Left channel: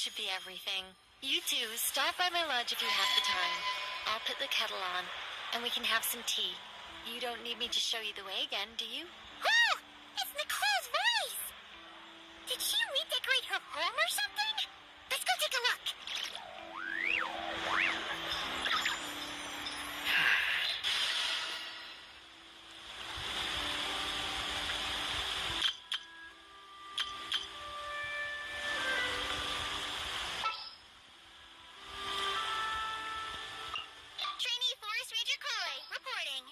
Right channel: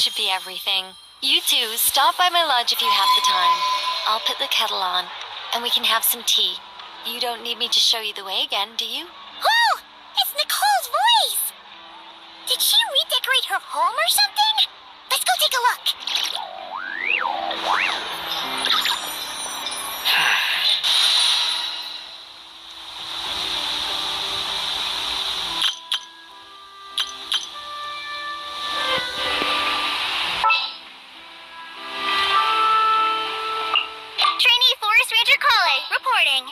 should be everything. You two, stop by my lodge if you have the time. I'll put the kettle on, and we can have some tea. You don't need me to show you the way again, do you? Oh! It's Nicole's voice! Did she redecorate her home or something? Let's go take a look. Trainee Forest Ranger Kale, reporting.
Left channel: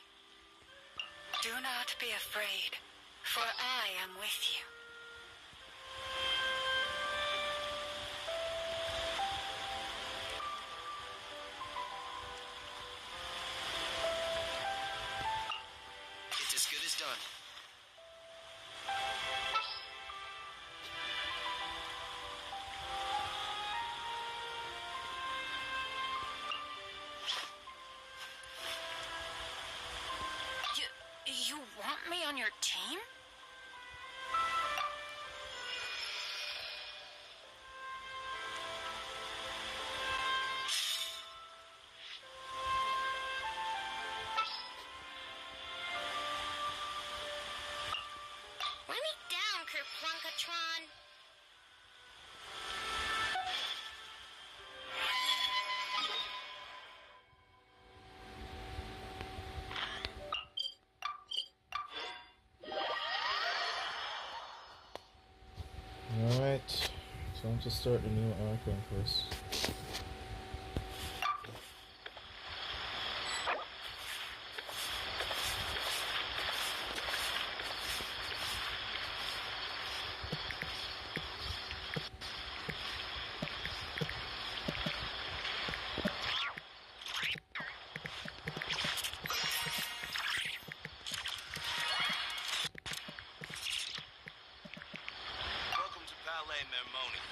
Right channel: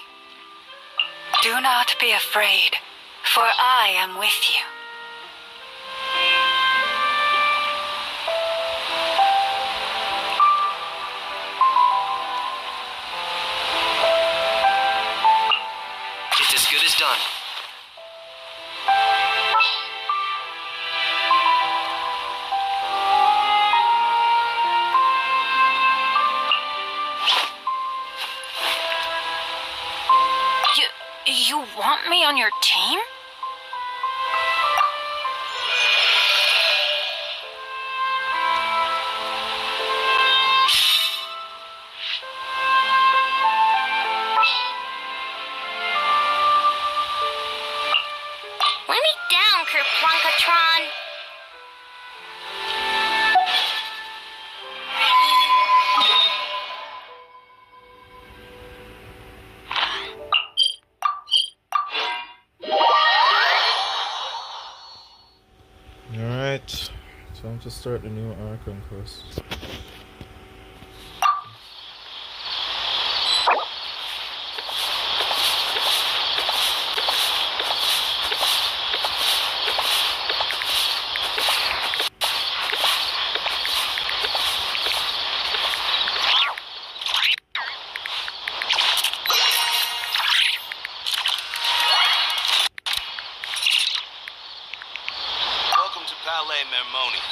Do not be afraid, for I am with you. It's as good as done. You want me on your team? Let me down, Kerplunkatron. Alright, time to start the new Archon quest. Welcome to Palais Mermonia.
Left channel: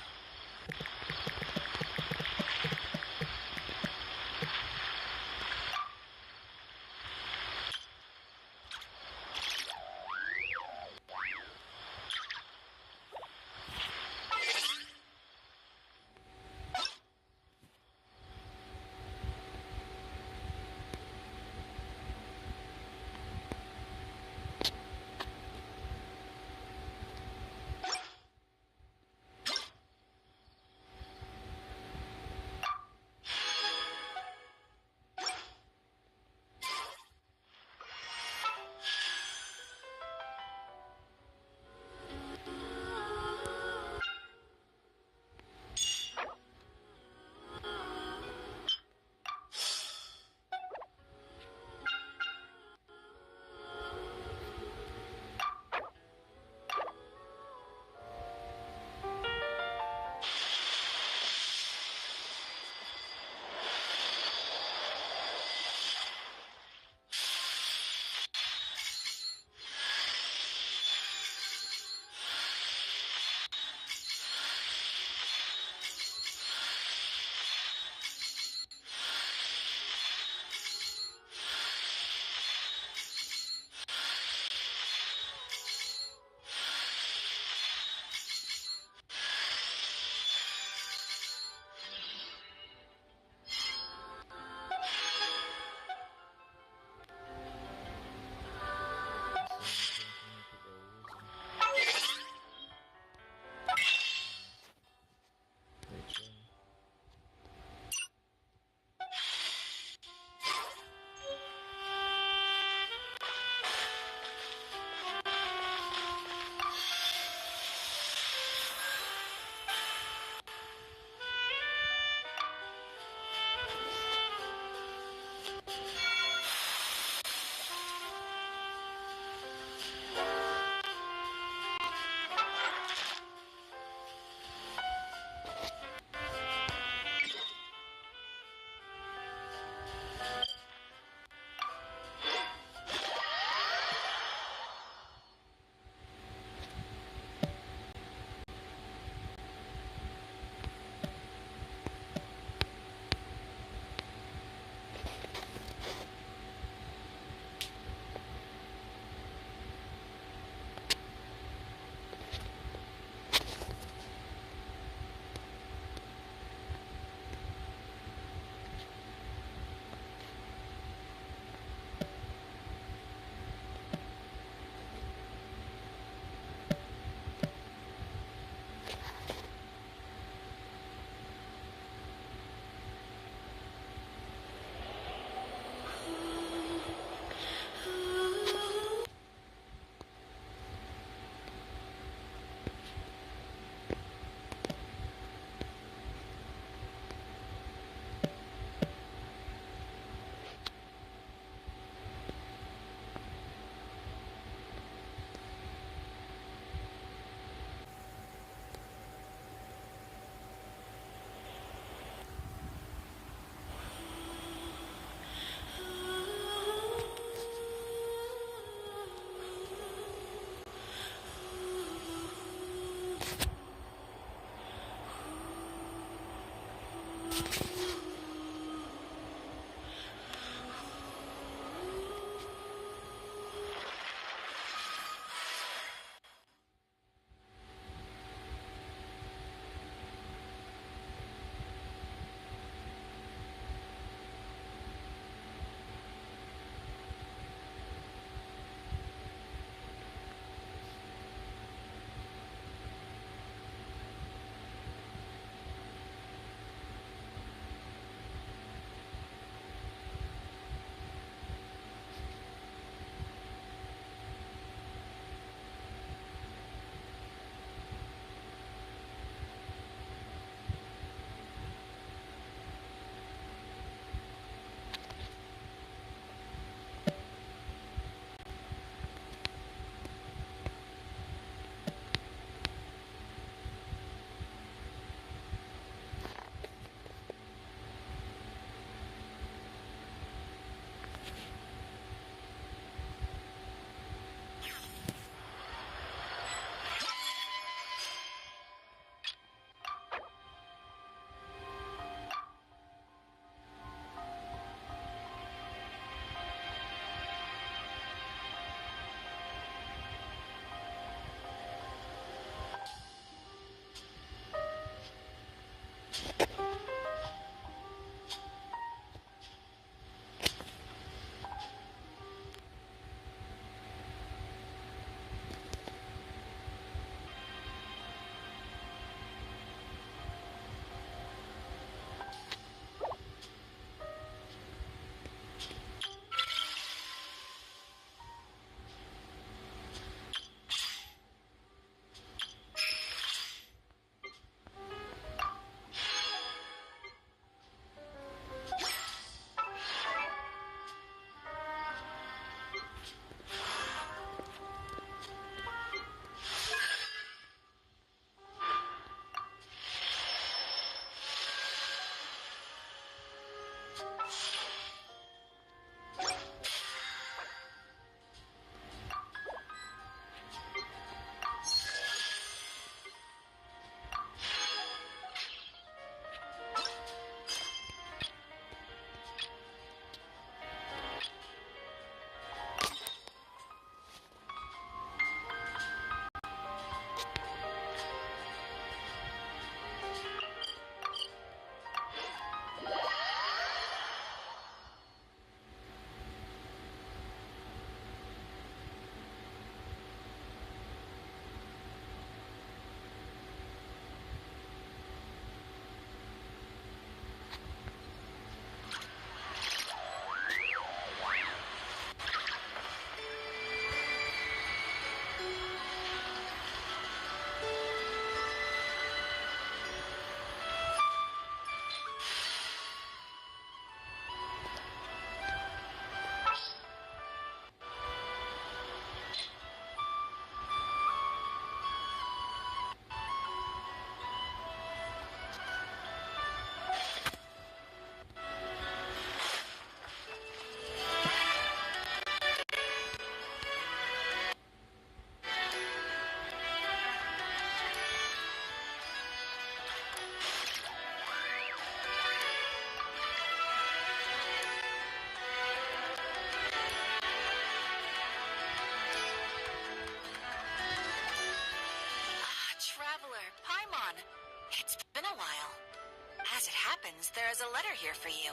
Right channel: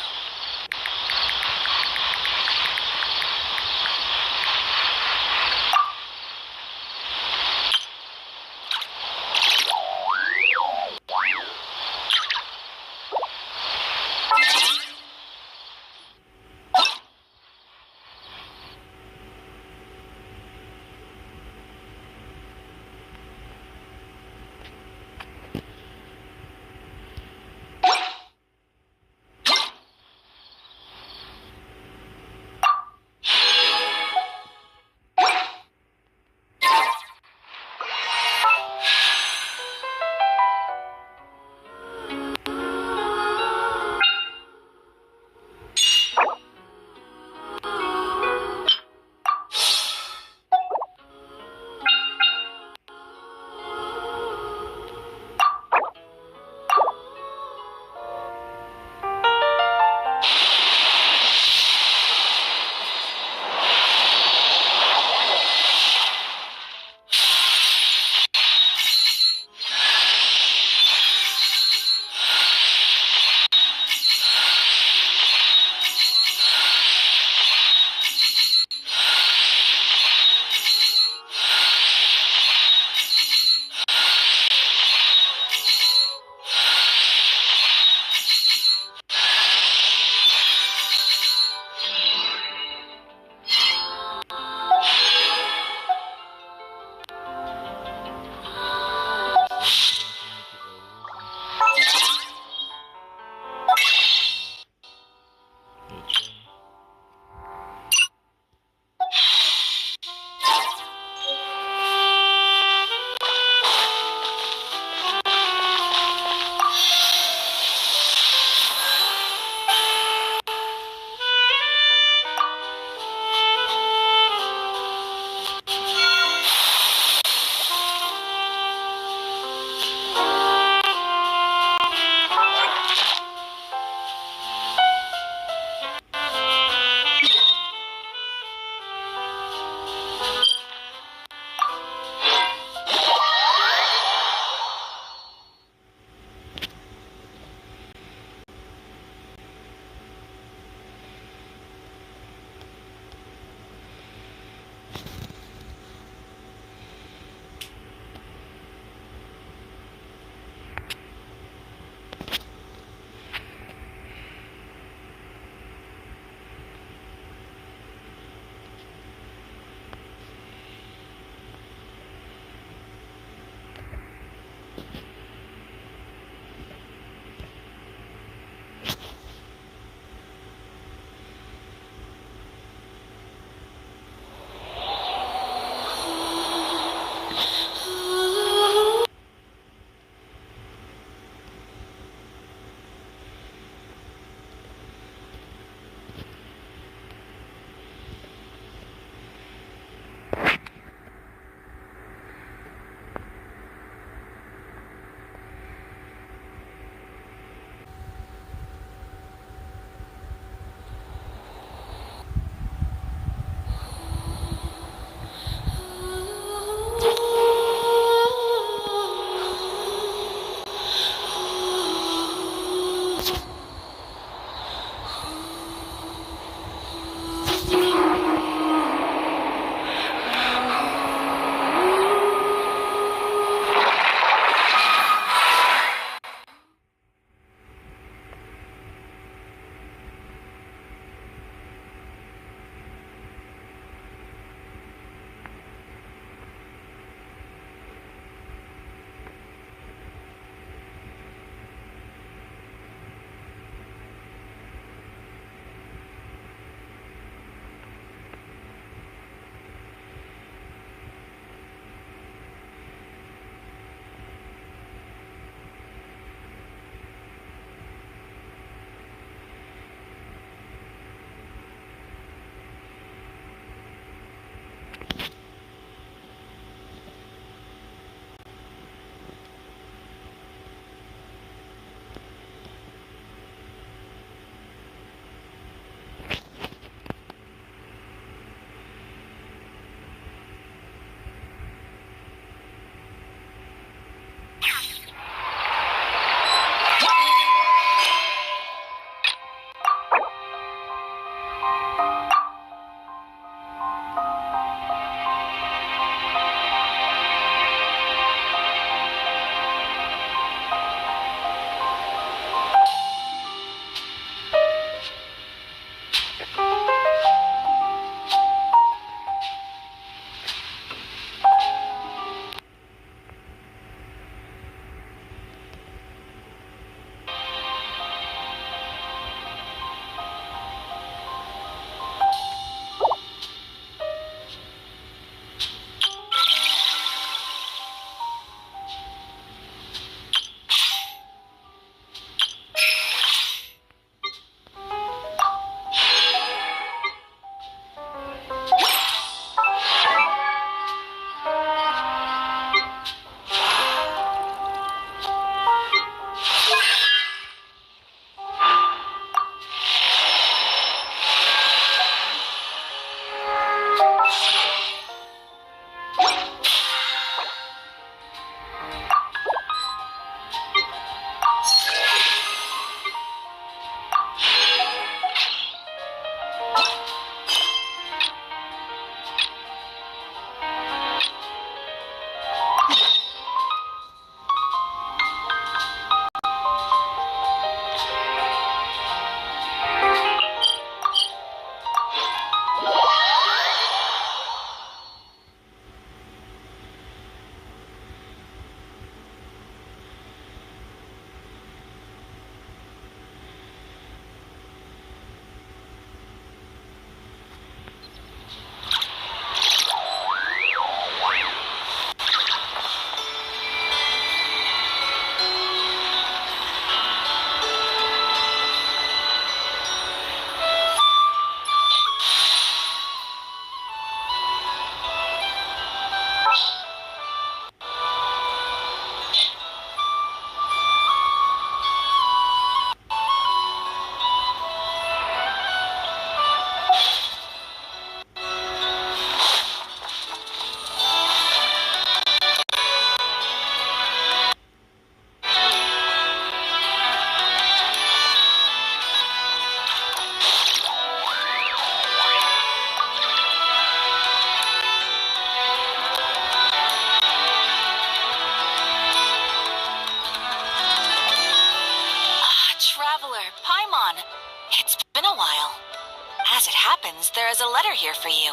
happens, there is a letter here for you.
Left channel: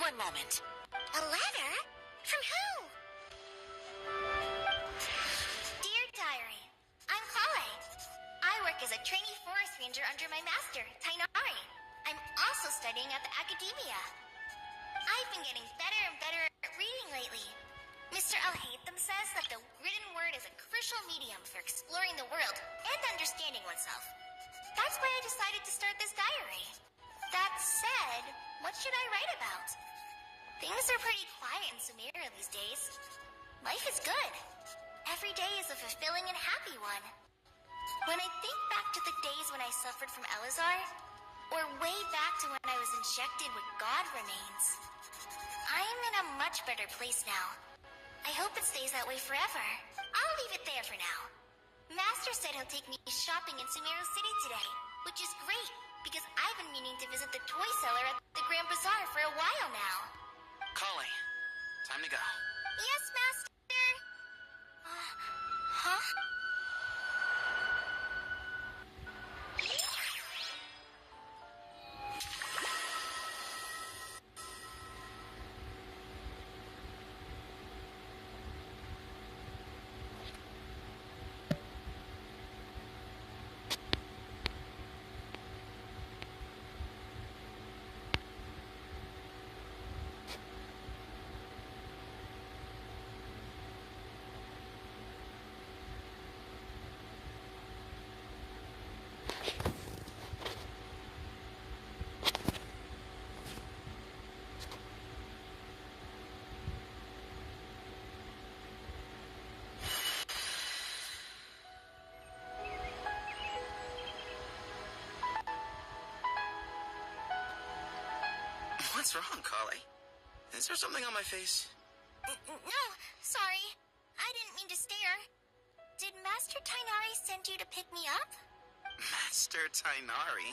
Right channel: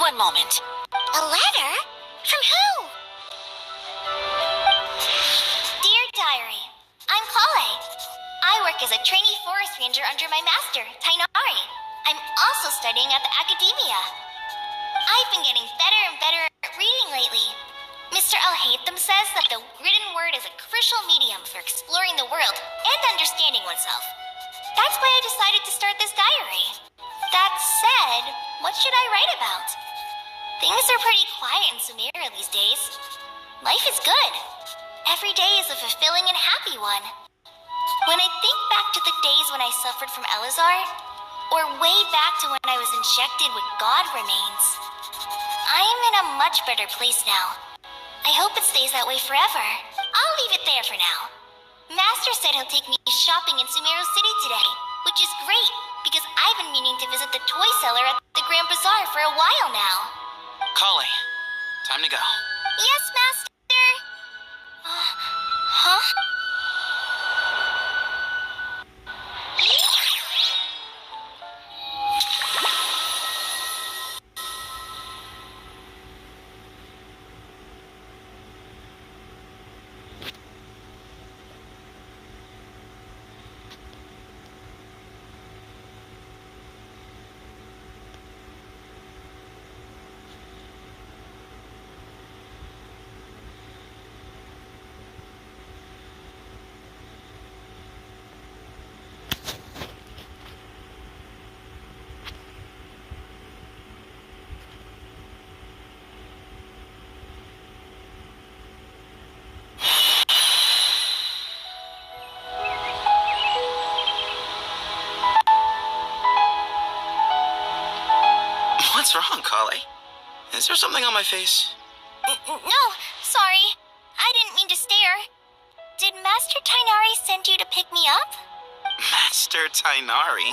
One moment. A letter? From who? Dear Diary, I'm Kale. I work as a trainee forest ranger under my master, Tainari. I'm also studying at the academia. I've been getting better and better at reading lately. Mr. Al-Haytham says that the written word is a crucial medium for exploring the world and understanding oneself. That's why I decided to start this diary. That said, what should I write about? Things are pretty quiet in Sumeria these days. Life is good. Every day is a fulfilling and happy one. When I think back to the days when I suffered from Elazar, or way back to when I was injected with God remains, I am in a much better place now. I hope it stays that way forever. I'll leave it there for now. Master said he'll take me shopping in Sumeru City today, which is great, because I've been meaning to visit the toy seller at the Grand Bazaar for a while now. Kale, time to go. Yes, Master. Huh? What's wrong, Kale? Is there something on my face? No, sorry. I didn't mean to stare. Did Master Tainari send you to pick me up? Master Tainari?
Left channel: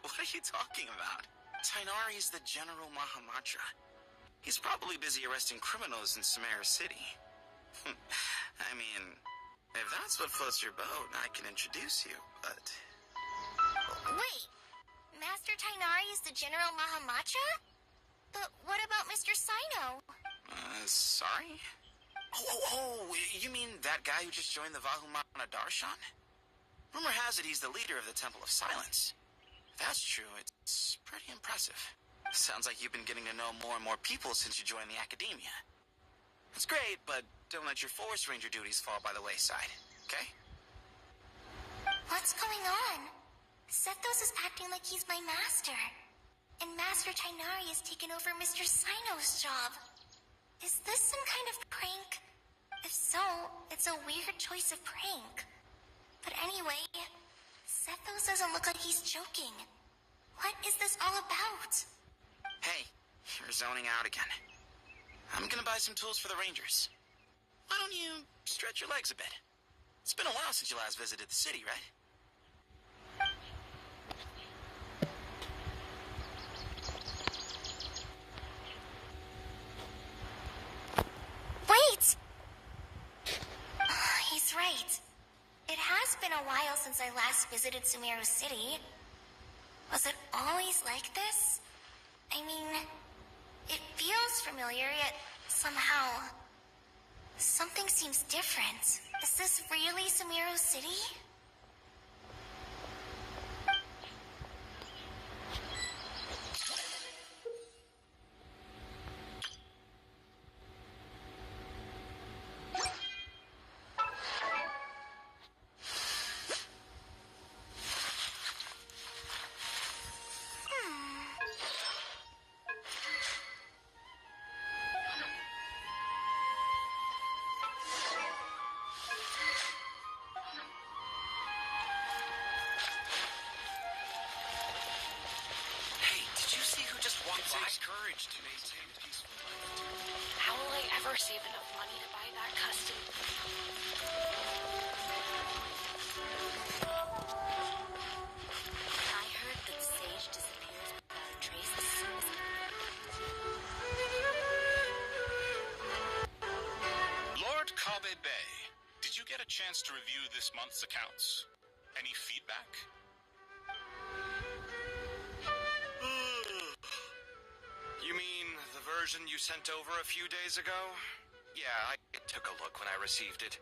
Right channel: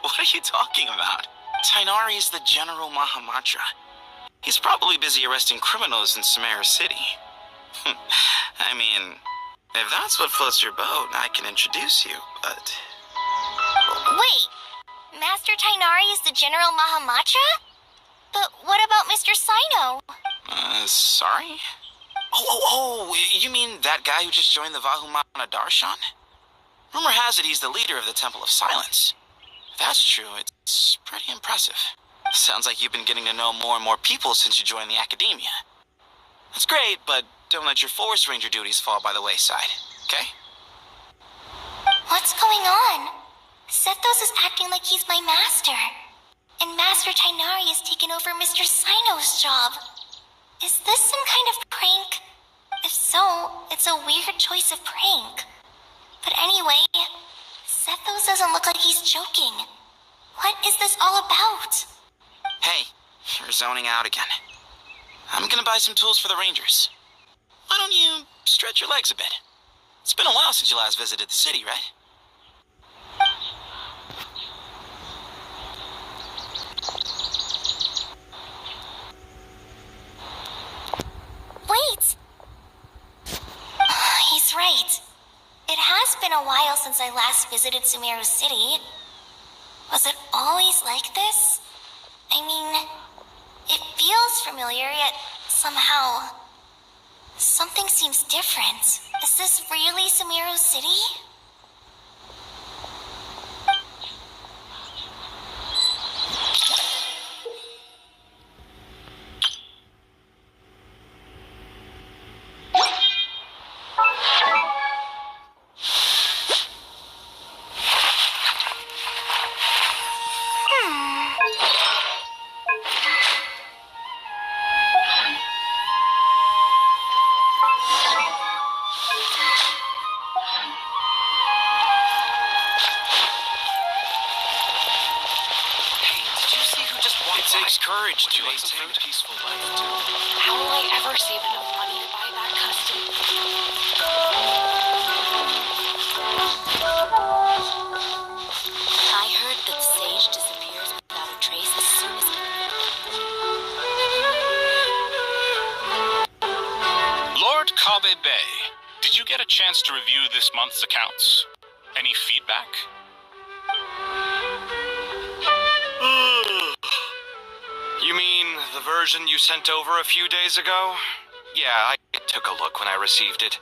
What are you talking about? Tainari is the General Mahamatra. He's probably busy arresting criminals in Sumeru City. I mean, if that's what floats your boat, I can introduce you, but... Wait, Master Tainari is the General Mahamatra? But what about Mr. Sino? Sorry? Oh, you mean that guy who just joined the Vahumana Darshan? Rumor has it he's the leader of the Temple of Silence. If that's true, it's pretty impressive. Sounds like you've been getting to know more and more people since you joined the academia. That's great, but don't let your forest ranger duties fall by the wayside, okay? What's going on? Sethos is acting like he's my master. And Master Tainari has taken over Mr. Sino's job. Is this some kind of prank? If so, it's a weird choice of prank. But anyway, Sethos doesn't look like he's joking. What is this all about? Hey, you're zoning out again. I'm gonna buy some tools for the rangers. Why don't you stretch your legs a bit? It's been a while since you last visited the city, right? Wait! He's right. It has been a while since I last visited Sumeru City. Was it always like this? I mean, it feels familiar, yet somehow... something seems different. Is this really Sumeru City? Courage to maintain a peaceful life, too. How will I ever save enough money to buy that custom? I heard that the sage disappears without a trace as soon as... Lord Kabe Bay, did you get a chance to review this month's accounts? Any feedback? The version you sent over a few days ago? Yeah, I took a look when I received it.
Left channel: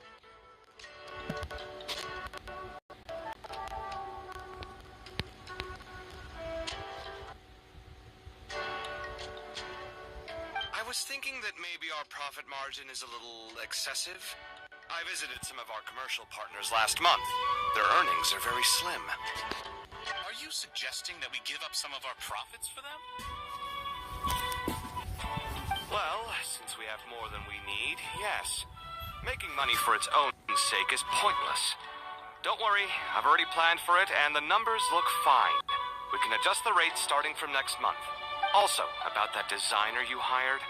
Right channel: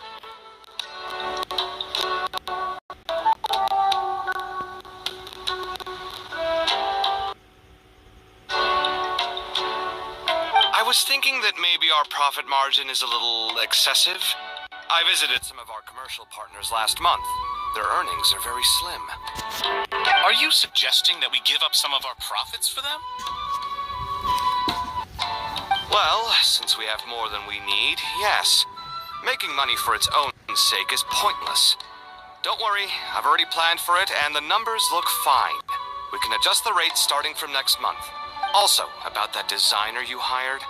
I was thinking that maybe our profit margin is a little excessive. I visited some of our commercial partners last month. Their earnings are very slim. Are you suggesting that we give up some of our profits for them? Well, since we have more than we need, yes. Making money for its own sake is pointless. Don't worry, I've already planned for it, and the numbers look fine. We can adjust the rates starting from next month. Also, about that designer you hired.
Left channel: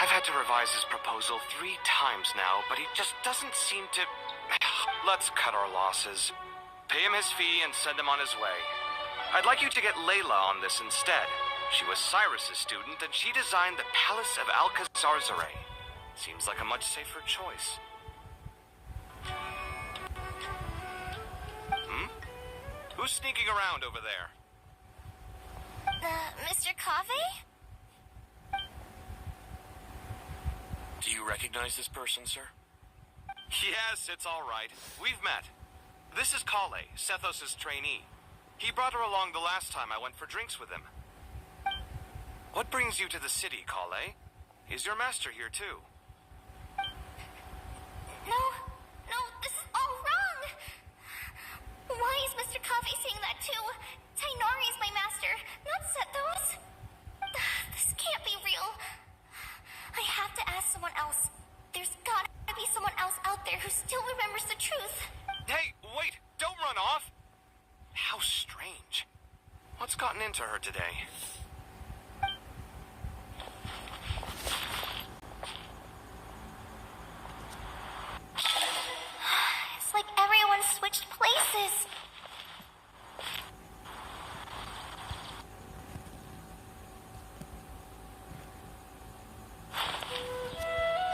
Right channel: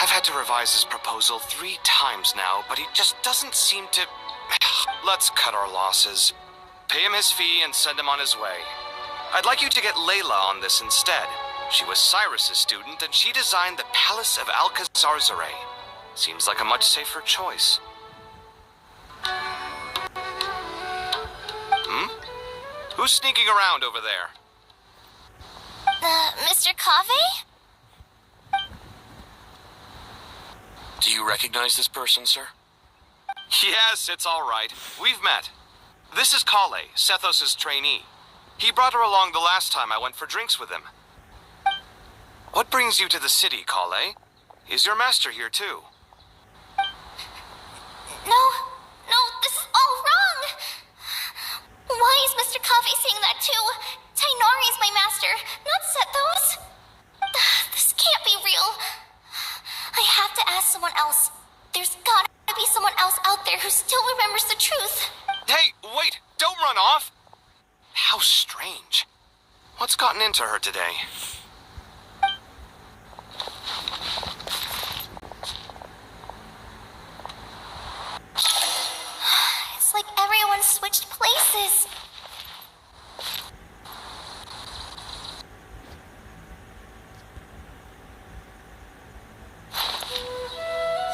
I've had to revise his proposal 3 times now, but he just doesn't seem to... Let's cut our losses. Pay him his fee and send him on his way. I'd like you to get Layla on this instead. She was Cyrus's student, and she designed the Palace of Alcazar-Zaray. Seems like a much safer choice. Who's sneaking around over there? Mr. Cave? Do you recognize this person, sir? Yes, it's all right. We've met. This is Kale, Sethos' trainee. He brought her along the last time I went for drinks with him. What brings you to the city, Kale? Is your master here too? No, this is all wrong! Why is Mr. Cave saying that too? Tainari is my master, not Sethos. This can't be real. I have to ask someone else. There's gotta be someone else out there who still remembers the truth. Hey, wait! Don't run off! How strange. What's gotten into her today? It's like everyone switched places.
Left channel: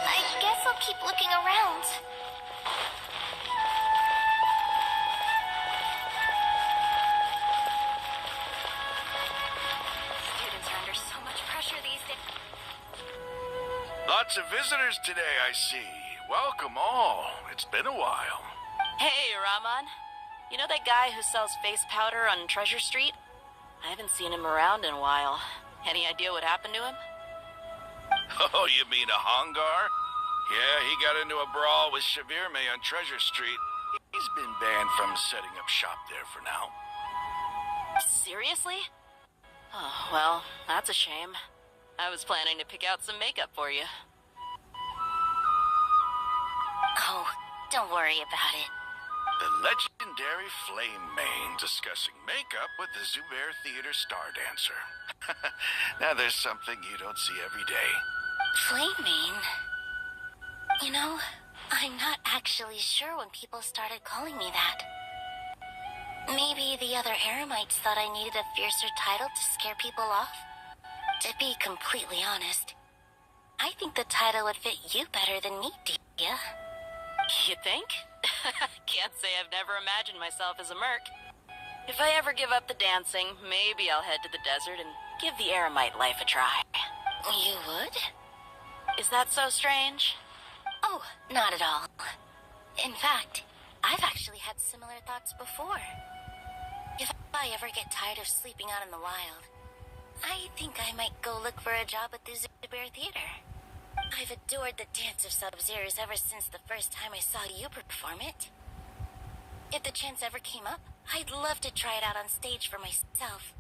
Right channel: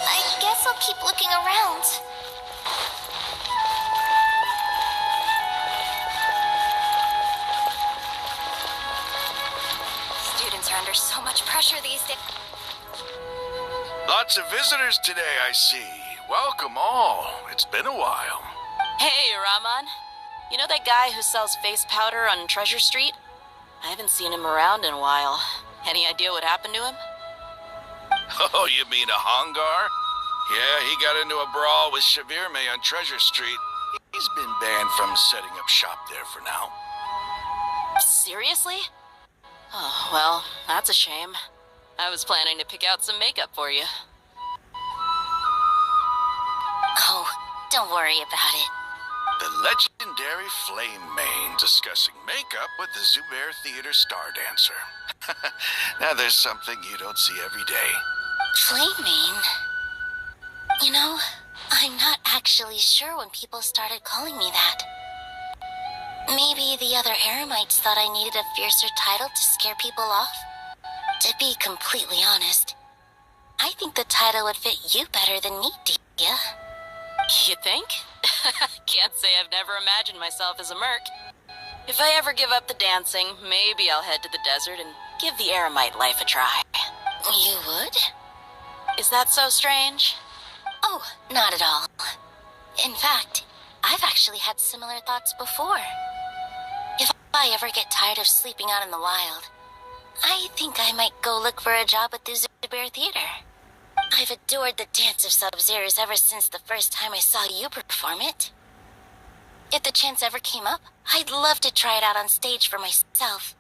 I guess I'll keep looking around. Students are under so much pressure these days. Lots of visitors today, I see. Welcome all. It's been a while. Hey, Rahman. You know that guy who sells face powder on Treasure Street? I haven't seen him around in a while. Any idea what happened to him? Oh, you mean a Hongar? Yeah, he got into a brawl with Shavirme on Treasure Street. He's been banned from setting up shop there for now. Seriously? Oh, well, that's a shame. I was planning to pick out some makeup for you. Oh, don't worry about it. The legendary Flame Mane discussing makeup with the Zubair Theater star dancer. Now there's something you don't see every day. Flaming? You know, I'm not actually sure when people started calling me that. Maybe the other Eremites thought I needed a fiercer title to scare people off? To be completely honest, I think the title would fit you better than me, Dia. You think? Can't say I've never imagined myself as a merc. If I ever give up the dancing, maybe I'll head to the desert and give the Eremite life a try. You would? Is that so strange? Oh, not at all. In fact, I've actually had similar thoughts before. If I ever get tired of sleeping out in the wild, I think I might go look for a job at the Zubair Theater. I've adored the dance of Sub-Zeros ever since the first time I saw you perform it. If the chance ever came up, I'd love to try it out on stage for myself.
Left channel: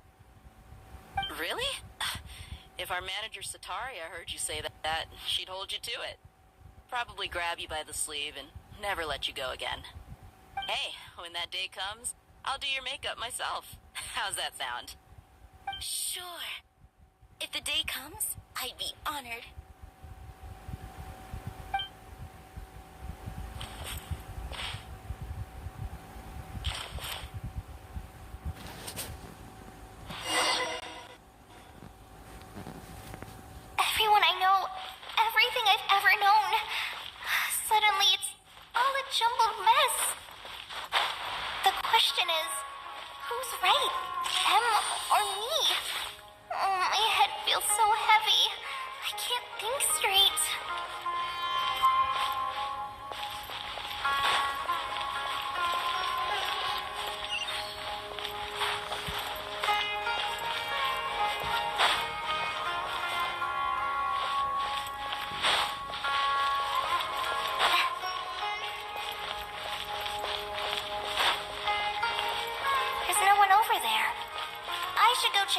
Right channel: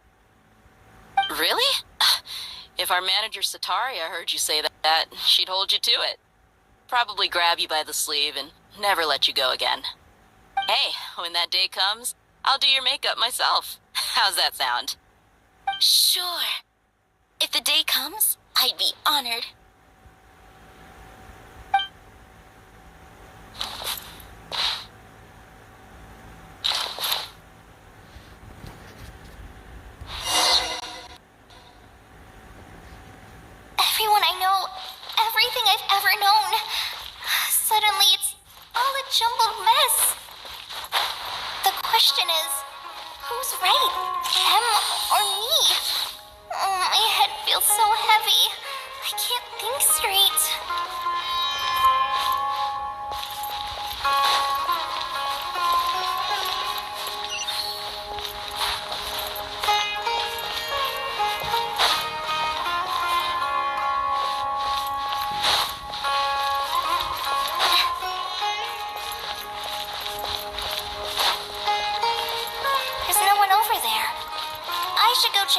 Really? If our manager Sataria heard you say that, she'd hold you to it. Probably grab you by the sleeve and never let you go again. Hey, when that day comes, I'll do your makeup myself. How's that sound? Sure. If the day comes, I'd be honored. Everyone I know, everything I've ever known. Suddenly it's all a jumbled mess. The question is, who's right? Them or me? Oh, my head feels so heavy.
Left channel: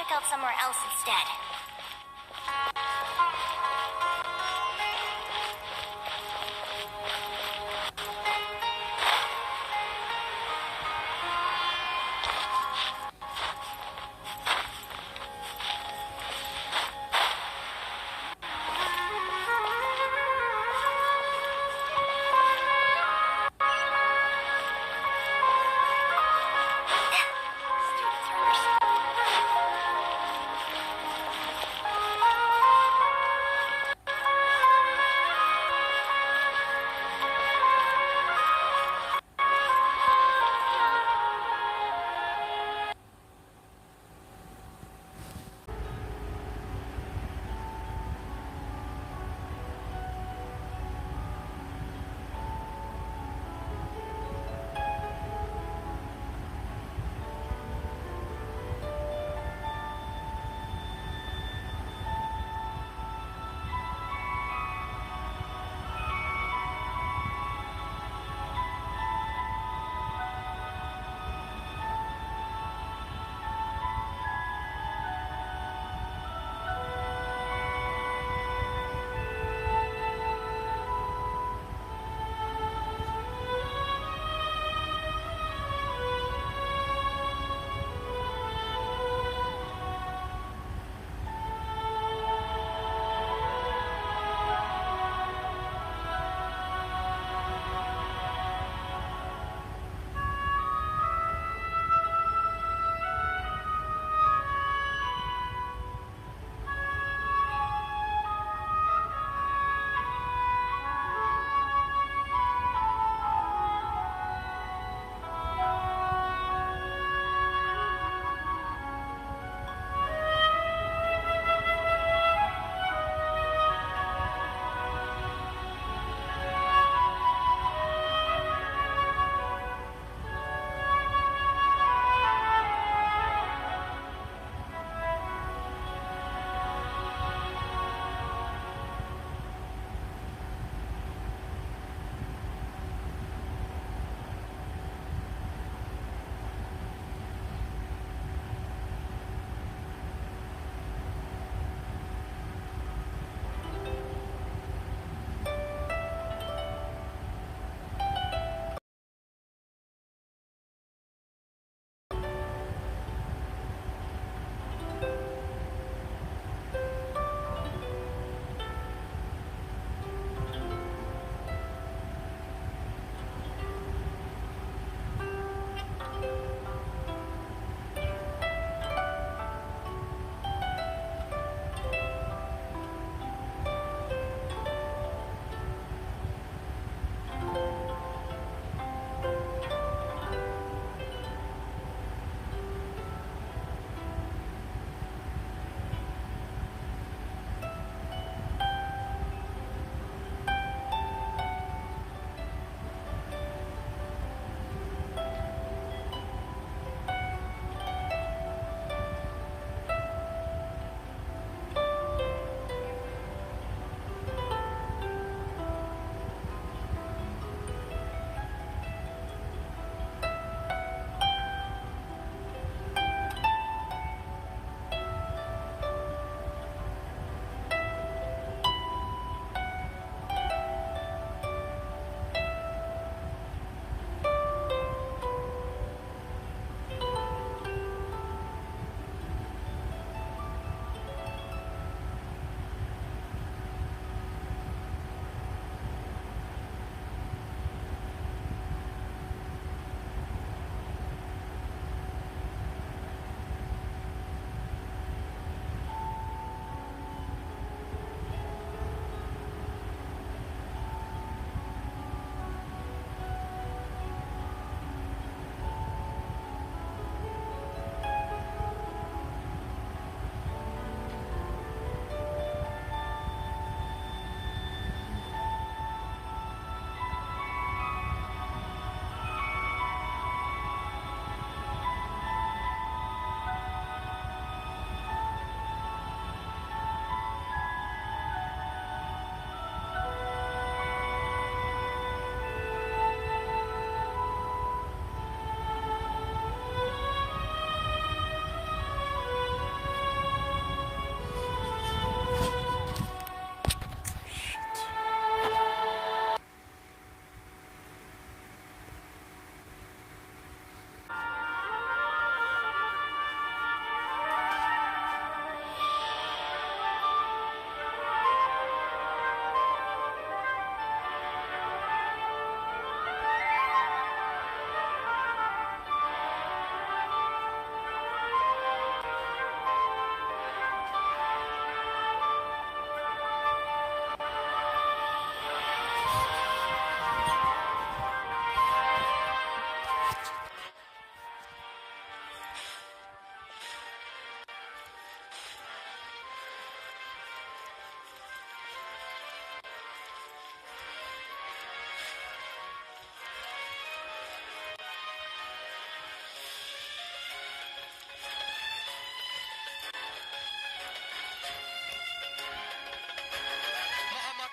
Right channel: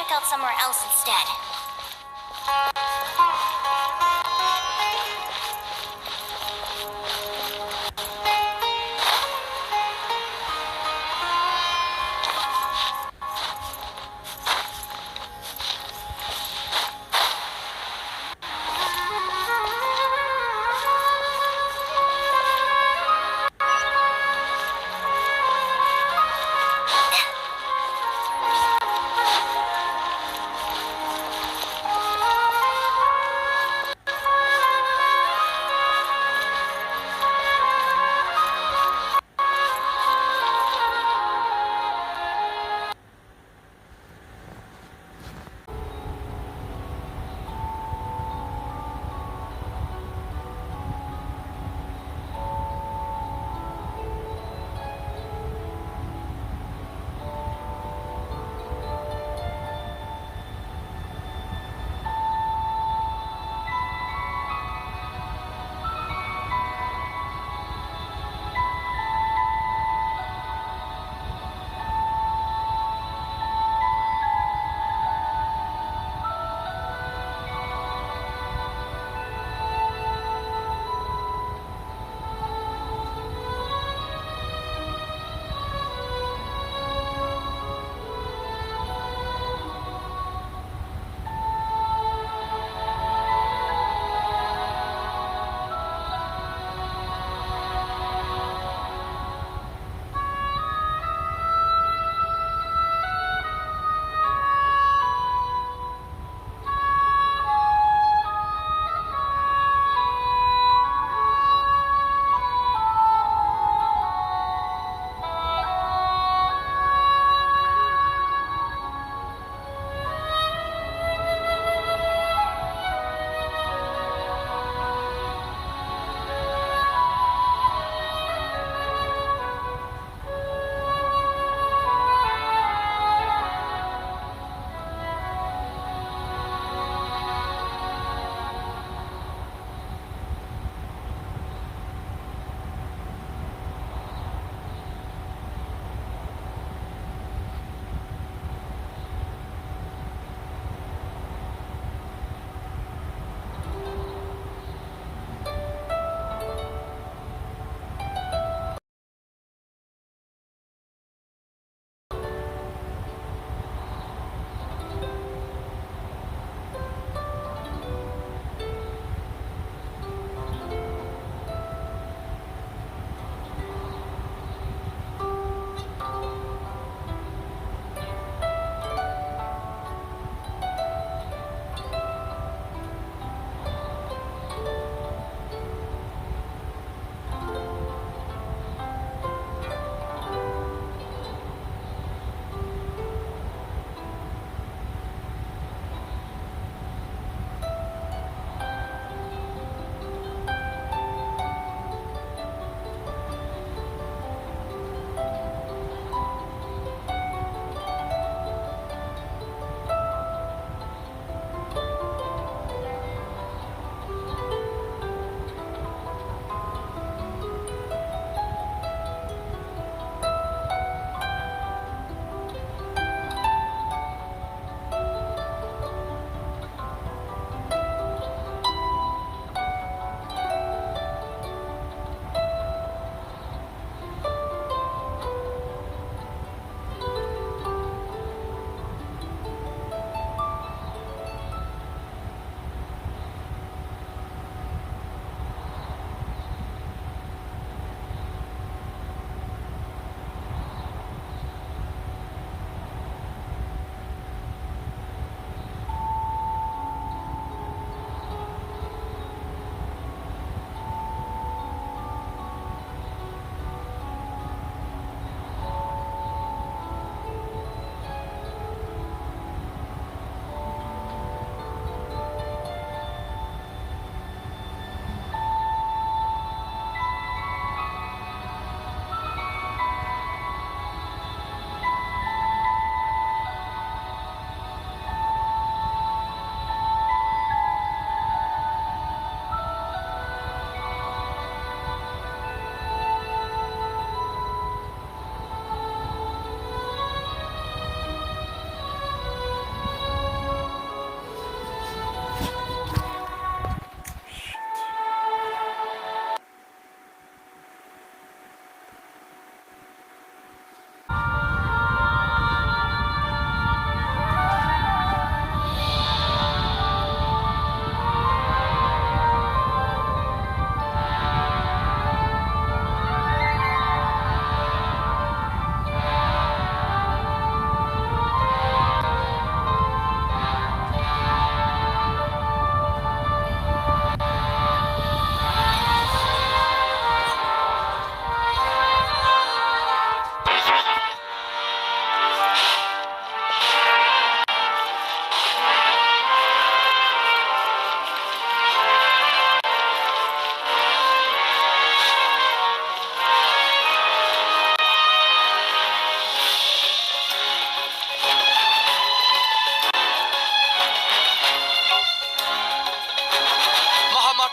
check out somewhere else instead.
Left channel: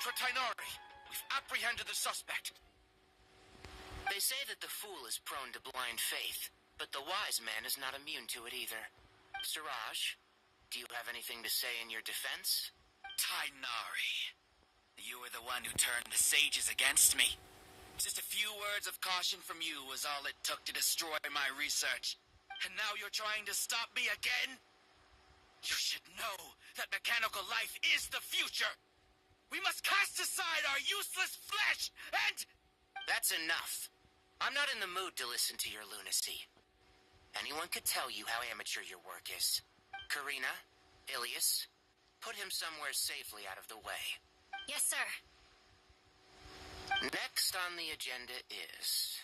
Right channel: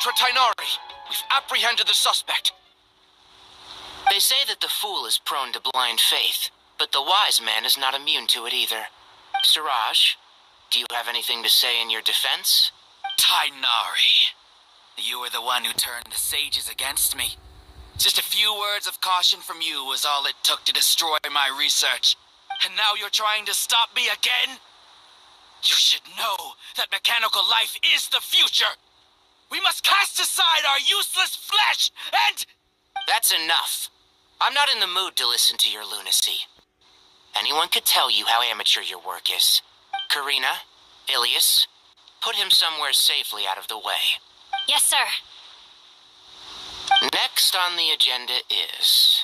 Cleopatra Tainari. We've apprehended the suspect. They say that the fool is prone to blind faith, but the wise man is not immune to it either. Siraj, do you have anything to say in your defense? Tainari, you were the one who turned the sages against me. Just a few words of caution from you was all it took to destroy my research. And now you're trying to stop me again? You should know that mechanical life is the future. We must cast aside our useless flesh and... That's enough. I'm not in the mood to listen to your lunacy. Anyone could tell you how amateur your work is. Karina, Ilias, put him somewhere safely out of the way. Yes, sir. Next on the agenda is...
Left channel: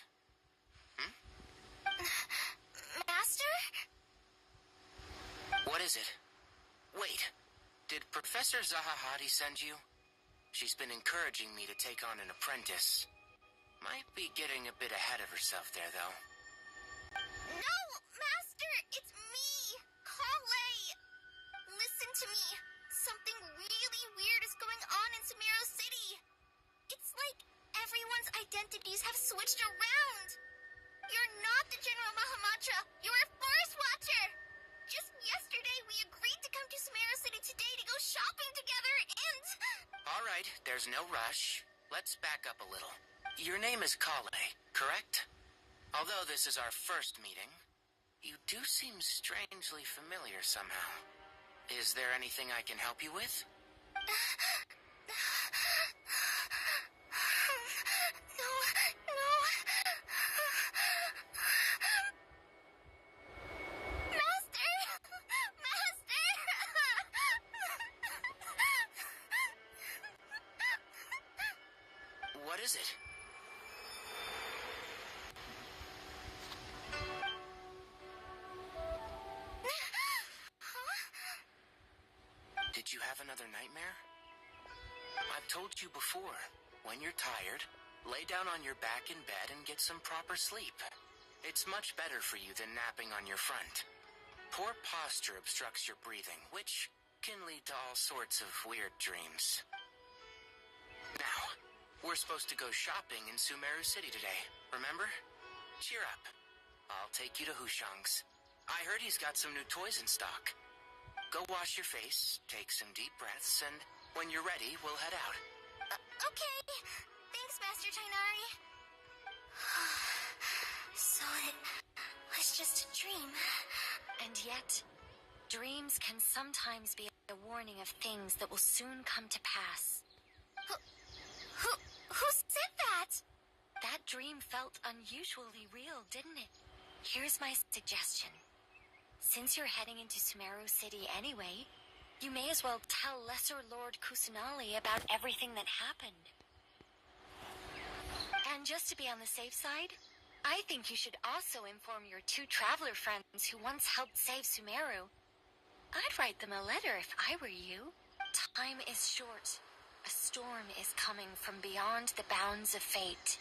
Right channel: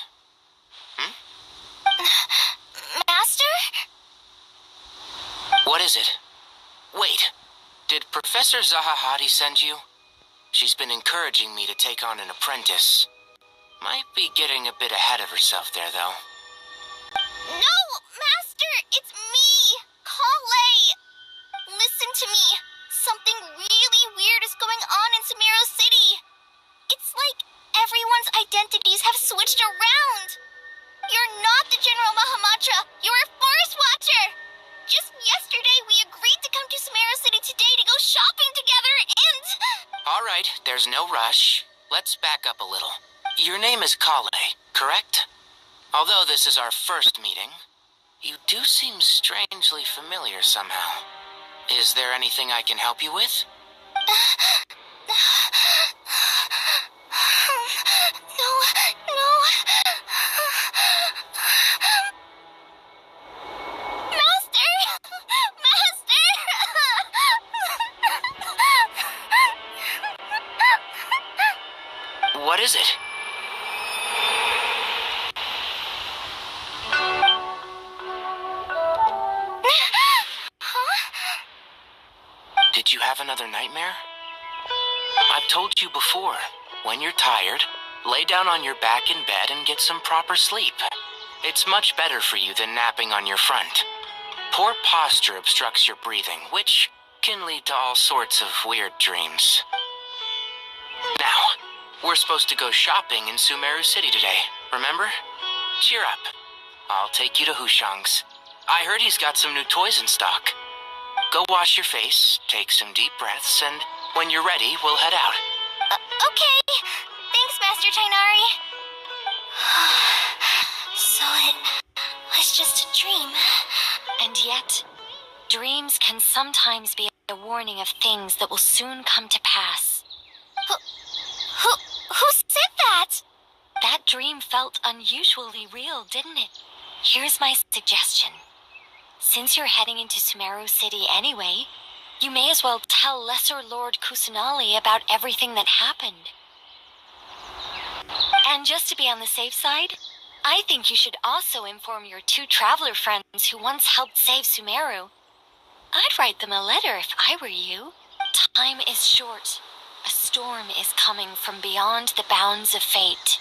Master? What is it? Wait, did Professor Zahahati send you? She's been encouraging me to take on an apprentice. Might be getting a bit ahead of herself there, though. No, Master! It's me! Kale! Listen to me. Something really weird is going on in Sumeru City. It's like everyone's identities have switched around. You're not the General Mahamatra. You're a Forest Watcher. Just yesterday, we agreed to come to Sumeru City today to go shopping together, and... All right, there's no rush. Let's back up a little. Your name is Kale, correct? Although this is our first meeting, you do seem strangely familiar somehow. Is there anything I can help you with? No. Master! What is it? Did you have another nightmare? I've told you before, when you're tired, lay down on your back in bed and get some proper sleep. It's much better for you than napping on your front. Poor posture obstructs your breathing, which can lead to all sorts of weird dreams. Now, we're supposed to go shopping in Sumeru City today, remember? Cheer up. I'll take you to Hushang's. I heard he's got some new toys in stock. Go wash your face, take some deep breaths, and when you're ready, we'll head out. Okay. Thanks, Master Tainari. So it was just a dream. And yet, dreams can sometimes be a warning of things that will soon come to pass. Who said that? That dream felt unusually real, didn't it? Here's my suggestion. Since you're heading into Sumeru City anyway, you may as well tell Lesser Lord Kusanali about everything that happened. And just to be on the safe side, I think you should also inform your two traveler friends who once helped save Sumeru. I'd write them a letter if I were you. Time is short. A storm is coming from beyond the bounds of fate.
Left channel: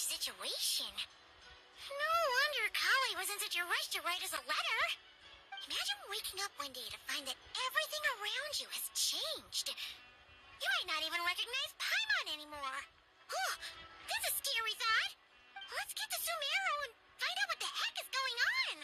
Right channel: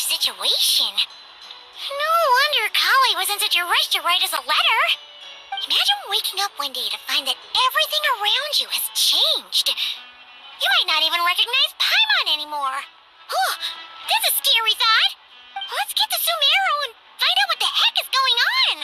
Situation. No wonder Kali was in such a rush to write us a letter. Imagine waking up one day to find that everything around you has changed. You might not even recognize Paimon anymore. Oh, that's a scary thought. Let's get to Sumeru and find out what the heck is going on.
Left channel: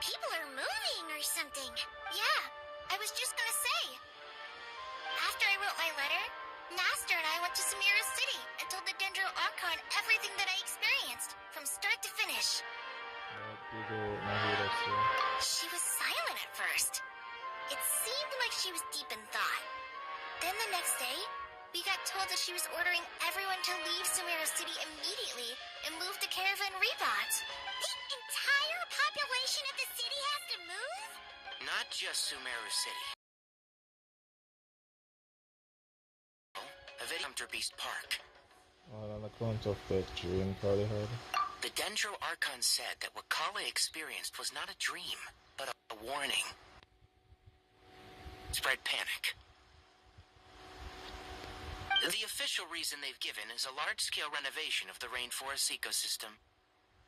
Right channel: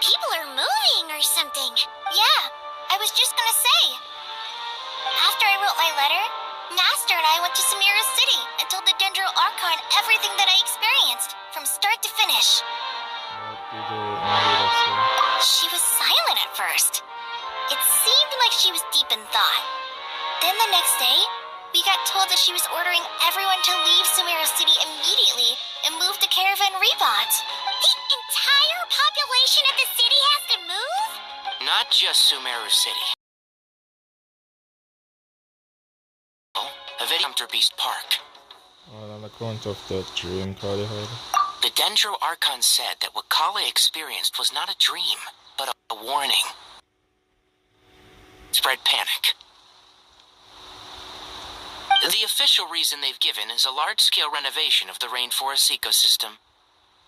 people are moving or something. Yeah, I was just gonna say. After I wrote my letter, Master and I went to Samira City and told the Dendro Archon everything that I experienced, from start to finish. She was silent at first. It seemed like she was deep in thought. Then the next day, we got told that she was ordering everyone to leave Samira City immediately and move to Caravan Rebot. The entire population of the city has to move? Not just Sumeru City. Hunter Beast Park. Well, on account of that dream Kali had. The Dendro Archon said that what Kale experienced was not a dream, but a warning. Spread panic. The official reason they've given is a large-scale renovation of the rainforest ecosystem.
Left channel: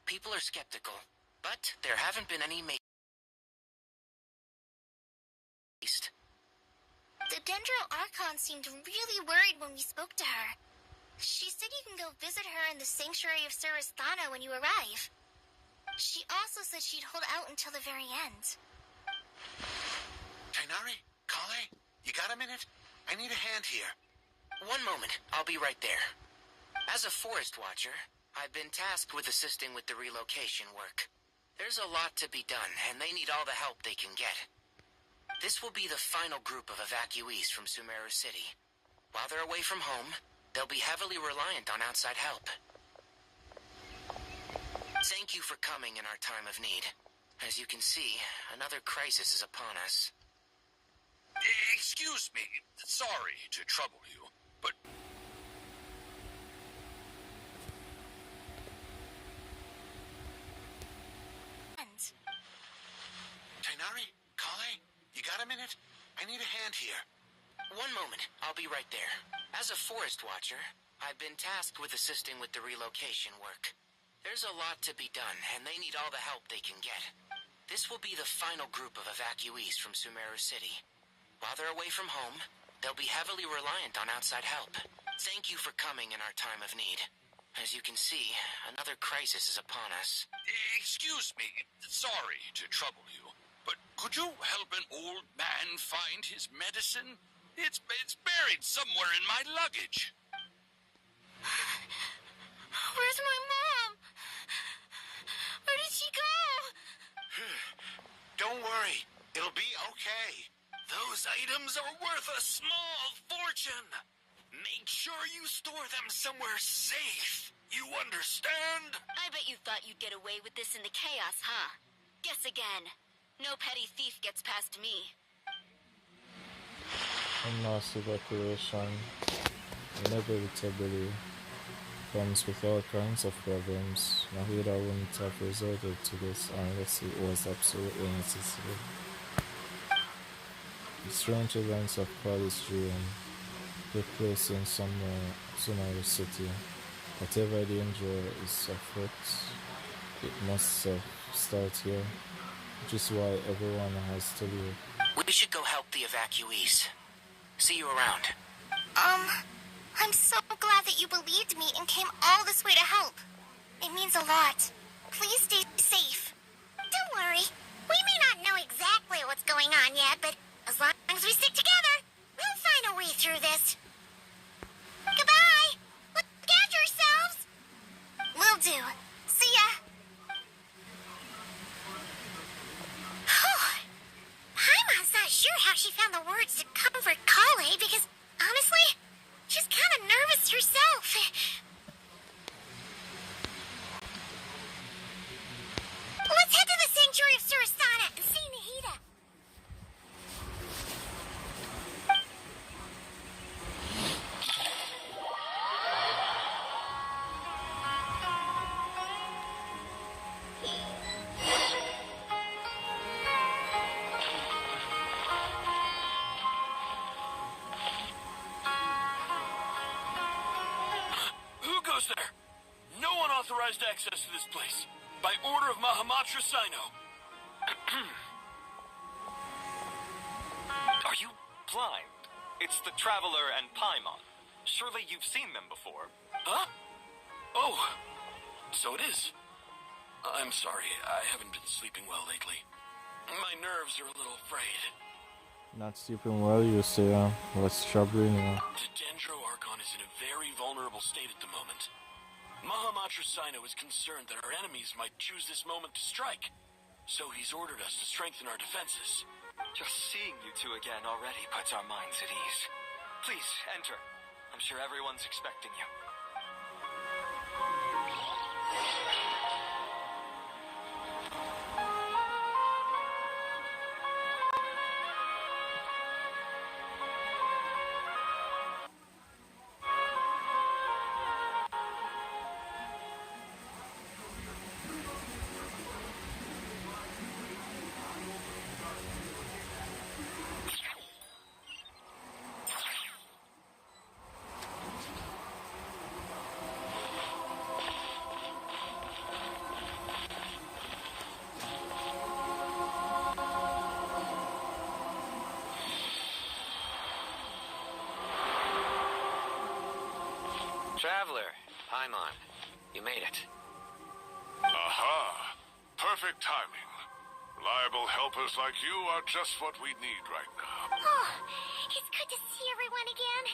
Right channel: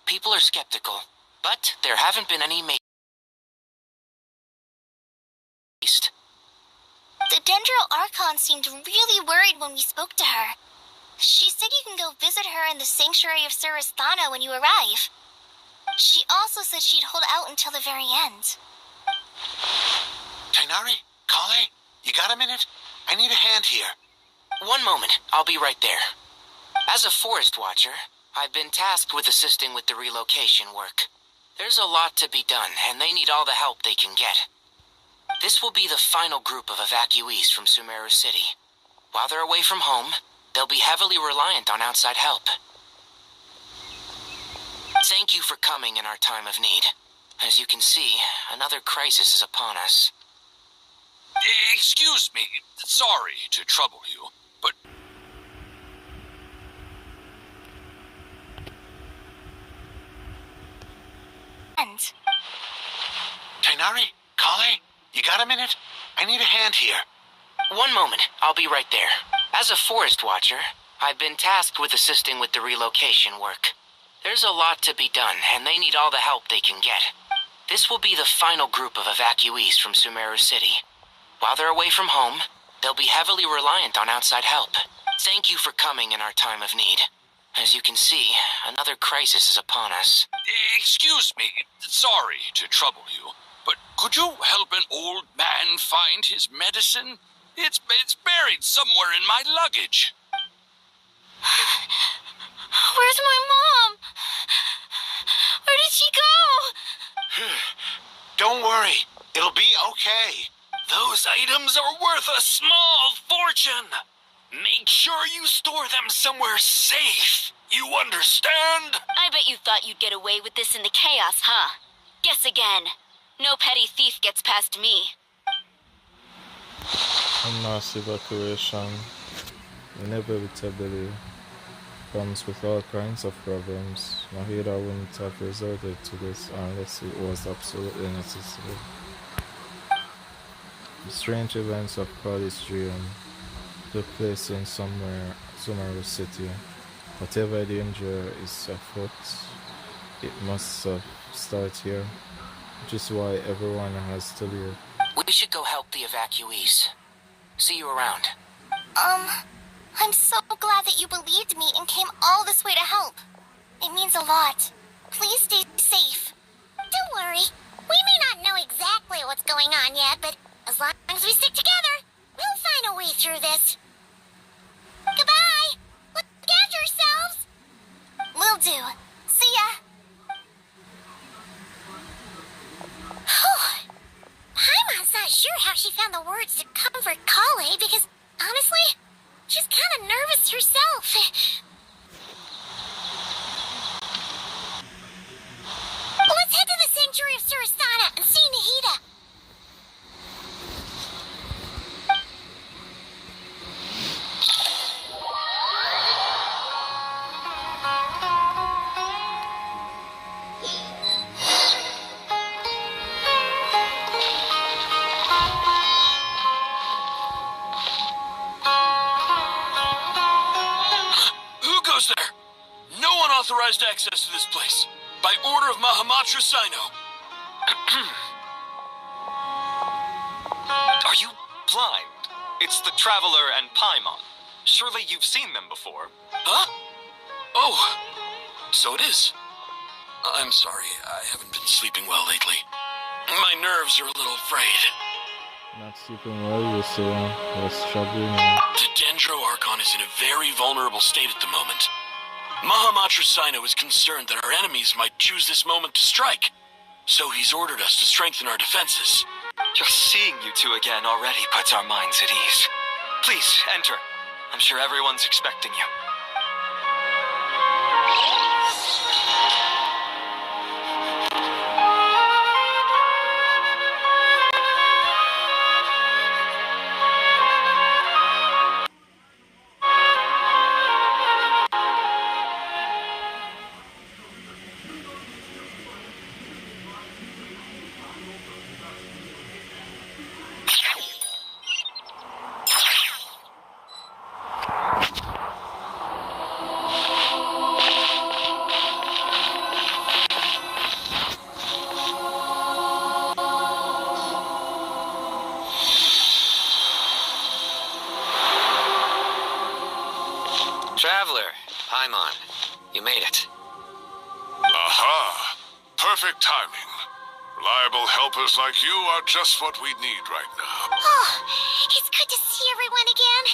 People are skeptical, but there haven't been any The Dendro Archon seemed really worried when we spoke to her. She said you can go visit her in the Sanctuary of Surasthana when you arrive. She also said she'd hold out until the very end. Tainari? Kale? You got a minute? I need a hand here. One moment, I'll be right there. As a forest watcher, I've been tasked with assisting with the relocation work. There's a lot to be done, and they need all the help they can get. This will be the final group of evacuees from Sumeru City. While they're away from home, they'll be heavily reliant on outside help. Thank you for coming in our time of need. As you can see, another crisis is upon us. Excuse me. Sorry to trouble you, but... Tainari? Kale? You got a minute? I need a hand here. One moment, I'll be right there. As a forest watcher, I've been tasked with assisting with the relocation work. There's a lot to be done, and they need all the help they can get. This will be the final group of evacuees from Sumeru City. While they're away from home, they'll be heavily reliant on outside help. Thank you for coming in our time of need. As you can see, another crisis is upon us. Excuse me. Sorry to trouble you, but could you help an old man find his medicine? It's buried somewhere in my luggage. Where's my mom? Where did she go? Don't worry. It'll be okay. Those items are worth a small fortune. Make sure you store them somewhere safe. You understand? I bet you thought you'd get away with this in the chaos, huh? Guess again. No petty thief gets past me. A mass evacuation inevitably comes with all kinds of problems. Mahida wouldn't have resorted to this unless it was absolutely necessary. The strange events of Kali's dream took place in Sumeru City. Whatever danger is afoot, it must start here, which is why everyone has to leave. We should go help the evacuees. See you around. I'm so glad that you believed me and came all this way to help. It means a lot. Please stay safe. Don't worry. We may not know exactly what's going on yet, but as long as we stick together, we'll find a way through this. Goodbye! Look after yourselves! Will do. See ya! Paimon's not sure how she found the words to comfort Kale because, honestly, she's kind of nervous herself. Let's head to the Sanctuary of Surasthana and see Nahida. There. No unauthorized access to this place. By order of Mahamatra Sino. Are you blind? It's the Traveler and Paimon. Surely you've seen them before. Huh? Oh, so it is. I'm sorry, I haven't been sleeping well lately. My nerves are a little frayed. Not sleeping well, you say, what's troubling you? The Dendro Archon is in a very vulnerable state at the moment. Mahamatra Sino is concerned that our enemies might choose this moment to strike. So he's ordered us to strengthen our defenses. Just seeing you two again already puts our minds at ease. Please, enter. I'm sure everyone's expecting you. Traveler, Paimon, you made it. Aha! Perfect timing. Reliable helpers like you are just what we need right now. Oh, it's good to see everyone again.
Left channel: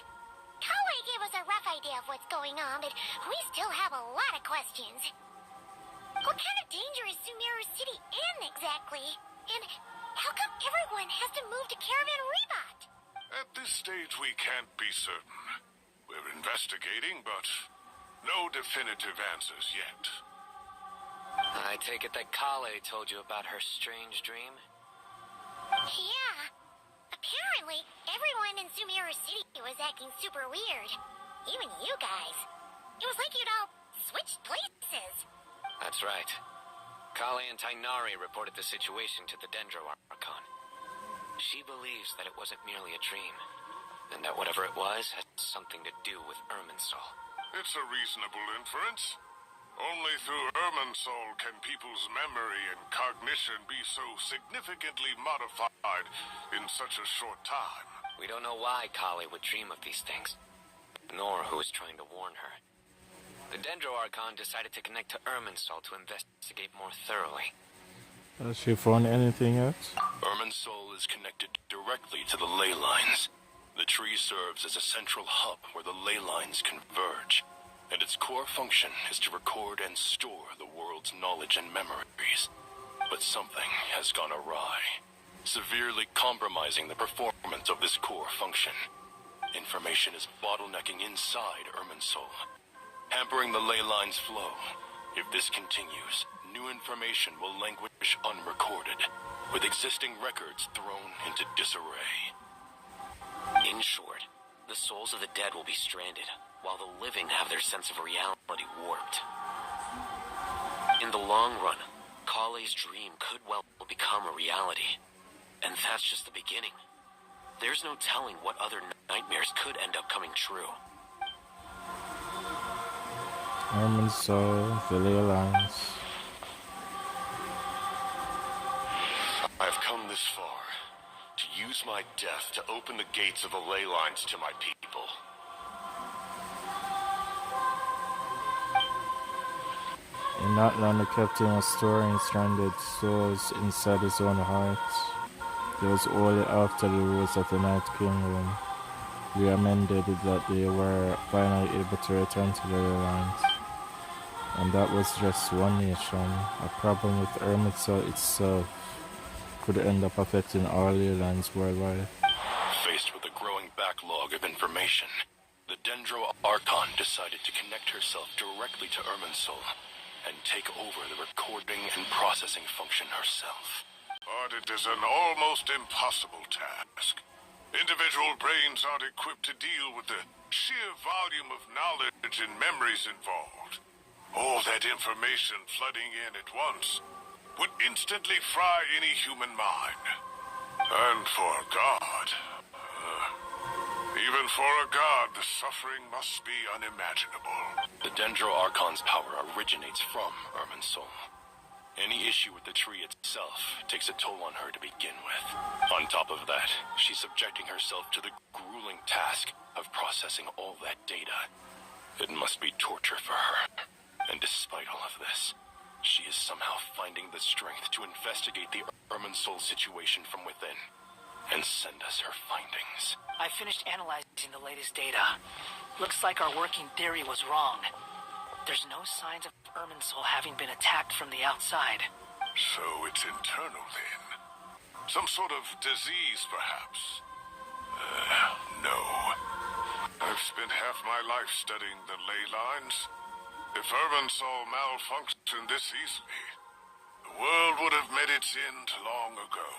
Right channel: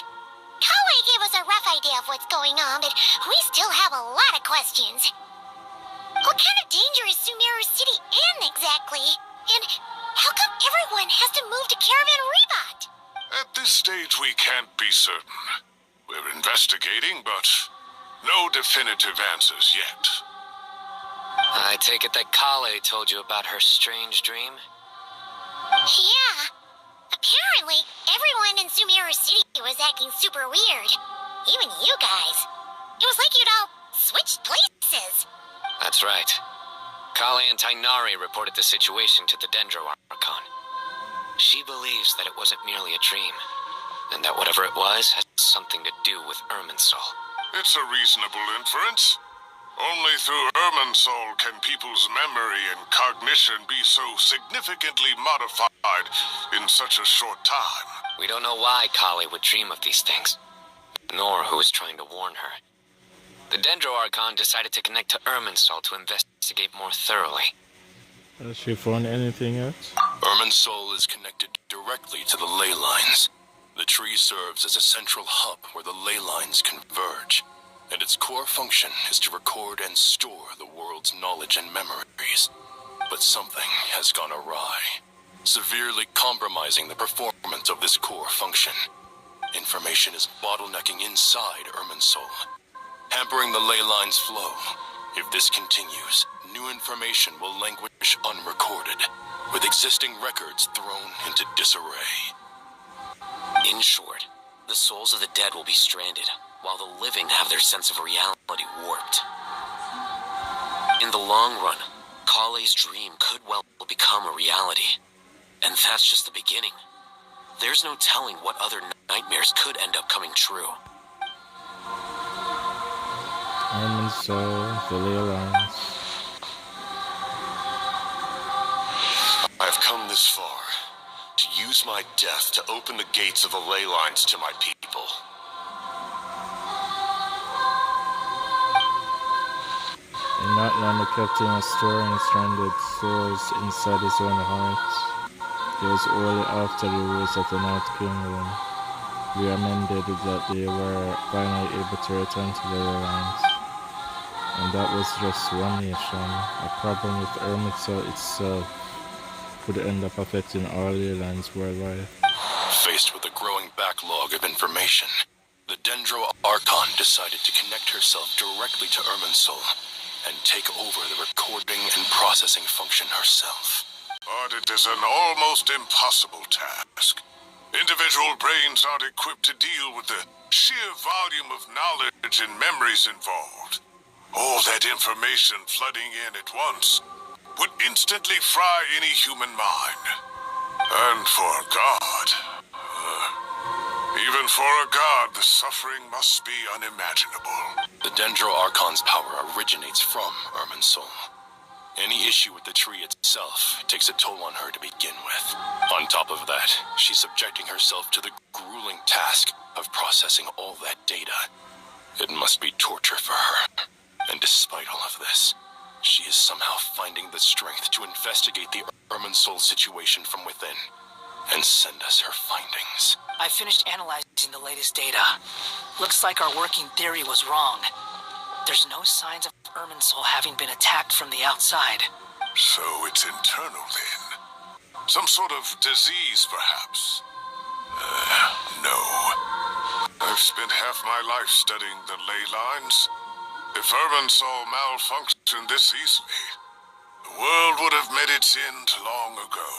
Kawaii gave us a rough idea of what's going on, but we still have a lot of questions. What kind of danger is Sumeru City in exactly? And how come everyone has to move to Caravan Rebot? At this stage, we can't be certain. We're investigating, but no definitive answers yet. I take it that Kale told you about her strange dream? Yeah. Apparently, everyone in Sumeru City was acting super weird. Even you guys. It was like you'd all switched places. That's right. Kale and Tainari reported the situation to the Dendro Archon. She believes that it wasn't merely a dream, and that whatever it was has something to do with Irminsul. It's a reasonable inference. Only through Irminsul can people's memory and cognition be so significantly modified in such a short time. We don't know why Kale would dream of these things, nor who is trying to warn her. The Dendro Archon decided to connect to Irminsul to investigate more thoroughly. Has she found anything yet? Irminsul is connected directly to the ley lines. The tree serves as a central hub where the ley lines converge, and its core function is to record and store the world's knowledge and memories. But something has gone awry, severely compromising the performance of this core function. Information is bottlenecking inside Irminsul, hampering the ley line's flow. If this continues, new information will languish unrecorded, with existing records thrown into disarray. In short, the souls of the dead will be stranded, while the living have their sense of reality warped. In the long run, Kale's dream could well become a reality. And that's just the beginning. There's no telling what other nightmares could end up coming true. Irminsul, the ley lines. I've come this far to use my death to open the gates of the ley lines to my people. In Natlan, the captain was storing stranded souls inside his own heart. It was only after the rules of the Night Kingdom we amended that they were finally able to return to the ley lines. And that was just one nation. A problem with Irminsul itself could end up affecting all ley lines worldwide. Faced with a growing backlog of information, the Dendro Archon decided to connect herself directly to Irminsul and take over the recording and processing function herself. But it is an almost impossible task. Individual brains aren't equipped to deal with the sheer volume of knowledge and memories involved. All that information flooding in at once would instantly fry any human mind. And for a god, even for a god, the suffering must be unimaginable. The Dendro Archon's power originates from Irminsul. Any issue with the tree itself takes a toll on her to begin with. On top of that, she's subjecting herself to the grueling task of processing all that data. It must be torture for her. And despite all of this, She is somehow finding the strength to investigate the Irminsul situation from within and send us her findings. I finished analyzing the latest data. Looks like our working theory was wrong. There's no signs of Irminsul having been attacked from the outside. So it's internal then? Some sort of disease, perhaps? No. I've spent half my life studying the ley lines. If Irminsul malfunctioned this easily, the world would have met its end long ago.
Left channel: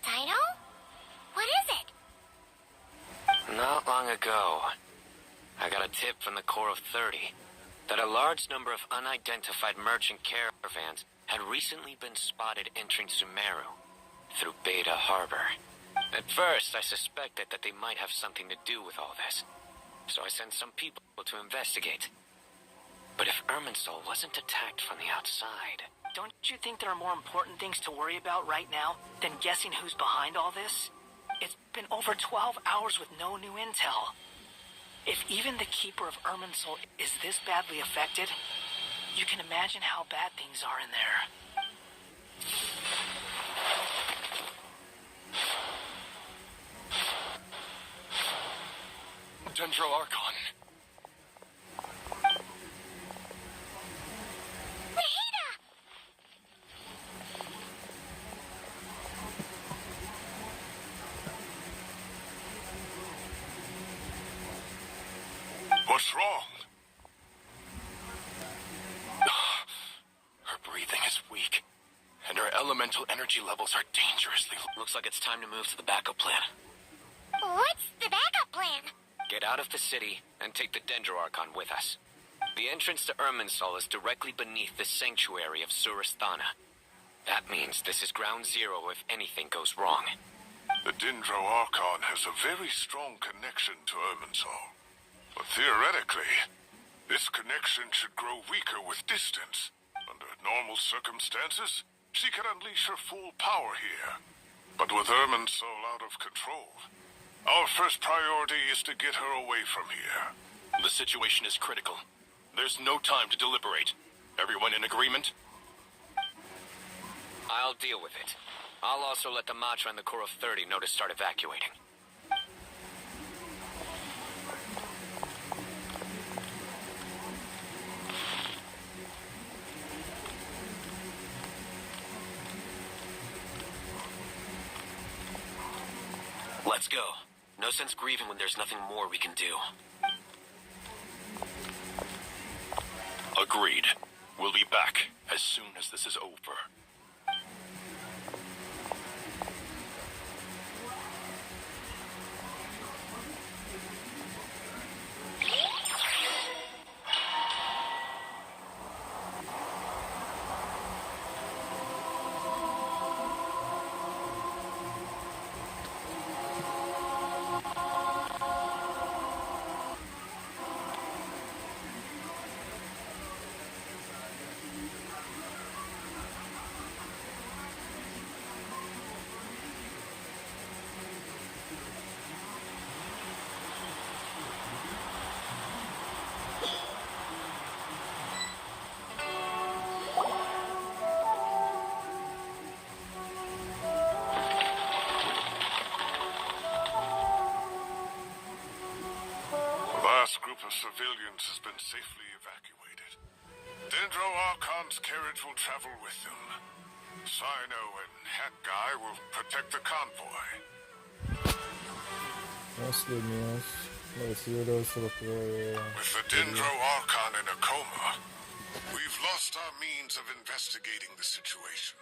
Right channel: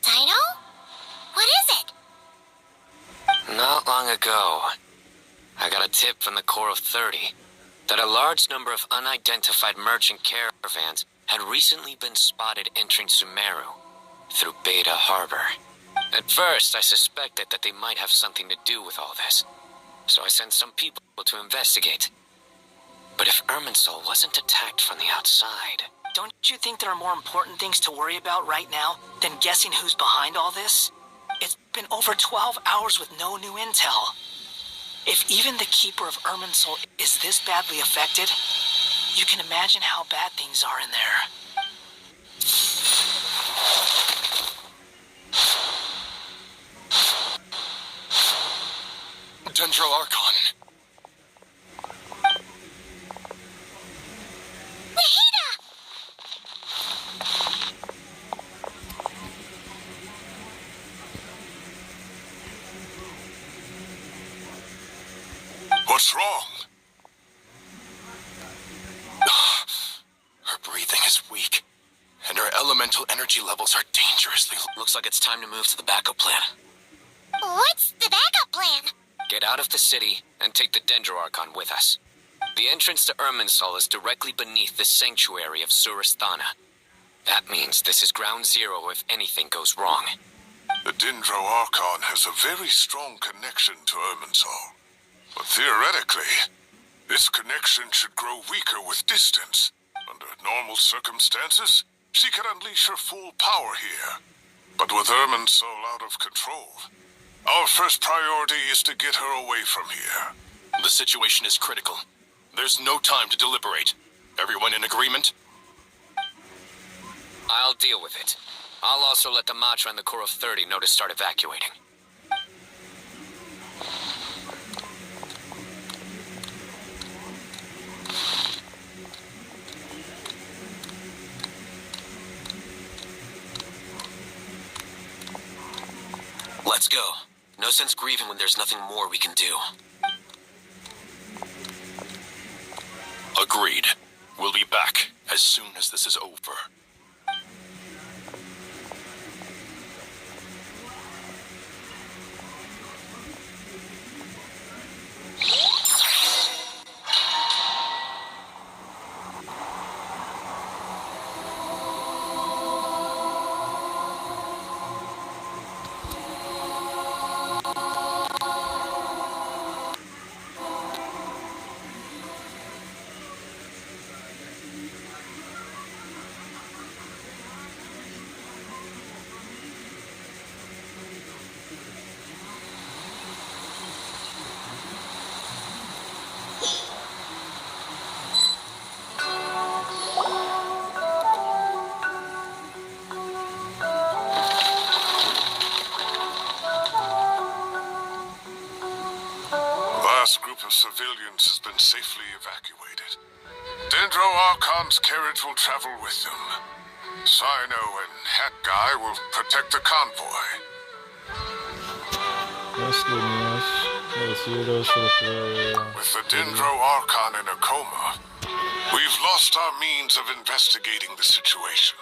Sino? What is it? Not long ago, I got a tip from the Core of 30 that a large number of unidentified merchant caravans had recently been spotted entering Sumeru through Beta Harbor. At first, I suspected that they might have something to do with all this, so I sent some people to investigate. But if Irminsul wasn't attacked from the outside... Don't you think there are more important things to worry about right now than guessing who's behind all this? It's been over 12 hours with no new intel. If even the Keeper of Irminsul is this badly affected, you can imagine how bad things are in there. Dendro Archon. What's wrong? Her breathing is weak, and her elemental energy levels are dangerously low. Looks like it's time to move to the backup plan. What's the backup plan? Get out of the city and take the Dendro Archon with us. The entrance to Irminsul is directly beneath the sanctuary of Surasthana. That means this is ground zero if anything goes wrong. The Dendro Archon has a very strong connection to Irminsul. But theoretically, this connection should grow weaker with distance. Under normal circumstances, she can unleash her full power here. But with Irminsul out of control, our first priority is to get her away from here. The situation is critical. There's no time to deliberate. Everyone in agreement? I'll deal with it. I'll also let the Matra and the Core of 30 know to start evacuating. Let's go. No sense grieving when there's nothing more we can do. Agreed. We'll be back as soon as this is over. Group of civilians has been safely evacuated. Dendro Archon's carriage will travel with them. Sino and Hat Guy will protect the convoy. That's good news. Let's hear those for the player. With the Dendro Archon in a coma, we've lost our means of investigating the situation.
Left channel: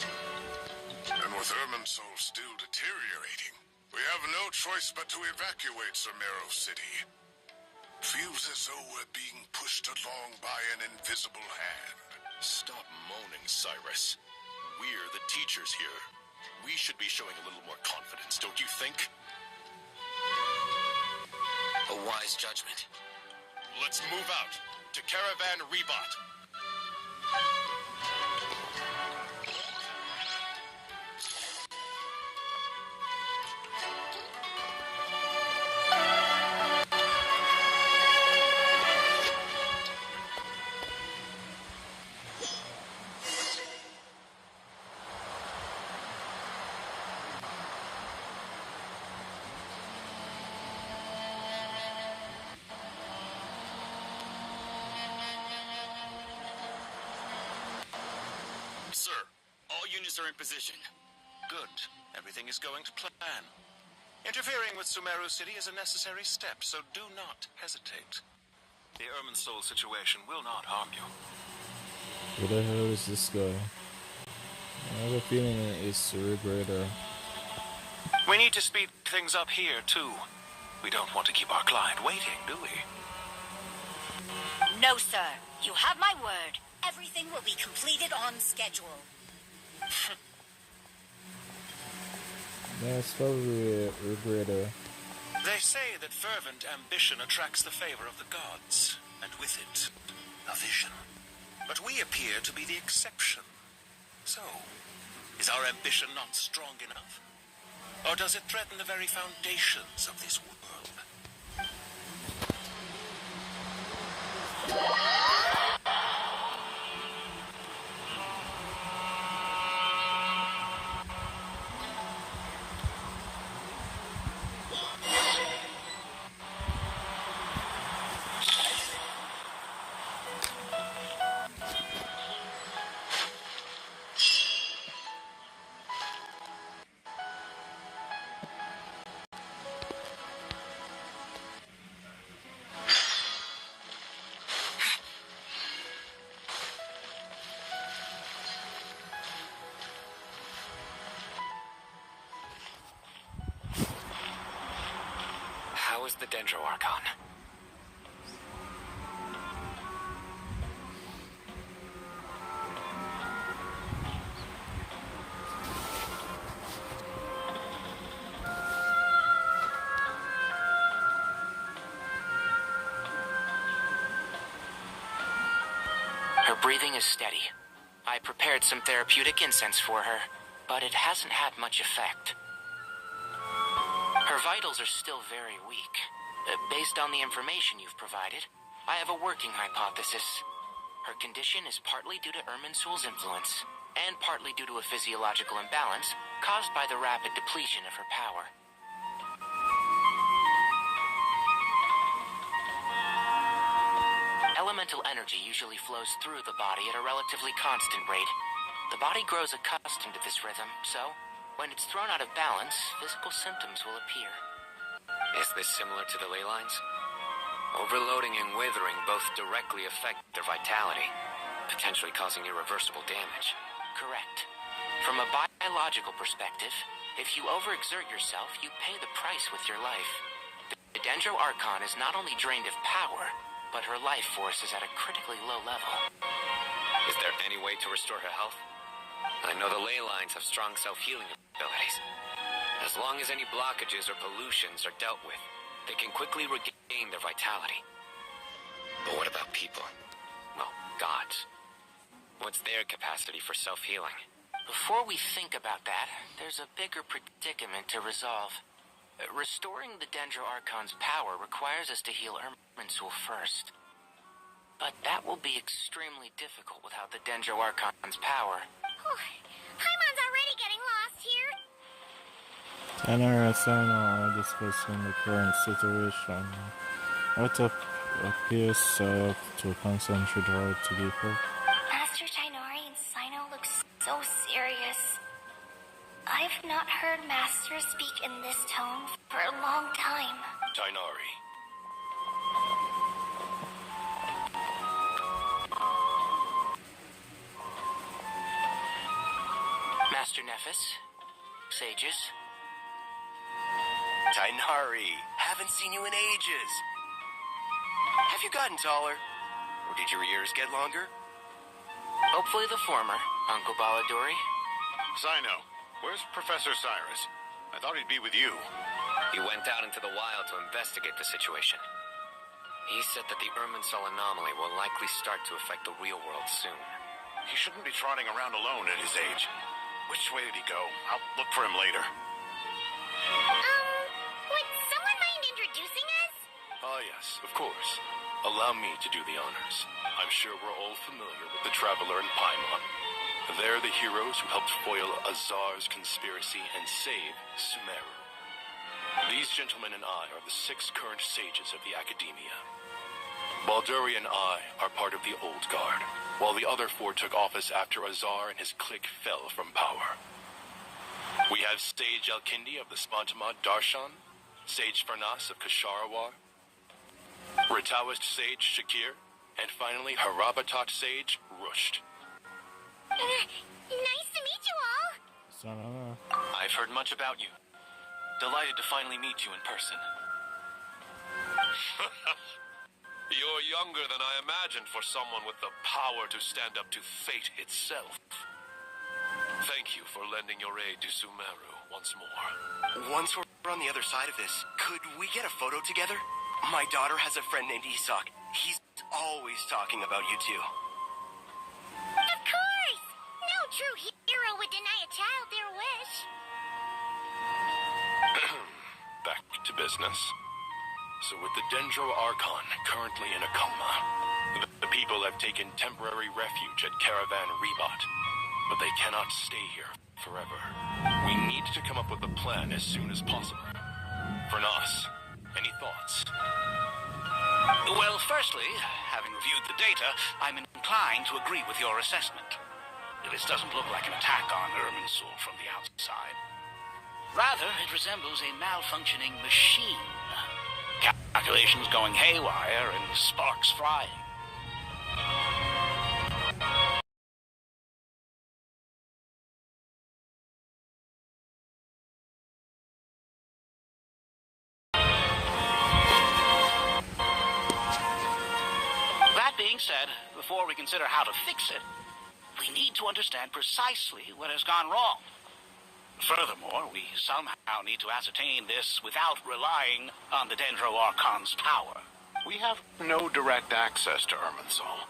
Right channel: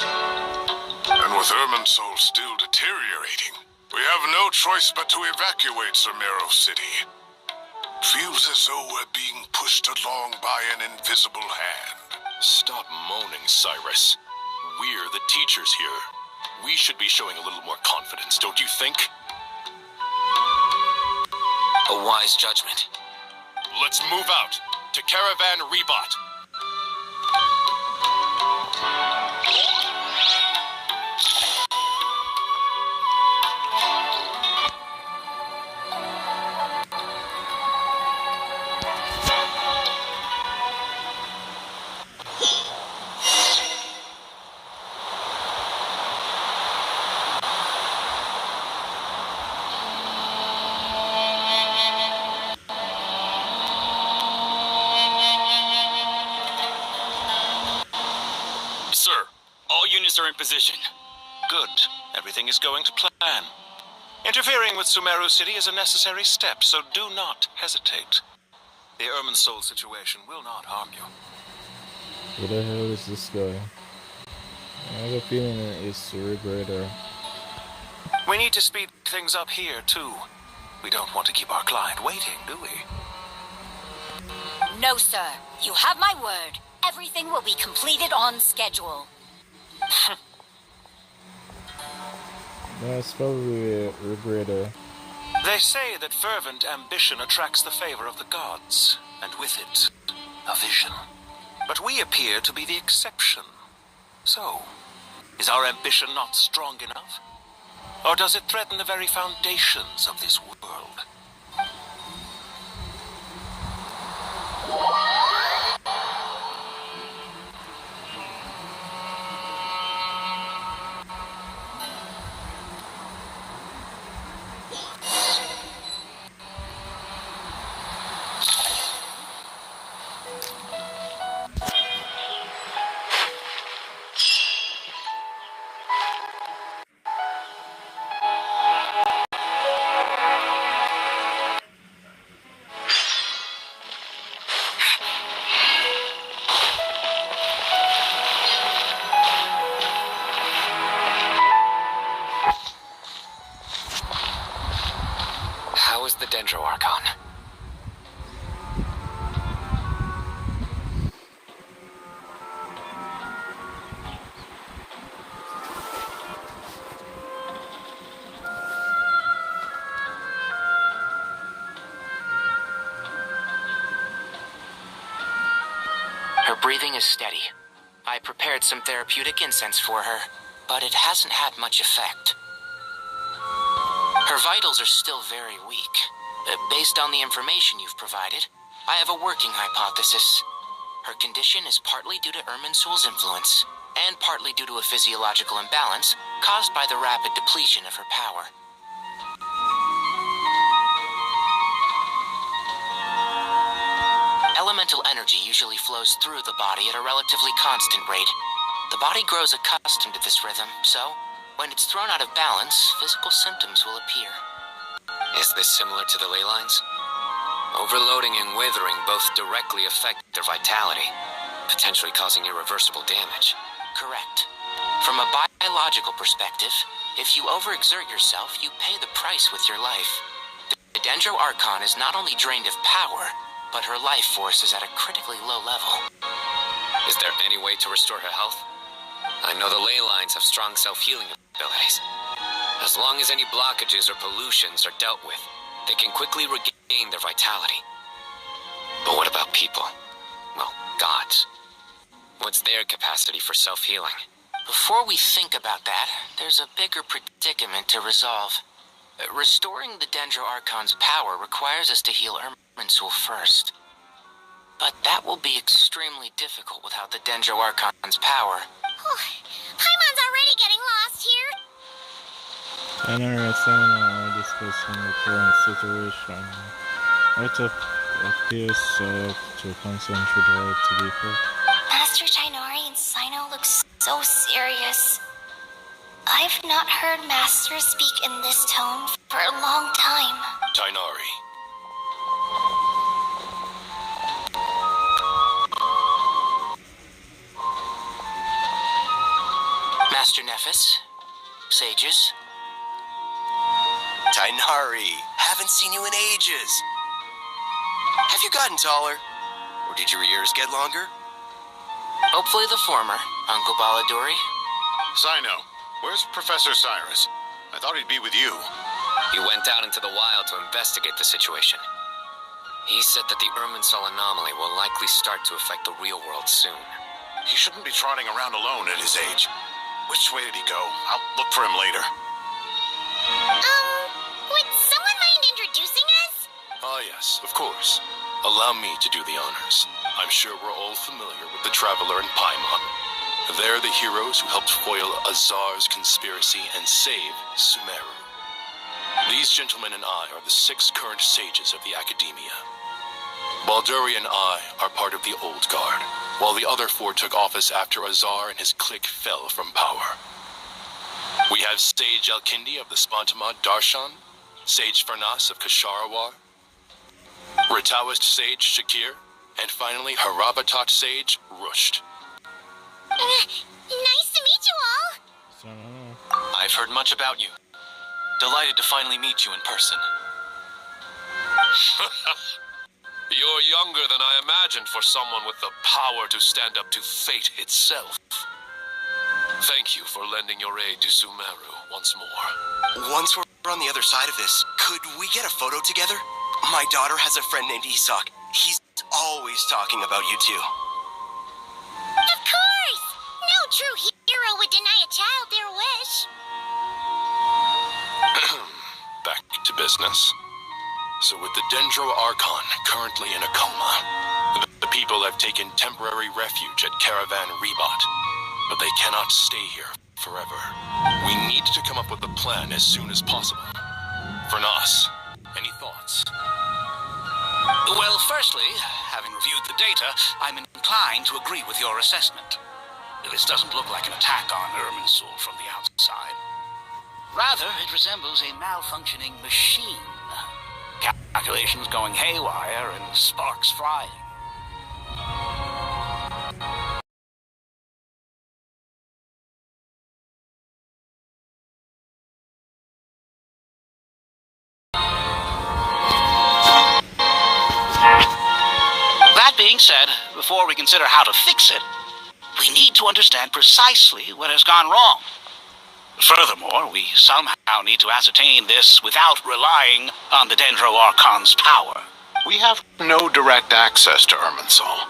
And with Irminsul still deteriorating, we have no choice but to evacuate Sumeru City. Feels as though we're being pushed along by an invisible hand. Stop moaning, Cyrus. We're the teachers here. We should be showing a little more confidence, don't you think? A wise judgment. Let's move out to Caravan Rebot. current position. Good. Everything is going to plan. Interfering with Sumeru City is a necessary step, so do not hesitate. The Irminsul situation will not harm you. Where the hell is this guy? I have a feeling it's a regretter. We need to speed things up here, too. We don't want to keep our client waiting, do we? No, sir. You have my word. Everything will be completed on schedule. That's probably a regretter. They say that fervent ambition attracts the favor of the gods, and with it, a vision. But we appear to be the exception. So, is our ambition not strong enough? Or does it threaten the very foundations of this world? How is the Dendro Archon? Her breathing is steady. I prepared some therapeutic incense for her, but it hasn't had much effect. Her vitals are still very weak. Based on the information you've provided, I have a working hypothesis. Her condition is partly due to Irminsul's influence, and partly due to a physiological imbalance caused by the rapid depletion of her power. Elemental energy usually flows through the body at a relatively constant rate. The body grows accustomed to this rhythm, so when it's thrown out of balance, physical symptoms will appear. Is this similar to the ley lines? Overloading and withering both directly affect their vitality, potentially causing irreversible damage. Correct. From a biological perspective, if you overexert yourself, you pay the price with your life. The Dendro Archon is not only drained of power, but her life force is at a critically low level. Is there any way to restore her health? I know the ley lines have strong self-healing abilities. As long as any blockages or pollutions are dealt with, they can quickly regain their vitality. But what about people? Well, gods. What's their capacity for self-healing? Before we think about that, there's a bigger predicament to resolve. Restoring the Dendro Archon's power requires us to heal Irminsul first. But that will be extremely difficult without the Dendro Archon's power. Paimon's already getting lost here. Another assignment are discussing the current situation. What appears to concentrate right to be for? Master Tainari and Sino look so serious. I've not heard Master speak in this tone for a long time. Tainari. Master Nephis, sages. Tainari, haven't seen you in ages. Have you gotten taller? Or did your ears get longer? Hopefully the former, Uncle Baladuri. Sino, where's Professor Cyrus? I thought he'd be with you. He went out into the wild to investigate the situation. He said that the Irminsul anomaly will likely start to affect the real world soon. He shouldn't be trotting around alone at his age. Which way did he go? I'll look for him later. Would someone mind introducing us? Ah, yes, of course. Allow me to do the honors. I'm sure we're all familiar with the Traveler and Paimon. They're the heroes who helped foil Azar's conspiracy and save Sumeru. These gentlemen and I are the 6 current sages of the Academia. Balduri and I are part of the Old Guard, while the other 4 took office after Azar and his clique fell from power. We have Sage Alkindi of the Spantamad Darshan, Sage Farnas of Kasharawar, Ritawist Sage Shakir, and finally Harabatot Sage Rusht. Nice to meet you all. I've heard much about you. Delighted to finally meet you in person. You're younger than I imagined for someone with the power to stand up to fate itself. Thank you for lending your aid to Sumeru once more. Once we're on the other side of this, could we get a photo together? My daughter has a friend named Isak. He's always talking about you two. Of course! No true hero would deny a child their wish. Back to business. So with the Dendro Archon currently in a coma, the people have taken temporary refuge at Caravan Rebot, but they cannot stay here forever. We need to come up with a plan as soon as possible. Fernas, any thoughts? Well, firstly, having reviewed the data, I'm inclined to agree with your assessment. This doesn't look like an attack on Irminsul from the outside. Rather, it resembles a malfunctioning machine. Calculations going haywire and sparks flying. That being said, before we consider how to fix it, we need to understand precisely what has gone wrong. Furthermore, we somehow need to ascertain this without relying on the Dendro Archon's power. We have no direct access to Irminsul.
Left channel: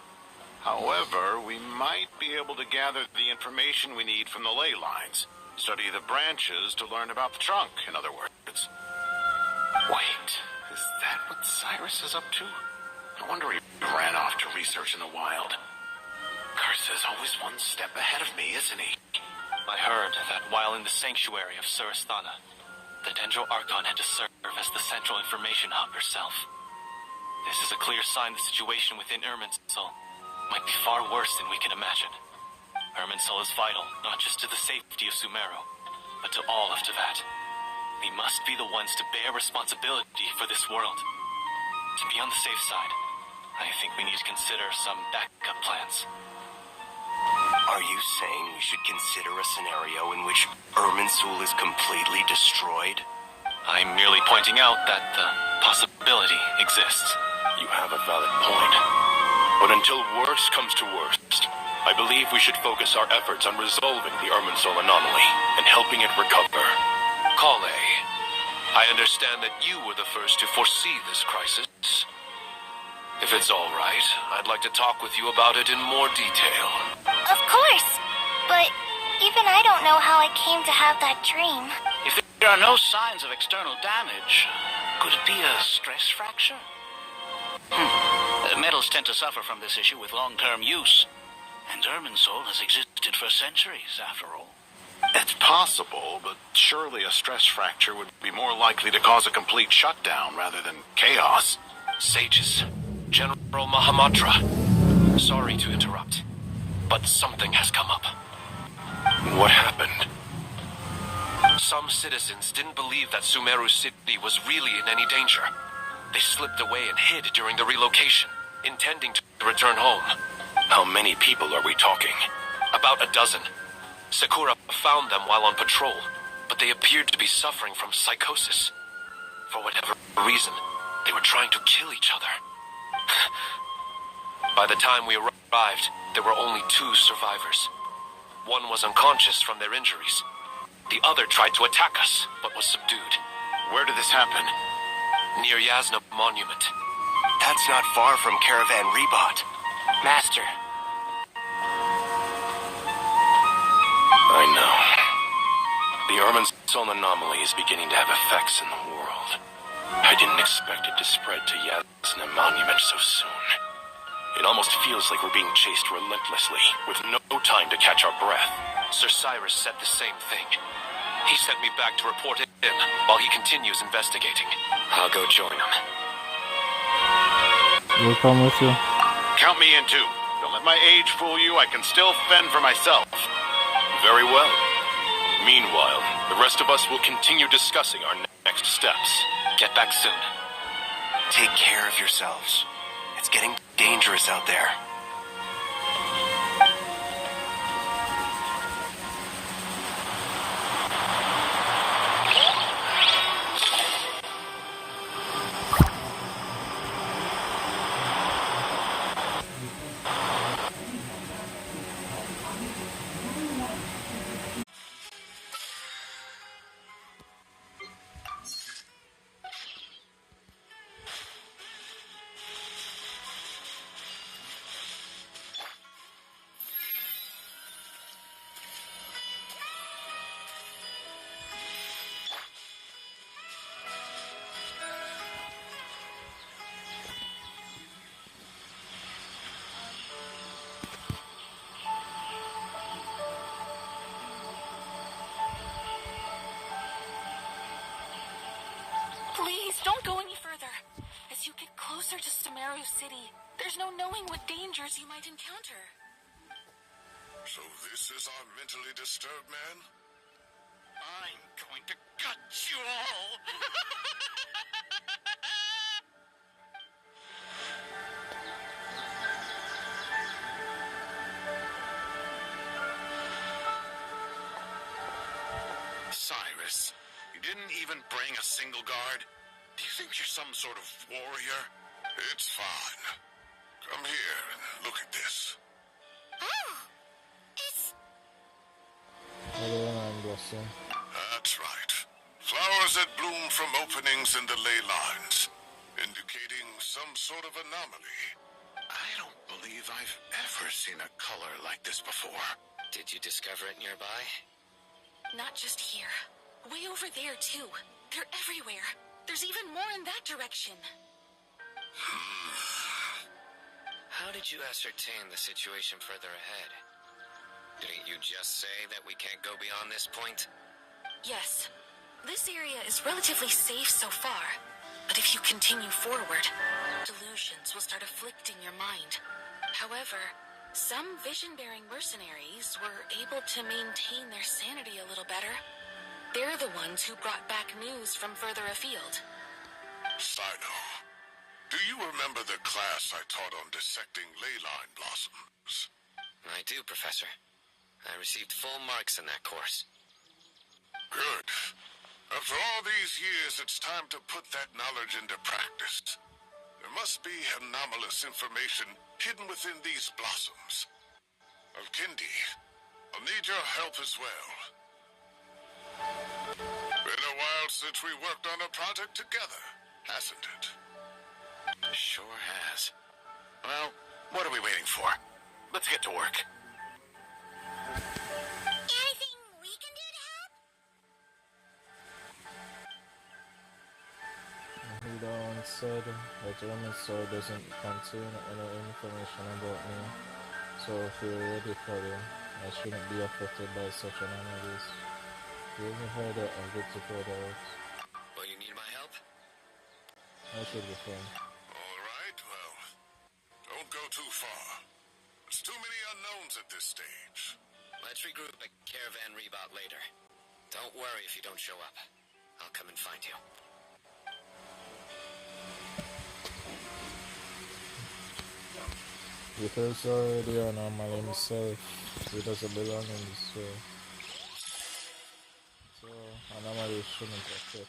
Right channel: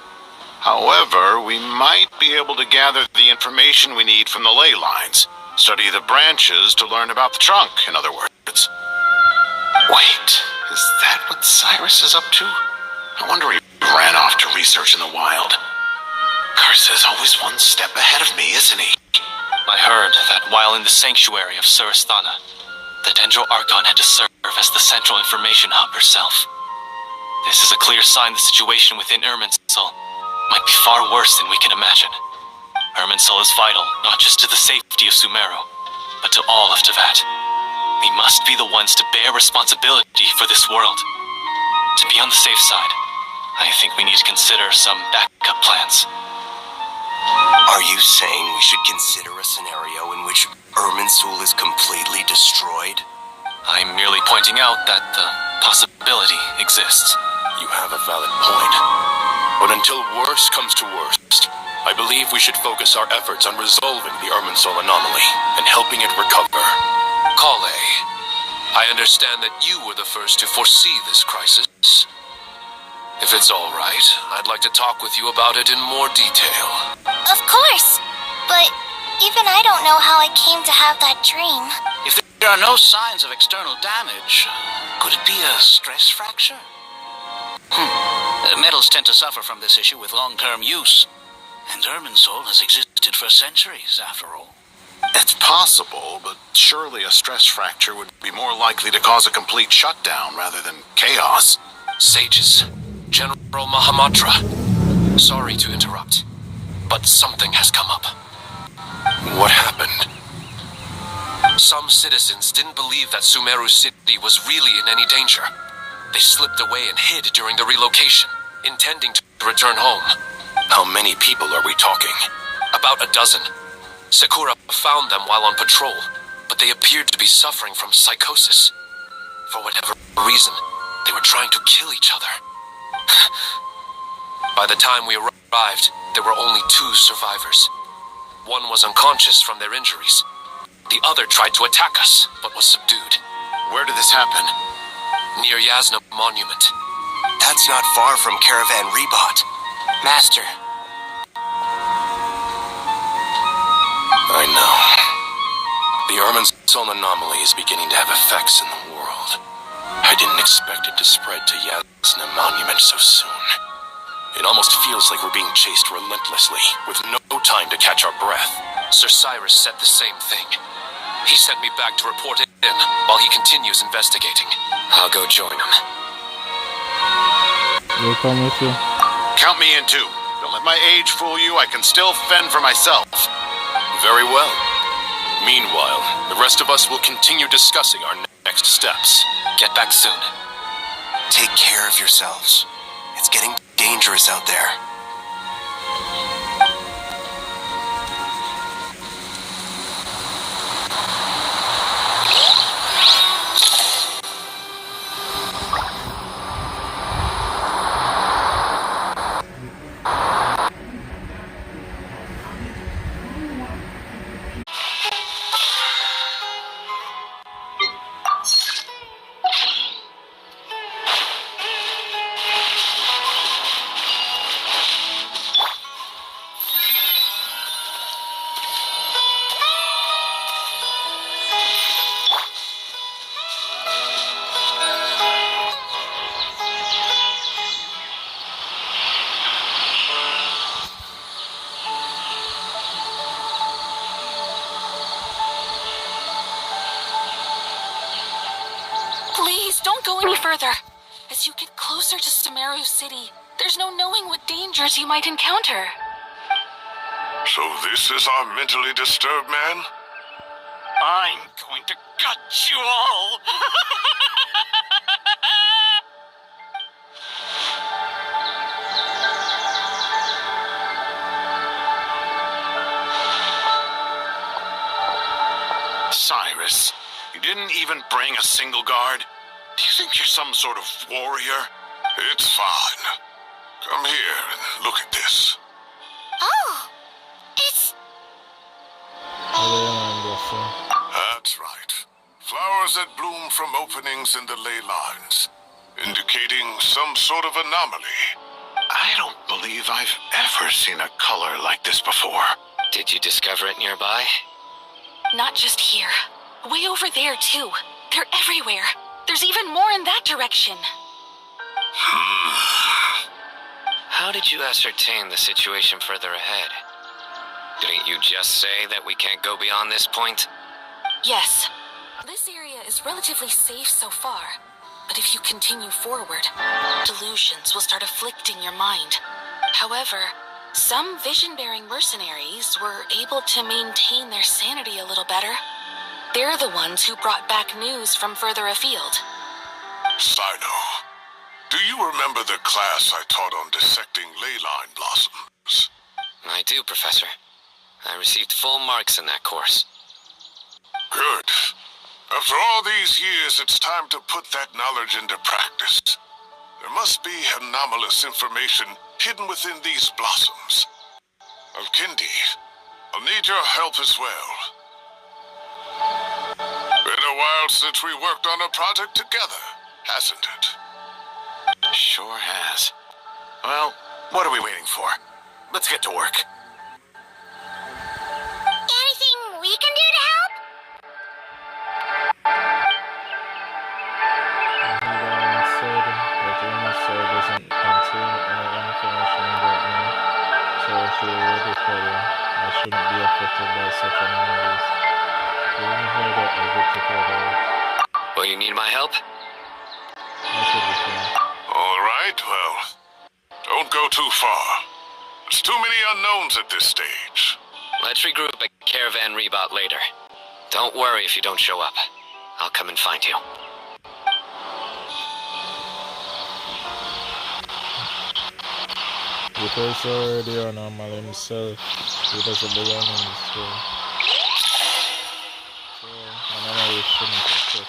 However, we might be able to gather the information we need from the ley lines. Study the branches to learn about the trunk, in other words. Wait, is that what Cyrus is up to? No wonder he ran off to research in the wild. Curse is always one step ahead of me, isn't he? I heard that while in the sanctuary of Surasthana, the Dendro Archon had to serve as the central information hub herself. This is a clear sign the situation within Irminsul might be far worse than we can imagine. Irminsul is vital, not just to the safety of Sumeru, but to all of Teyvat. We must be the ones to bear responsibility for this world. To be on the safe side, I think we need to consider some backup plans. Are you saying we should consider a scenario in which Irminsul is completely destroyed? I'm merely pointing out that the possibility exists. You have a valid point. But until worst comes to worst, I believe we should focus our efforts on resolving the Irminsul anomaly and helping it recover. Kale, I understand that you were the first to foresee this crisis. If it's all right, I'd like to talk with you about it in more detail. Of course, but even I don't know how I came to have that dream. If there are no signs of external damage, could it be a stress fracture? Metals tend to suffer from this issue with long-term use, and Irminsul has existed for centuries, after all. It's possible, but surely a stress fracture would be more likely to cause a complete shutdown rather than chaos. Sages, General Mahamatra, sorry to interrupt, but something has come up. What happened? Some citizens didn't believe that Sumeru City was really in any danger. They slipped away and hid during the relocation, intending to return home. How many people are we talking? About a dozen. Sakura found them while on patrol, but they appeared to be suffering from psychosis. For whatever reason, they were trying to kill each other. By the time we arrived, there were only 2 survivors. One was unconscious from their injuries. The other tried to attack us, but was subdued. Where did this happen? Near Yasna Monument. That's not far from Caravan Rebot. Master. I know. The Irminsul anomaly is beginning to have effects in the world. I didn't expect it to spread to Yasna Monument so soon. It almost feels like we're being chased relentlessly, with no time to catch our breath. Sir Cyrus said the same thing. He sent me back to report in while he continues investigating. I'll go join him. We'll come with you. Count me in too. Don't let my age fool you. I can still fend for myself. Very well. Meanwhile, the rest of us will continue discussing our next steps. Get back soon. Take care of yourselves. It's getting dangerous out there. Please, don't go any further. As you get closer to Sumeru City, there's no knowing what dangers you might encounter. So this is our mentally disturbed man? I'm going to gut you all. Cyrus, you didn't even bring a single guard? Do you think you're some sort of warrior? It's fine. Come here and look at this. Oh, it's... That's right. Flowers that bloom from openings in the ley lines, indicating some sort of anomaly. I don't believe I've ever seen a color like this before. Did you discover it nearby? Not just here. Way over there, too. They're everywhere. There's even more in that direction. How did you ascertain the situation further ahead? Didn't you just say that we can't go beyond this point? Yes. This area is relatively safe so far. But if you continue forward, delusions will start afflicting your mind. However, some vision-bearing mercenaries were able to maintain their sanity a little better. They're the ones who brought back news from further afield. Sino, do you remember the class I taught on dissecting leyline blossoms? I do, Professor. I received full marks in that course. Good. After all these years, it's time to put that knowledge into practice. There must be anomalous information hidden within these blossoms. Alkindi, I'll need your help as well. Been a while since we worked on a project together, hasn't it? Sure has. Well, what are we waiting for? Let's get to work. Anything we can do to help? Doesn't contain any information about me, so if you're ready for it, I shouldn't be affected by such anomalies. You only heard that a bit to further. Well, you need my help? I should be fine. All right, well, don't go too far. There's too many unknowns at this stage. Let's regroup at Caravan Rebot later. Don't worry if you don't show up. I'll come and find you. Because already anomaly himself, he doesn't belong in this world. So, anomaly shouldn't affect.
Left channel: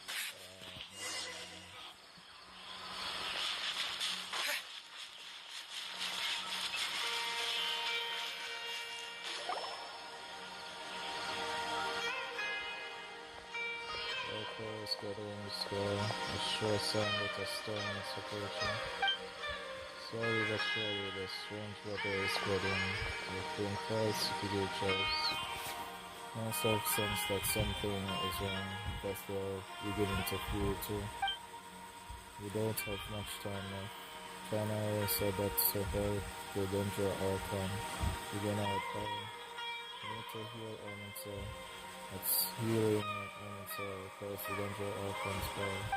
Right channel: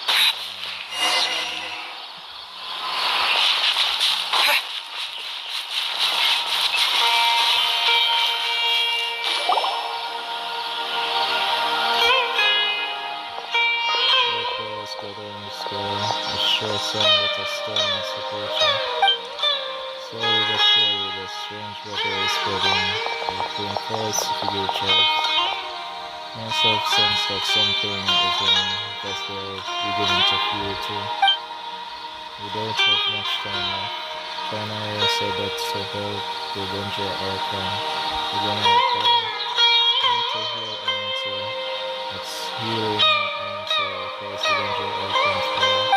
Let's go there in the score. A sure sign that a storm is approaching. Slowly but surely, the strange weather is spreading. Between forests to figure tribes. Must have sense that something is wrong, because they're beginning to feel too. We don't have much time left. Purana said that to help the danger Archon. We're gonna reply. We need to heal Enter. It's healing Enter across the danger Archon's power.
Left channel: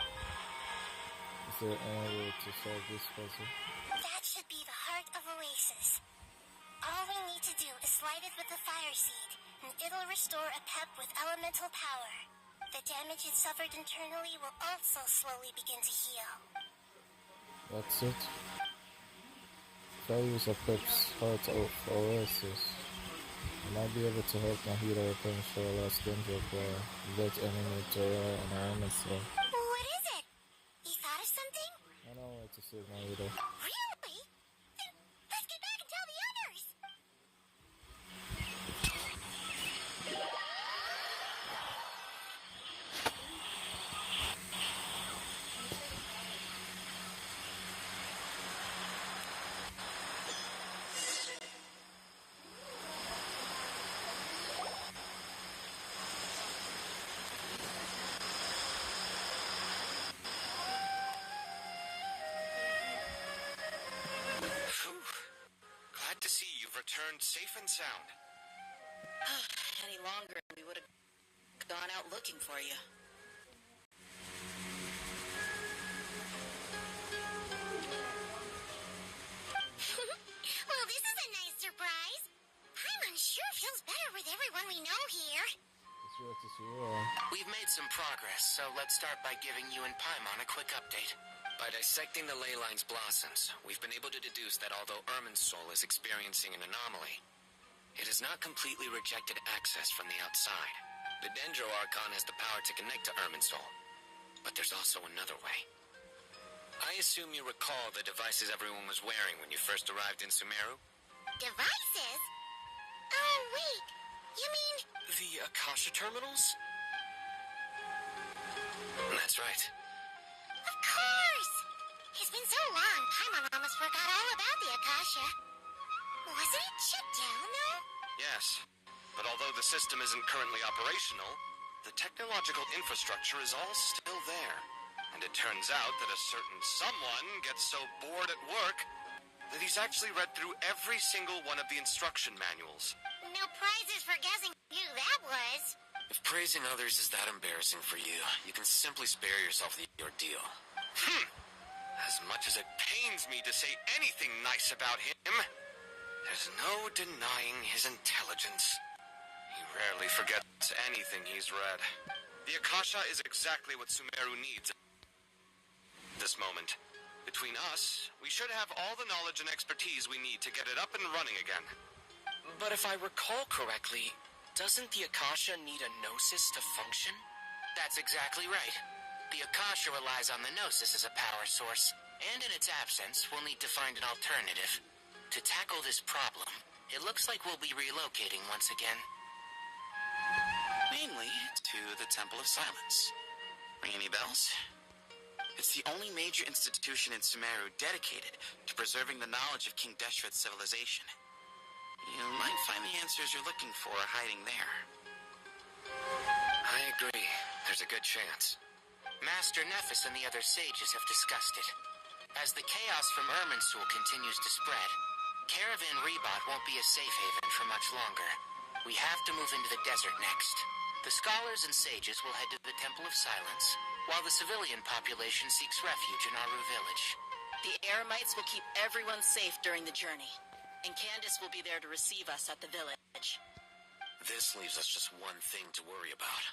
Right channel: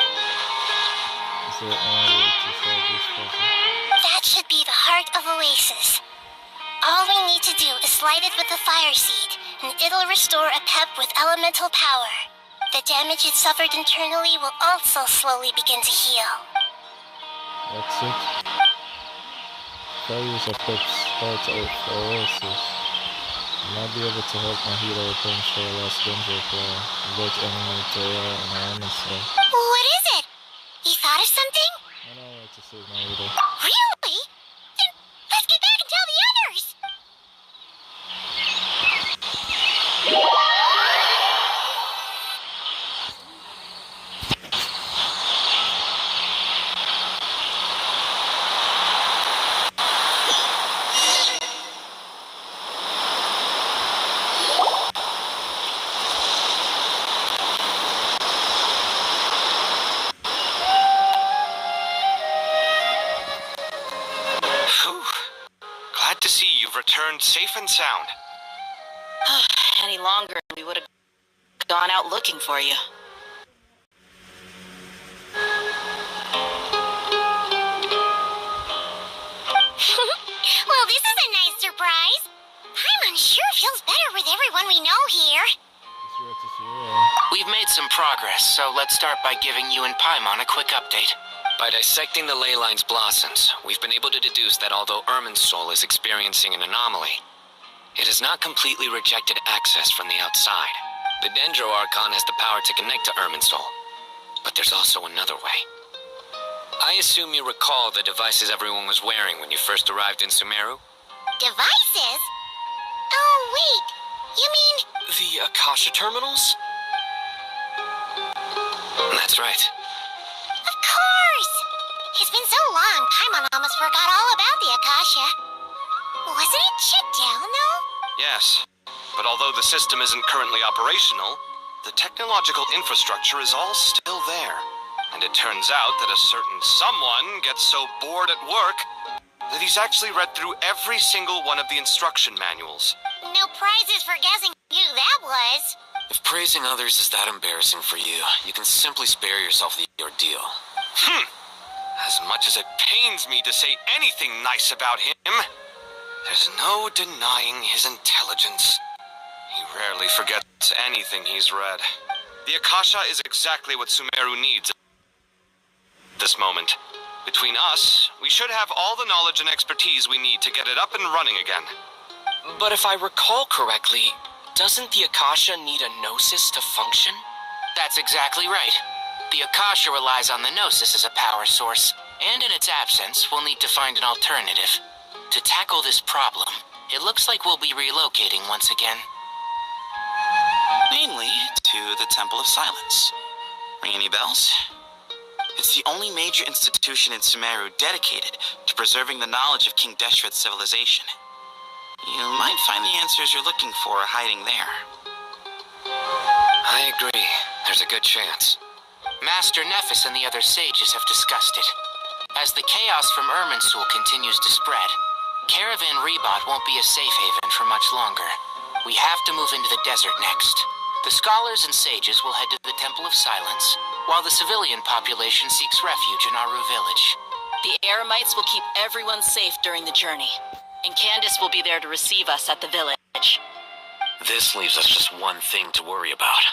Is there any way to solve this puzzle? That should be the heart of Oasis. All we need to do is light it with the fire seed, and it'll restore a pep with elemental power. The damage it suffered internally will also slowly begin to heal. That's it. If I use a pep's heart of oasis, I might be able to help my healer potential last danger for both enemy Terra and Elemental. What is it? You thought of something? I know what to save my healer. Really? Then let's get back and tell the others! Glad to see you've returned safe and sound. Any longer, we would have gone out looking for you. Well, this is a nice surprise. Paimon sure feels better with everyone we know here. It's rare to see you. We've made some progress, so let's start by giving you and Paimon a quick update. By dissecting the ley line's blossoms, we've been able to deduce that although Irminsul is experiencing an anomaly, it has not completely rejected access from the outside. The Dendro Archon has the power to connect to Irminsul, but there's also another way. I assume you recall the devices everyone was wearing when you first arrived in Sumeru? Devices? Oh, wait. You mean... The Akasha terminals? That's right. Of course! It's been so long, Paimon almost forgot all about the Akasha. Wasn't it shut down, though? Yes, but although the system isn't currently operational, the technological infrastructure is all still there. And it turns out that a certain someone gets so bored at work that he's actually read through every single one of the instruction manuals. No prizes for guessing who that was. If praising others is that embarrassing for you, you can simply spare yourself the ordeal. As much as it pains me to say anything nice about him, there's no denying his intelligence. He rarely forgets anything he's read. The Akasha is exactly what Sumeru needs at this moment. Between us, we should have all the knowledge and expertise we need to get it up and running again. But if I recall correctly, doesn't the Akasha need a Gnosis to function? That's exactly right. The Akasha relies on the Gnosis as a power source, and in its absence, we'll need to find an alternative. To tackle this problem, it looks like we'll be relocating once again. Namely, to the Temple of Silence. Ring any bells? It's the only major institution in Sumeru dedicated to preserving the knowledge of King Deshret's civilization. You might find the answers you're looking for hiding there. I agree. There's a good chance. Master Nephis and the other sages have discussed it. As the chaos from Irminsul continues to spread, Caravan Rebot won't be a safe haven for much longer. We have to move into the desert next. The scholars and sages will head to the Temple of Silence, while the civilian population seeks refuge in Aru village. The Eremites will keep everyone safe during the journey, and Candace will be there to receive us at the village. This leaves us just one thing to worry about.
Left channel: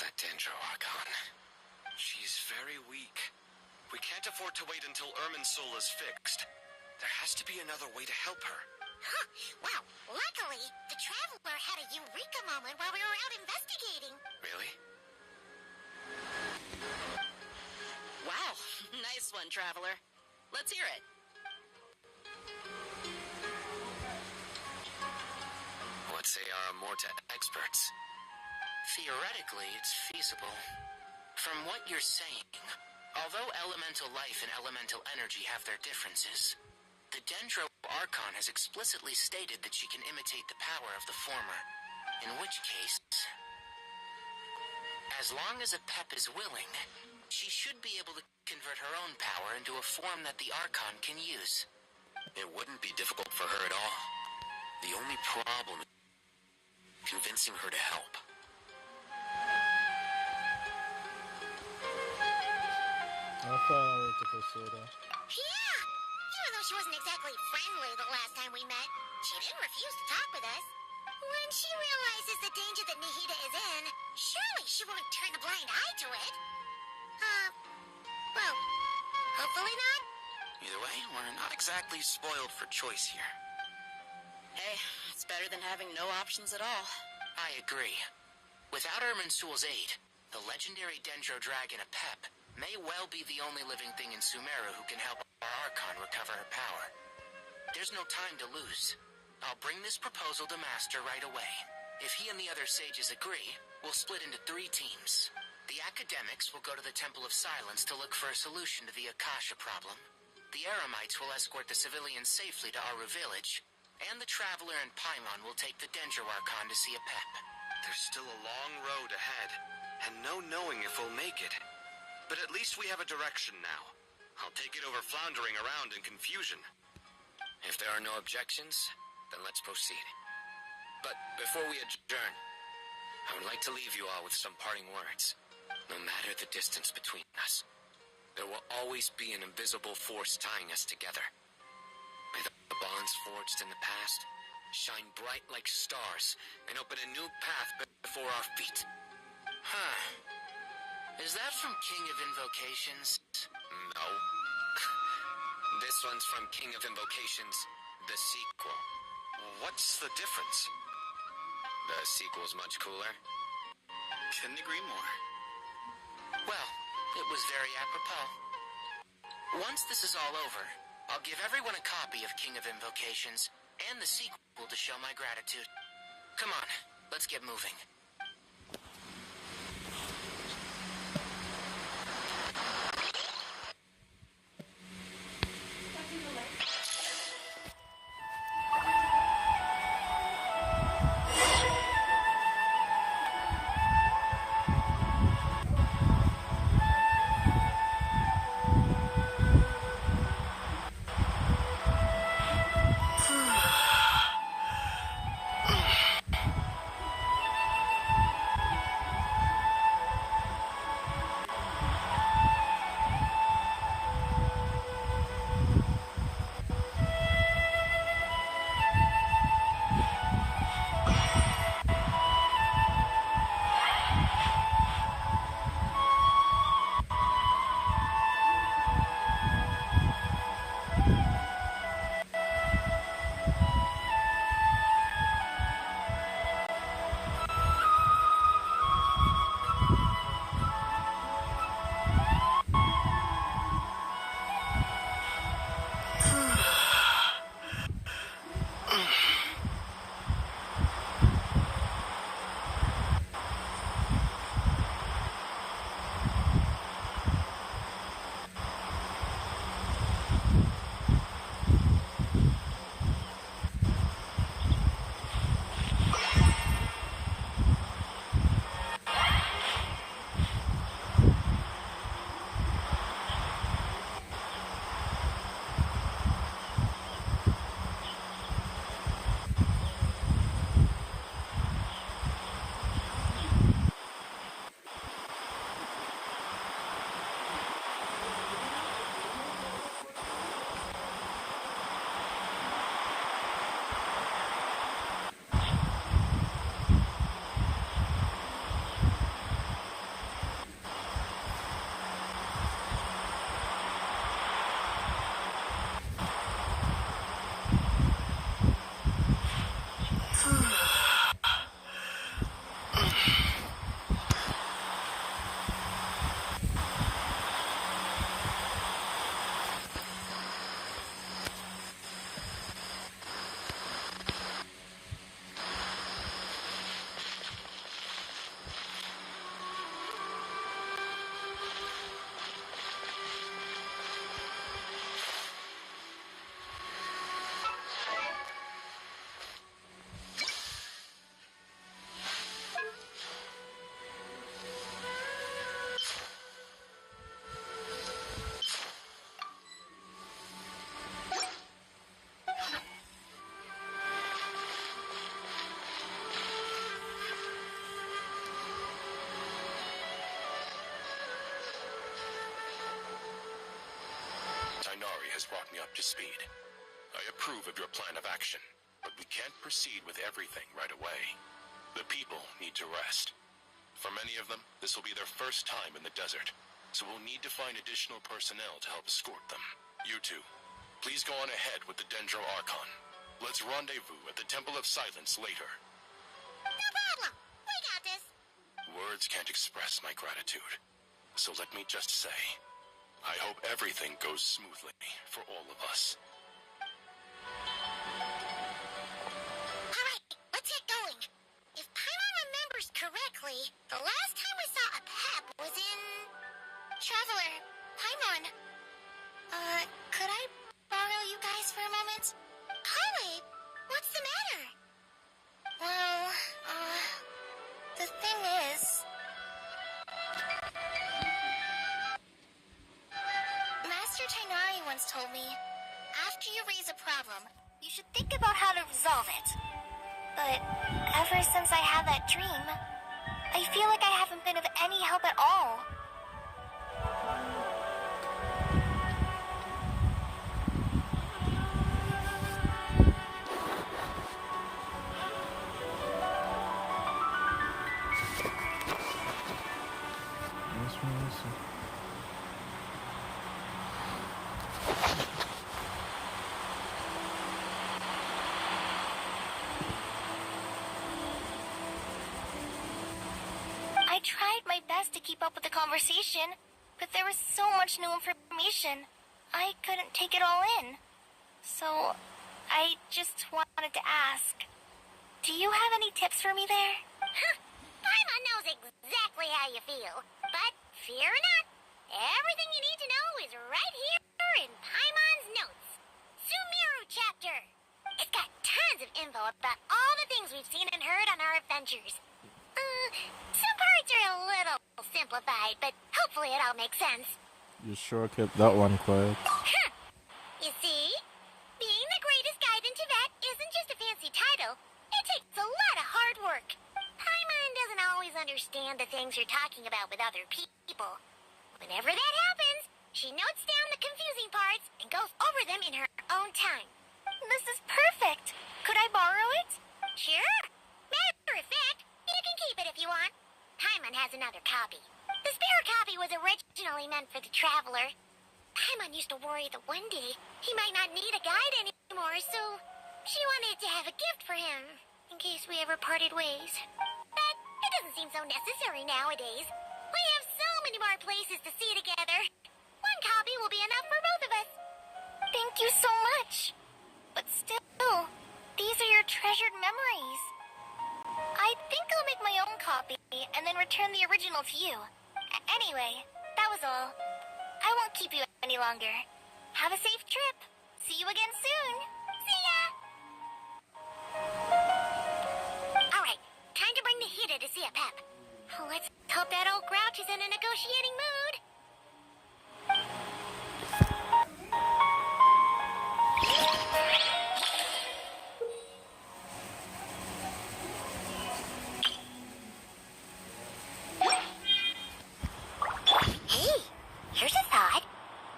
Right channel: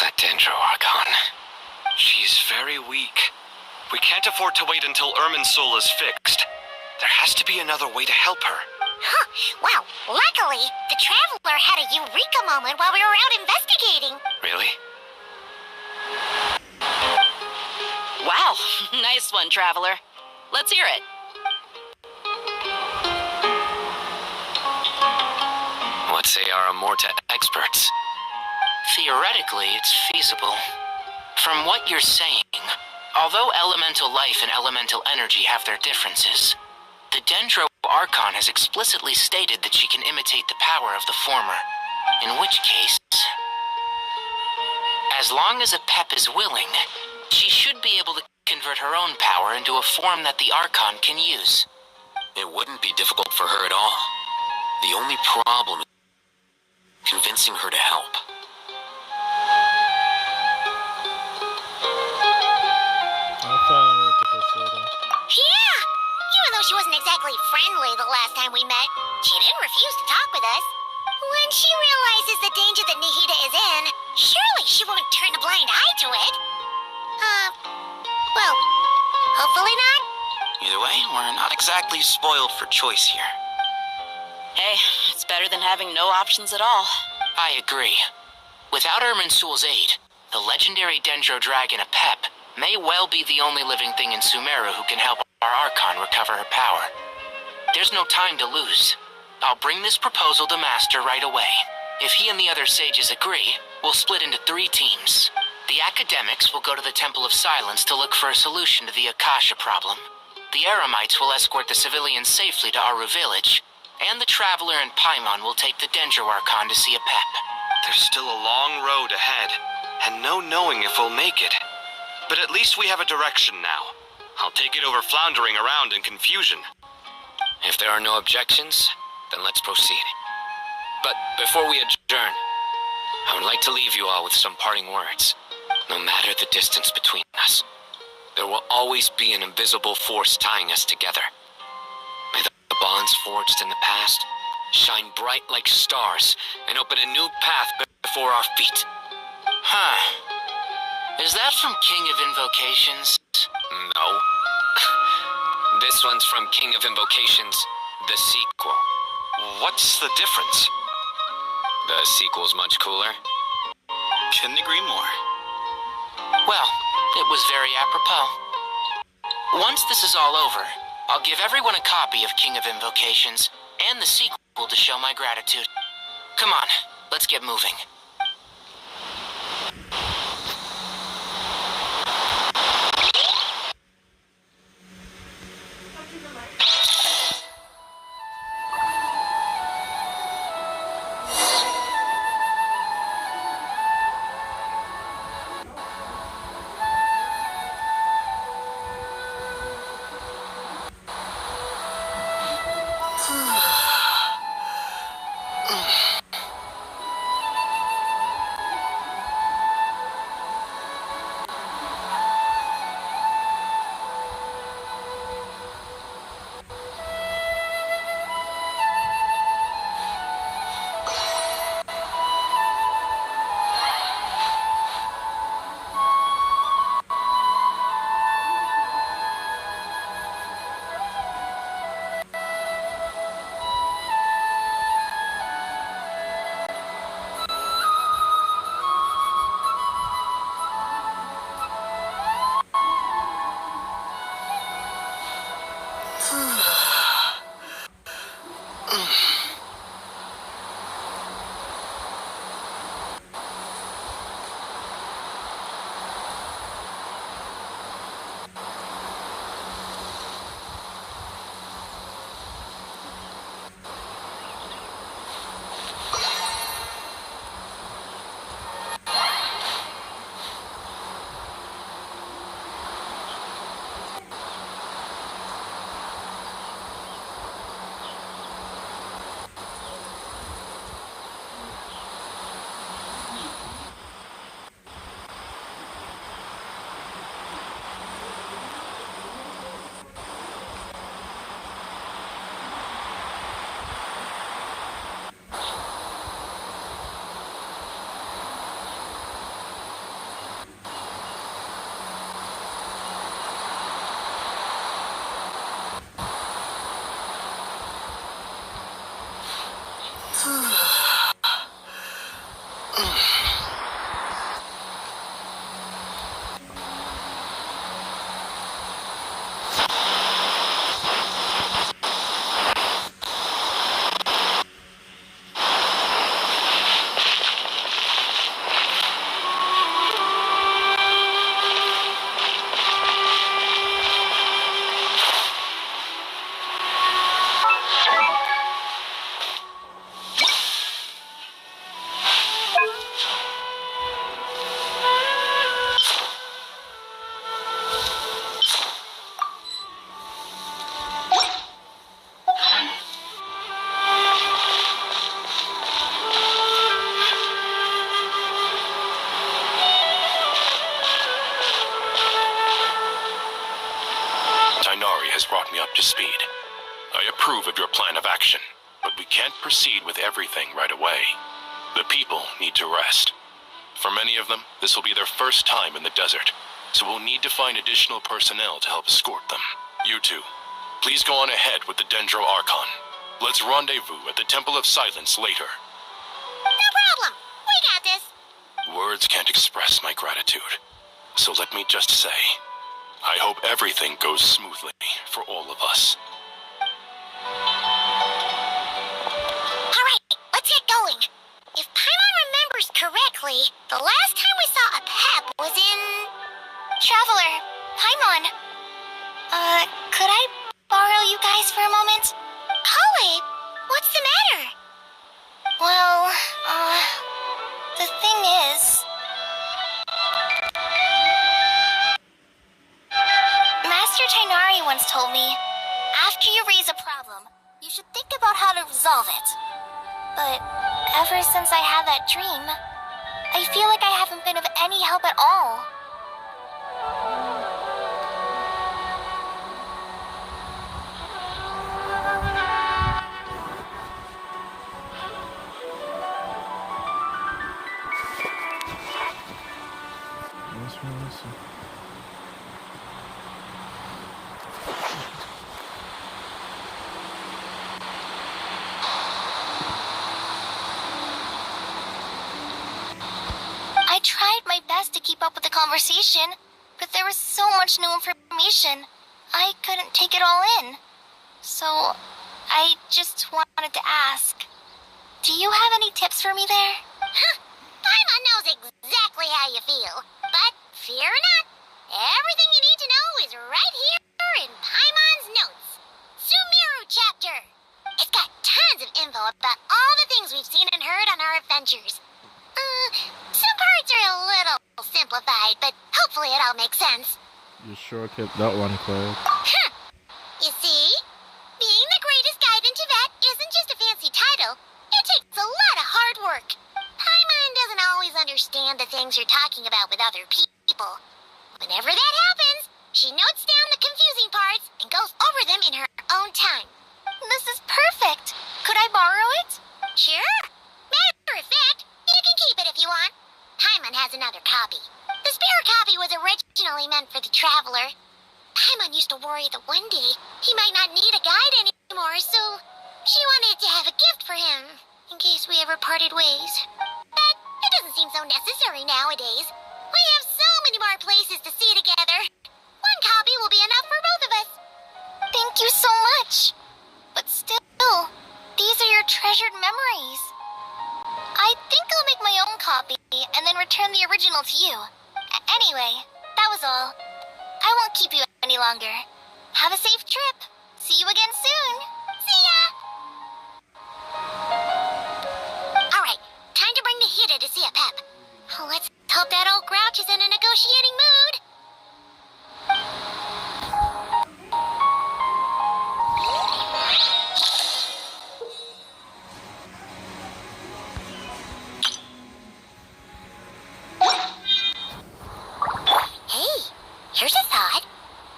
That Dendro Archon. She's very weak. We can't afford to wait until Irminsul is fixed. There has to be another way to help her. Huh. Well, luckily, the Traveler had a eureka moment while we were out investigating. Really? Wow, nice one, Traveler. Let's hear it. What say our Amorta experts? Theoretically, it's feasible. From what you're saying, although elemental life and elemental energy have their differences, the Dendro Archon has explicitly stated that she can imitate the power of the former, in which case, as long as a Pep is willing, she should be able to convert her own power into a form that the Archon can use. It wouldn't be difficult for her at all. The only problem is convincing her to help. I'll find a way to pursue them. Yeah! You though she wasn't exactly friendly the last time we met, she didn't refuse to talk with us. When she realizes the danger that Nihida is in, surely she won't turn a blind eye to it. Well, hopefully not. Either way, we're not exactly spoiled for choice here. Hey, it's better than having no options at all. I agree. Without Irminsul's aid, the legendary Dendro Dragon Apep may well be the only living thing in Sumeru who can help our Archon recover her power. There's no time to lose. I'll bring this proposal to Master right away. If he and the other sages agree, we'll split into 3 teams. The academics will go to the Temple of Silence to look for a solution to the Akasha problem. The Eremites will escort the civilians safely to Aru Village, and the Traveler and Paimon will take the Dendro Archon to see Apep. There's still a long road ahead, and no knowing if we'll make it. But at least we have a direction now. I'll take it over floundering around in confusion. If there are no objections, then let's proceed. But before we adjourn, I would like to leave you all with some parting words. No matter the distance between us, there will always be an invisible force tying us together. May the bonds forged in the past shine bright like stars and open a new path before our feet. Huh. Is that from King of Invocations? No. This one's from King of Invocations, the sequel. What's the difference? The sequel's much cooler. Couldn't agree more. Well, it was very apropos. Once this is all over, I'll give everyone a copy of King of Invocations and the sequel to show my gratitude. Come on, let's get moving. has brought me up to speed. I approve of your plan of action, but we can't proceed with everything right away. The people need to rest. For many of them, this will be their first time in the desert, so we'll need to find additional personnel to help escort them. You two, please go on ahead with the Dendro Archon. Let's rendezvous at the Temple of Silence later. No problem. We got this. Words can't express my gratitude, so let me just say, I hope everything goes smoothly for all of us. Alright, let's get going. If Paimon remembers correctly, the last time we saw a pep was in... Traveler, Paimon. Could I borrow you guys for a moment? Kale, what's the matter? Well, the thing is... Master Tainari once told me, after you raise a problem, you should think about how to resolve it. But ever since I had that dream, I feel like I haven't been of any help at all. I tried my best to keep up with the conversation, but there was so much new information. I couldn't take it all in. So, I just wanted to ask, do you have any tips for me there? Huh. Paimon knows exactly how you feel. But fear not, everything you need to know is right here in Paimon's notes. Sumeru chapter. It's got tons of info about all the things we've seen and heard on our adventures. Some parts are a little simplified, but hopefully it all makes sense. You sure kept that one quiet. Huh. You see? Being the greatest guide in Tibet isn't just a fancy title. It takes a lot of hard work. Paimon doesn't always understand the things you're talking about with other people. Whenever that happens, she notes down the confusing parts and goes over them in her own time. This is perfect. Could I borrow it? Sure. Matter of fact, you can keep it if you want. Paimon has another copy. The spare copy was originally meant for the traveler. Paimon used to worry that one day he might not need a guide anymore, so she wanted to have a gift for him, in case we ever parted ways. But it doesn't seem so necessary nowadays. We have so many more places to see together. One copy will be enough for both of us. Thank you so much. But still, these are your treasured memories. I think I'll make my own copy and then return the original to you. Anyway, that was all. I won't keep you any longer. Have a safe trip. See you again soon. See ya! Alright, time to bring the Hida to see a pep. Let's hope that old grouch is in a negotiating mood. Here's a thought.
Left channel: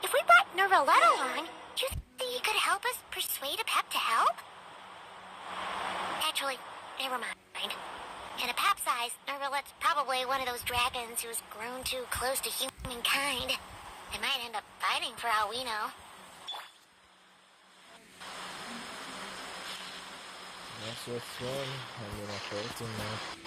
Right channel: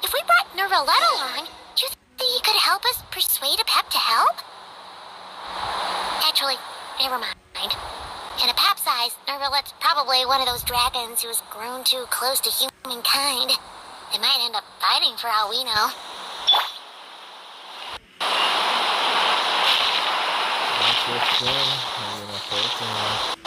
If we brought Nervalette along, do you think he could help us persuade a pep to help? Actually, never mind. In a pep size, Nervalette's probably one of those dragons who's grown too close to humankind. They might end up fighting for all we know. That's your friend. I'm gonna fight him.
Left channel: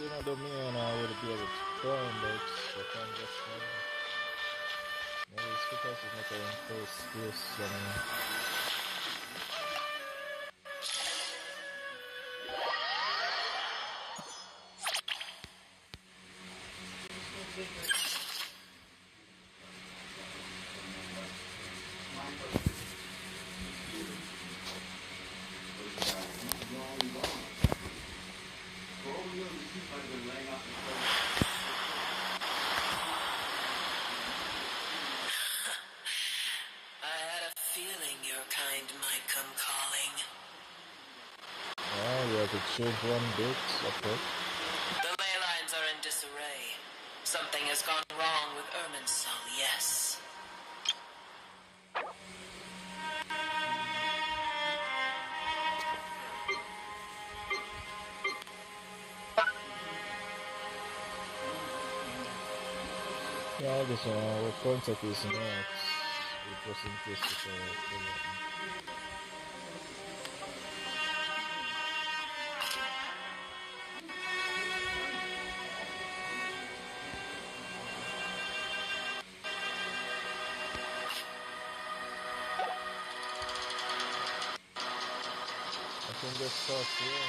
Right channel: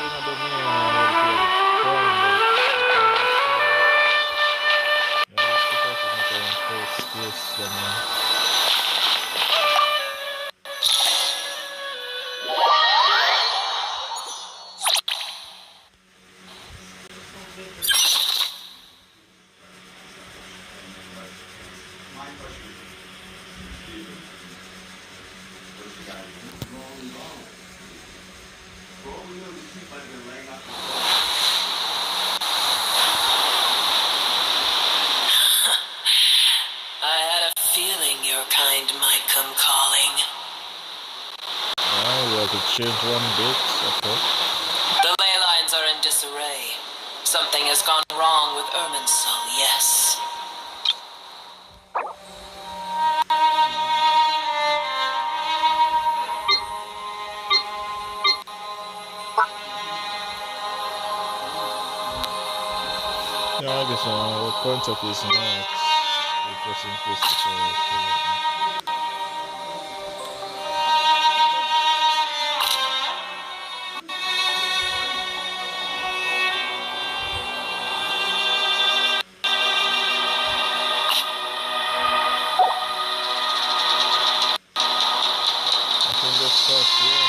in the domain I would be prime, but yeah, super is not in first place, I had a feeling your kind might come calling. Yeah, we have to change one bit, okay. The ley lines are in disarray. Something has gone wrong with Irminsul, yes. Yeah, I guess what point of is not just in case I can just start here.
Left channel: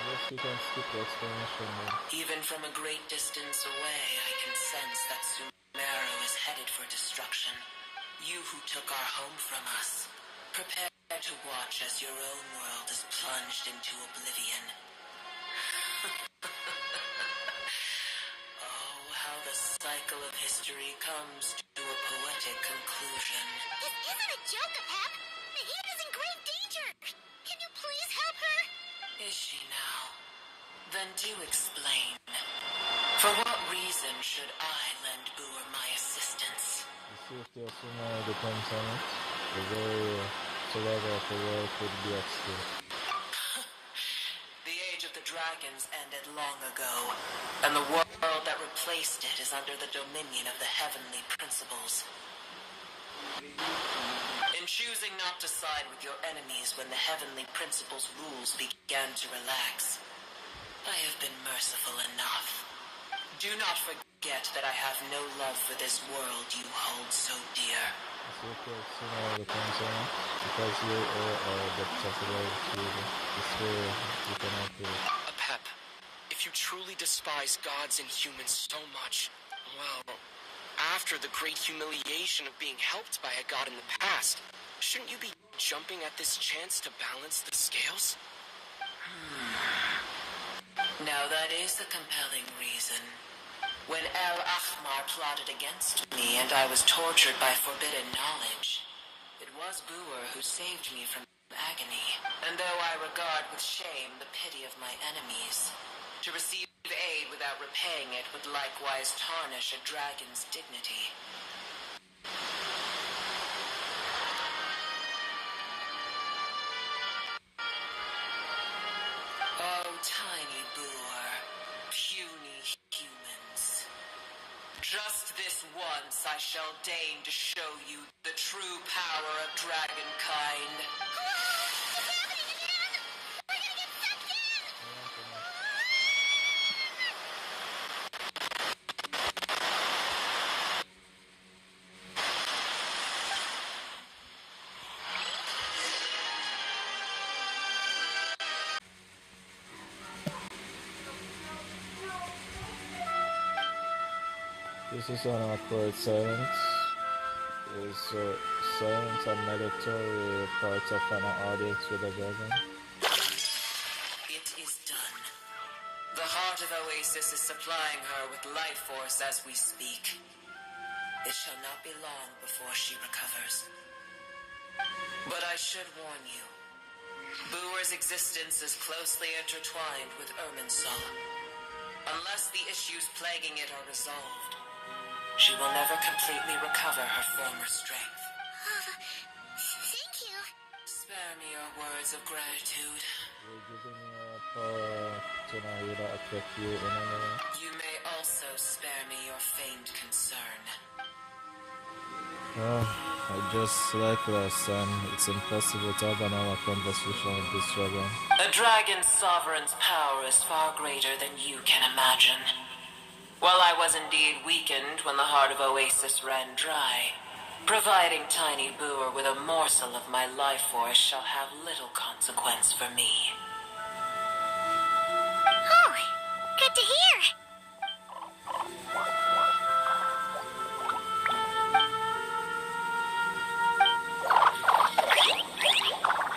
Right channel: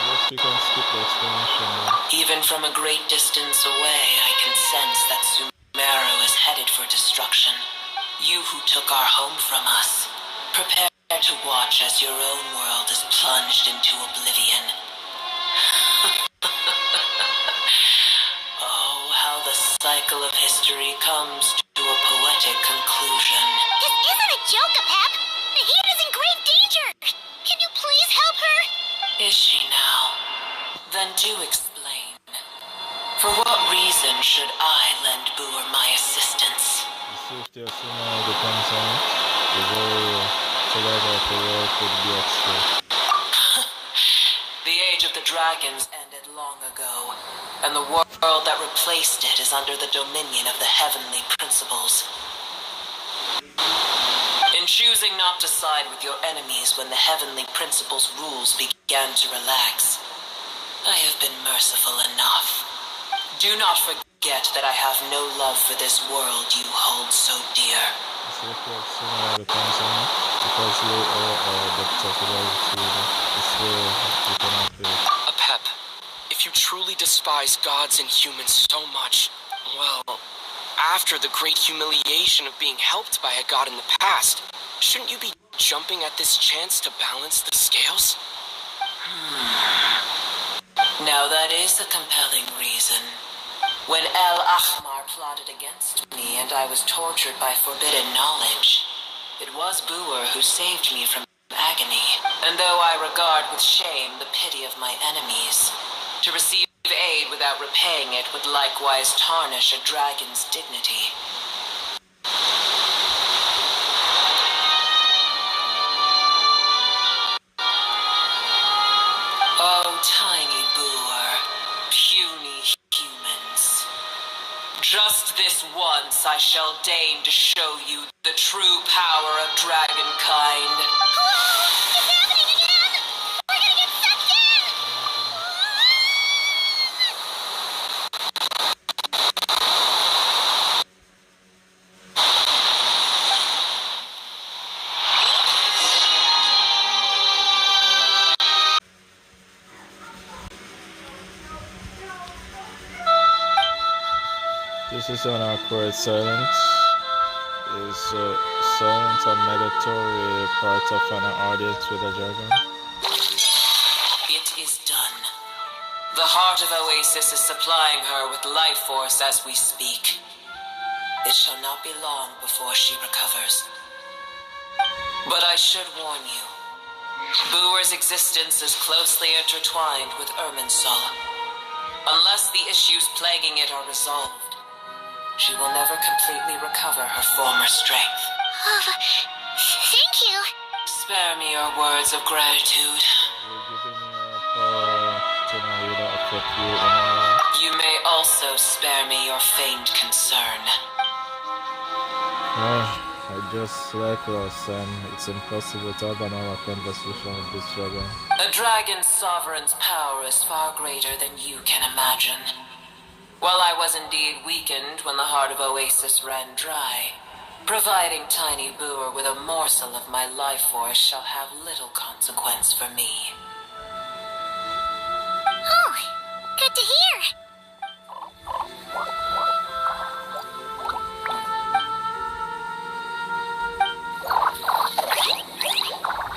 Unless you can skip the explanation. Even from a great distance away, I can sense that Sumeru is headed for destruction. You who took our home from us, prepare to watch as your own world is plunged into oblivion. Oh, how the cycle of history comes to a poetic conclusion. This isn't a joke, Apep. Nahida is in grave danger. Can you please help her? Is she now? Then do explain. For what reason should I lend Boor my assistance? The safety of Sumeru depends on it. The very survival of the world could be at stake. The age of the dragons ended long ago, and the world that replaced it is under the dominion of the heavenly principles. In choosing not to side with your enemies when the heavenly principles' rules began to relax, I have been merciful enough. Do not forget that I have no love for this world you hold so dear. The safety of Sumeru depends on it. Because you are the possibility is where you cannot do it. Apep, if you truly despise gods and humans so much, well, after the great humiliation of being helped by a god in the past, shouldn't you be jumping at this chance to balance the scales? Now that is a compelling reason. When El Ahmar plotted against me and I was tortured by forbidden knowledge, it was Boor who saved me from agony. And though I regard with shame the pity of my enemies, to receive aid without repaying it would likewise tarnish a dragon's dignity. Oh, tiny Boor, puny humans. Just this once I shall deign to show you the true power of dragonkind. Whoa! It's happening again! We're gonna get sucked in! This is an awkward silence. Is silence a mandatory part of an audience with a dragon? It is done. The heart of Oasis is supplying her with life force as we speak. It shall not be long before she recovers. But I should warn you. Boor's existence is closely intertwined with Irminsul. Unless the issues plaguing it are resolved, she will never completely recover her former strength. Thank you. Spare me your words of gratitude. You're giving me a power to Nahida affect you in any way? You may also spare me your feigned concern. I just like last time, it's impossible to have an hour conversation with this dragon. A dragon's sovereign's power is far greater than you can imagine. While I was indeed weakened when the heart of Oasis ran dry, providing Tiny Booer with a morsel of my life force shall have little consequence for me. Oh, good to hear.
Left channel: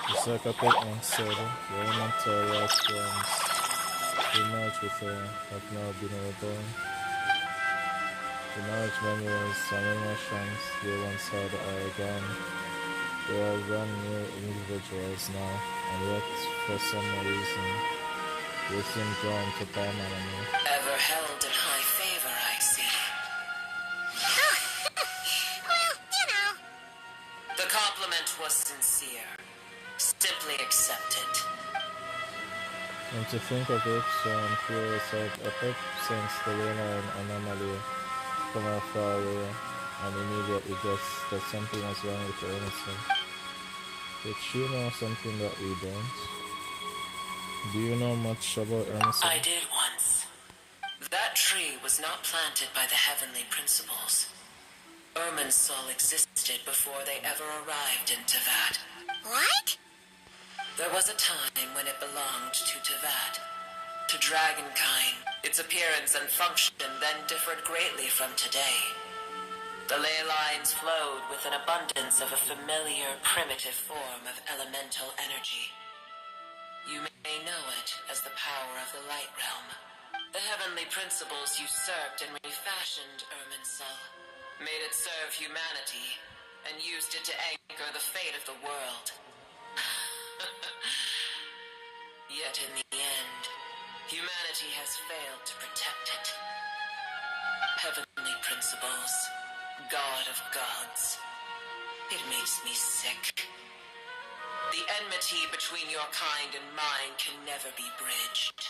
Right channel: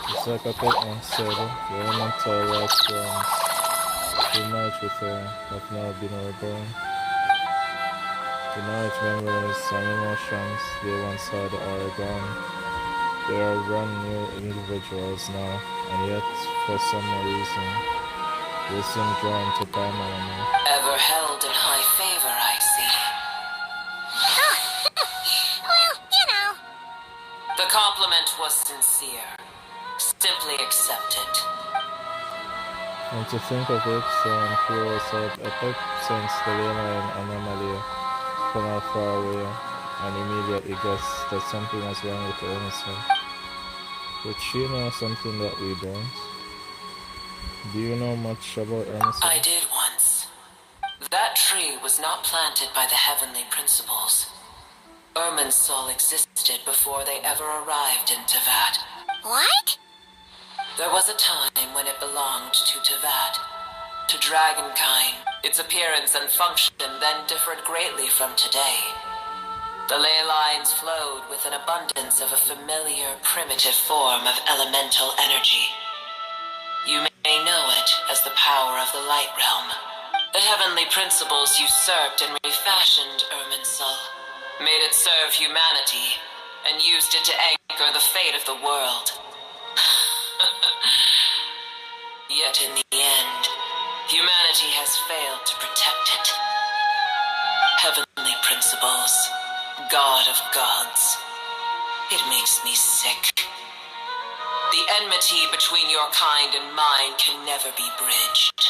It's like a Pokemon said, the elemental life forms who merge with her have now been reborn. The knowledge, memories, and emotions they once had are gone. They are brand new individuals now, and yet, for some reason, they seem drawn to Purana. Ever held in high favor, I see. Oh, well, you know. The compliment was sincere. Simply accept it. And to think of it, so I'm curious that I could sense the Leyline anomaly from how far away, and immediately guessed that something was wrong with her innocence. Did she know something that we don't? Do you know much about Emerson? I did once. That tree was not planted by the heavenly principles. Irminsul existed before they ever arrived in Teyvat. What? There was a time when it belonged to Teyvat, to dragonkind. Its appearance and function then differed greatly from today. The ley lines flowed with an abundance of a familiar, primitive form of elemental energy. You may know it as the power of the Light Realm. The heavenly principles usurped and refashioned Irminsul, made it serve humanity, and used it to anchor the fate of the world. Yet in the end, humanity has failed to protect it. Heavenly principles, God of gods. It makes me sick. The enmity between your kind and mine can never be bridged.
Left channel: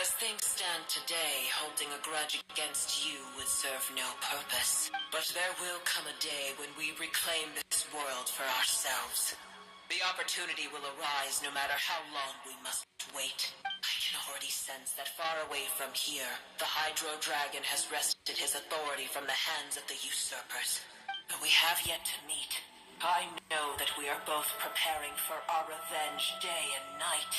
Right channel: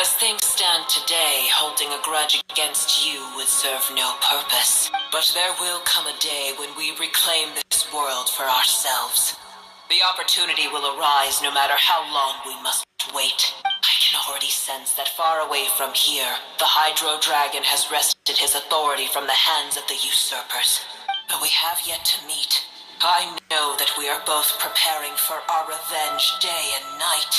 As things stand today, holding a grudge against you would serve no purpose. But there will come a day when we reclaim this world for ourselves. The opportunity will arise no matter how long we must wait. I can already sense that far away from here, the Hydro Dragon has wrested his authority from the hands of the usurpers. But we have yet to meet. I know that we are both preparing for our revenge day and night.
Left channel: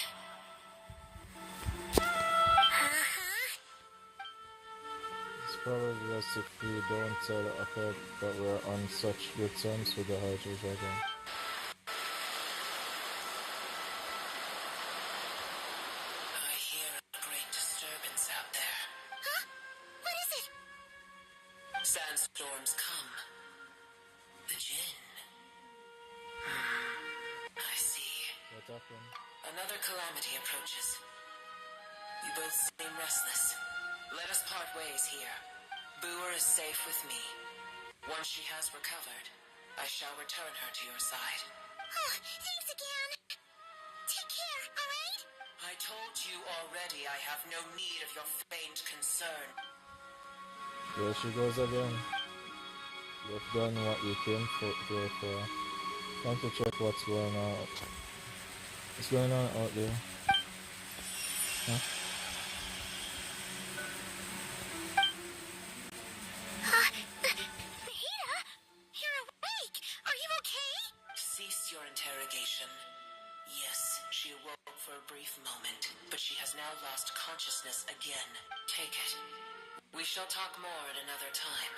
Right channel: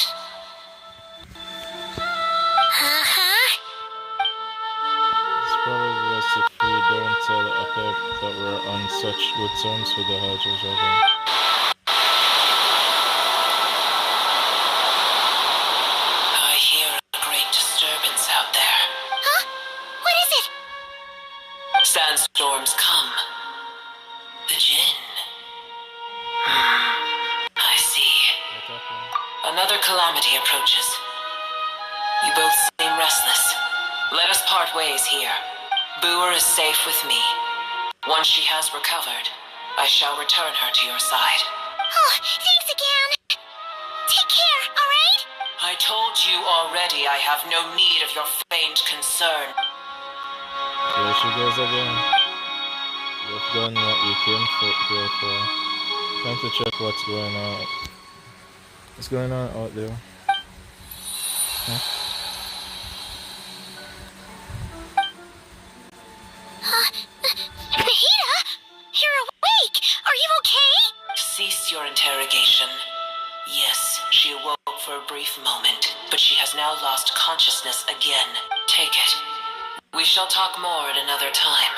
It's probably best if we don't tell Akeb that we're on such good terms with the Hydro Dragon. I hear a great disturbance out there. Huh? What is it? Sandstorms come. The Jinn. I see. Another calamity approaches. You both seem restless. Let us part ways here. Booer is safe with me. Once she has recovered, I shall return her to your side. Oh, thanks again. Take care, alright? I told you already I have no need of your feigned concern. There she goes again. You've done what you came here for. Time to check what's going on. What's going on out there? Huh? Nahida? You're awake! Are you okay? Cease your interrogation. Yes, she awoke for a brief moment, but she has now lost consciousness again. Take it. We shall talk more at another time.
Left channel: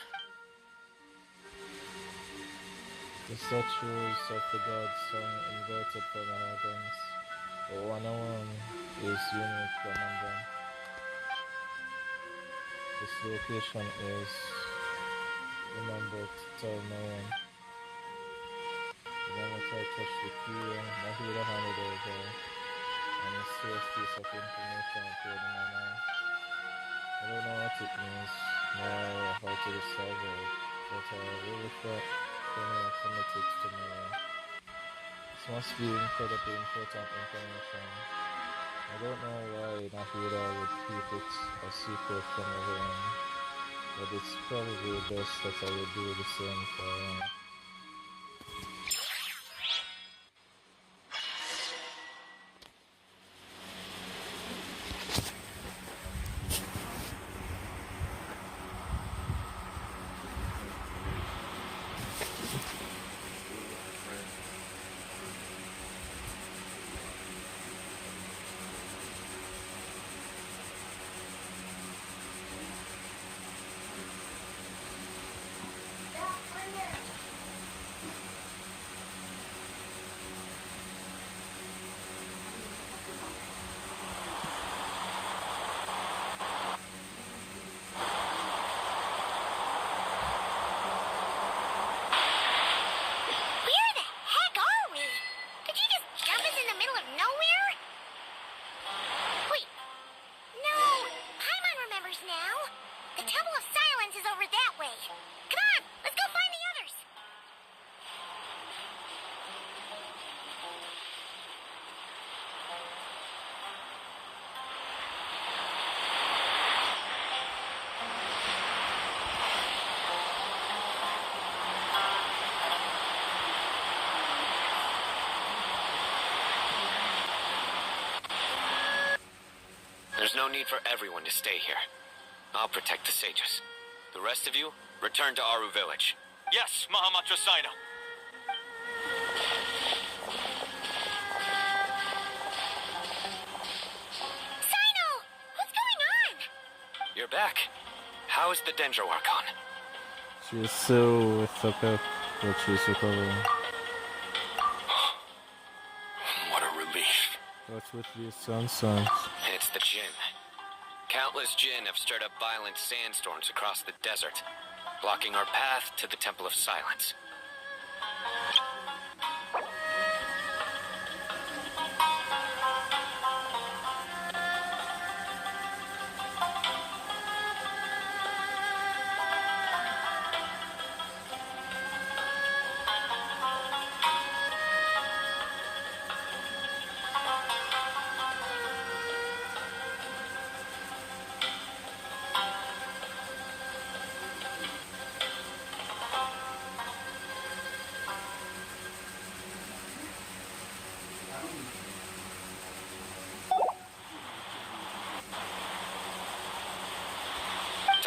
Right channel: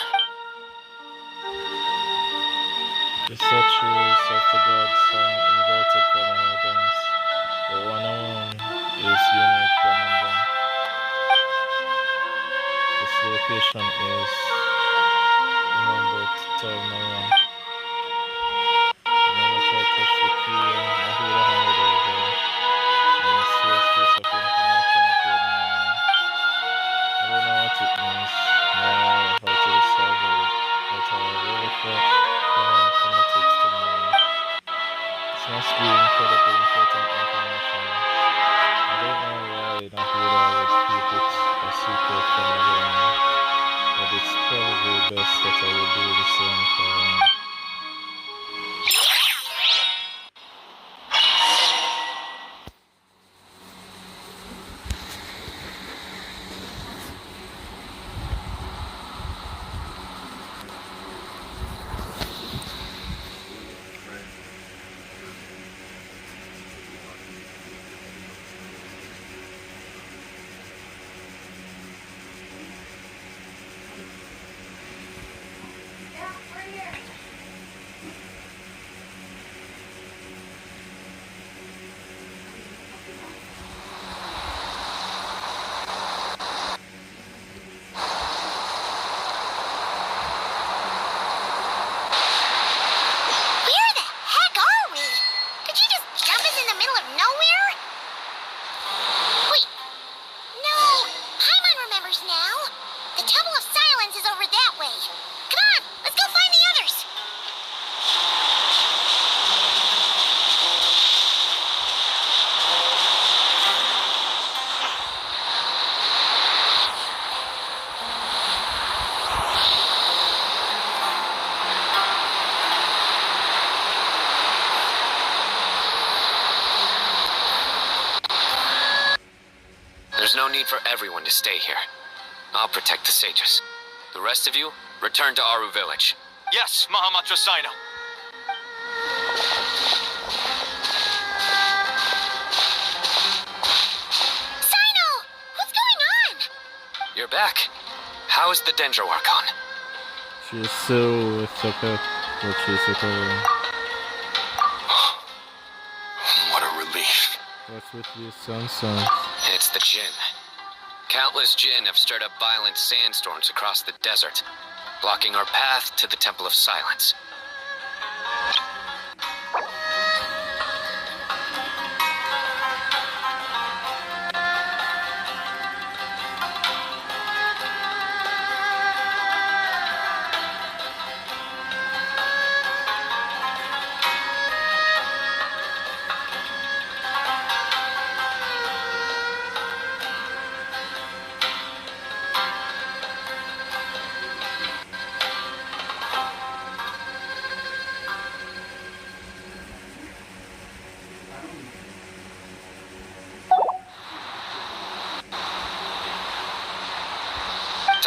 The statues of the gods are inverted from the heavens, but one alone is unique among them. This location is remembered to tell no one. Remember to touch the key and who the handed over, and a serious piece of information appeared in my mind. I don't know what it means, nor how to discover it, but I really felt committed to knowing. This must be incredibly important information. I don't know why Nahida would keep it a secret from everyone. But it's probably best that I will do the same for Where the heck are we? Did you just jump us in the middle of nowhere? Wait. No. Paimon remembers now. The Temple of Silence is over that way. Come on, let's go find the others. There's no need for everyone to stay here. I'll protect the sages. The rest of you, return to Aru village. Yes, Mahamatra Sino. Sino! What's going on? You're back. How is the Dendro Archon? she's still with the pet, but she's recovering. What a relief. What's with these sunsons? It's the Jinn. Countless Jinn have stirred up violent sandstorms across the desert, blocking our path to the Temple of Silence.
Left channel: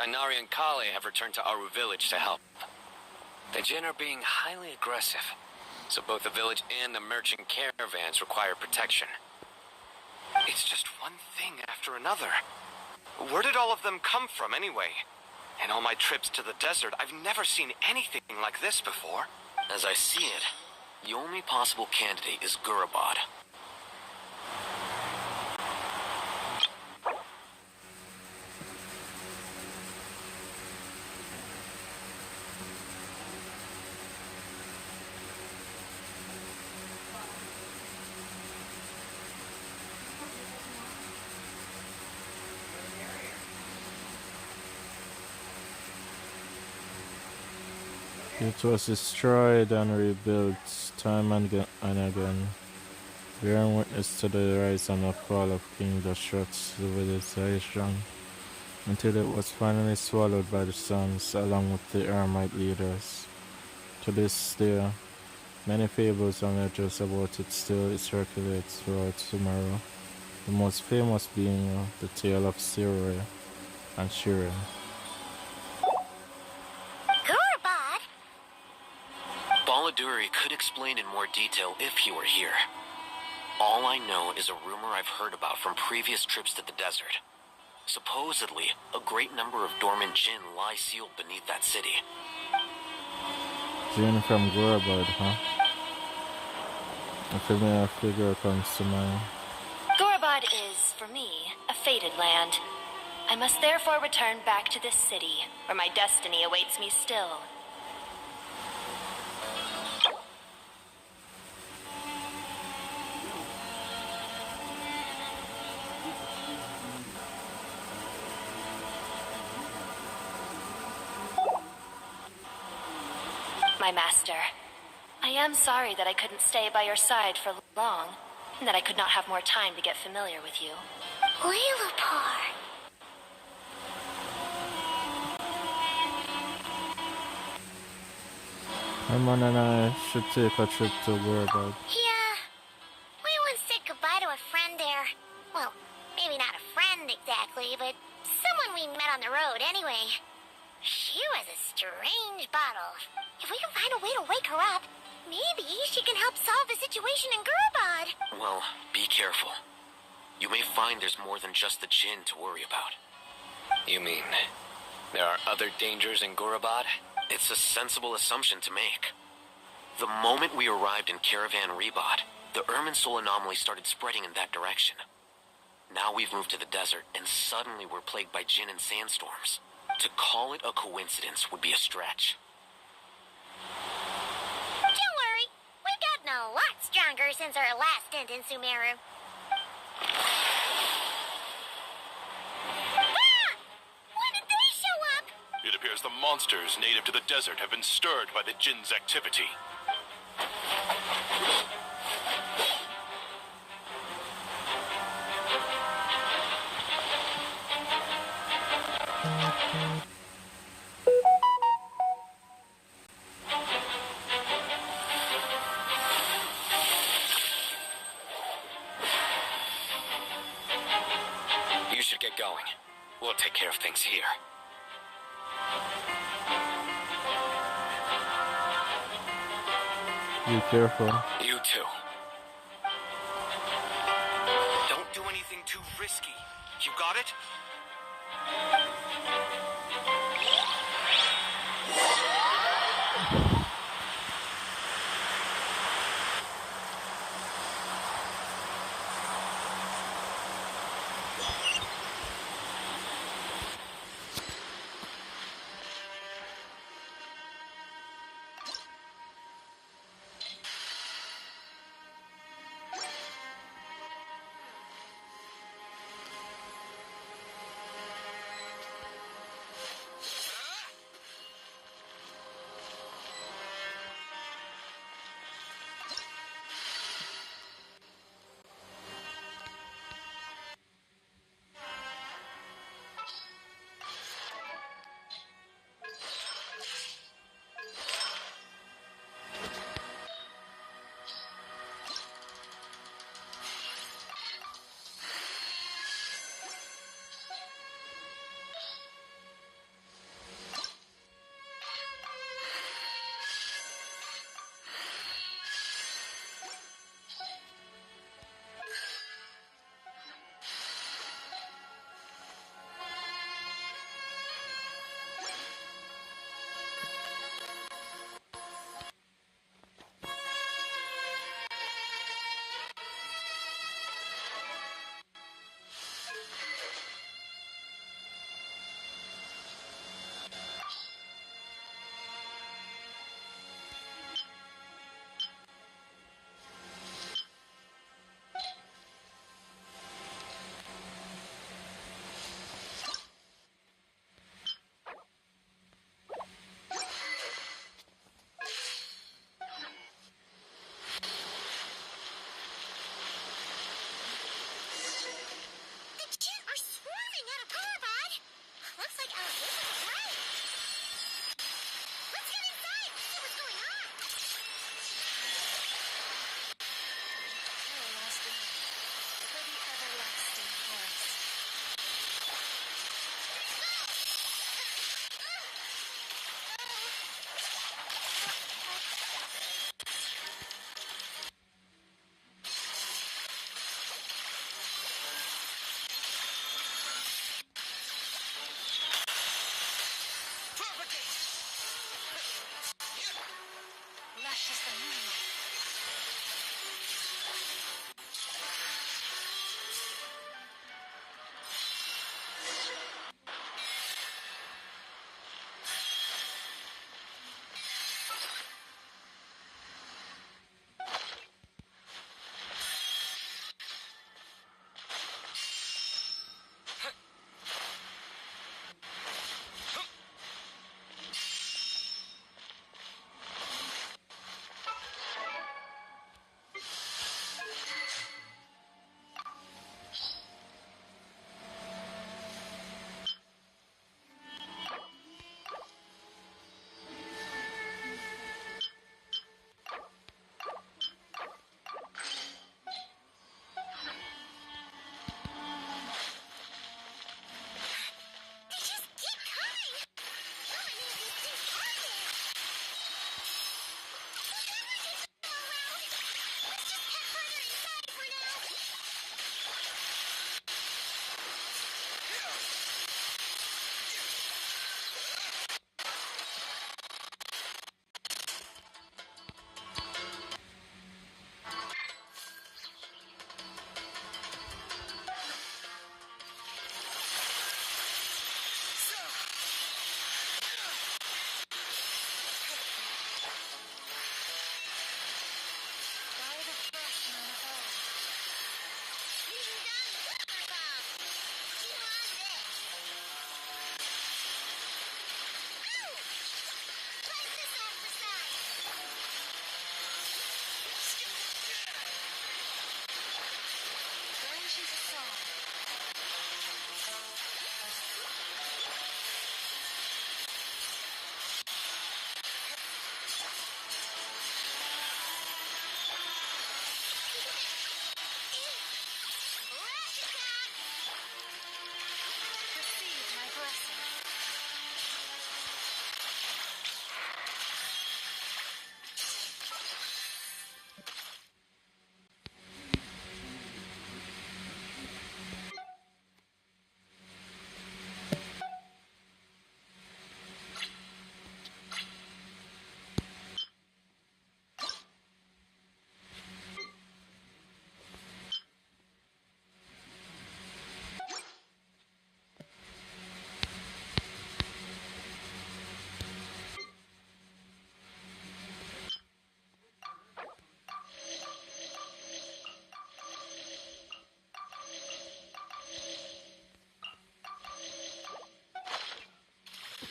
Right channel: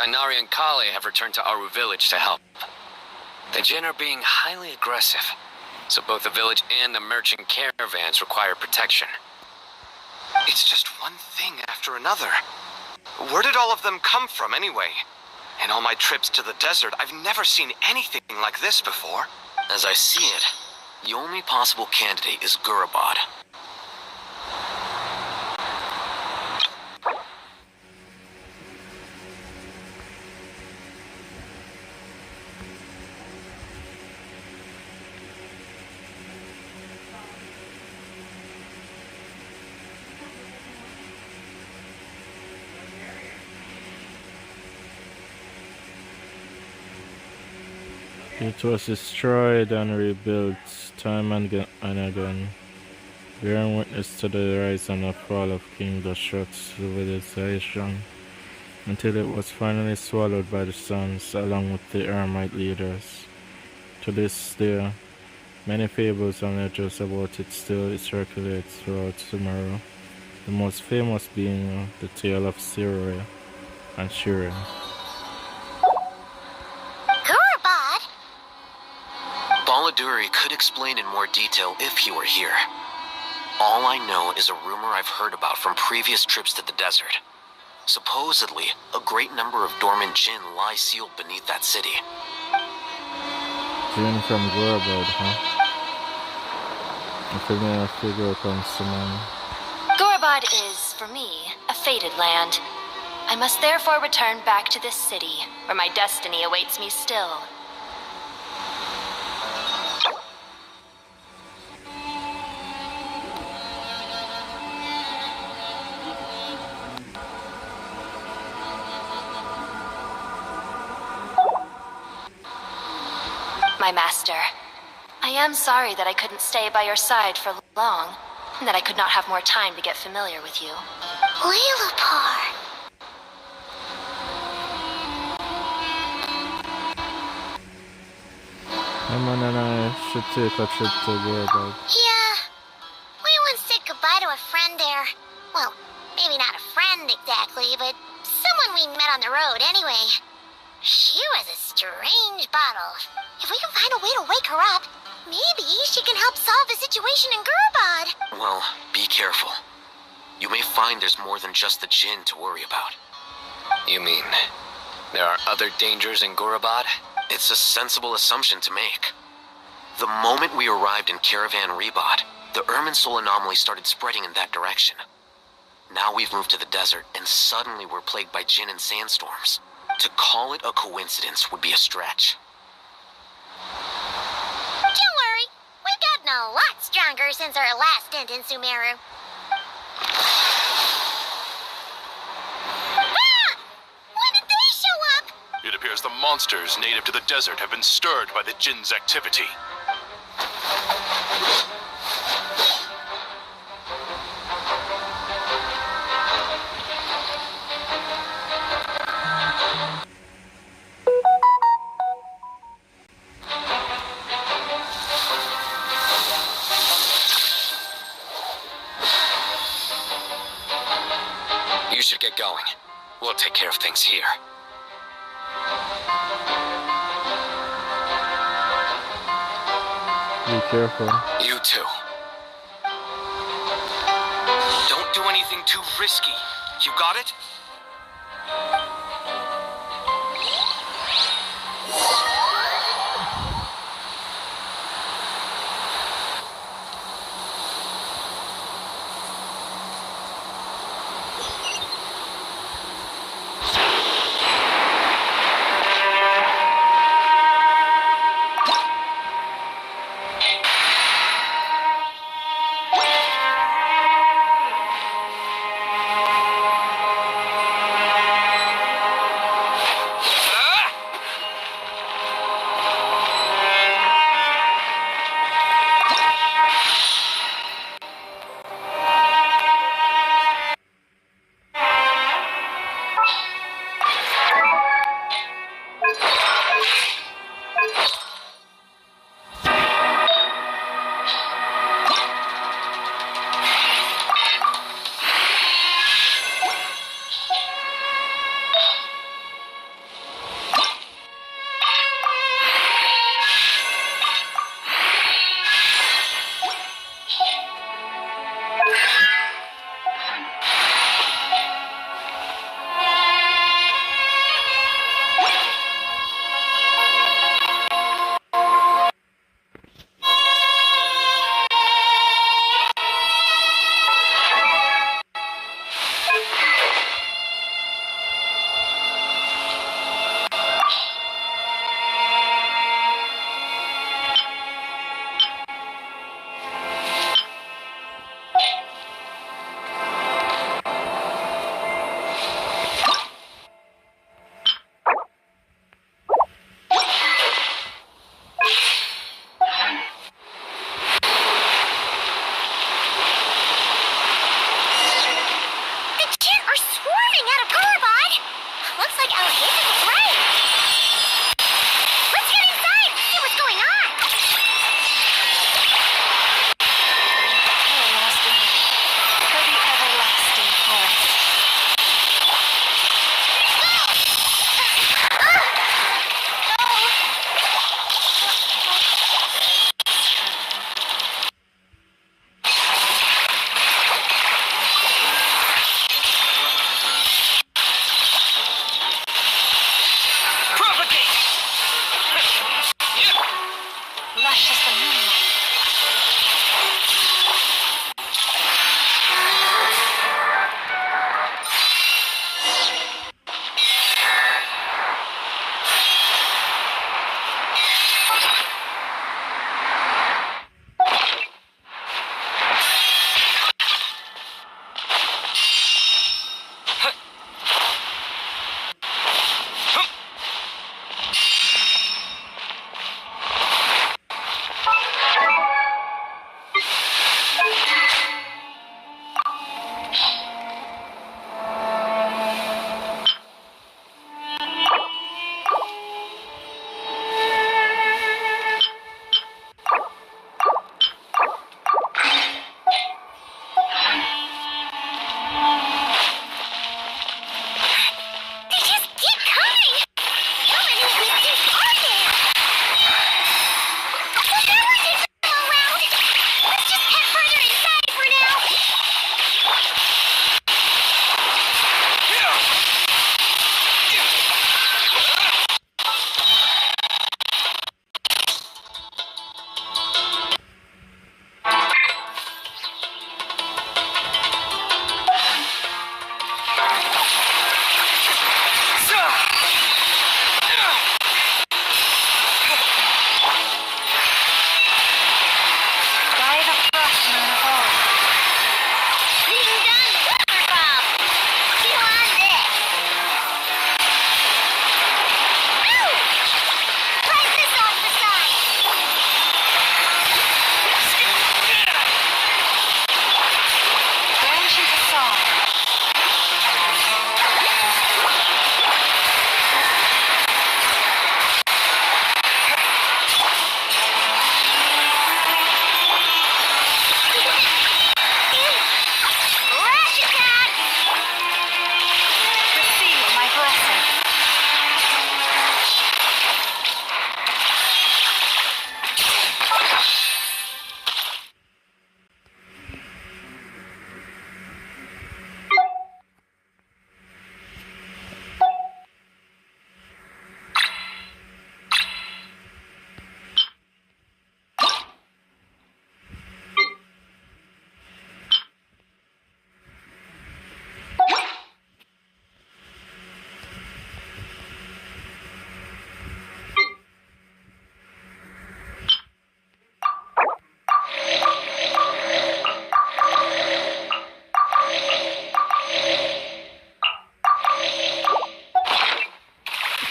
Tainari and Kale have returned to Aru village to help. The Jinn are being highly aggressive, so both the village and the merchant caravans require protection. It's just one thing after another. Where did all of them come from anyway? In all my trips to the desert, I've never seen anything like this before. As I see it, the only possible candidate is Gurabad. It was destroyed and rebuilt time and again, bearing witness to the rise and the fall of King Dashrat's civilization, until it was finally swallowed by the suns along with the Eremite leaders. To this day, many fables and legends about it still circulate throughout Sumeru, the most famous being the tale of Sirue and Shirin. Baladuri could explain in more detail if he were here. All I know is a rumor I've heard about from previous trips to the desert. Supposedly, a great number of dormant Jinn lie sealed beneath that city. Jinn from Gurabad, huh? A familiar figure comes to mind. Gurabad is, for me, a fated land. I must therefore return back to this city, where my destiny awaits me still. My master, I am sorry that I couldn't stay by your side for long, and that I could not have more time to get familiar with you. Lilapar. Herman and I should take a trip to Gorabag. Yeah. We once said goodbye to a friend there. Well, maybe not a friend exactly, but someone we met on the road anyway. She was a strange bottle. If we can find a way to wake her up, maybe she can help solve the situation in Gurbad. Well, be careful. You may find there's more than just the Jinn to worry about. You mean there are other dangers in Gorabad? It's a sensible assumption to make. The moment we arrived in Caravan Rebod, the Irminsul anomaly started spreading in that direction. Now we've moved to the desert, and suddenly we're plagued by Jinn and sandstorms. To call it a coincidence would be a stretch. Don't worry, we've gotten a lot stronger since our last stint in Sumeru. Ah! When did they show up? It appears the monsters native to the desert have been stirred by the Jinn's activity. You should get going. We'll take care of things here. Be careful. You too. Don't do anything too risky. You got it?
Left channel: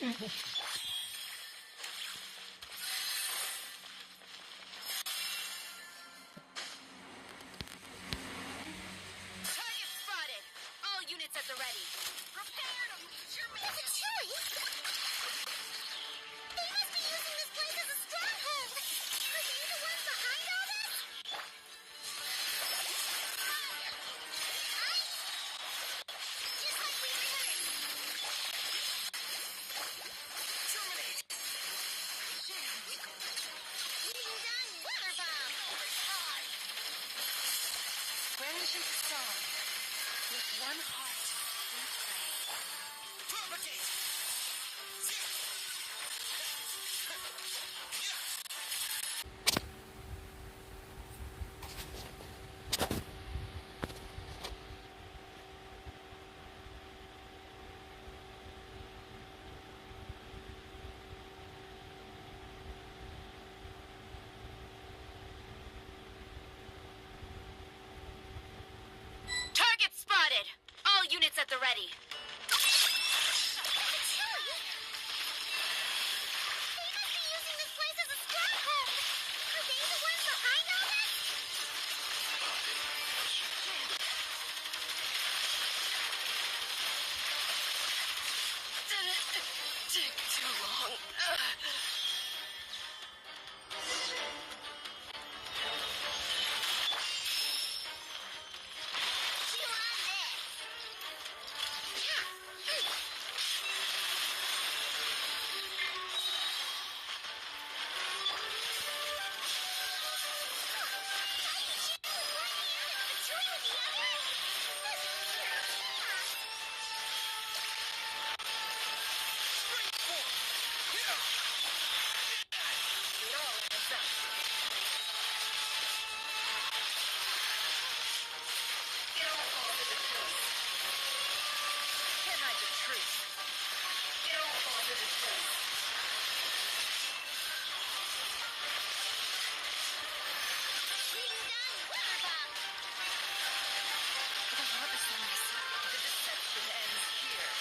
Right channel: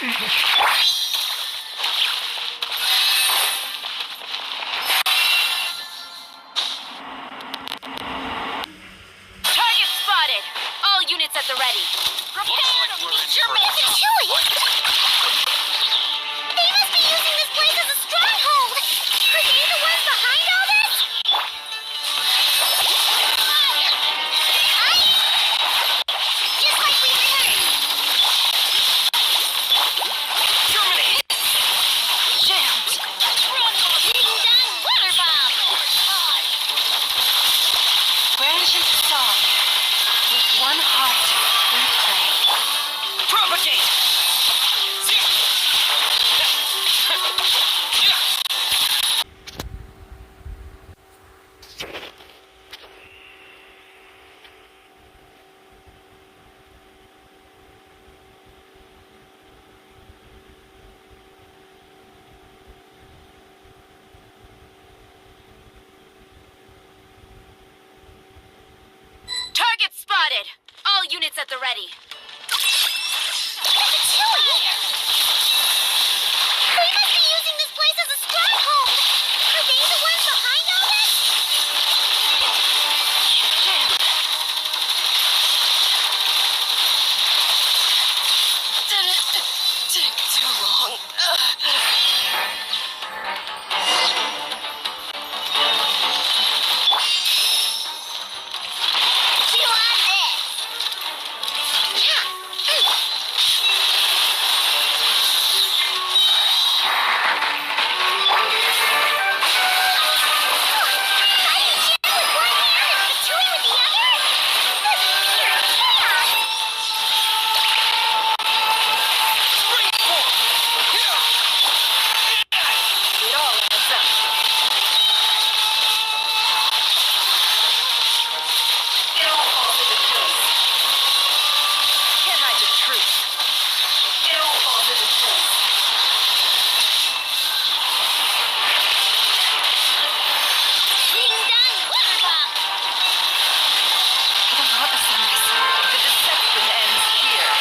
Target spotted! All units at the ready. Prepare to meet your mission! They must be using this place as a stronghold! Are they the ones behind all this? Fire! Ice! Just like we rehearsed! Terminate! Jammed! Ding dong water bomb! Branch into song. With one heart, we pray. Propagate! Target spotted! All units at the ready. They must be using this place as a stronghold! Are they the ones behind all this? Didn't take too long. Chew on this! It all adds up. It all falls into place. Can't hide the truth. It all falls into place. Ding dong water bomb! The promise, the deception ends here.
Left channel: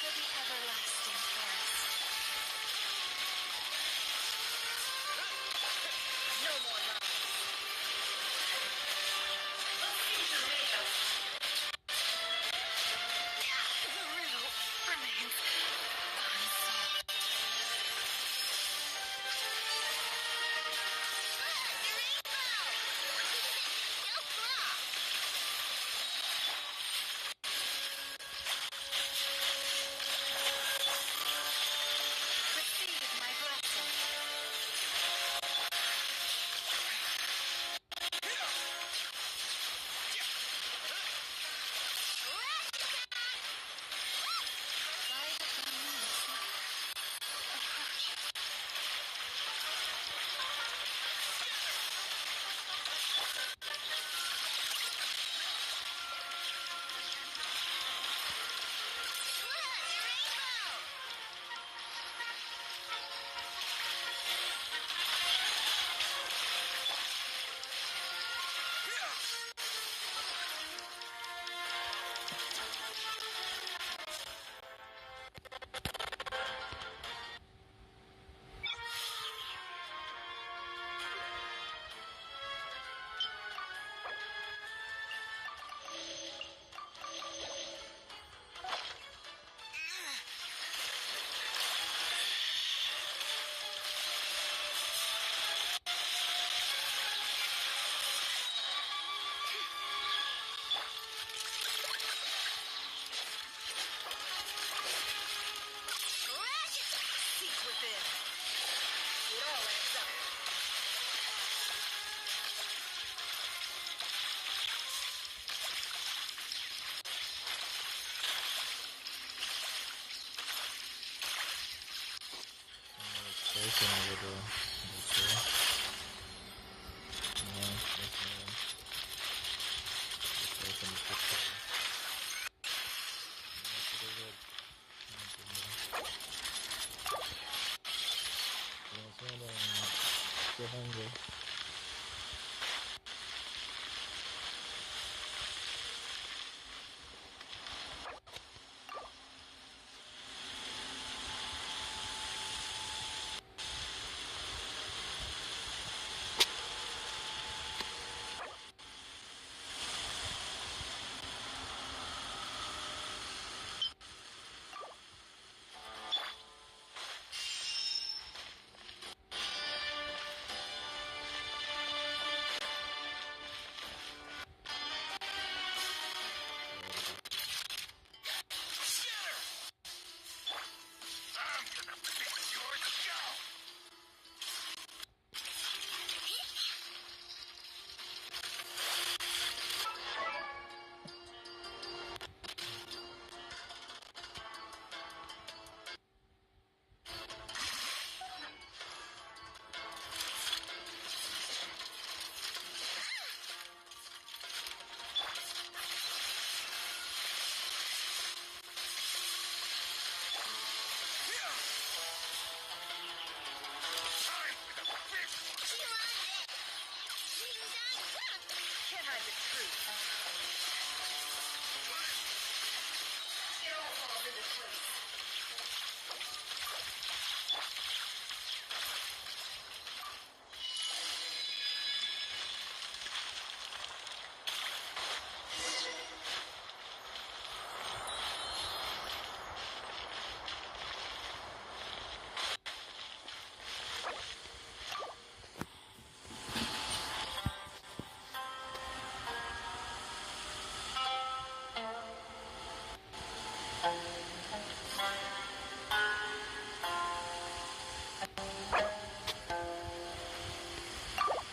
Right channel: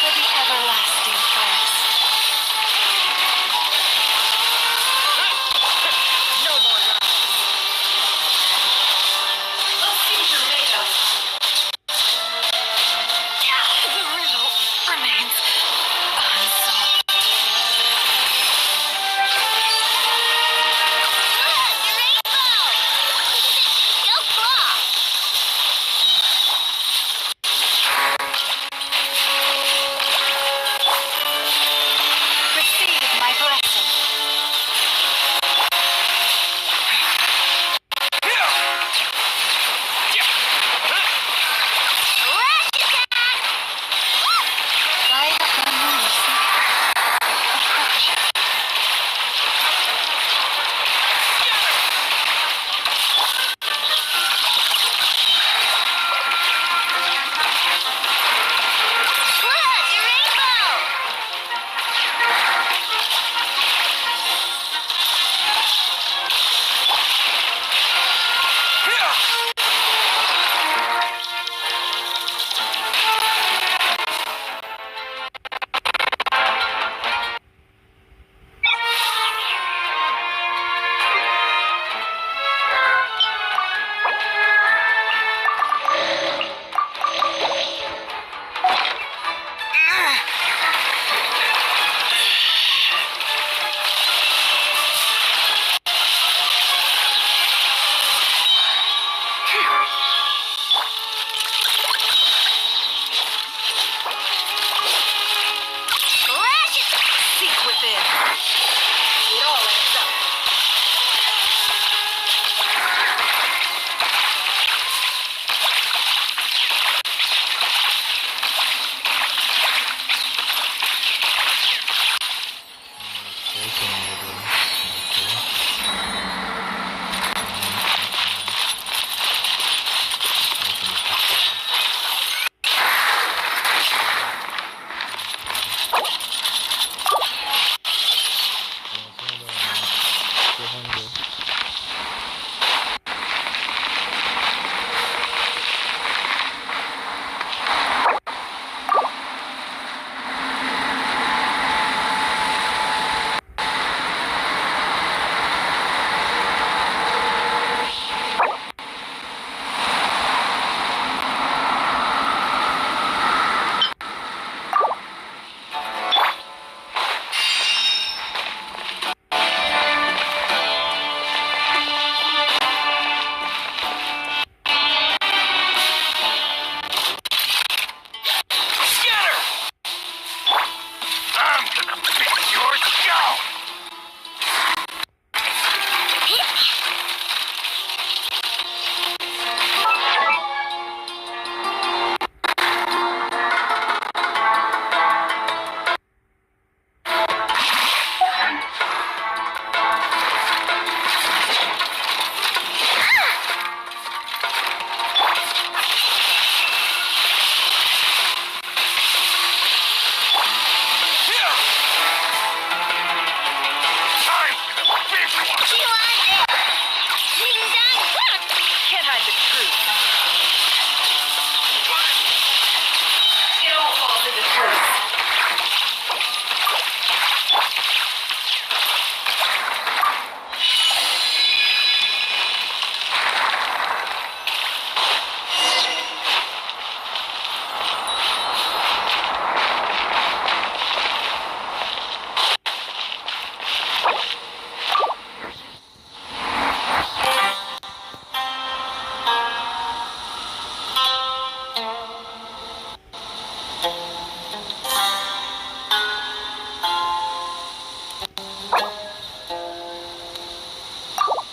For the everlasting forest. No more lies. A future made us. The riddle remains unsolved. Look, a rainbow!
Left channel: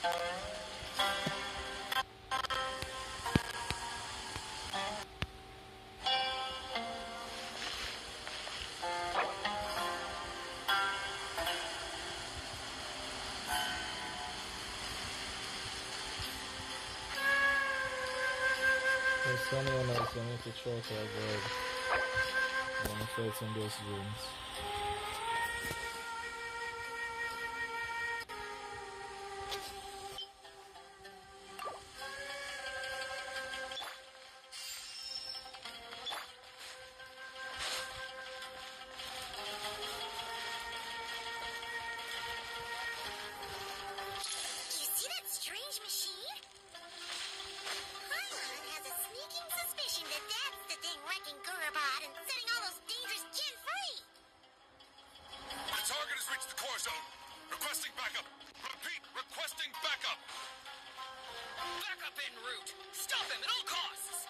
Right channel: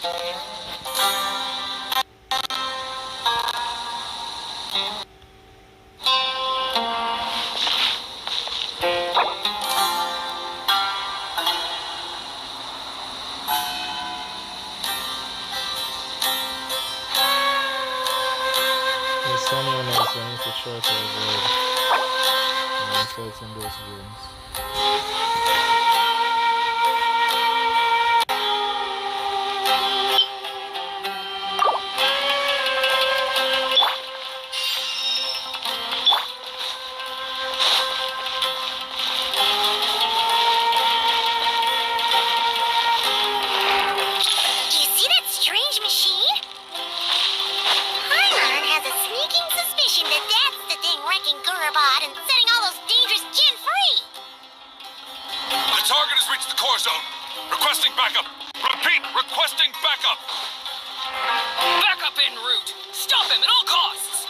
There's someone else I need to try to avoid. I'm fighting those rooms. You see that strange machine? Purana has a sneaking suspicion that that's the thing wrecking Gurabad and setting all those dangerous Jinn free. The target has reached the core zone. Requesting backup. Repeat, requesting backup. Backup en route. Stop him at all costs.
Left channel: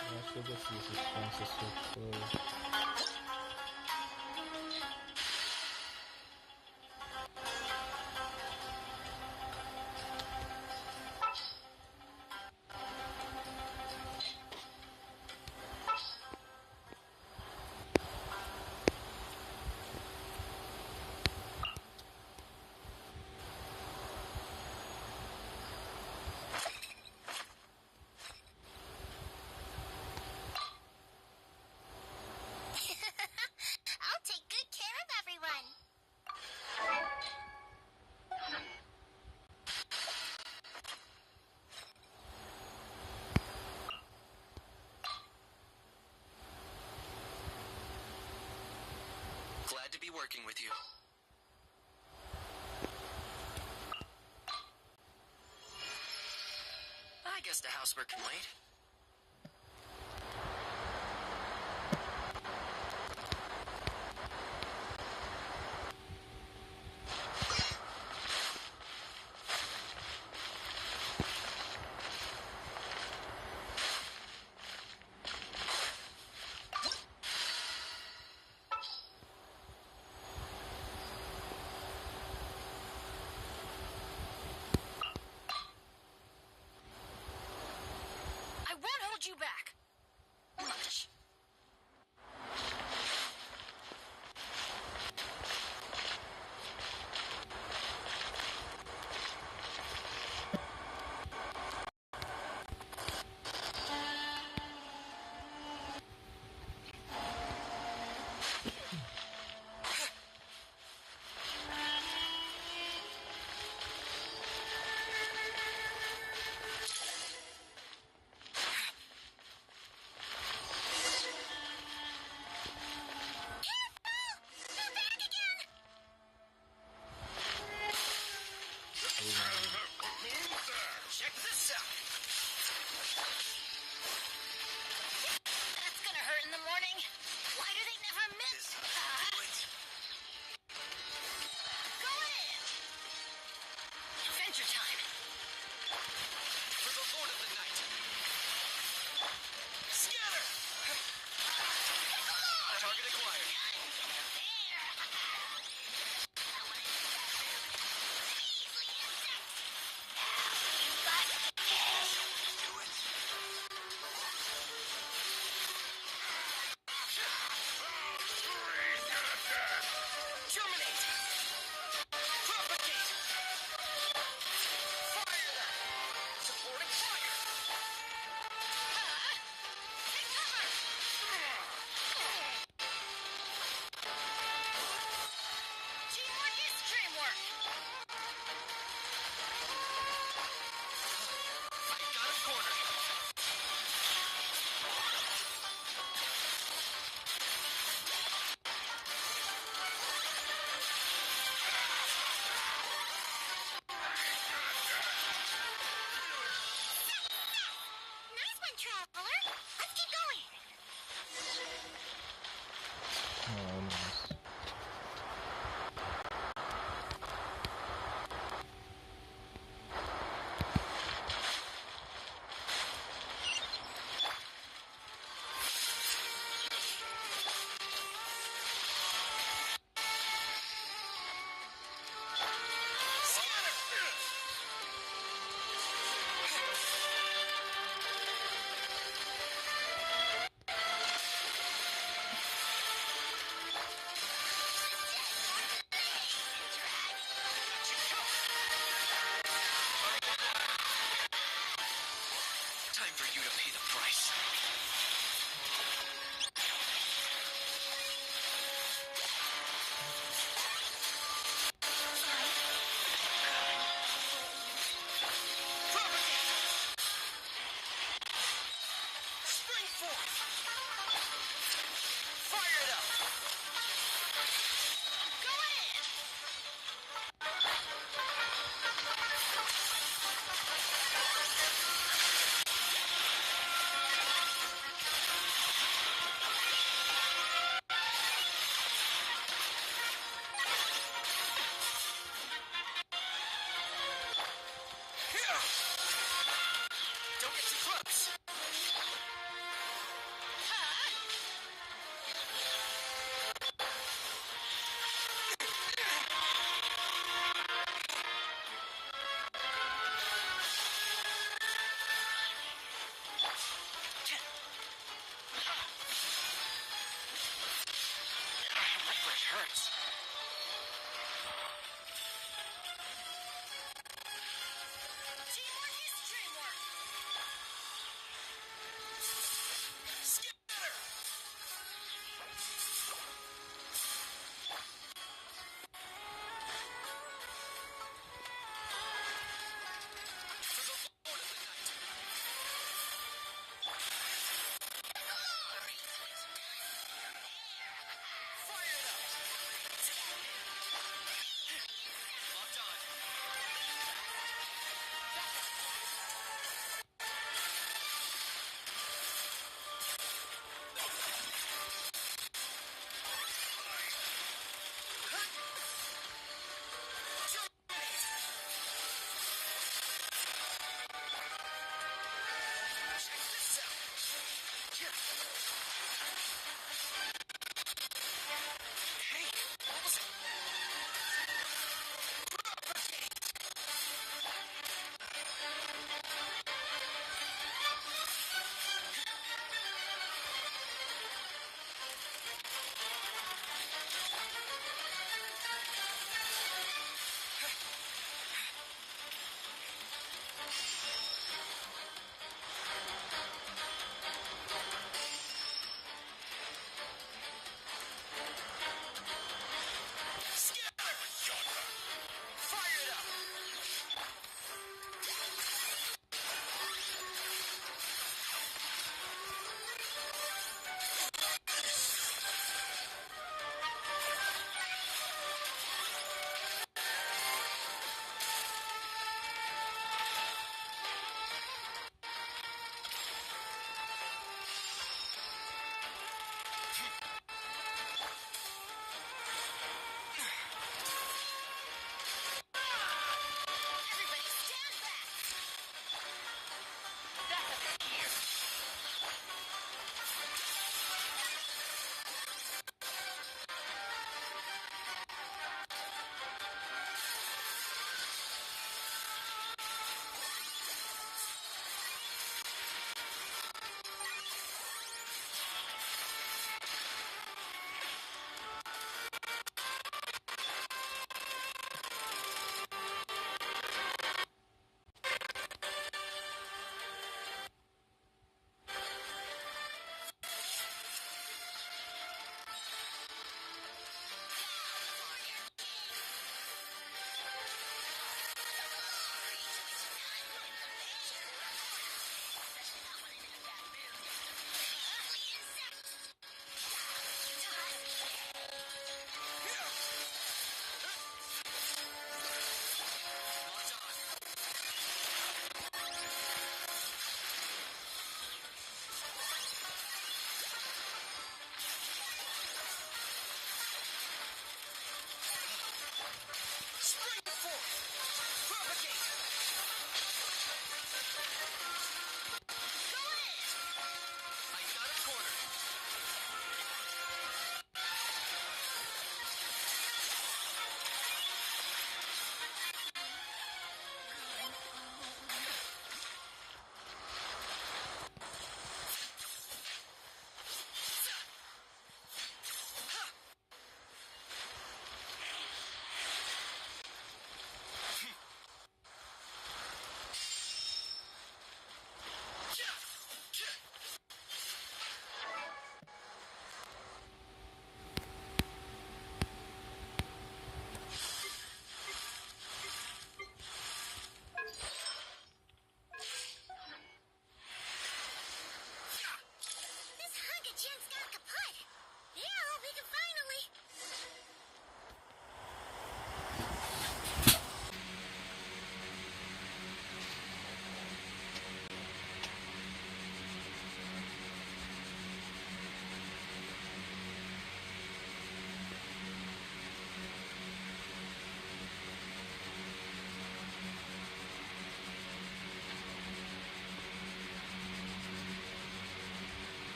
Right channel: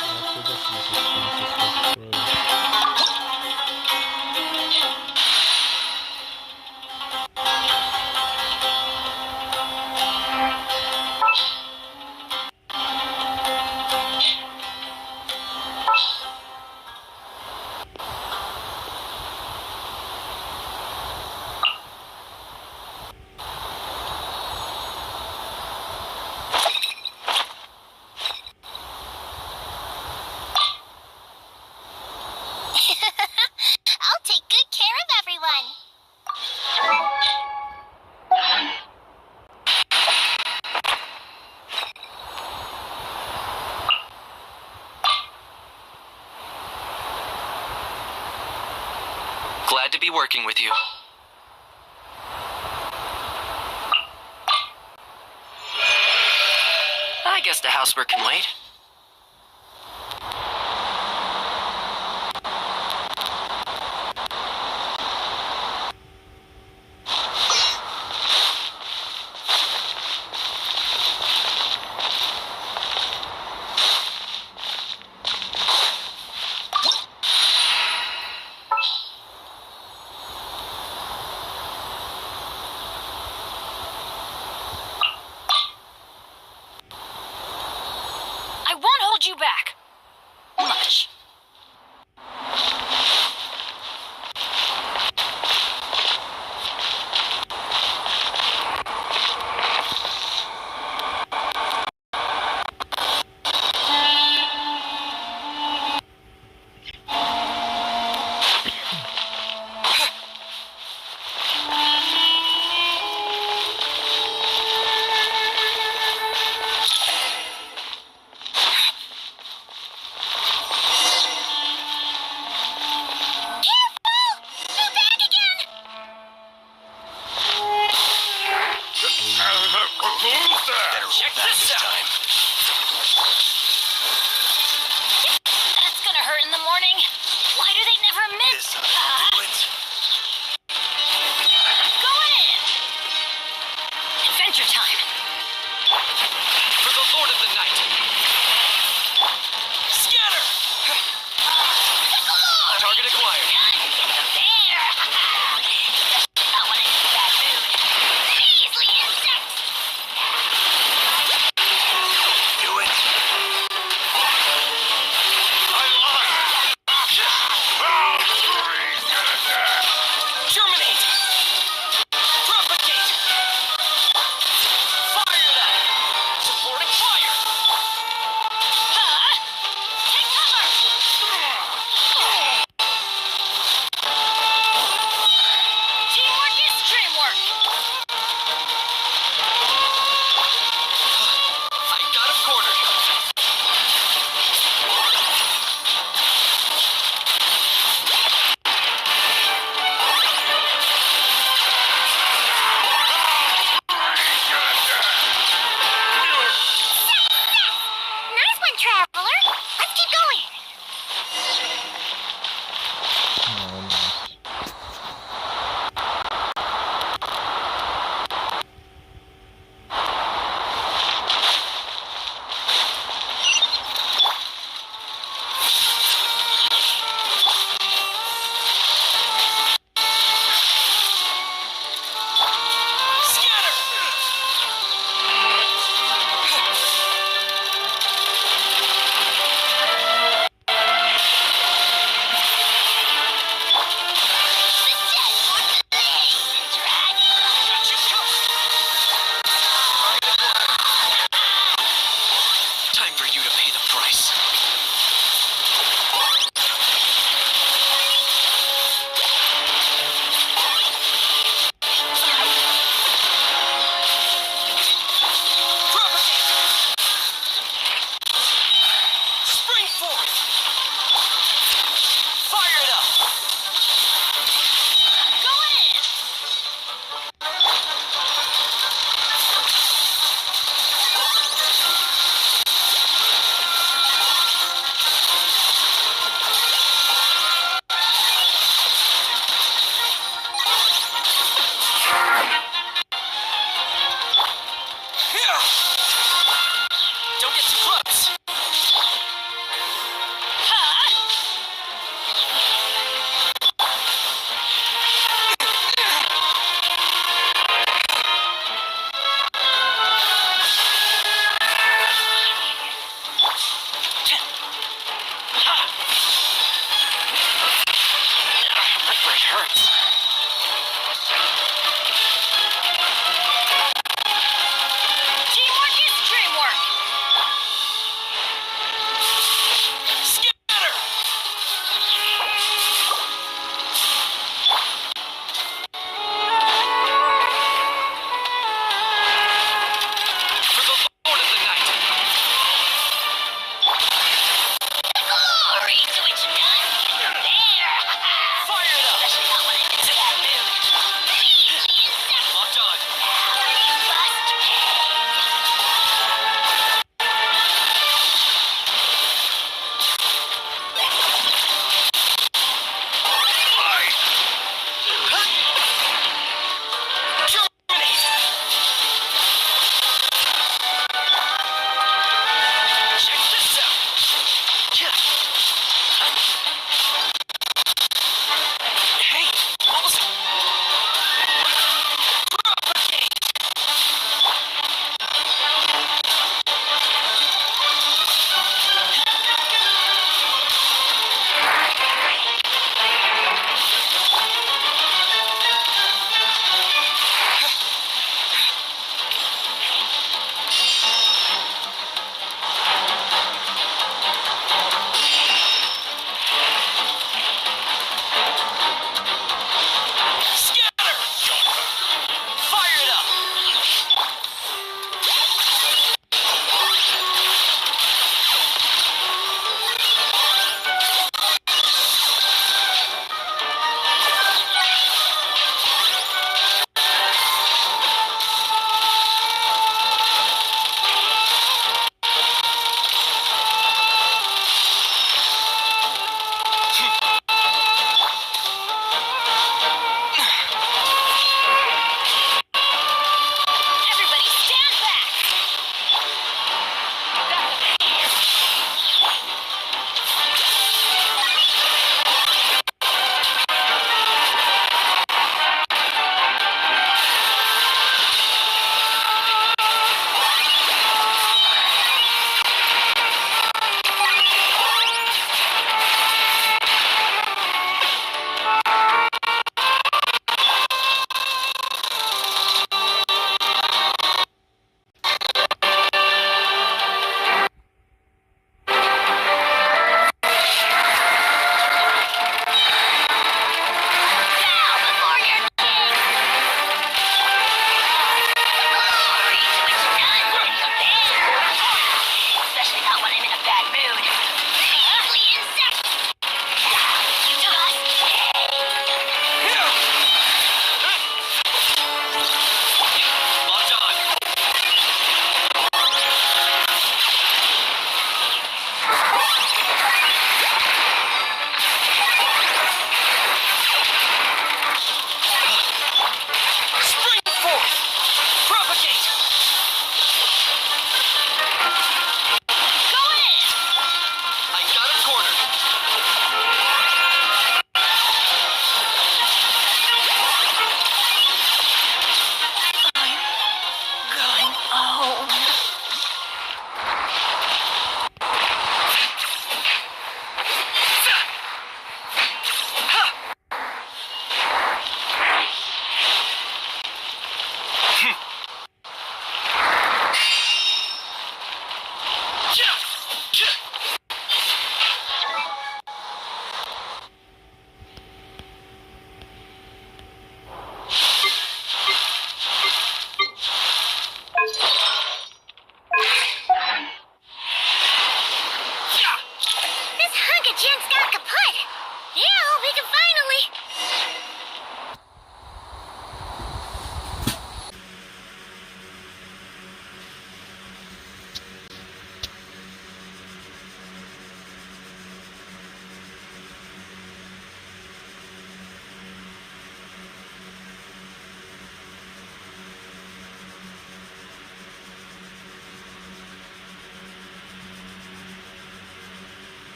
I forgot to use this Francis Ford. I'll take good care of everyone. Glad to be working with you. I guess the housework can wait. I won't hold you back. Much. Check this out. That's gonna hurt in the morning. Why do they never miss? Going in. Adventure time. For the Lord of the Night. Scatter. Target acquired. Terminate. Propagate. Fire that. Supporting fire.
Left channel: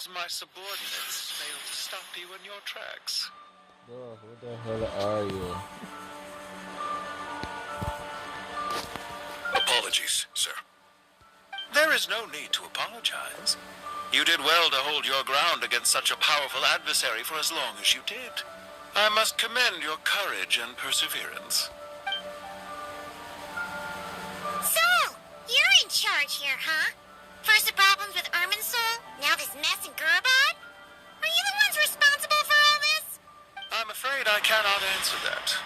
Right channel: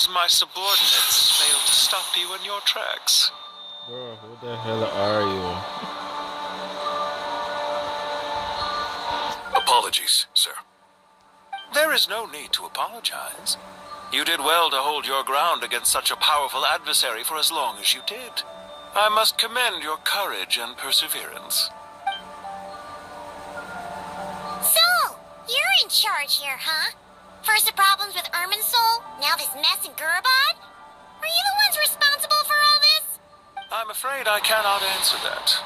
seems my subordinates failed to stop you in your tracks. Bro, who the hell are you? Apologies, sir. There is no need to apologize. You did well to hold your ground against such a powerful adversary for as long as you did. I must commend your courage and perseverance. So, you're in charge here, huh? First the problems with Irminsul, now this mess in Gurabad? Are you the ones responsible for all this? I'm afraid I cannot answer that.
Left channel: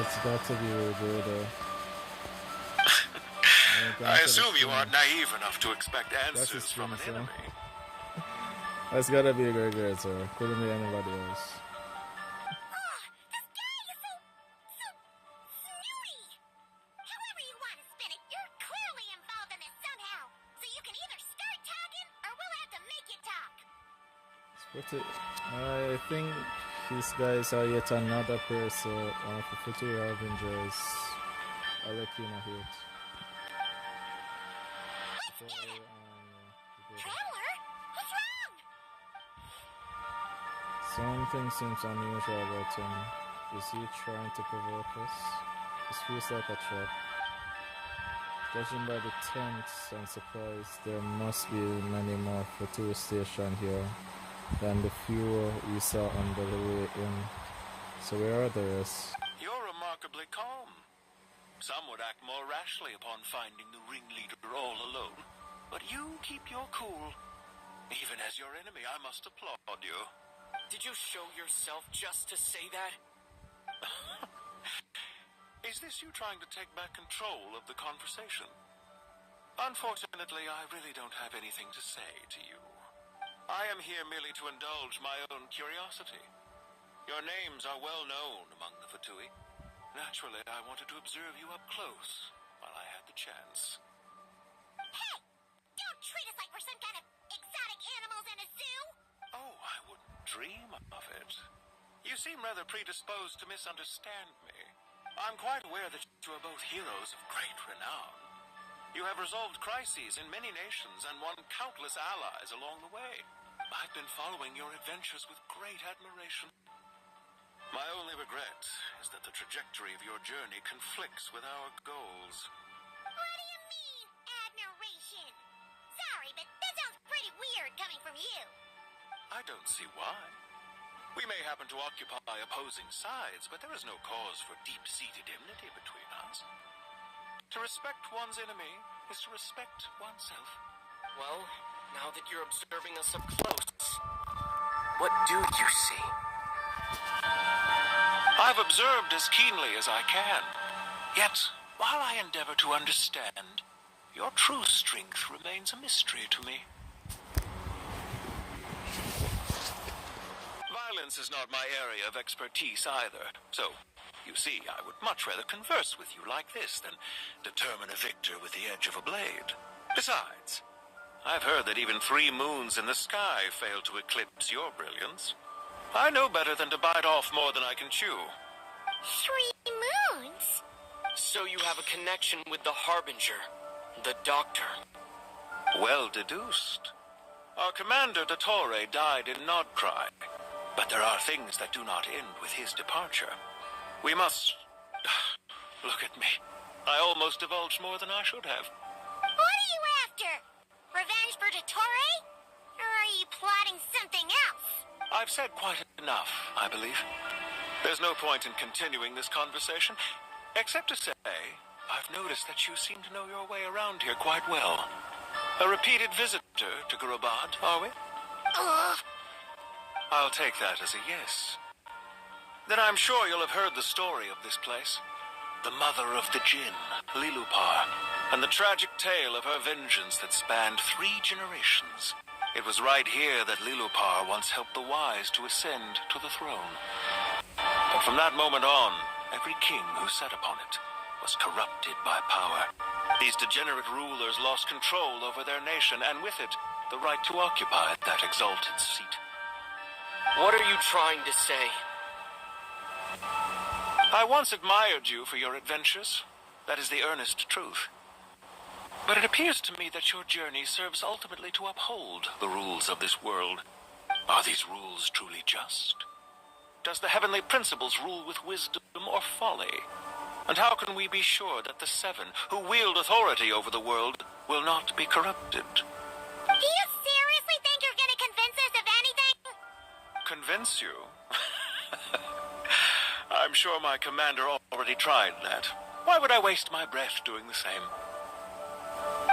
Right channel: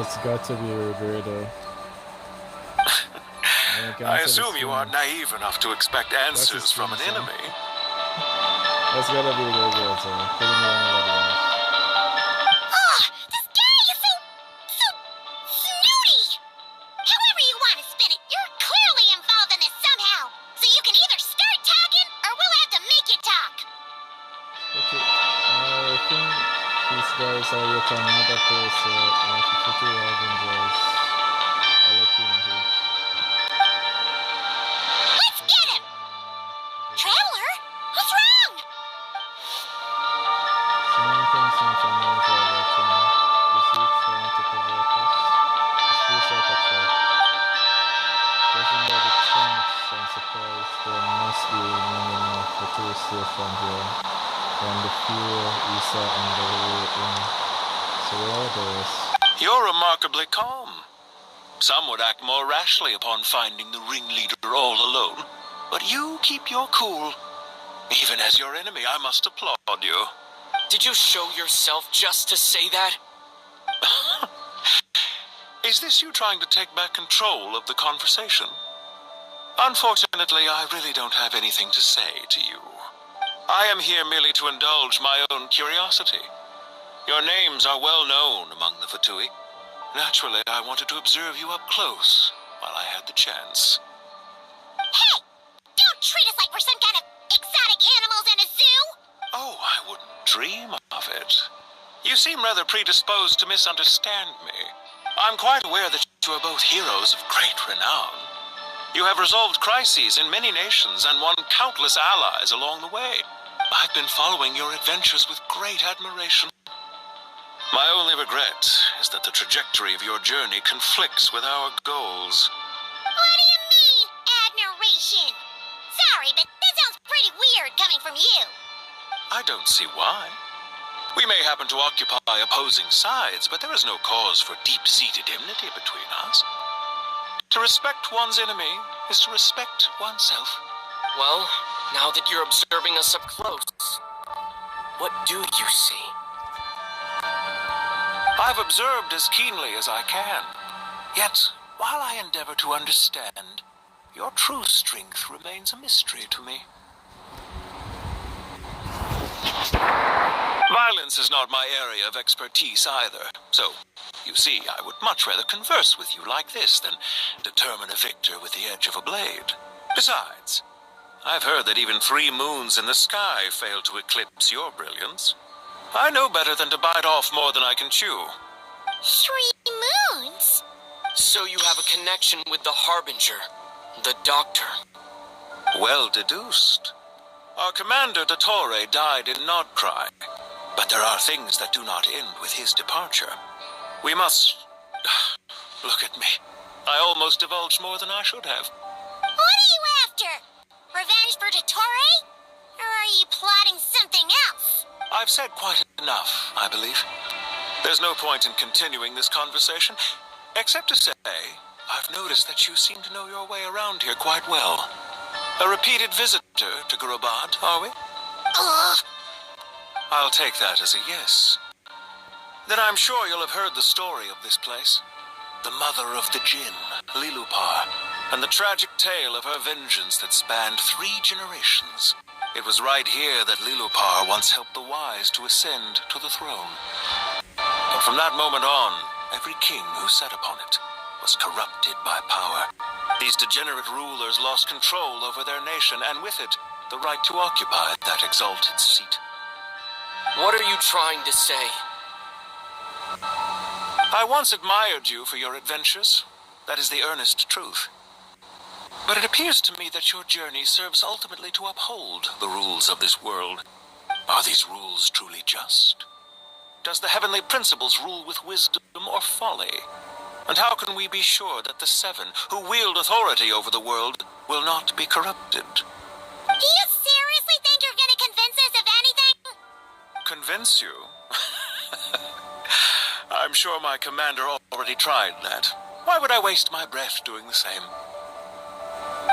It's got to be Roberto. I assume you aren't naive enough to expect answers from an enemy. That's gotta be Roberto. Couldn't be anybody else. Oh, this guy is so snooty! However you want to spin it, you're clearly involved in this somehow. So you can either start talking, or we'll have to make you talk. Okay. I think these guys are yet another person of the Future Avengers. I'll let you know here. Let's get him! Traveler? What's wrong? Something seems unusual about him. Is he trying to provoke us? This feels like a trap. Judging by the tents and surprise, there must be many more Future stations here than the few Isa and the way in. So where are the rest? You're remarkably calm. Some would act more rashly upon finding the ringleader all alone. But you keep your cool. Even as your enemy, I must applaud you. Did you show yourself just to say that? Is this you trying to take back control of the conversation? Unfortunately, I really don't have anything to say to you. I am here merely to indulge my own curiosity. Your names are well known among the Fatui. Naturally, I wanted to observe you up close while I had the chance. Hey! Don't treat us like we're some kind of exotic animals in a zoo! Oh, I wouldn't dream of it. You seem rather predisposed to misunderstand me. I'm quite aware that you are both heroes of great renown. You have resolved crises in many nations and won countless allies along the way. I've been following your adventures with great admiration. My only regret is that the trajectory of your journey conflicts with our goals. What do you mean, admiration? Sorry, but that sounds pretty weird coming from you. I don't see why. We may happen to occupy opposing sides, but there is no cause for deep-seated enmity between us. To respect one's enemy is to respect oneself. Well, now that you're observing us up close, what do you see? I've observed as keenly as I can. Yet, while I endeavor to understand, your true strength remains a mystery to me. Violence is not my area of expertise either, so, you see, I would much rather converse with you like this than determine a victor with the edge of a blade. Besides, I've heard that even 3 moons in the sky fail to eclipse your brilliance. I know better than to bite off more than I can chew. 3 moons? So you have a connection with the Harbinger, the Doctor. Well deduced. Our commander, Dottore, died in Nodcry. But there are things that do not end with his departure. We must... Look at me. I almost divulged more than I should have. What are you after? Revenge for Dottore? Or are you plotting something else? I've said quite enough, I believe. There's no point in continuing this conversation, except to say, I've noticed that you seem to know your way around here quite well. A repeated visitor to Gurabad, are we? I'll take that as a yes. Then I'm sure you'll have heard the story of this place. The mother of the Jinn, Lilupar, and the tragic tale of her vengeance that spanned 3 generations. It was right here that Lilupar once helped the wise to ascend to the throne. But from that moment on, every king who sat upon it was corrupted by power. These degenerate rulers lost control over their nation, and with it, the right to occupy that exalted seat. What are you trying to say? I once admired you for your adventures. That is the earnest truth. But it appears to me that your journey serves ultimately to uphold the rules of this world. Are these rules truly just? Does the heavenly principles rule with wisdom or folly? And how can we be sure that the Seven, who wield authority over the world, will not be corrupted? Do you seriously think you're gonna convince us of anything? Convince you? I'm sure my commander already tried that. Why would I waste my breath doing the same?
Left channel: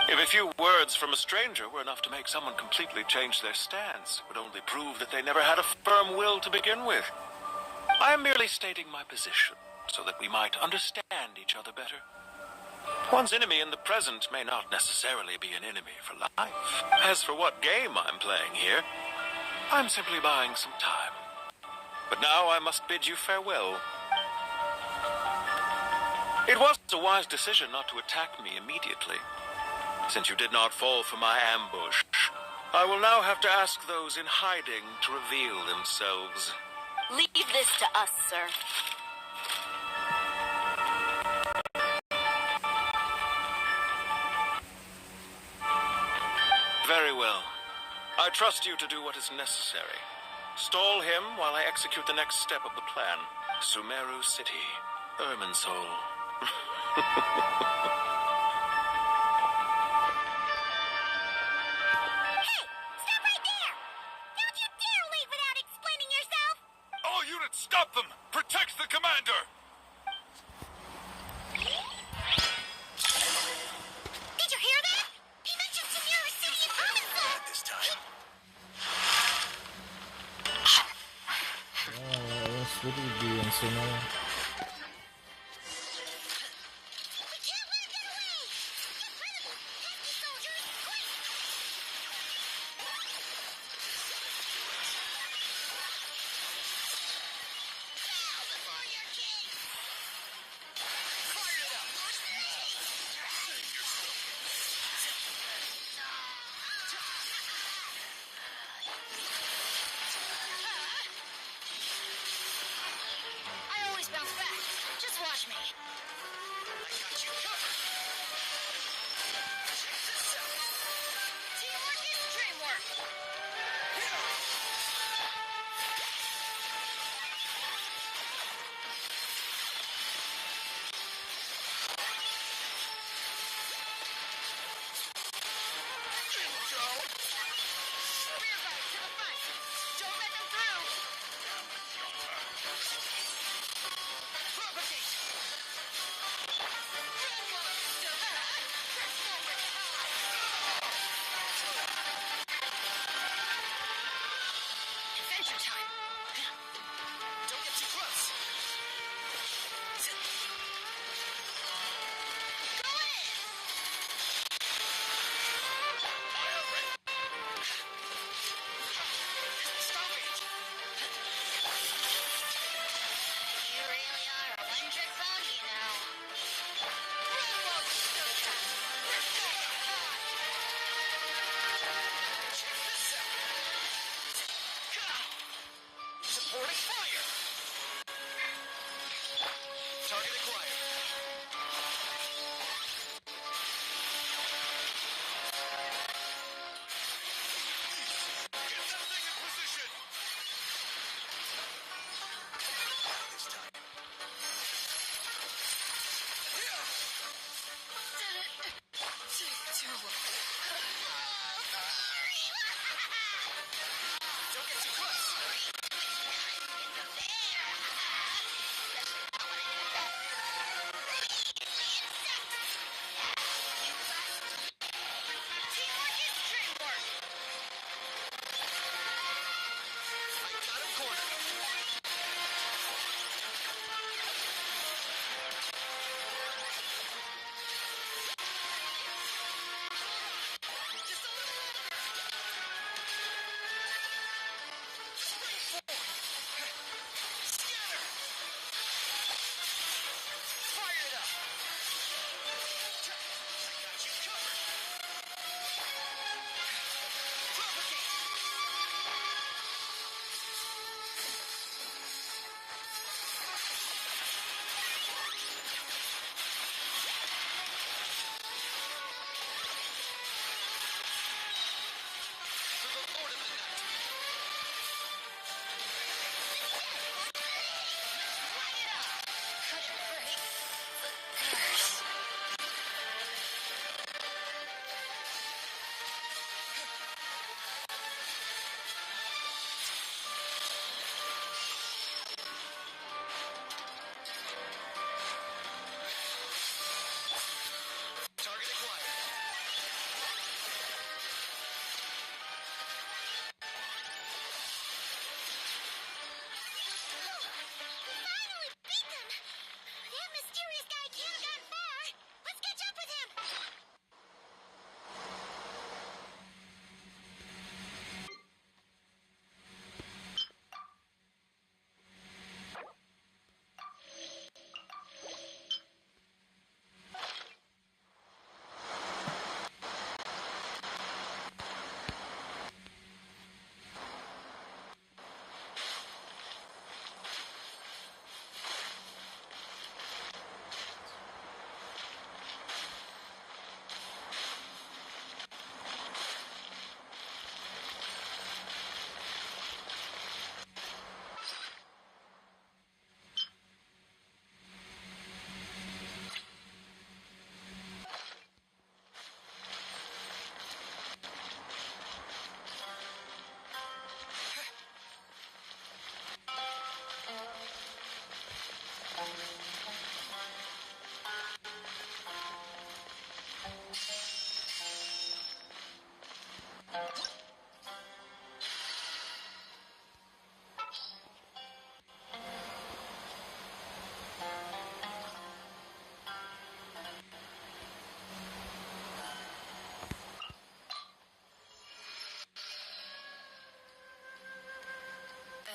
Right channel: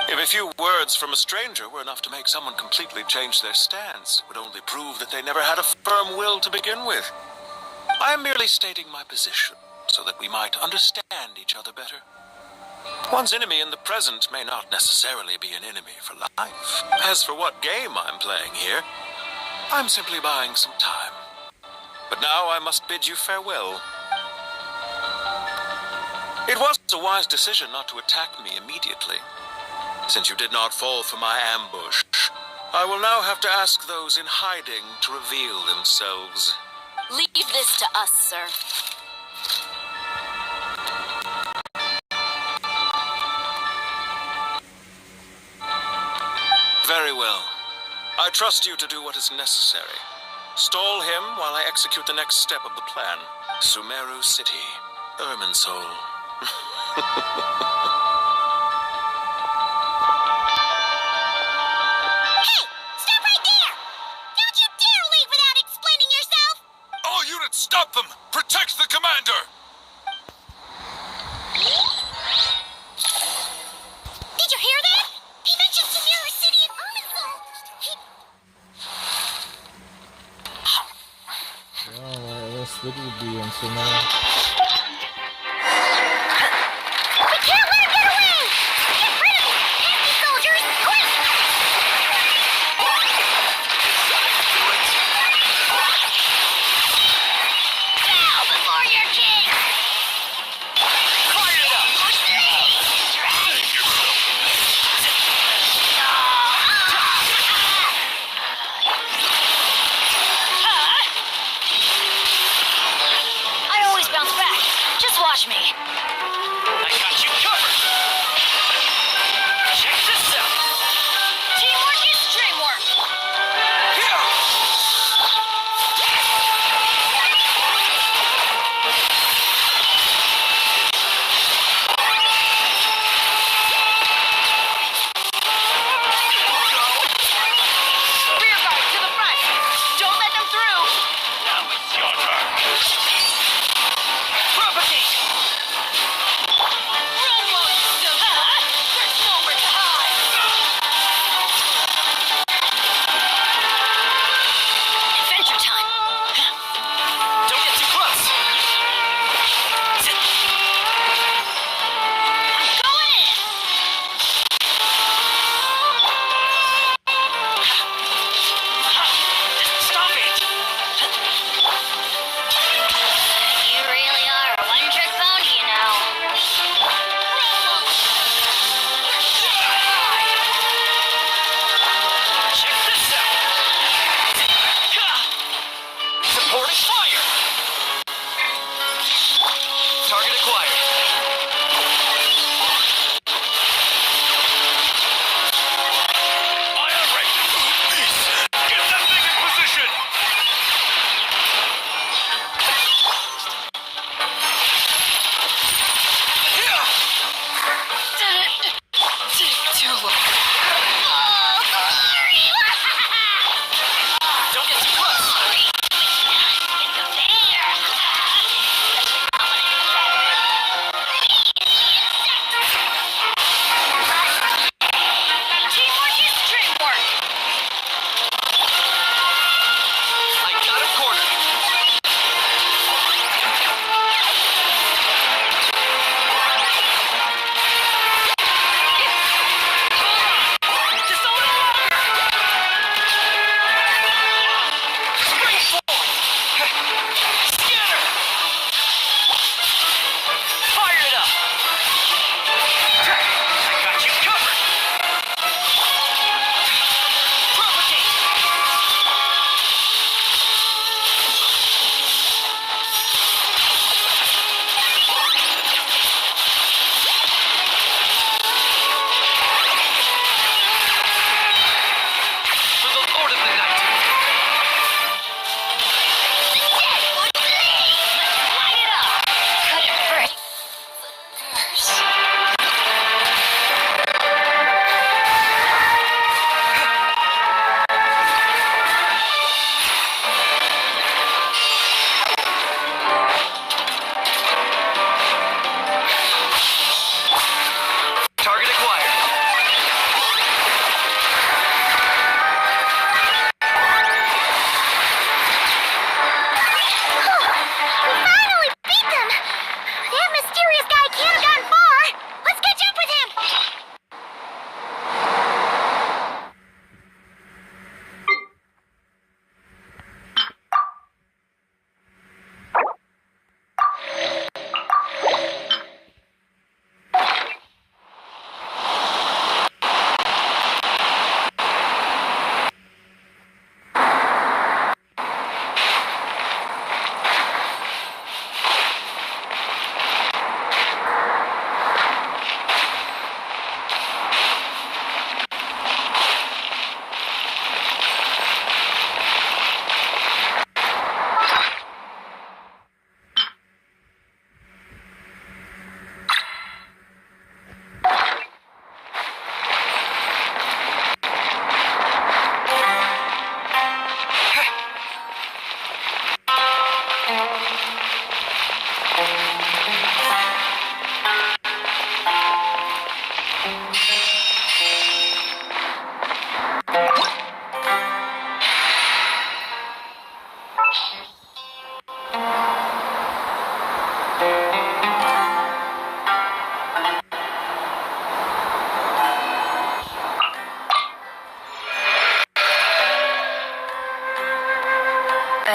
If a few words from a stranger were enough to make someone completely change their stance, it would only prove that they never had a firm will to begin with. I am merely stating my position, so that we might understand each other better. One's enemy in the present may not necessarily be an enemy for life. As for what game I'm playing here, I'm simply buying some time. But now I must bid you farewell. It was a wise decision not to attack me immediately. Since you did not fall for my ambush, I will now have to ask those in hiding to reveal themselves. Leave this to us, sir. Very well. I trust you to do what is necessary. Stall him while I execute the next step of the plan. Sumeru City, Irminsul. Stop them! Protect the commander! Did you hear that? He mentioned Sumeru City and Irminsul. Oh, what else would we be in Sumeru? We can't let him get away! Get rid of him! Nasty soldiers, quick! Bow before your king! Fire it up! I always found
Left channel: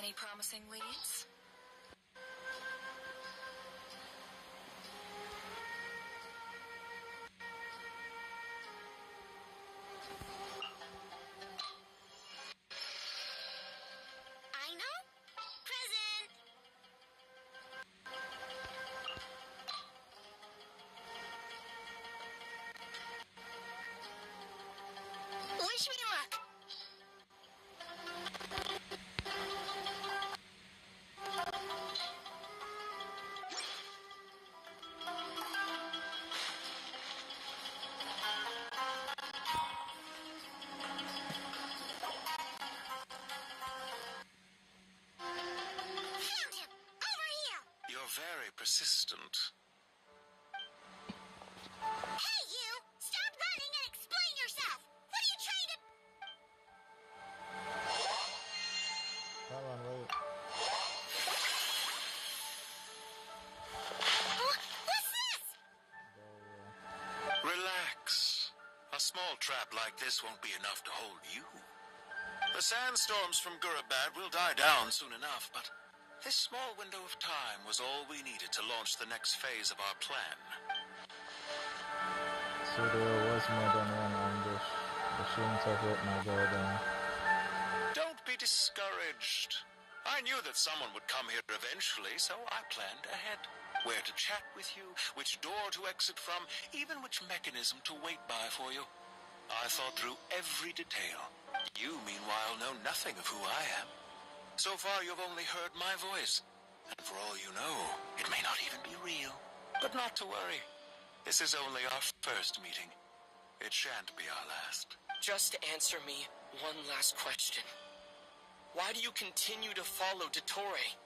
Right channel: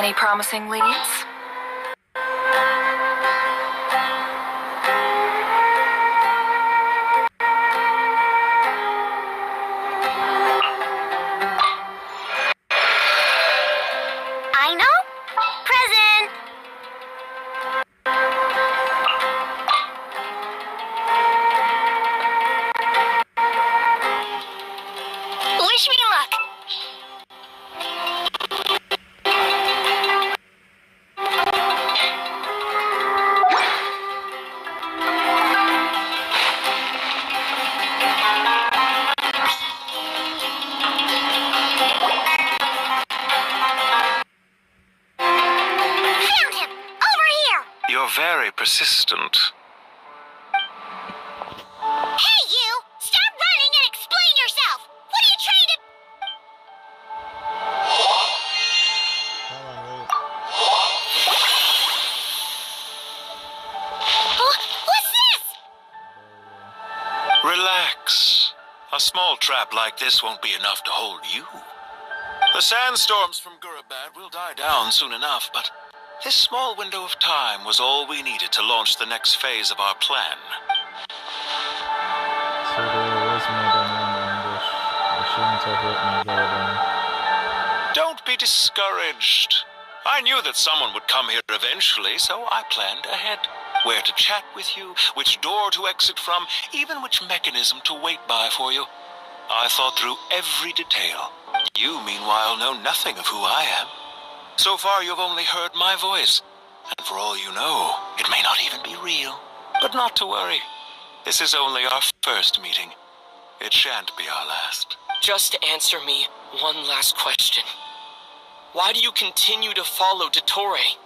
Any promising leads? I know. Present. Wish me luck. Found him. Over here. You're very persistent. Hey, you! Stop running and explain yourself! What are you trying to... Come on, wait. What's this? Relax. A small trap like this won't be enough to hold you. The sandstorms from Gurabad will die down soon enough, but this small window of time was all we needed to launch the next phase of our plan. So there was more than one ambush. I shouldn't have let my guard down. Don't be discouraged. I knew that someone would come here eventually, so I planned ahead. Where to chat with you, which door to exit from, even which mechanism to wait by for you. I thought through every detail. You, meanwhile, know nothing of who I am. So far, you've only heard my voice. And for all you know, it may not even be real. But not to worry. This is only our first meeting. It shan't be our last. Just answer me one last question. Why do you continue to follow Dottore?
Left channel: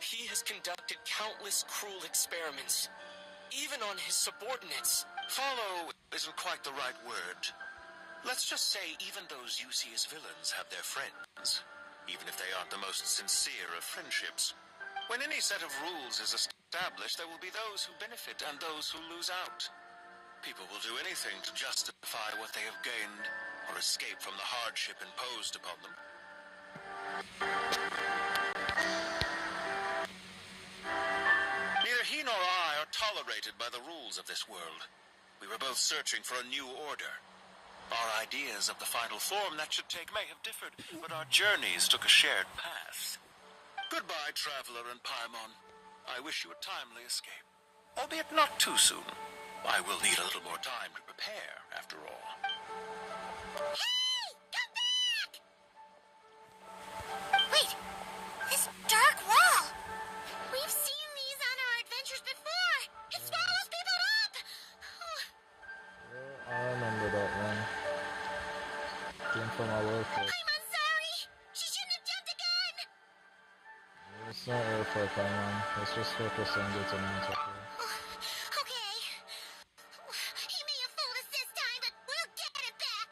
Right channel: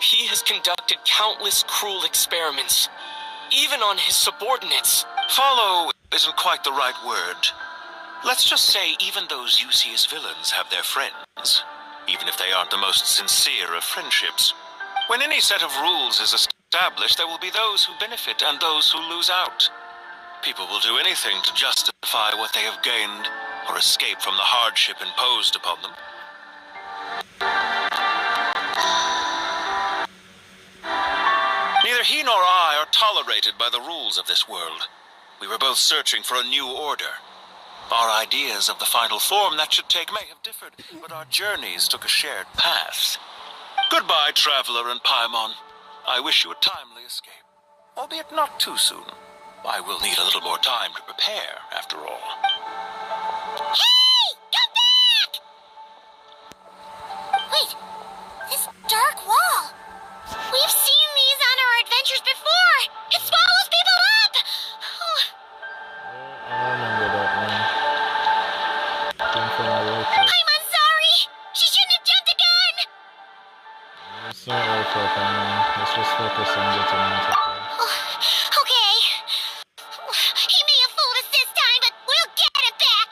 He has conducted countless cruel experiments, even on his subordinates. Follow isn't quite the right word. Let's just say even those you see as villains have their friends, even if they aren't the most sincere of friendships. When any set of rules is established, there will be those who benefit and those who lose out. People will do anything to justify what they have gained or escape from the hardship imposed upon them. Neither he nor I are tolerated by the rules of this world. We were both searching for a new order. Our ideas of the final form that should take may have differed, but our journeys took a shared path. Goodbye, Traveler and Paimon. I wish you a timely escape, albeit not too soon. I will need a little more time to prepare, after all. Hey! Come back! Wait, this dark wall. We've seen these on our adventures before. It swallows people up. Oh. I remember that one. Came from my work. I'm sorry. She shouldn't have jumped the gun. It's not worth it, I mean. Let's just focus on getting out of here. Okay. He may have fooled us this time, but we'll get him back.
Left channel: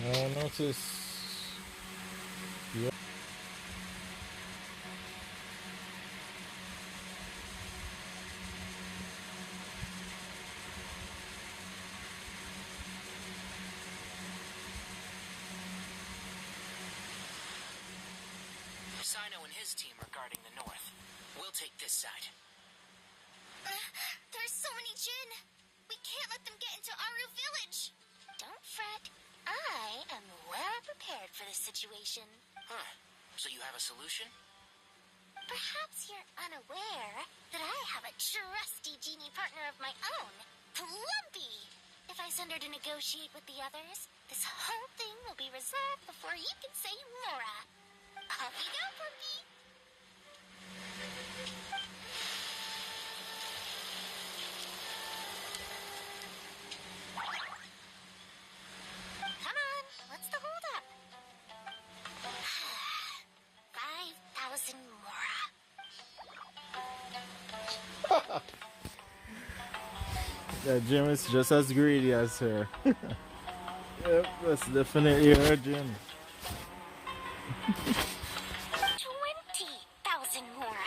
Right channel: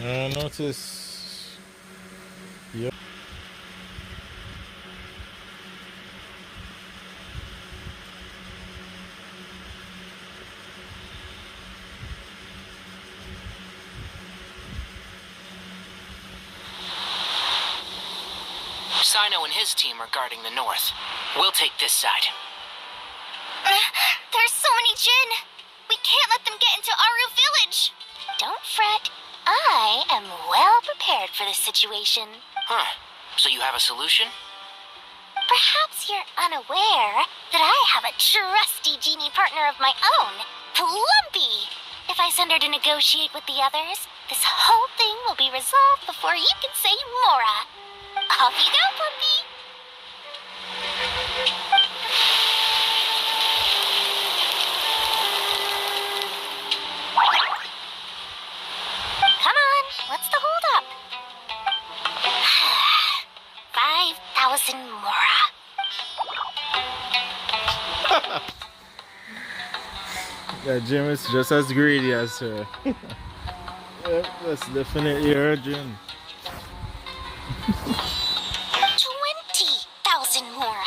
I notice. Yep. Sino and his team are guarding the north. We'll take this side. There's so many Jin. We can't let them get into Aru village. Don't fret. I am well prepared for this situation. Huh. So you have a solution? Perhaps you're unaware that I have a trusty genie partner of my own, Plumpy. If I send her to negotiate with the others, this whole thing will be resolved before you can say Mora. Off you go, Plumpy. Come on, what's the holdup? 5,000 Mora. That Jim is just as greedy as her. Yep, that's definitely her Jim. 20,000 Mora.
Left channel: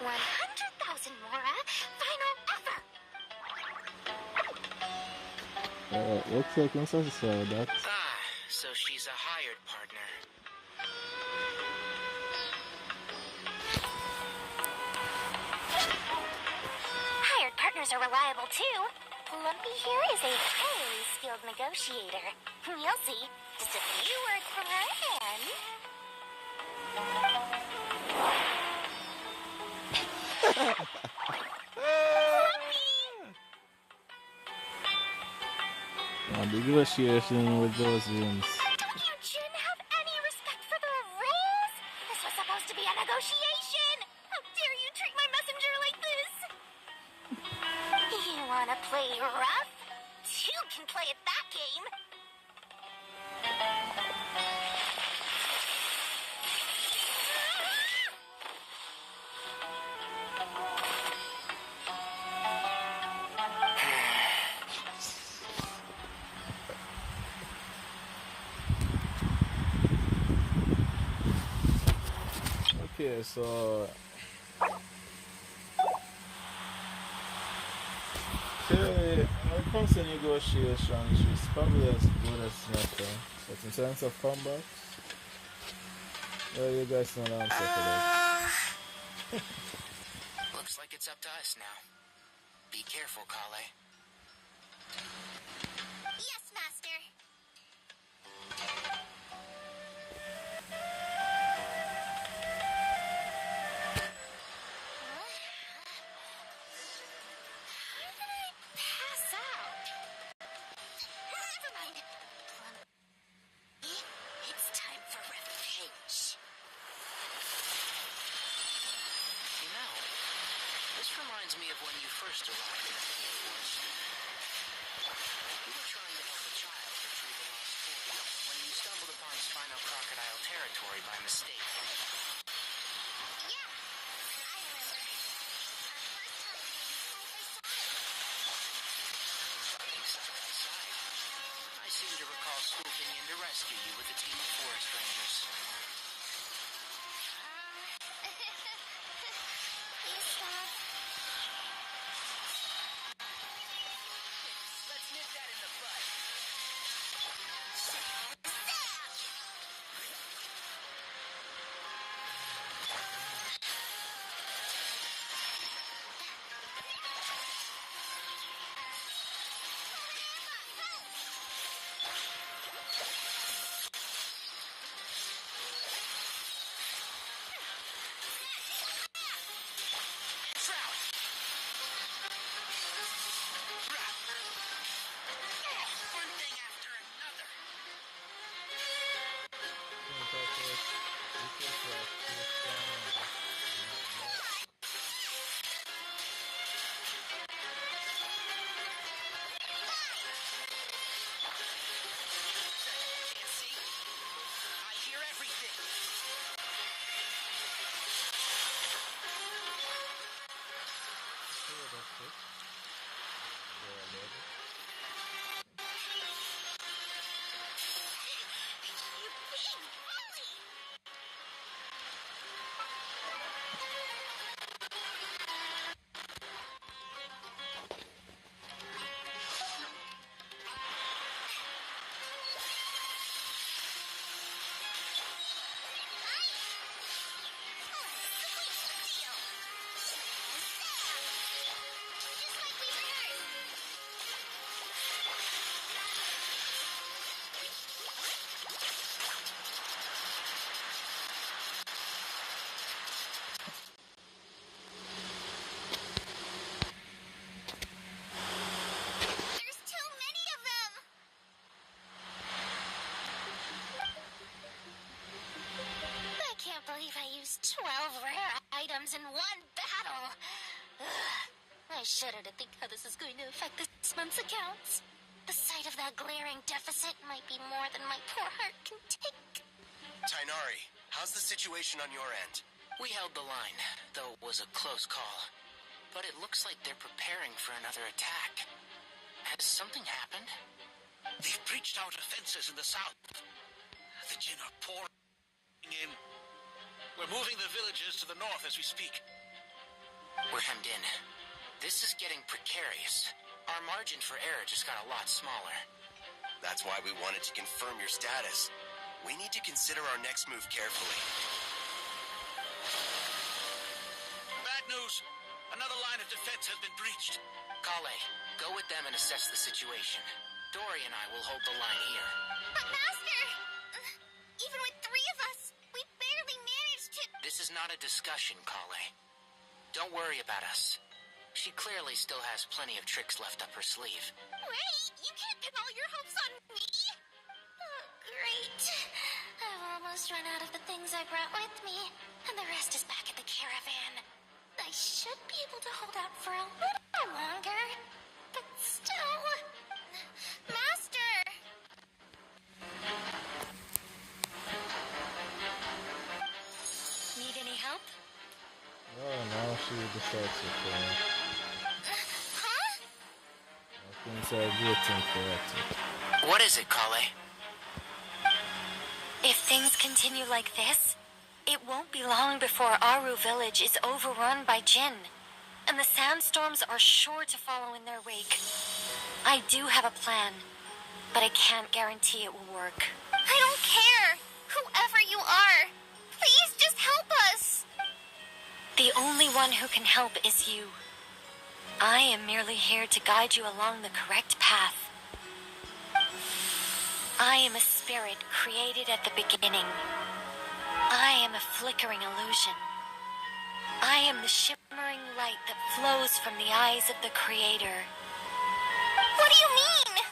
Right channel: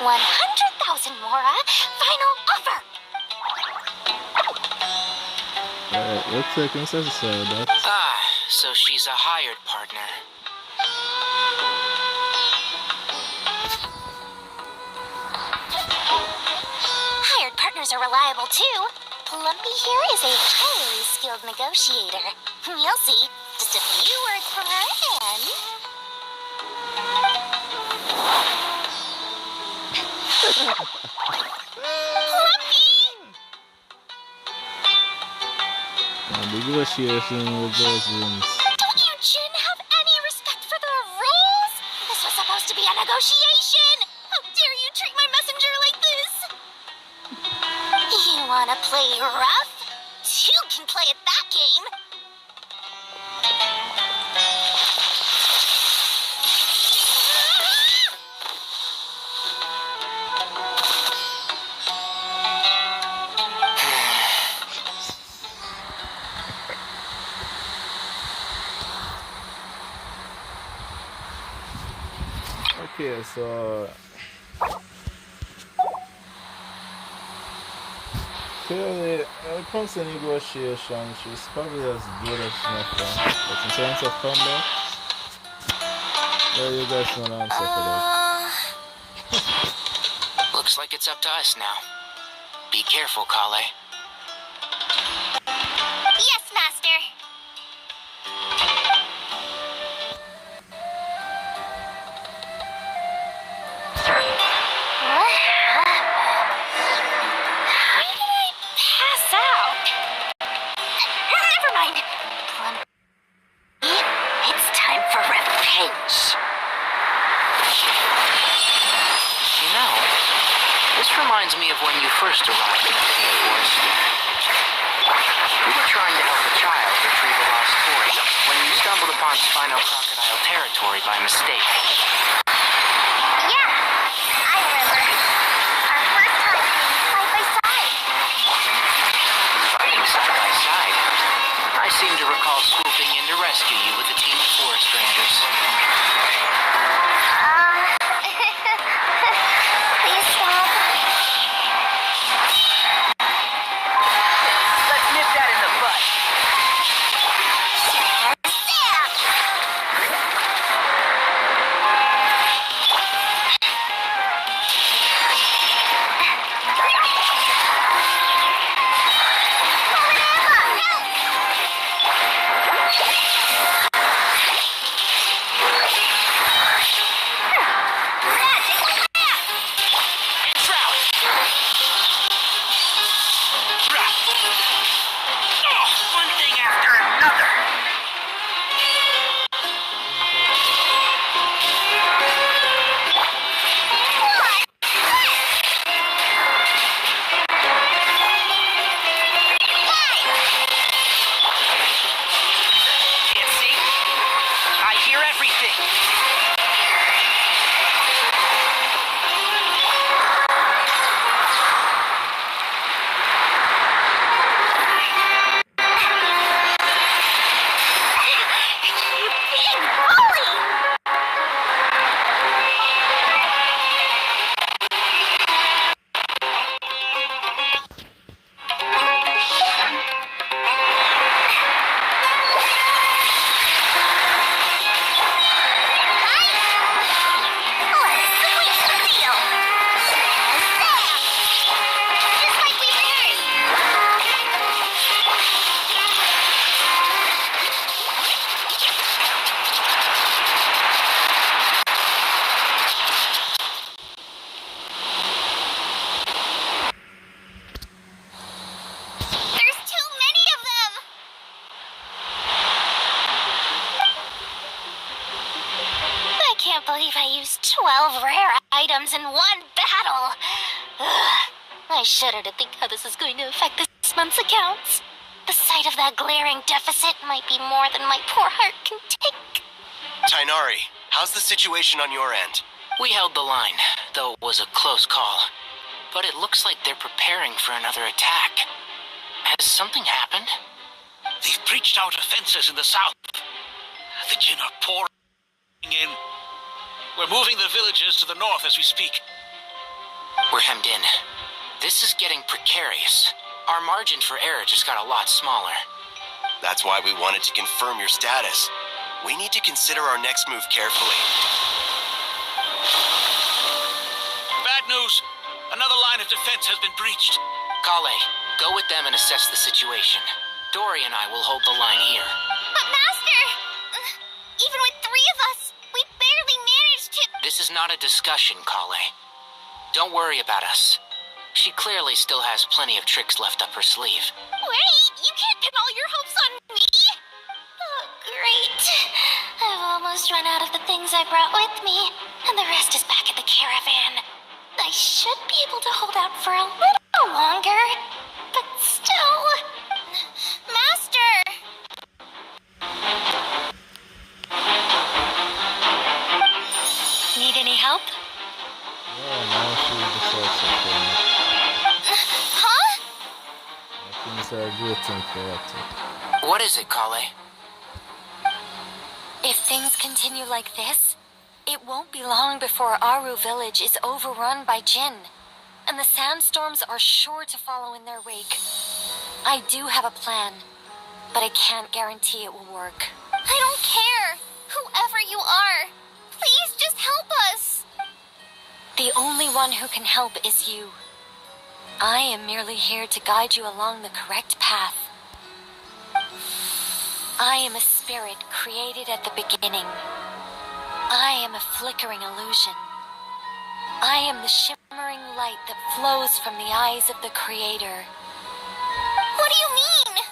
100,000 Mora. Final offer. Alright, looks like I'm satisfied with that. Ah, so she's a hired partner. Hired partners are reliable too. Lumpy here is a highly skilled negotiator. You'll see. Just a few words from her and... Negotiation with those rooms. Don't you, Jin, have any respect for the rules? This was supposed to be a negotiation. How dare you treat my messenger like this? You wanna play rough? You can play at that game. Okay, so clearly, when it comes to negotiation, she's probably as good as nothing. But in terms of combat, well, you guys know an answer for that. Looks like it's up to us now. Be careful, Kale. Yes, Master. How did I pass out? Never mind. It's time for revenge. You know, this reminds me of when you first arrived in the forest. We were trying to help a child retrieve a lost toy when you stumbled upon Spino Crocodile territory by mistake. Yeah, I remember. Our first time being side by side. Fighting side by side. I seem to recall swooping in to rescue you with a team of forest rangers. Please stop. Let's nip that in the bud. One thing after another. Can't see. I hear everything. There's too many of them! I can't believe I used 12 rare items in one battle. Ugh. I shudder to think how this is going to affect this month's accounts. The sight of that glaring deficit might be more than my poor heart can take. Tainari, how's the situation on your end? We held the line, though it was a close call. But it looks like they're preparing for another attack. Has something happened? They've breached our defenses in the south. The Jin are pouring in. We're moving the villagers to the north as we speak. We're hemmed in. This is getting precarious. Our margin for error just got a lot smaller. That's why we wanted to confirm your status. We need to consider our next move carefully. Bad news. Another line of defense has been breached. Kale, go with them and assess the situation. Dory and I will hold the line here. But Master, even with 3 of us, we barely managed to... This is not a discussion, Kale. Don't worry about us. She clearly still has plenty of tricks left up her sleeve. Wait, you can't pin all your hopes on me? Oh, great. I've almost run out of the things I brought with me, and the rest is back at the caravan. I should be able to hold out for a little longer, but still... Master! Need any help? Yeah, now she decides to kill me. Huh? Things are getting chaotic. What is it, Kale? If things continue like this, it won't be long before Aru village is overrun by Jin, and the sandstorms are sure to follow in their wake. I do have a plan, but I can't guarantee it will work. I don't care. Whoever you are, please just help us. The only one who can help is you. I am merely here to guide you along the correct path. I am a spirit created at the beginning. I am a flickering illusion. I am the shimmering light that flows from the eyes of the Creator. What do you mean?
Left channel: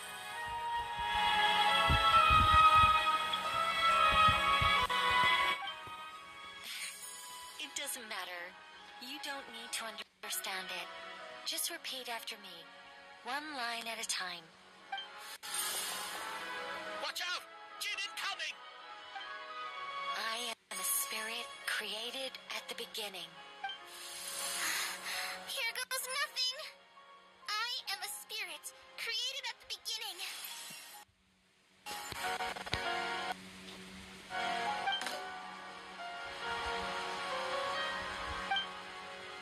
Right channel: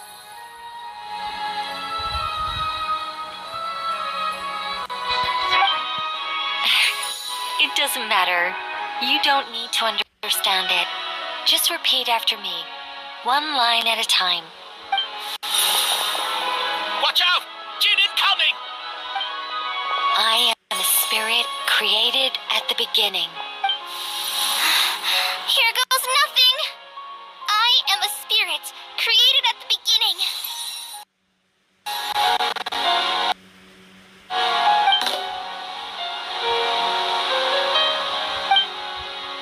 It doesn't matter. You don't need to understand it. Just repeat after me, one line at a time. Watch out! Jin incoming! I am a spirit created at the beginning. Here goes nothing. I am a spirit created at the beginning.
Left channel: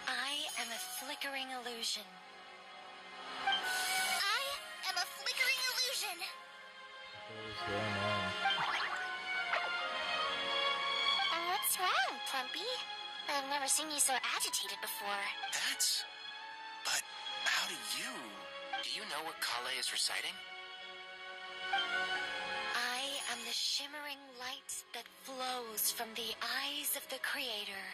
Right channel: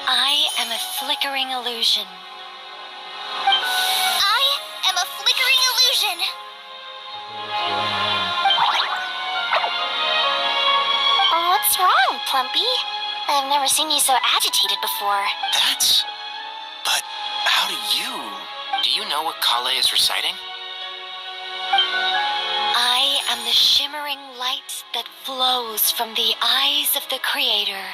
I am a flickering illusion. I am a flickering illusion. What's wrong, Plumpy? I've never seen you so agitated before. That's... But how do you... Do you know what Kale is reciting? I am the shimmering light that flows from the eyes of the Creator.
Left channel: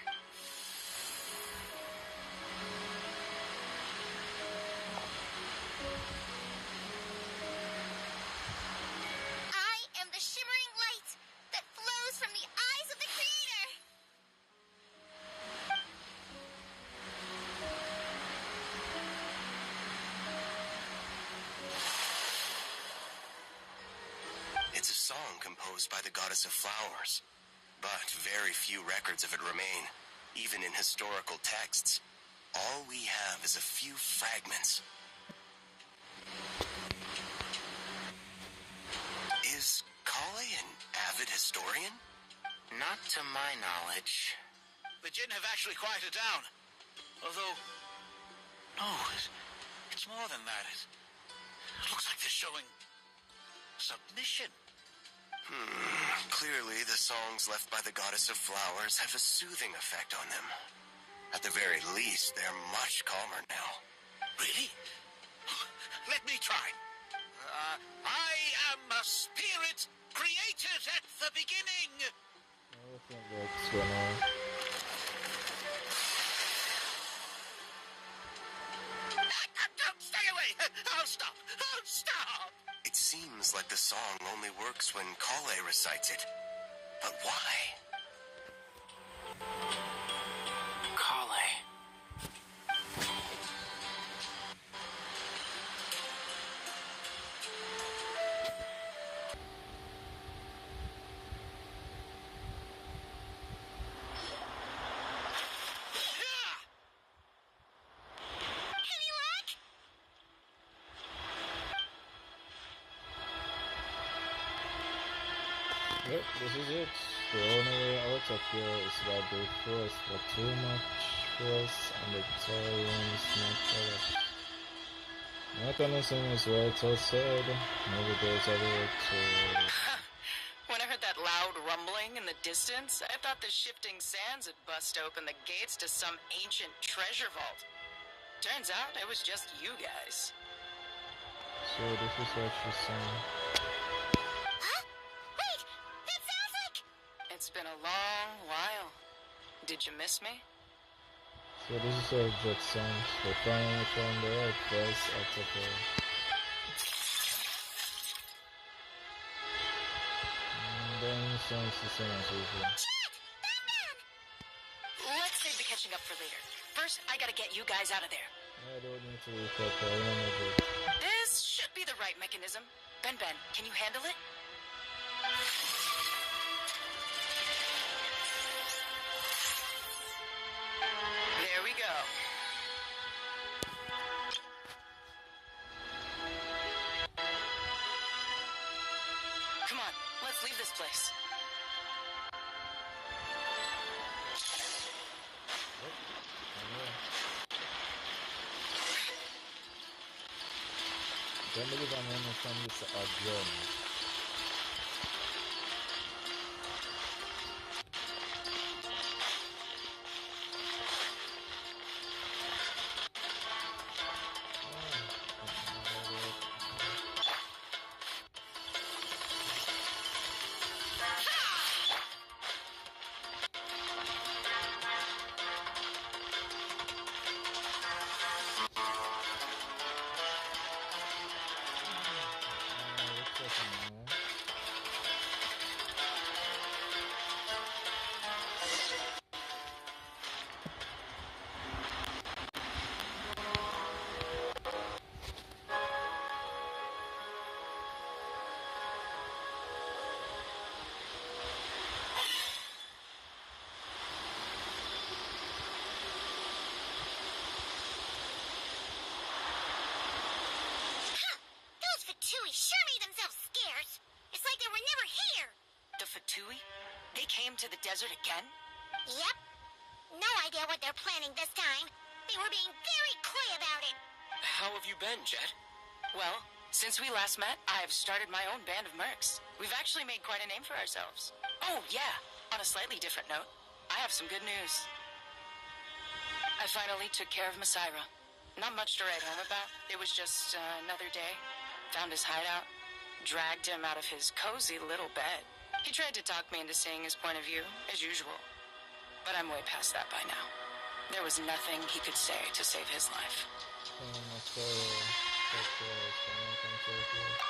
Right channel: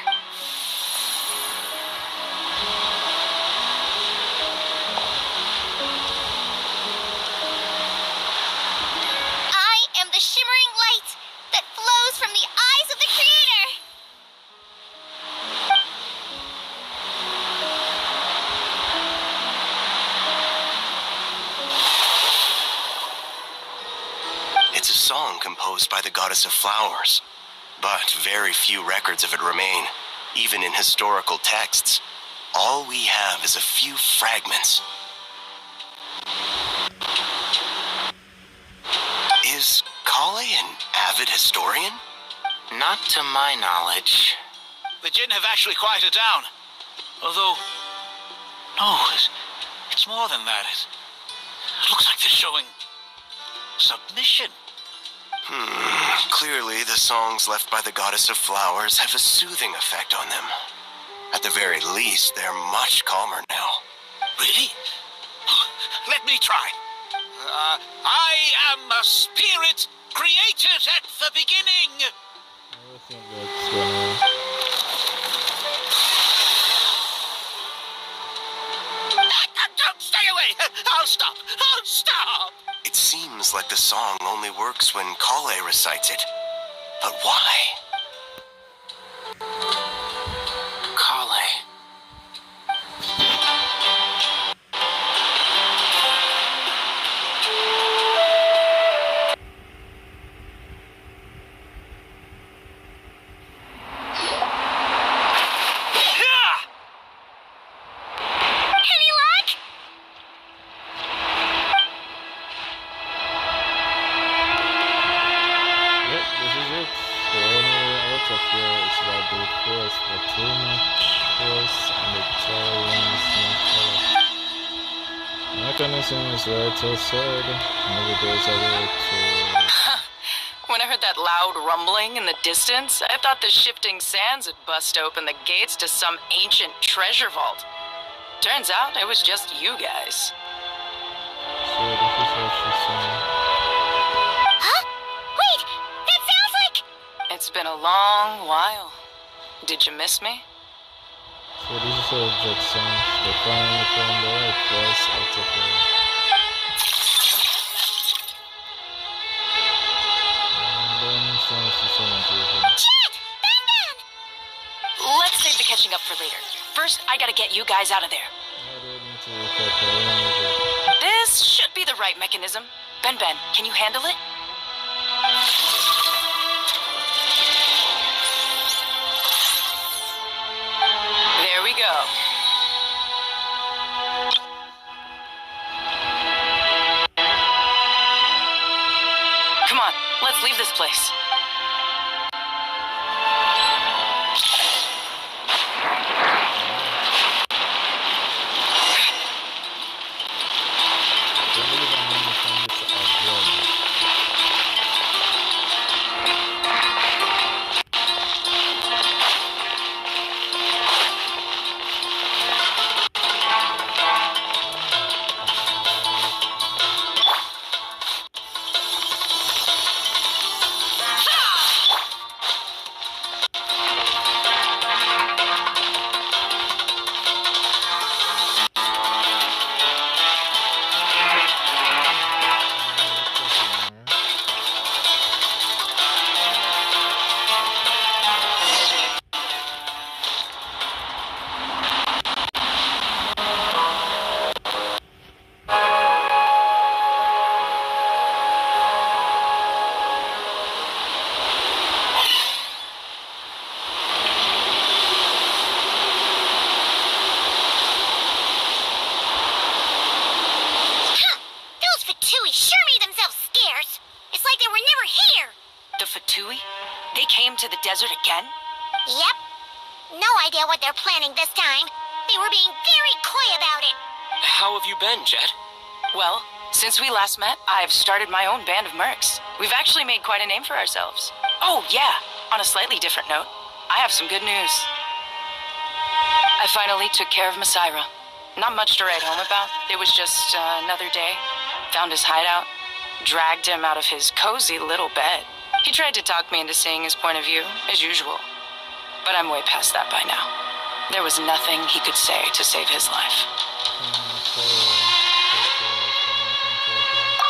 I am the shimmering light that flows from the eyes of the Creator. It's a song composed by the goddess of flowers, but very few records of it remain, even in historical texts. All we have is a few fragments. Is Kale an avid historian? Not to my knowledge. The Jin have actually quieted down. Although... No, it's more than that. It looks like they're showing... submission. Clearly, the songs left by the goddess of flowers have a soothing effect on them. At the very least, they're much calmer now. Really? Let me try. I am a spirit created at the beginning. I think that's gonna... Don't stay away. I'll stop. I'll stop. It seems like the song only works when Kale recites it. But why? Kale. Alright, this is it. The only way out of here is by brute force, Purana force, and the Victorians need help. The mechanism is right outside. Maybe there's a way to... When I heard that loud rumbling in the distance, I thought the shifting sands had bust open the gates to some ancient treasure vault. Turns out it was just you guys. So this is what she's saying. Huh? Wait, that sounds like... It's been a long while. Did you miss me? So this is how Jet sounds. They finally found the right voice out of her. And then sounds to someone to her. Jet! Ben! Let's save the catching up for later. First, I gotta get you guys out of there. I don't need to recap her. Remember Jet. This should be the right mechanism. Ben, can you handle it? There we go. Come on, let's leave this place. I don't believe I'm going to find this again. They came to the desert again? Yep. No idea what they're planning this time. They were being very coy about it. How have you been, Jet? Well, since we last met, I've started my own band of mercs. We've actually made quite a name for ourselves. Oh, yeah. On a slightly different note, I have some good news. I finally took care of Masaira. Not much to write home about. It was just another day. Found his hideout. Dragged him out of his cozy little bed. He tried to talk me into seeing his point of view, as usual. But I'm way past that by now. There was nothing he could say to save his life.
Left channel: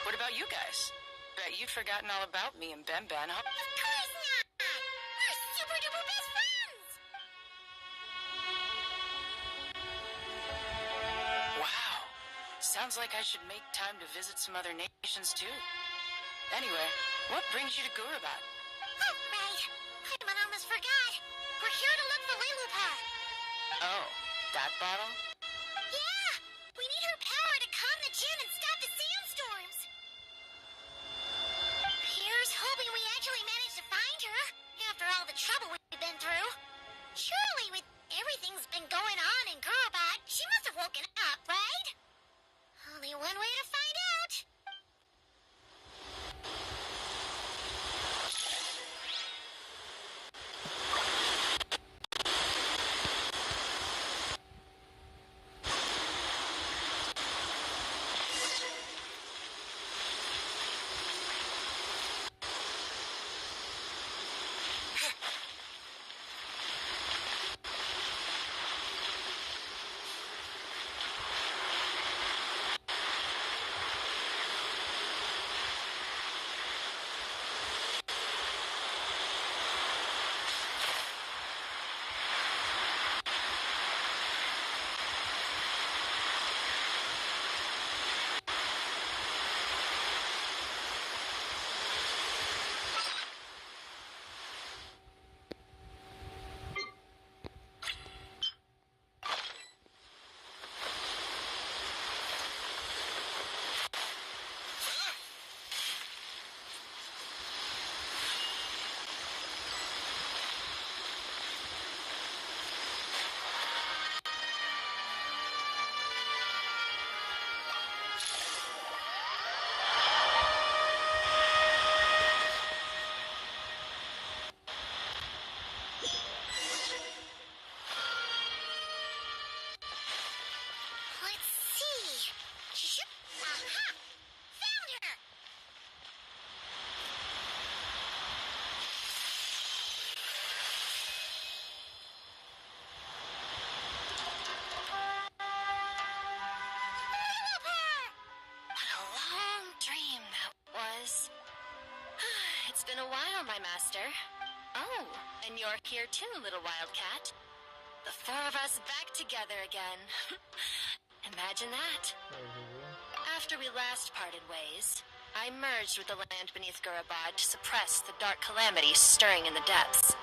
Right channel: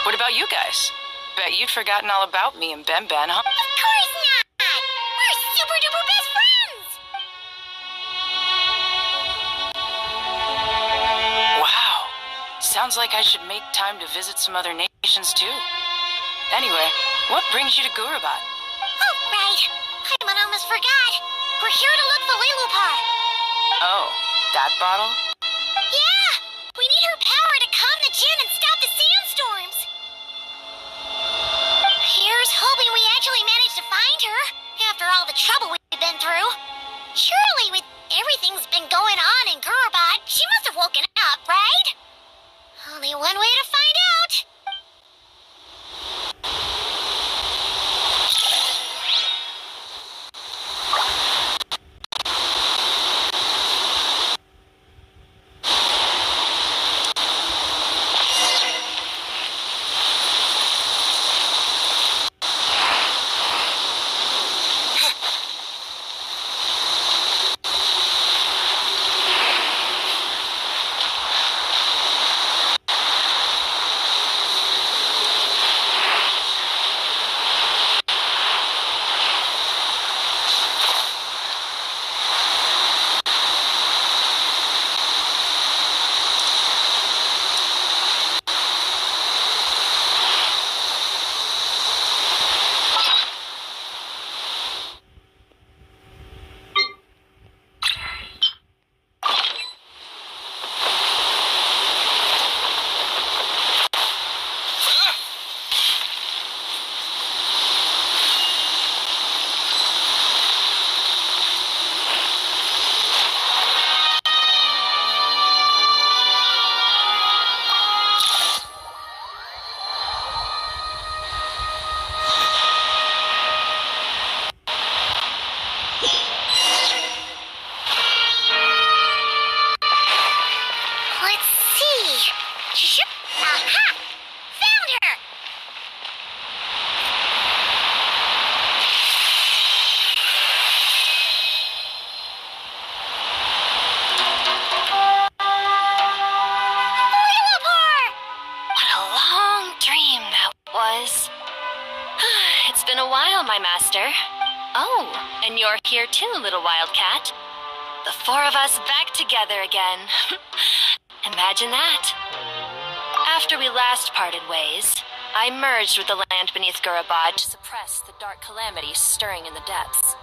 What about you guys? Bet you'd forgotten all about me and Ben, huh? Of course not! We're super duper best friends! Wow. Sounds like I should make time to visit some other nations too. Anyway, what brings you to Gurabat? Oh, right. I almost forgot. We're here to look for Lilupar. Oh, that bottle? Yeah! We need her power to calm the Jinn and stop the sandstorms. Here's hoping we actually managed to find her, after all the trouble we've been through. Surely, with everything's been going on in Gurabat, she must have woken up, right? Only one way to find out. was. It's been a while, my master. Oh, and you're here too, little wildcat. The four of us back together again. Imagine that. After we last parted ways, I merged with the land beneath Gurabad to suppress the dark calamities stirring in the depths.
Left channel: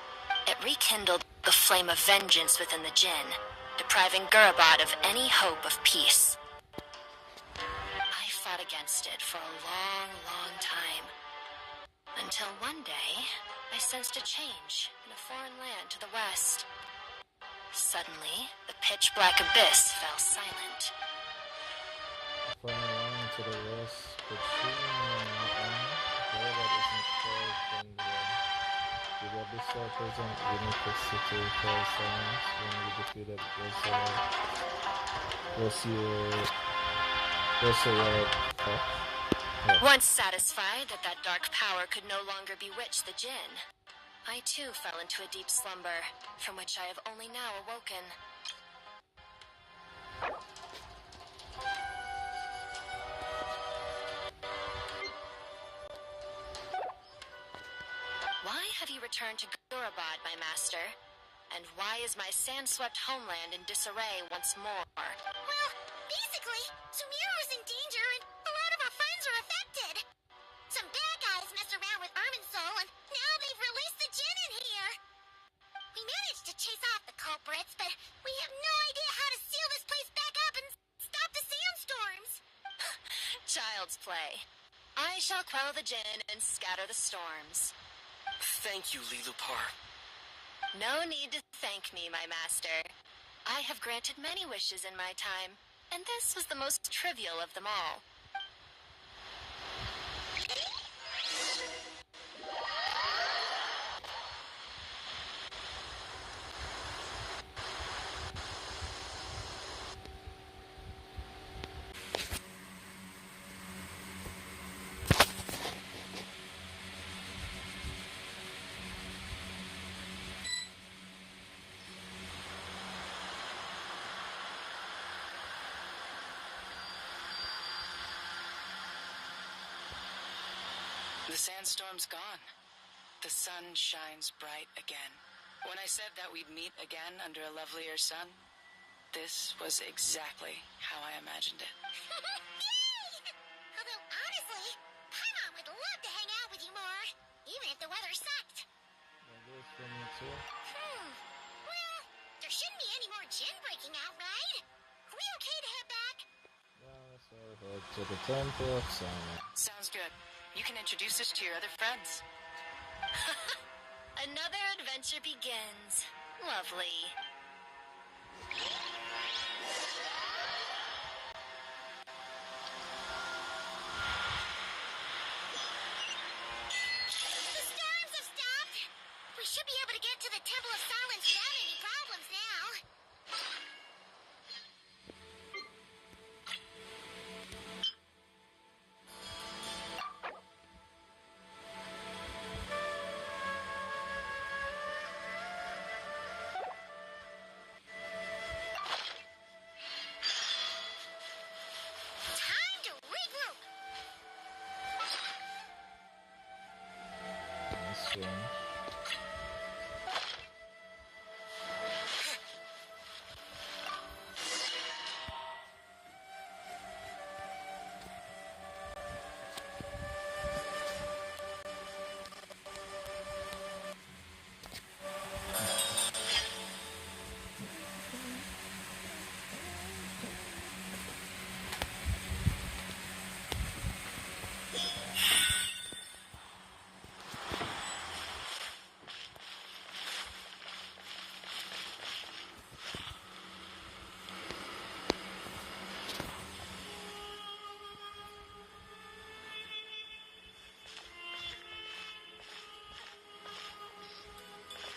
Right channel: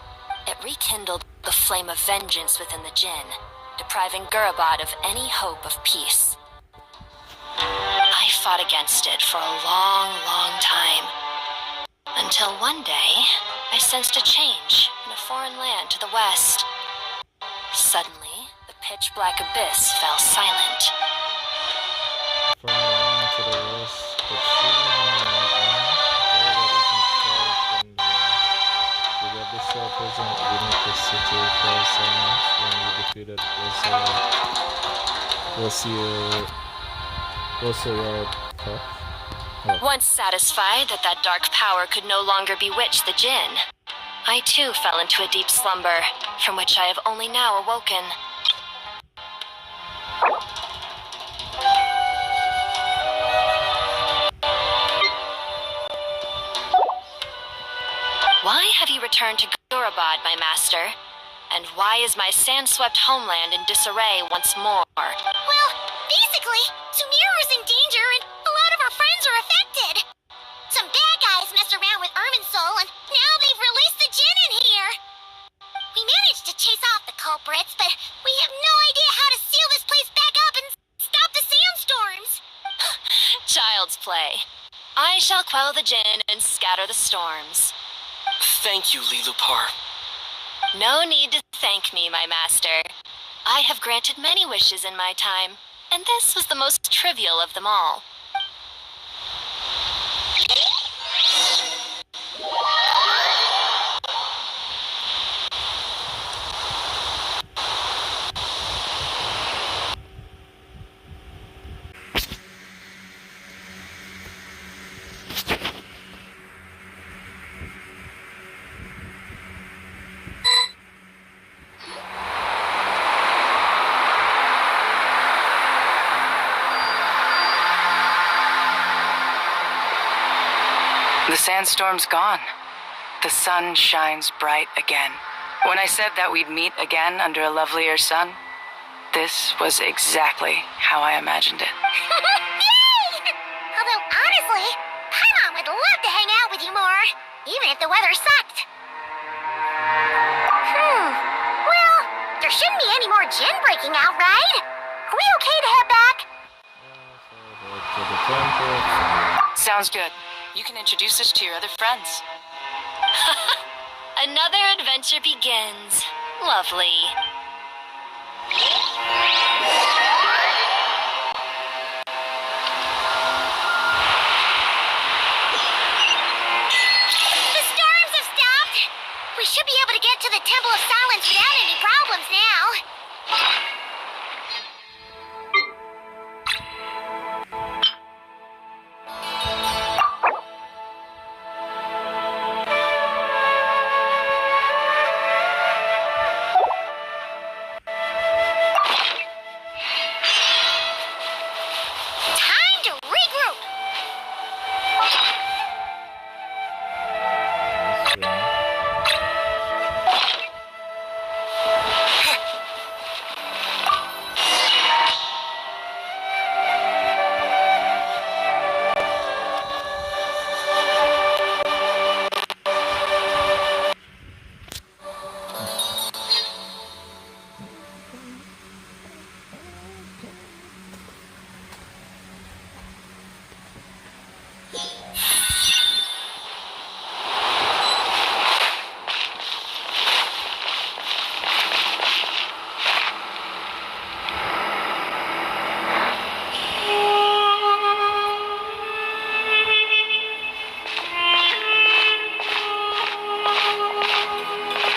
It rekindled the flame of vengeance within the Jinn, depriving Gurabad of any hope of peace. I fought against it for a long, long time. Until one day, I sensed a change in a foreign land to the west. Suddenly, the pitch-black abyss fell silent. From around to the west, but the abyssal present beneath the city fell silent when we defeated Once satisfied that that dark power could no longer bewitch the Jinn, I too fell into a deep slumber, from which I have only now awoken. Why have you returned to Gurabad, my master? And why is my sand-swept homeland in disarray once more? Well, basically, Sumeru's in danger and a lot of our friends are affected. Some bad guys messed around with Irminsul and now they've released the Jinn in here. We managed to chase off the culprits, but we have no idea how to seal this place back up and stop the sandstorms. Child's play. I shall quell the Jinn and scatter the storms. Thank you, Lilupar. No need to thank me, my master. I have granted many wishes in my time, and this was the most trivial of them all. The sandstorm's gone. The sun shines bright again. When I said that we'd meet again under a lovelier sun, this was exactly how I imagined it. Yay! Although, honestly, Paimon would love to hang out with you more, even if the weather sucked. Well, there shouldn't be any more Jinn breaking out, right? Are we okay to head back? To the temple. Sounds good. You can introduce us to your other friends. Another adventure begins. Lovely. The storms have stopped. We should be able to get to the Temple of Silence without any problems now. Time to regroup.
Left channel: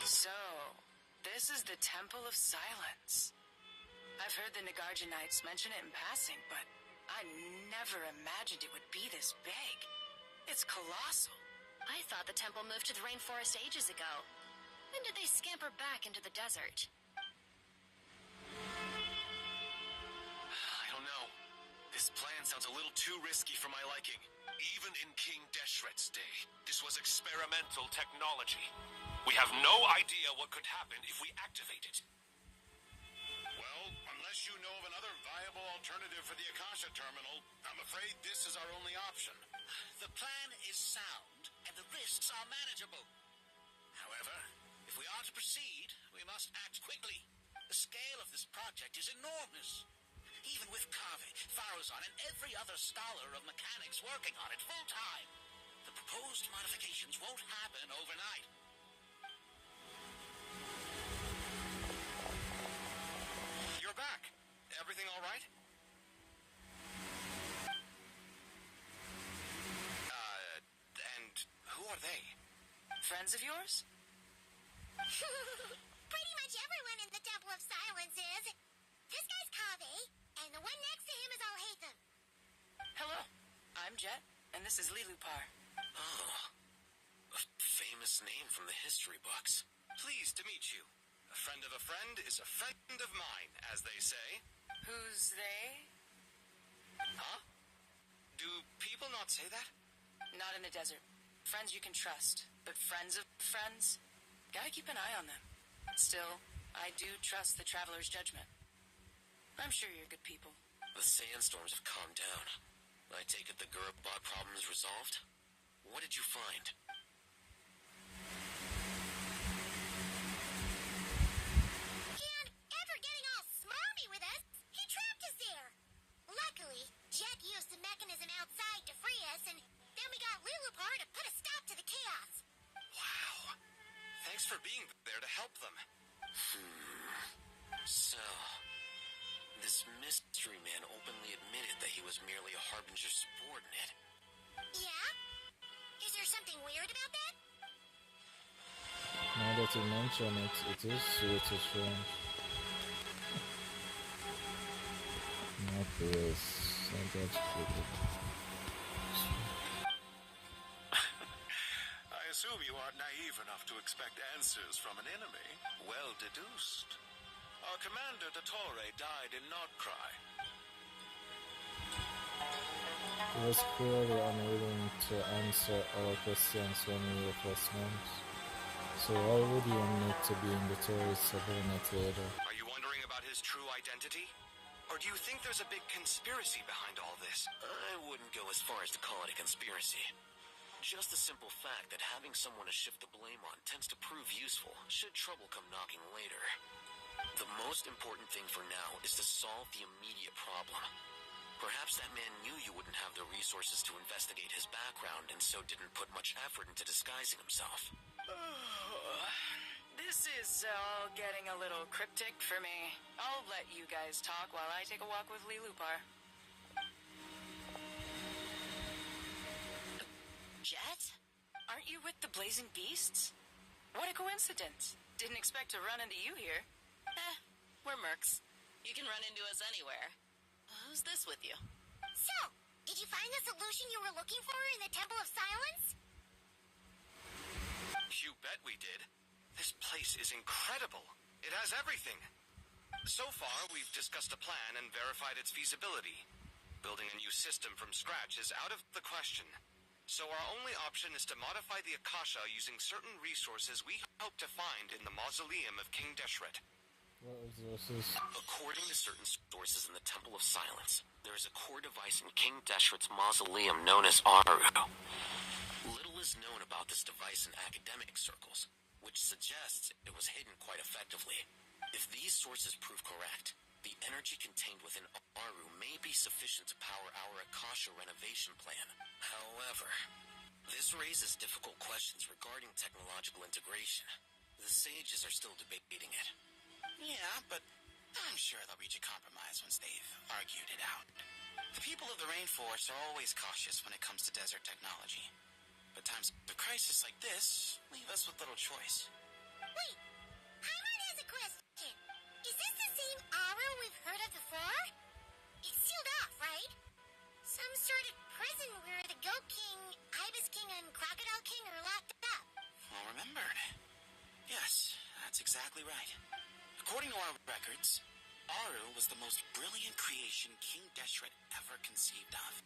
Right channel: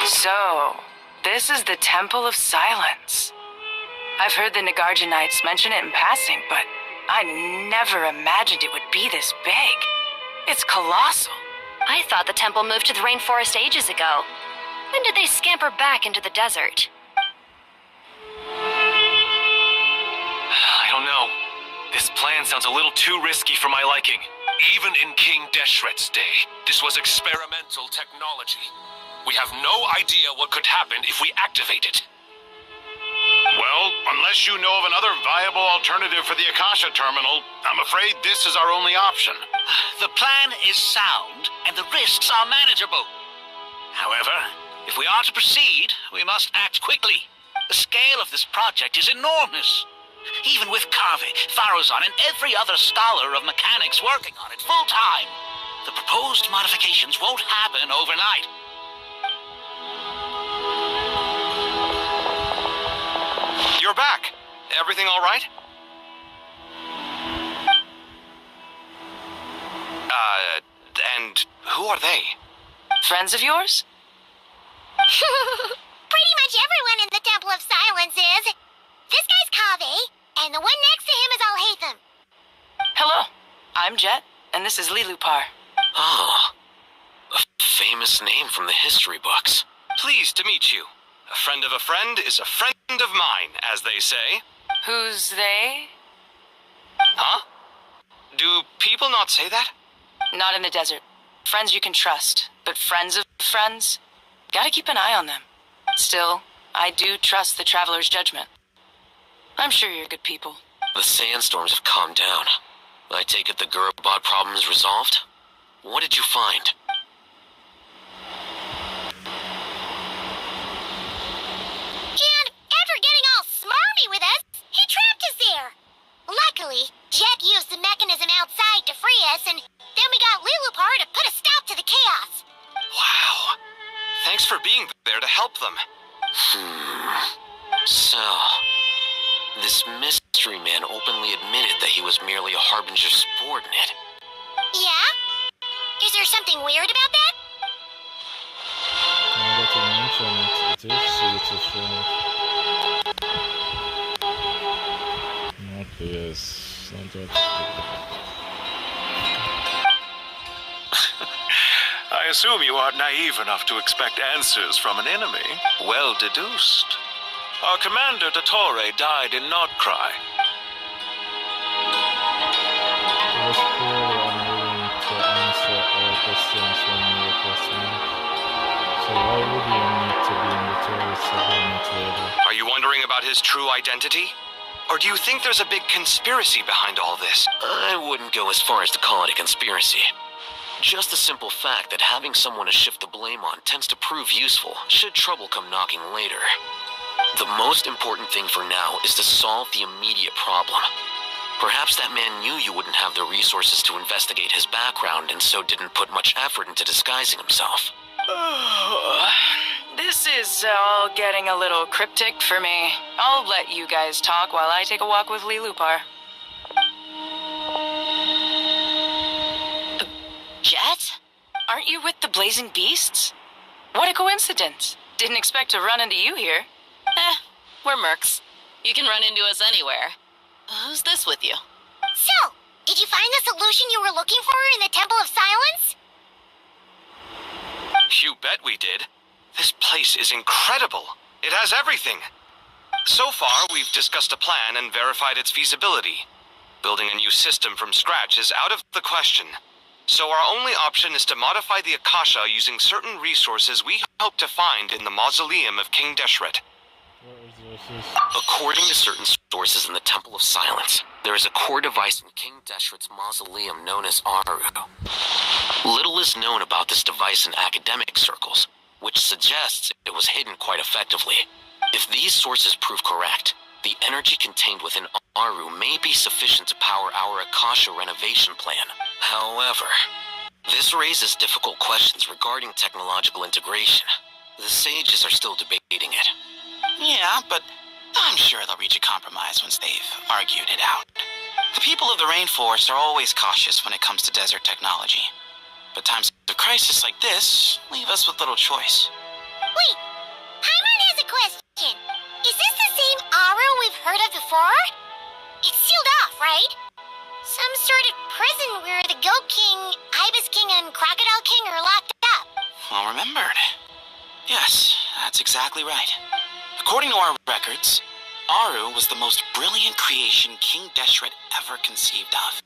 So, this is the Temple of Silence. I've heard the Nagarjanites mention it in passing, but I never imagined it would be this big. It's colossal. I thought the temple moved to the rainforest ages ago. When did they scamper back into the desert? I don't know. This plan sounds a little too risky for my liking. Even in King Deshret's day, this was experimental technology. We have no idea what could happen if we activate it. Well, unless you know of another viable alternative for the Akasha terminal, I'm afraid this is our only option. The plan is sound, and the risks are manageable. However, if we are to proceed, we must act quickly. The scale of this project is enormous. Even with Kave, Faruzan, and every other scholar of mechanics working on it full-time, the proposed modifications won't happen overnight. You're back. Everything all right? And who are they? Friends of yours? Pretty much everyone in the Temple of Silence is. This guy's Kave, and the one next to him is Alhaitham. Hello, I'm Jet, and this is Lilupar. Ah, a famous name from the history books. Pleased to meet you. A friend of a friend is a friend of mine, as they say. Who's they? Huh? Do people not say that? Not in the desert. Friends you can trust, but friends of friends? Gotta keep an eye on them. Still, I do trust the Traveler's judgment. I'm sure you're good people. The sandstorms have calmed down. I take it the Gurubot problem is resolved? What did you find? And after getting all smarmy with us, he trapped us there. Luckily, Jet used the mechanism outside to free us, and then we got Lilupar to put a stop to the chaos. Wow. Thanks for being there to help them. So, this mystery man openly admitted that he was merely a Harbinger subordinate. Yeah? Is there something weird about that? Now that you mention it, it is sweet to shame. Okay, yes. I assume you are naive enough to expect answers from an enemy. Well deduced. Our commander, Dottore, died in Nordcry. He was clearly unwilling to answer our questions when we requested him. So why would he need to be in the tourist subordinate order? Are you wondering about his true identity? Or do you think there's a big conspiracy behind all this? I wouldn't go as far as to call it a conspiracy. Just the simple fact that having someone to shift the blame on tends to prove useful, should trouble come knocking later. The most important thing for now is to solve the immediate problem. Perhaps that man knew you wouldn't have the resources to investigate his background and so didn't put much effort into disguising himself. This is all getting a little cryptic for me. I'll let you guys talk while I take a walk with Lilupar. Jet? Aren't you with the Blazing Beasts? What a coincidence. Didn't expect to run into you here. We're mercs. You can run into us anywhere. Who's this with you? So, did you find the solution you were looking for in the Temple of Silence? You bet we did. This place is incredible. It has everything. So far, we've discussed a plan and verified its feasibility. Building a new system from scratch is out of the question. So our only option is to modify the Akasha using certain resources we hope to find in the mausoleum of King Deshret. According to certain sources in the Temple of Silence, there is a core device in King Deshret's mausoleum known as Aru. Little is known about this device in academic circles, which suggests it was hidden quite effectively. If these sources prove correct, the energy contained within Aru may be sufficient to power our Akasha renovation plan. However, this raises difficult questions regarding technological integration. The sages are still debating it. Yeah, but I'm sure they'll reach a compromise once they've argued it out. The people of the rainforest are always cautious when it comes to desert technology. But times of crisis like this leave us with little choice. Wait, Paimon has a question. Is this the same Aru we've heard of before? It's sealed off, right? Some sort of prison where the Goat King, Ibis King, and Crocodile King are locked up. Well remembered. Yes, that's exactly right. According to our records, Aru was the most brilliant creation King Deshret ever conceived of.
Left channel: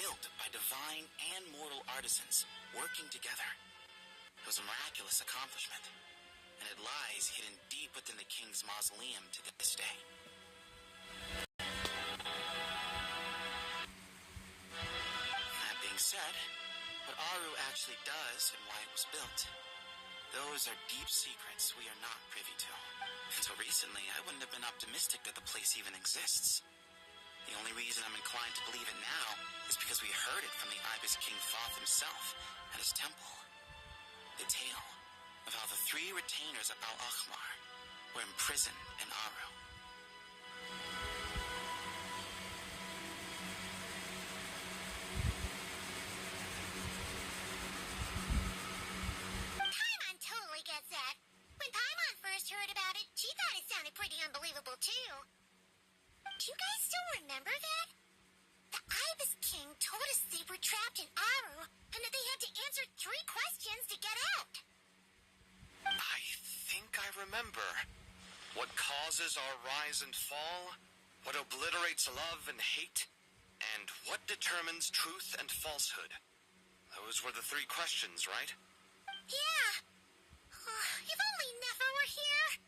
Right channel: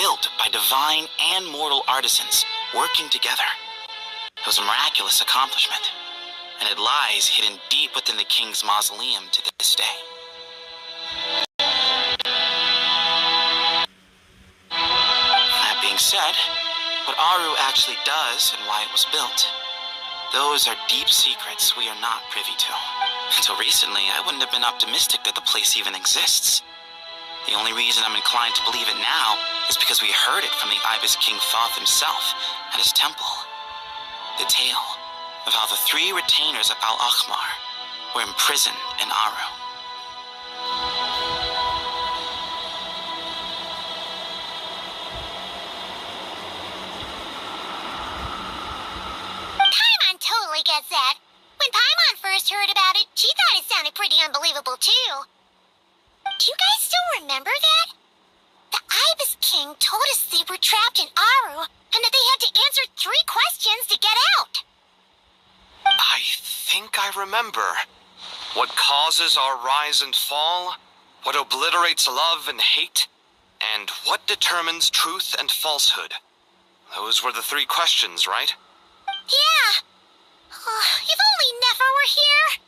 built by divine and mortal artisans working together. It was a miraculous accomplishment, and it lies hidden deep within the king's mausoleum to this day. That being said, what Aru actually does and why it was built, those are deep secrets we are not privy to. Until recently, I wouldn't have been optimistic that the place even exists. The only reason I'm inclined to believe it now is because we heard it from the Ibis King Thoth himself at his temple. The tale of how the 3 retainers of Al-Akhmar were imprisoned in Aru. Paimon totally gets that. When Paimon first heard about it, she thought it sounded pretty unbelievable too. Do you guys still remember that? The Ibis King told us they were trapped in Aru and that they had to answer 3 questions to get out. I think I remember. What causes our rise and fall? What obliterates love and hate? And what determines truth and falsehood? Those were the 3 questions, right? Yeah. If only Nefer were here.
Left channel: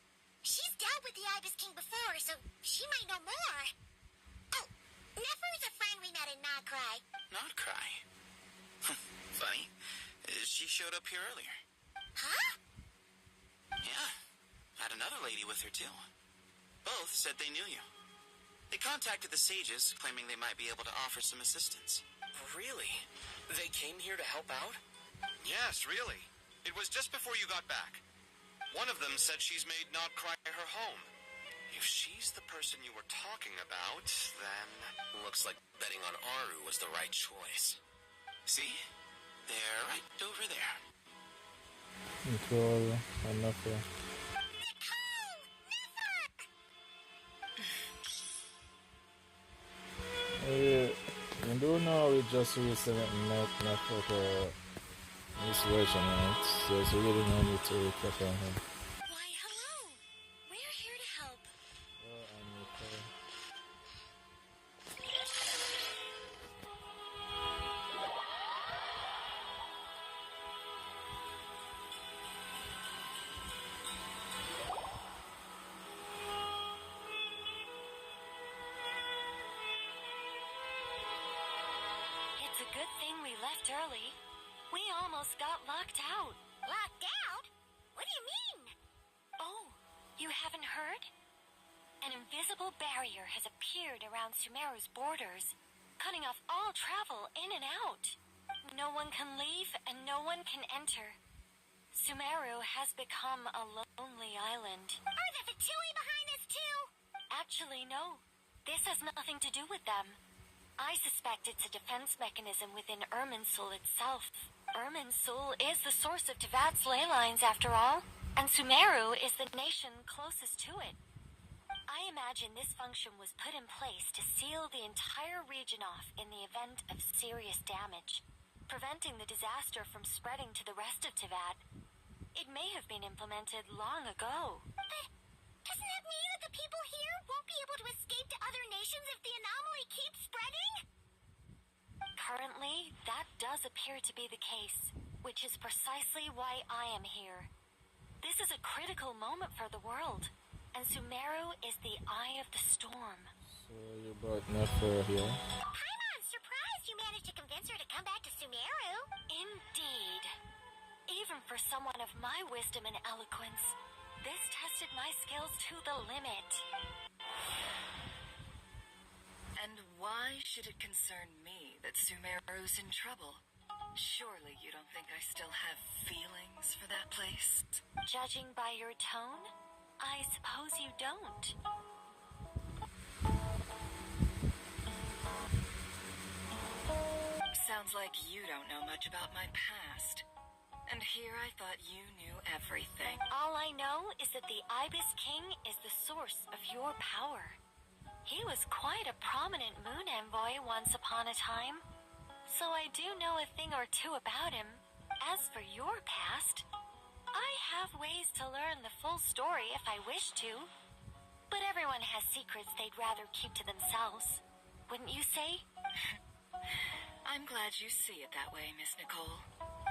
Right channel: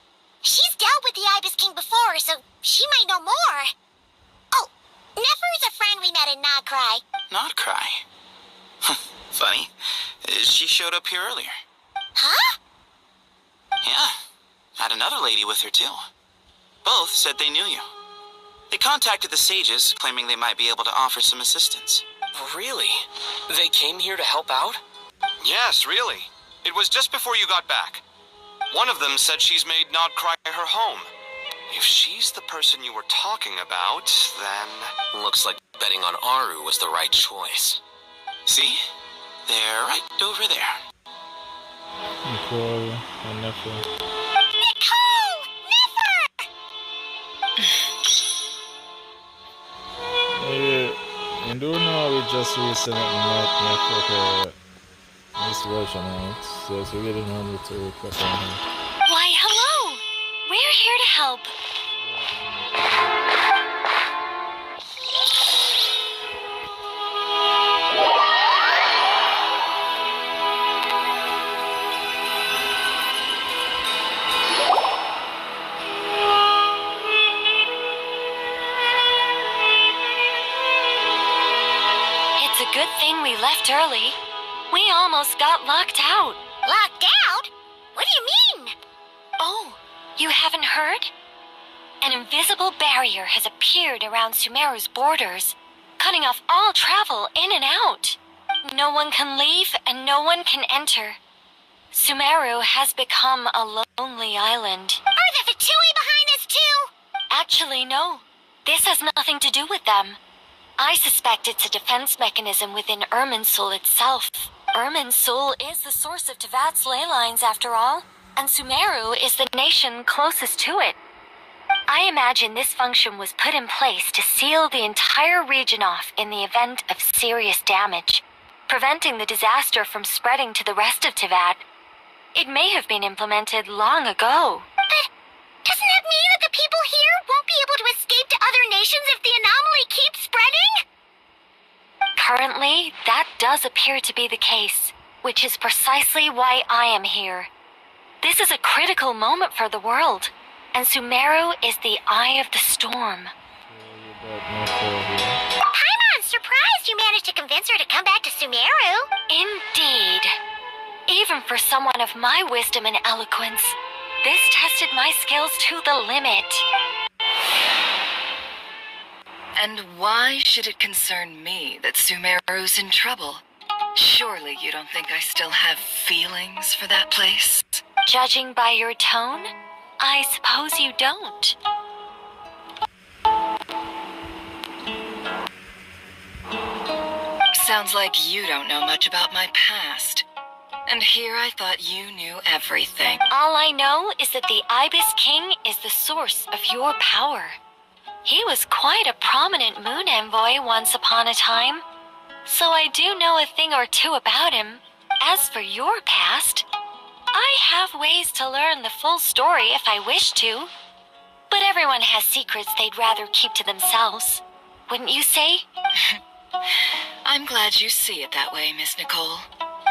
She's dealt with the Ibis King before, so she might know more. Oh, Nefer's a friend we met in Nagcry. Nagcry? Funny. She showed up here earlier. Huh? Yeah. Had another lady with her, too. Both said they knew you. They contacted the sages, claiming they might be able to offer some assistance. Really? They came here to help out? Yes, really. It was just before you got back. One of them said she's made Nagcry her home. If she's the person you were talking about, then... Looks like betting on Aru was the right choice. See? They're right over there. Nicole and Nefer. Nicole! Nefer! You do know we just recently met Nefer this version out, so it's really no need to recap on him. Why, hello! We're here to help. It's a good thing we left early. We almost got locked out. Locked out? What do you mean? Oh, you haven't heard? An invisible barrier has appeared around Sumeru's borders, cutting off all travel in and out. No one can leave and no one can enter. Sumeru has become a lonely island. Are the Fatui behind this too? Actually, no. This has nothing to do with them. I suspect it's a defense mechanism within Irminsul itself. Irminsul is the source of Tevat's ley lines, after all, and Sumeru is the nation closest to it. I imagine this function was put in place to seal the entire region off in the event of serious damage, preventing the disaster from spreading to the rest of Tevat. It may have been implemented long ago. But doesn't that mean that the people here won't be able to escape to other nations if the anomaly keeps spreading? Currently, that does appear to be the case, which is precisely why I am here. This is a critical moment for the world, and Sumeru is the eye of the storm. Paimon's surprised you managed to convince her to come back to Sumeru. Indeed. Even for someone of my wisdom and eloquence, this tested my skills to the limit. And why should it concern me that Sumeru's in trouble? Surely you don't think I still have feelings for that place? Judging by your tone, I suppose you don't. Sounds like you don't know much about my past. And here I thought you knew everything. All I know is that the Ibis King is the source of your power. He was quite a prominent moon envoy once upon a time, so I do know a thing or two about him. As for your past, I have ways to learn the full story if I wish to. But everyone has secrets they'd rather keep to themselves, wouldn't you say? I'm glad you see it that way, Miss Nicole.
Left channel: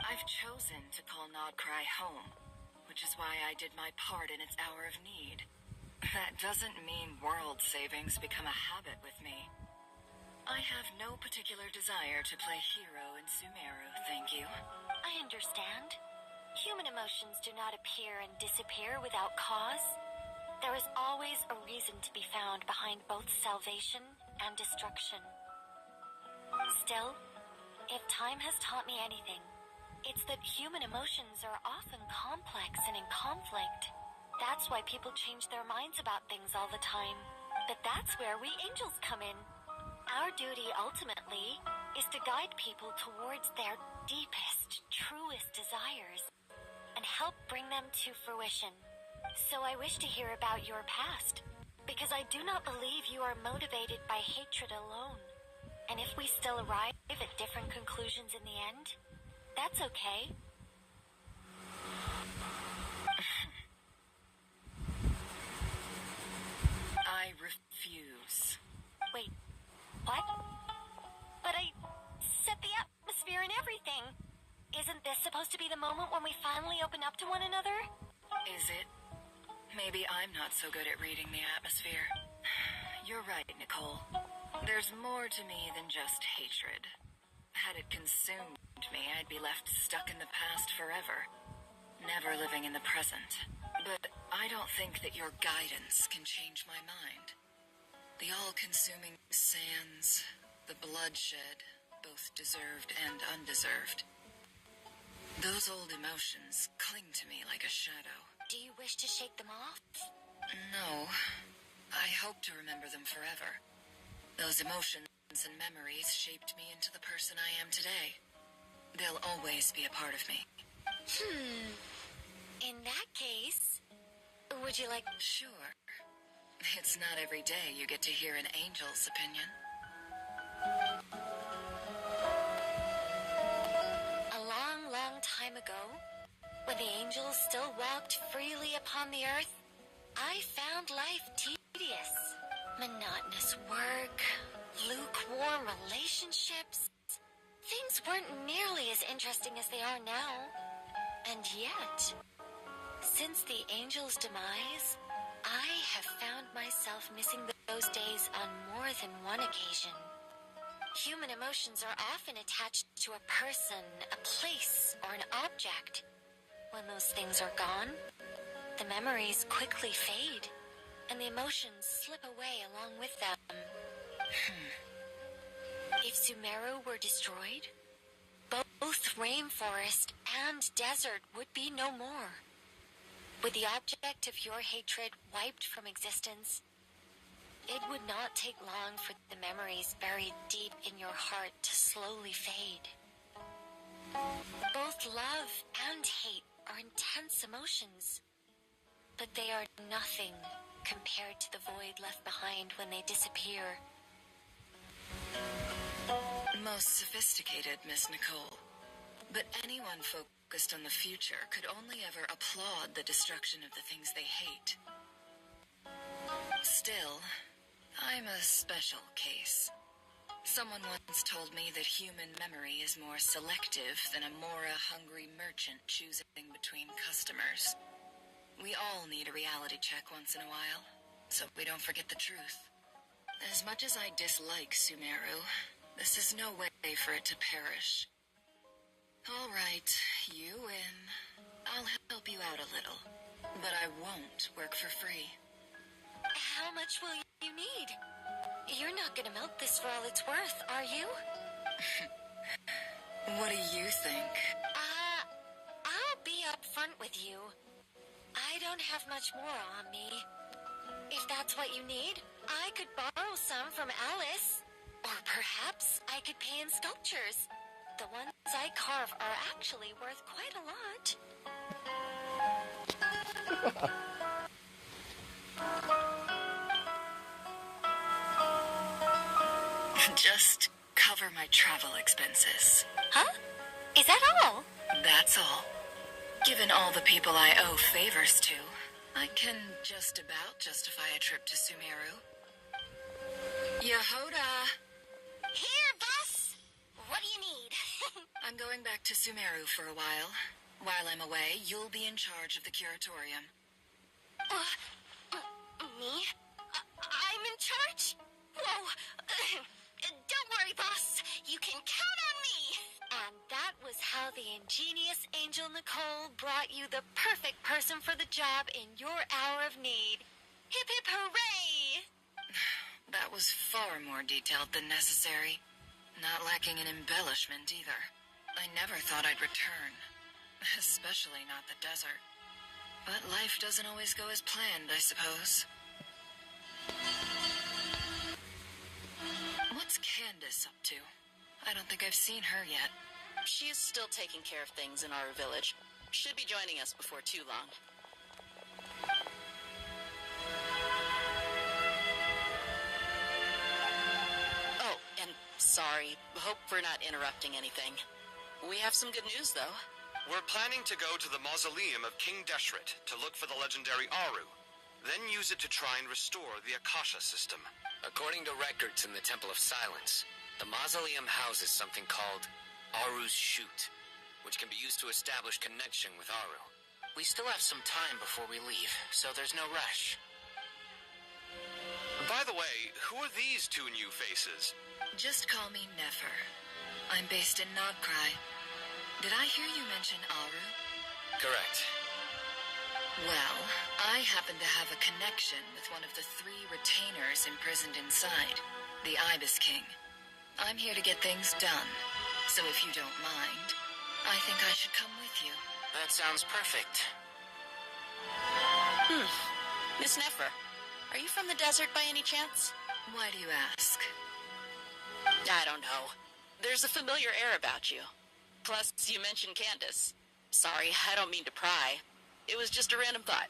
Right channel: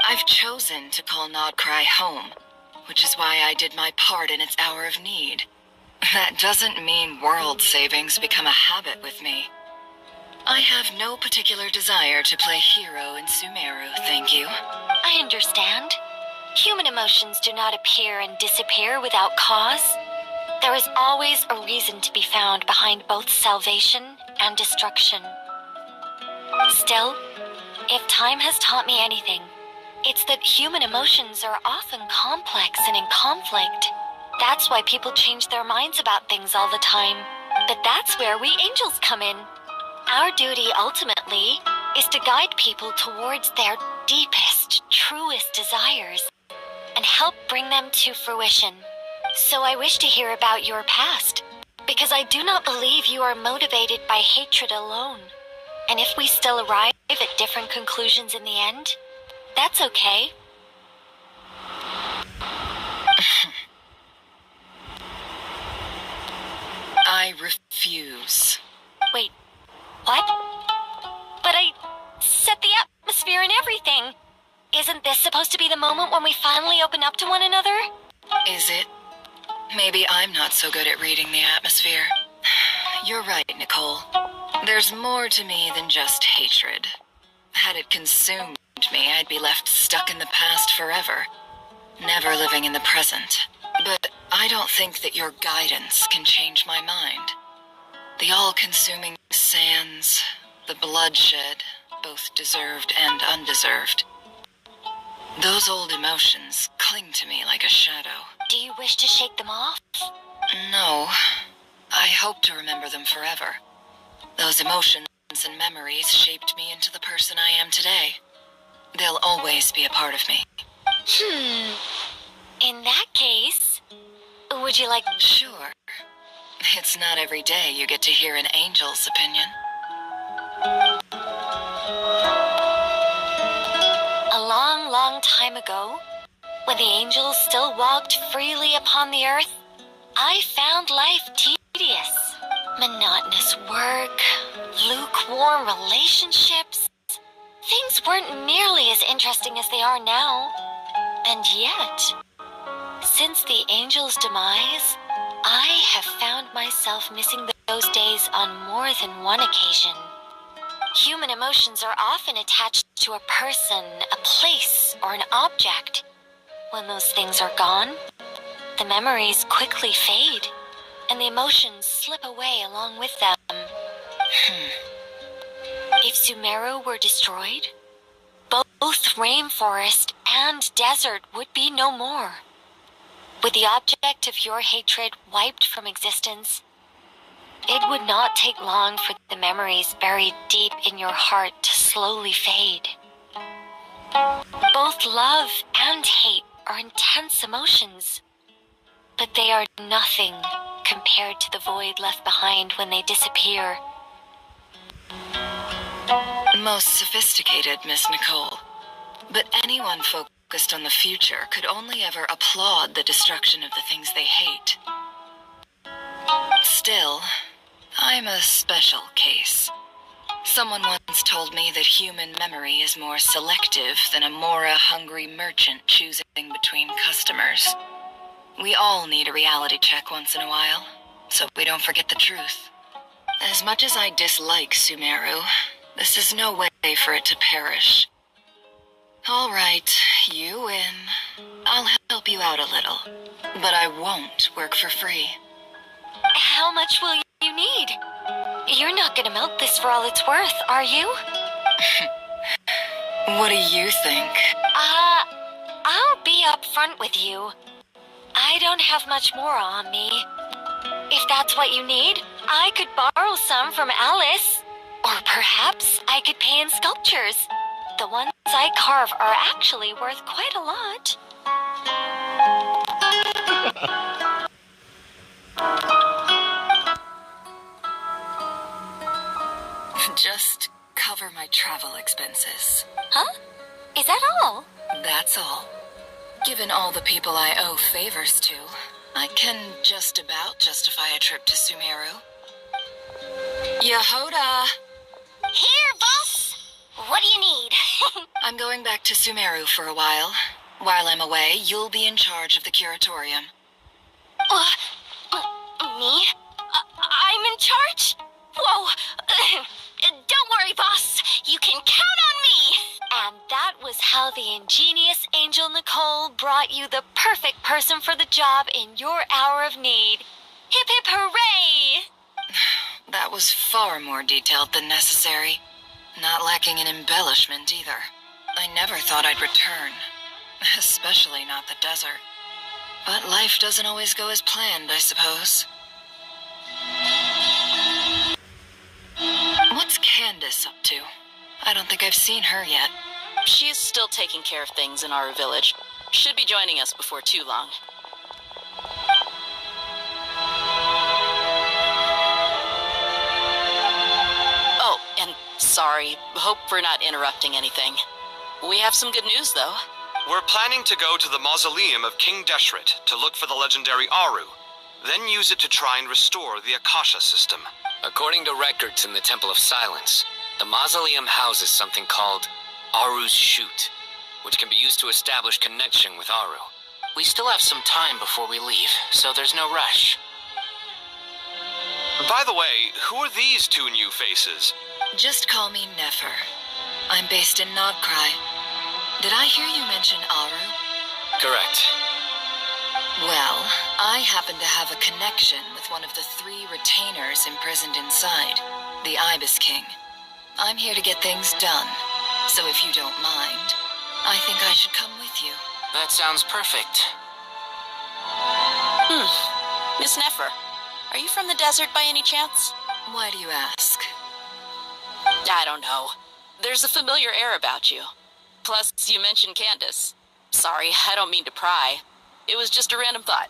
I've chosen to call Nodcry home, which is why I did my part in its hour of need. That doesn't mean world savings become a habit with me. I have no particular desire to play hero in Sumeru, thank you. I understand. Human emotions do not appear and disappear without cause. There is always a reason to be found behind both salvation and destruction. Still, if time has taught me anything, it's that human emotions are often complex and in conflict. That's why people change their minds about things all the time. But that's where we angels come in. Our duty, ultimately, is to guide people towards their deepest, truest desires and help bring them to fruition. So I wish to hear about your past, because I do not believe you are motivated by hatred alone. And if we still arrive at different conclusions in the end, that's okay. I refuse. Wait, what? But I set the atmosphere and everything. Isn't this supposed to be the moment when we finally open up to one another? Is it? Maybe I'm not so good at reading the atmosphere. You're right, Nicole. There's more to me than just hatred. Had it consumed me, I'd be left stuck in the past forever, never living in the present. But I don't think that your guidance can change my mind. The all-consuming sands, the bloodshed, both deserved and undeserved. Those old emotions cling to me like a shadow. Do you wish to shake them off? No. I hope to remember them forever. Those emotions and memories shaped me into the person I am today. They'll always be a part of me. In that case, would you like... Sure. It's not every day you get to hear an angel's opinion. A long, long time ago, when the angels still walked freely upon the earth, I found life tedious. Monotonous work, lukewarm relationships. Things weren't nearly as interesting as they are now. And yet, since the angels' demise, I have found myself missing those days on more than one occasion. Human emotions are often attached to a person, a place, or an object. When those things are gone, the memories quickly fade, and the emotions slip away along with them. If Sumeru were destroyed, both rainforest and desert would be no more. With the object of your hatred wiped from existence, it would not take long for the memories buried deep in your heart to slowly fade. Both love and hate are intense emotions, but they are nothing compared to the void left behind when they disappear. Most sophisticated, Miss Nicole. But anyone focused on the future could only ever applaud the destruction of the things they hate. Still, I'm a special case. Someone once told me that human memory is more selective than a Mora-hungry merchant choosing between customers. We all need a reality check once in a while, so we don't forget the truth. As much as I dislike Sumeru, this is no way for it to perish. All right, you win. I'll help you out a little, but I won't work for free. How much will you need? You're not gonna milk this for all it's worth, are you? What do you think? I'll be upfront with you. I don't have much more on me. If that's what you need, I could borrow some from Alice. Or perhaps I could pay in sculptures. The ones I carve are actually worth quite a lot. Just cover my travel expenses. Huh? Is that all? That's all. Given all the people I owe favors to, I can just about justify a trip to Sumeru. Yehoda! Here, boss! What do you need? I'm going back to Sumeru for a while. While I'm away, you'll be in charge of the curatorium. Me? I'm in charge? Whoa. Don't worry, boss. You can count on me. And that was how the ingenious Angel Nicole brought you the perfect person for the job in your hour of need. Hip hip hooray! That was far more detailed than necessary. Not lacking in embellishment either. I never thought I'd return. Especially not the desert. But life doesn't always go as planned, I suppose. What's Candace up to? I don't think I've seen her yet. She's still taking care of things in our village. Should be joining us before too long. Oh, and sorry. Hope we're not interrupting anything. We have some good news, though. We're planning to go to the mausoleum of King Deshret to look for the legendary Aru, then use it to try and restore the Akasha system. According to records in the Temple of Silence, the mausoleum houses something called Aru's Chute, which can be used to establish connection with Aru. We still have some time before we leave, so there's no rush. By the way, who are these two new faces? Just call me Nefer. I'm based in Nogcry. Did I hear you mention Aru? Correct. Well, I happen to have a connection with one of the 3 retainers imprisoned inside, the Ibis King. I'm here to get things done, so if you don't mind, I think I should come with you. That sounds perfect. Miss Nefer, are you from the desert by any chance? Why do you ask? I don't know. There's a familiar air about you. Plus, you mentioned Candace. Sorry, I don't mean to pry. It was just a random thought.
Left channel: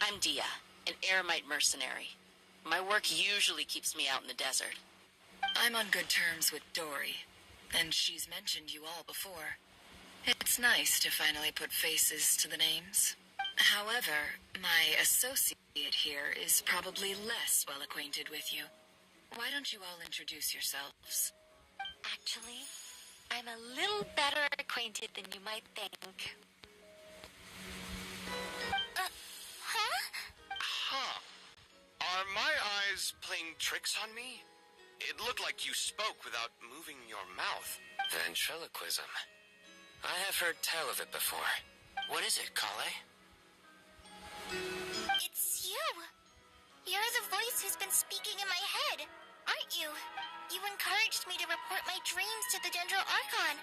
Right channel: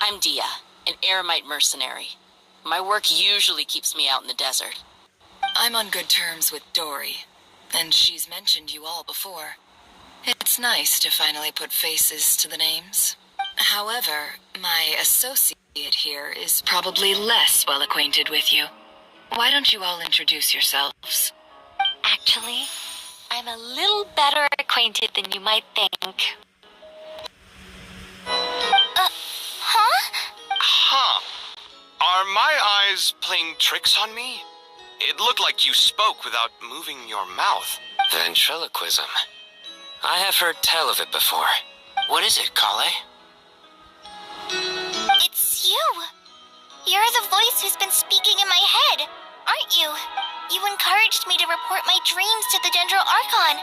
I'm Dia, an eremite mercenary. My work usually keeps me out in the desert. I'm on good terms with Dory, and she's mentioned you all before. It's nice to finally put faces to the names. However, my associate here is probably less well acquainted with you. Why don't you all introduce yourselves? Actually, I'm a little better acquainted than you might think. Are my eyes playing tricks on me? It looked like you spoke without moving your mouth. Ventriloquism. I have heard tell of it before. What is it, Kale? It's you. You're the voice who's been speaking in my head, aren't you? You encouraged me to report my dreams to the Dendro Archon,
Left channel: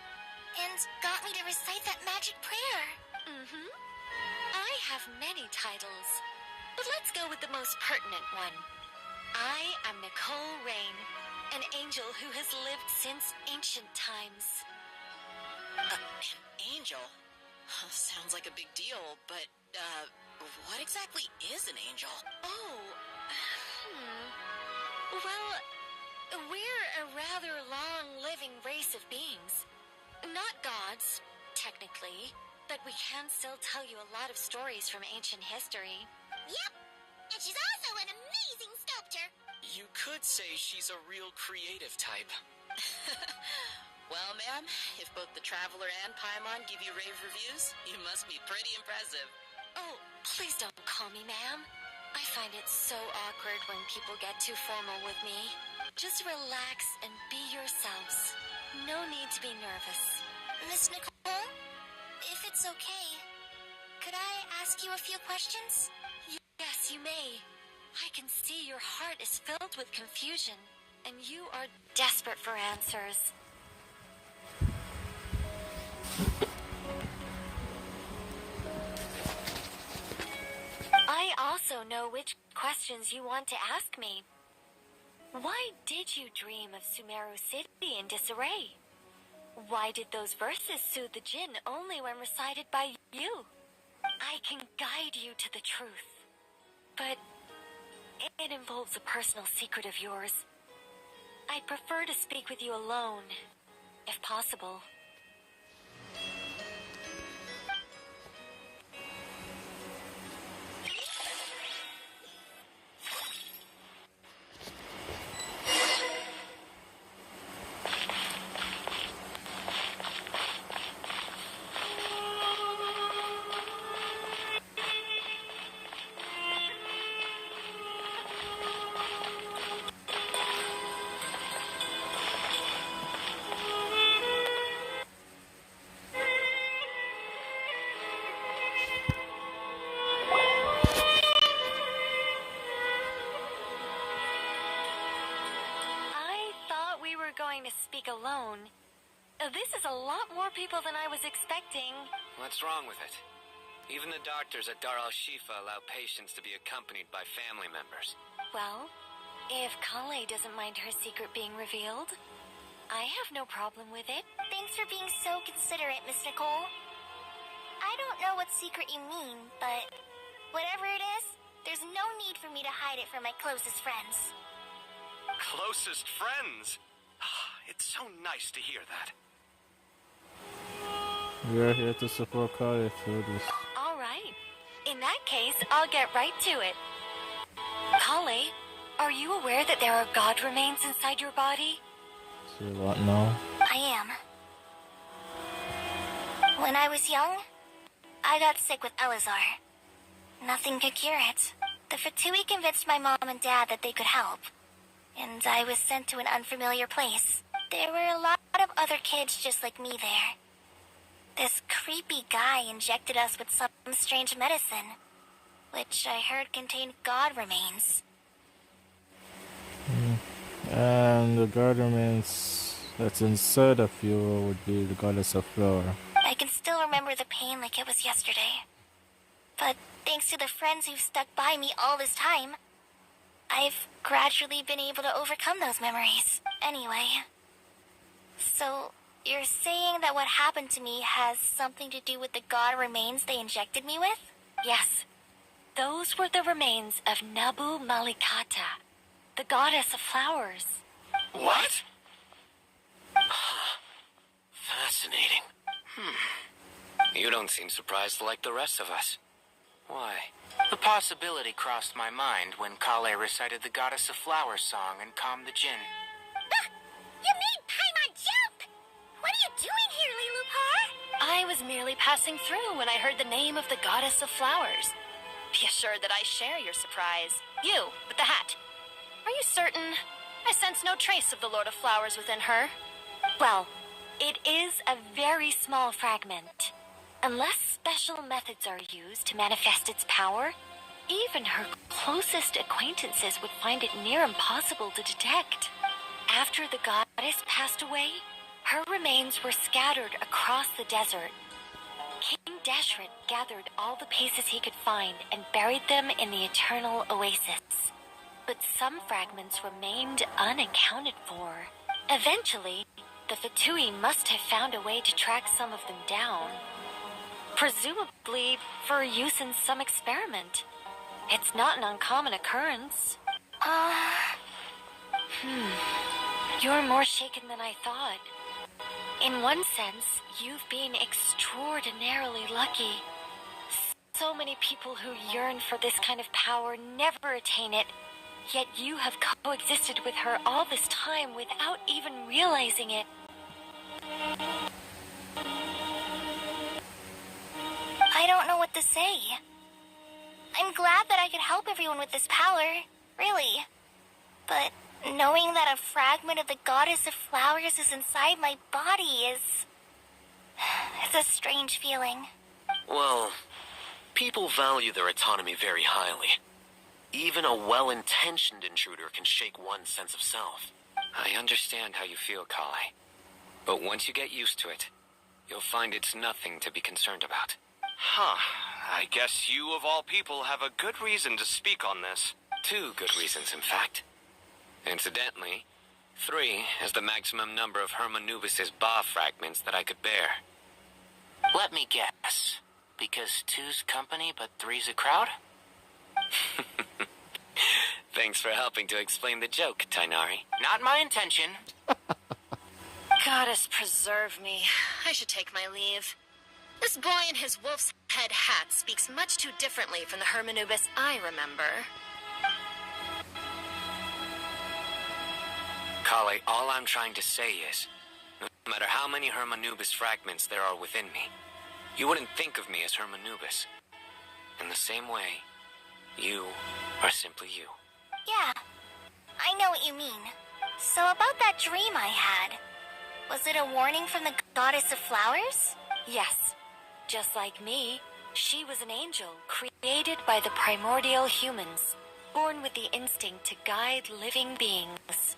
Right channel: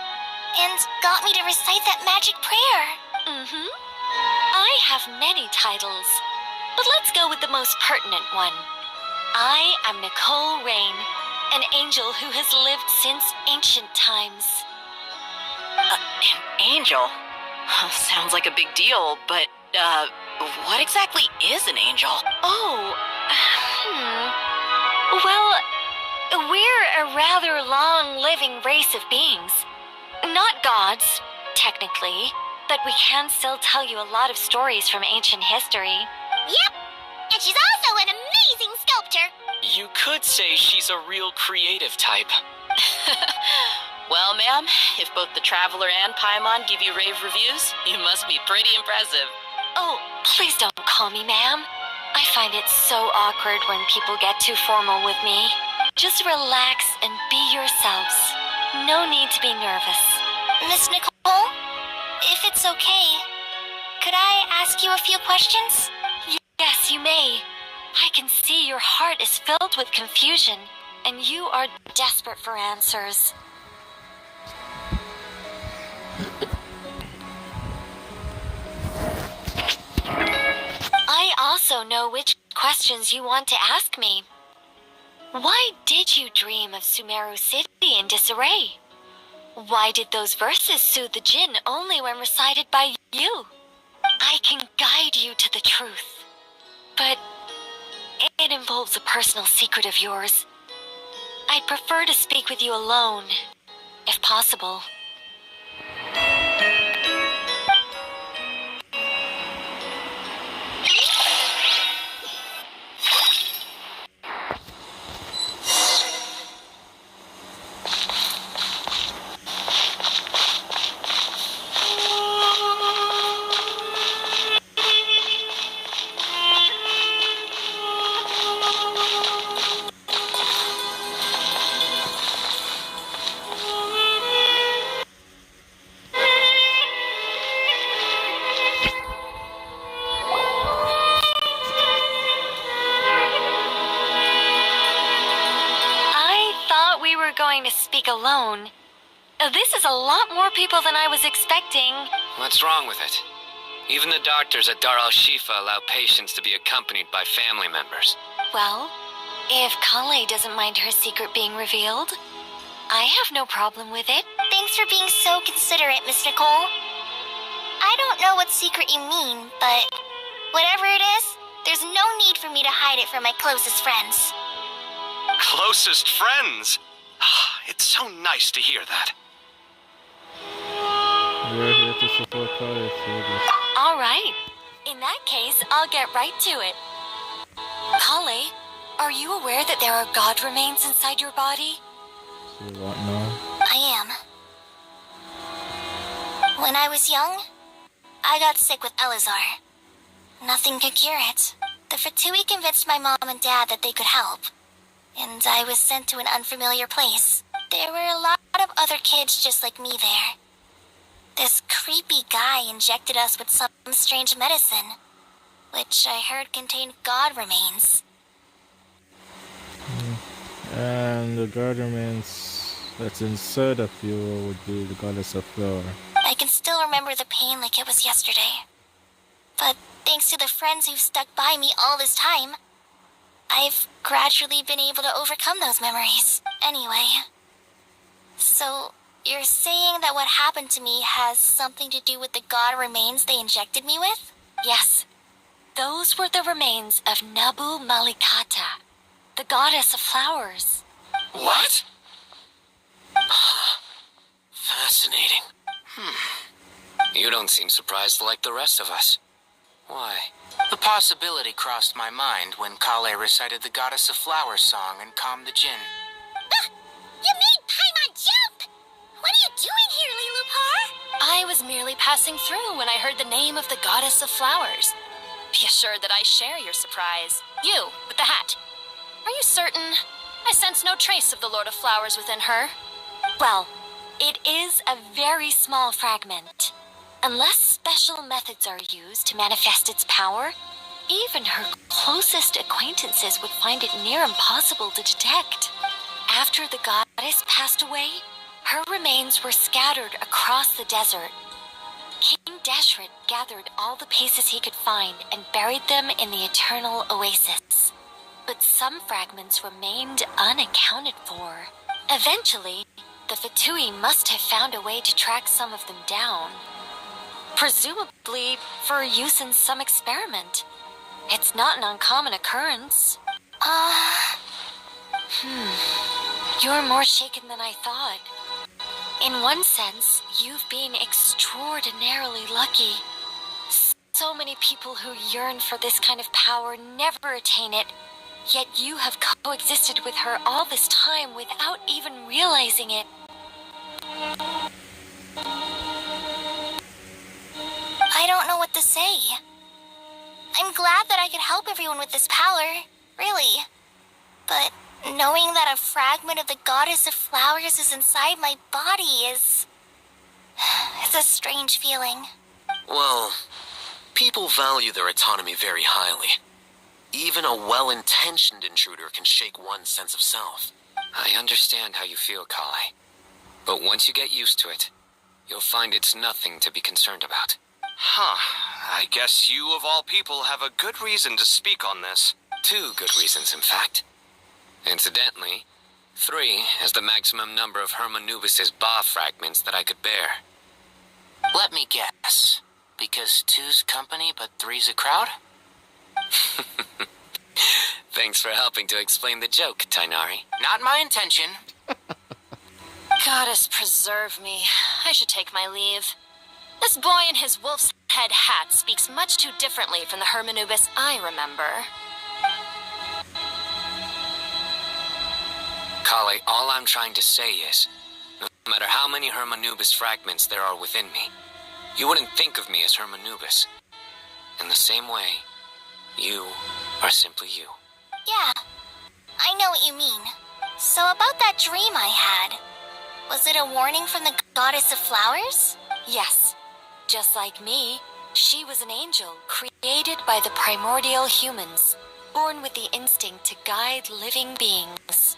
and got me to recite that magic prayer. I have many titles, but let's go with the most pertinent one. I am Nicole Rain, an angel who has lived since ancient times. An angel? Sounds like a big deal, but, what exactly is an angel? Oh, well, we're a rather long-living race of beings. Not gods, technically, but we can still tell you a lot of stories from ancient history. Yep, and she's also an amazing sculptor. You could say she's a real creative type. Well, ma'am, if both the Traveler and Paimon give you rave reviews, you must be pretty impressive. Oh, please don't call me ma'am. I find it so awkward when people get too formal with me. Just relax and be yourselves. No need to be nervous. Miss Nicole, if it's okay, could I ask you a few questions? Yes, you may. I can see your heart is filled with confusion, and you are desperate for answers. I also know which questions you want to ask me. Why did you dream of Sumeru City in disarray? Why did those verses soothe the djinn only when recited by you? I can guide you to the truth, but it involves a personal secret of yours. I'd prefer to speak with you alone, if possible. alone. This is a lot more people than I was expecting. What's wrong with it? Even the doctors at Dar al-Shifa allow patients to be accompanied by family members. Well, if Kale doesn't mind her secret being revealed, I have no problem with it. Thanks for being so considerate, Miss Nicole. I don't know what secret you mean, but whatever it is, there's no need for me to hide it from my closest friends. Closest friends? It's so nice to hear that. We're here to support Kale through this. All right. In that case, I'll get right to it. Kale, are you aware that there are god remains inside your body? So what now? I am. When I was young, I got sick with Elazar. Nothing could cure it. The Fatui convinced my mom and dad that they could help, and I was sent to an unfamiliar place. There were a lot of other kids just like me there. This creepy guy injected us with some strange medicine, which I heard contained god remains. And the god remains that's inside of you would be the goddess of flower. I can still remember the pain like it was yesterday. But thanks to the friends who've stuck by me all this time, I've gradually been able to overcome those memories. Anyway, so you're saying that what happened to me has something to do with the god remains they injected me with? Yes. Those were the remains of Nabu Malikata, the goddess of flowers. What? Fascinating. You don't seem surprised like the rest of us. Why? The possibility crossed my mind when Kale recited the Goddess of Flowers song and calmed the jinn. You made Paimon jump! What are you doing here, Lilupar? I was merely passing through when I heard the name of the Goddess of Flowers. Be assured that I share your surprise. You, with the hat. Are you certain? I sense no trace of the Lord of Flowers within her. Well, it is a very small fragment. Unless special methods are used to manifest its power, even her closest acquaintances would find it near impossible to detect. After the goddess passed away, her remains were scattered across the desert. King Deshret gathered all the pieces he could find and buried them in the eternal oasis. But some fragments remained unaccounted for. Eventually, the Fatui must have found a way to track some of them down. Presumably for use in some experiment. It's not an uncommon occurrence. You're more shaken than I thought. In one sense, you've been extraordinarily lucky. So many people who yearn for this kind of power never attain it, yet you have coexisted with her all this time without even realizing it. I don't know what to say. I'm glad that I could help everyone with this power, really. But knowing that a fragment of the Goddess of Flowers is inside my body is... it's a strange feeling. Well, people value their autonomy very highly. Even a well-intentioned intruder can shake one's sense of self. I understand how you feel, Kale. But once you get used to it, you'll find it's nothing to be concerned about. I guess you of all people have a good reason to speak on this. 2 good reasons, in fact. Incidentally, 3 is the maximum number of Hermanubis' Ba fragments that I could bear. Let me guess. Because 2's company, but 3's a crowd? Thanks for helping to explain the joke, Tainari. Not my intention. Goddess preserve me. I should take my leave. This boy in his wolf's head hat speaks much too differently from the Hermanubis I remember. Kale, all I'm trying to say is, no matter how many Hermanubis fragments there are within me, you wouldn't think of me as Hermanubis. In the same way, you are simply you. Yeah, I know what you mean. So about that dream I had, was it a warning from the Goddess of Flowers? Yes. Just like me, she was an angel created by the primordial humans, born with the instinct to guide living beings.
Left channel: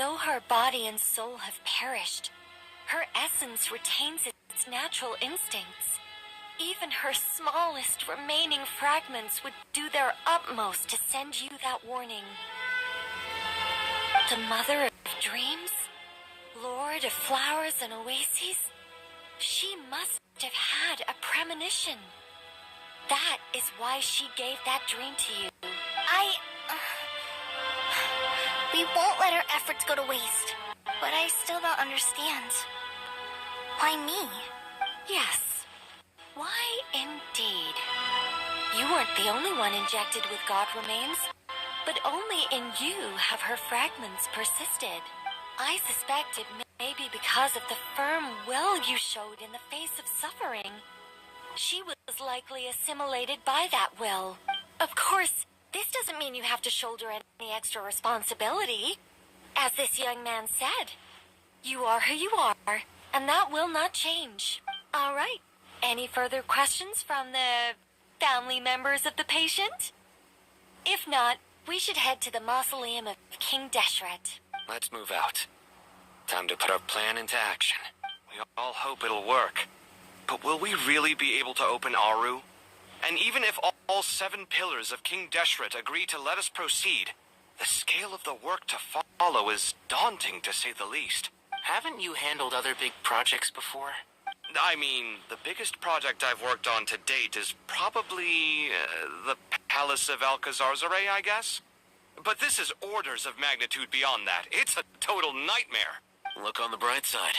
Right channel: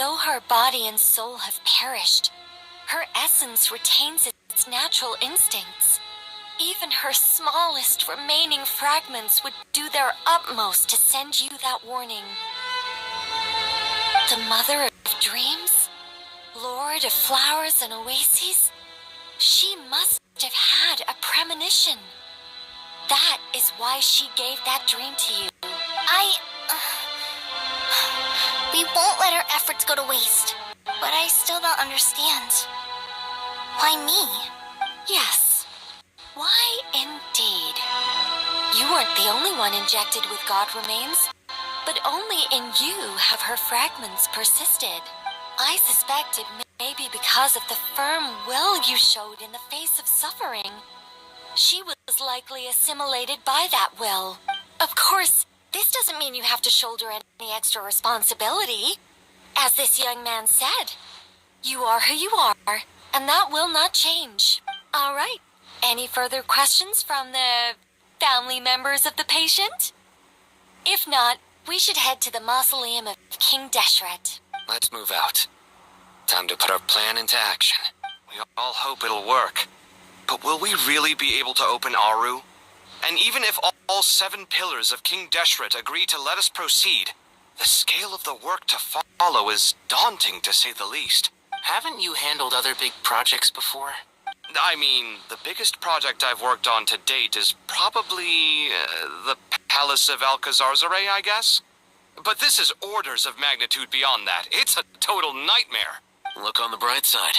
Though her body and soul have perished, her essence retains its natural instincts. Even her smallest remaining fragments would do their utmost to send you that warning. The mother of dreams, lord of flowers and oases, she must have had a premonition. That is why she gave that dream to you. We won't let our efforts go to waste. But I still don't understand. Why me? Yes. Why indeed? You weren't the only one injected with God remains, but only in you have her fragments persisted. I suspect it may be because of the firm will you showed in the face of suffering. She was likely assimilated by that will. Of course, this doesn't mean you have to shoulder any extra responsibility. As this young man said, you are who you are, and that will not change. All right. Any further questions from the family members of the patient? If not, we should head to the mausoleum of King Deshret. Let's move out. Time to put our plan into action. We all hope it'll work. But will we really be able to open Aru? And even if all 7 pillars of King Deshret agree to let us proceed, the scale of the work to follow is daunting, to say the least. Haven't you handled other big projects before? I mean, the biggest project I've worked on to date is probably the Palace of Alcazarzaray, I guess? But this is orders of magnitude beyond that. It's a total nightmare. Look on the bright side.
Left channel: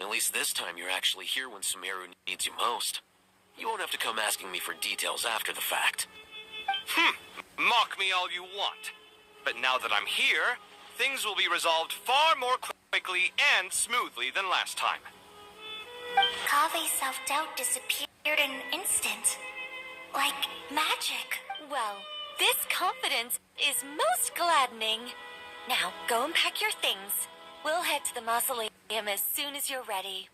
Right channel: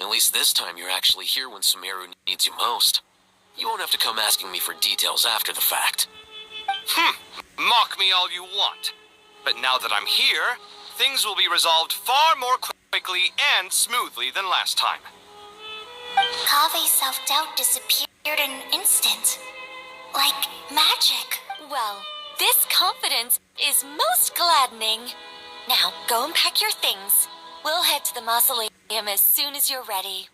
At least this time you're actually here when Sumeru needs you most. You won't have to come asking me for details after the fact. Mock me all you want. But now that I'm here, things will be resolved far more quickly and smoothly than last time. Kave's self-doubt disappeared in an instant. Like magic. Well, this confidence is most gladdening. Now, go and pack your things. We'll head to the mausoleum as soon as you're ready.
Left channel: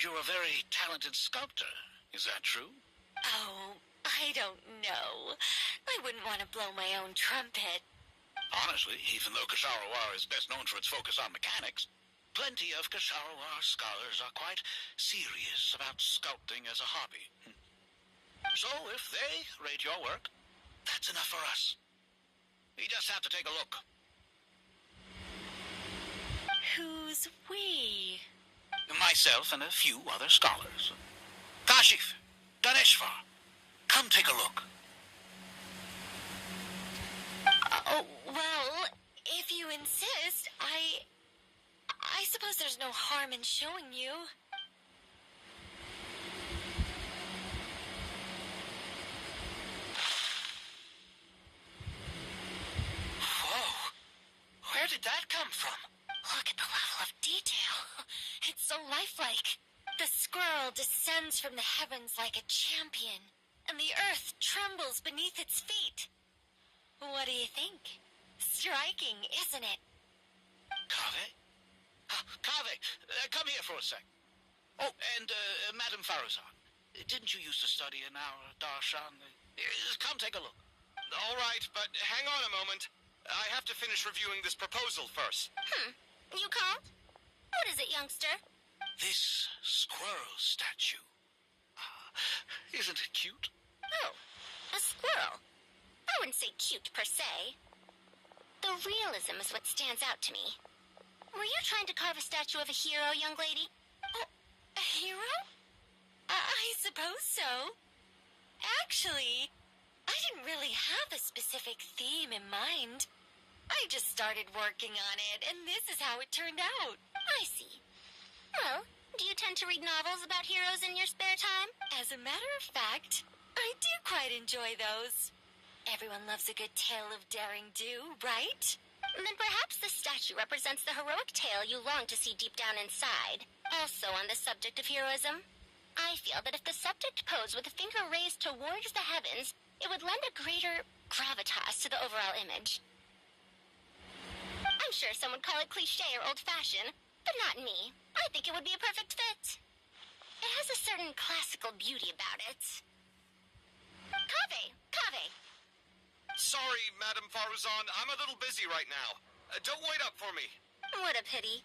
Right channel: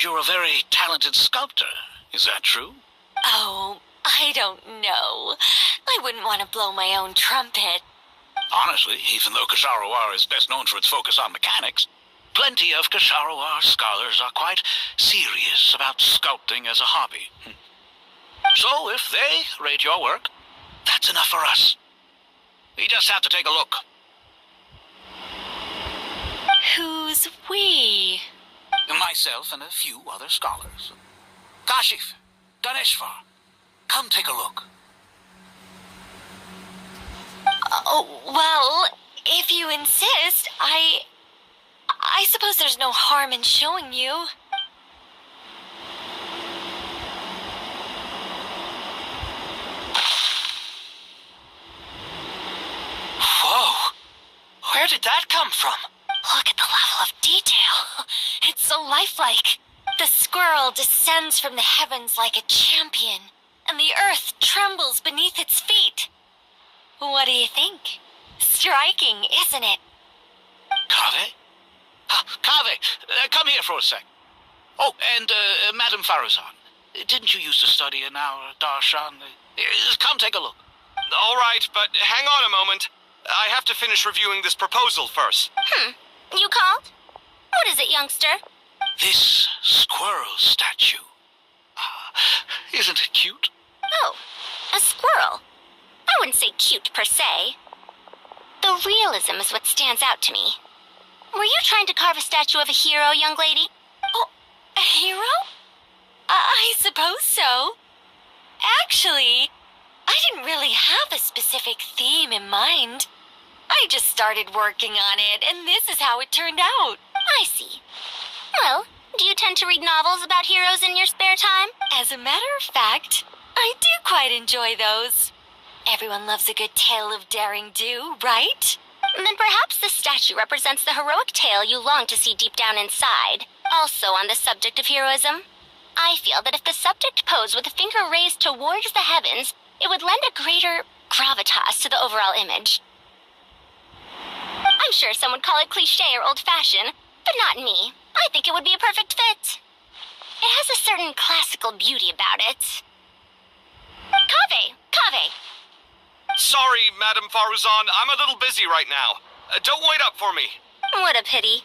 You're a very talented sculptor. Is that true? Oh, I don't know. I wouldn't want to blow my own trumpet. Honestly, even though Kasharawar is best known for its focus on mechanics, plenty of Kasharawar scholars are quite serious about sculpting as a hobby. So if they rate your work, that's enough for us. We just have to take a look. Who's we? Myself and a few other scholars. Kashif, Daneshvar, come take a look. Oh, well, if you insist, I suppose there's no harm in showing you. Whoa! Where did that come from? Look at the level of detail. It's so lifelike. The squirrel descends from the heavens like a champion, and the earth trembles beneath its feet. What do you think? Striking, isn't it? Kave? Kave, come here for a sec. Oh, and Madam Faruzan, didn't you used to study in our darshan? Come take a look. All right, but hang on a moment. I have to finish reviewing this proposal first. You called? What is it, youngster? This squirrel statue. Isn't it cute? Oh, a squirrel. I wouldn't say cute per se. The The realism is what stands out to me. Were you trying to carve a statue of a hero, young lady? Oh, a hero? I suppose so. Actually, I didn't really have a specific theme in mind. I just started working on it, and this is how it turned out. I see. Well, do you tend to read novels about heroes in your spare time? As a matter of fact, I do quite enjoy those. Everyone loves a good tale of daring do, right? Then perhaps this statue represents the heroic tale you long to see deep down inside. Also on the subject of heroism, I feel that if the subject posed with a finger raised towards the heavens, it would lend a greater gravitas to the overall image. I'm sure some would call it cliché or old-fashioned, but not me. I think it would be a perfect fit. It has a certain classical beauty about it. Kaveh! Sorry, Madame Faruzan, I'm a little busy right now. Don't wait up for me. What a pity.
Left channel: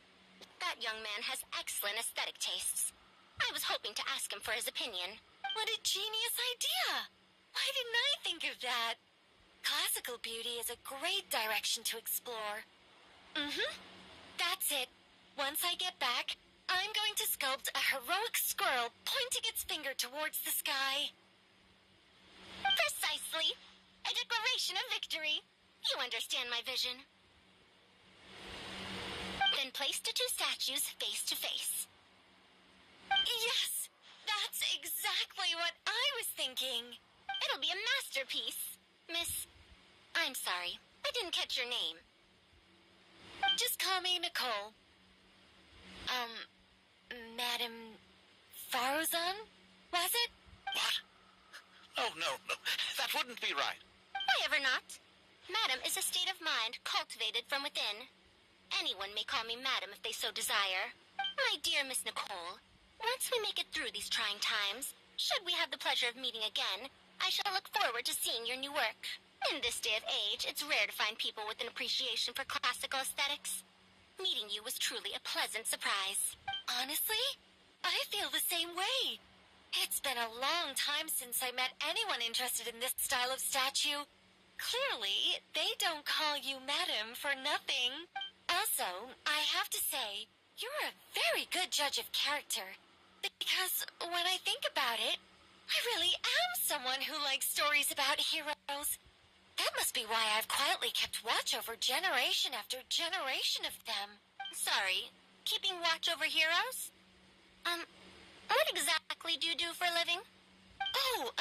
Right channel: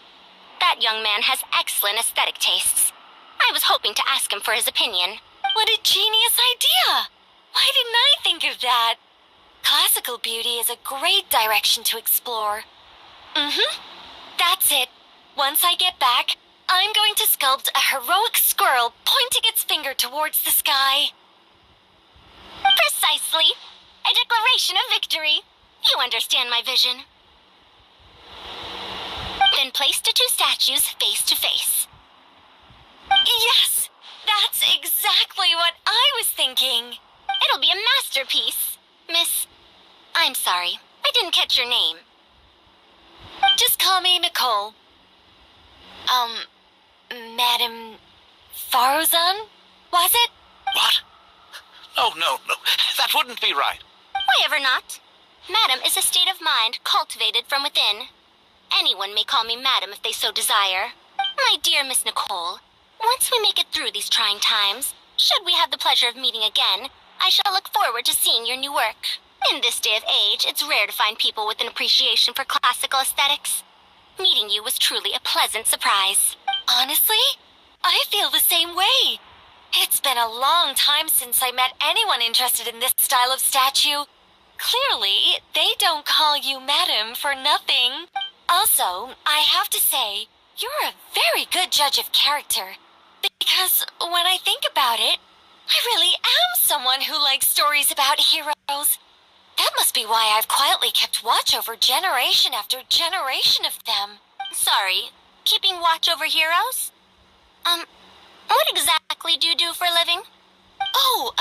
That young man has excellent aesthetic tastes. I was hoping to ask him for his opinion. What a genius idea! Why didn't I think of that? Classical beauty is a great direction to explore. That's it. Once I get back, I'm going to sculpt a heroic squirrel pointing its finger towards the sky. Precisely. A declaration of victory. You understand my vision. Then place the two statues face to face. Yes! That's exactly what I was thinking. It'll be a masterpiece. Miss... I'm sorry. I didn't catch your name. Just call me Nicole. Madame Faruzan? Was it? What? Oh, no. That wouldn't be right. Why ever not? Madam is a state of mind cultivated from within. Anyone may call me Madam if they so desire. My dear Miss Nicole, once we make it through these trying times, should we have the pleasure of meeting again, I shall look forward to seeing your new work. In this day of age, it's rare to find people with an appreciation for classical aesthetics. Meeting you was truly a pleasant surprise. Honestly, I feel the same way. It's been a long time since I met anyone interested in this style of statue. Clearly, they don't call you Madam for nothing. Also, I have to say, you're a very good judge of character. Because when I think about it, I really am someone who likes stories about heroes. That must be why I've quietly kept watch over generation after generation of them. Sorry, keeping watch over heroes? What exactly do you do for a living? Oh,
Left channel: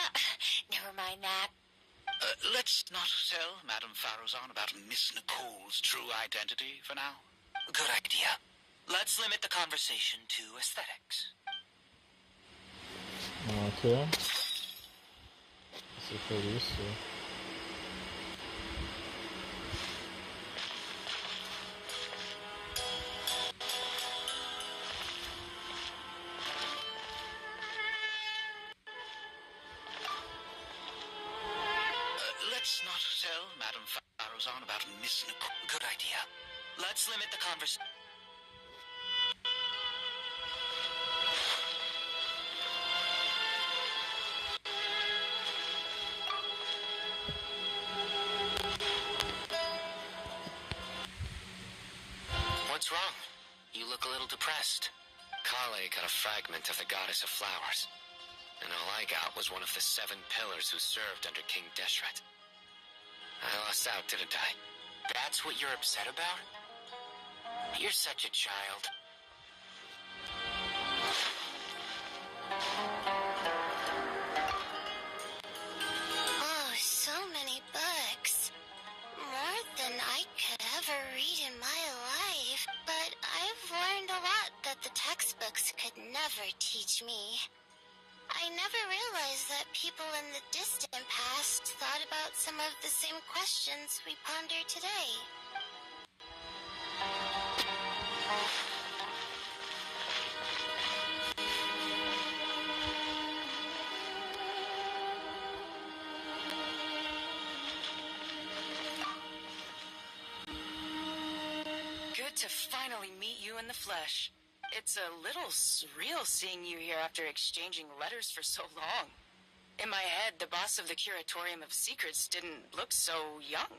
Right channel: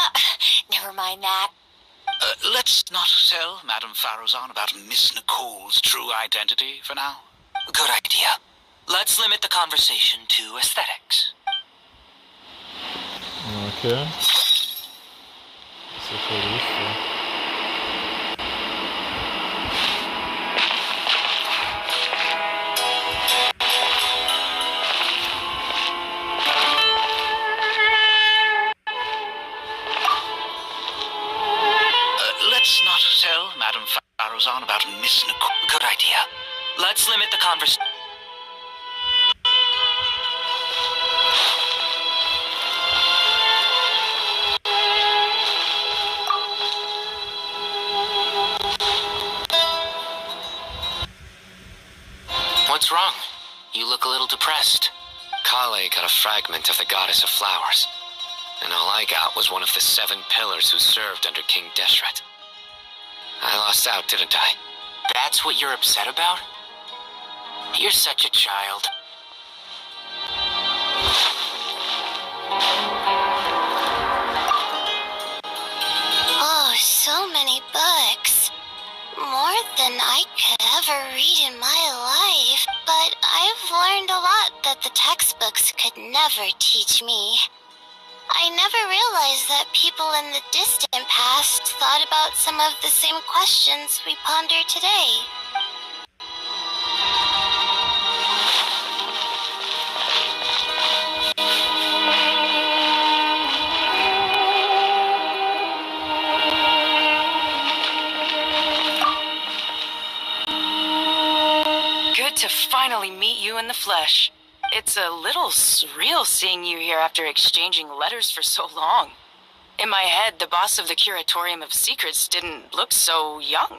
never mind that. Let's not tell Madame Faruzan about Miss Nicole's true identity for now. Good idea. Let's limit the conversation to aesthetics. Okay. So pretty useful. Let's not tell Madame Faruzan about Miss Nicole. Good idea. Let's limit the conversation. What's wrong? You look a little depressed. Kale got a fragment of the goddess of flowers, and all I got was one of the 7 pillars who served under King Deshret. I lost out, didn't I? That's what you're upset about? You're such a child. Oh, so many books. More than I could ever read in my life. But I've learned a lot that the textbooks could never teach me. I never realized that people in the distant past thought about some of the same questions we ponder today. Good to finally meet you in the flesh. It's a little surreal seeing you here after exchanging letters for so long. In my head, the boss of the Curatorium of Secrets didn't look so young.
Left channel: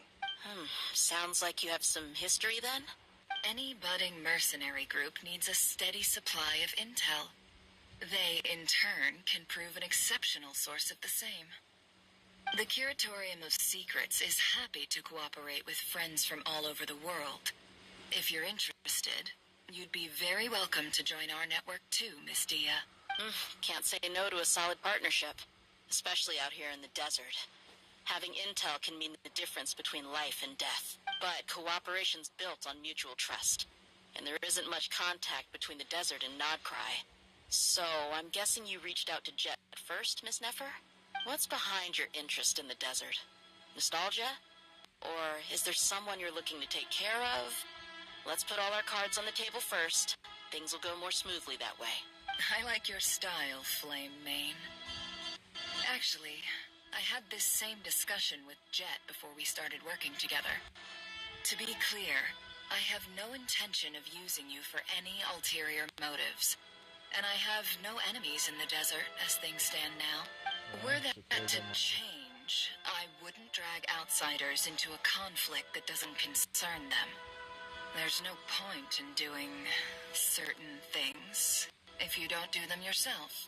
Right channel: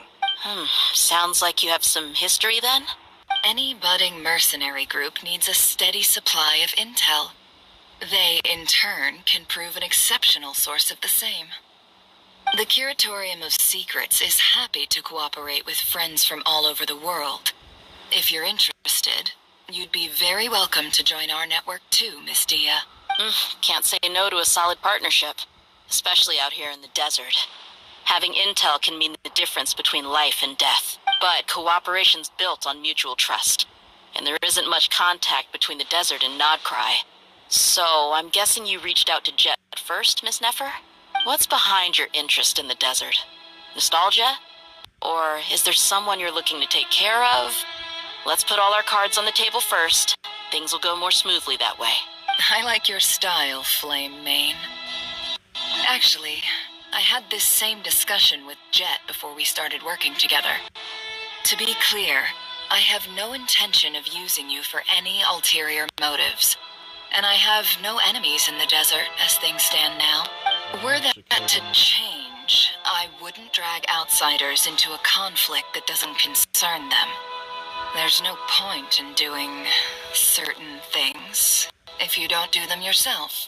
Sounds like you have some history then? Any budding mercenary group needs a steady supply of intel. They, in turn, can prove an exceptional source of the same. The Curatorium of Secrets is happy to cooperate with friends from all over the world. If you're interested, you'd be very welcome to join our network too, Miss Dia. Can't say no to a solid partnership, especially out here in the desert. Having intel can mean the difference between life and death, but cooperation's built on mutual trust, and there isn't much contact between the desert and Nodcry. So, I'm guessing you reached out to Jet first, Miss Nefer? What's behind your interest in the desert? Nostalgia? Or is there someone you're looking to take care of? Let's put all our cards on the table first. Things will go more smoothly that way. I like your style, Flame Mane. Actually, I had this same discussion with Jet before we started working together. To be clear, I have no intention of using you for any ulterior motives. And I have no enemies in the desert as things stand now. Were that to change, I wouldn't drag outsiders into a conflict that doesn't concern them. There's no point in doing certain things if you don't do them yourself.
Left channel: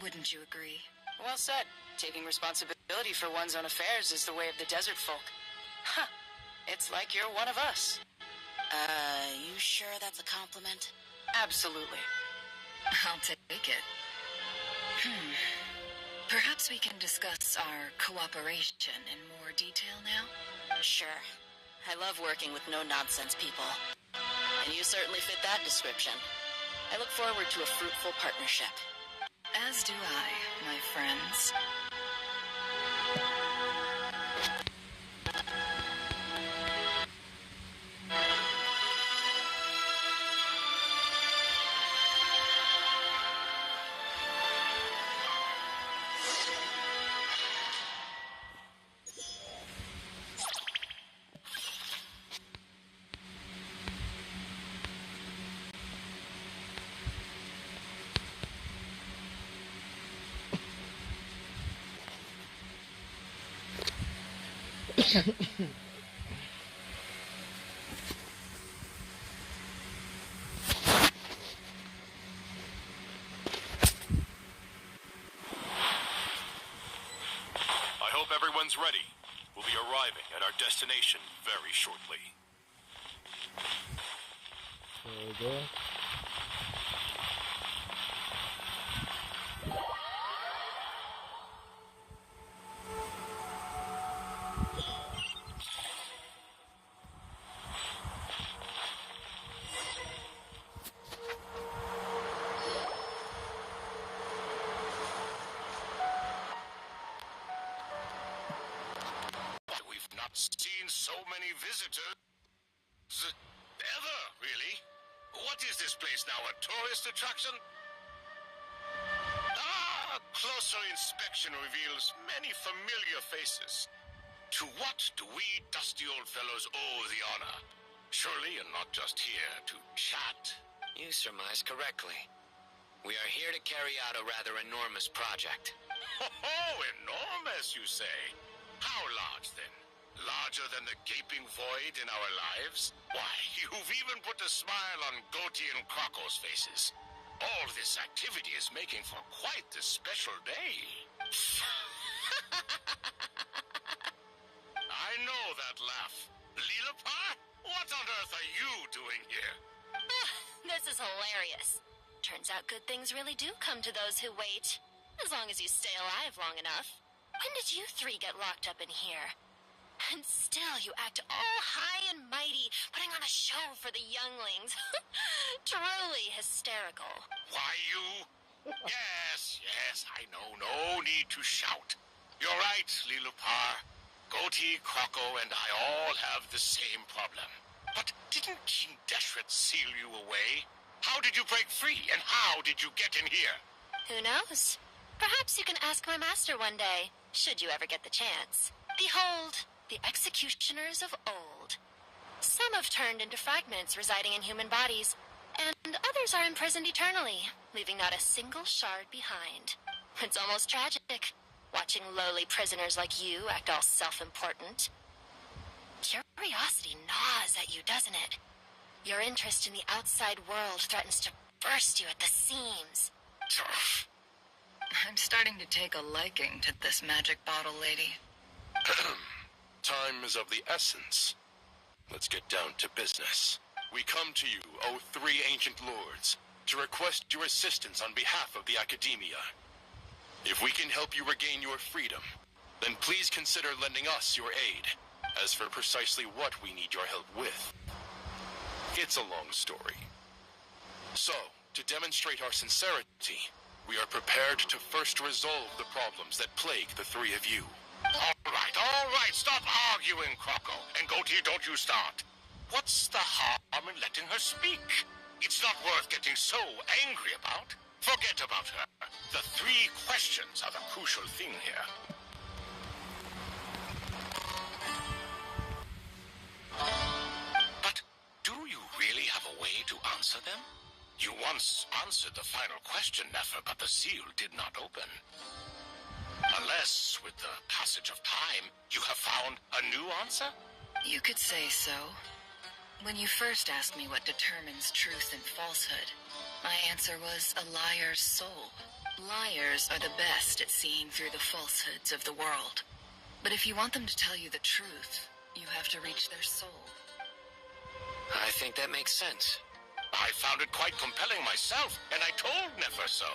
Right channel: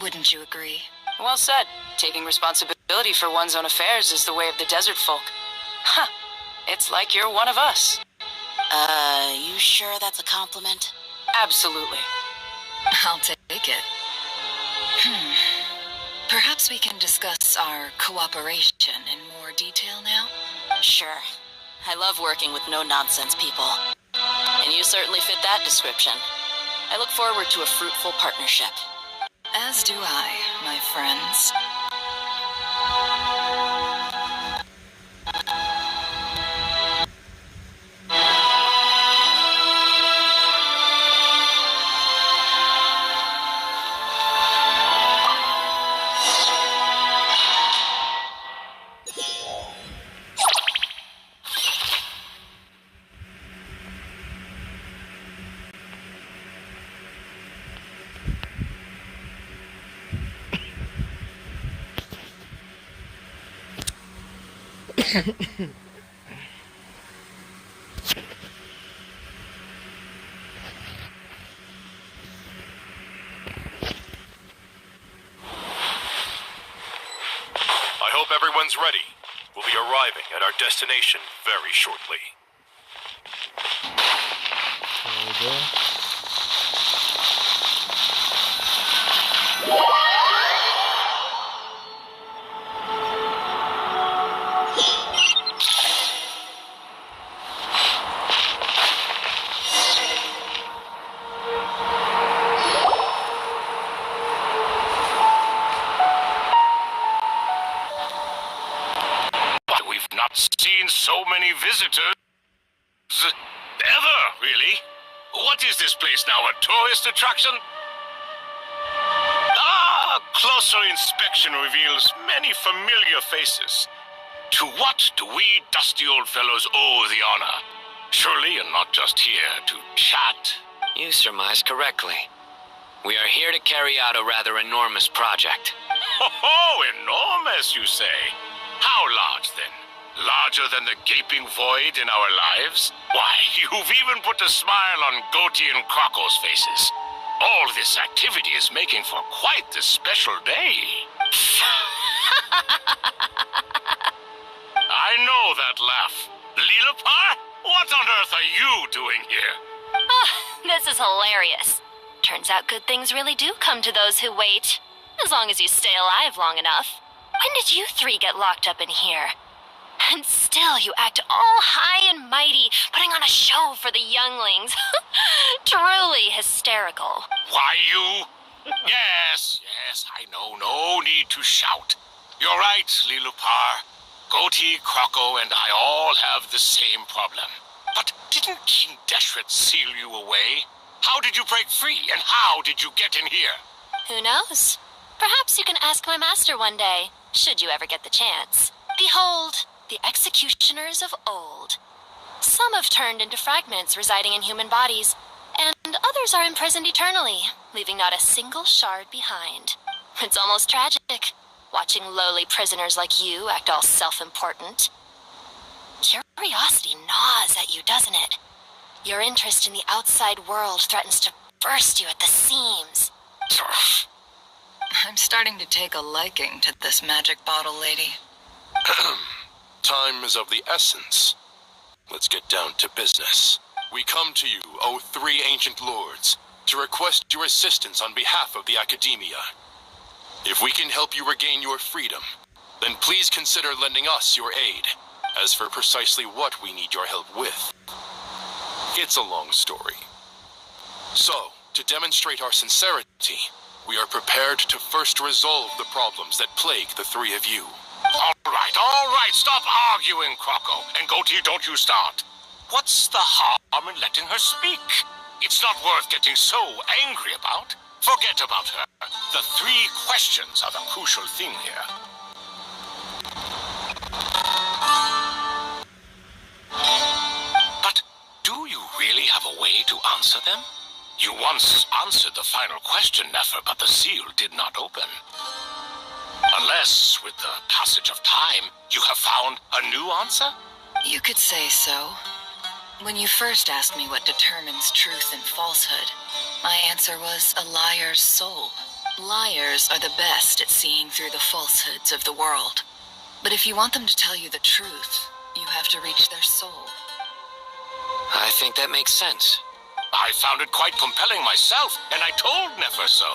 Wouldn't you agree? Well said. Taking responsibility for one's own affairs is the way of the desert folk. Huh. It's like you're one of us. You sure that's a compliment? Absolutely. I'll take it. Perhaps we can discuss our cooperation in more detail now? Sure. I love working with no-nonsense people. And you certainly fit that description. I look forward to a fruitful partnership. As do I, my friends. I hope everyone's ready. We'll be arriving at our destination very shortly. There we go. Seen so many visitors ever, really? What is this place now, a tourist attraction? Closer inspection reveals many familiar faces. To what do we dusty old fellows owe the honor? Surely you're not just here to chat. You surmise correctly. We are here to carry out a rather enormous project. Oh, enormous, you say? How large, then? Larger than the gaping void in our lives? Why, you've even put a smile on Goatee and Crocco's faces. All this activity is making for quite the special day. I know that laugh. Lilipar, what on earth are you doing here? This is hilarious. Turns out good things really do come to those who wait. As long as you stay alive long enough. When did you three get locked up in here? And still you act all high and mighty, putting on a show for the younglings. Truly hysterical. Why, you? Yes, I know. No need to shout. You're right, Lilipar. Goatee, Crocco, and I all have the same problem. But didn't King Deshret seal you away? How did you break free, and how did you get in here? Who knows? Perhaps you can ask my master one day, should you ever get the chance. Behold, the executioners of old. Some have turned into fragments residing in human bodies, and others are imprisoned eternally, leaving not a single shard behind. It's almost tragic, watching lowly prisoners like you act all self-important. Curiosity gnaws at you, doesn't it? Your interest in the outside world threatens to burst you at the seams. I'm starting to take a liking to this magic bottle lady. Time is of the essence. Let's get down to business. We come to you, O three ancient lords, to request your assistance on behalf of the Academia. If we can help you regain your freedom, then please consider lending us your aid. As for precisely what we need your help with, it's a long story. So, to demonstrate our sincerity, we are prepared to first resolve the problems that plague the three of you. All right, stop arguing, Croco. And Goatee, don't you start. What's the harm in letting her speak? It's not worth getting so angry about. Forget about her. The three questions are the crucial thing here. But do you really have a way to answer them? You once answered the final question, Nefer, but the seal did not open. Unless, with the passage of time, you have found a new answer? You could say so. When you first asked me what determines truth and falsehood, my answer was a liar's soul. Liars are the best at seeing through the falsehoods of the world. But if you want them to tell you the truth, you have to reach their soul. I think that makes sense. I found it quite compelling myself, and I told Nefer so.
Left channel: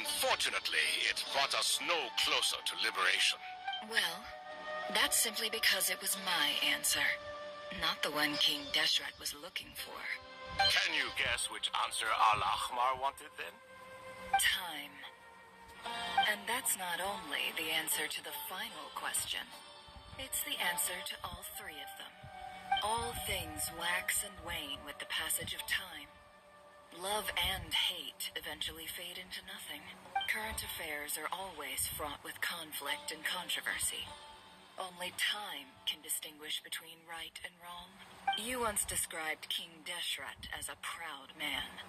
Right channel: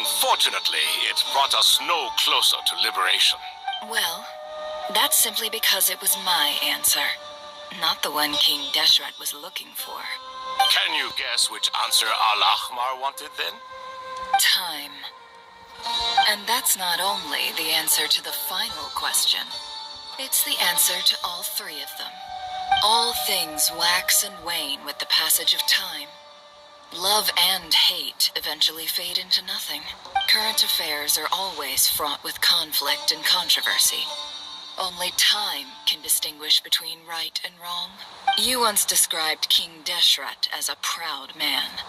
Unfortunately, it brought us no closer to liberation. Well, that's simply because it was my answer, not the one King Deshret was looking for. Can you guess which answer Al-Ahmar wanted then? Time. And that's not only the answer to the final question. It's the answer to all three of them. All things wax and wane with the passage of time. Love and hate eventually fade into nothing. Current affairs are always fraught with conflict and controversy. Only time can distinguish between right and wrong. You once described King Deshret as a proud man.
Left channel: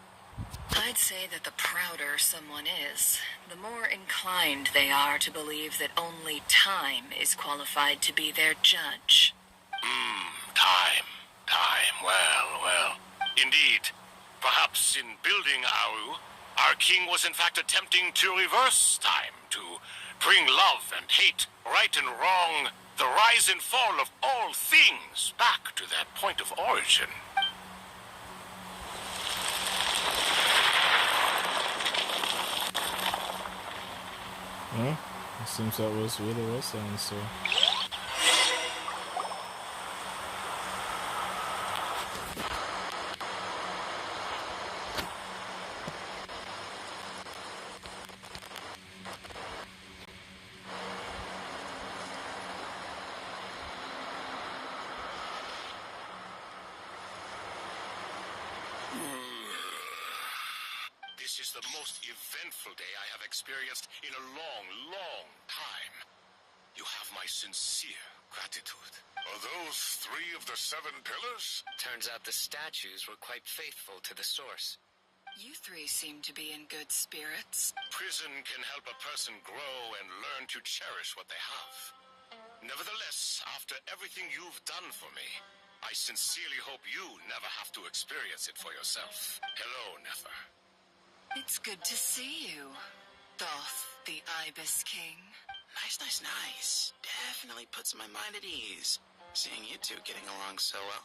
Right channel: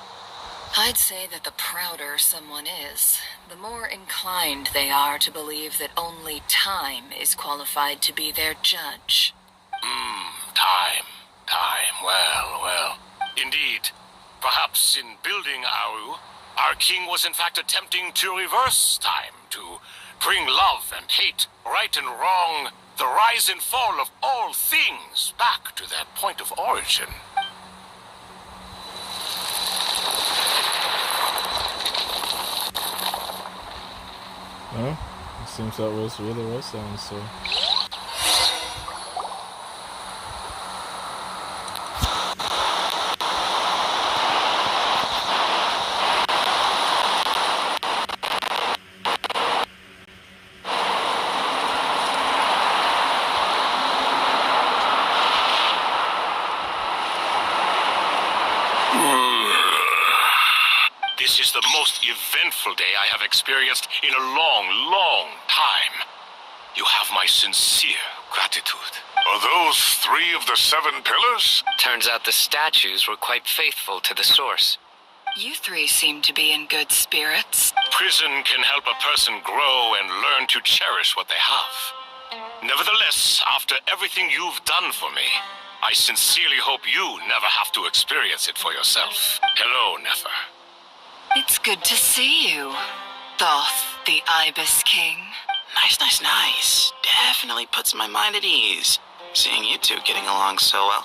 I'd say that the prouder someone is, the more inclined they are to believe that only time is qualified to be their judge. Time. Well. Indeed. Perhaps in building Aru, our king was in fact attempting to reverse time, to bring love and hate, right and wrong, the rise and fall of all things back to their point of origin. Well, it seems that really was the answer. This is the most eventful day I have experienced in a long time. You have my sincere gratitude. Are those three of the 7 pillars? Turns out the statues were quite faithful to the source. You three seem to be in good spirits. Prison can help a person grow and learn to cherish what they have. Nevertheless, after everything you've done for me, I sincerely hope you never have to experience it for yourself. Hello, Nefer. It's good to see you, Thoth, the Ibis King. Nice. Definitely puts my mind at ease, seeing you two getting along so well.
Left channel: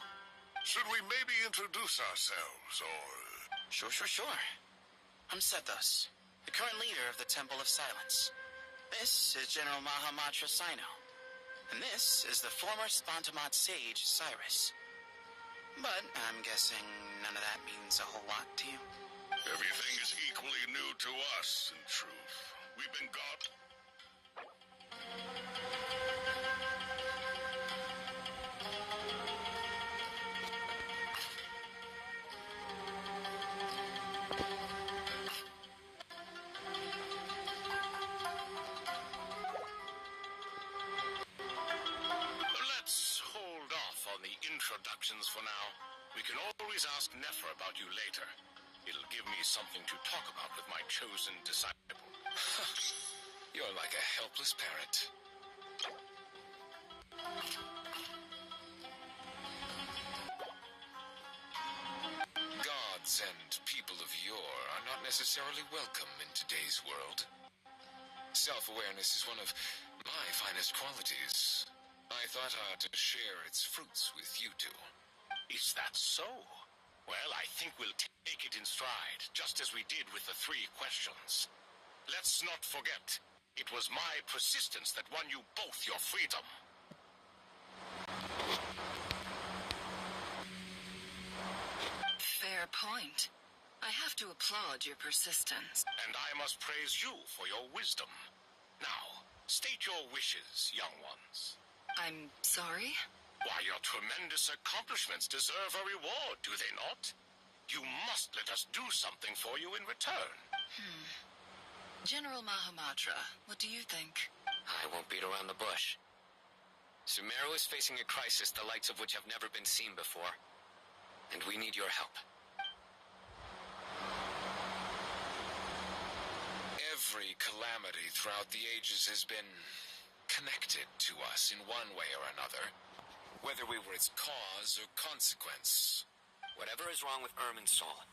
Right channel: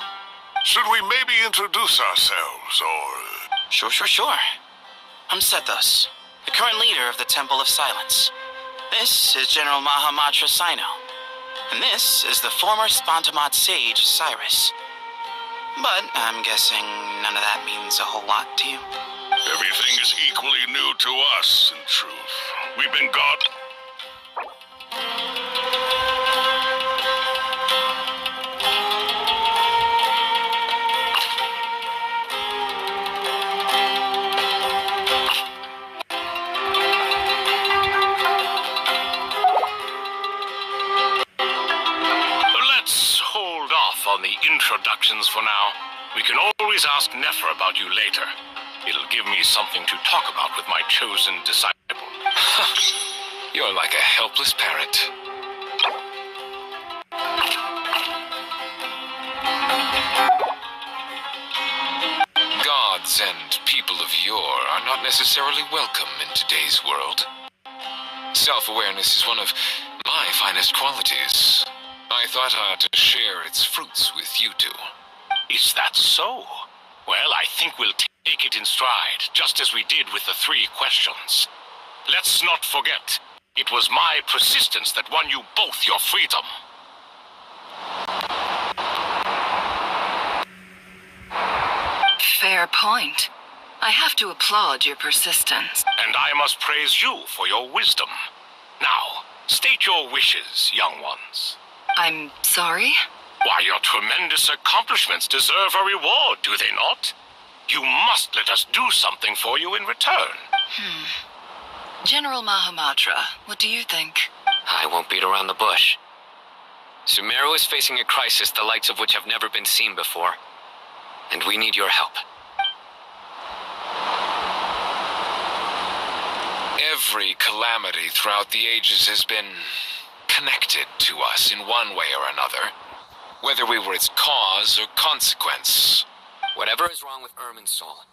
Should we maybe introduce ourselves, or... Sure. I'm Sethos, the current leader of the Temple of Silence. This is General Mahamatra Sino, and this is the former Spontamat sage, Cyrus. But I'm guessing none of that means a whole lot to you. Everything is equally new to us, in truth. We've been Let's hold off on the introductions for now. We can always ask Nefer about you later. It'll give me something to talk about with my chosen disciple. You're like a helpless parrot. gods and people of yore are not necessarily welcome in today's world. Self-awareness is one of my finest qualities. I thought I ought to share its fruits with you two. Is that so? Well, I think we'll take it in stride, just as we did with the 3 questions. Let's not forget, it was my persistence that won you both your freedom. Fair point. I have to applaud your persistence. And I must praise you for your wisdom. Now, state your wishes, young ones. I'm sorry? Why, your tremendous accomplishments deserve a reward, do they not? You must let us do something for you in return. General Mahamatra, what do you think? I won't beat around the bush. Sumeru is facing a crisis the likes of which have never been seen before. And we need your help. Every calamity throughout the ages has been connected to us in one way or another, whether we were its cause or consequence. Whatever is wrong with Irminsul,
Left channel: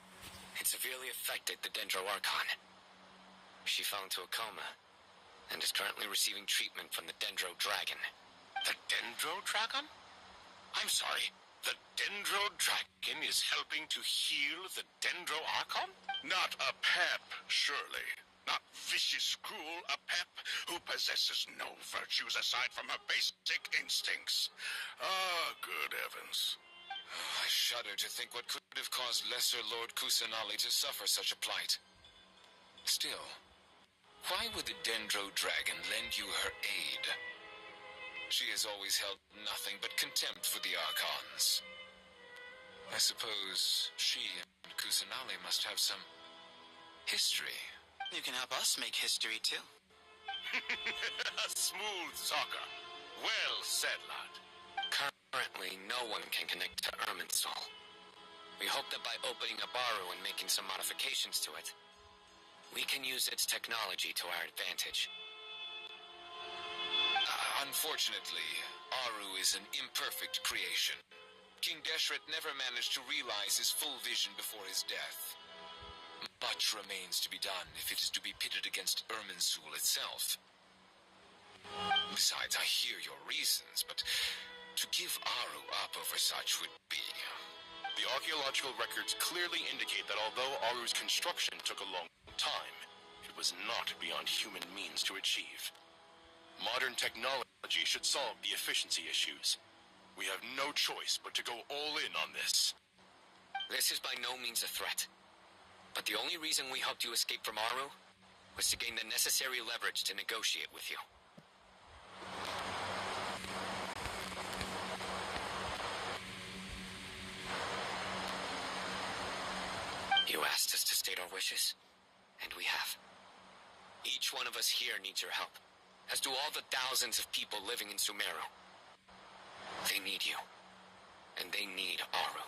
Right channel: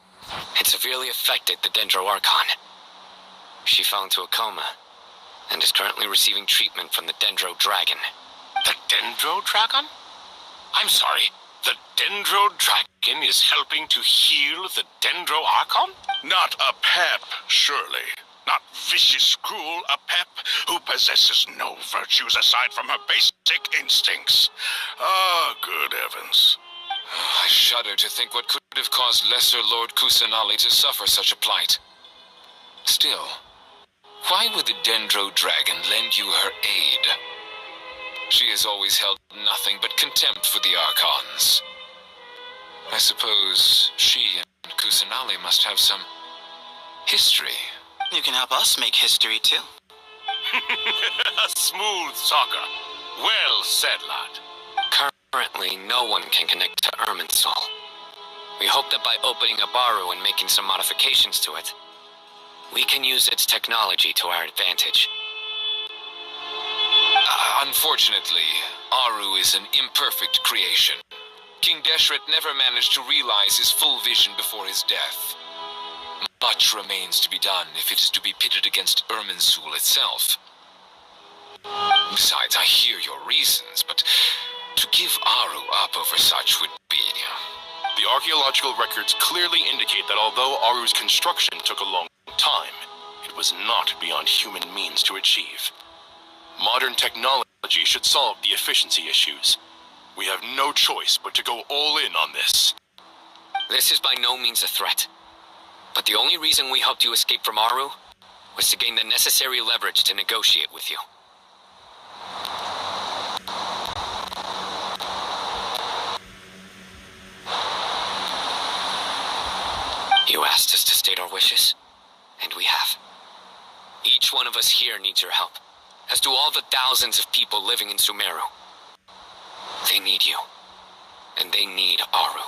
it severely affected the Dendro Archon. She fell into a coma and is currently receiving treatment from the Dendro Dragon. The Dendro Dragon? I'm sorry, the Dendro Dragon is helping to heal the Dendro Archon? Not a pep, surely. Not vicious, cruel, a pep who possesses no virtues aside from her basic instincts. Ah, good heavens. I shudder to think what could have caused Lesser Lord Kusanali to suffer such a plight. Still, why would the Dendro Dragon lend you her aid? She has always held nothing but contempt for the Archons. I suppose she and Kusanali must have some history. You can help us make history, too. Smooth talker. Well said, lad. Currently, no one can connect to Irminsul. We hope that by opening a Baru and making some modifications to it, we can use its technology to our advantage. Unfortunately, Aru is an imperfect creation. King Deshret never managed to realize his full vision before his death. Much remains to be done if it is to be pitted against Irminsul itself. Besides, I hear your reasons, but to give Aru up over such would be... The archaeological records clearly indicate that although Aru's construction took a long time, it was not beyond human means to achieve. Modern technology should solve the efficiency issues. We have no choice but to go all in on this. This is by no means a threat. But the only reason we helped you escape from Aru was to gain the necessary leverage to negotiate with you. You asked us to state our wishes, and we have. Each one of us here needs your help, as do all the thousands of people living in Sumeru. They need you, and they need Aru.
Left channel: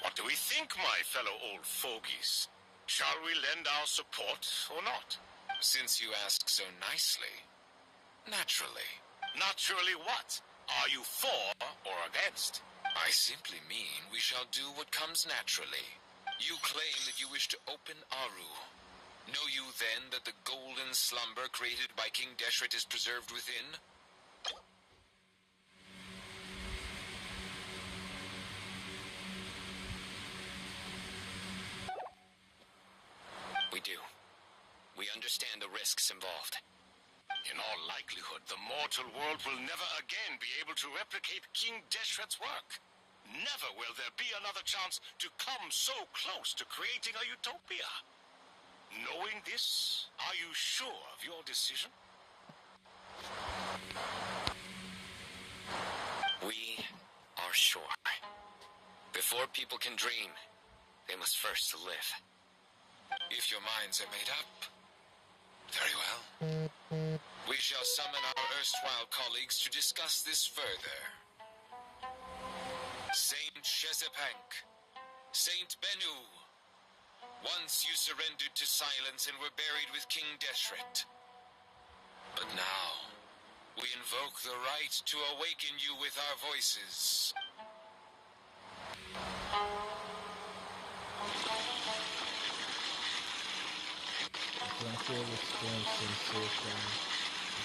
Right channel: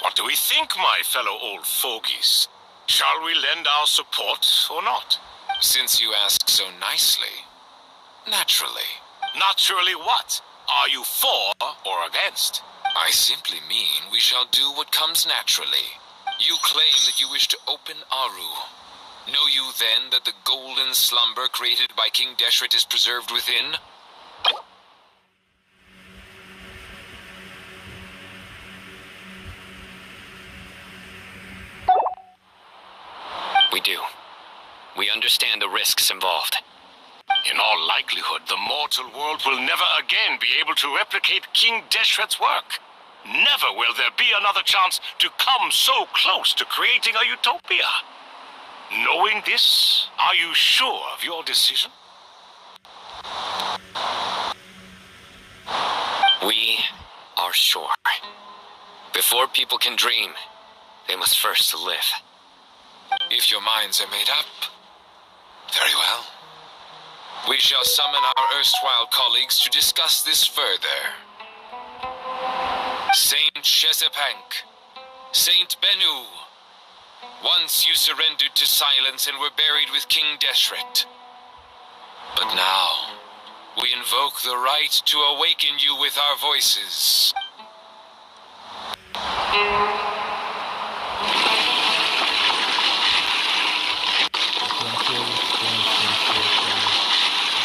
What do we think, my fellow old fogies? Shall we lend our support or not? Since you ask so nicely, naturally. Naturally what? Are you for or against? I simply mean we shall do what comes naturally. You claim that you wish to open Aru. Know you then that the golden slumber created by King Deshret is preserved within? We do. We understand the risks involved. In all likelihood, the mortal world will never again be able to replicate King Deshret's work. Never will there be another chance to come so close to creating a utopia. Knowing this, are you sure of your decision? We are sure. Before people can dream, they must first live. If your minds are made up, very well. We shall summon our erstwhile colleagues to discuss this further. Saint Shezepank, Saint Bennu, once you surrendered to silence and were buried with King Deshret. But now, we invoke the right to awaken you with our voices. full strength sensation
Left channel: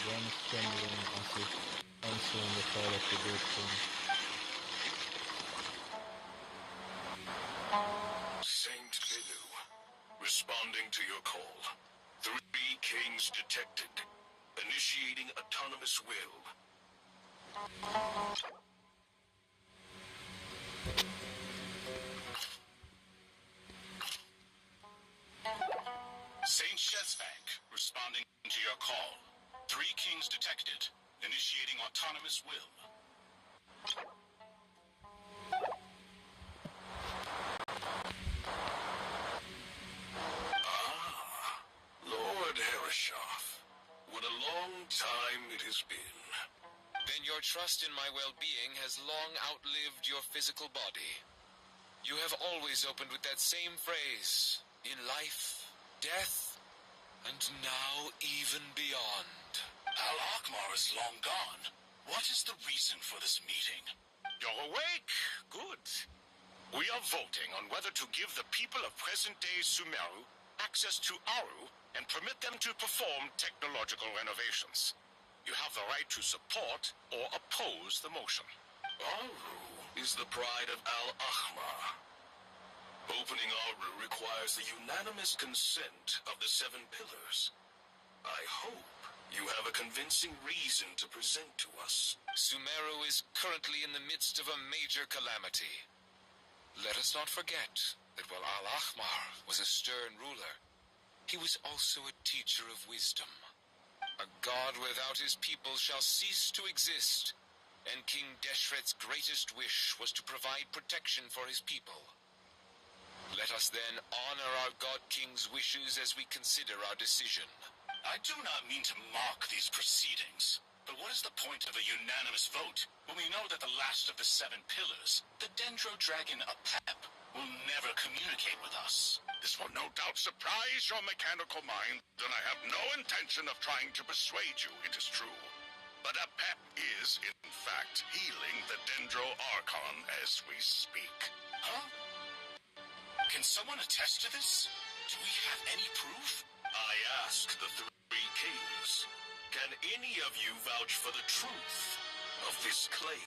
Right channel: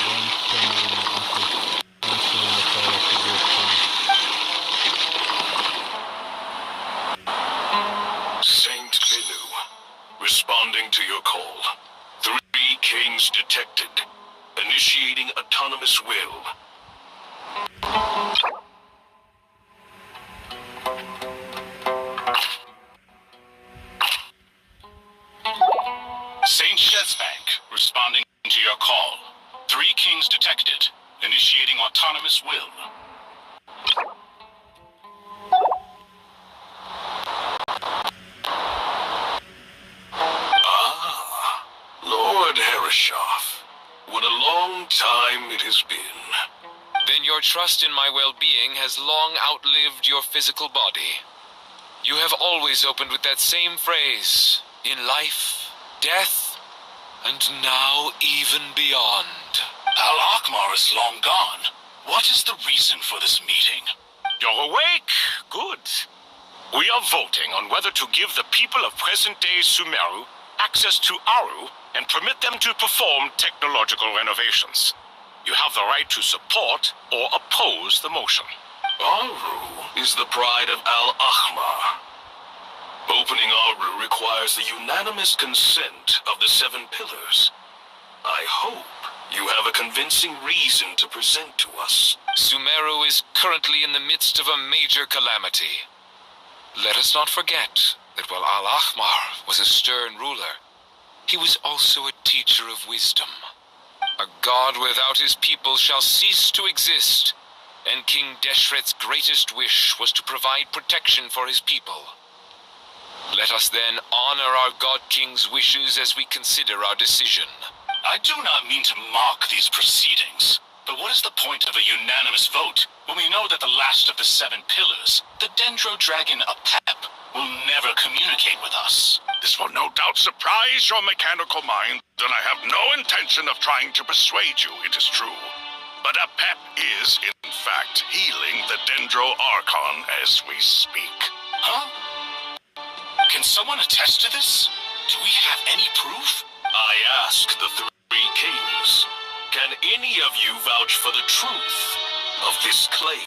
when channeling assist answering the call of the great king. Saint Binu, responding to your call. 3 kings detected. Initiating autonomous will. Saint Shezbank, responding to your call. 3 kings detected. Initiating autonomous will. Ah, Lord Herreshoff. What a long time it has been. Then your trust in my well-being has long outlived your physical body. You have always opened with that same phrase, in life, death, and now even beyond. Al-Akmar is long gone. What is the reason for this meeting? You're awake. Good. We are voting on whether to give the people of present-day Sumeru access to Aru and permit them to perform technological renovations. You have the right to support or oppose the motion. Aru is the pride of Al-Ahmar. Opening Aru requires the unanimous consent of the 7 pillars. I hope you have a convincing reason to present to us. Sumeru is currently in the midst of a major calamity. Let us not forget that while Al-Ahmar was a stern ruler, he was also a teacher of wisdom. A god without his people shall cease to exist, and King Deshret's greatest wish was to provide protection for his people. Let us then honor our God King's wishes as we consider our decision. I do not mean to mock these proceedings, but what is the point of a unanimous vote when we know that the last of the 7 pillars, the Dendro Dragon Apep, will never communicate with us? This will no doubt surprise your mechanical mind, and I have no intention of trying to persuade you, it is true. But Apep is, in fact, healing the Dendro Archon as we speak. Huh? Can someone attest to this? Do we have any proof? I ask the 3 kings. Can any of you vouch for the truth of this claim?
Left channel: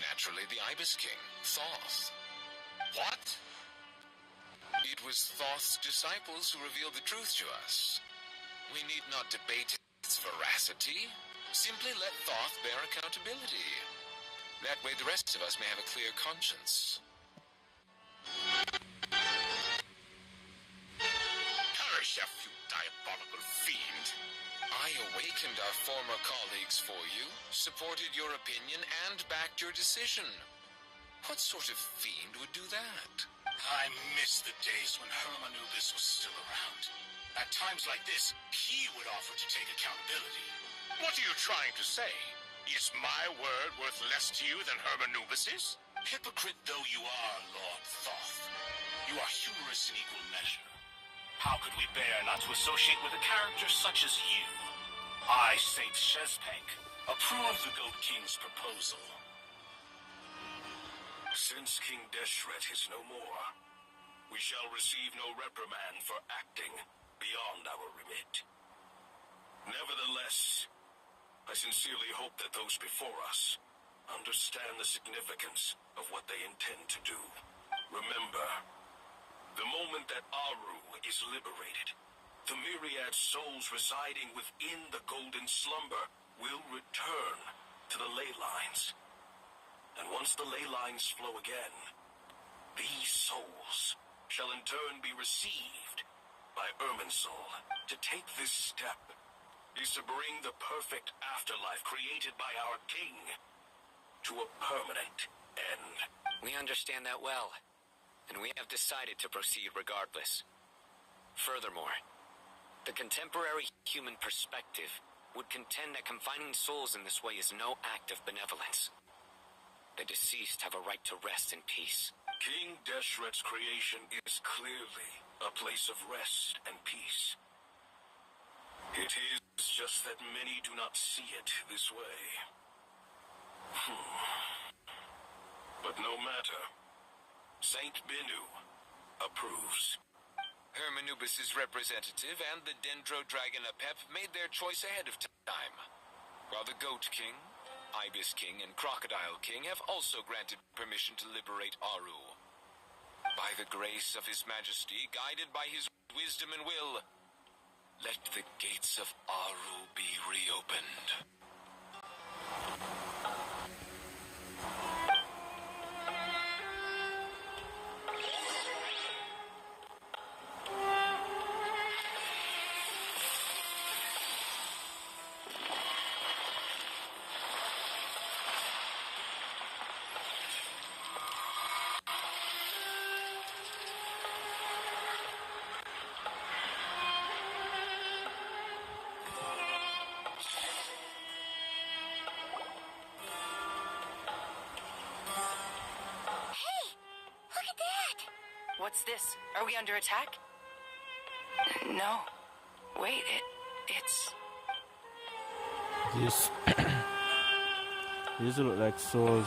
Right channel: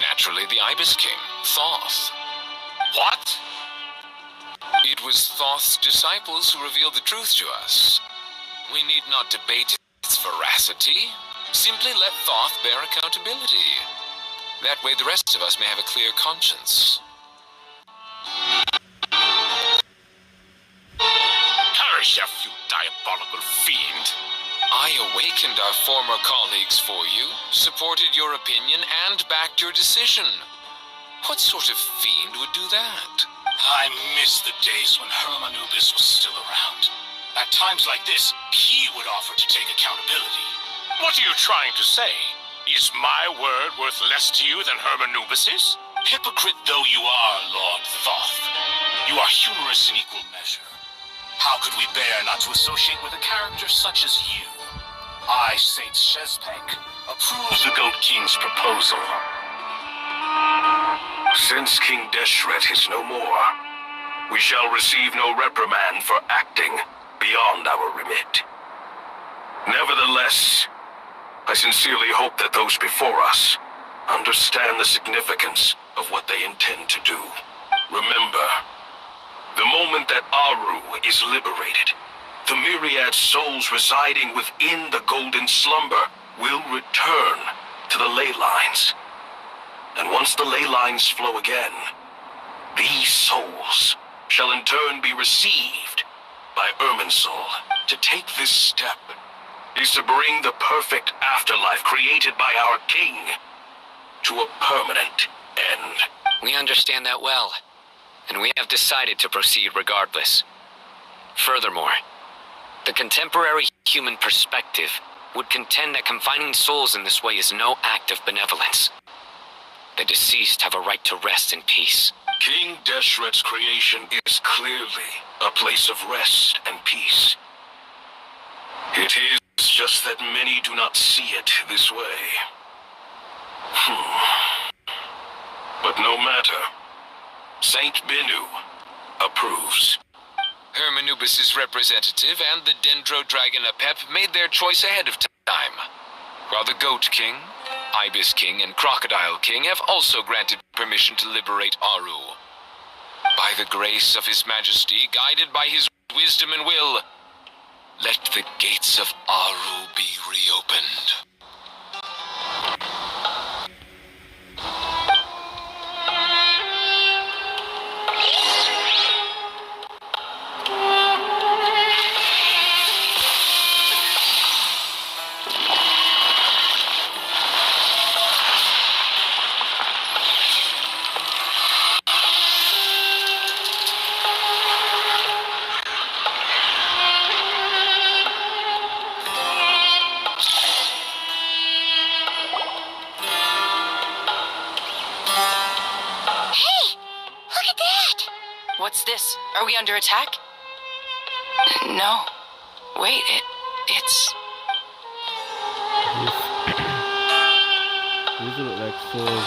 Naturally, the Ibis King, Thoth. What? It was Thoth's disciples who revealed the truth to us. We need not debate its veracity. Simply let Thoth bear accountability. That way the rest of us may have a clear conscience. Hereshef, you diabolical fiend. I awakened our former colleagues for you, supported your opinion, and backed your decision. What sort of fiend would do that? I miss the days when Hermanubis was still around. At times like this, he would offer to take accountability. What are you trying to say? Is my word worth less to you than Hermanubis's? Hypocrite though you are, Lord Thoth, you are humorous in equal measure. How could we bear not to associate with a character such as you? I, Saint Shezbank, approve the Goat King's proposal. Since King Deshret is no more, we shall receive no reprimand for acting beyond our remit. Nevertheless, I sincerely hope that those before us understand the significance of what they intend to do. Remember, the moment that Aru is liberated, the myriad souls residing within the Golden Slumber will return to the ley lines. And once the ley lines flow again, these souls shall in turn be received by Irminsul. To take this step is to bring the perfect afterlife created by our king to a permanent end. We understand that well, and we have decided to proceed regardless. Furthermore, the contemporary human perspective would contend that confining souls in this way is no act of benevolence. The deceased have a right to rest in peace. King Deshret's creation is clearly a place of rest and peace. It is just that many do not see it this way. But no matter. Saint Binu approves. Hermanubis' representative and the Dendro Dragon Apep made their choice ahead of time, while the Goat King, Ibis King, and Crocodile King have also granted permission to liberate Aru. By the grace of His Majesty, guided by his wisdom and will, let the gates of Aru be reopened. What's this? Are we under attack? No. Wait, it's... These look like souls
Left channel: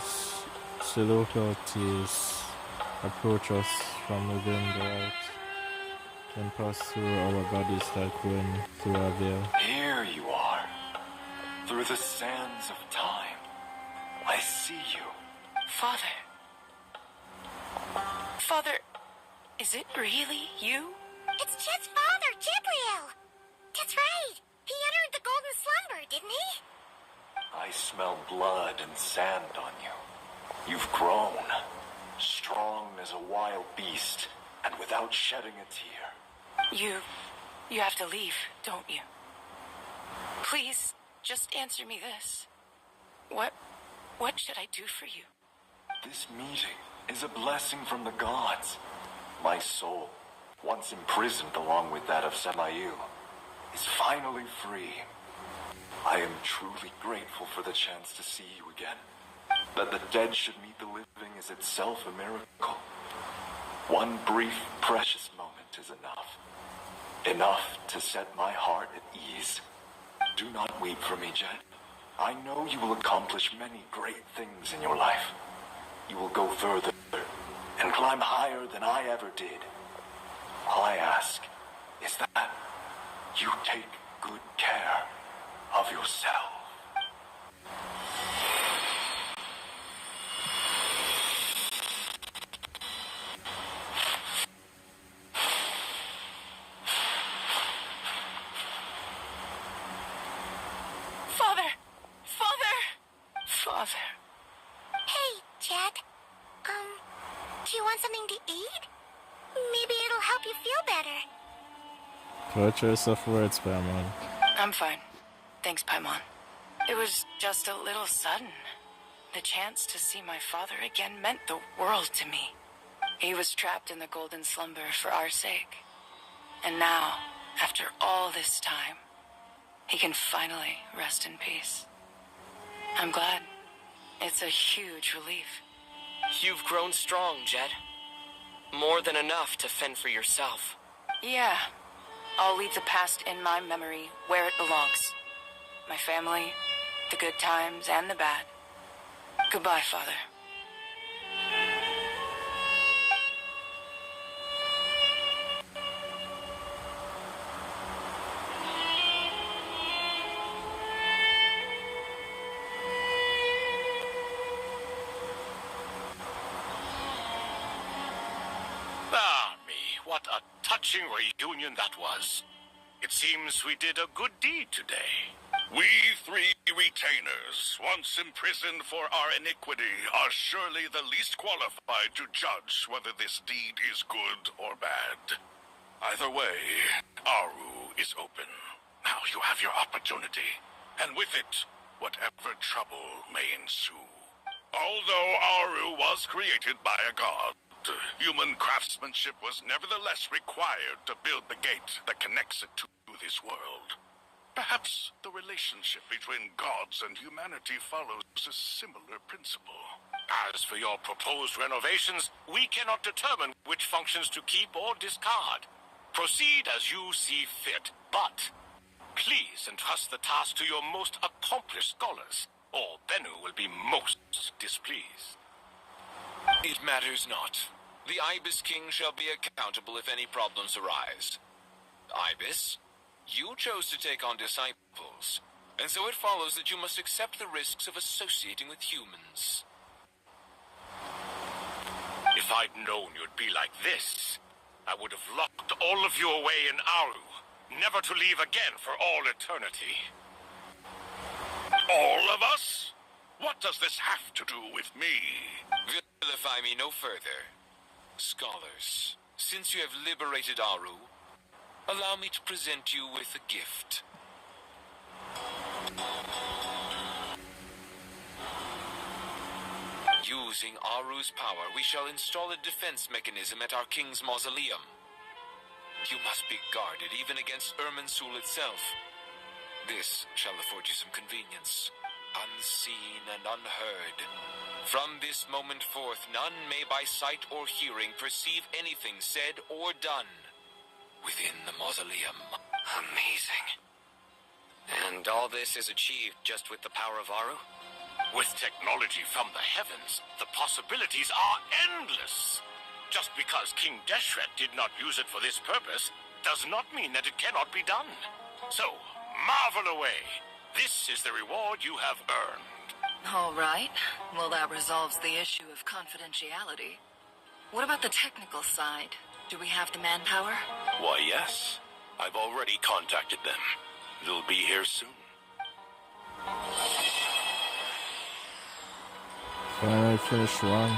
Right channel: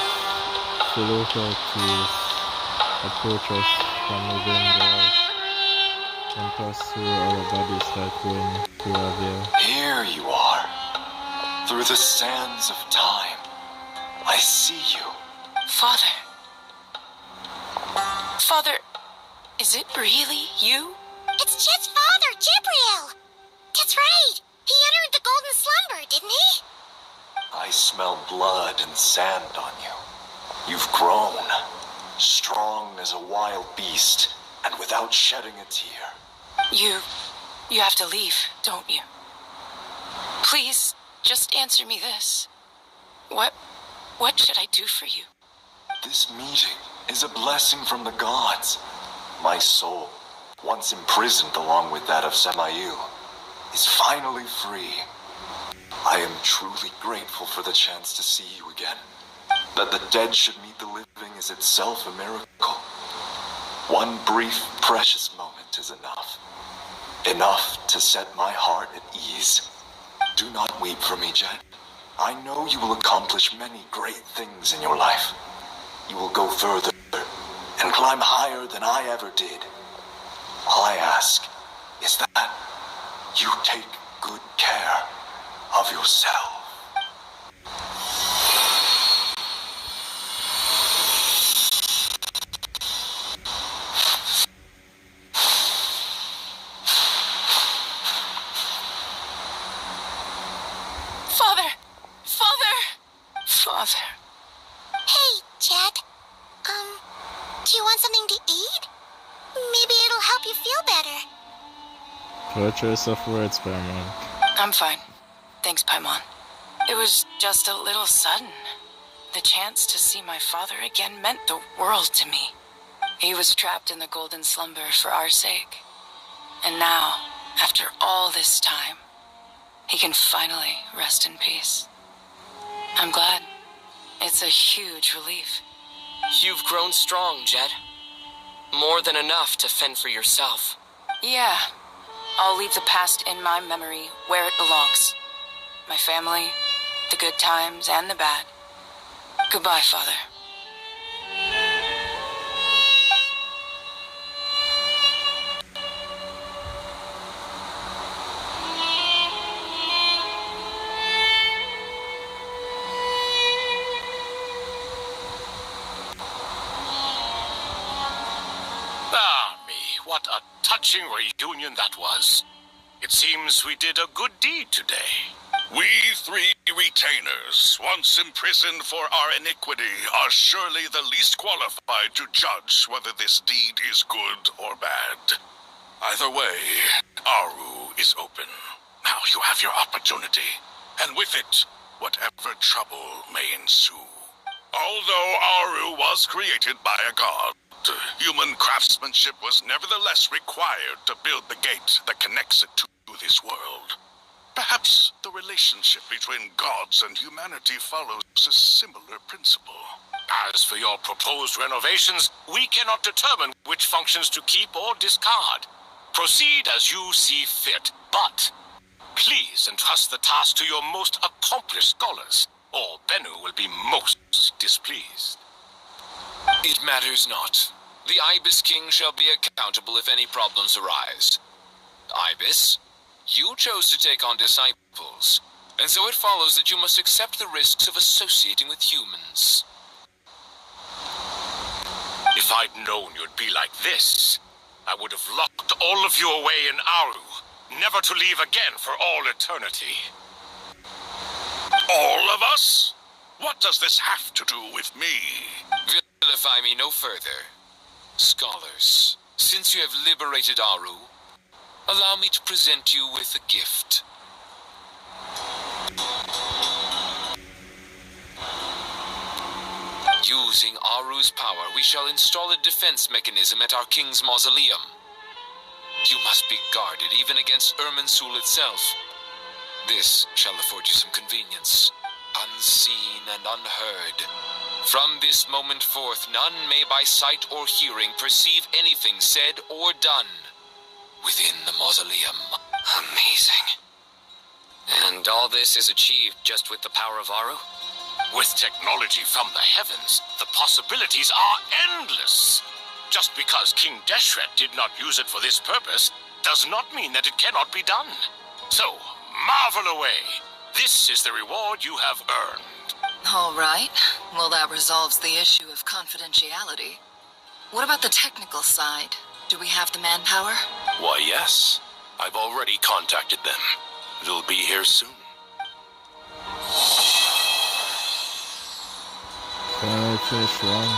still out to approach us from within the light and pass through our bodies like wind through a veil. Here you are. Through the sands of time. I see you. Father. Father, is it really you? It's Jed's father, Jibriel. That's right. He entered the golden slumber, didn't he? I smell blood and sand on you. You've grown. Strong as a wild beast, and without shedding a tear. You have to leave, don't you? Please, just answer me this. What should I do for you? This meeting is a blessing from the gods. My soul, once imprisoned along with that of Samael, is finally free. I am truly grateful for the chance to see you again. That the dead should meet the living is itself a miracle. One brief, precious moment is enough. Enough to set my heart at ease. Do not weep for me, Jed. I know you will accomplish many great things in your life. You will go further and climb higher than I ever did. All I ask is that you take good care of yourself. Father. Hey, Jed. Do you want something to eat? Maybe it'll help you feel better. Poor choice of words, Paimon. I'm fine. Thanks, Paimon. It was just a little sudden. The chance to see my father again meant the world to me. He was trapped in the golden slumber for our sake. And now, after all this time, he can finally rest in peace. I'm glad. It's a huge relief. You've grown strong, Jed. More than enough to fend for yourself. Yeah. I'll leave the past in my memory where it belongs. My family, the good times and the bad. Goodbye, Father. What a touching reunion that was. It seems we did a good deed today. We three retainers, once imprisoned for our iniquity, are surely the least qualified to judge whether this deed is good or bad. Either way, Aru is open. Now you have your opportunity, and with it, whatever trouble may ensue. Although Aru was created by a god, human craftsmanship was nevertheless required to build the gate that connects it to this world. Perhaps the relationship between gods and humanity follows a similar principle. As for your proposed renovations, we cannot determine which functions to keep or discard. Proceed as you see fit, but please entrust the task to your most accomplished scholars, or Bennu will be most displeased. It matters not. The Ibis King shall be accountable if any problems arise. Ibis, you chose to take on disciples, and so it follows that you must accept the risks of associating with humans. If I'd known you'd be like this, I would have locked all of you away in Aru, never to leave again for all eternity. All of us? What does this have to do with me? Vilify me no further. Scholars, since you have liberated Aru, allow me to present you with a gift. Using Aru's power, we shall install a defense mechanism at our king's mausoleum. You must be guarded even against Irminsul itself. This shall afford you some convenience, unseen and unheard. From this moment forth, none may by sight or hearing perceive anything said or done within the mausoleum. Amazing. And all this is achieved just with the power of Aru? With technology from the heavens, the possibilities are endless. Just because King Deshret did not use it for this purpose does not mean that it cannot be done. So, marvel away. This is the reward you have earned. All right. Well, that resolves the issue of confidentiality. What about the technical side? Do we have the manpower? Why, yes. I've already contacted them. They'll be here soon. Finally finished one.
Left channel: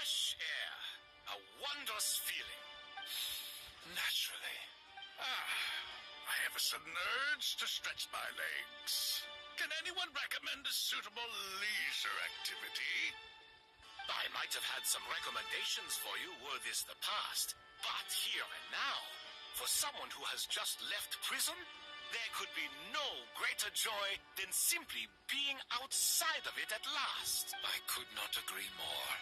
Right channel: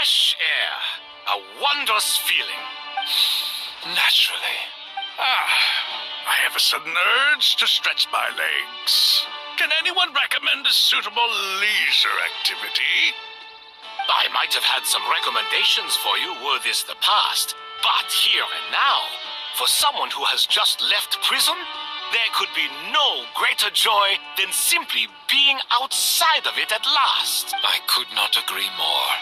Fresh air. A wondrous feeling. Naturally. I have a sudden urge to stretch my legs. Can anyone recommend a suitable leisure activity? I might have had some recommendations for you were this the past, but here and now, for someone who has just left prison, there could be no greater joy than simply being outside of it at last. I could not agree more.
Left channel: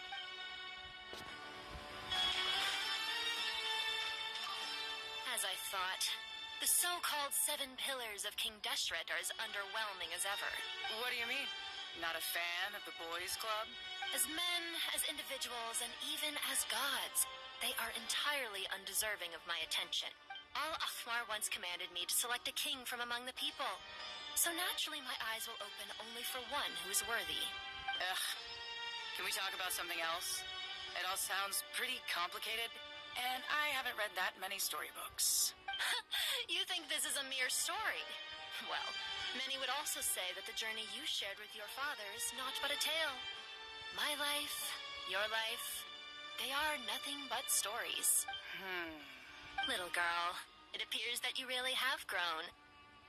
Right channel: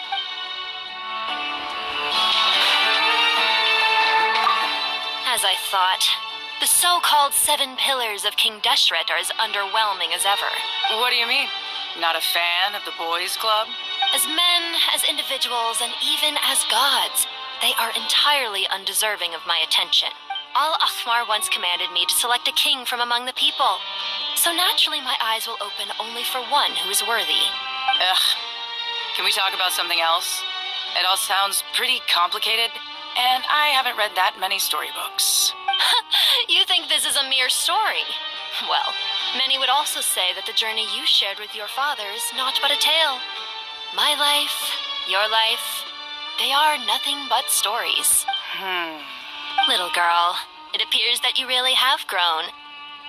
As I thought. The so-called 7 pillars of King Deshret are as underwhelming as ever. What do you mean? Not a fan of the boys' club? As men, as individuals, and even as gods, they are entirely undeserving of my attention. Al-Akhmar once commanded me to select a king from among the people. So naturally my eyes will open only for one who is worthy. Ugh. Can we talk about something else? It all sounds pretty complicated, and I haven't read that many storybooks. You think this is a mere story? Well, many would also say that the journey you shared with your father is not but a tale. My life, your life, they are nothing but stories. Little girl, it appears that you really have grown.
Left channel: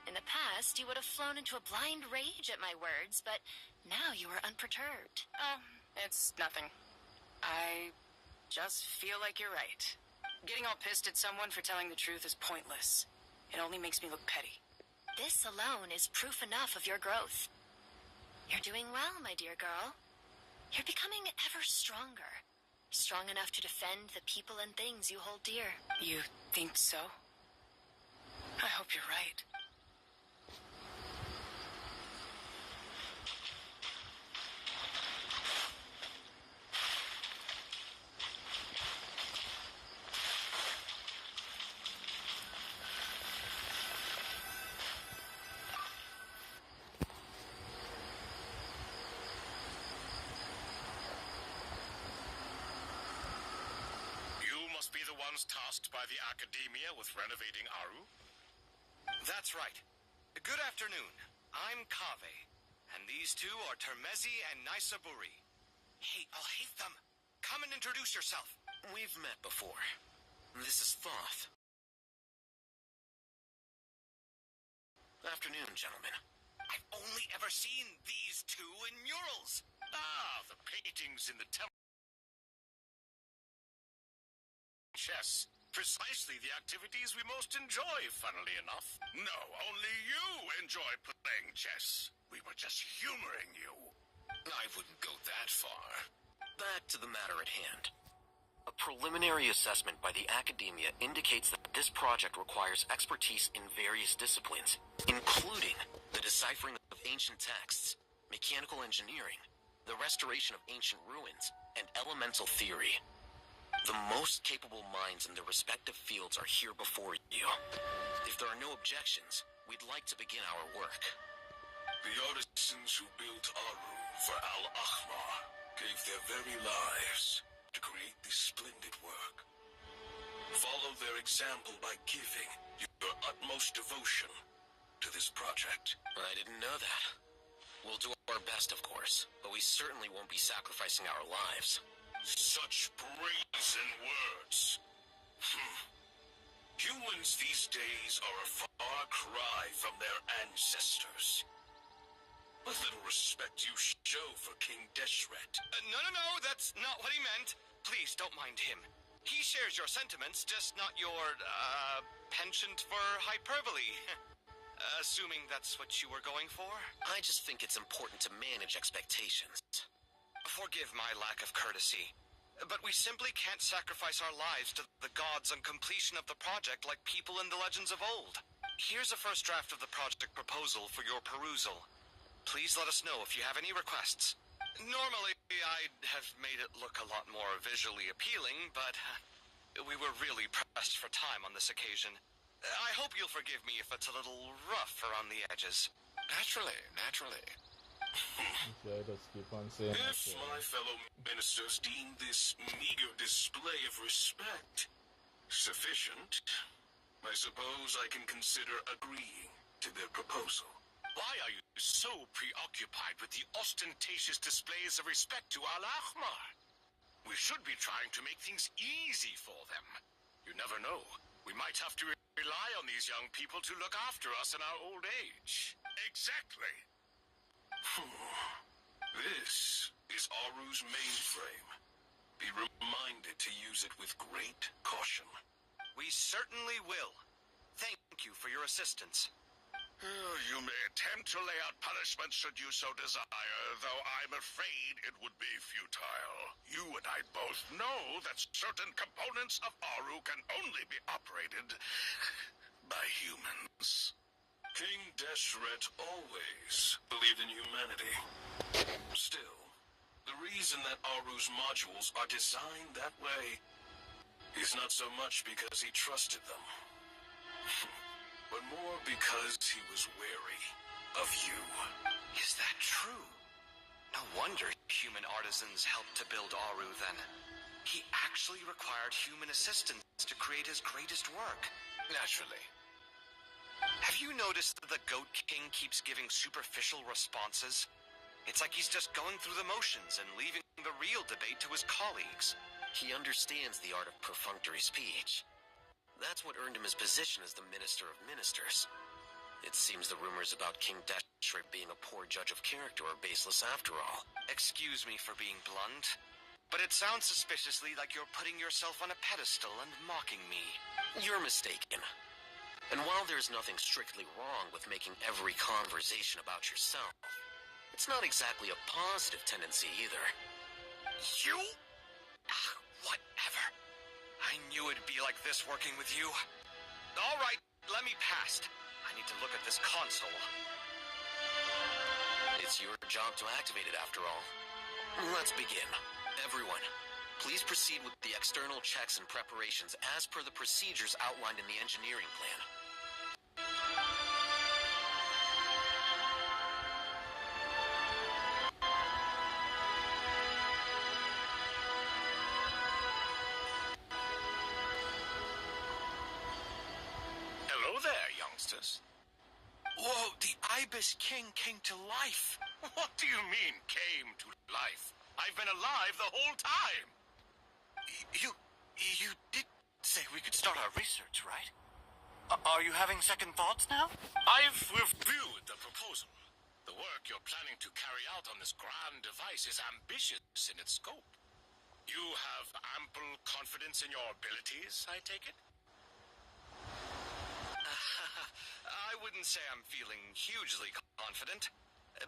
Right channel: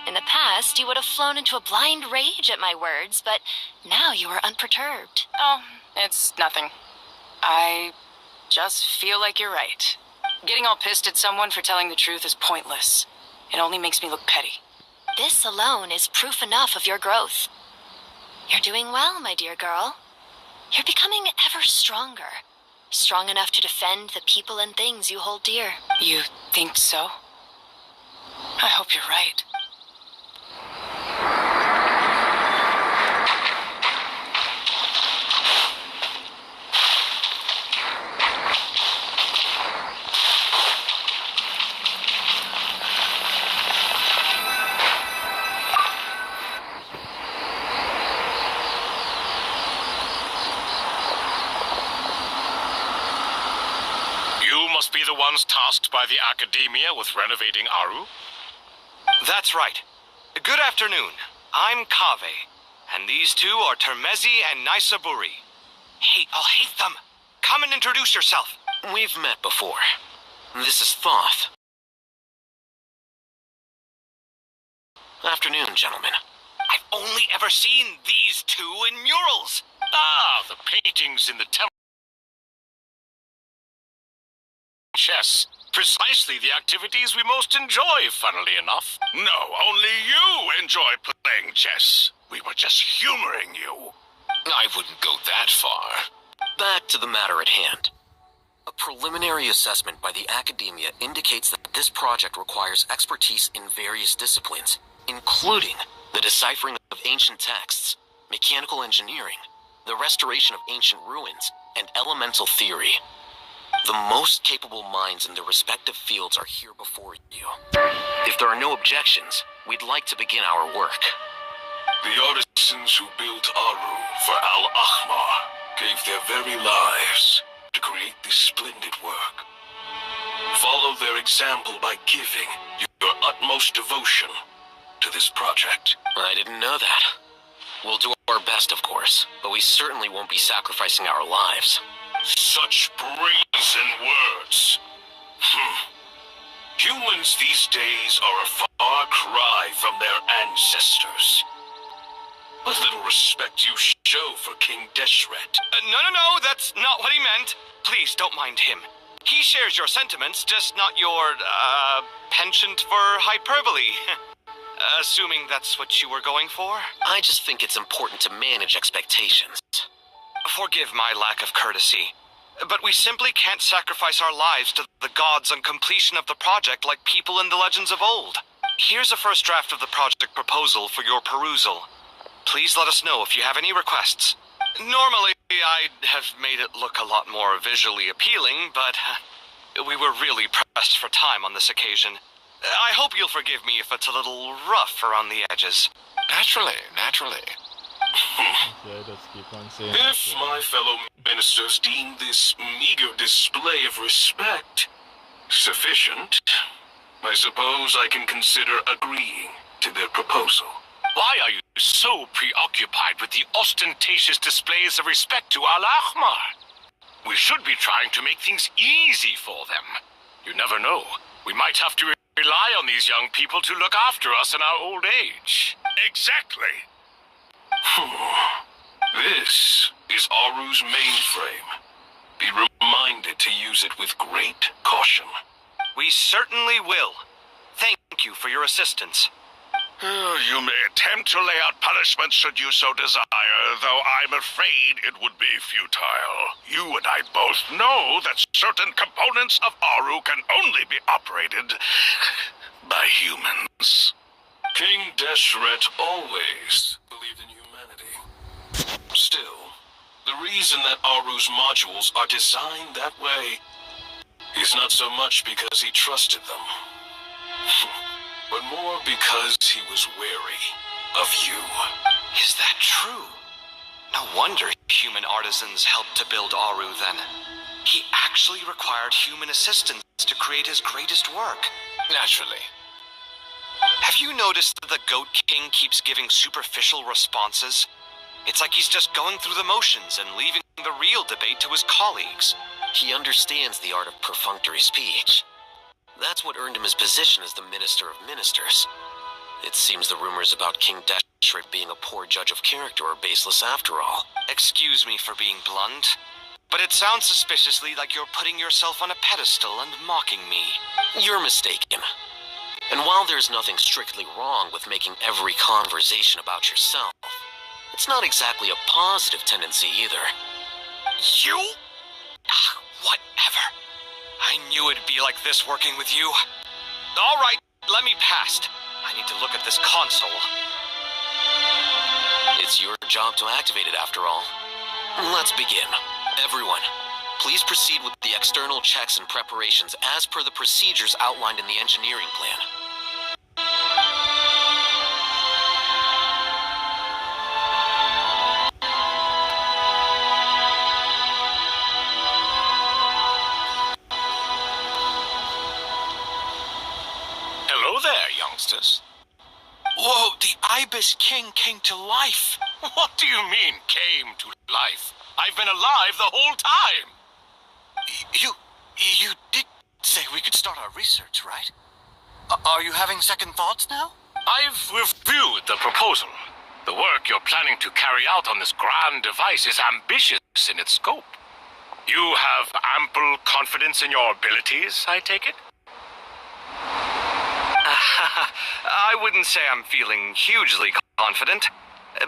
In the past, you would have flown into a blind rage at my words, but now you are unperturbed. Oh, it's nothing. I just feel like you're right. Getting all pissed at someone for telling the truth is pointless. It only makes me look petty. This alone is proof enough of your growth. You're doing well, my dear girl. You're becoming ever stronger. Strong enough to defend the people and things you hold dear. You think so? I hope you're right. Be the ones tasked by the Academia with renovating Aru? That's right. Good afternoon. I'm Kave, and these two are Termezi and Naisaburi. Hey, I'll hate them. Come and introduce yourself. We've met before. This is Thoth. Afternoon, gentlemen. I've only ever seen these two in murals. Ah, the paintings in the temple. Chess. Precisely the activities we most enjoy, funnily enough. No, only you enjoy playing chess. We were just humoring you. I wouldn't go that far. Back to the matter at hand. A preliminary assessment by the Academia indicates that this project requires expertise in various disciplines, including the deciphering of ancient texts, mechanical engineering, the restoration of ancient ruins, and elemental theory. The most capable minds in their respective fields are here before you. If there are no objections, we'd like to begin our work. The artisans who built Aru for Al-Akhmar gave their very lives to create this splendid work. Follow their example by giving your utmost devotion to this project. I didn't know that. We'll do our best, of course, but we certainly won't be sacrificing our lives. Such brazen words. Humans these days are a far cry from their ancestors. What little respect you show for King Deshret. No, that's not what he meant. Please don't mind him. He shares your sentiments, just not your, penchant for hyperbole. Assuming that's what you were going for? I just think it's important to manage expectations. Forgive my lack of courtesy, but we simply can't sacrifice our lives to the gods on completion of the project like people in the legends of old. Here's a first draft of the project proposal for your perusal. Please let us know if you have any requests. Normally, I'd have made it look a lot more visually appealing, but we were really pressed for time on this occasion. I hope you'll forgive me if it's a little rough around the edges. Naturally. Yeah, just keep on saying If my fellow ministers deem this meager display of respect sufficient, I suppose I can consider agreeing to their proposal. Why are you so preoccupied with the ostentatious displays of respect to Al-Akhmar? We should be trying to make things easy for them. You never know. We might have to rely on these young people to look after us in our old age. Exactly. This is Aru's mainframe. Be reminded to use it with great caution. We certainly will. Thank you for your assistance. You may attempt to lay out punishments should you so desire, though I'm afraid it would be futile. You and I both know that certain components of Aru can only be operated by humans. King Deshret always believed in humanity. Still, the reason that Aru's modules are designed that way is not so much because he trusted them, but more because he was wary of you. Is that true? No wonder human artisans helped to build Aru then. He actually required human assistance to create his greatest work. Naturally. Have you noticed that the Goat King keeps giving superficial responses? It's like he's just going through the motions and leaving the real debate to his colleagues. He understands the art of perfunctory speech. That's what earned him his position as the Minister of Ministers. It seems the rumors about King Deshret being a poor judge of character are baseless after all. Excuse me for being blunt, but it sounds suspiciously like you're putting yourself on a pedestal and mocking me. You're mistaken. And while there's nothing strictly wrong with making every conversation about yourself, it's not exactly a positive tendency either. You? Whatever. I knew it'd be like this working with you. All right, let me past. I need to look at this console. It's your job to activate it after all. Let's begin. Everyone, please proceed with the external checks and preparations as per the procedures outlined in the engineering plan. Hello there, youngsters. Whoa, the Ibis King came to life. What do you mean, came to life? I've been alive the whole time. You did say we could start our research, right? Are you having second thoughts now? I've reviewed the proposal. The work you're planning to carry out on this grand device is ambitious in its scope. You have ample confidence in your abilities, I take it? I wouldn't say I'm feeling hugely confident,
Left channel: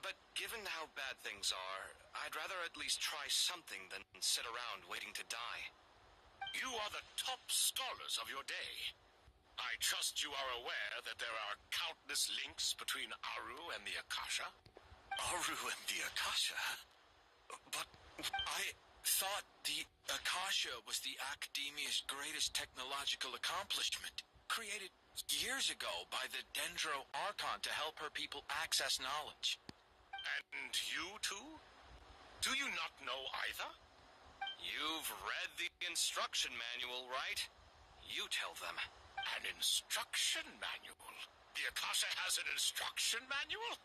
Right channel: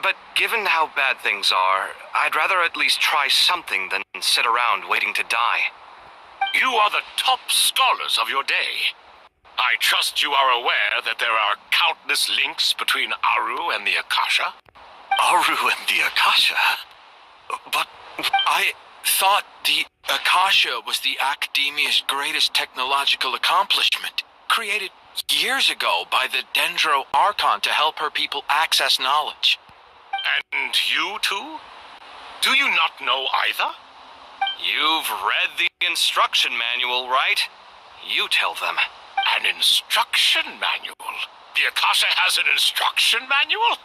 but given how bad things are, I'd rather at least try something than sit around waiting to die. You are the top scholars of your day. I trust you are aware that there are countless links between Aru and the Akasha. Aru and the Akasha? But I thought the Akasha was the Academia's greatest technological accomplishment, created years ago by the Dendro Archon to help her people access knowledge. And you too? Do you not know either? You've read the instruction manual, right? You tell them. An instruction manual? The Akasha has an instruction manual?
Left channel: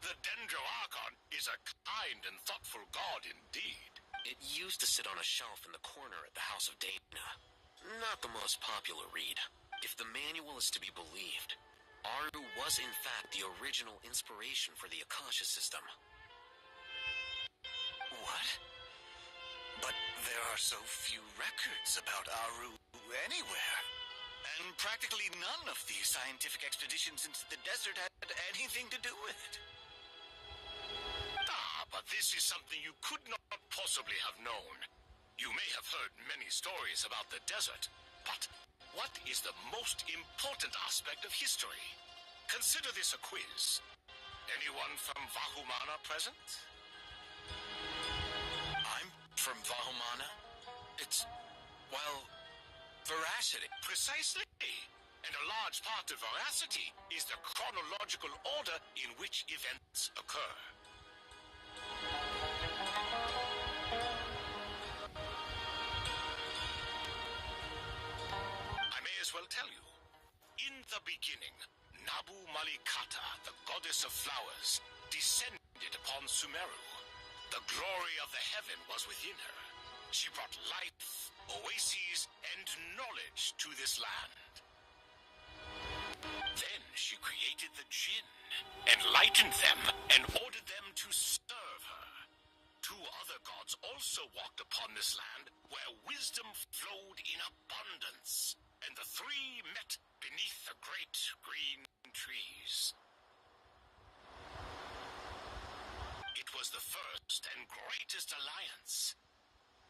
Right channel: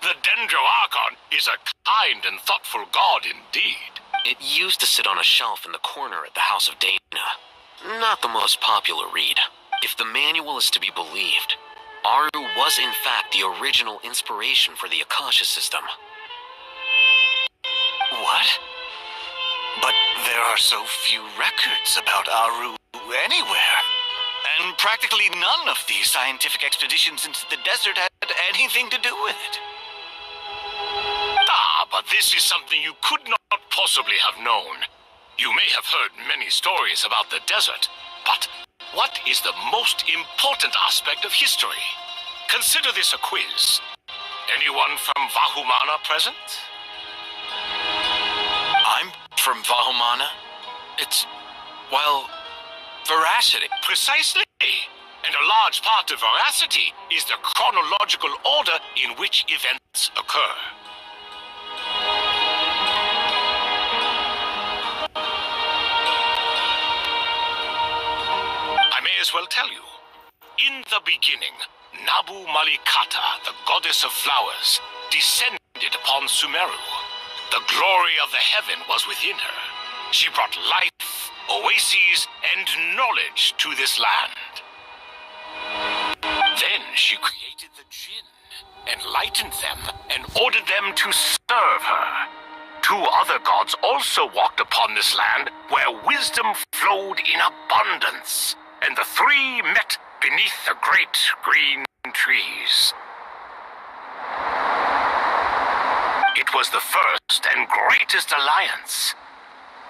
The Dendro Archon is a kind and thoughtful god indeed. It used to sit on a shelf in the corner at the House of Dana. Not the most popular read. If the manual is to be believed, Aru was in fact the original inspiration for the Akasha system. What? But there are so few records about Aru anywhere. And practically none of these scientific expeditions into the desert had anything to do with it. But this is something you could not possibly have known. You may have heard many stories about the desert, but what is the most important aspect of history? Consider this a quiz. Anyone from Vahumana present? I'm from Vahumana. It's, well, veracity. Precisely. And a large part of veracity is the chronological order in which events occur. I may as well tell you. In the beginning, Nabu Malikata, the goddess of flowers, descended upon Sumeru. The glory of the heaven was within her. She brought life, oases, and knowledge to this land. Then she created the Jinn, enlightened them, and ordered them to serve her. Two other gods also walked upon this land, where wisdom flowed in abundance, and the three met beneath the great green trees. It was the first and greatest alliance.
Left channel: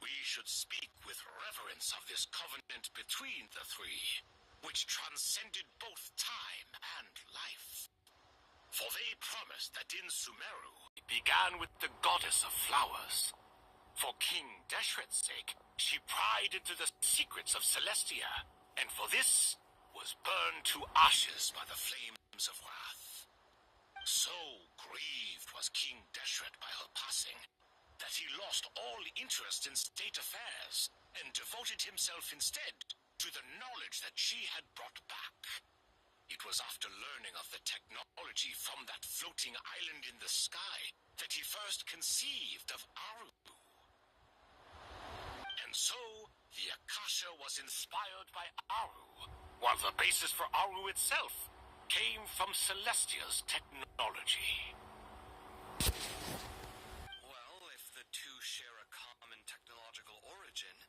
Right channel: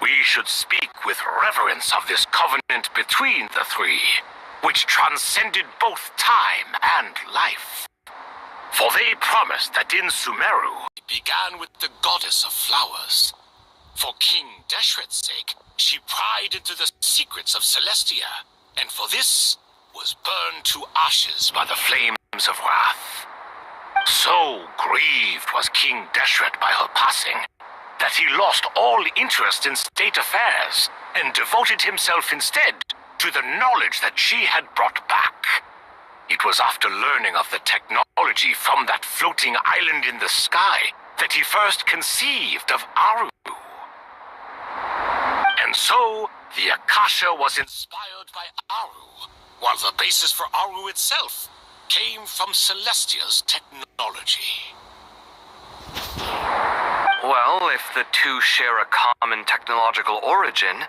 We should speak with reverence of this covenant between the three, which transcended both time and life. For they promised that in Sumeru it began with the goddess of flowers. For King Deshret's sake, she pried into the secrets of Celestia, and for this was burned to ashes by the flames of wrath. So grieved was King Deshret by her passing, that he lost all interest in state affairs and devoted himself instead to the knowledge that she had brought back. It was after learning of the technology from that floating island in the sky that he first conceived of Aru. And so, the Akasha was inspired by Aru, while the basis for Aru itself came from Celestia's technology. Well, if the two share a common technological origin,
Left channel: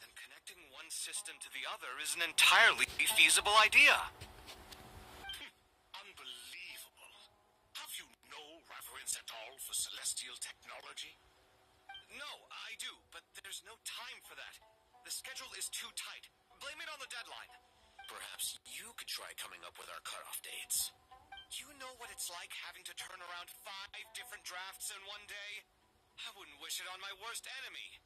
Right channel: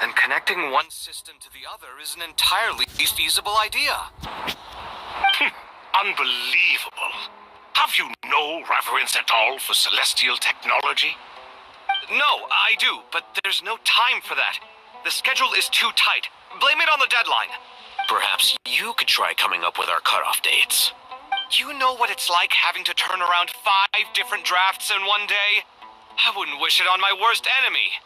then connecting one system to the other is an entirely feasible idea. Unbelievable. Have you no reverence at all for celestial technology? No, I do, but there's no time for that. The schedule is too tight. Blame it on the deadline. Perhaps you could try coming up with our cutoff dates. You know what it's like having to turn around 5 different drafts in one day? I wouldn't wish it on my worst enemy.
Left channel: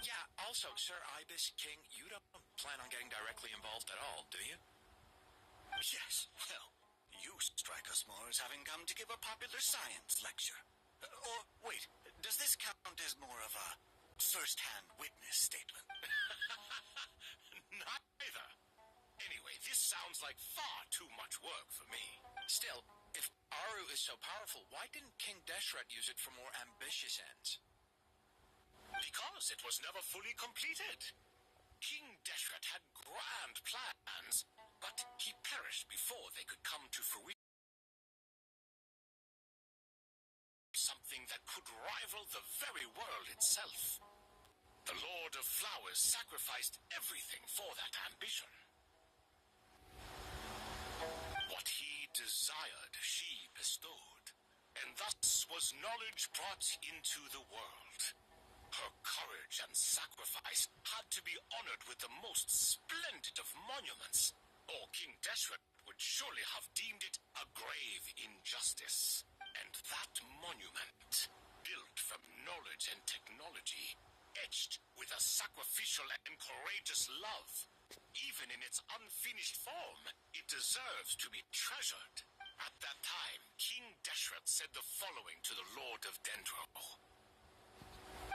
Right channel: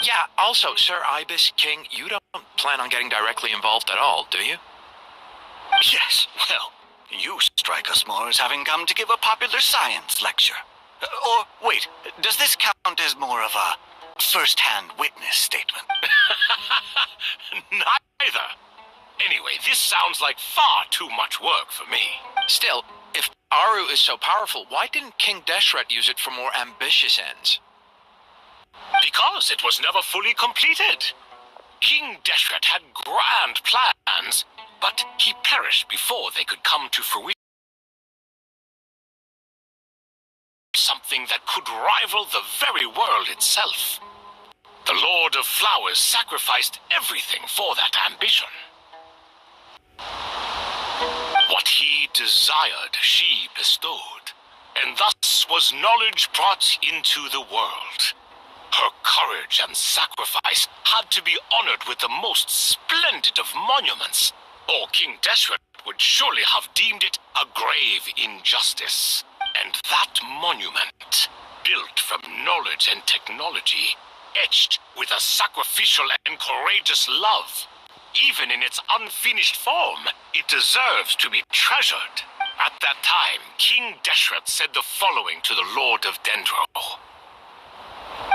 Yeah, also, Sir Ibis King, you don't plan on getting directly involved at all, do you? Yes, well, you strike us more as having come to give a popular science lecture. Or, wait, does this count as more of a first-hand witness statement? Neither. Anyway, this sounds like far too much work for me. Still, if Aru is so powerful, why didn't King Deshret use it for more ambitious ends? Because it was never fully completed. King Deshret had grand plans, but he perished before they could come to fruition. Something that could rival the very world itself. The Lord of Flowers sacrificed everything for that ambition. What he desired, she bestowed, and thus was knowledge brought into the world. Her courage and sacrifice had to be honored with the most splendid of monuments, or King Deshret would surely have deemed it a grave injustice. And that monument, built from knowledge and technology, etched with a sacrificial and courageous love, even in its unfinished form, it deserves to be treasured. At that time, King Deshret said the following to the Lord of Dendro.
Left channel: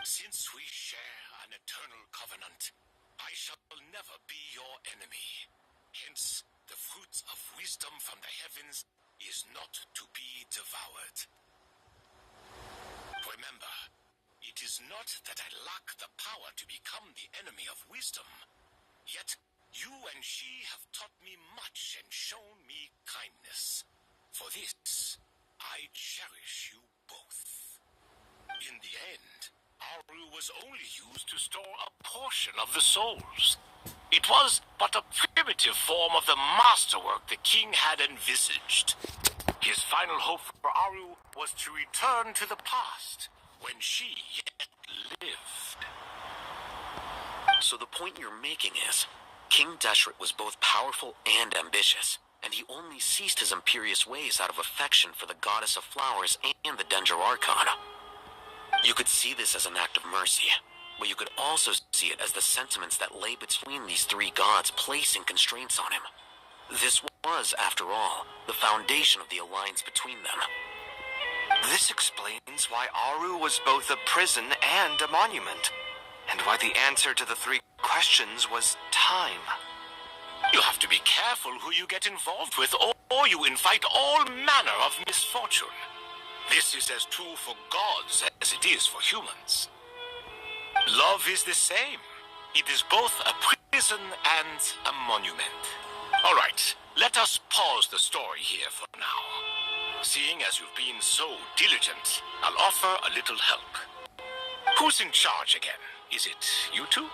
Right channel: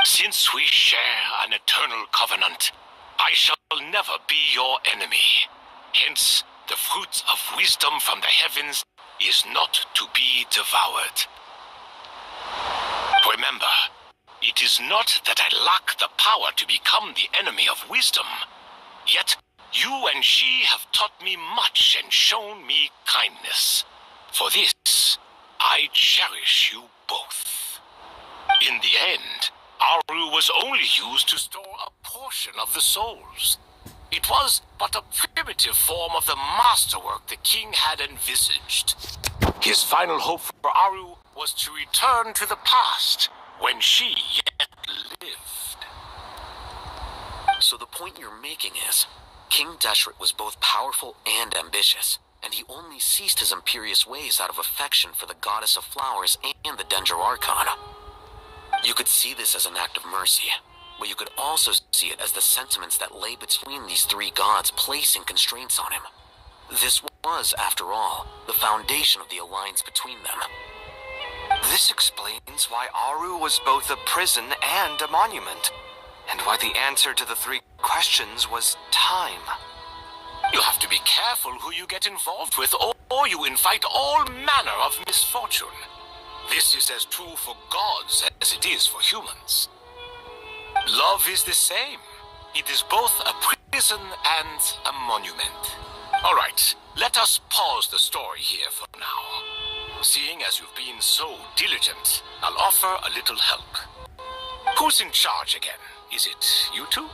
Since we share an eternal covenant, I shall never be your enemy. Hence, the fruits of wisdom from the heavens is not to be devoured. Remember, it is not that I lack the power to become the enemy of wisdom, yet you and she have taught me much and shown me kindness. For this, I cherish you both. In the end, Aru was only used to store a portion of the souls. It was but a primitive form of the masterwork the king had envisaged. His final hope for Aru was to return to the past, when she yet lived. So the point you're making is, King Deshret was both powerful and ambitious, and he only ceased his imperious ways out of affection for the goddess of flowers and the Dendro Archon. You could see this as an act of mercy, but you could also see it as the sentiments that lay between these three gods placing constraints on him. This was, after all, the foundation of the alliance between them. This explains why Aru was both a prison and a monument, and why the answer to the 3 questions was time. You have to be careful who you get involved with, or you invite all manner of misfortune. This is as true for gods as it is for humans. Love is the same. It is both a prison and a monument. All right, let us pause the story here for now. Seeing as you've been so diligent, I'll offer a little help. Who's in charge again? Is it you two?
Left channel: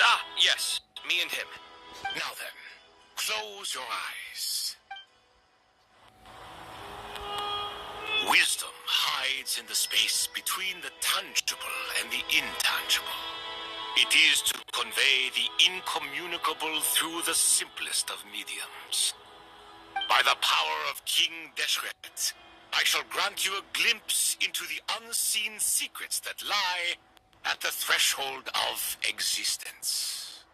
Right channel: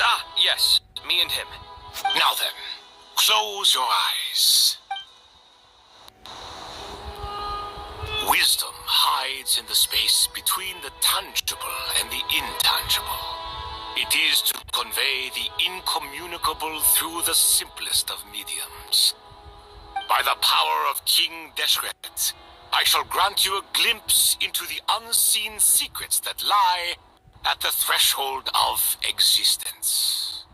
Ah, yes, me and him. Now then, close your eyes. wisdom hides in the space between the tangible and the intangible. It is to convey the incommunicable through the simplest of mediums. By the power of King Deshret, I shall grant you a glimpse into the unseen secrets that lie at the threshold of existence.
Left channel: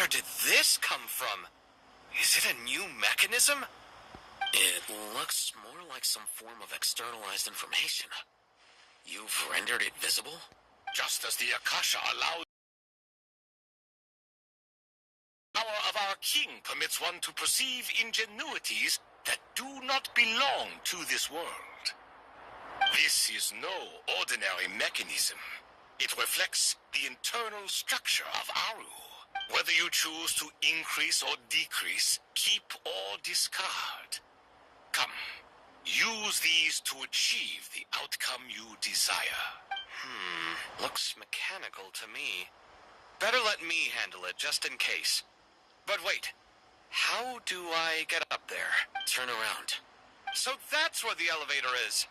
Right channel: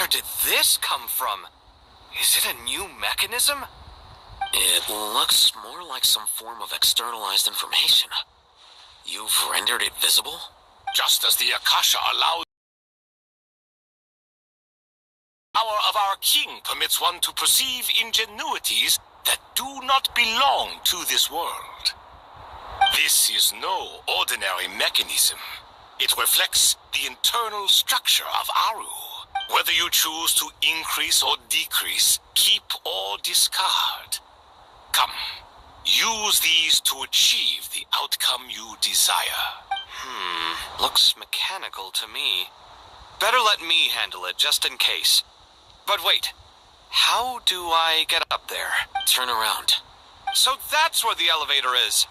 Where did this come from? Is it a new mechanism? It looks more like some form of externalized information. You've rendered it visible? Just as the Akasha allows the power of our king permits one to perceive ingenuities that do not belong to this world. This is no ordinary mechanism. It reflects the internal structure of Aru. Whether you choose to increase or decrease, keep or discard. Come, use these to achieve the outcome you desire. Looks mechanical to me. Better let me handle it, just in case. But wait, how do I get up there? Turn around. So that's where the elevator is.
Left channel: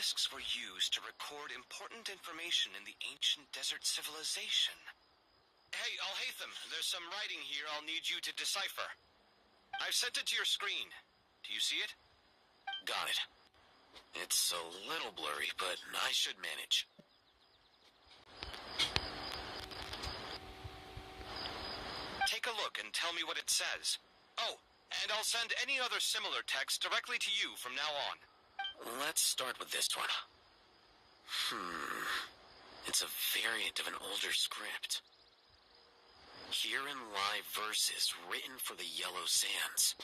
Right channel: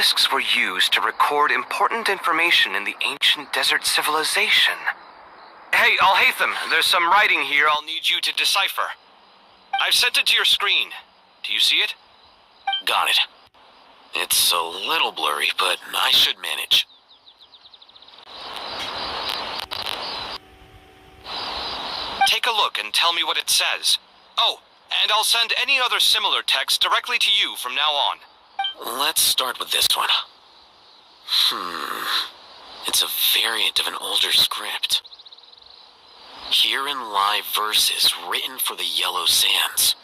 obelisks were used to record important information in the ancient desert civilization. Hey, Alhaitham, there's some writing here I'll need you to decipher. I've sent it to your screen. Do you see it? Got it. It's a little blurry, but I should manage. Take a look and tell me what it says. Oh, and I'll send any other similar text directly to you from now on. Let's start with this one. It's a variant of an older script. Herein lie verses written for the Yellow Sands.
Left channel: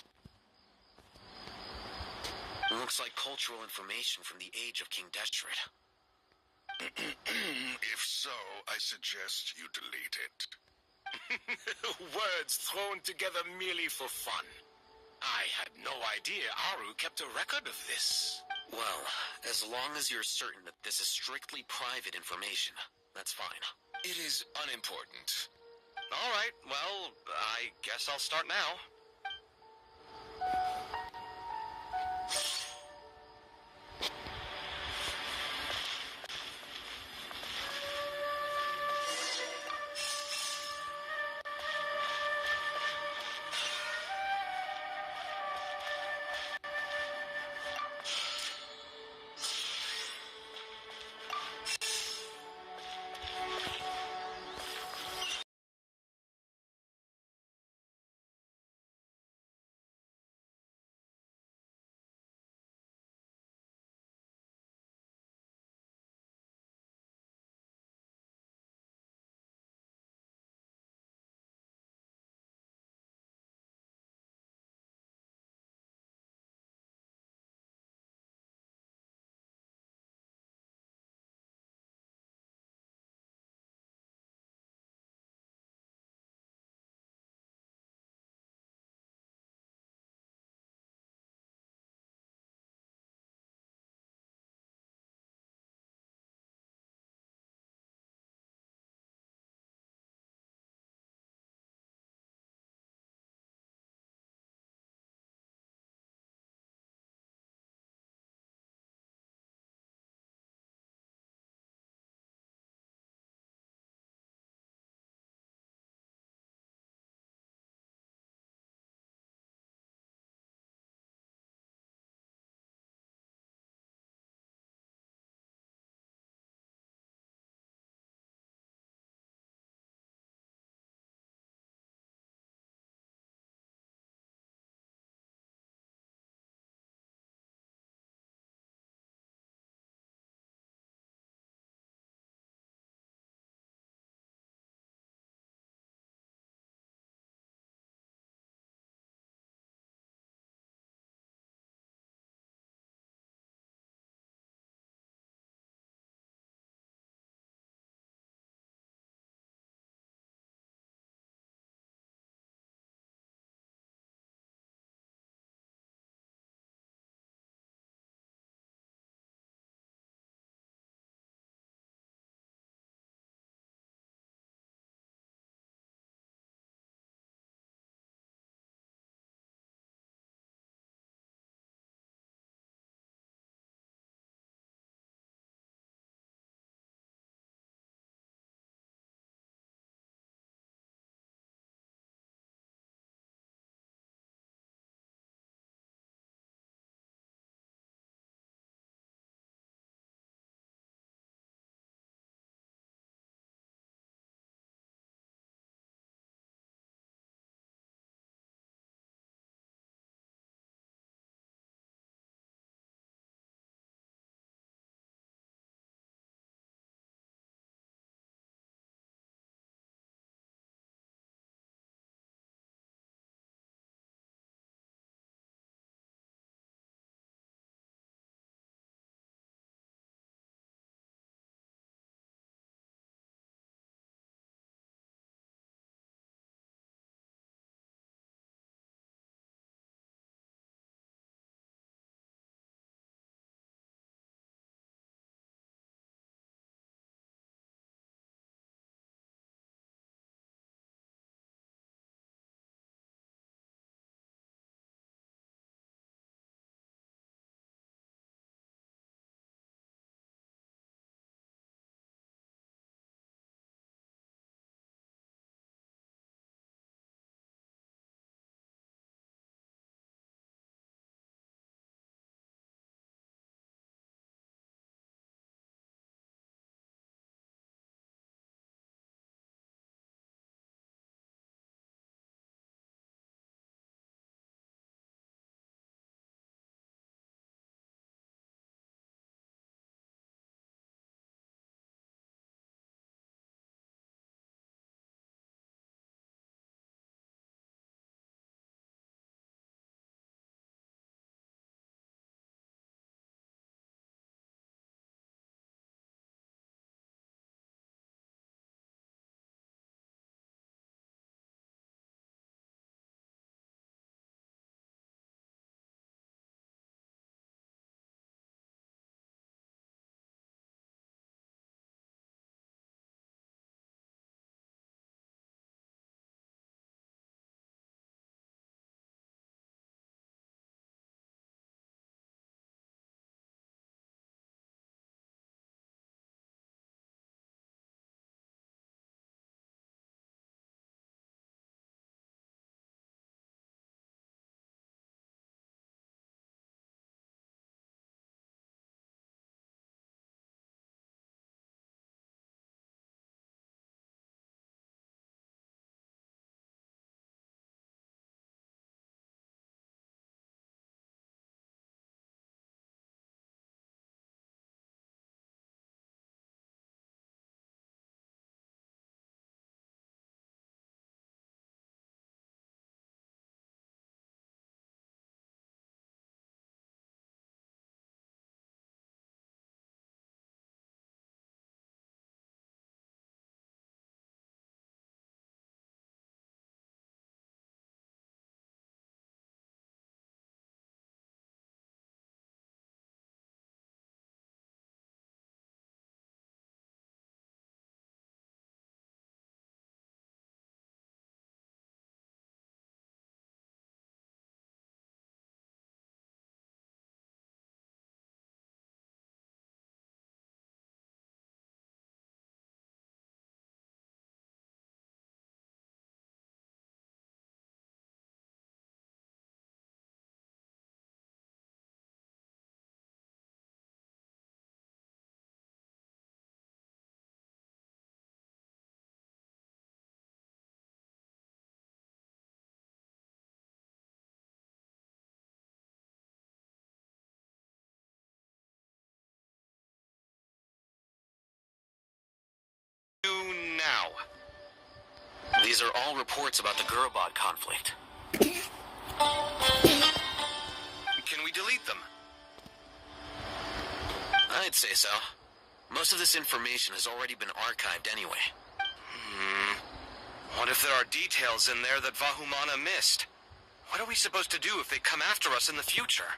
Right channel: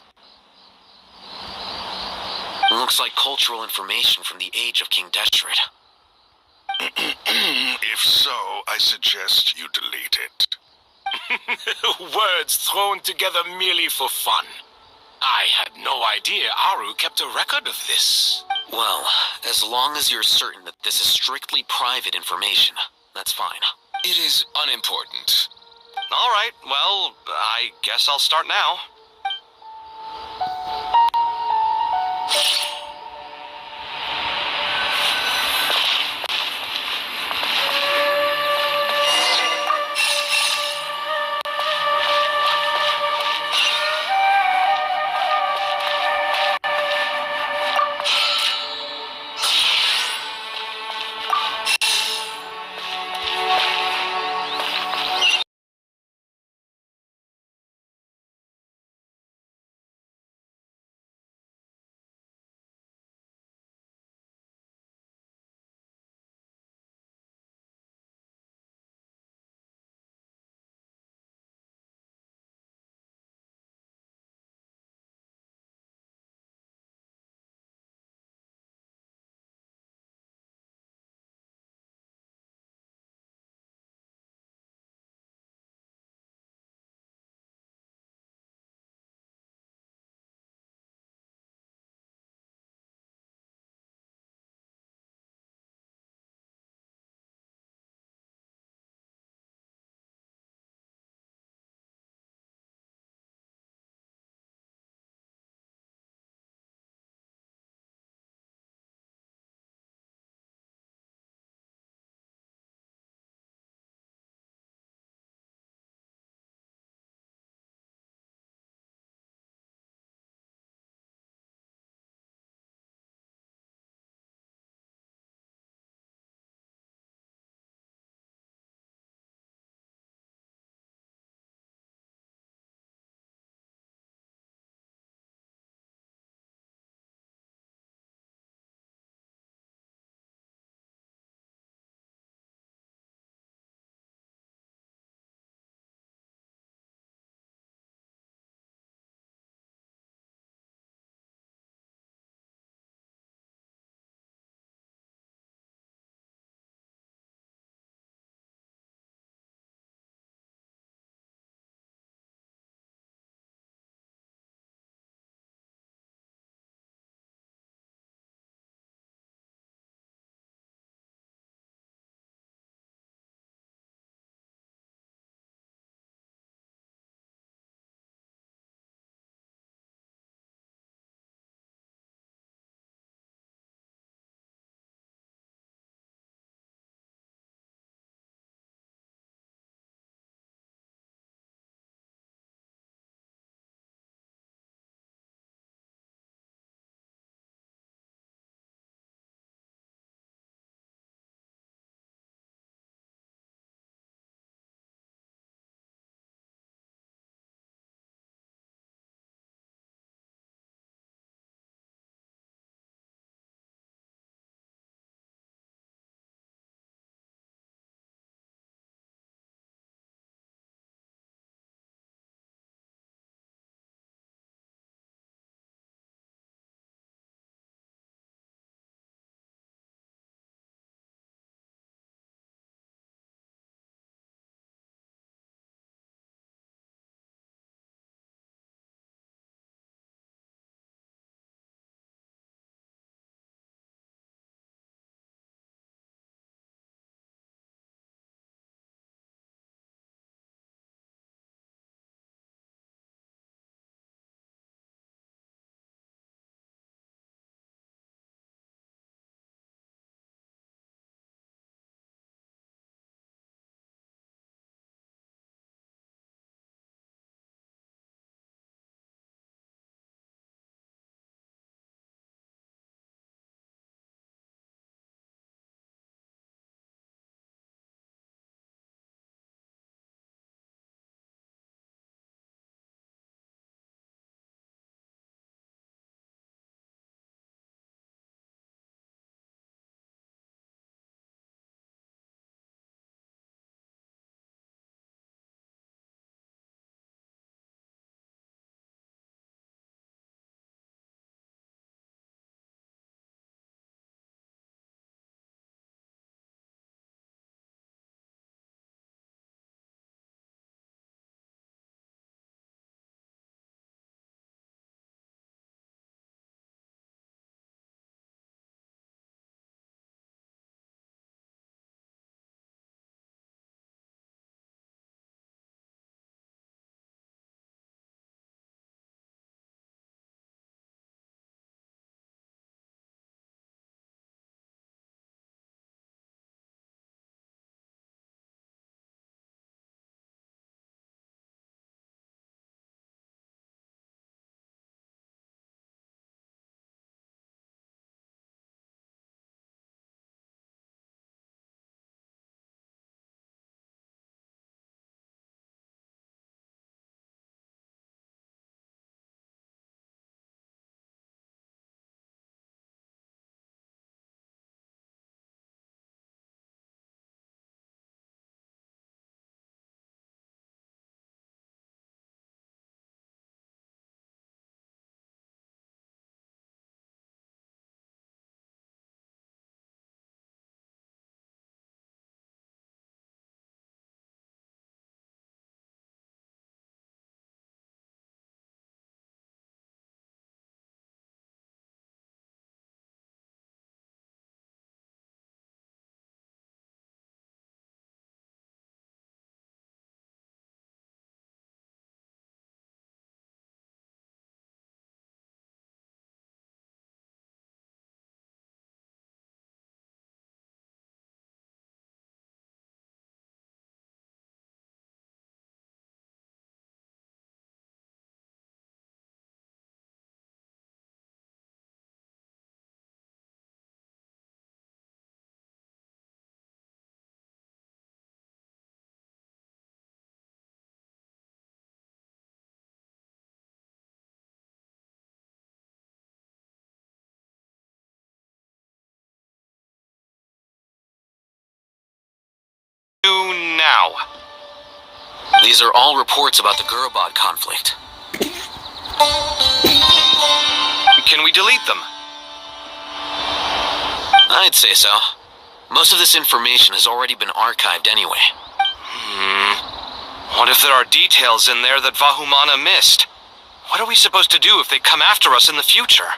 Looks like cultural information from the age of King Deshret. If so, I suggest you delete it. Words thrown together merely for fun. I had no idea Aru kept a record of this. Well, as long as you're certain that this is strictly private information, that's fine. It is unimportant. All right, well, I guess I'll start now. now? These are all reports about the Gurubad conflict. Can we delete them? I'd say so. Most of this information has already been archived anyway. What if there are details in there that Vahumana missed? What are we supposed to do if they come after us in the future?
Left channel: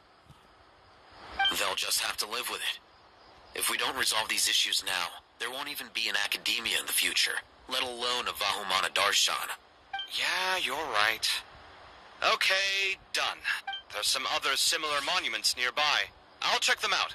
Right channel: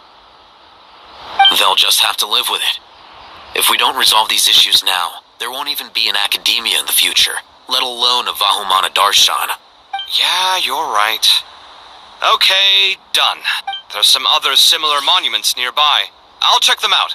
They'll just have to live with it. If we don't resolve these issues now, there won't even be an academia in the future, let alone a Vahumana Darshan. Yeah, you're right. Okay, done. There's some other similar monuments nearby. I'll check them out.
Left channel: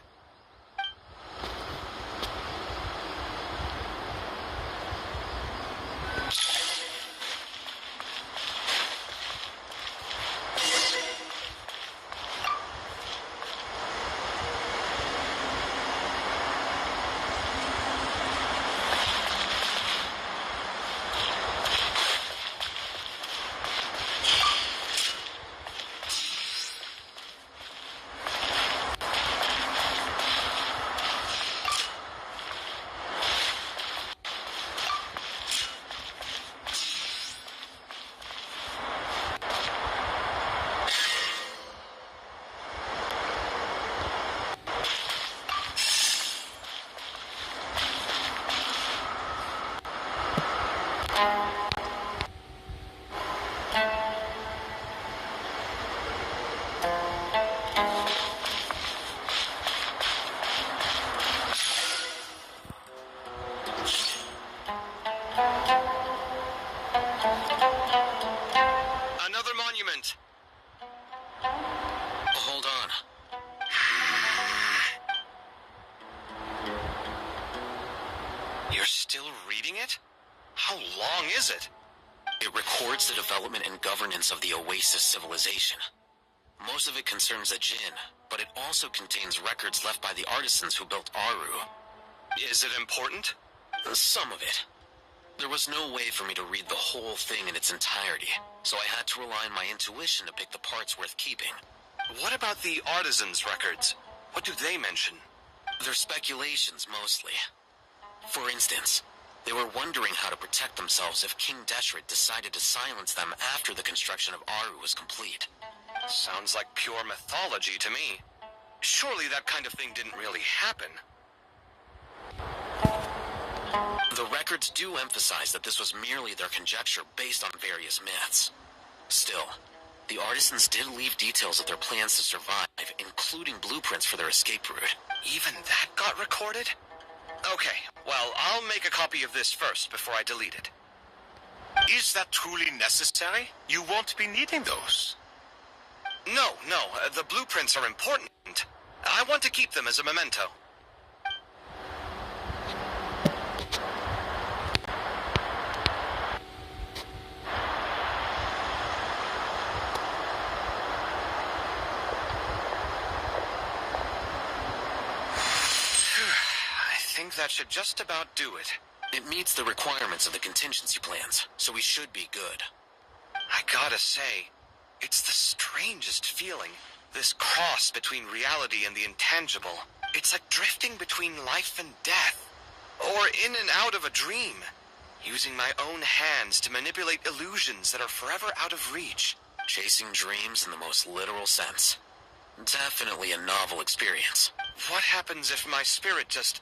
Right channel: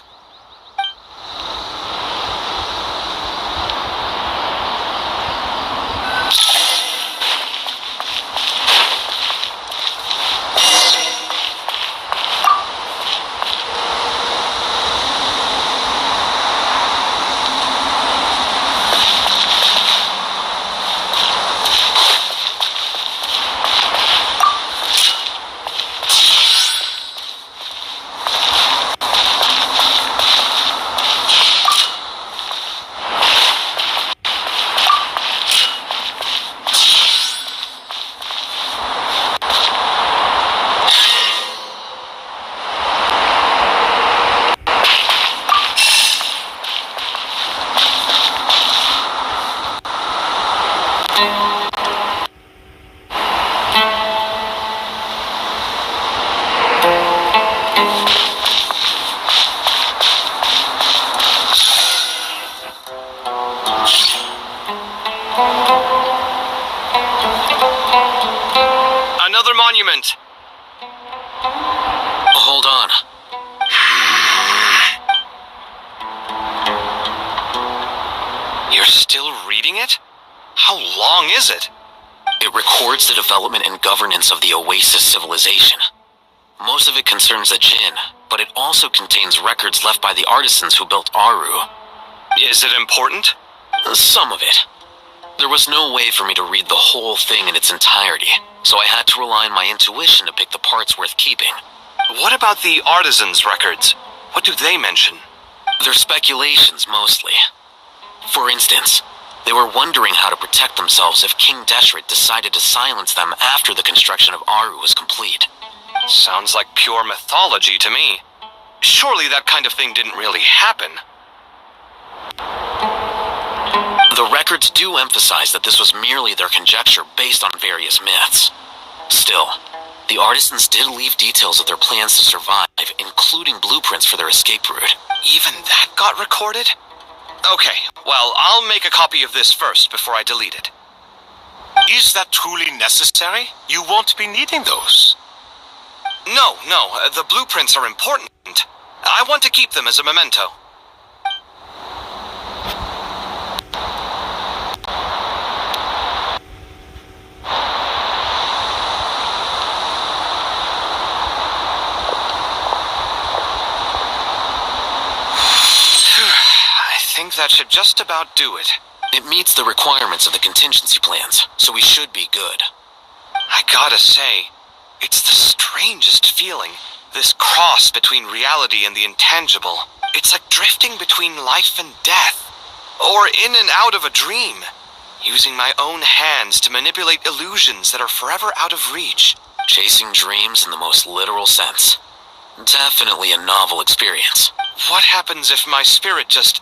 Another monument. Hold on. You're still reading it? How long is it? It records the development and governance of the Oasis civilization. Most of it concerns the Jinn, but it also contains records left by the artisans who built Aru. Is it important? Some of it. There was no way for me to read the whole thing in its entirety, so I had to rely on my intuition to pick the parts worth keeping. What about the artisans' records? What do they mention? They're speculations, mostly. For instance, they were wondering how to protect themselves if King Deshret decided to silence them after the construction of Aru was complete. Sounds like pure mythology to me. Surely that kind of thing didn't really happen. The records do emphasize that this was merely their conjecture based on various myths. Still, the artisans did leave details of their plans to survive, including blueprints for their escape route. Even that got recorded? Okay, well, I'll make a copy of this first before I delete it. Is that truly necessary? You won't be needing those. No, the blueprints are important. I want to keep them as a memento. I think that should just about do it. It meets the requirements of the contingency plans, so we should be good. I gotta say, it's the strangest feeling. This cross between reality and the intangible. It's like drifting between life and death. Or in and out of a dream. Using my own hands to manipulate illusions that are forever out of reach. Chasing dreams in the most literal sense. Definitely a novel experience. What happens if my spirit just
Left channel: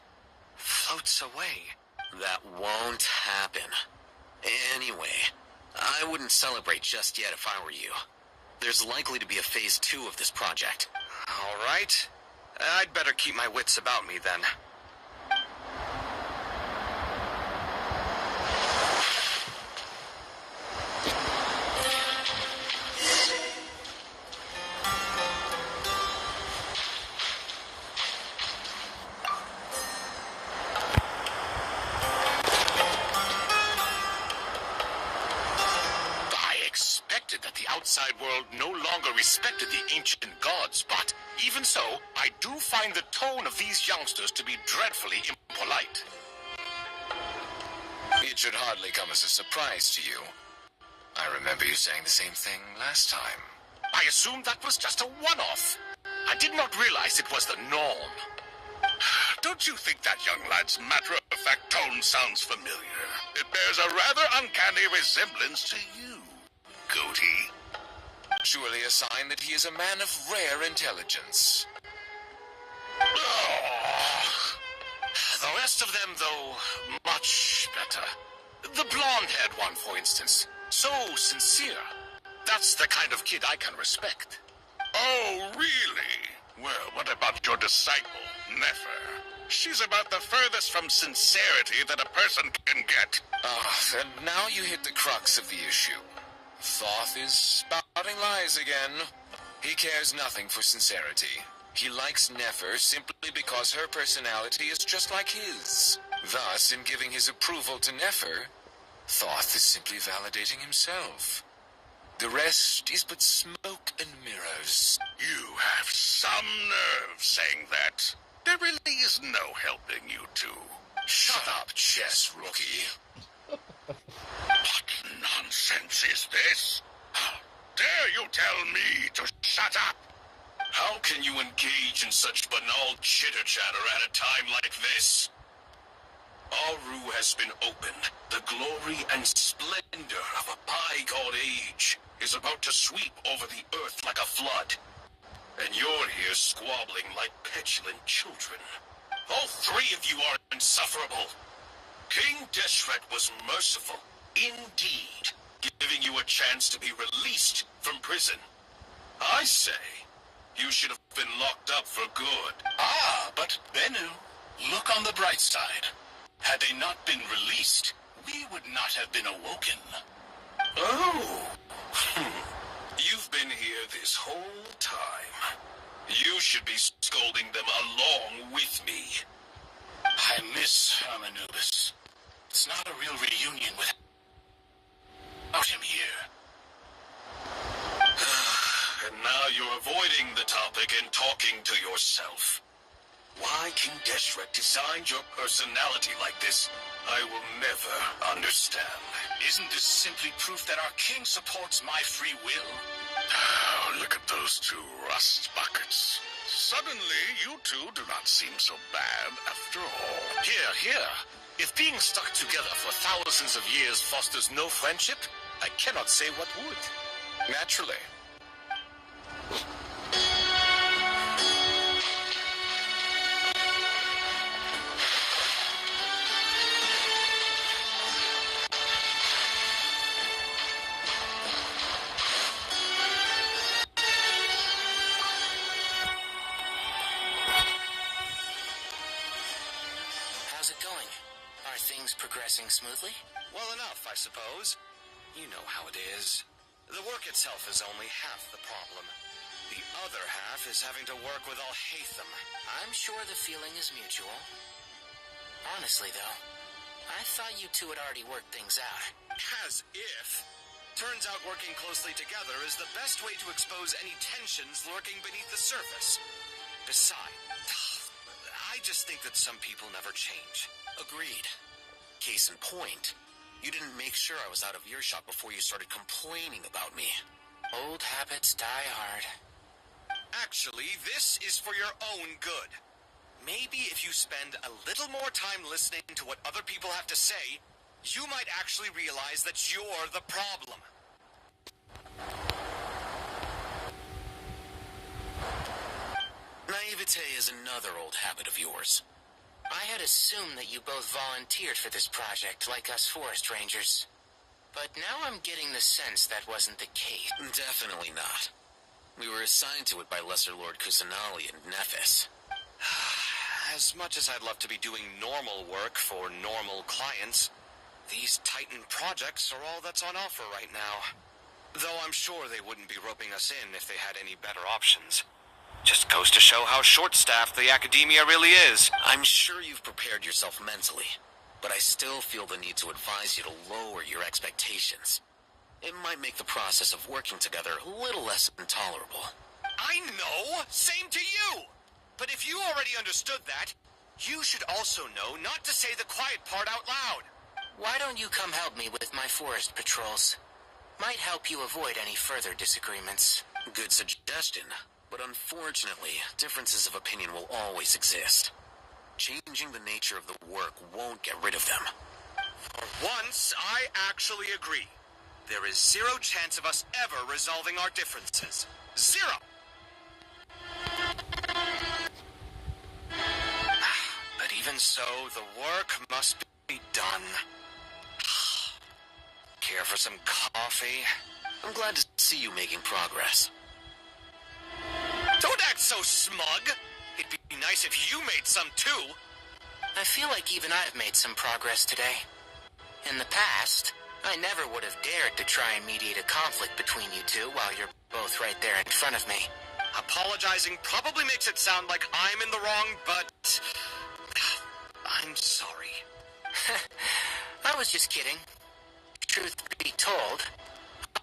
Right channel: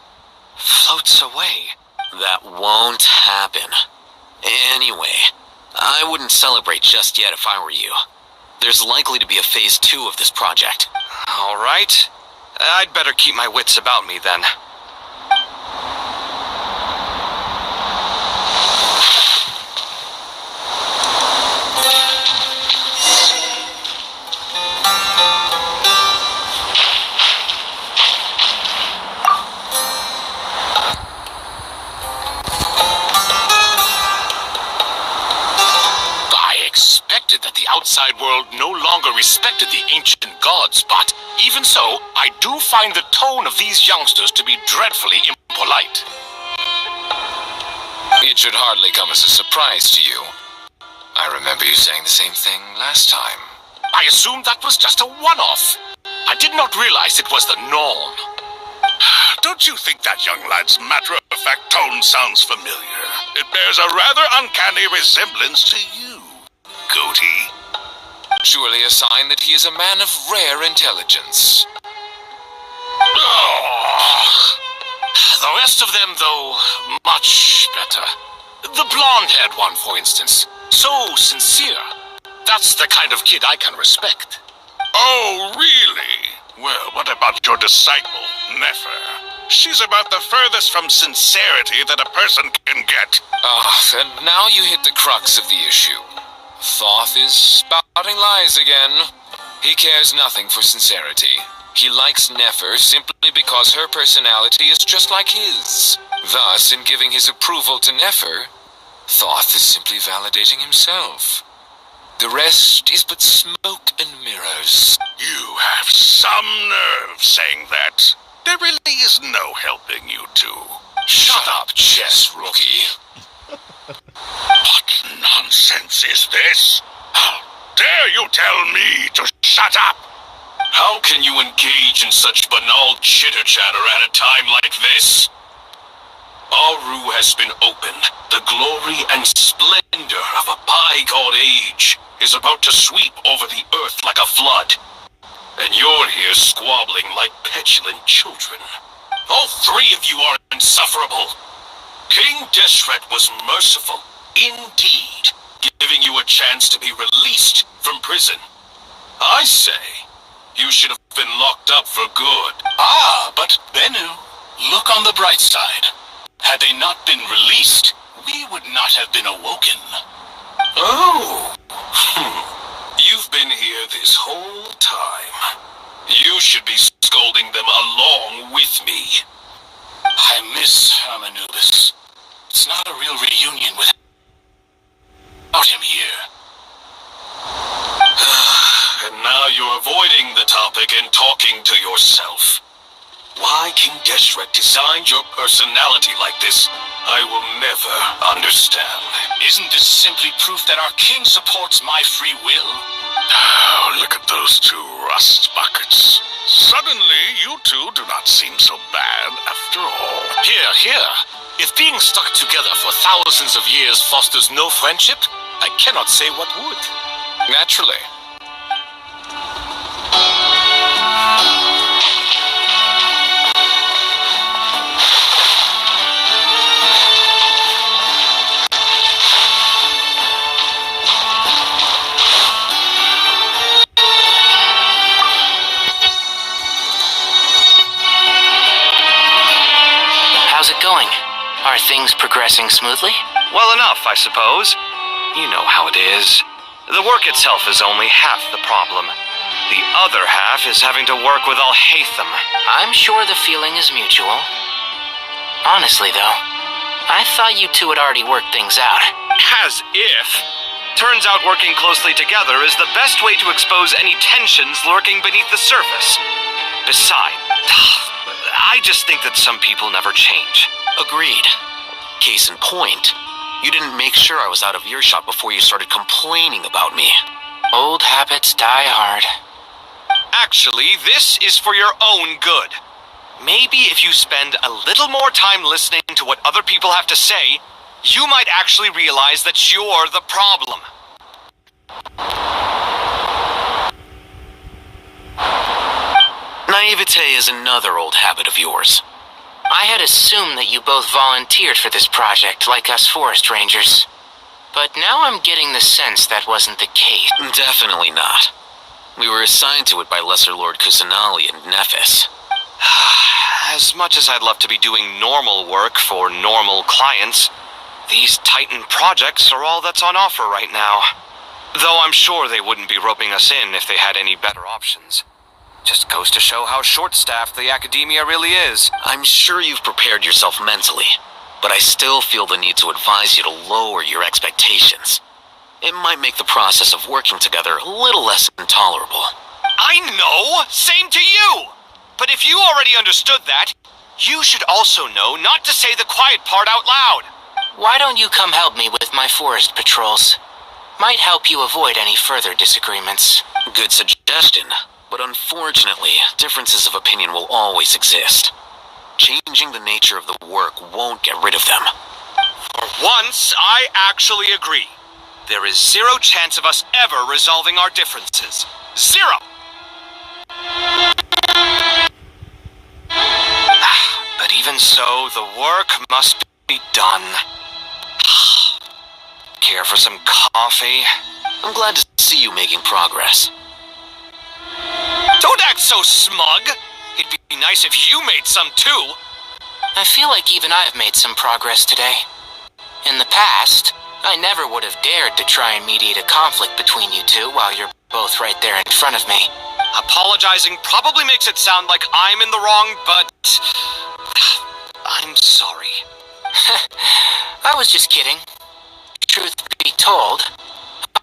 floats away? That won't happen. Anyway, I wouldn't celebrate just yet if I were you. There's likely to be a phase 2 of this project. All right. I'd better keep my wits about me then. That the outside world no longer respected the ancient gods, but even so, I do find the tone of these youngsters to be dreadfully impolite. It should hardly come as a surprise to you. I remember you saying the same thing last time. I assumed that was just a one-off. I did not realize it was the norm. Don't you think that young lad's matter of matter-of-fact tone sounds familiar. It bears a rather uncanny resemblance to you, Goatee. Surely a sign that he is a man of rare intelligence. Oh. The rest of them, though, much better. The blonde-haired one, for instance. So sincere. That's the kind of kid I can respect. Oh, really? Well, what about your disciple, Nefer? She's about the furthest from sincerity that a person can get. And now you hit the crux of the issue. Thoth is spouting lies again. He cares nothing for sincerity. He likes Nefer simply because her personality is just like his. Thus, in giving his approval to Nefer, Thoth is simply validating himself. The rest is but smoke and mirrors. You have some nerve saying that. There really is no helping you two. Shut up, chess rookie. What nonsense is this? How dare you tell me to shut up? How can you engage in such banal chitter-chatter at a time like this? Aru has been opened. The glory and splendor of a bygone age is about to sweep over the earth like a flood. And you're here squabbling like petulant children. All three of you are insufferable. King Deshret was merciful, indeed, giving you a chance to be released from prison. I say, you should have been locked up for good. But Bennu, look on the bright side. Had they not been released, we would not have been awoken. Oh. You've been here this whole time. You should be scolding them along with me. I miss Hermanubis. It's not a real reunion without him here. And now you're avoiding the topic and talking to yourself. Why King Deshret designed your personality like this, I will never understand. Isn't this simply proof that our king supports my free will? Oh, look at those two rust buckets. Suddenly, you two do not seem so bad after all. Here. If being stuck together for thousands of years fosters no friendship, I cannot say what would. Naturally. How's it going? Are things progressing smoothly? Well enough, I suppose. You know how it is. The work itself is only half the problem. The other half is having to work with Al-Haytham. I'm sure the feeling is mutual. Honestly, though, I thought you two had already worked things out. As if. Turns out working closely together is the best way to expose any tensions lurking beneath the surface. Besides, I just think that some people never change. Agreed. Case in point, you didn't make sure I was out of earshot before you started complaining about me. Old habits die hard. Actually, this is for your own good. Maybe if you spend a little more time listening to what other people have to say, you might actually realize that you're the problem. Naivete is another old habit of yours. I had assumed that you both volunteered for this project like us forest rangers. But now I'm getting the sense that wasn't the case. Definitely not. We were assigned to it by Lesser Lord Kusanali and Nephis. As much as I'd love to be doing normal work for normal clients, these Titan projects are all that's on offer right now. Though I'm sure they wouldn't be roping us in if they had any better options. Just goes to show how short-staffed the academia really is. I'm sure you've prepared yourself mentally, but I still feel the need to advise you to lower your expectations. It might make the process of working together a little less intolerable. I know! Same to you! But if you already understood that, you should also know not to say the quiet part out loud. Why don't you come help me with my forest patrols? Might help you avoid any further disagreements. Good suggestion, but unfortunately, differences of opinion will always exist. Changing the nature of the work won't get rid of them. For once, I actually agree. There is zero chance of us ever resolving our differences. Zero! But even so, the work must be done. Care for some coffee? I'm glad to see you making progress. Don't act so smug! It'd be nice if you made some too. I feel like even I've made some progress today. In the past, I never would have dared to try and mediate a conflict between you two while you're both right there in front of me. Apologizing probably makes it sound like I'm in the wrong, but I'm sorry. I was just kidding. Truth be told,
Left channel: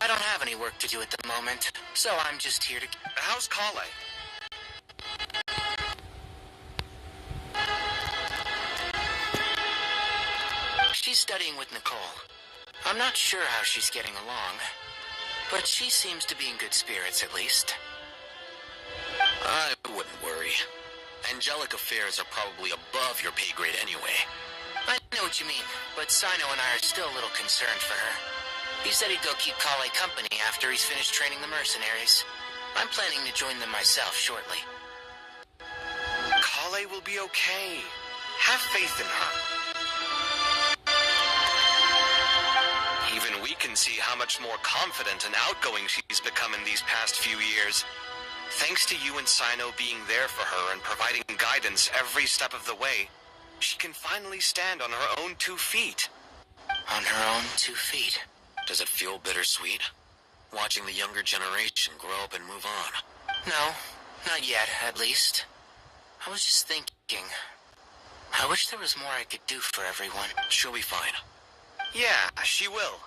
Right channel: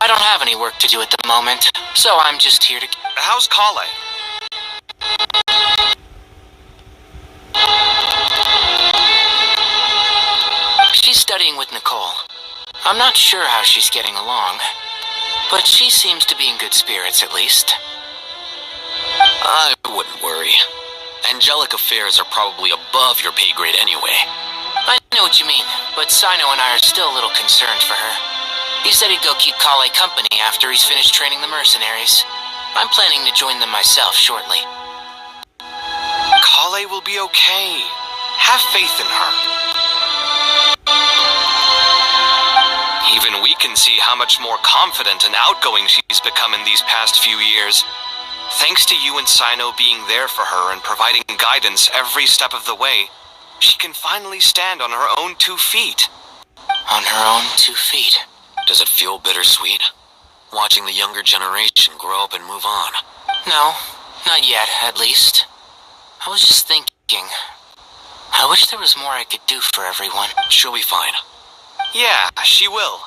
I don't have any work to do at the moment, so I'm just here to... How's Kale? She's studying with Nicole. I'm not sure how she's getting along, but she seems to be in good spirits at least. I wouldn't worry. Angelic affairs are probably above your pay grade anyway. I know what you mean, but Sino and I are still a little concerned for her. He said he'd go keep Kale company after he's finished training the mercenaries. I'm planning to join them myself shortly. Kale will be okay. Have faith in her. Even we can see how much more confident and outgoing she's become in these past few years. Thanks to you and Sino being there for her and providing guidance every step of the way, she can finally stand on her own 2 feet. On her own 2 feet? Does it feel bittersweet? Watching the younger generation grow up and move on? No, not yet, at least. I was just thinking, I wish there was more I could do for everyone. She'll be fine. Yeah, she will.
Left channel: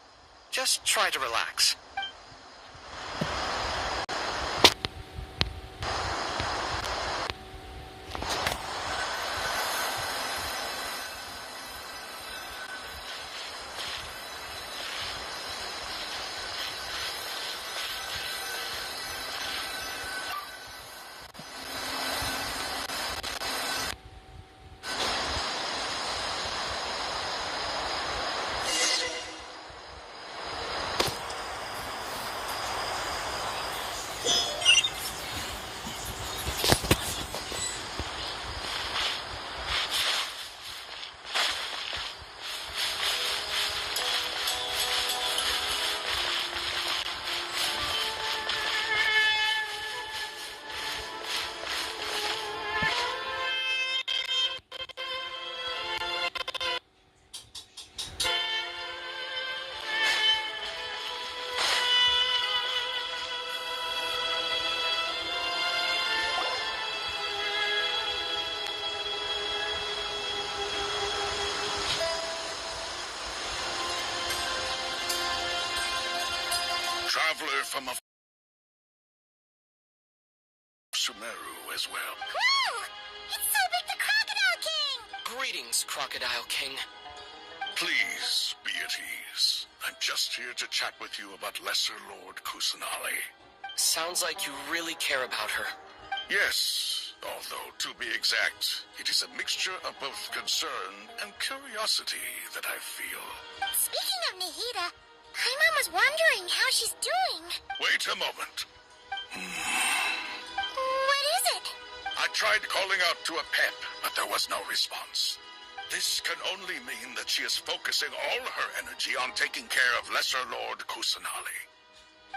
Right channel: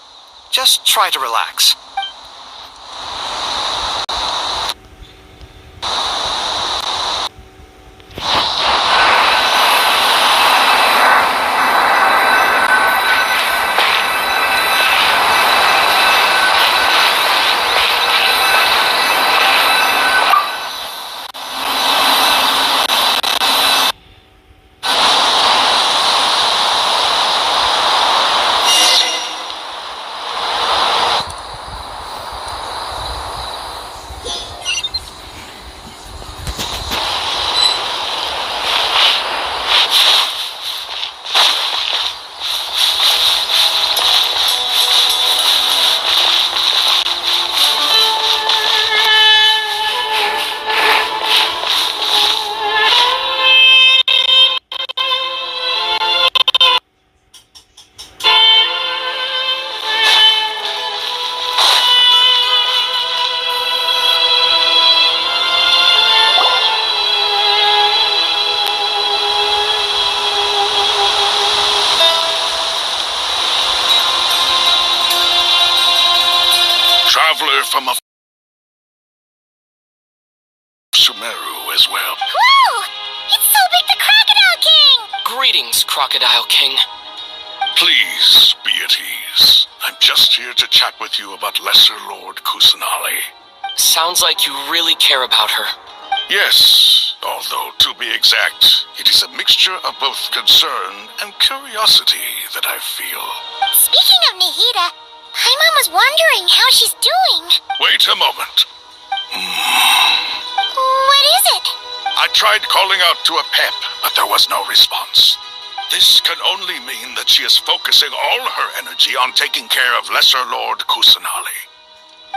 Just try to relax. Traveler from a Sumeru as well. Whoa! It's so big the Crocodile King! Greetings, Crocodile King. Please be at ease. I'm just here to chat with you about Lesser Lord Kusanali. Sounds like you really care about her. Yes, although to be exact, it is a mixture of both concern and curiosity that I feel. Speaking of Nihida, Paimon was wondering how she's doing. Wait a moment. What is it? I tried calling out to a pep, but there was no response. This can only mean that she is focusing all her energy on taking care of Lesser Lord Kusanali.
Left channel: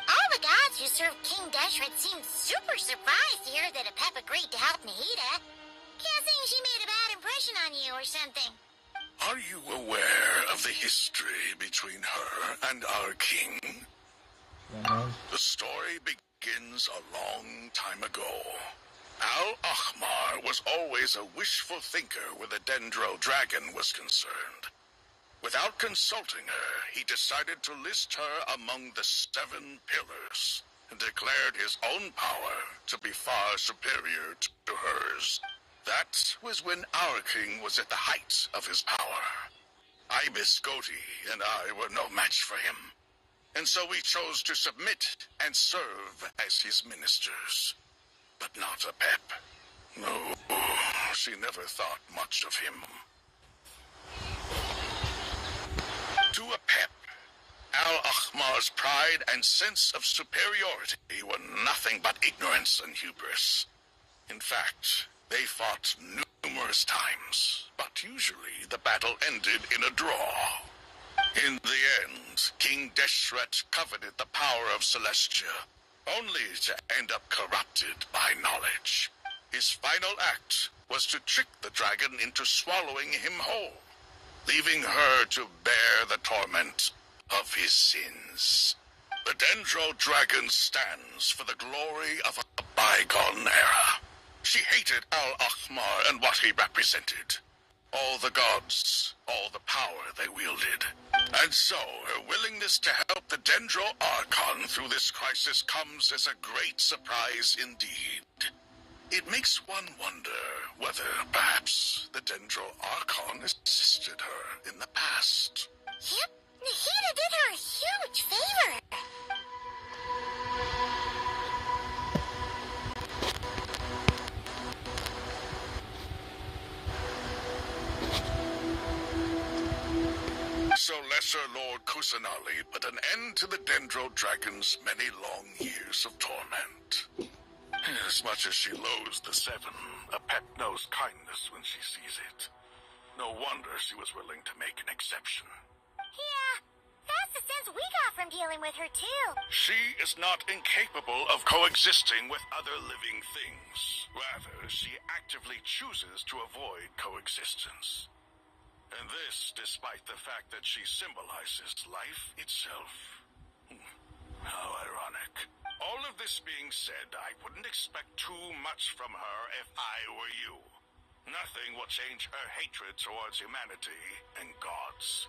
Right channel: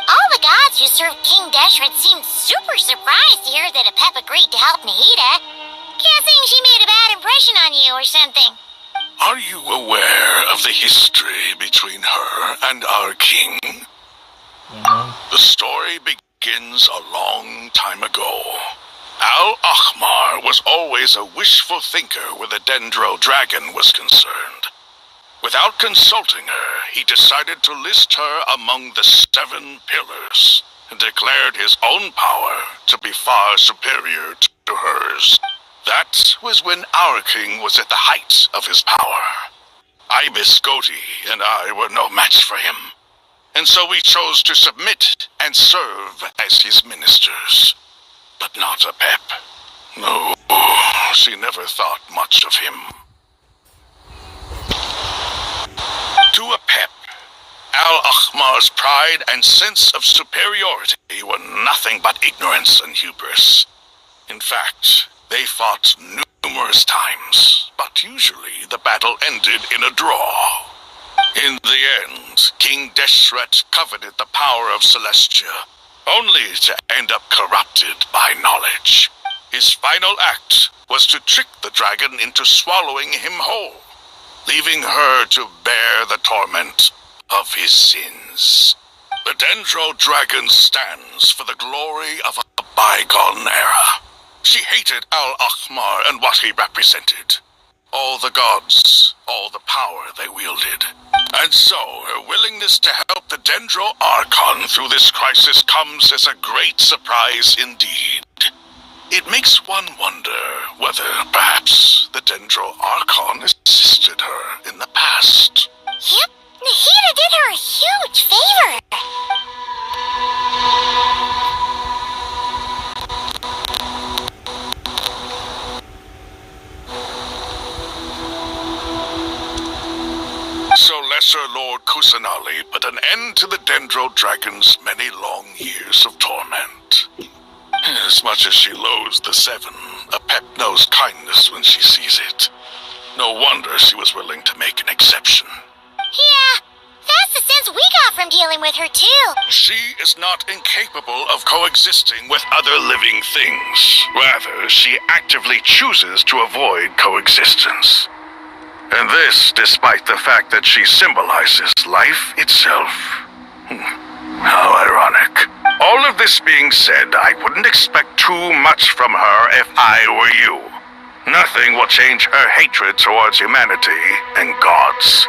All the gods who serve King Deshret seemed super surprised to hear that a pep agreed to help Nihida. Guessing she made a bad impression on you or something. Are you aware of the history between her and our king? The story begins a long time ago. Al-Ahmar was always a wishful thinker where the Dendro dragon was concerned. Without consulting her, he decided to list her among the 7 pillars and declared his own power to be far superior to hers. That was when our king was at the height of his power. Ibis Goti and I were no match for him, and so we chose to submit and serve as his ministers. But not a pep. No, she never thought much of him. To a pep, Al-Akhmar's pride and sense of superiority were nothing but ignorance and hubris. In fact, they fought numerous times, but usually the battle ended in a draw. In the end, King Deshret coveted the power of Celestia, only to end up corrupted by knowledge. His final act was to trick the dragon into swallowing him whole, leaving her to bear the torment of his sins. The Dendro Dragon stands for the glory of a bygone era. She hated Al-Akhmar and what he represented. All the gods, all the power they wielded. And so, her willingness to help the Dendro Archon through this crisis comes as a great surprise indeed. It makes one wonder whether, perhaps, the Dendro Archon assisted her in the past. Yep, Nahida did her a huge favor. So Lesser Lord Kusanali put an end to the Dendro Dragon's many long years of torment. As much as she loathes the Seven, Apep knows kindness when she sees it. No wonder she was willing to make an exception. Yeah, that's the sense we got from dealing with her too. She is not incapable of coexisting with other living things. Rather, she actively chooses to avoid coexistence. And this despite the fact that she symbolizes life itself. How ironic. All of this being said, I wouldn't expect too much from her if I were you. Nothing will change her hatred towards humanity and gods.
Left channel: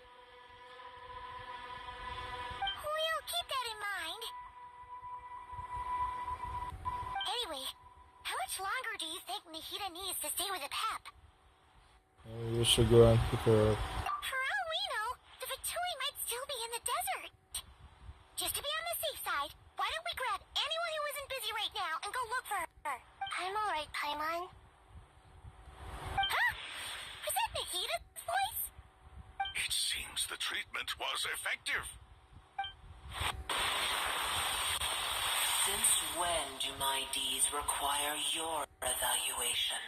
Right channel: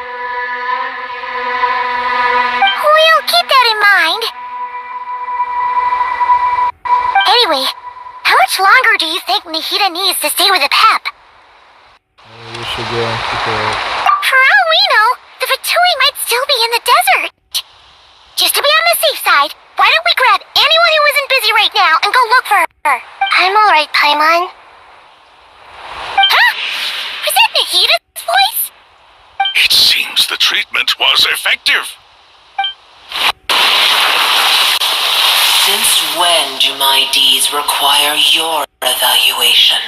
We'll keep that in mind. Anyway, how much longer do you think Nahida needs to stay with Apep? We should go and pick her up. For all we know, the Fatui might still be in the desert. Just to be on the safe side, why don't we grab anyone who isn't busy right now and go look for her? I'm alright, Paimon. Huh? Was that Nahida's voice? It seems the treatment was effective. Since when do my deeds require your evaluation?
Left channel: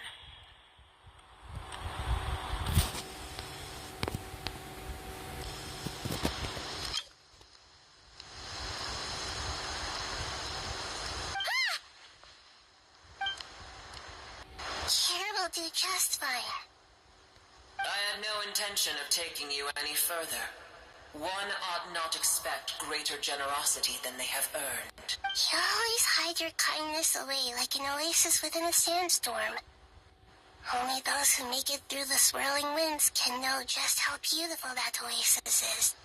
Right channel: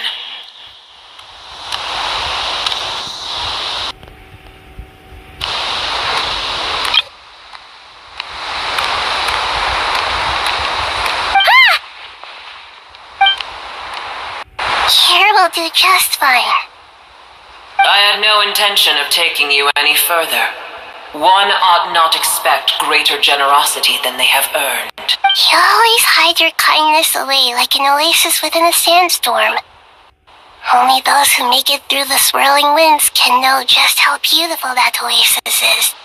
Here will do just fine. I had no intention of taking you any further. One ought not expect greater generosity than they have earned. You always hide your kindness away like an oasis within a sandstorm. Only those who make it through the swirling winds can know just how beautiful that oasis is,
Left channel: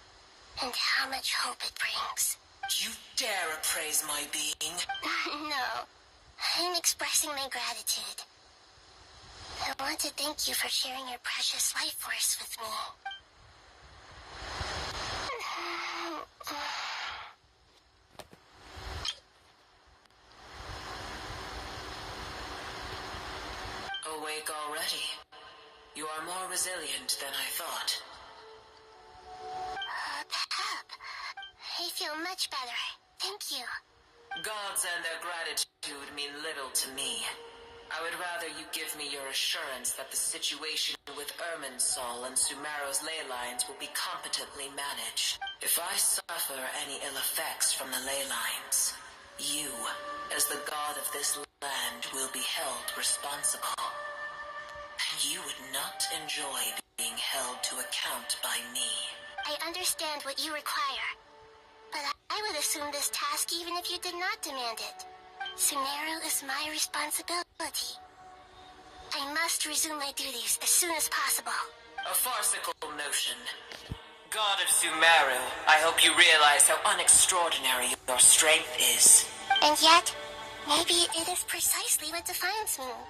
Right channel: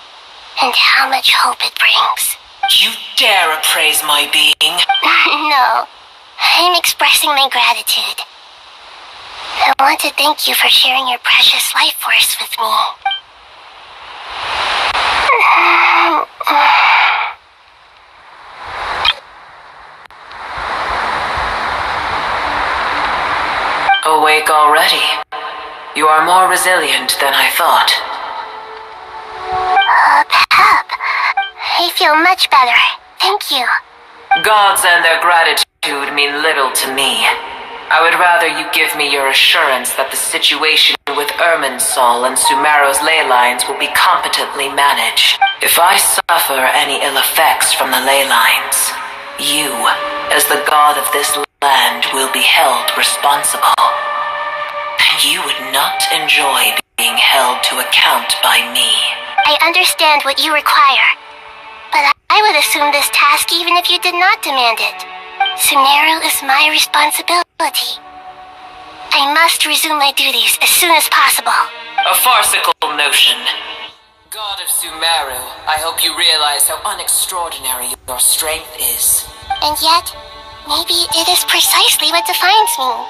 and how much hope it brings. You dare appraise my being? No, I'm expressing my gratitude. I want to thank you for sharing your precious life force with me. Awake already? You are more resilient than I thought. Pep, I feel much better. Thank you. Gods and their gratitude mean little to me. I would rather you give me your assurance that the situation with Irminsul and Sumeru's ley lines will be competently managed. If I suffer any ill effects from the ley lines, you, as the god of this land, will be held responsible. And you would not enjoy being held to account by me. I understand what you require, but I would assume this task even if you did not demand it. Sumeru is my responsibility. I must resume my duties as soon as possible. A farcical notion. God of Sumeru, I hope you realize how unextraordinary your strength is. And yet, maybe it is precisely what defines me.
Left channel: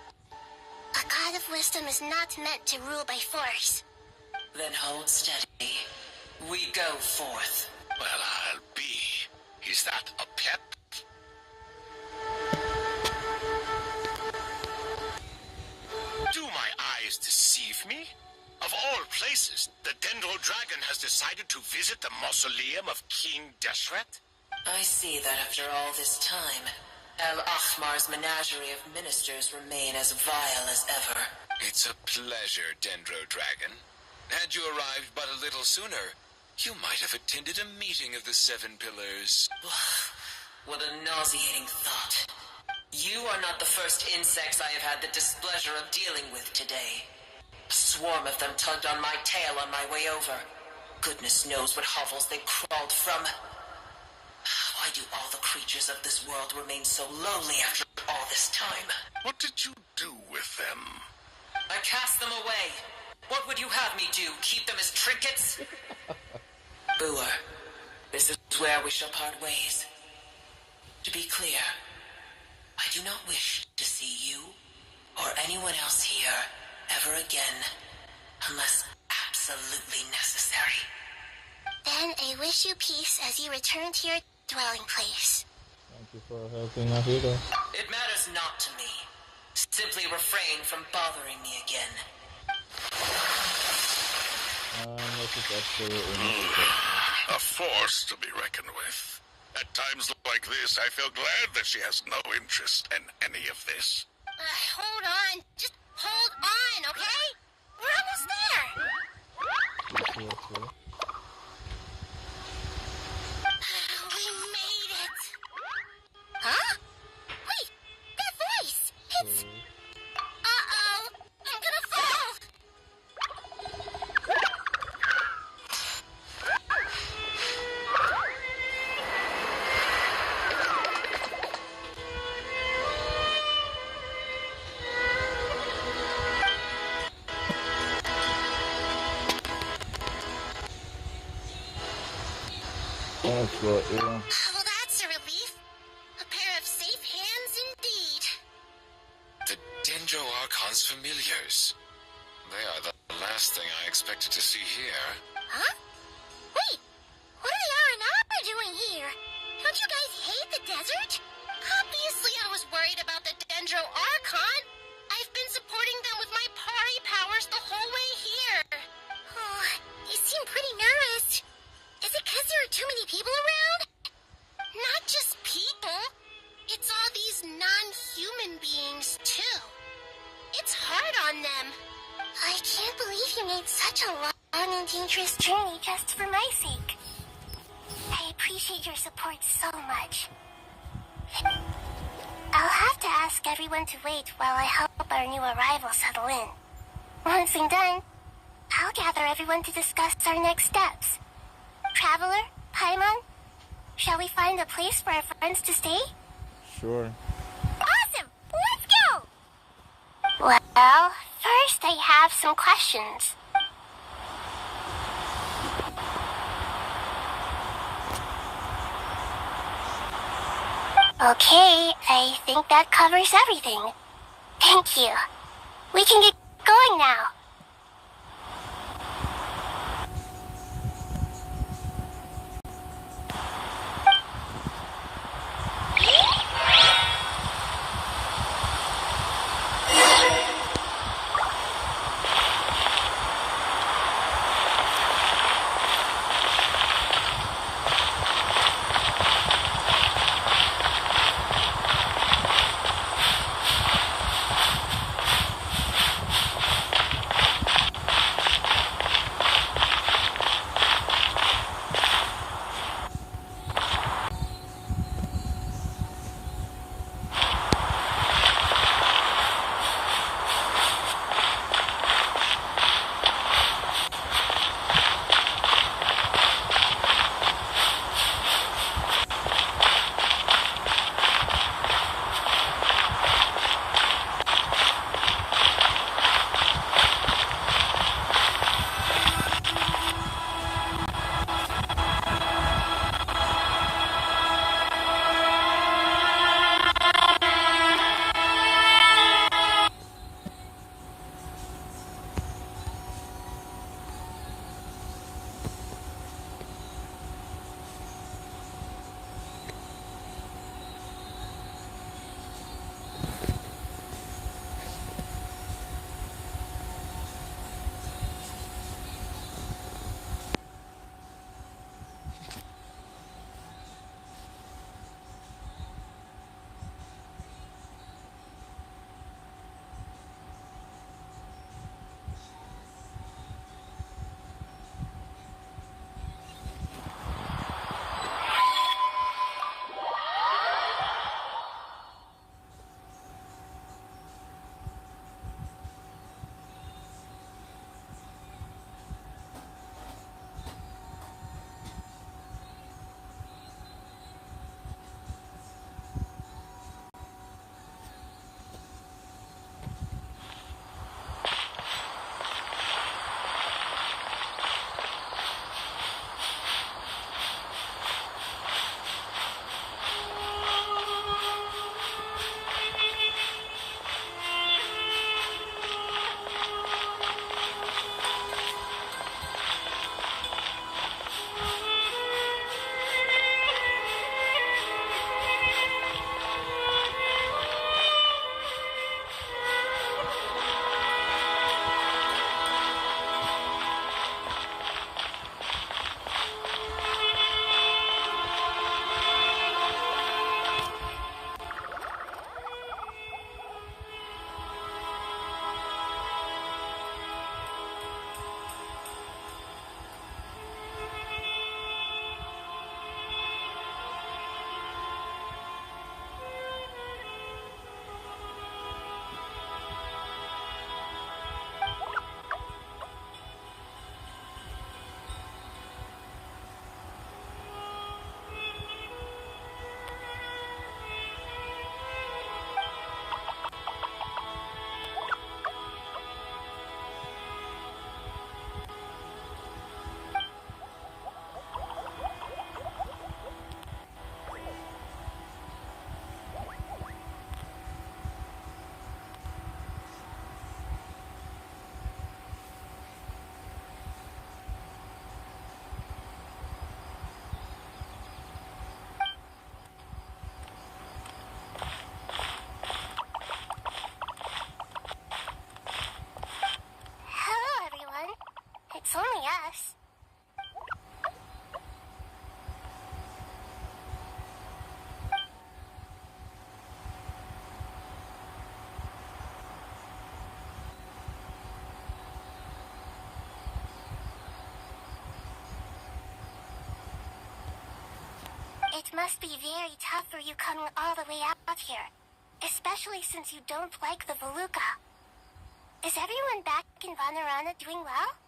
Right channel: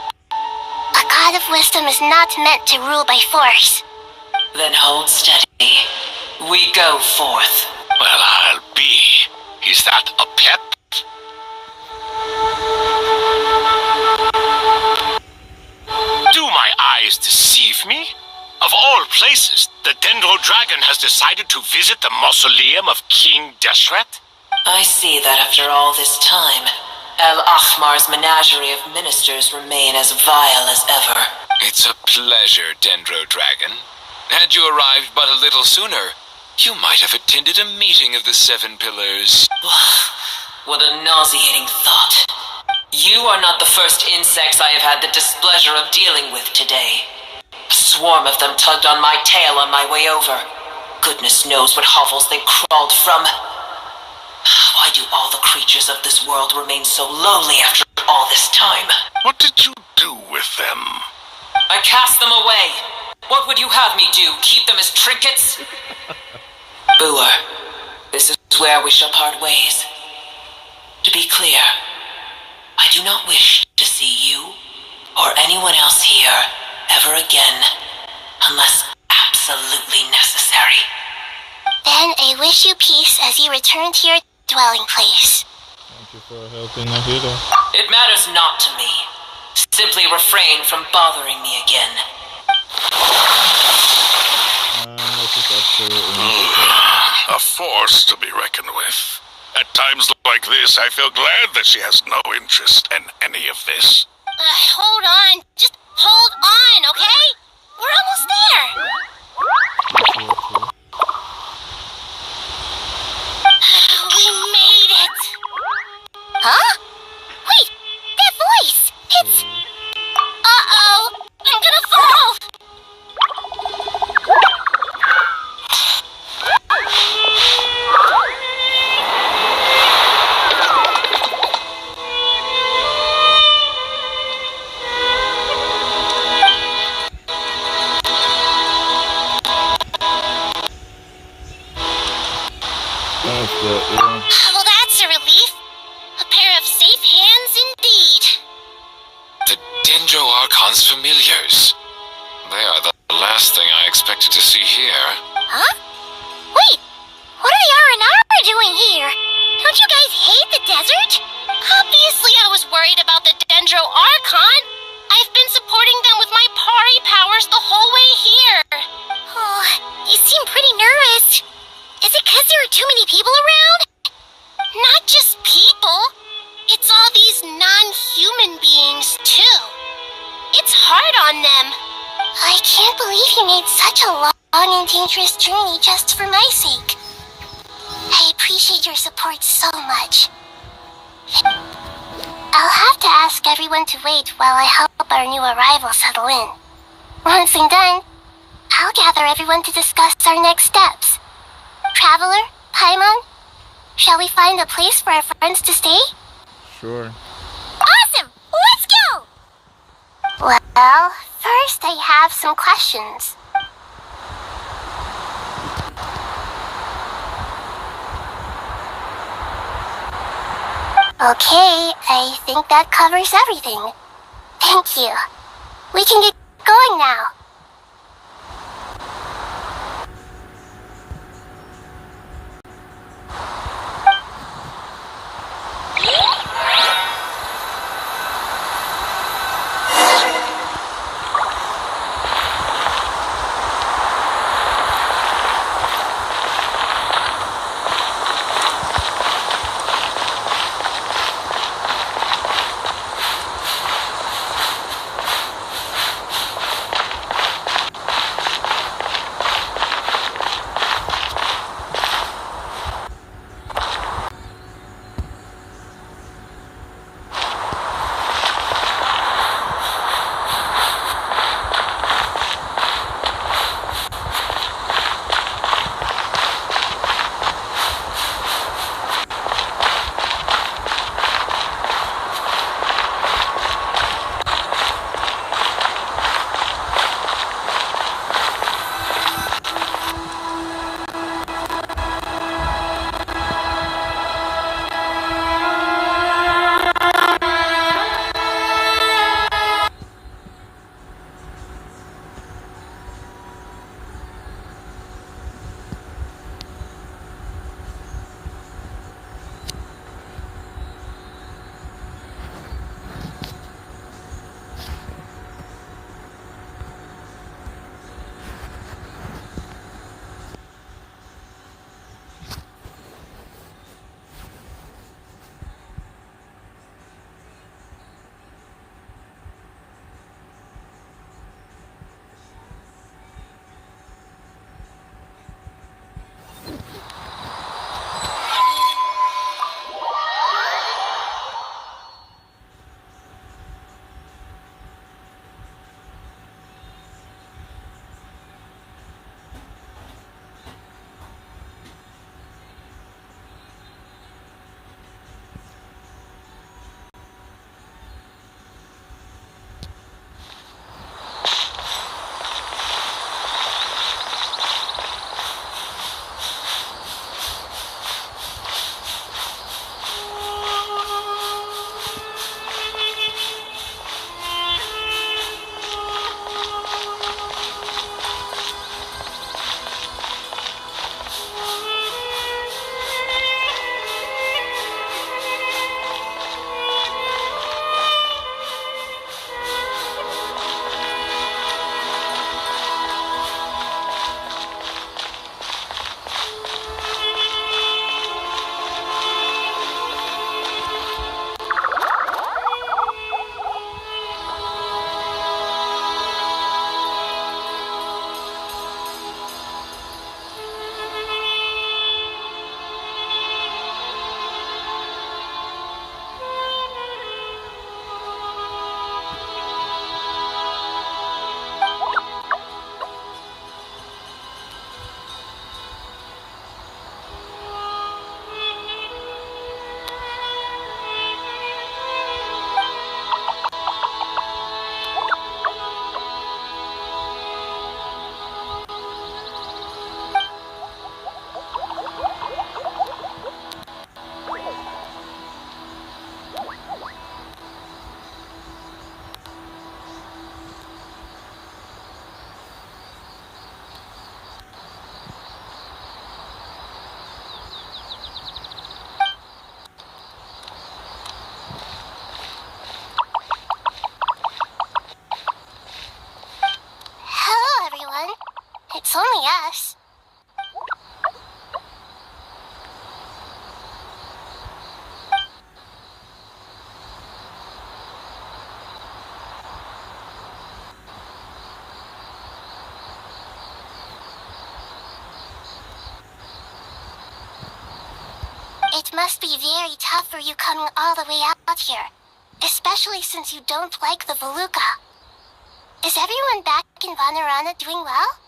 A god of wisdom is not meant to rule by force. Then hold steady. We go forth. Well, I'll be. Is that a pep? Do my always deceive me? Of all places, the Dendro Dragon has decided to visit the mausoleum of King Deshret? I see that after all this time, El Ahmar's menagerie of ministers remain as vile as ever. It's a pleasure, Dendro Dragon. Had you arrived but a little sooner, you might have attended a meeting of the Seven Pillars. What a nauseating thought. You are not the first insects I have had the displeasure of dealing with today. A swarm of them tugged on my tail on my way over. Goodness knows what hovels they crawled from. Why do all the creatures of this world remain so lowly after all this time? What did you do with them? I cast them away. What would you have me do? Keep them as trinkets? Booer, this is where we shall part ways. To be clear, I do not wish to see you or anyone else here ever again, unless absolutely necessary. Then I wish you peace as you return to your dwelling place. Thank you for helping Nahida. It matters not to me. Simply refrain from bothering me again. A force to be reckoned with. At times like this, I feel glad that she has no interest in any of this. Hold on. Just hold on, okay? We're almost there. We made it. Huh? Wait, that voice. It's... Uh-oh. I'm gonna fall. Well, that's a relief. A pair of safe hands indeed. The Dendro Archon's familiars. They are the last thing I expected to see here. Huh? Wait, what are the R&R doing here? Don't you guys hate the desert? Obviously I was worried about the Dendro Archon. I've been supporting them with my party powers the whole way here. Oh, you seem pretty nervous. Is it because there are too many people around? Not just people. It's all these non-human beings, too. It's hard on them. I can't believe you made such a long and dangerous journey just for my sake. I appreciate your support so much. I'll have to ask everyone to wait while I help our new arrival settle in. Once I'm done, I'll gather everyone to discuss our next steps. Traveler, Paimon, shall we find a place for our friends to stay? Sure. Awesome! Let's go! Well, first I have some questions. Okay, I think that covers everything. Thank you. We can get going now. must be very tough for you coming all the way out here, especially since you don't like the Voluka. Is everyone back in Vanarana doing well?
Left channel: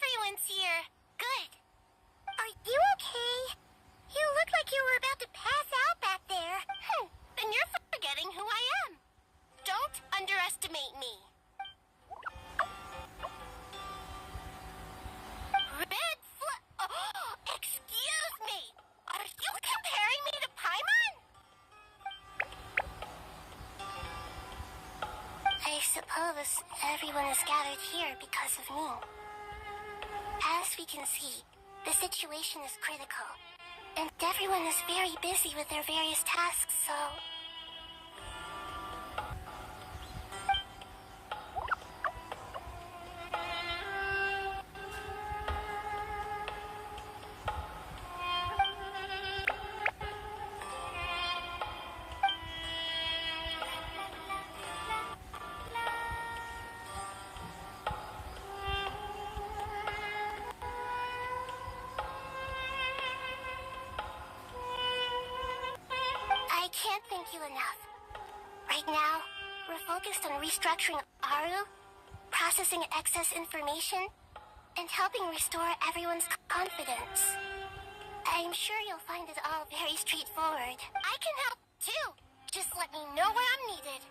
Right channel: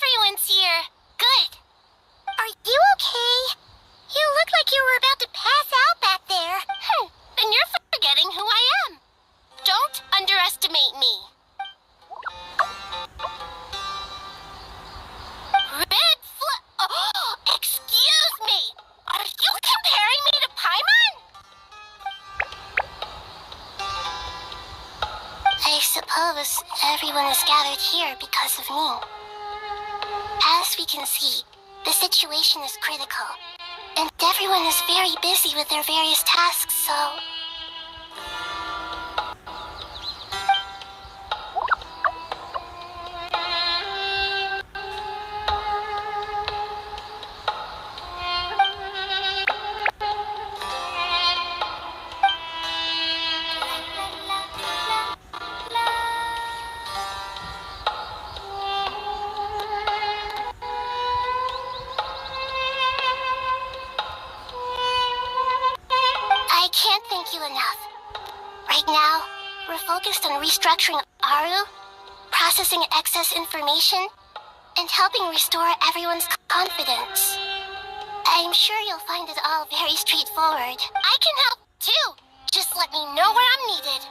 Everyone's here. Good. Are you okay? You look like you were about to pass out back there. Then you're forgetting who I am. Don't underestimate me. Oh, excuse me. Are you comparing me to Paimon? I suppose everyone is gathered here because of me. As we can see, the situation is critical, and everyone is very busy with their various tasks, so... I can't thank you enough. Right now, we're focused on restructuring Aru, processing excess information, and helping restore everyone's confidence. I'm sure you'll find it all very straightforward. I can help too. Just let me know where I'm needed.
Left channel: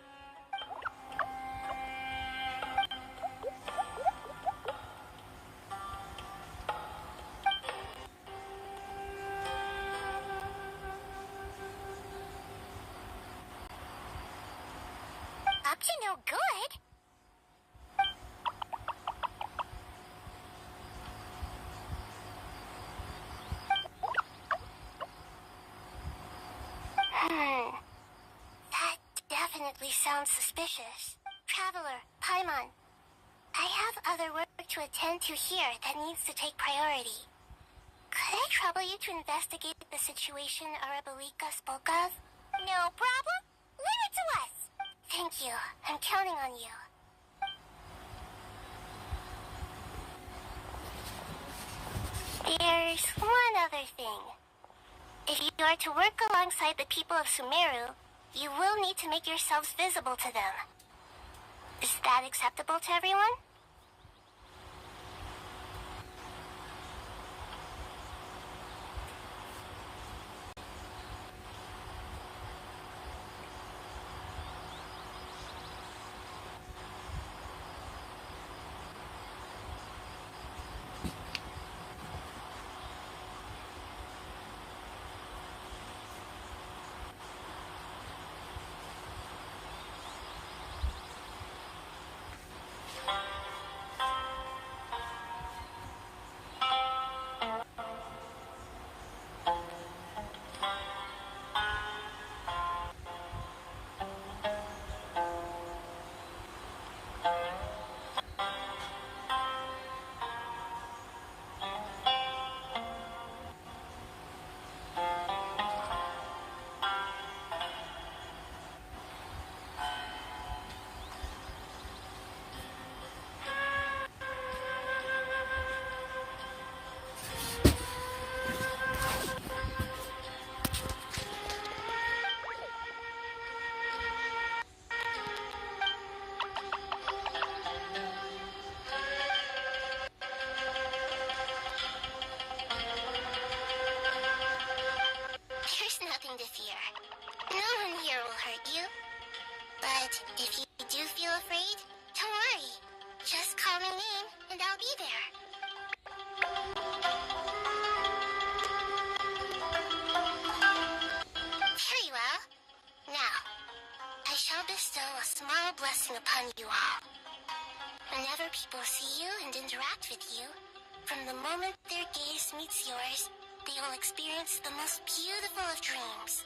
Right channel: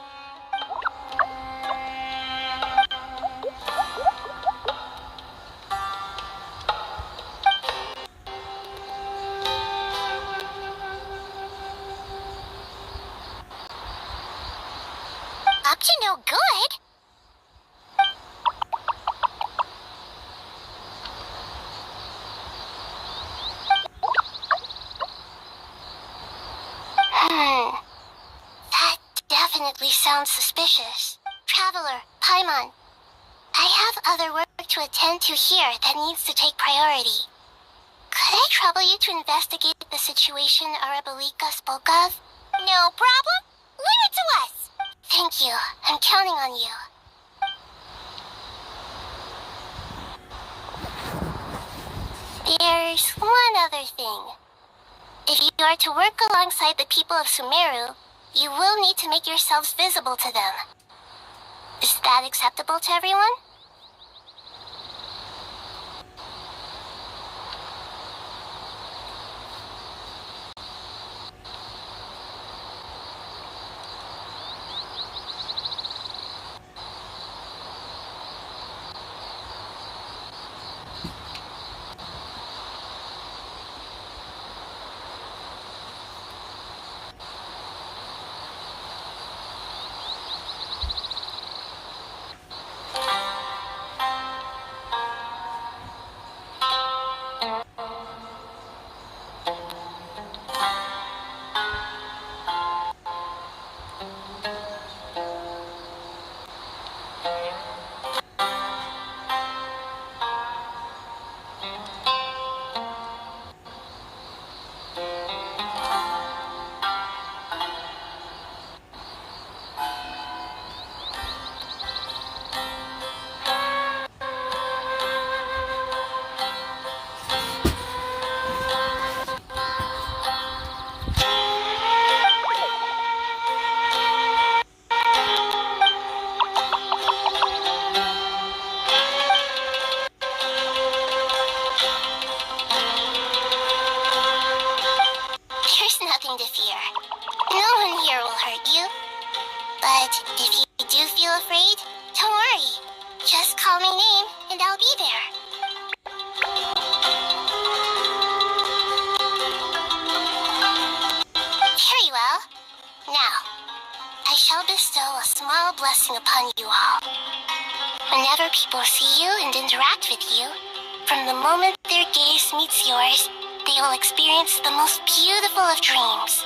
Up to no good? That definitely sounds suspicious. Traveler, Paimon, I have other work to attend to here that needs to take priority. Could I trouble you to investigate the situation Arabalika spoke of? No problem. Leave it to us. Thank you. I'm counting on you. There's one other thing. If you are to work alongside the people of Sumeru, you will need to make yourselves visible to them. Is that acceptable to everyone? Nothing to fear. No one here will hurt you. But if you do feel afraid, don't worry. Just call my name and I'll be there. Very well. Now, I shall bestow a small blessing upon you all. Whenever people see you and interact with you, from the moment their gaze meets yours, they will experience the most beautiful of dreams.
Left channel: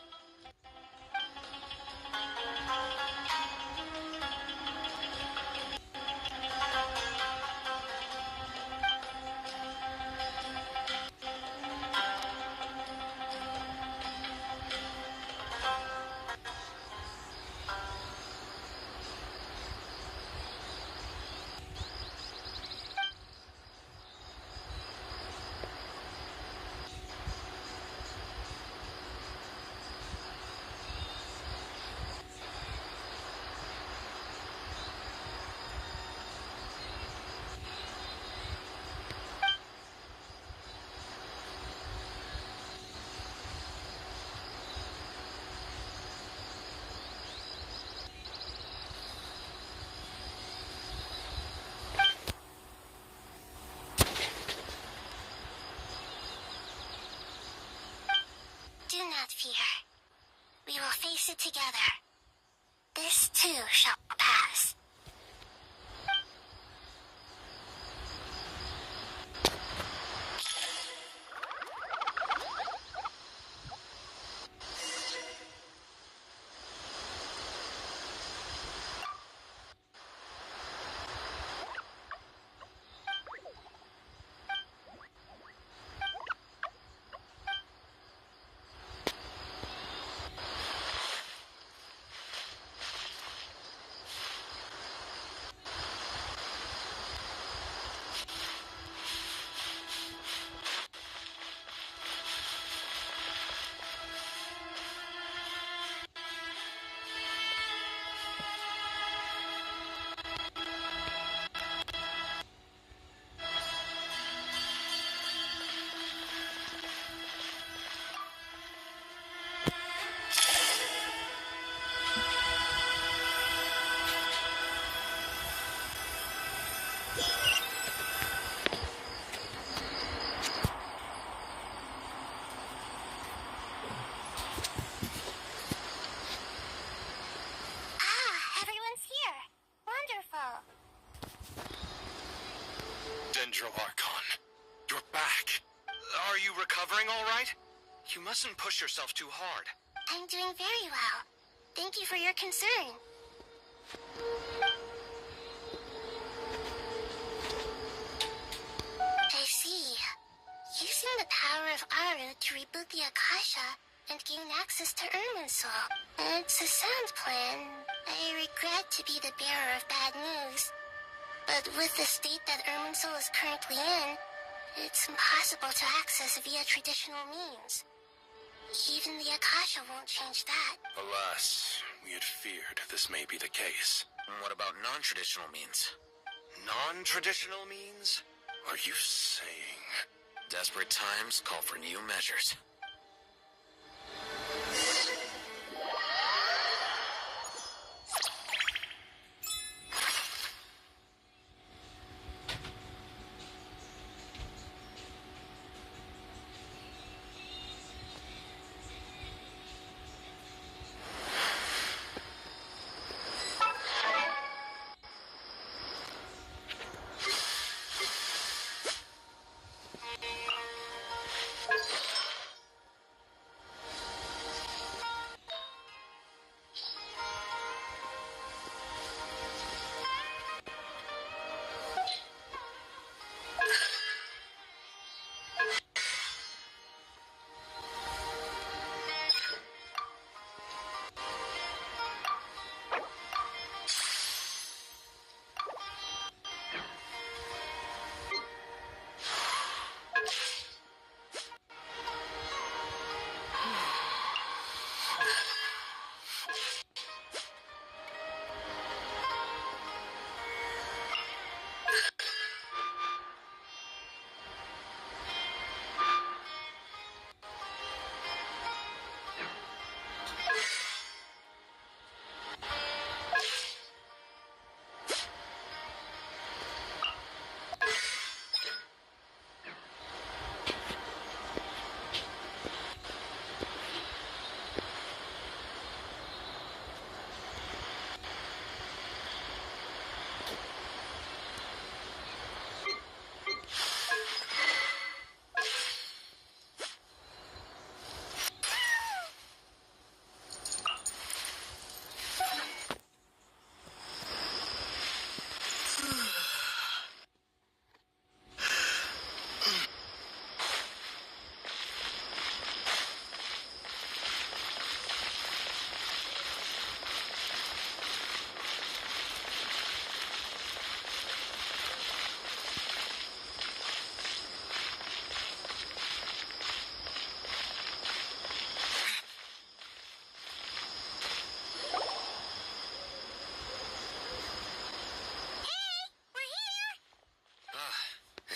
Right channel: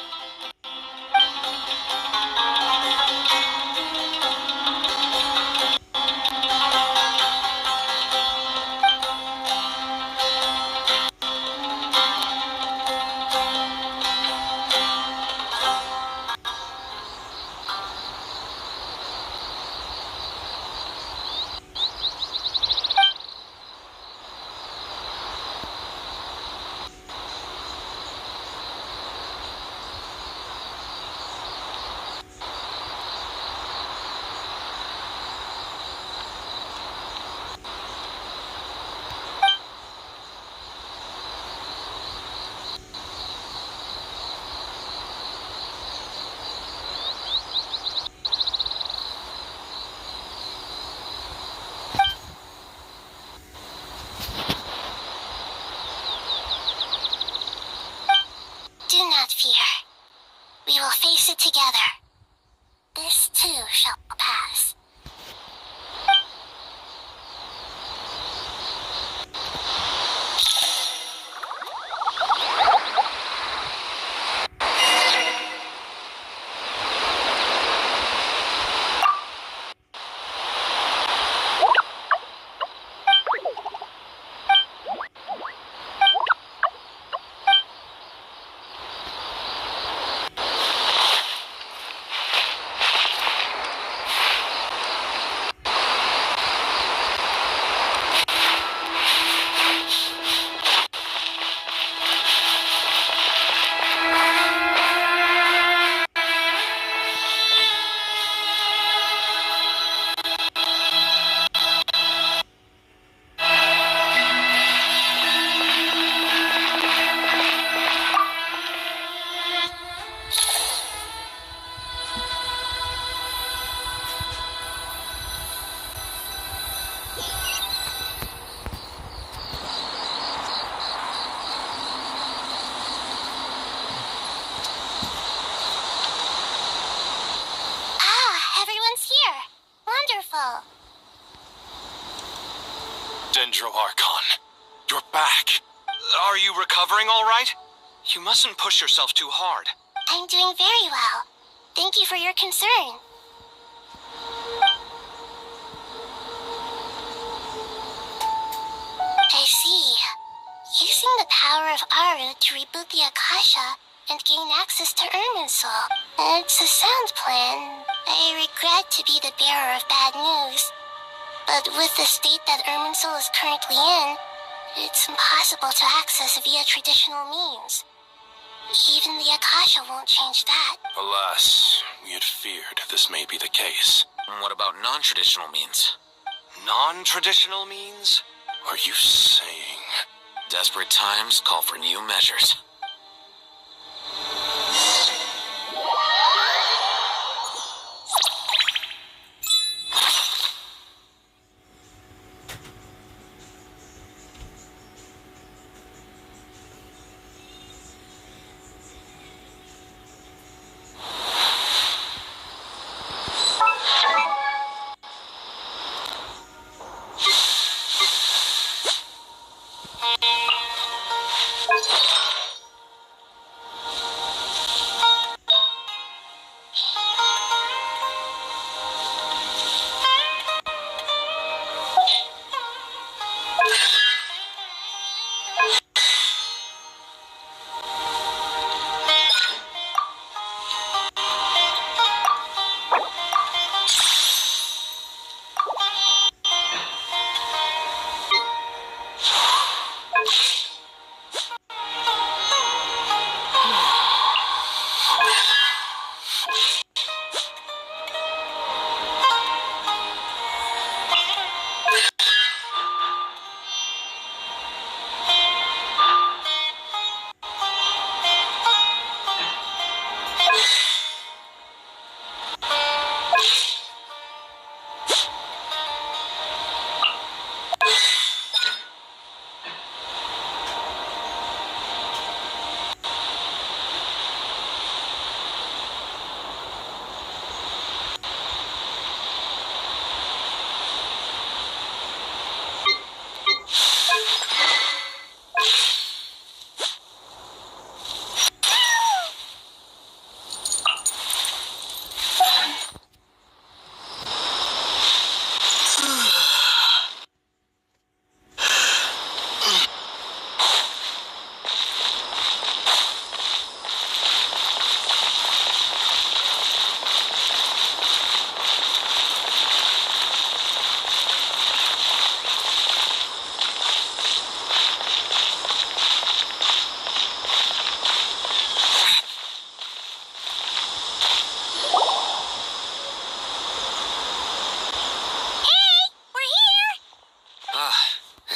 will face it together. This too shall pass. Everyone's here. Wonderful. Dendro Archon, you're back. Are you recovering all right? You mustn't push yourself too hard. I'm doing very well. Thank you for your concern. I see. Using the power of Aru to reboot the Akasha and gain access to Irminsul. It's a sound plan. I regret to be the bearer of bad news. But with the state that Irminsul is currently in, it's impossible to access via traditional means. Even the Akasha won't change that. Alas, we had feared this may be the case. What about non-traditional means? Non-traditional means? Are you saying? Desperate times call for new measures.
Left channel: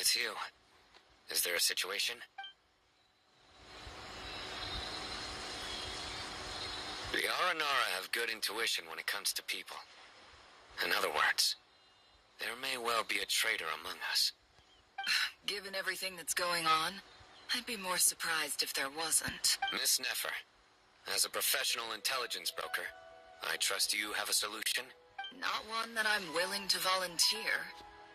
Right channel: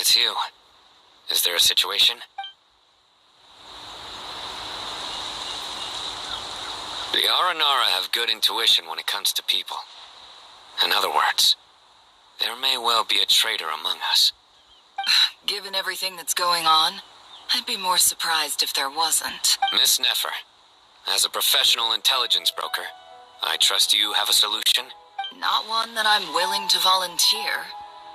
It's you. Is there a situation? The Aranara have good intuition when it comes to people. In other words, there may well be a traitor among us. Given everything that's going on, I'd be more surprised if there wasn't. Miss Nefer, As a professional intelligence broker, I trust you have a solution? Not one that I'm willing to volunteer.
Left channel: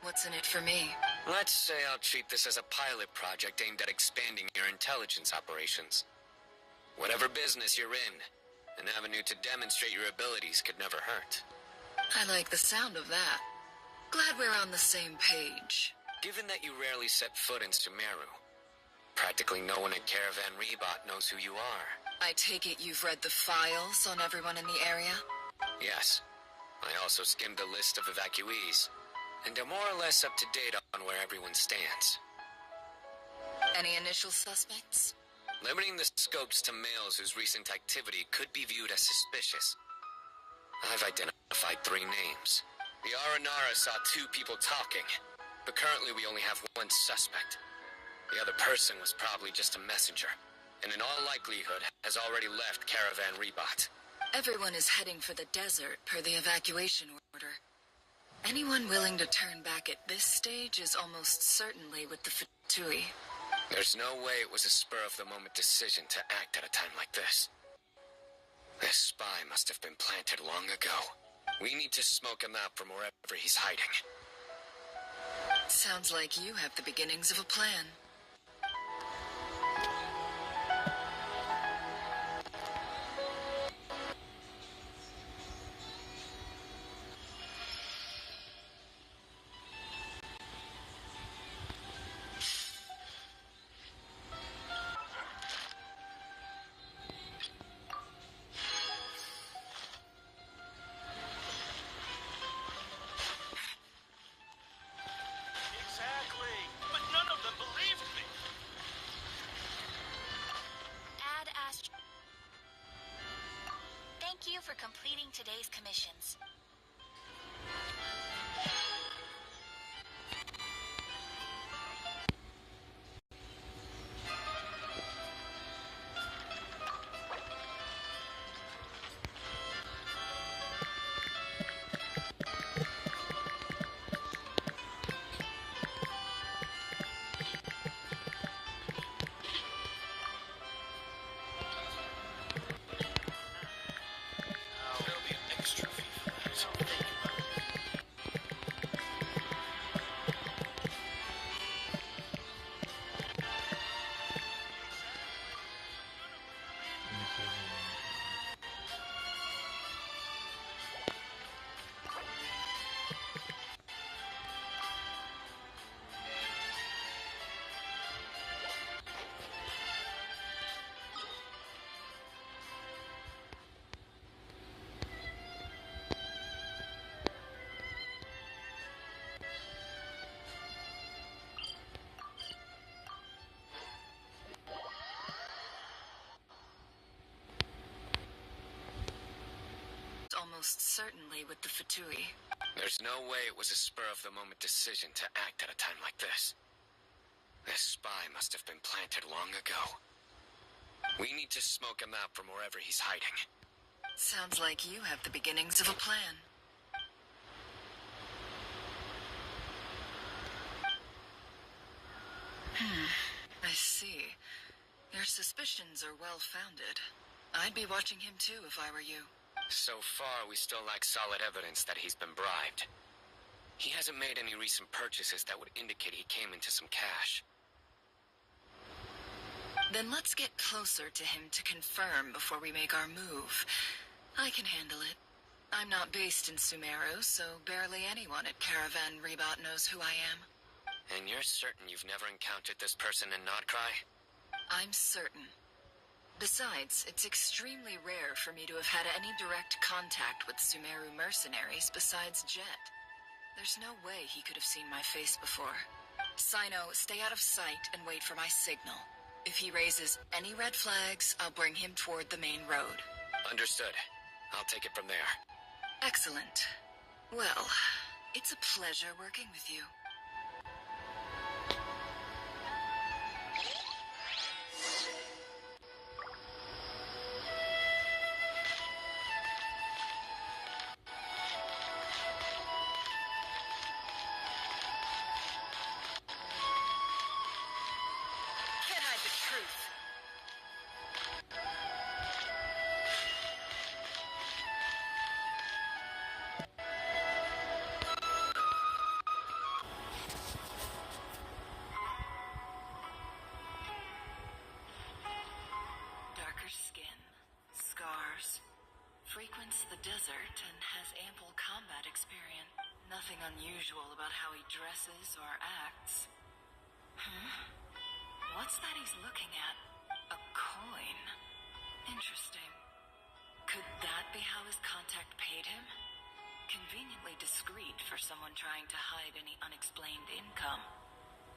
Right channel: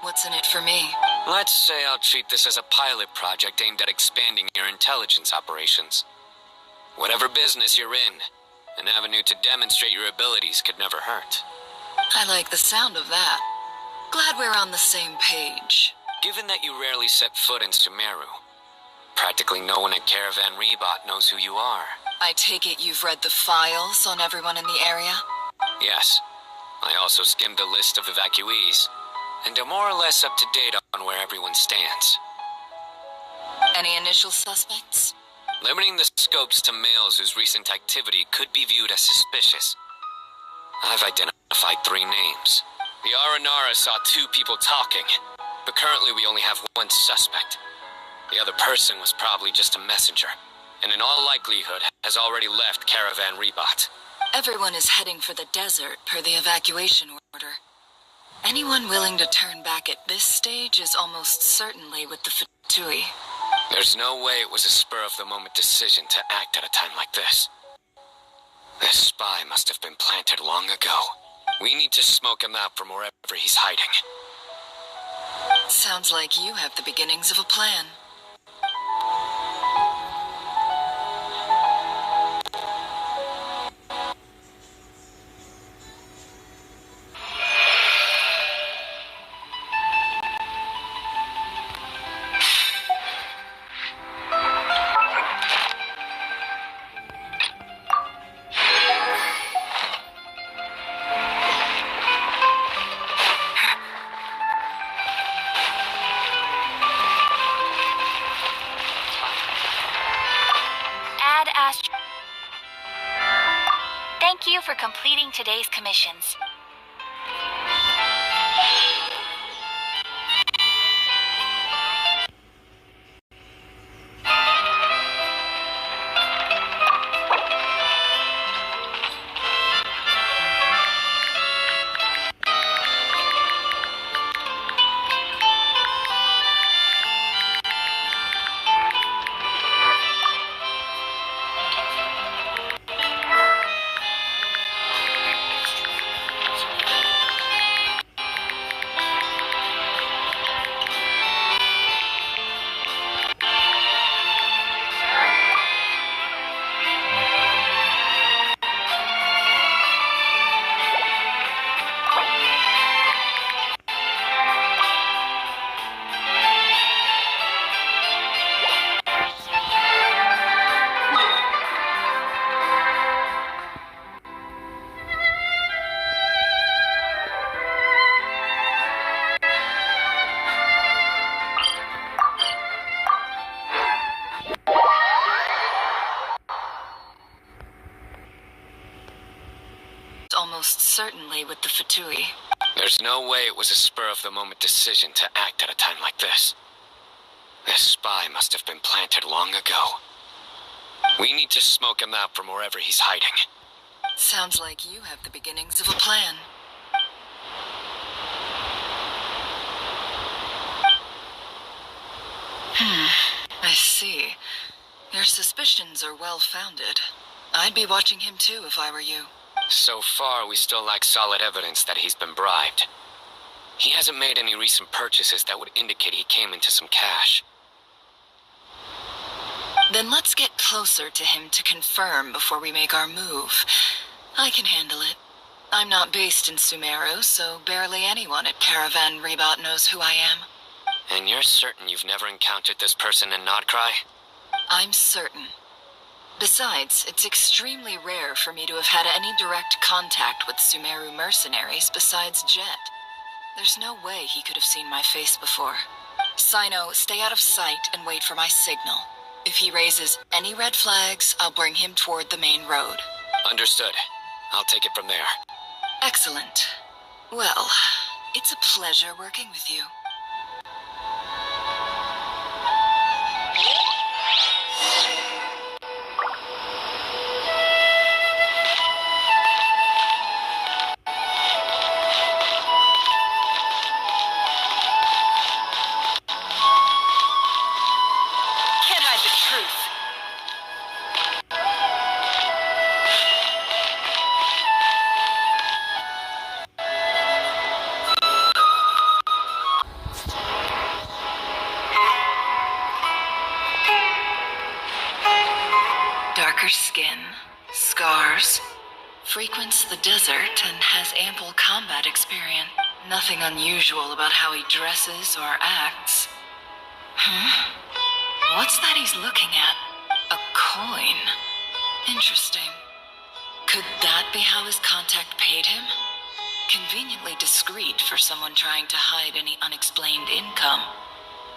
What's in it for me? Let's say I'll treat this as a pilot project aimed at expanding your intelligence operations. Whatever business you're in, an avenue to demonstrate your abilities could never hurt. I like the sound of that. Glad we're on the same page. Given that you rarely set foot in Sumeru, practically no one at Caravan Rebot knows who you are. I take it you've read the files on everyone in the area? Yes. I also skimmed a list of evacuees, and are more or less up to date on where everyone stands. Any initial suspects? Limiting the scopes to males whose recent activity could be viewed as suspicious. I've identified 3 names. The Aranara saw 2 people talking, but currently we only have 1 suspect. The other person was probably just a messenger, and in all likelihood has already left Caravan Rebot. Everyone is heading for the desert per the evacuation order. Anyone willing to turn back at this stage is almost certainly with the Fatui. There's no way it was a spur-of-the-moment decision to act at a time like this. This spy must have been planted long ago. We need to smoke him out from wherever he's hiding. Sounds like you have the beginnings of a plan. Thank you for completing today's commissions. Almost certainly with the Fatui. There's no way it was a spur-of-the-moment decision to act at a time like this. This spy must have been planted long ago. We need to smoke him out from wherever he's hiding. Sounds like you have the beginnings of a plan. I see. Your suspicions are well-founded. I'd be watching him too if I were you. So far, we still lack solid evidence that he's been bribed. He hasn't made any recent purchases that would indicate he came into some cash. Then let's get closer to him to confirm before we make our move. I can handle it. I'm not based in Sumeru, so barely anyone at Caravan Rebot knows who I am. And you're certain you've never encountered this person in Nodcry? I'm certain. Besides, it's extremely rare for me to have had any direct contact with Sumeru mercenaries besides Jet. There's no way he could have seen my face before. Sino, stay out of sight and wait for my signal. If he raises any red flags, I'll bring him toward the main road. Understood. I'll take it from there. Excellent. Well, it's a pleasure working with you. scars, frequents the desert, and has ample combat experience. Nothing unusual about how he dresses or acts. What's that he's looking at? A coin. Interesting. Could that be how his contact paid him? Conveniently discreet for someone trying to hide any unexplained income.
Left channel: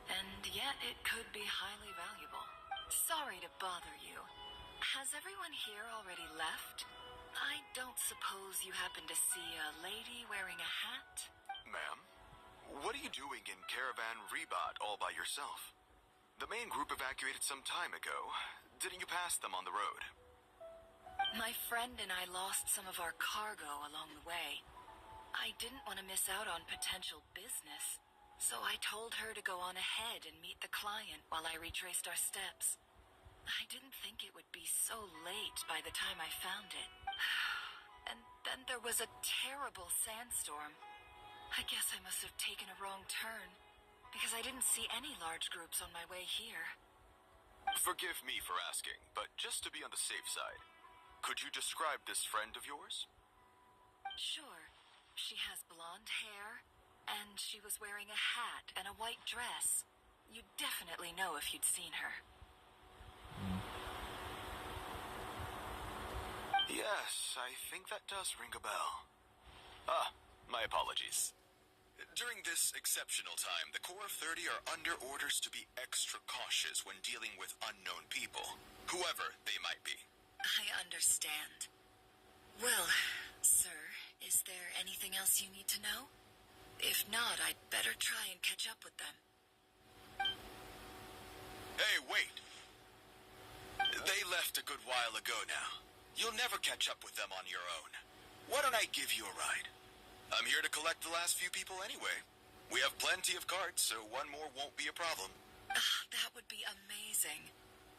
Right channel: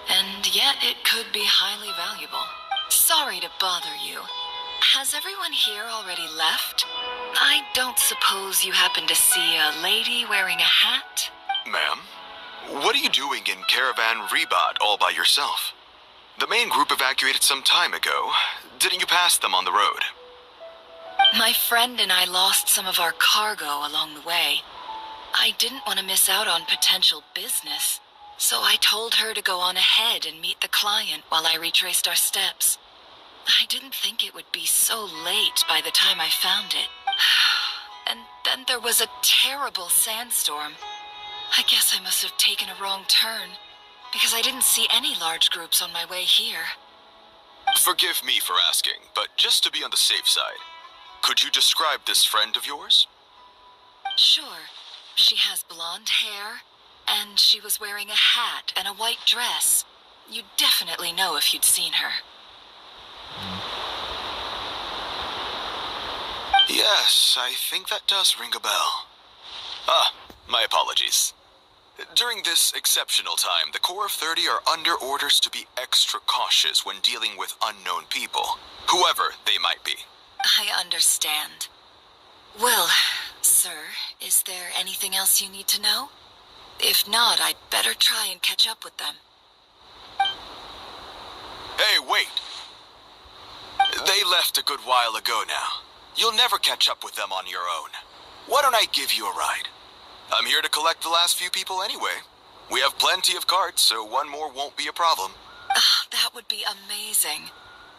And yet it could be highly valuable. Sorry to bother you. Has everyone here already left? I don't suppose you happen to see a lady wearing a hat? Ma'am, what are you doing in Caravan Rebot all by yourself? The main group evacuated some time ago. Didn't you pass them on the road? My friend and I lost some of our cargo along the way. I didn't want to miss out on potential business, so I told her to go on ahead and meet the client while I retraced our steps. I didn't think it would be so late by the time I found it. And then there was a terrible sandstorm. I guess I must have taken a wrong turn, because I didn't see any large groups on my way here. Forgive me for asking, but just to be on the safe side, could you describe this friend of yours? Sure. She has blonde hair, and she was wearing a hat and a white dress. You'd definitely know if you'd seen her. Yes, I think that does ring a bell. Ah, my apologies. During this exceptional time, the Corps of 30 are under orders to be extra cautious when dealing with unknown people, whoever they might be. I understand. Well, sir, is there anything else you need to know? If not, I'd better try and catch up with them. Hey, wait! They left a good while ago now. You'll never catch up with them on your own. Why don't I give you a ride? I'm here to collect the last few people anyway. We have plenty of carts, so one more won't be a problem. That would be amazing.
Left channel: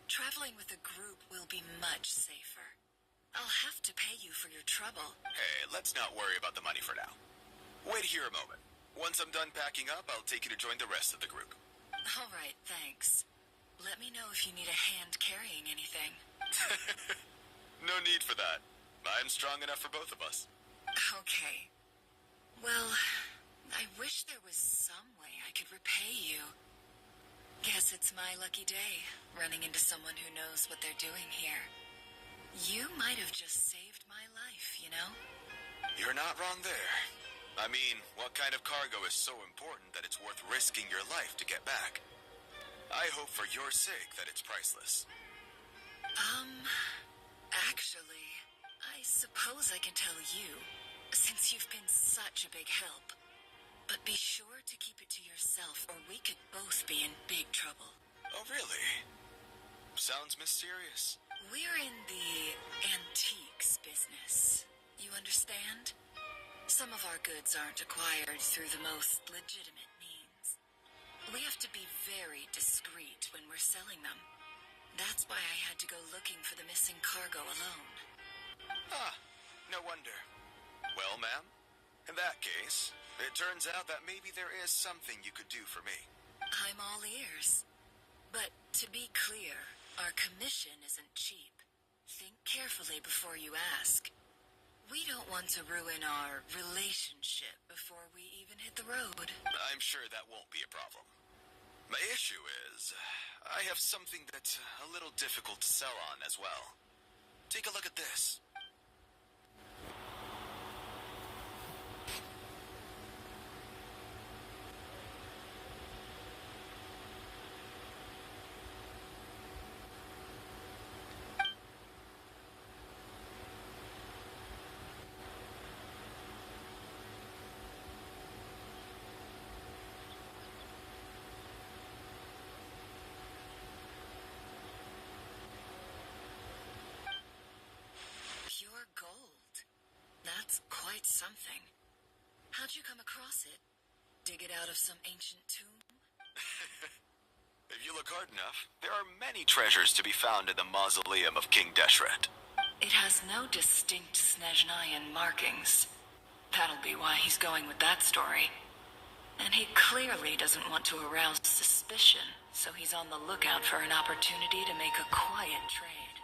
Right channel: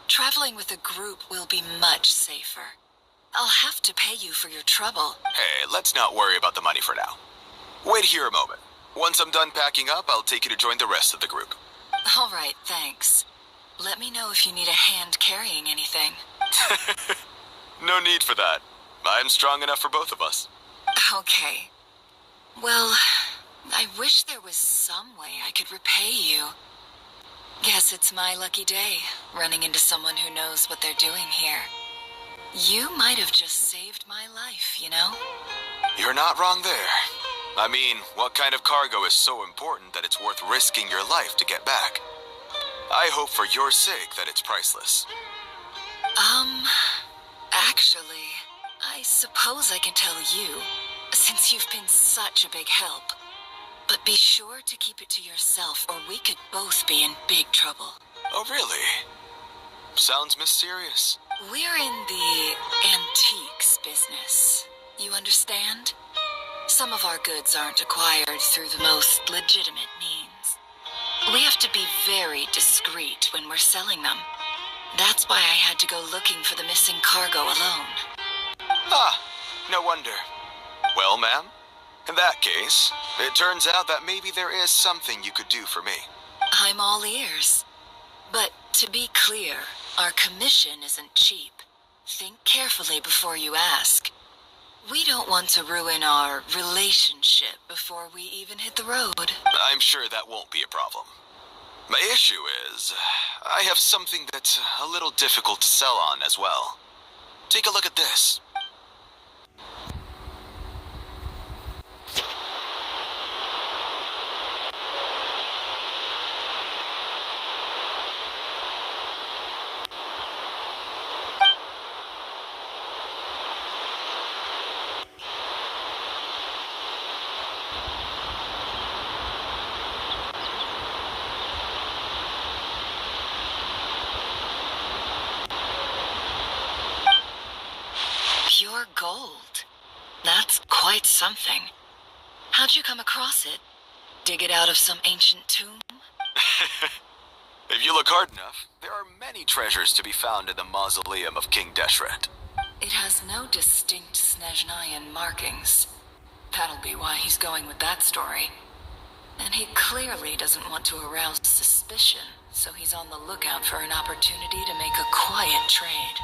Traveling with a group will be much safer. I'll have to pay you for your trouble. Hey, let's not worry about the money for now. Wait here a moment. Once I'm done packing up, I'll take you to join the rest of the group. All right, thanks. Let me know if you need a hand carrying anything. No need for that. I'm strong enough for both of us. Okay. Well, I wish there was some way I could repay you. Guess it's my lucky day, running into someone who knows what they're doing here. You might have just saved my life, you know? You're not wrong there. I mean, what kind of cargo is so important that it's worth risking your life to get back? I hope for your sake that it's priceless. Actually, I suppose I can tell you, since you've been such a big help. But be sure to keep it to yourself, or we could both be in big trouble. Oh, really? Sounds mysterious. We're in the antiques business. You understand? Some of our goods aren't acquired through the most legitimate means. We have to be very discreet when we're selling them. That's why I had to go looking for the missing cargo alone. Ah, no wonder. Well, ma'am, in that case, it turns out that maybe there is something you could do for me. I'm all ears. But to be clear, our commission isn't cheap. Think carefully before you ask. We don't want to ruin our relationship before we even hit the road. I'm sure that won't be a problem. My issue is, I have something that's a little difficult to sell on as well. Take a look at this. Pure gold. That's quite something. How'd you come across it? Dig it out of some ancient tomb? If you look hard enough, there are many treasures to be found in the mausoleum of King Deshret. It has no distinct Snezhnayan markings. That'll be why he's going with that story. And he clearly doesn't want to arouse suspicion, so he's on the lookout for an opportunity to make a quiet trade.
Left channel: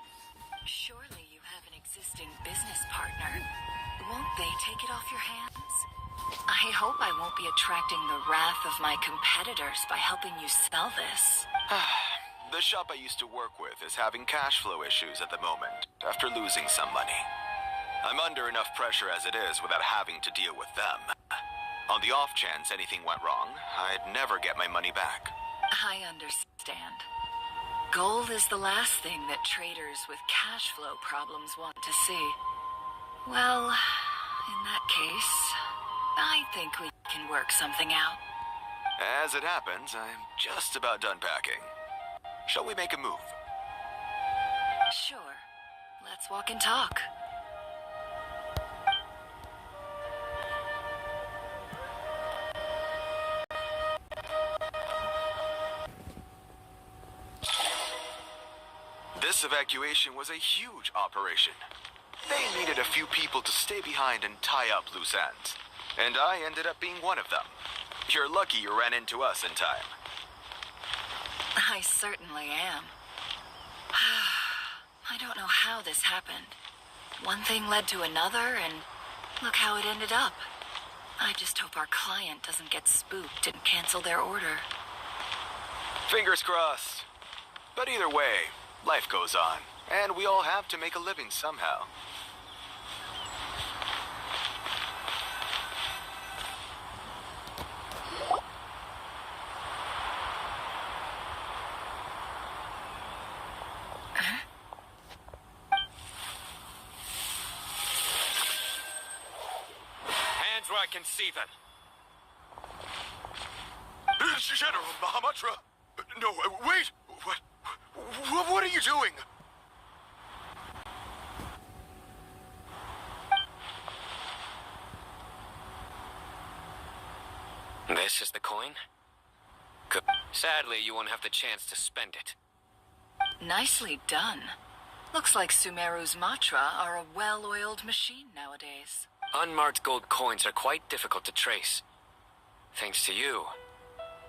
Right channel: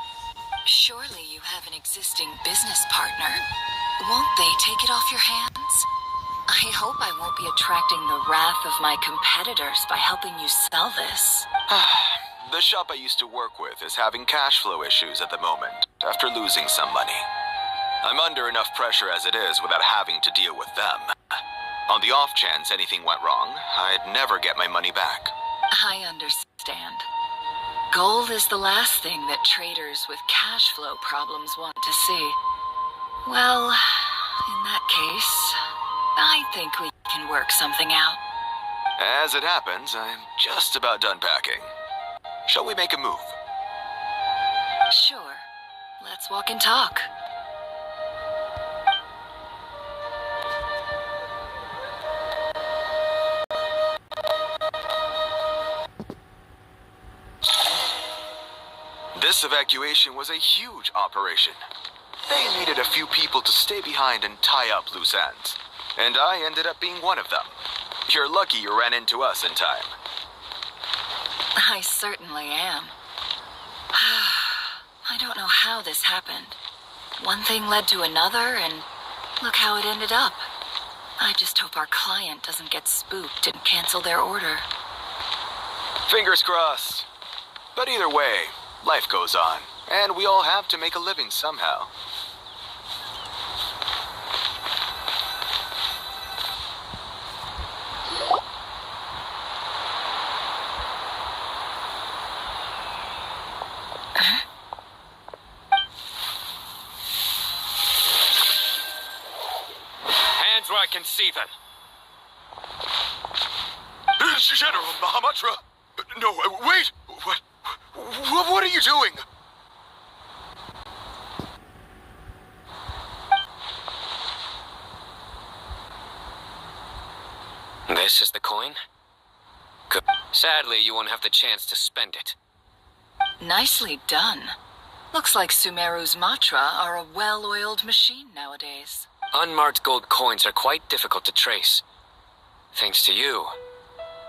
Surely you have an existing business partner. Won't they take it off your hands? I hope I won't be attracting the wrath of my competitors by helping you sell this. The shop I used to work with is having cash flow issues at the moment, after losing some money. I'm under enough pressure as it is without having to deal with them. On the off chance anything went wrong, I'd never get my money back. I understand. Gold is the last thing that traders with cash flow problems want to see. Well, in that case, I think we can work something out. As it happens, I'm just about done packing. Shall we make a move? Sure. Let's walk and talk. This evacuation was a huge operation. They needed a few people to stay behind and tie up loose ends. And I ended up being one of them. You're lucky you ran into us in time. I certainly am. I don't know how this happened. One thing led to another, and look how it ended up. I just hope our client doesn't get spooked and cancel their order. Fingers crossed. But either way, life goes on, and we all have to make a living somehow. Hands where I can see them. General Mahamatra! No, wait! What are you doing? This is the coin? Good. Sadly, you won't have the chance to spend it. Nicely done. Looks like Sumeru's mantra are a well-oiled machine nowadays. Unmarked gold coins are quite difficult to trace. Thanks to you,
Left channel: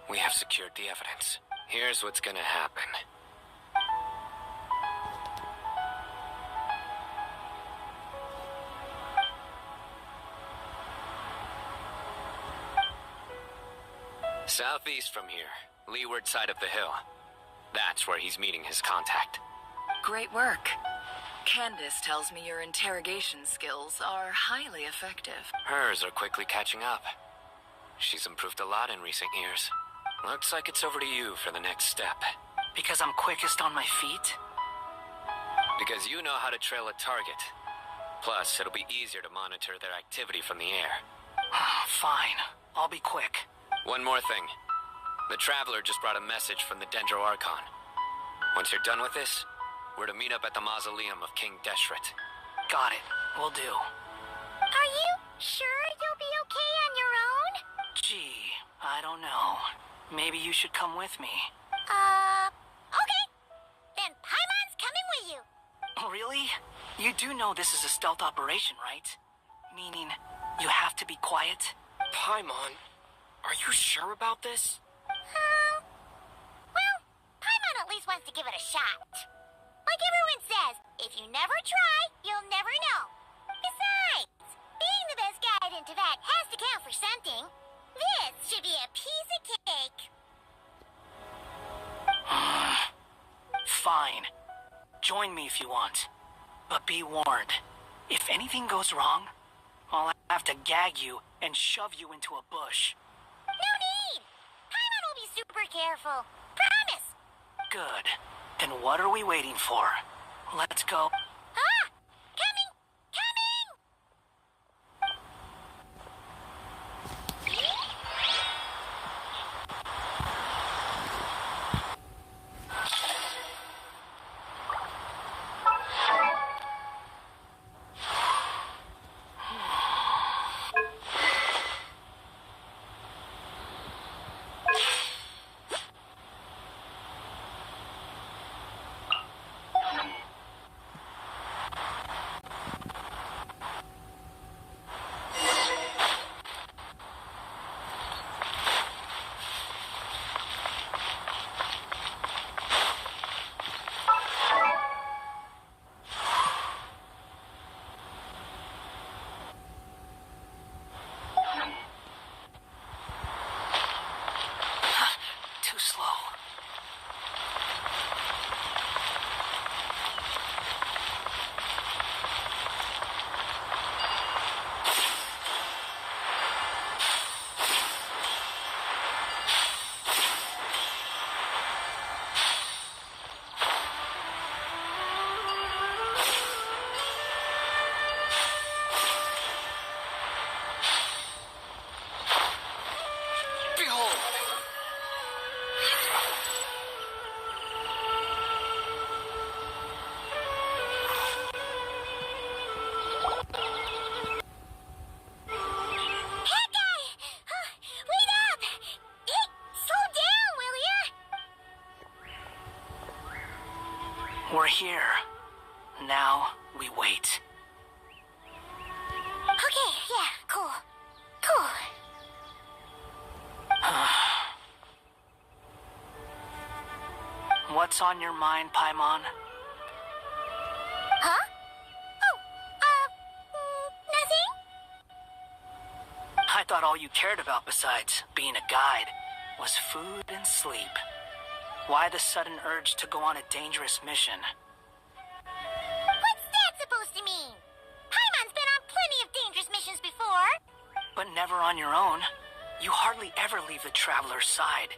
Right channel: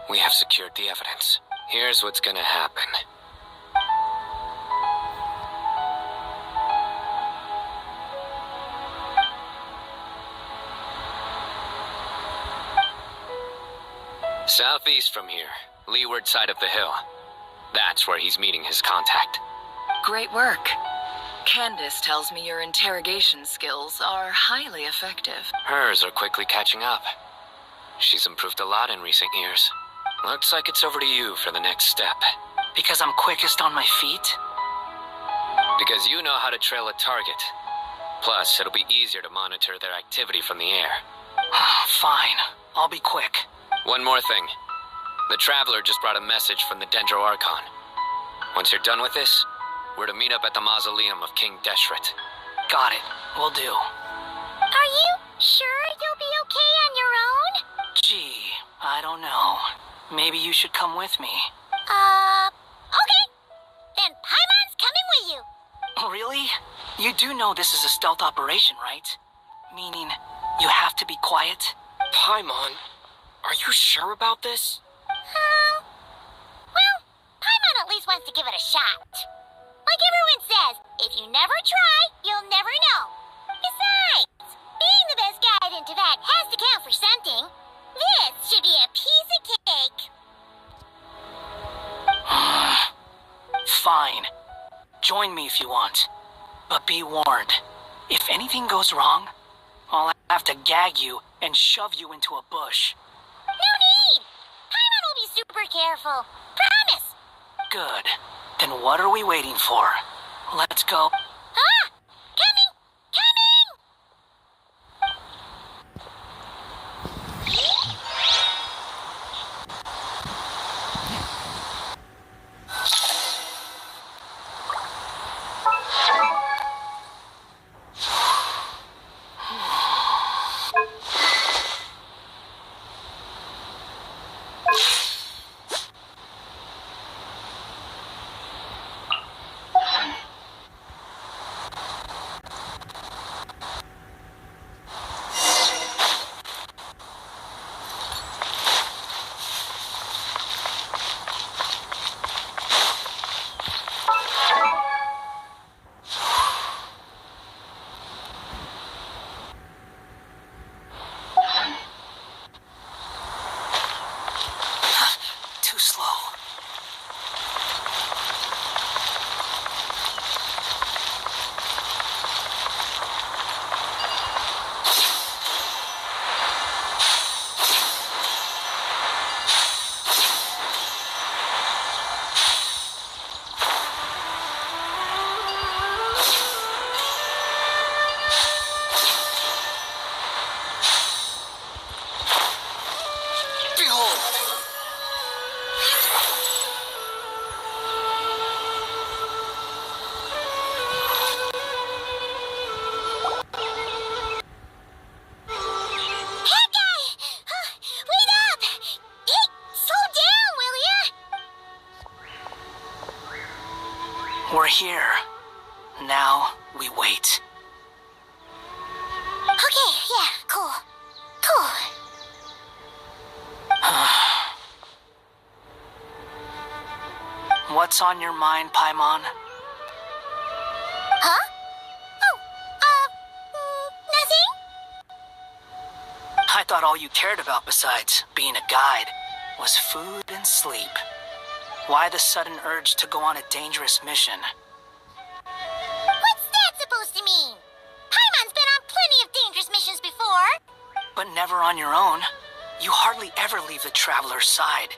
we have secured the evidence. Here's what's gonna happen. Southeast from here, leeward side of the hill. That's where he's meeting his contact. Great work. Candace tells me your interrogation skills are highly effective. Hers are quickly catching up. She's improved a lot in recent years. Looks like it's over to you for the next step. Because I'm quickest on my feet? Because you know how to trail a target. Plus, it'll be easier to monitor their activity from the air. Fine. I'll be quick. One more thing. The Traveler just brought a message from the Dendro Archon. Once you're done with this, we're to meet up at the mausoleum of King Deshret. Got it. Will do. Are you sure you'll be okay on your own? Gee, I don't know. Maybe you should come with me. Okay. Then Paimon's coming with you. Really? You do know this is a stealth operation, right? Meaning, you have to be quiet? Paimon, are you sure about this? Well, Paimon at least wants to give it a shot. Like everyone says, if you never try, you'll never know. Besides, being the best guide in Teyvat has to count for something. This should be a piece of cake. Fine. Join me if you want. But be warned, if anything goes wrong, I'll have to gag you and shove you into a bush. No need! Paimon will be super careful. Promise! Good. Then what are we waiting for? Let's go. Ah! Coming! here. Now, we wait. Okay, yeah, cool. Cool. What's on your mind, Paimon? Huh? Oh, nothing? I thought all you cared about besides being a guide was food and sleep. Why the sudden urge to go on a dangerous mission? What's that supposed to mean? Paimon's been on plenty of dangerous missions before. But never on your own. You hardly ever leave the traveler's side.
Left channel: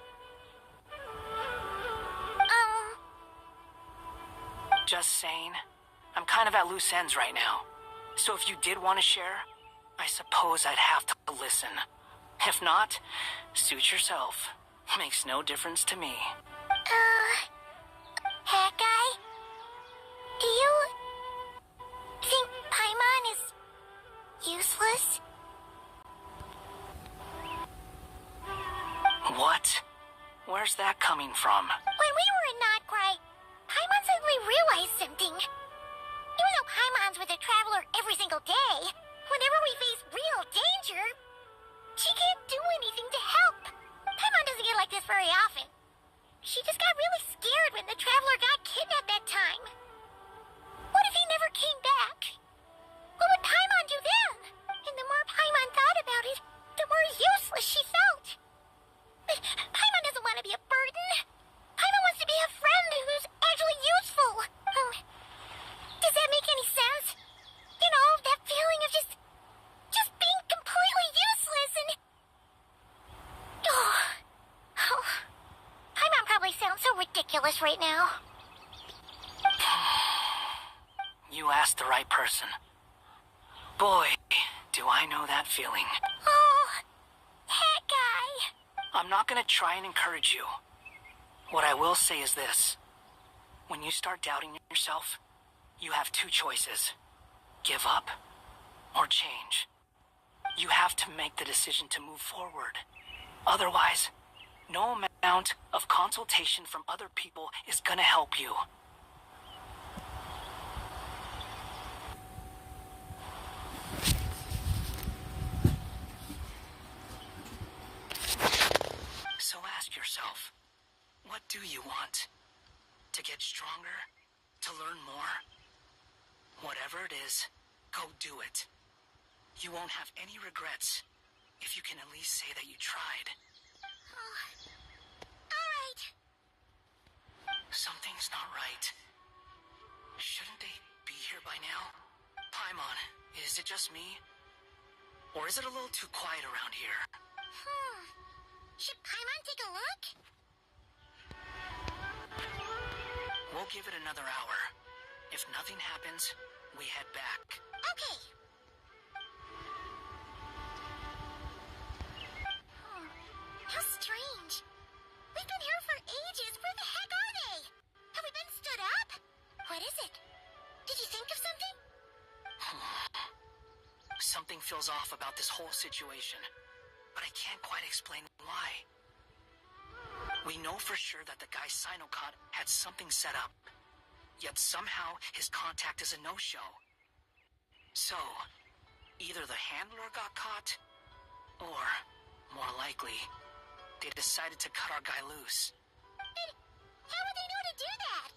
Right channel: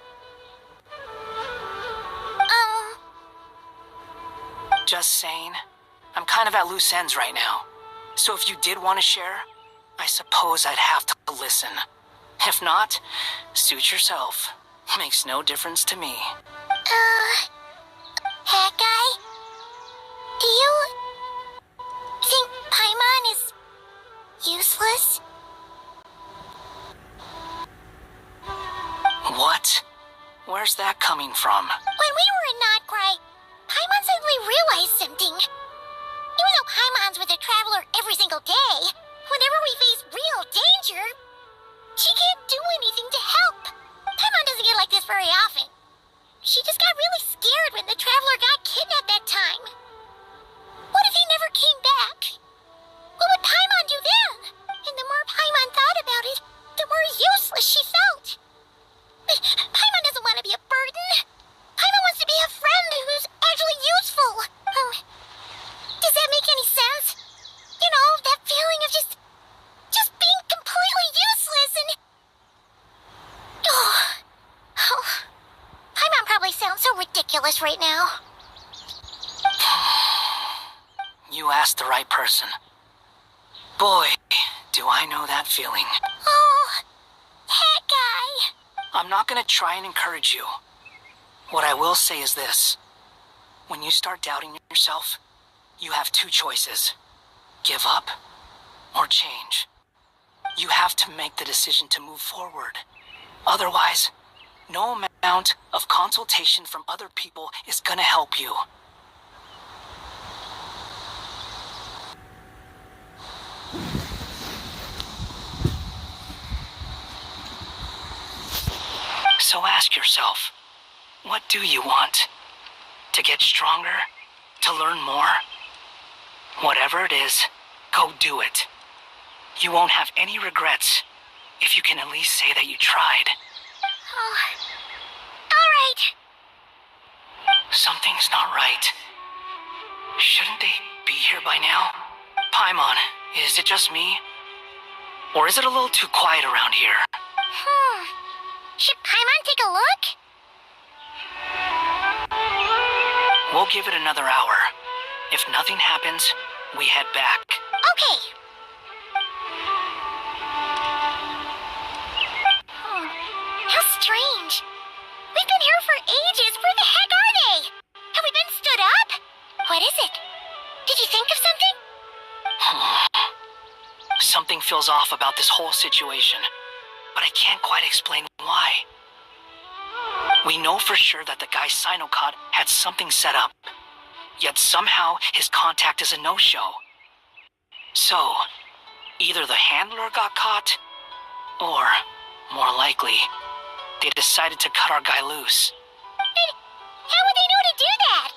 Just saying. I'm kind of at loose ends right now. So if you did want to share, I suppose I'd have to listen. If not, suit yourself. Makes no difference to me. Hat guy? Do you think Paimon is useless? What? Where's that coming from? When we were in Notcry, Paimon suddenly realized something. Even though Paimon's with a traveler every single day, whenever we face real danger, she can't do anything to help. Paimon doesn't get like this very often. She just got really scared when the traveler got kidnapped that time. What if he never came back? What would Paimon do then? And the more Paimon thought about it, the more useless she felt. But Paimon doesn't want to be a burden. Paimon wants to be a friend who's actually useful. Does that make any sense? You know, that feeling of just being completely useless and... Oh, Paimon probably sounds so ridiculous right now. You asked the right person. Boy, do I know that feeling. Oh, hat guy. I'm not gonna try and encourage you. What I will say is this. When you start doubting yourself, you have two choices. Give up or change. You have to make the decision to move forward. Otherwise, no amount of consultation from other people is gonna help you. So ask yourself, what do you want? To get stronger? To learn more? Whatever it is, go do it. You won't have any regrets if you can at least say that you tried. All right. Something's not right. Shouldn't they be here by now? Paimon, is it just me? Or is it a little too quiet around here? Should Paimon take a look? We'll give it another hour. If nothing happens, we head back. Okay. How strange. We've been here for ages. Where the heck are they? Have we been stood up? What is it? Did you think of something? Something feels off about this whole situation, but I can't quite explain why. We know for sure that the guy Sinocot had something set up, yet somehow his contact is a no-show. So, either the handler got caught, or, more likely, they decided to cut our guy loose. But how would they know to do that?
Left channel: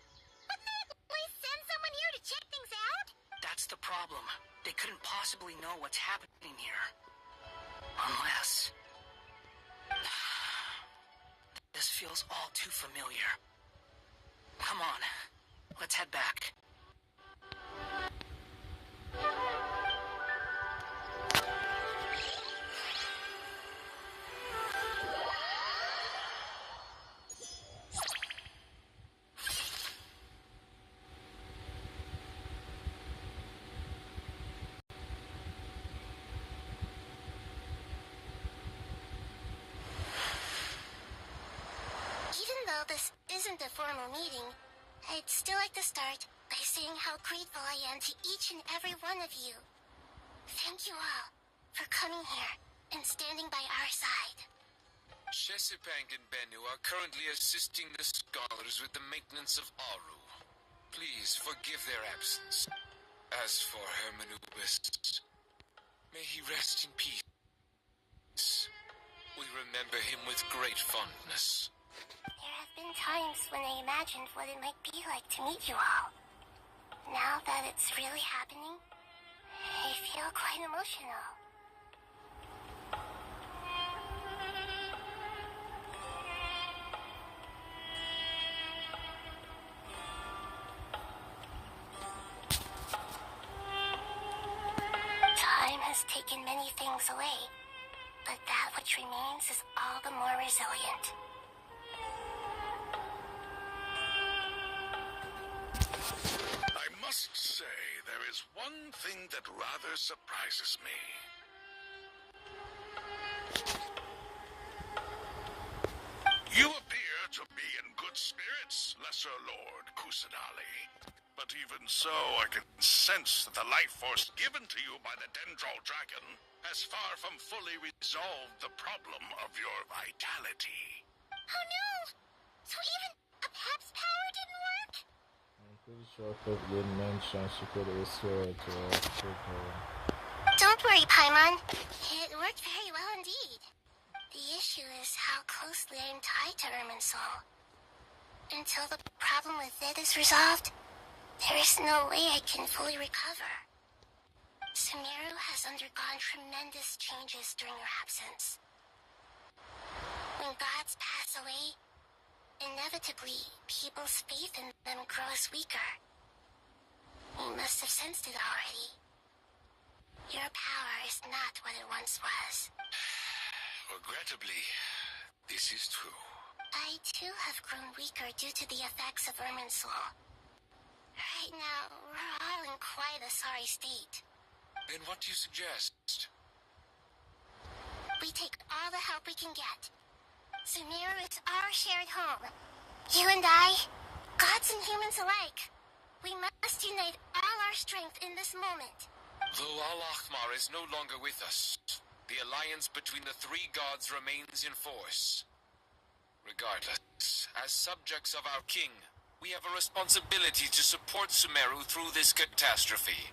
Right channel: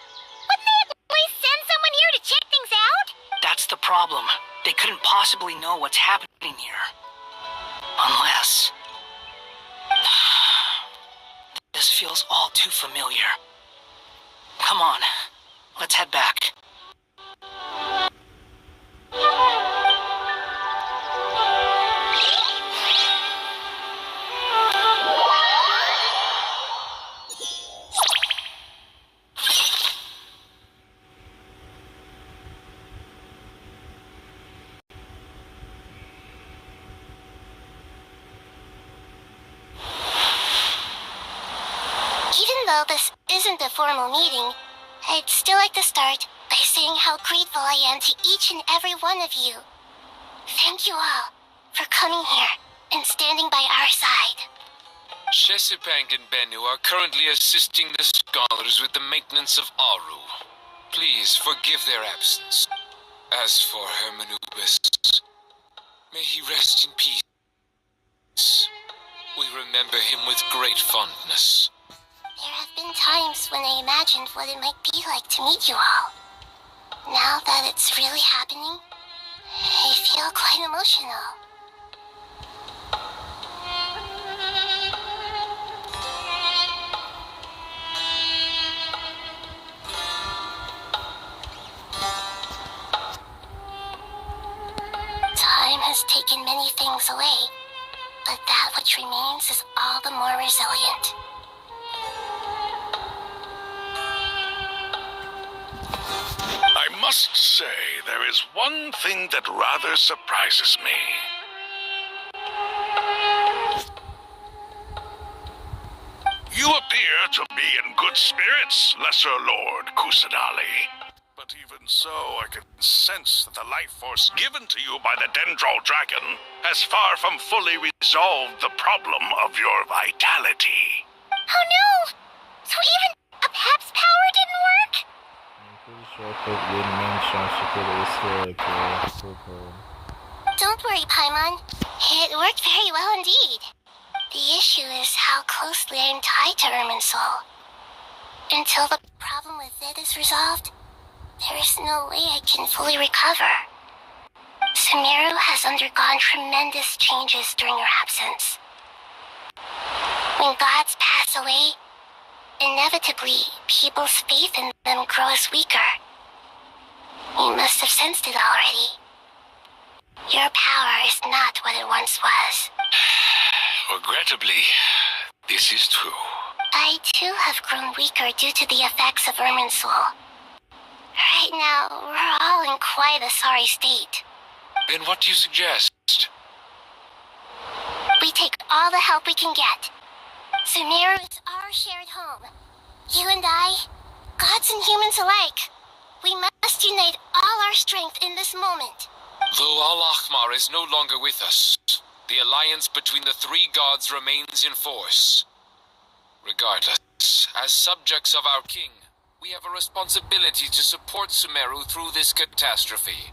Wouldn't they at least send someone here to check things out? That's the problem. They couldn't possibly know what's happening here. Unless... This feels all too familiar. Come on, let's head back. Even though this isn't a formal meeting, I'd still like to start by saying how grateful I am to each and every one of you. Thank you all for coming here and standing by our side. Chesapeake and Bennu are currently assisting the scholars with the maintenance of Aru. Please forgive their absence. As for Hermanubis, may he rest in peace. We remember him with great fondness. There have been times when I imagined what it might be like to meet you all. Now that it's really happening, I feel quite emotional. Time has taken many things away, but that which remains is all the more resilient. I must say, there is one thing that rather surprises me. You appear to be in good spirits, Lesser Lord Kusanali. But even so, I can sense that the life force given to you by the Dendral Dragon has far from fully resolved the problem of your vitality. Oh no! So even a Pep's power didn't work? I'm pretty sure Pip did mention she could restore like super. Don't worry, Paimon. It worked very well indeed. The issue is how closely I am tied to Irminsul. Until the problem with it is resolved, there is no way I can fully recover. Sumeru has undergone tremendous changes during your absence. When gods pass away, inevitably, people's faith in them grows weaker. You must have sensed it already. Your power is not what it once was. Regrettably, this is true. I too have grown weaker due to the effects of Irminsul. Right now, we're all in quite a sorry state. Then what do you suggest? We take all the help we can get. Sumeru is our shared home. You and I, gods and humans alike, we must unite all our strength in this moment. Though Al-Ahmar is no longer with us, the alliance between the three gods remains in force. Regardless, as subjects of our king, we have a responsibility to support Sumeru through this catastrophe.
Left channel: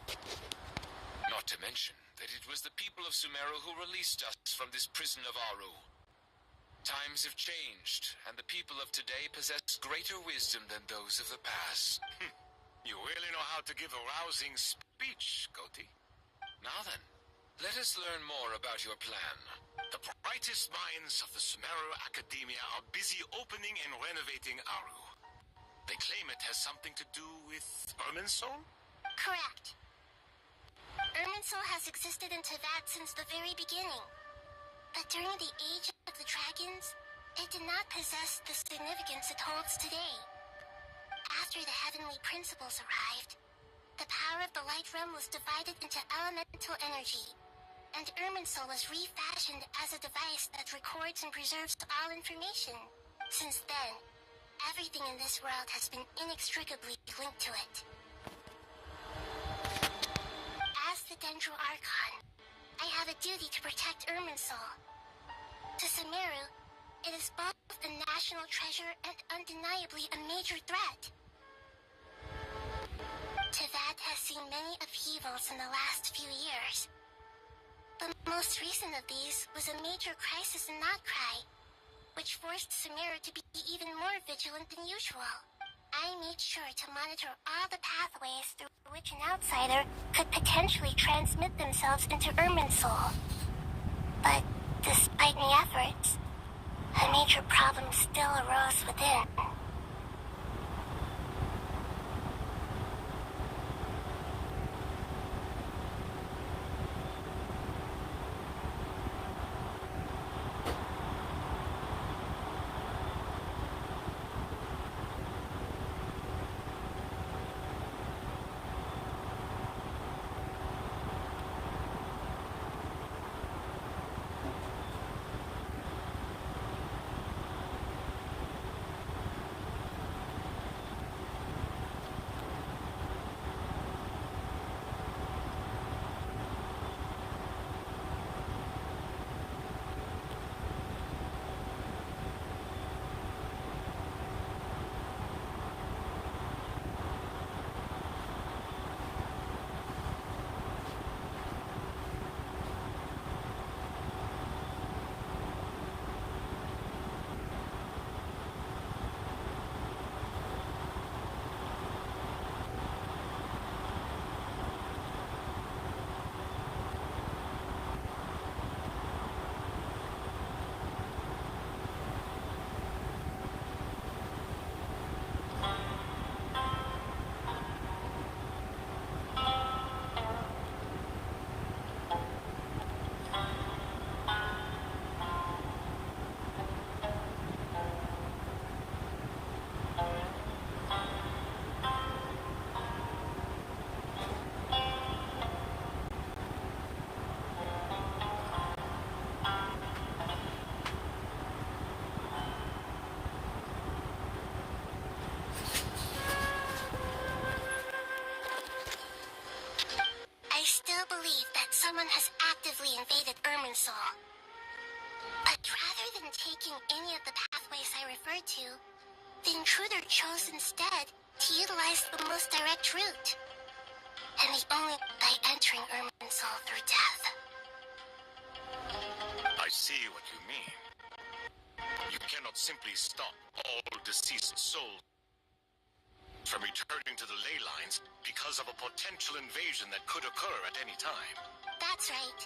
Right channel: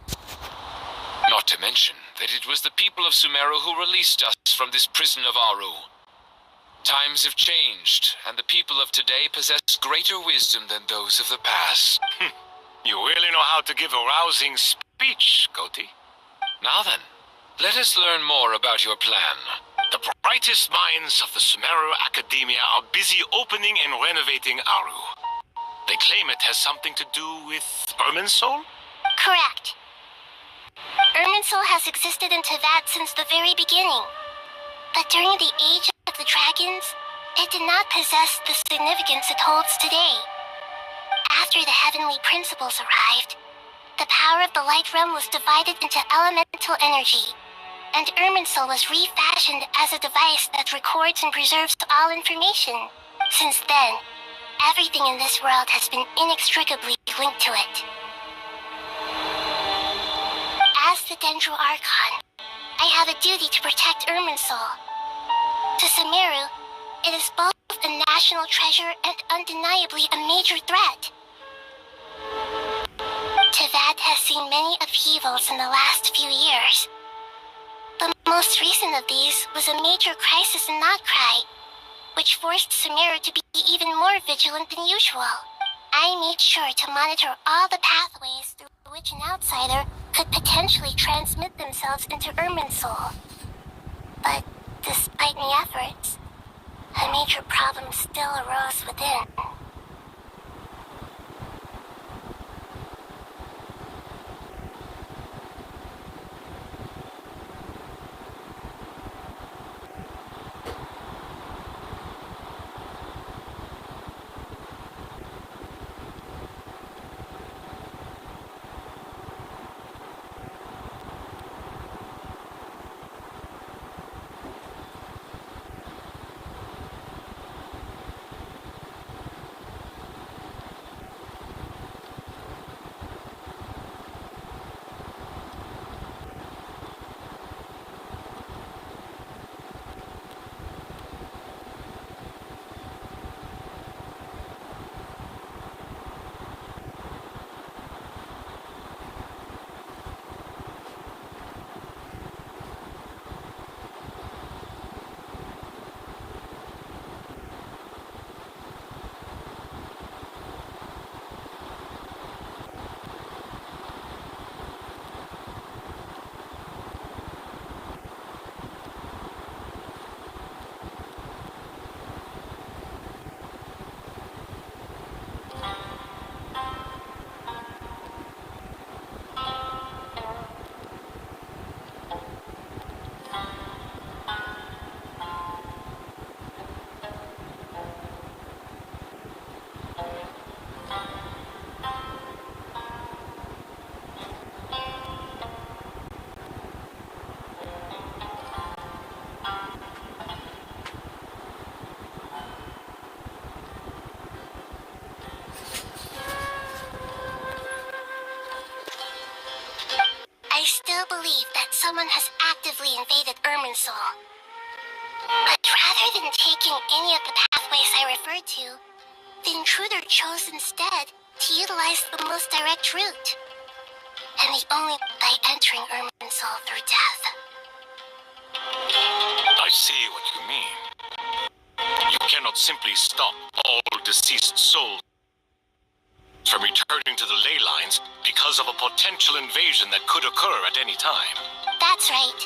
Not to mention that it was the people of Sumeru who released us from this prison of Aru. Times have changed, and the people of today possess greater wisdom than those of the past. You really know how to give a rousing speech, Goti. Now then, let us learn more about your plan. The brightest minds of the Sumeru Academia are busy opening and renovating Aru. They claim it has something to do with Irminsul? Correct. Irminsul has existed in Teyvat since the very beginning. But during the age of the dragons, it did not possess the significance it holds today. After the heavenly principles arrived, the power of the Light Realm was divided into elemental energy, and Irminsul was refashioned as a device that records and preserves all information. Since then, everything in this world has been inextricably linked to it. As the Dendral Archon, I have a duty to protect Irminsul. To Sumeru, it is both a national treasure and undeniably a major threat. Teyvat has seen many upheavals in the last few years. The most recent of these was a major crisis in Notcry, which forced Sumeru to be even more vigilant than usual. I made sure to monitor all the pathways through which an outsider could potentially transmit themselves into Irminsul. But despite my efforts, a major problem still arose within. still believe that someone has actively invaded Irminsul. But rather than taking any of the pathways I referred to, the intruder chose instead to utilize the most direct route. And the only by entering Irminsul through death. I see what you mean. You cannot simply stop all deceased souls from returning to the ley lines because of a potential invasion that could occur at any time. That's right.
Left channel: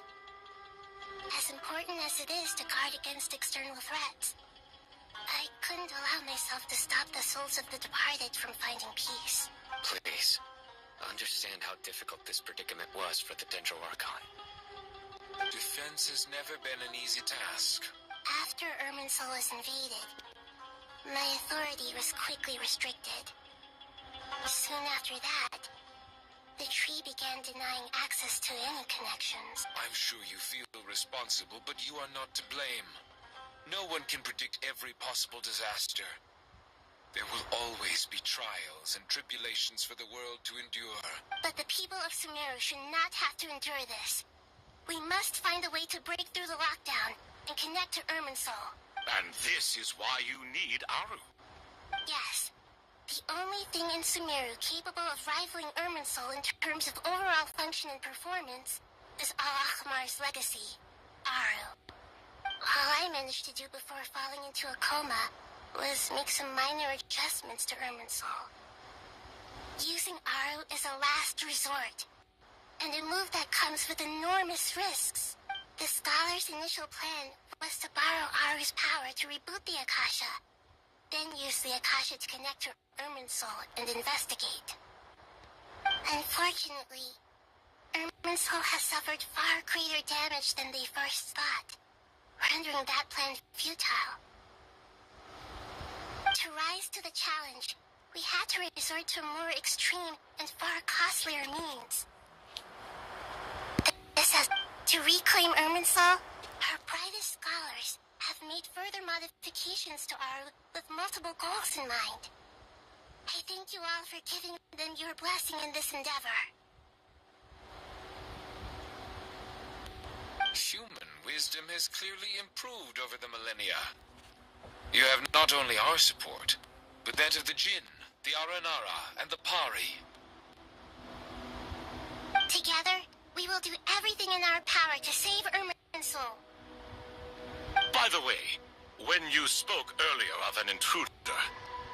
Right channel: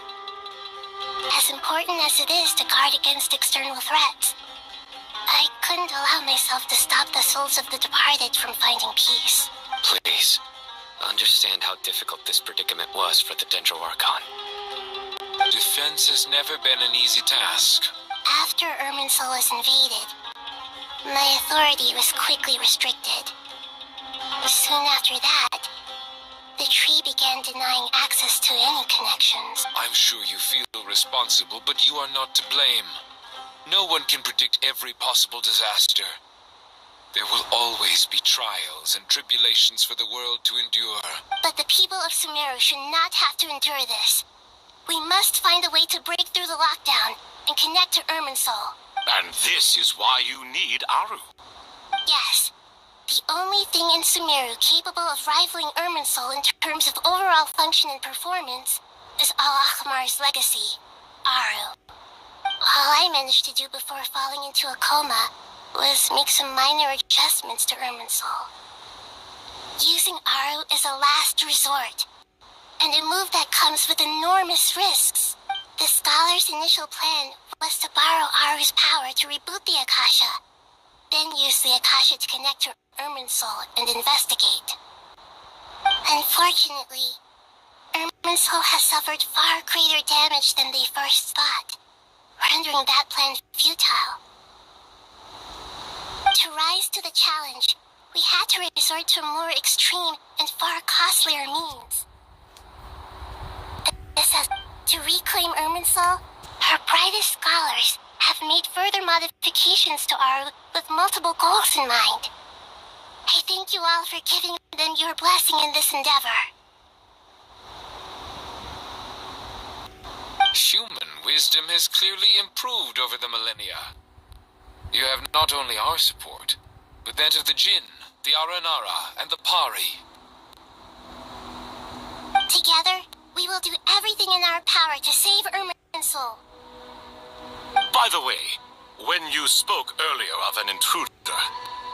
As important as it is to guard against external threats, I couldn't allow myself to stop the souls of the departed from finding peace. Please, understand how difficult this predicament was for the Dendro Archon. Defense has never been an easy task. After Irminsul was invaded, my authority was quickly restricted. Soon after that, the tree began denying access to any connections. I'm sure you feel responsible, but you are not to blame. No one can predict every possible disaster. There will always be trials and tribulations for the world to endure. But the people of Sumeru should not have to endure this. We must find a way to break through the lockdown and connect to Irminsul. And this is why you need Aru. Yes. The only thing in Sumeru capable of rivaling Irminsul in terms of overall function and performance is Al-Akhmar's legacy, Aru. All I managed to do before falling into a coma was make some minor adjustments to Irminsul. Using Aru is a last resort, and a move that comes with enormous risks. The scholar's initial plan was to borrow Aru's power to reboot the Akasha, then use the Akasha to connect to Irminsul and investigate. Unfortunately, Irminsul has suffered far greater damage than they first thought, rendering that plan futile. To rise to the challenge, we had to resort to more extreme and far costlier means. This has to reclaim Irminsul. Our brightest scholars have made further modifications to Aru with multiple goals in mind. I thank you all for giving them your blessing in this endeavor. Human wisdom has clearly improved over the millennia. You have not only our support, but that of the Jinn, the Aranara, and the Pari. Together, we will do everything in our power to save Irminsul. By the way, when you spoke earlier of an intruder,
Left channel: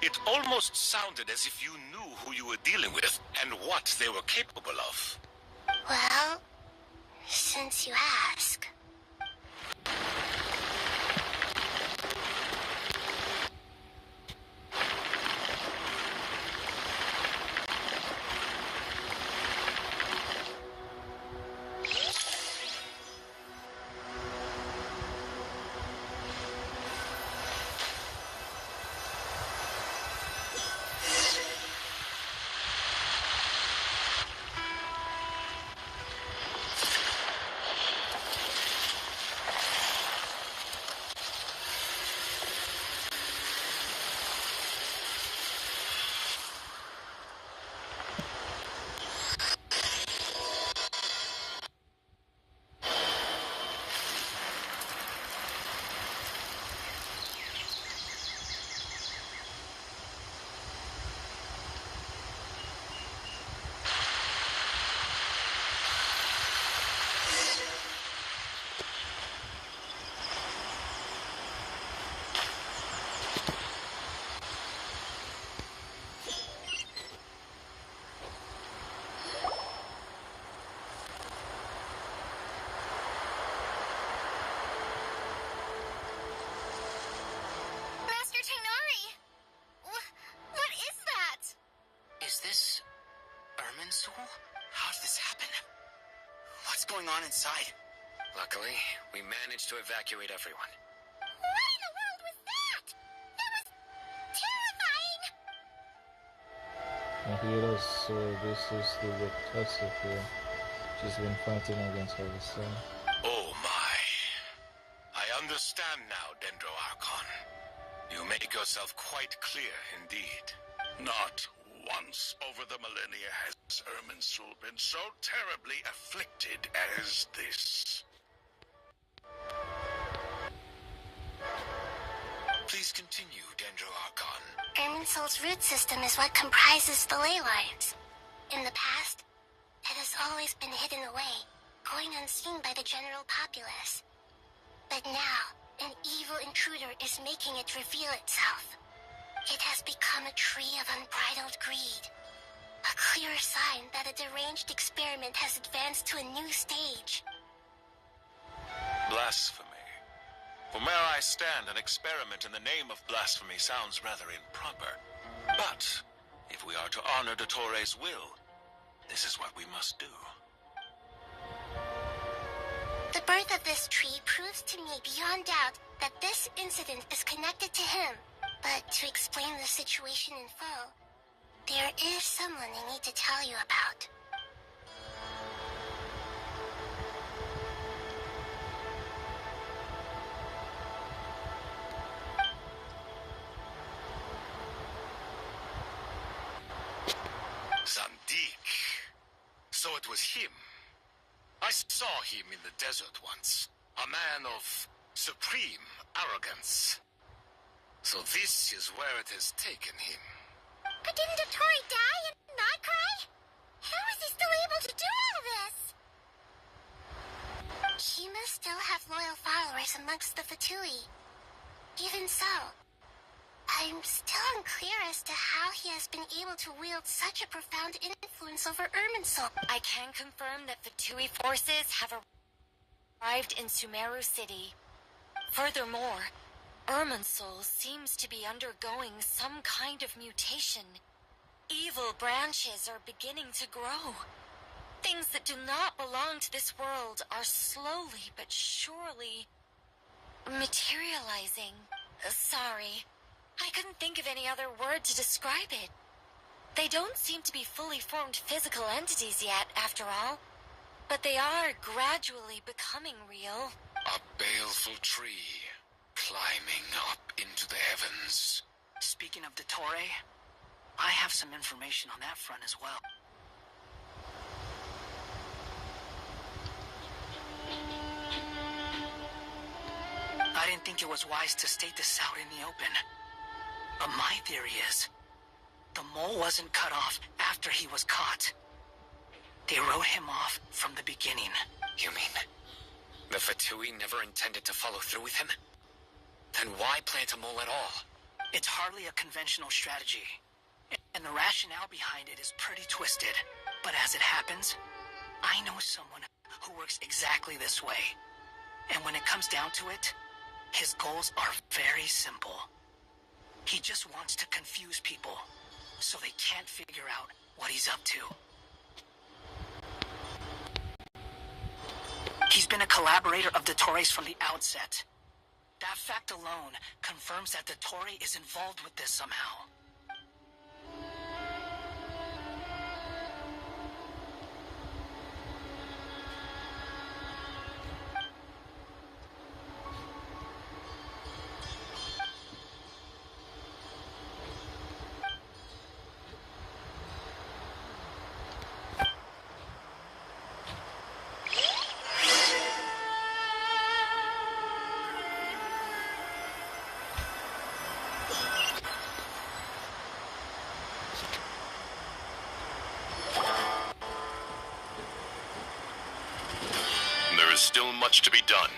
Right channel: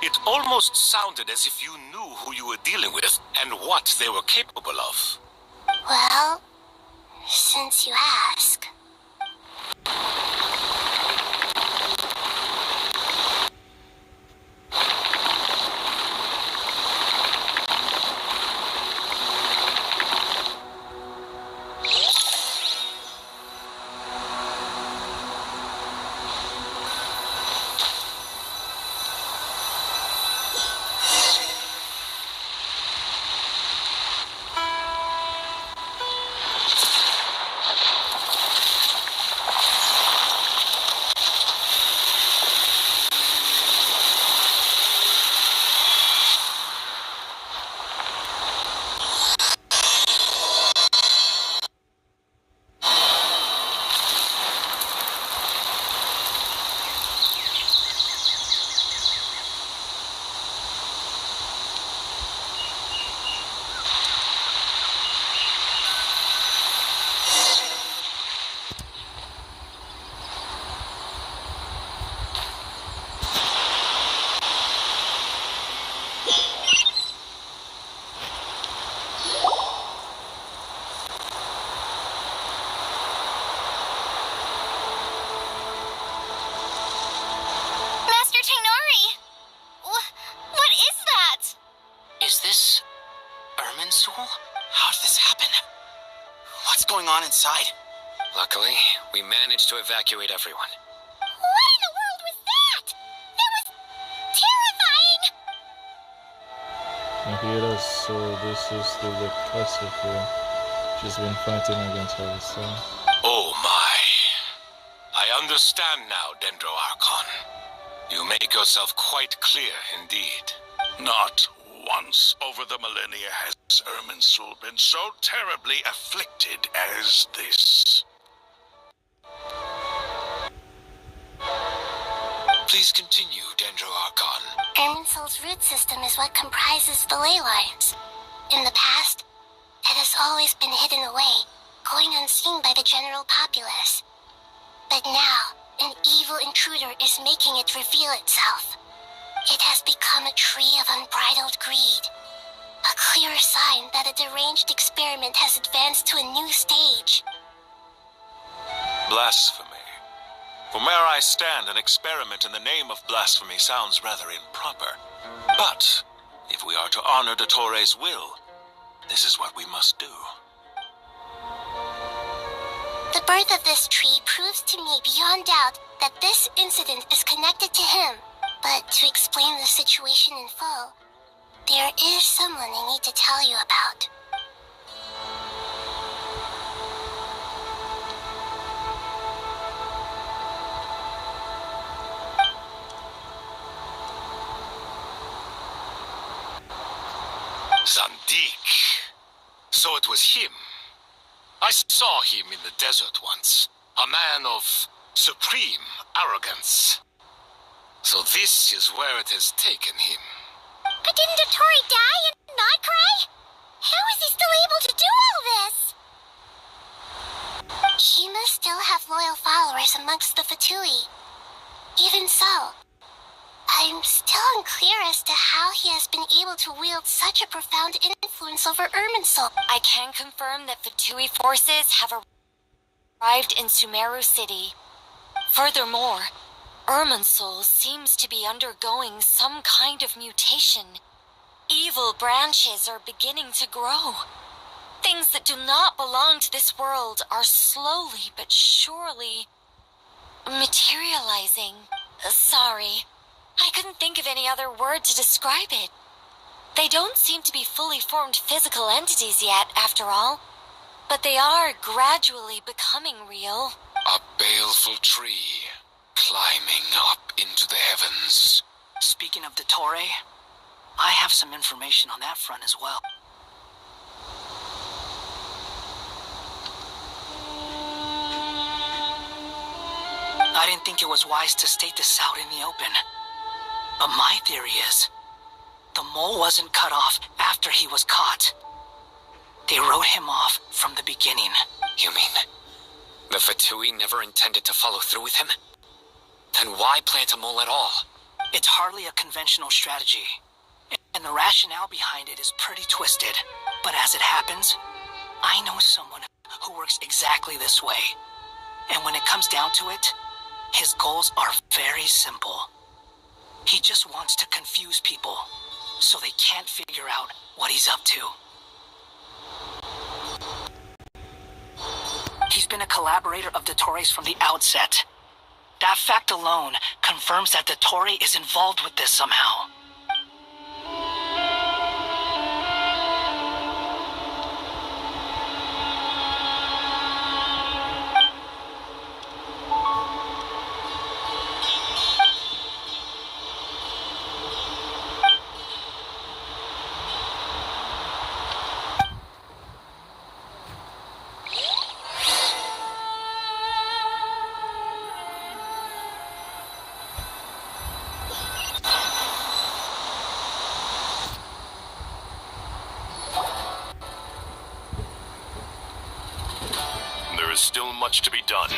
it almost sounded as if you knew who you were dealing with and what they were capable of. Well, since you ask. Going on inside? Luckily, we managed to evacuate everyone. What in the world was that? That was terrifying! And here it is, so this is the Victoria. She's been fighting against herself. Oh my. I understand now, Dendro Archon. You make yourself quite clear indeed. Not once over the millennia has Irminsul been so terribly afflicted as this? Please continue, Dendro Archon. Irminsul's root system is what comprises the ley lines. In the past, it has always been hidden away, going unseen by the general populace. But now, an evil intruder is making it reveal itself. It has become a tree of unbridled greed. A clear sign that a deranged experiment has advanced to a new stage. Blasphemy. From where I stand, an experiment in the name of blasphemy sounds rather improper. But, if we are to honor Dottore's will, this is what we must do. The birth of this tree proves to me beyond doubt that this incident is connected to him. But to explain the situation in full, there is someone I need to tell you about. Zandik. So it was him. I saw him in the desert once. A man of supreme arrogance. So this is where it has taken him. But didn't Dottore die and not cry? How is he still able to do all this? He must still have loyal followers amongst the Fatui. Even so, I'm still unclear as to how he has been able to wield such a profound influence over Irminsul. I can confirm that Fatui forces have arrived in Sumeru City. Furthermore, Irminsul seems to be undergoing some kind of mutation. Evil branches are beginning to grow. Things that do not belong to this world are slowly but surely materializing. Sorry, I couldn't think of any other word to describe it. They don't seem to be fully formed physical entities yet, after all, but they are gradually becoming real. A baleful tree, climbing up into the heavens. Speaking of Dottore, I have some information on that front as well. I didn't think it was wise to state this out in the open. But my theory is, the mole wasn't cut off after he was caught. They wrote him off from the beginning. You mean the Fatui never intended to follow through with him? Then why plant a mole at all? It's hardly a conventional strategy, and the rationale behind it is pretty twisted. But as it happens, I know someone who works exactly this way. And when it comes down to it, his goals are very simple. He just wants to confuse people, so they can't figure out what he's up to. He's been a collaborator of Dottore's from the outset. That fact alone confirms that Dottore is involved with this somehow. There is still much to be done.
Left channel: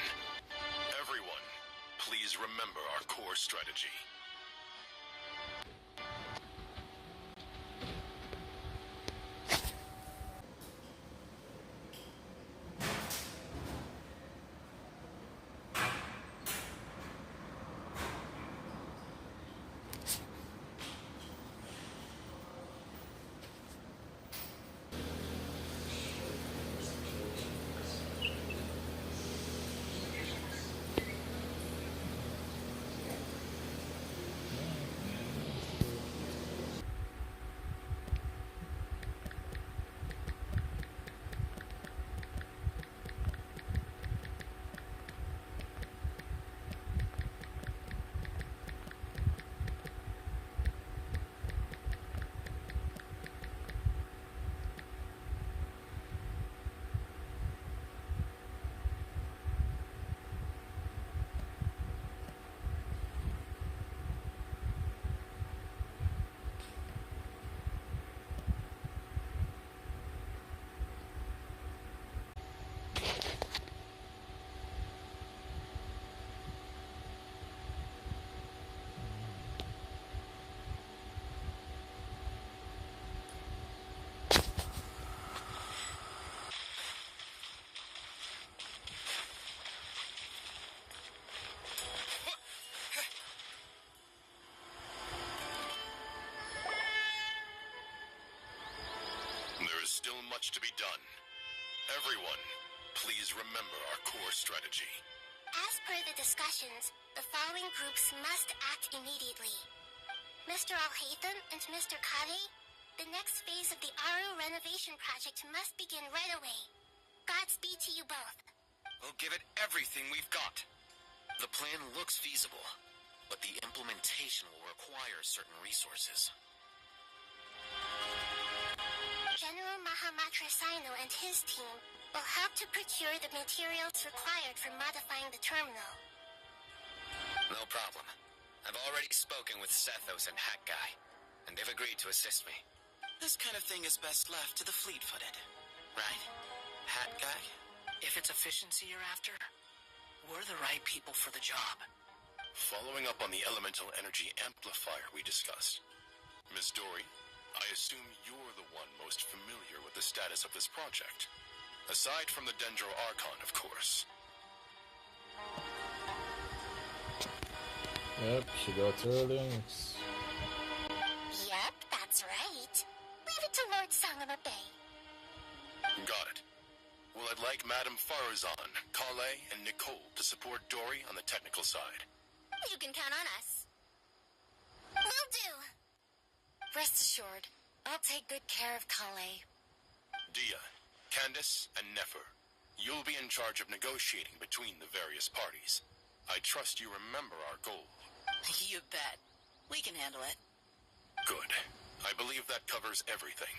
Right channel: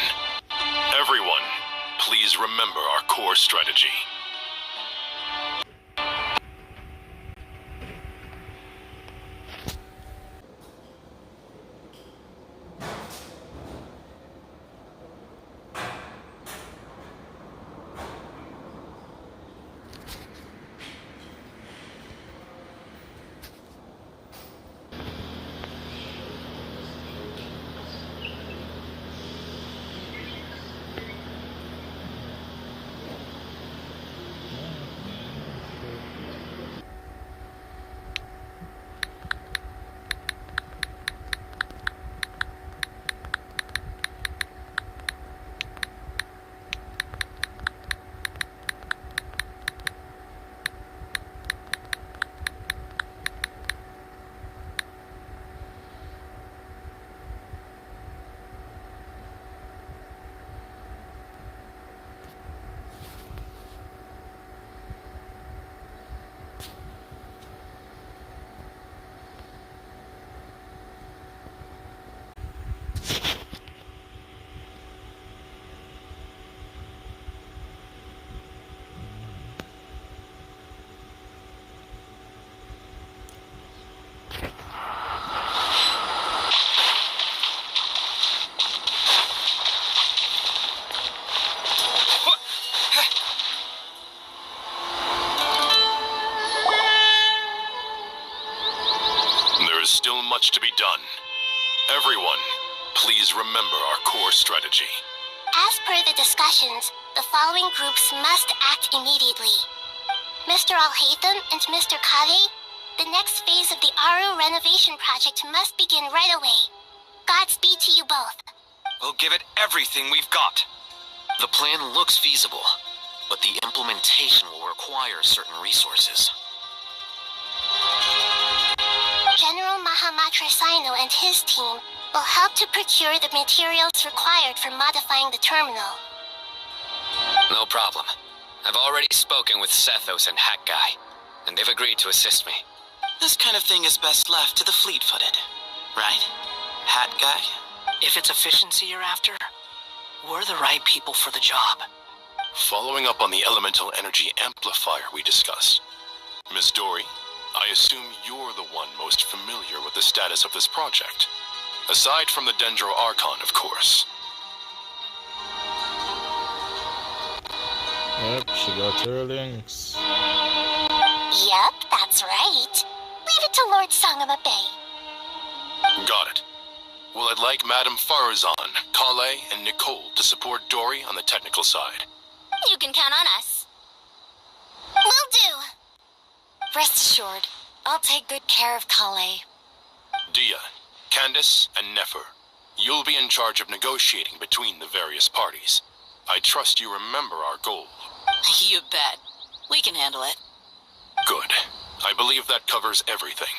Everyone, please remember our core strategy. done. Everyone, please remember our core strategy. As per the discussions, the following groups must act immediately. Mr. Alhaitham and Mr. Kage, the next phase of the Aru renovation project must begin right away. Godspeed to you both. We'll give it everything we've got. The plan looks feasible, but the implementation will require certain resources. General Mahamatra Sino and his team will help to procure the materials required for modifying the terminal. No problem. I've already spoken with Sethos and Hack Guy, and they've agreed to assist me. This kind of thing is best left to the fleet-footed, right? Hat Guy? If it's efficiency you're after, we're the right people for the job. Following up on the elemental energy amplifier we discussed, Miss Dory, I assume you're the one most familiar with the status of this project. Aside from the Dendro Archon, of course. Yep, she got her links. Yep, that's right. Leave it to Lord Sangamabe. Got it. Well, I'd like Madame Farazan, Kale, and Nicole to support Dory on the technical side. You can count on us. Will do. Rest assured, I'll take good care of Kale. Dia, Candace, and Nefer, you'll be in charge of negotiating between the various parties. I trust you remember our goal. You bet. We can handle it. Good. I believe that covers everything.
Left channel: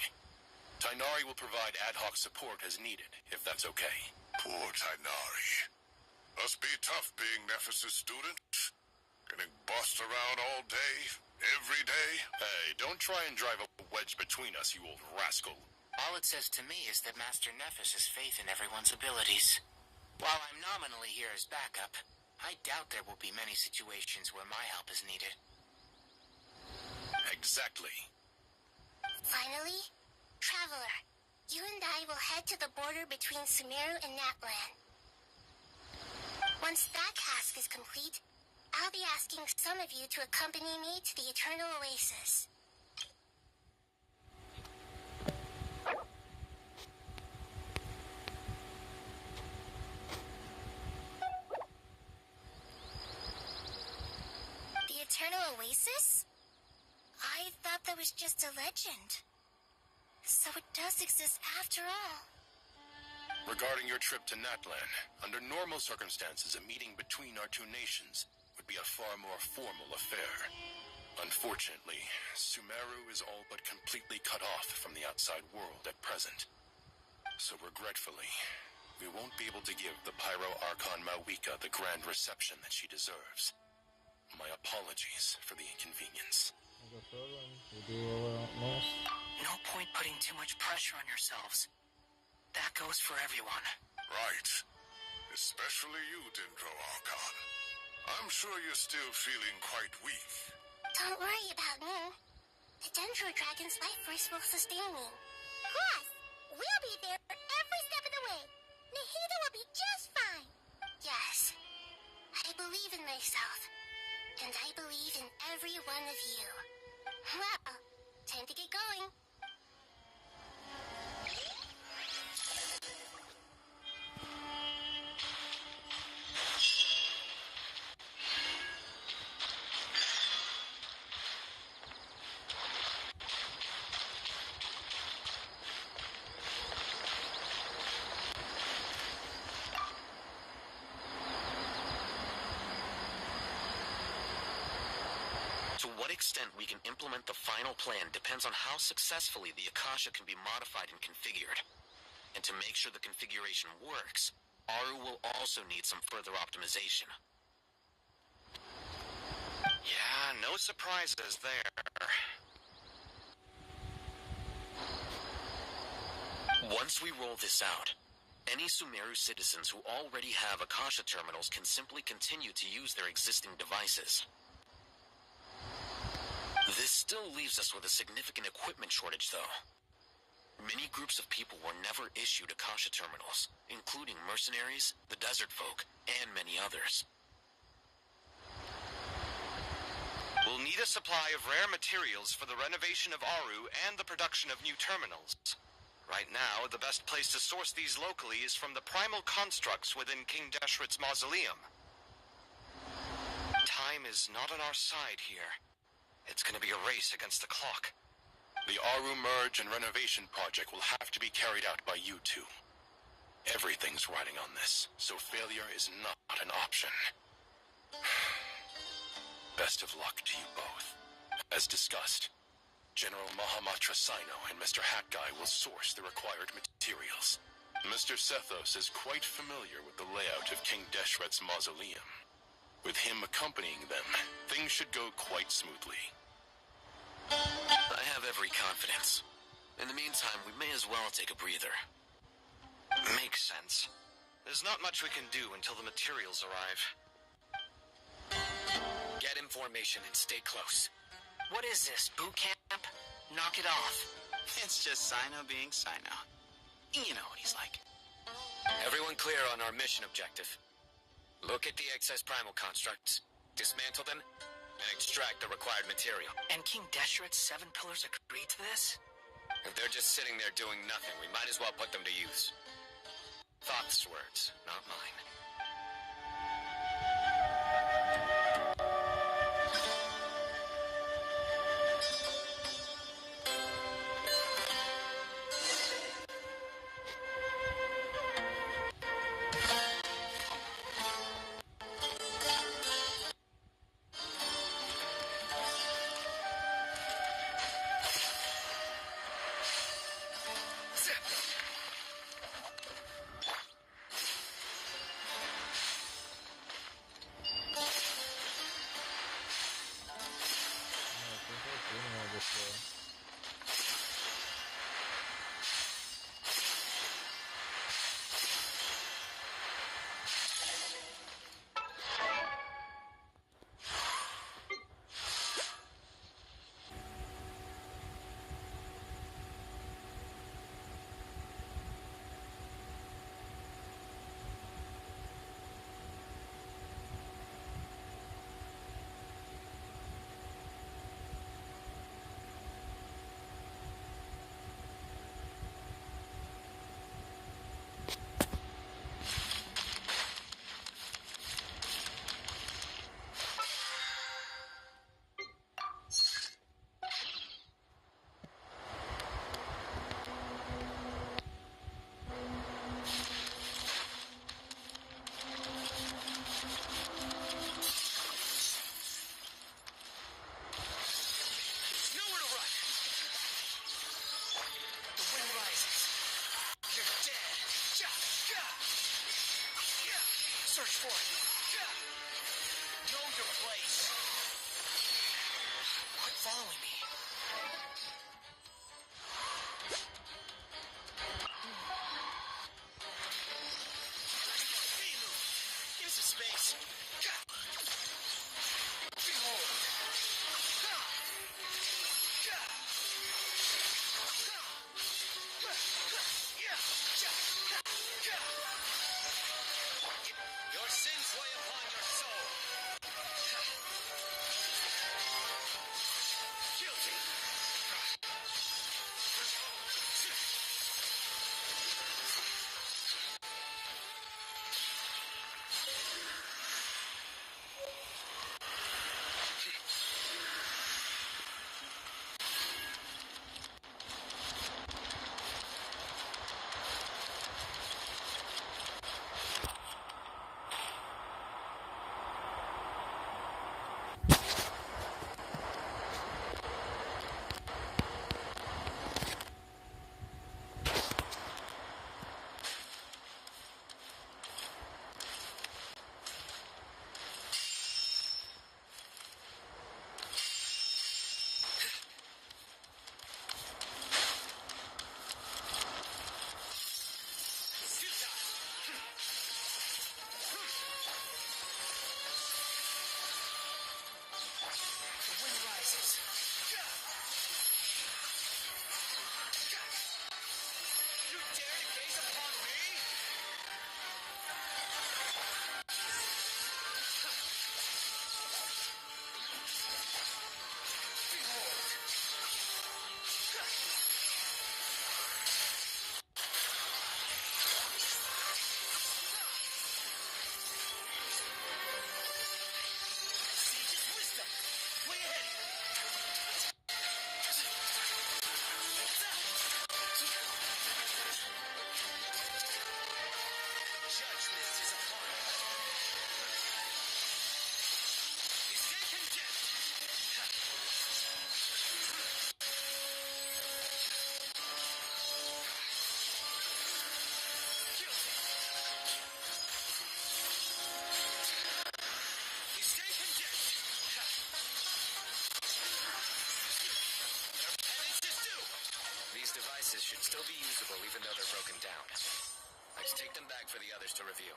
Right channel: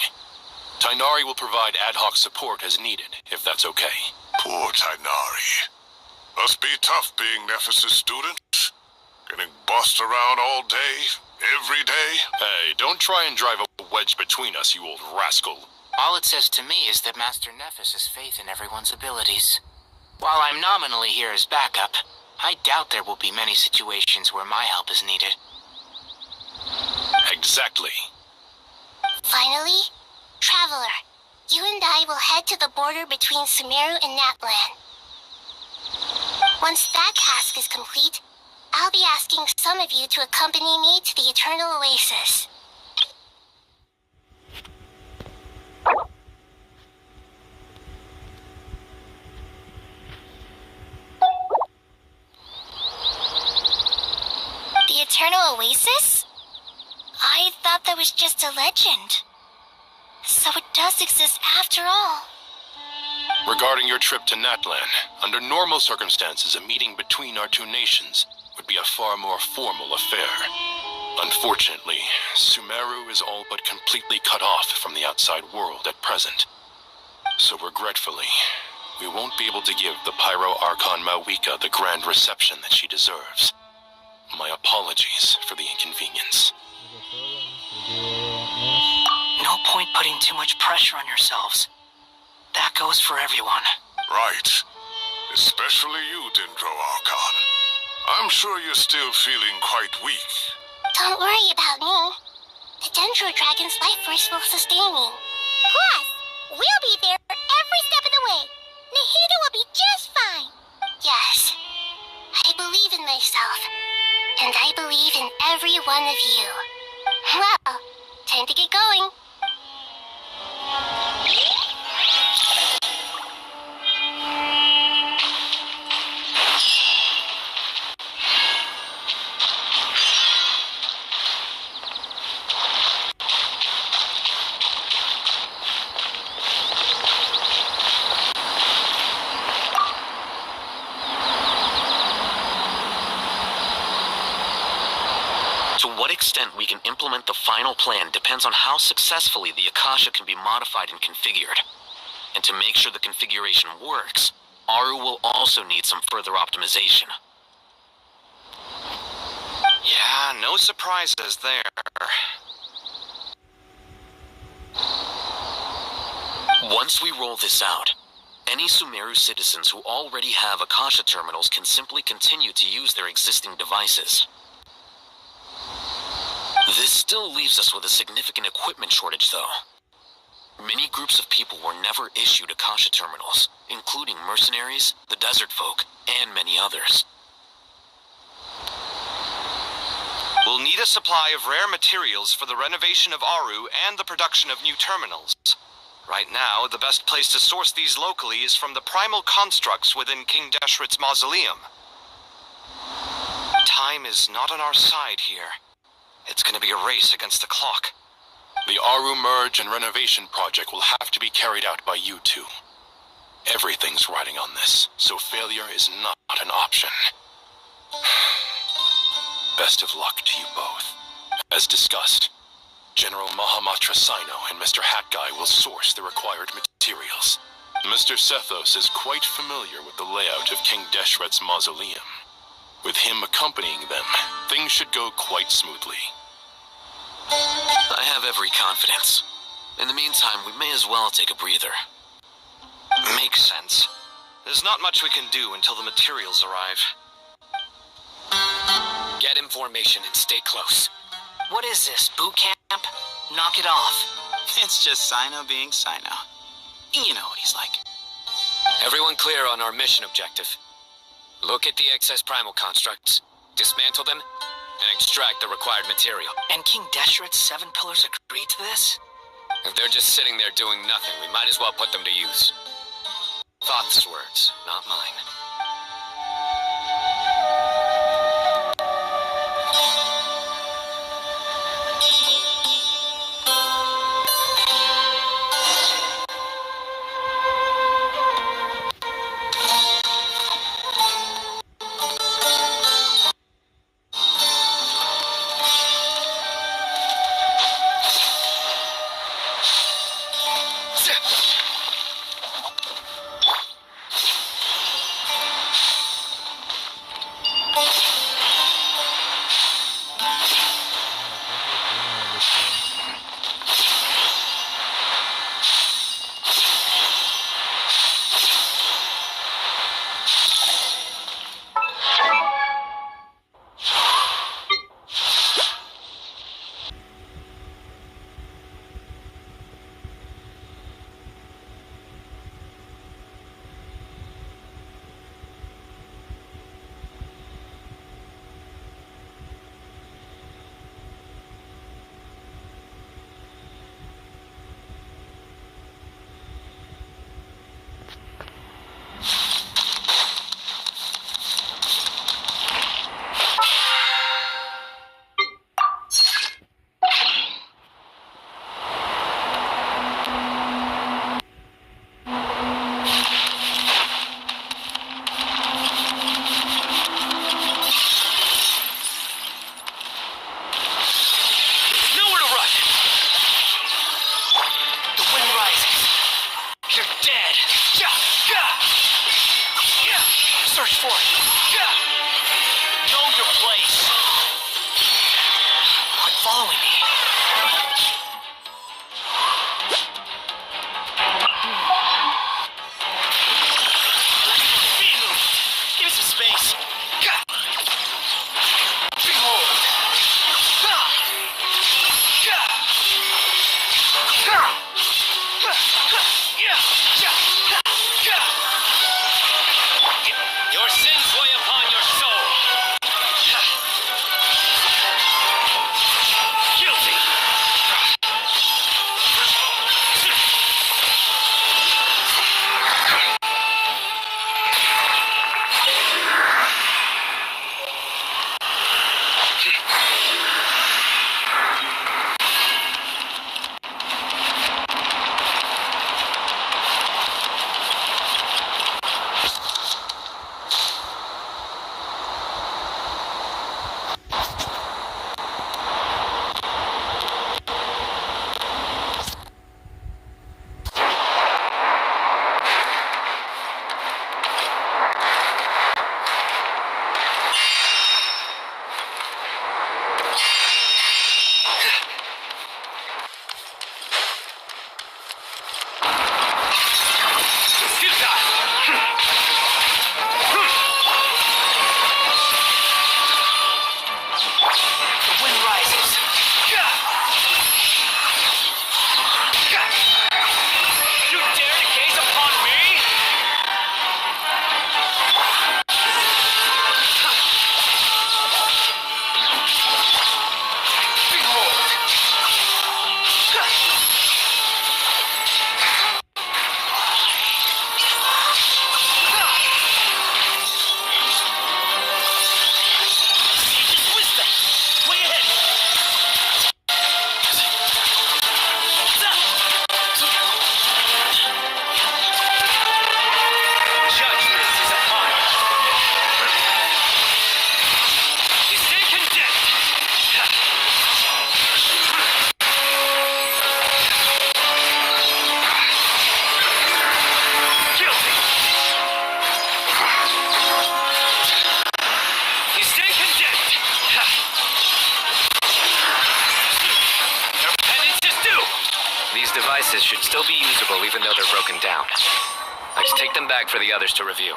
Tainari will provide ad hoc support as needed, if that's okay. Poor Tainari. Must be tough being Nephis' student. Getting bossed around all day, every day. Hey, don't try and drive a wedge between us, you old rascal. All it says to me is that Master Nephis has faith in everyone's abilities. While I'm nominally here as backup, I doubt there will be many situations where my help is needed. Exactly. Finally, Traveler, you and I will head to the border between Sumeru and Natlan. Once that task is complete, I'll be asking some of you to accompany me to the Eternal Oasis. The Eternal Oasis? I thought that was just a legend. So it does exist after all. Regarding your trip to Natlan, under normal circumstances, a meeting between our two nations would be a far more formal affair. Unfortunately, Sumeru is all but completely cut off from the outside world at present. So regretfully, we won't be able to give the Pyro Archon Mawika the grand reception that she deserves. My apologies for the inconvenience. No point putting too much pressure on yourselves. That goes for everyone. Right. Especially you, Dendro Archon. I'm sure you're still feeling quite weak. Don't worry about me. The Dendro Dragon's life force will sustain me. Plus, we'll be there every step of the way. Nahida will be just fine. Yes, I believe in myself. And I believe in every one of you. Well, time to get going. To what extent we can implement the final plan depends on how successfully the Akasha can be modified and configured. And to make sure the configuration works, Aru will also need some further optimization. Yeah, no surprises there. Once we roll this out, any Sumeru citizens who already have Akasha terminals can simply continue to use their existing devices. This still leaves us with a significant equipment shortage, though. Many groups of people were never issued Akasha terminals, including mercenaries, the desert folk, and many others. We'll need a supply of rare materials for the renovation of Aru and the production of new terminals. Right now, the best place to source these locally is from the primal constructs within King Deshret's mausoleum. Time is not on our side here. It's gonna be a race against the clock. The Aru merge and renovation project will have to be carried out by you two. Everything's riding on this, so failure is not an option. Best of luck to you both. As discussed, General Mahamatra Sino and Mr. Hat Guy will source the required materials. Mr. Sethos is quite familiar with the layout of King Deshret's mausoleum. With him accompanying them, things should go quite smoothly. I have every confidence. In the meantime, we may as well take a breather. Makes sense. There's not much we can do until the materials arrive. Get information and stay close. What is this, boot camp? Knock it off. It's just Sino being Sino. You know what he's like. Everyone clear on our mission objective. Look at the excess primal constructs, dismantle them, and extract the required material. And King Deshret's 7 pillars agreed to this? If they're just sitting there doing nothing, we might as well put them to use. Thoth's words, not mine. pieces should still be usable even though they're broken down. Let's take them back for the others to review.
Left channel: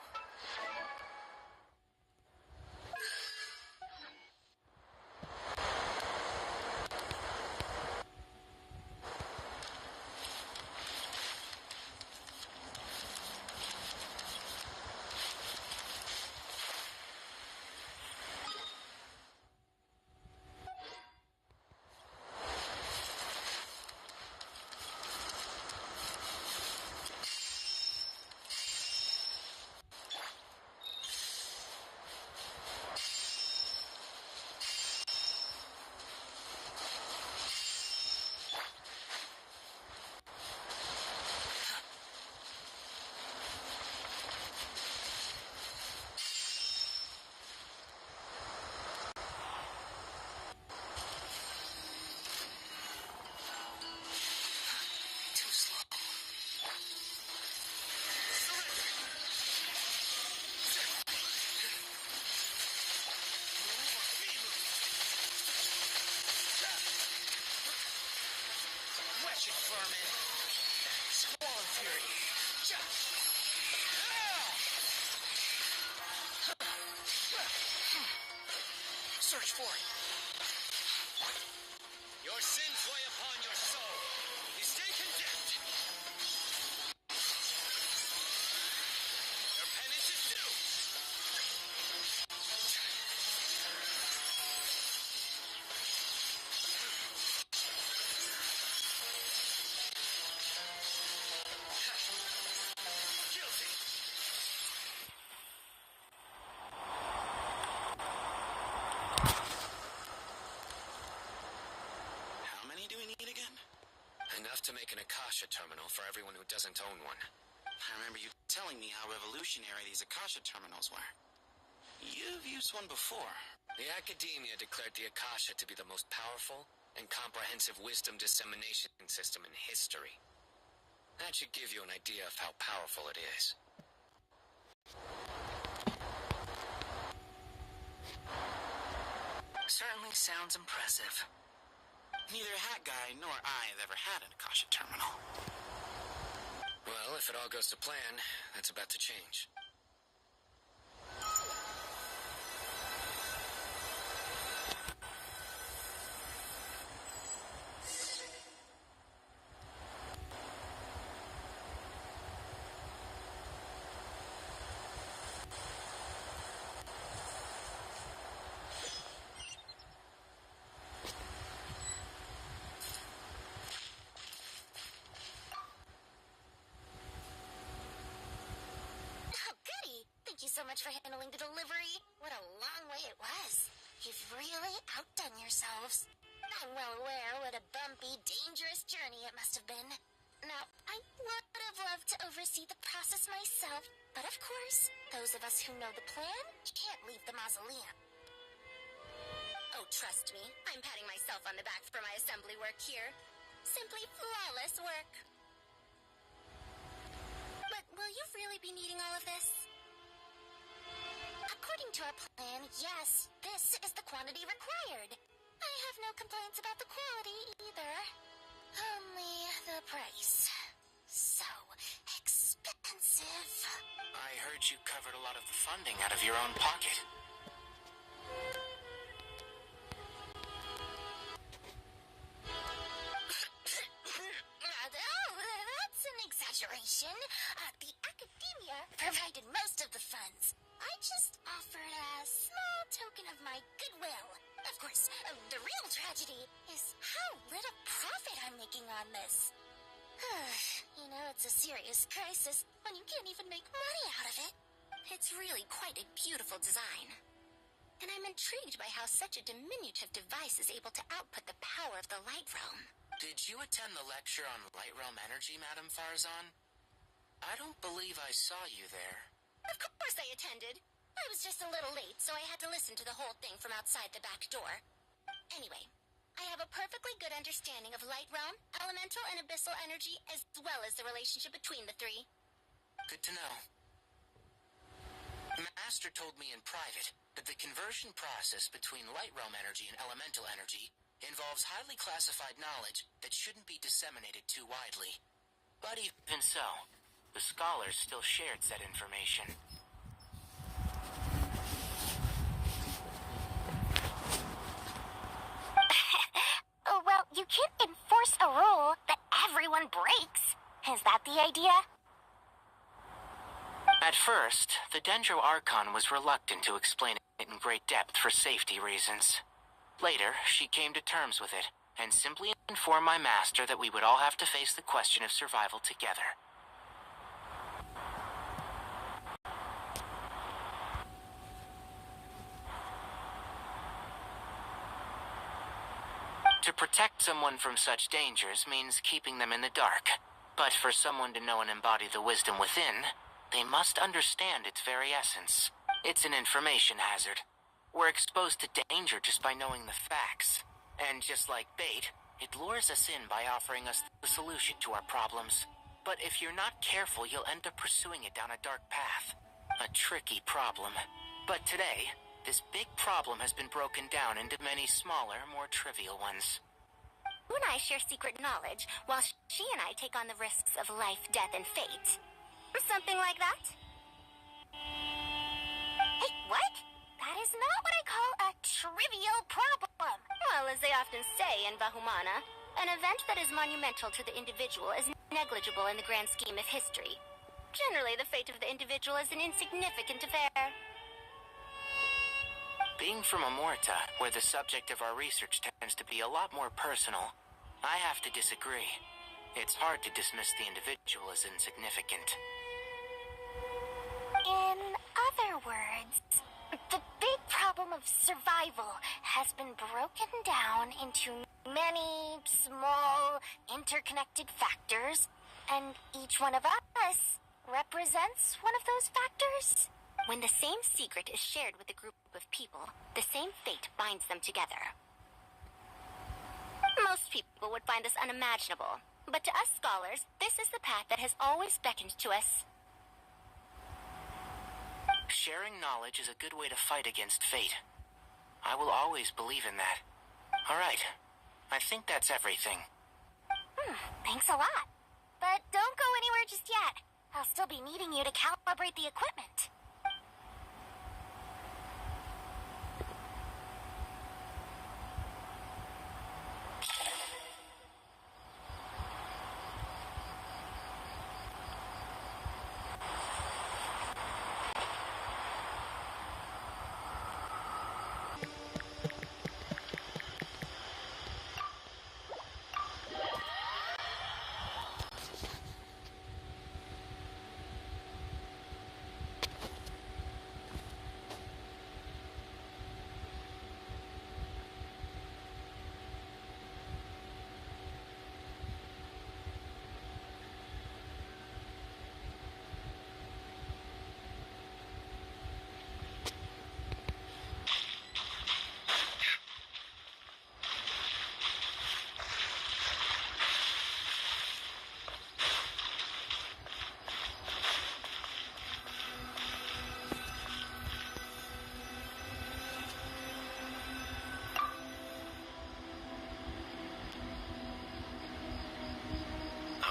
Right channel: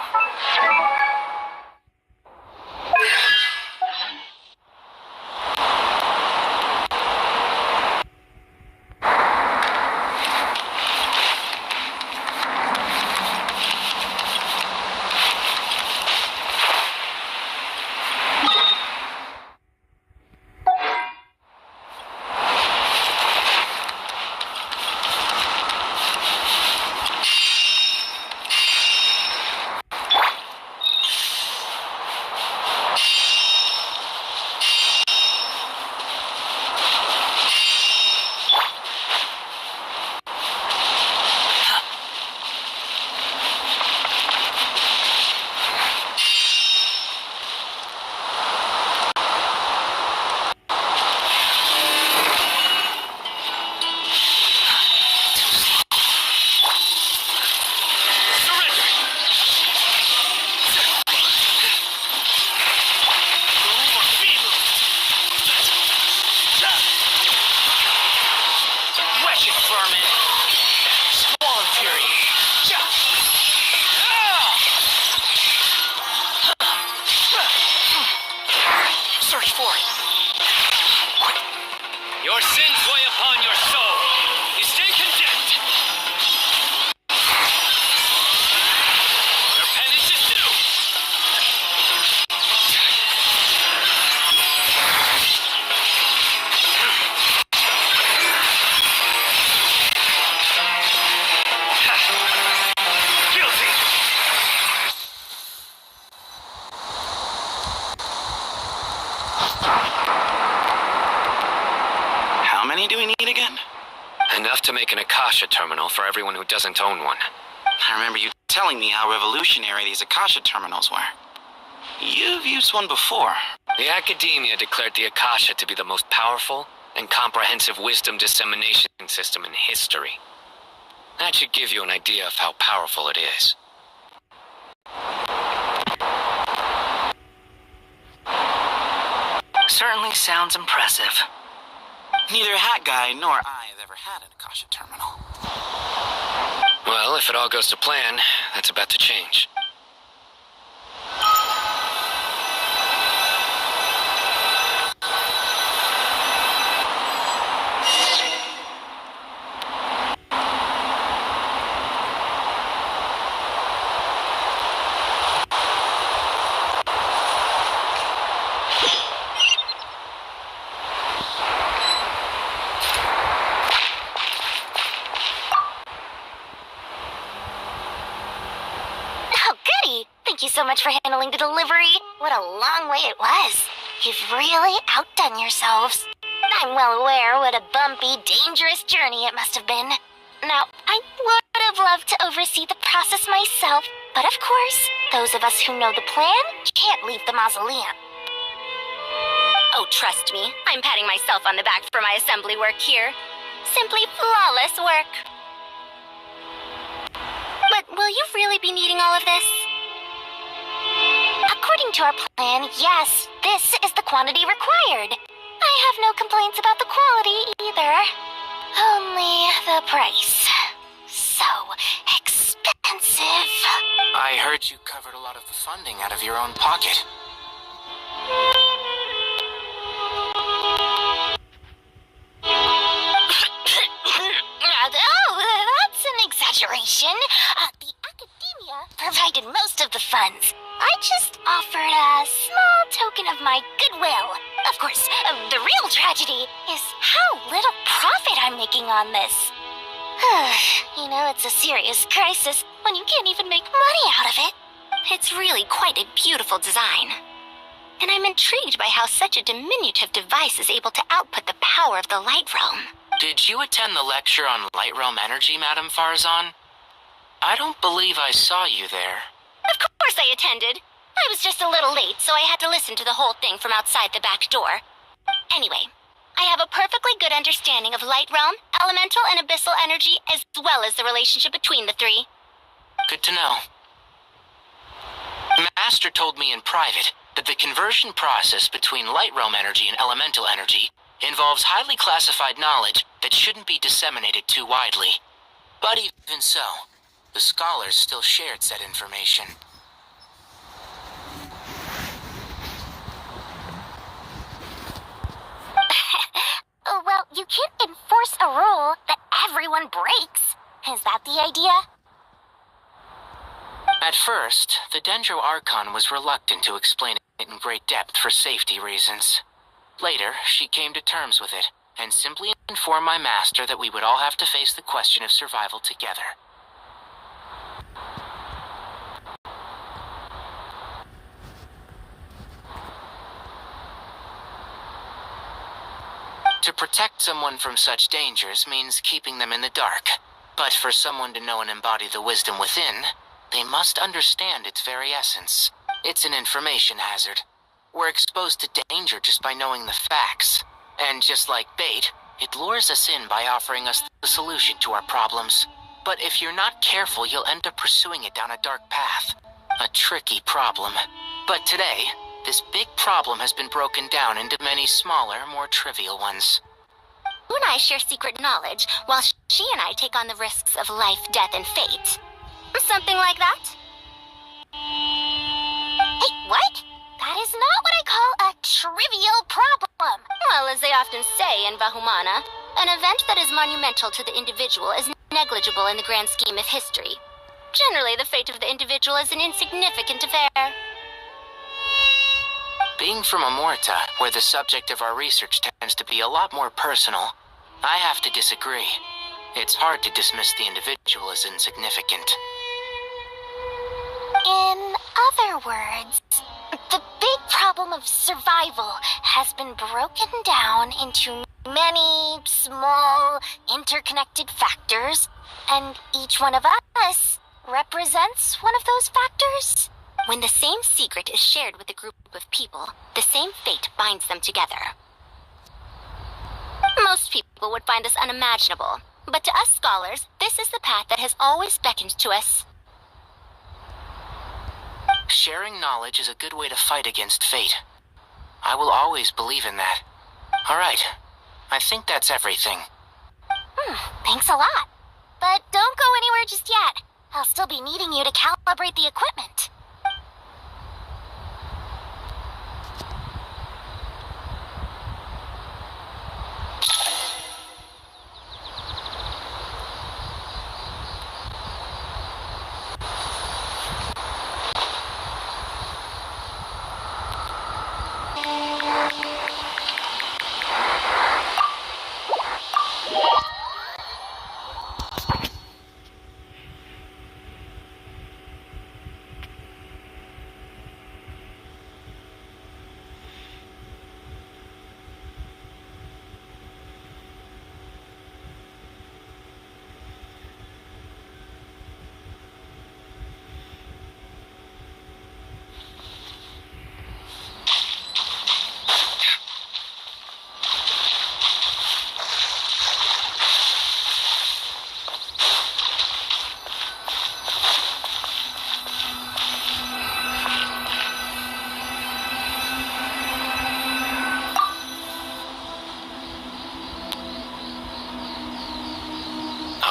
Your sins weigh upon your soul. You stay condemned. Your penance is due. Guilty. How many do we need again? Enough to make an Akasha terminal for everyone who doesn't own one. I remember you telling me how revolutionary these Akasha terminals were. You've used one before. The Academia declared the Akasha to be the most powerful and comprehensive wisdom dissemination system in history. That should give you an idea of how powerful it is. Certainly sounds impressive. Neither Hat Guy nor I have ever had an Akasha terminal. Well, if it all goes to plan, that's about to change. Thank you so much for handling the delivery. What a long way it was. You've really outdone yourselves. I'm well aware what a bumpy, dangerous journey it must have been. Now, I would have loved to oversee the process myself, but of course, those of us who know the plan can't leave the mausoleum. Oh, trust me, I'm patting myself on the back for my assembly work here. Simply flawless work. But will you really be needing all of this? According to our plan, yes, this is the quantity required. I have no complaints about the quality either. Only the price. So expensive. I heard you covered a lot of the funding out of your own pocket. Oh, that's an exaggeration. The Academia provided most of the funds. I just offered a small token of my goodwill. Of course, the real tragedy is how little profit I'm making on this. You know, it's a serious crisis when you can't even make money out of it. It's really quite a beautiful design. And I'm intrigued by how such a diminutive device is able to output the power of the Light Realm. Did you attend the lecture on Light Realm energy, Madame Farzan? I don't believe I saw you there. Of course I attended. I was just a little late, so I had to listen to the whole thing from outside the back door. Anyway, I have a perfectly good understanding of Light Realm, elemental and abyssal energy, as well as the relationship between the three. Good to know. Master told me in private that the conversion process between Light Realm energy and elemental energy involves highly classified knowledge that shouldn't be disseminated too widely. But even so, the scholars still shared said information. Well, you can't enforce a rule that everyone breaks. Is that the idea? At first, the Dendro Archon was reluctant to explain it in great depth for safety reasons. Later, she came to terms with it, and simply informed my master that we would all have to face the question of survival together. To protect someone from such dangers means keeping them in the dark. But for someone to know and embody the wisdom within, they must understand its very essence. It's an information hazard. We're exposed to danger just by knowing the facts. And just like bait, it lures us in by offering us the solution to our problems. But if you're not careful, you'll end up pursuing it down a dark path. A tricky problem. But today, this big problem has been broken down into many smaller, more trivial ones. You and I share secret knowledge, while she and I take on the risks of life, death, and fate. Something like that? Hey, what? That is not what I call a trivial problem. Well, as they often say in Vahumana, an event that is monumental to the individual is negligible in the grand scheme of history. Generally, the fate of the individual is an insignificant affair. Being from Amorta, where the subject of our research tends to be a lot more personal, I have to disagree. It's hard to dismiss the individual as insignificant. In other words, the big problem of survival has been broken down into many small, interconnected factors, and each one of us represents one of those factors. When the same secret is shared with a group of people, the same fate binds them together. Most people would find this unimaginable, but to us scholars, this is the path that has always beckoned to us. Sharing knowledge is a good way to fight against fate. I will always believe in that. All right, I think that's everything. Thanks a lot. But don't go anywhere just yet. I'll still be needing you to calibrate the equipment.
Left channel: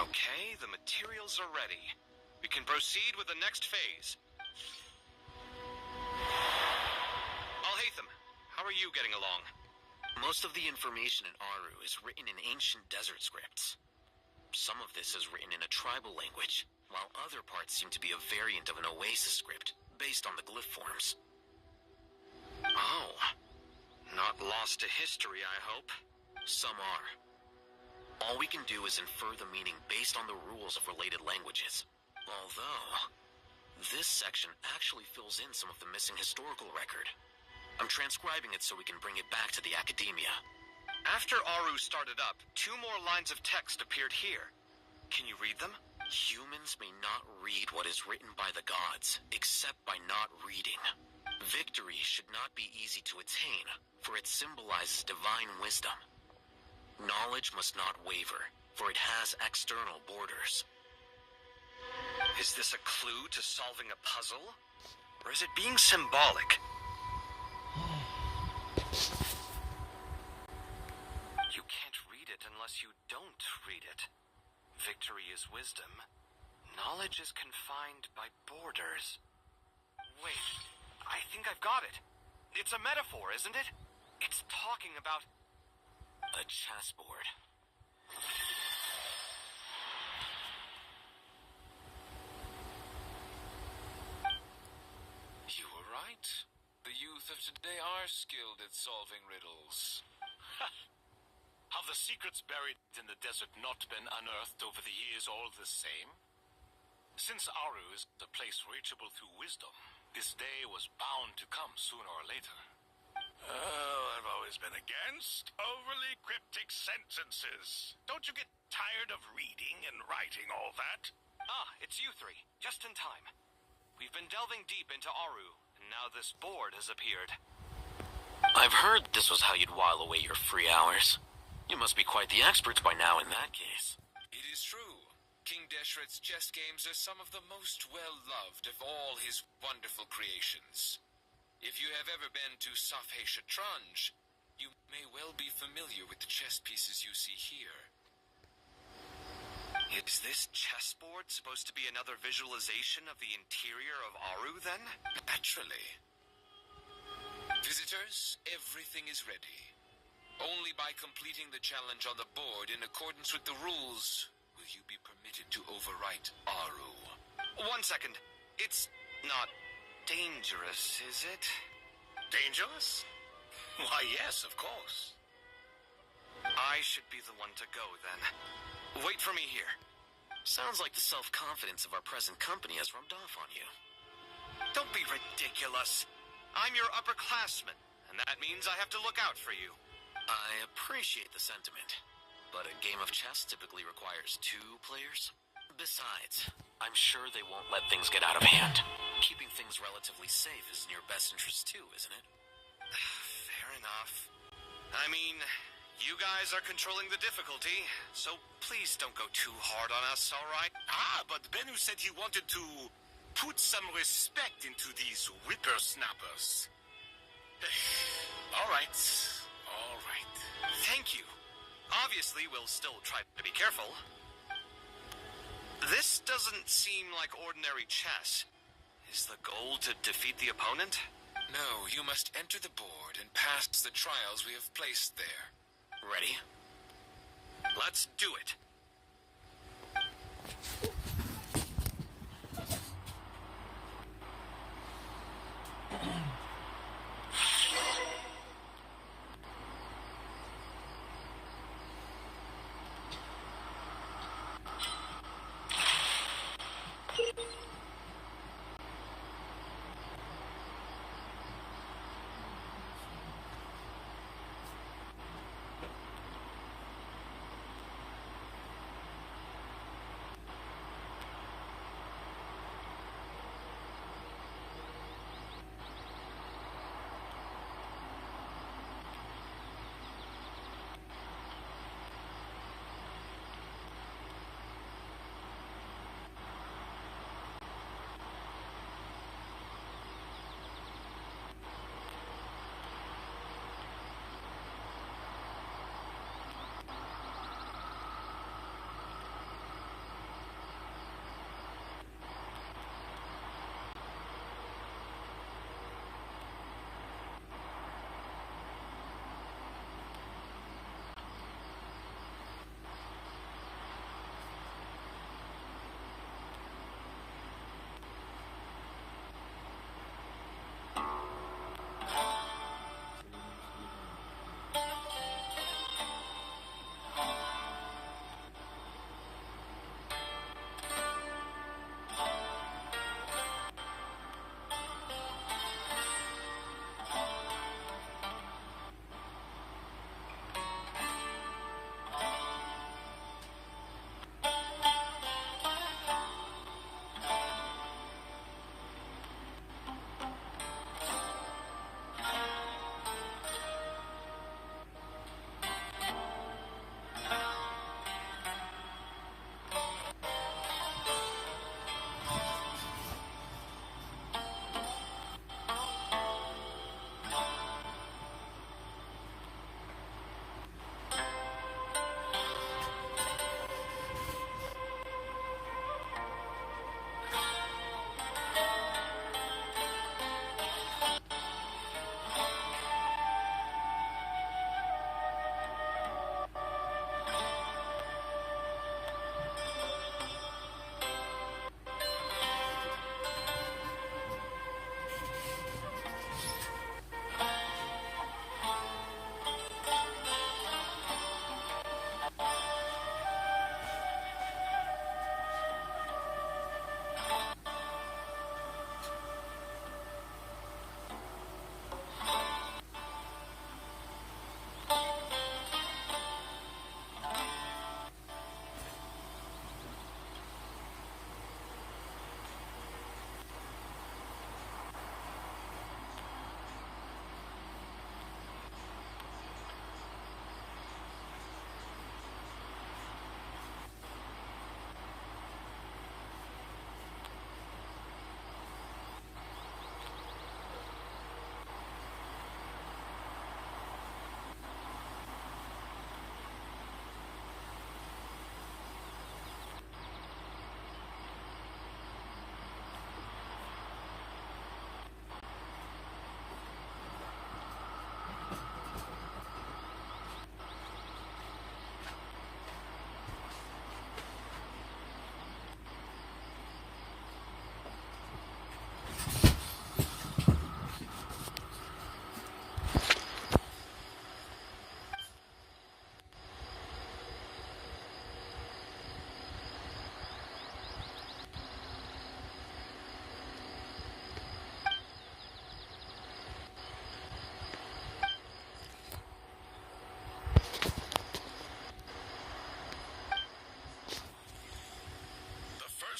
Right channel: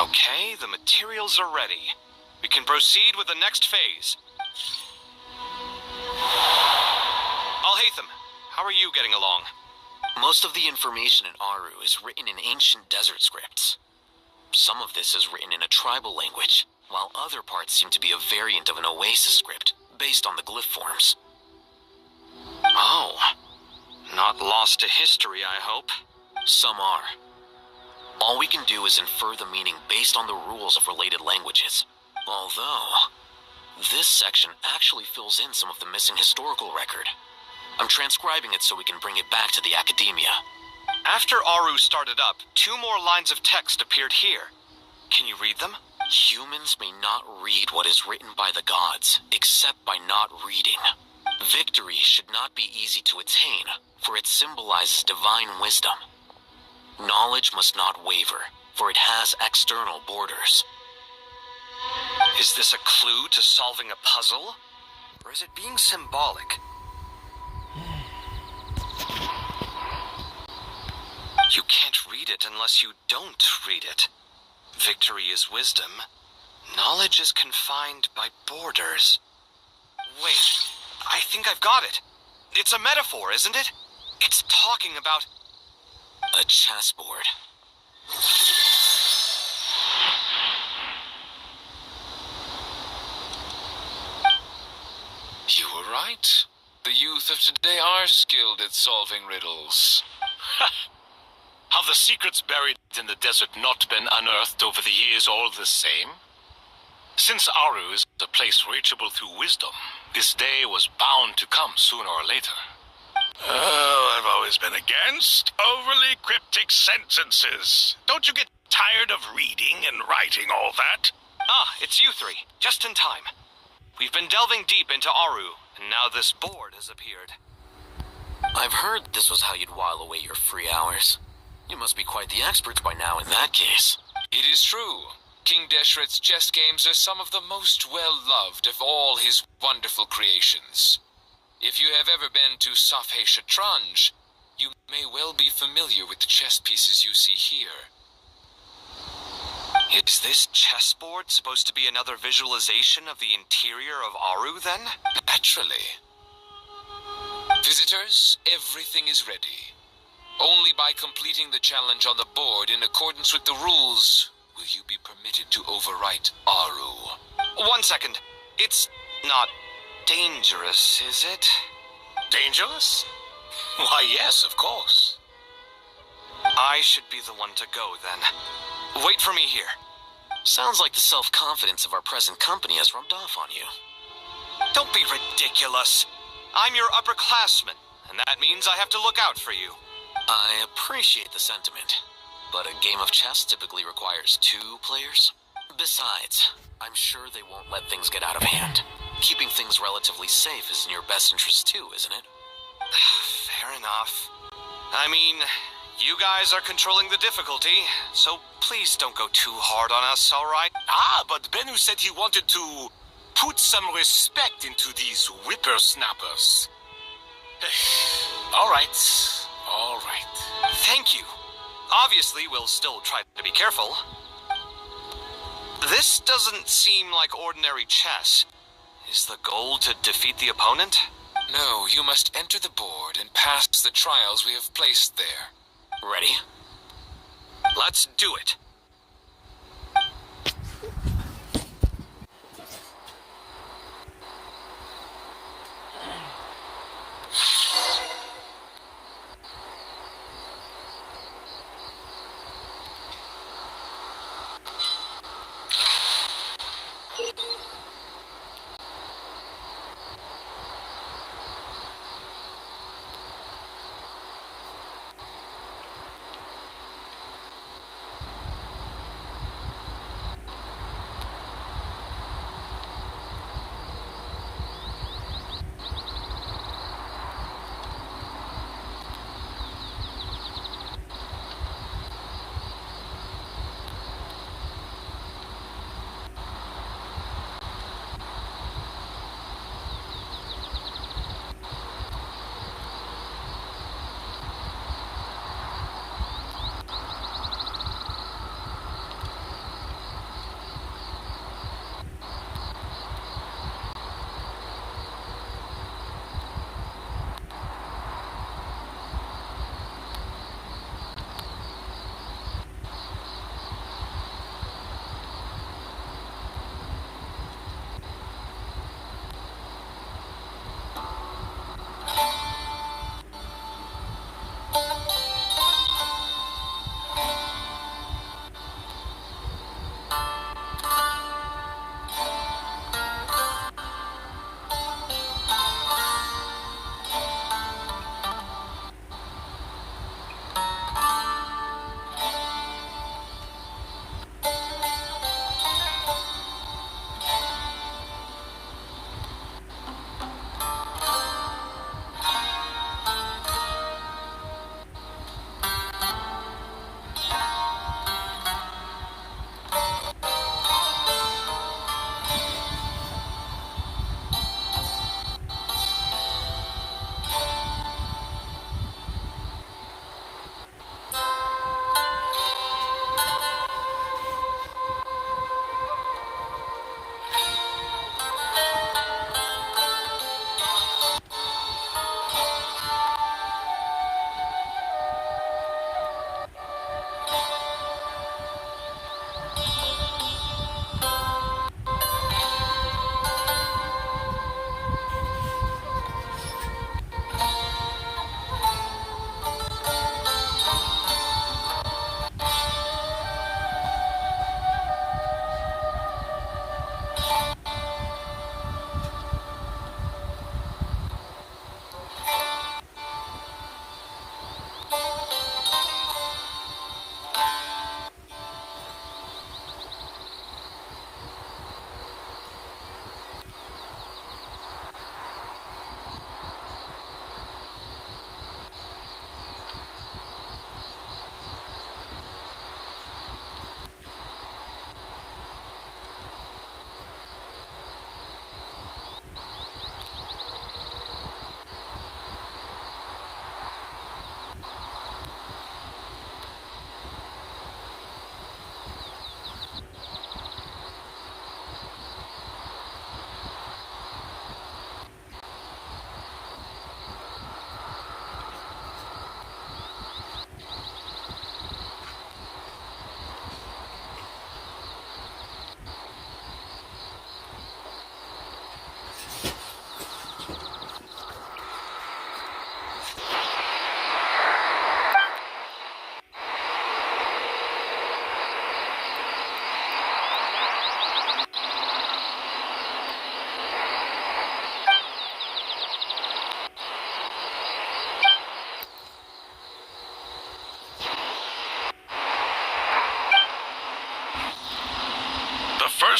Okay, the materials are ready. We can proceed with the next phase. Alhaitham, how are you getting along? Most of the information in Aru is written in ancient desert scripts. Some of this is written in a tribal language, while other parts seem to be a variant of an Oasis script, based on the glyph forms. Oh. Not lost to history, I hope. Some are. All we can do is infer the meaning based on the rules of related languages. Although, this section actually fills in some of the missing historical record. I'm transcribing it so we can bring it back to the academia. After Aru started up, 2 more lines of text appeared here. Can you read them? Humans may not read what is written by the gods, except by not reading. Victory should not be easy to attain, for it symbolizes divine wisdom. Knowledge must not waver, for it has external borders. Is this a clue to solving a puzzle? Or is it being symbolic? You can't read it unless you don't read it. Victory is wisdom. Knowledge is confined by borders. Wait, I think I've got it. It's a metaphor, isn't it? It's talking about a chessboard. You were right. The youth of today are skilled at solving riddles. Have the secrets buried in the desert not been unearthed over the years all the same? Since Aru is a place reachable through wisdom, this day was bound to come sooner or later. Oh, I've always been against overly cryptic sentences. Don't you get tired of reading and writing all that? Ah, it's you three. Just in time. We've been delving deep into Aru, and now this board has appeared. I've heard this was how you'd while away your free hours. You must be quite the experts by now in that case. It is true. King Deshret's chess games are some of the most well-loved of all his wonderful creations. If you have ever been to Safhe Shatranj, you may well be familiar with the chess pieces you see here. Is this chessboard supposed to be another visualization of the interior of Aru, then? Naturally. Visitors, everything is ready. Only by completing the challenge on the board in accordance with the rules will you be permitted to overwrite Aru. 1 second. It's not dangerous, is it? Dangerous? Why, yes, of course. I should be the one to go, then. Wait for me here. Sounds like the self-confidence of our present company has rubbed off on you. Don't be ridiculous. I'm your upperclassman, and that means I have to look out for you. I appreciate the sentiment, but a game of chess typically requires 2 players. Besides, I'm sure they won't let things get out of hand. Keeping things relatively safe is in your best interest too, isn't it? Fair enough. I mean, you guys are controlling the difficulty, so please don't go too hard on us, all right? Ah, but Bennu said he wanted to put some respect into these whippersnappers. All right. Thank you. Obviously, we'll still try to be careful. This doesn't seem like ordinary chess. Is the goal to defeat the opponent? No, you must enter the board and pass the trials we have placed there. Ready? Let's do it.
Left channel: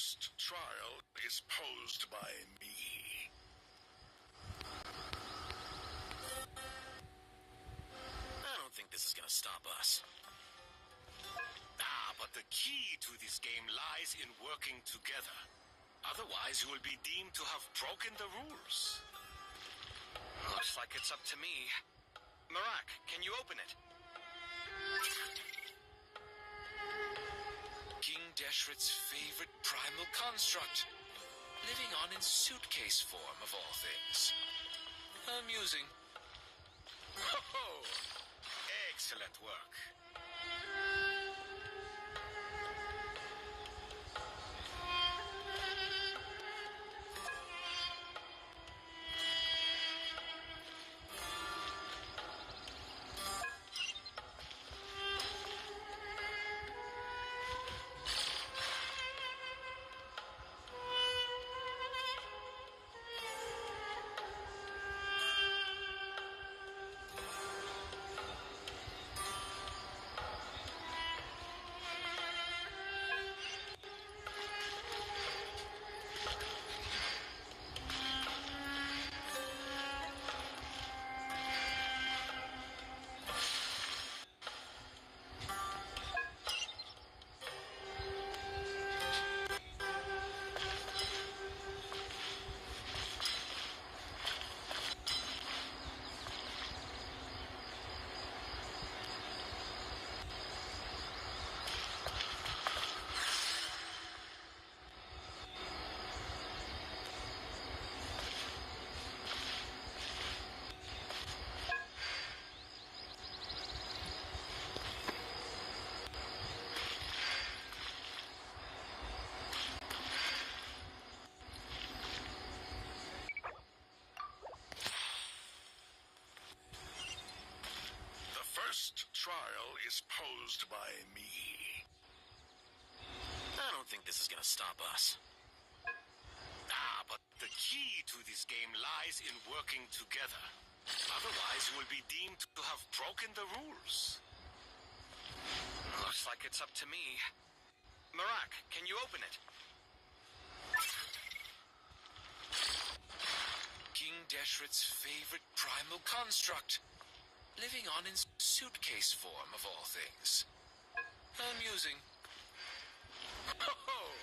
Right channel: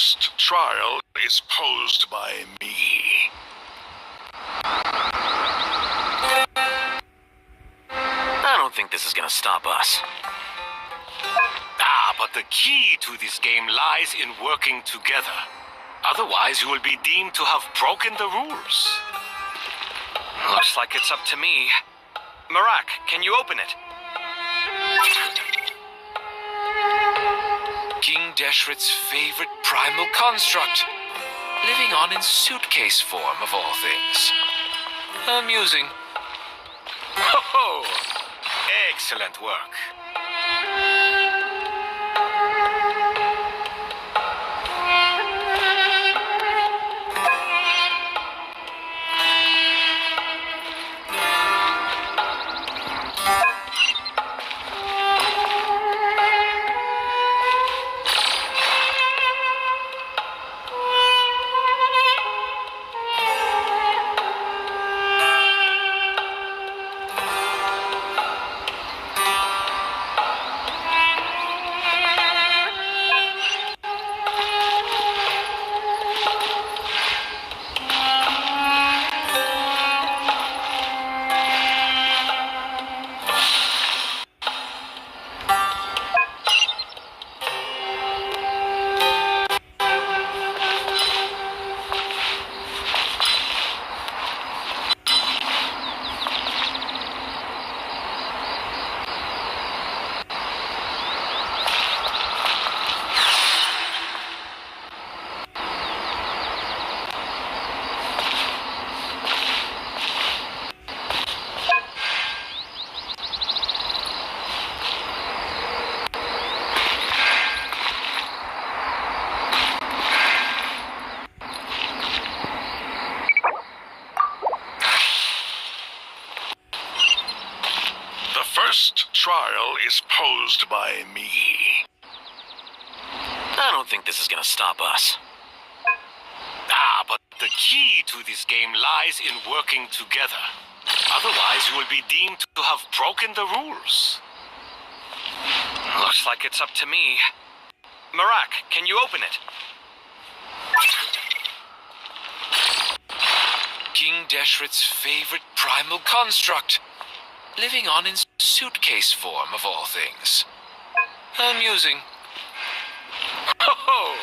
first trial is posed by me. I don't think this is gonna stop us. Ah, but the key to this game lies in working together. Otherwise, you will be deemed to have broken the rules. Looks like it's up to me. Marak, can you open it? King Deshret's favorite primal construct. Living on in suitcase form, of all things. Amusing. Ho-ho! Excellent work. First trial is posed by me. I don't think this is gonna stop us. Ah, but the key to this game lies in working together. Otherwise, you will be deemed to have broken the rules. Looks like it's up to me. Marak, can you open it? King Deshret's favorite primal construct. Living on in suitcase form, of all things. Amusing. Ho-ho!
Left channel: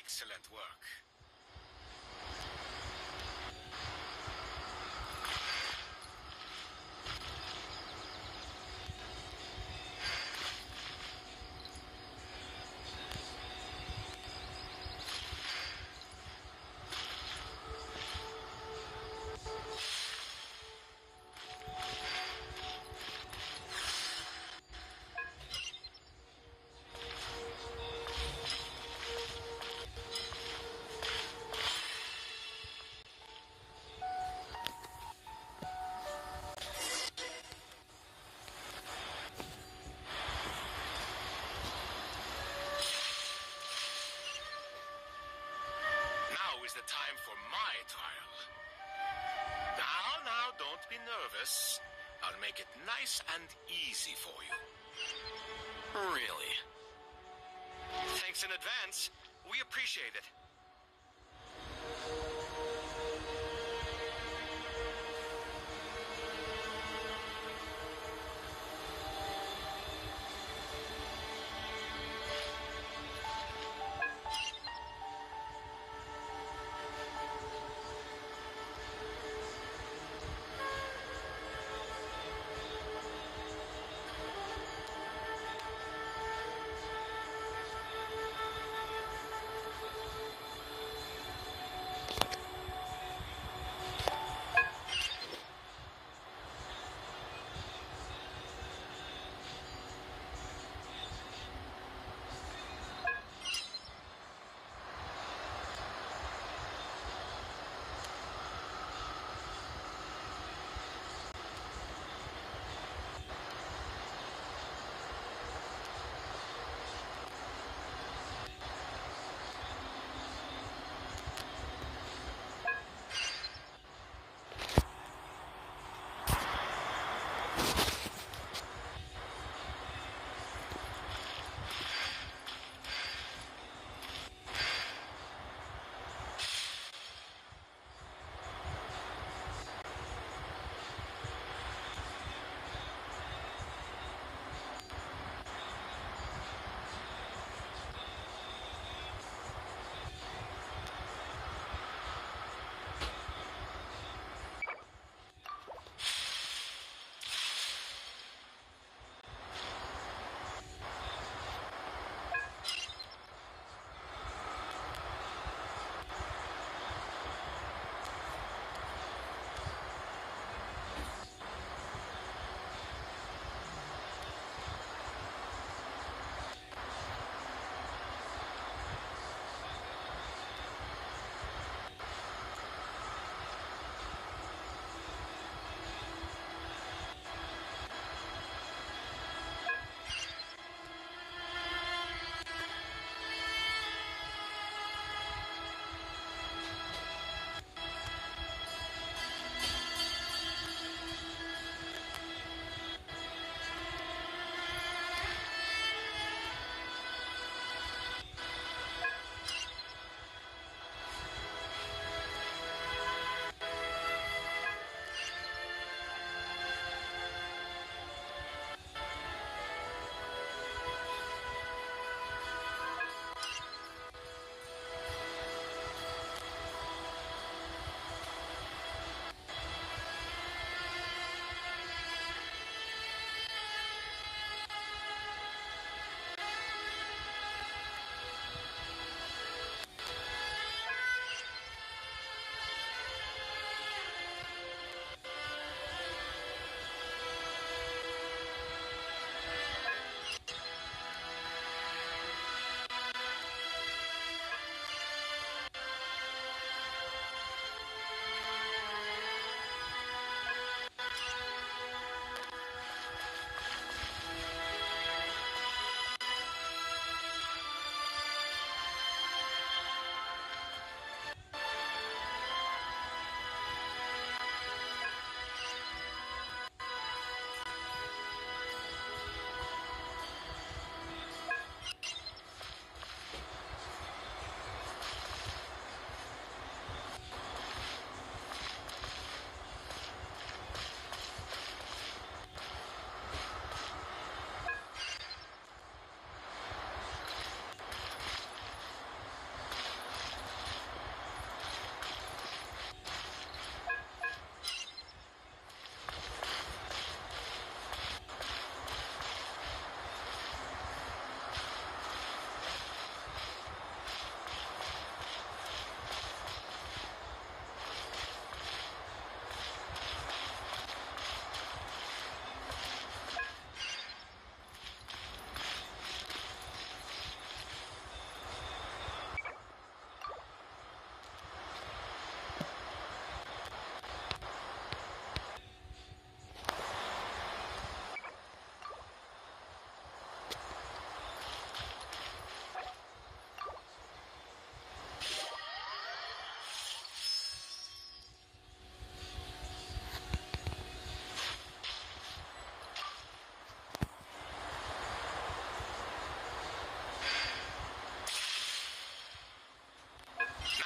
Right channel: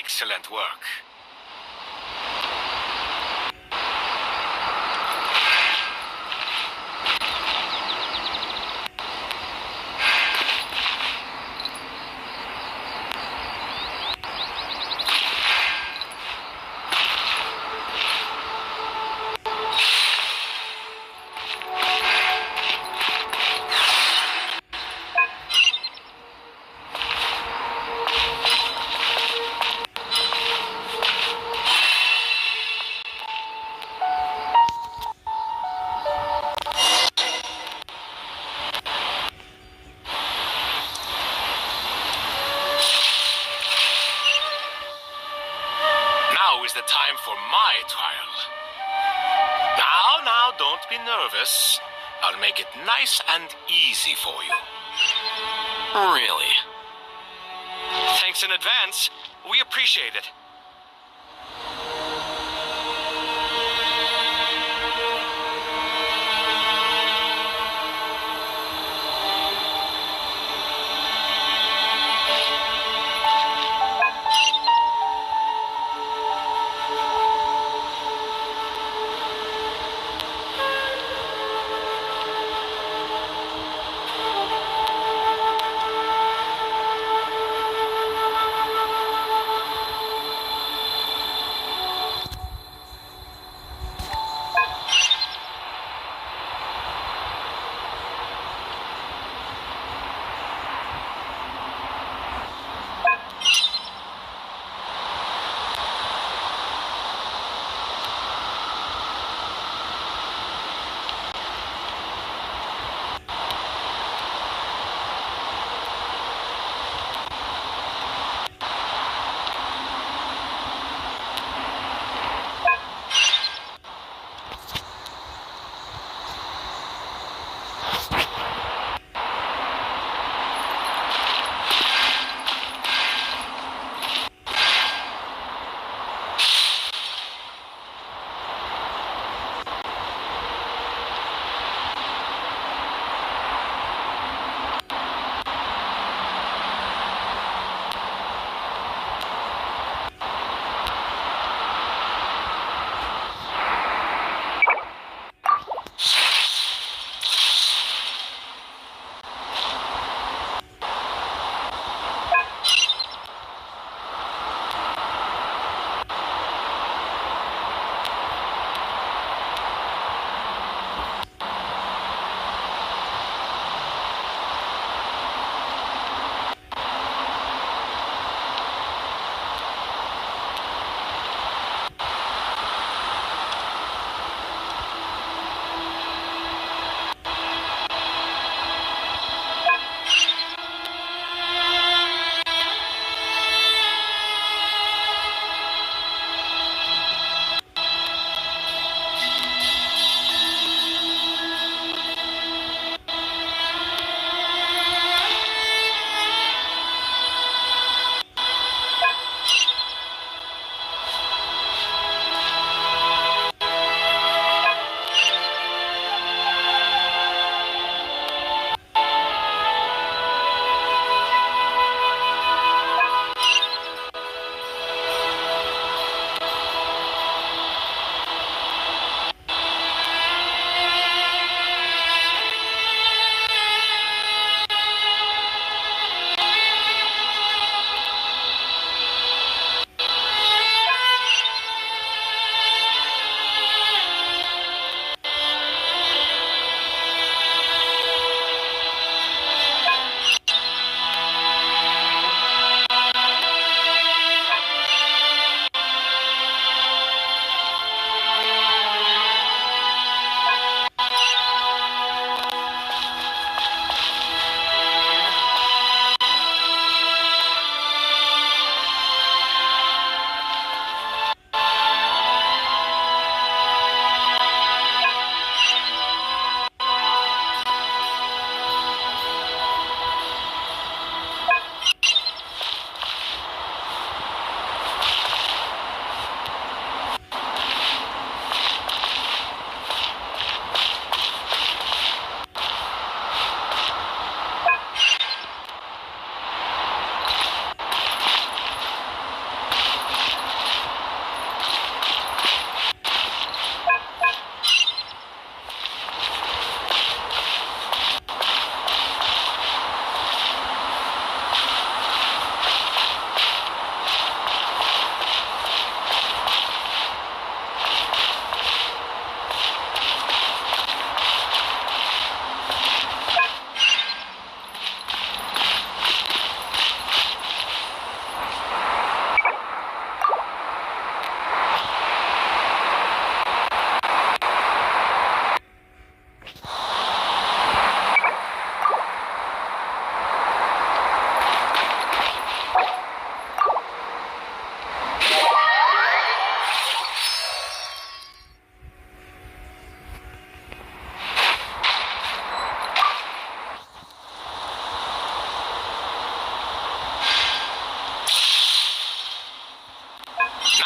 Excellent work. Now is the time for my trial. Now, don't be nervous. I'll make it nice and easy for you. Really? Thanks in advance. We appreciate it.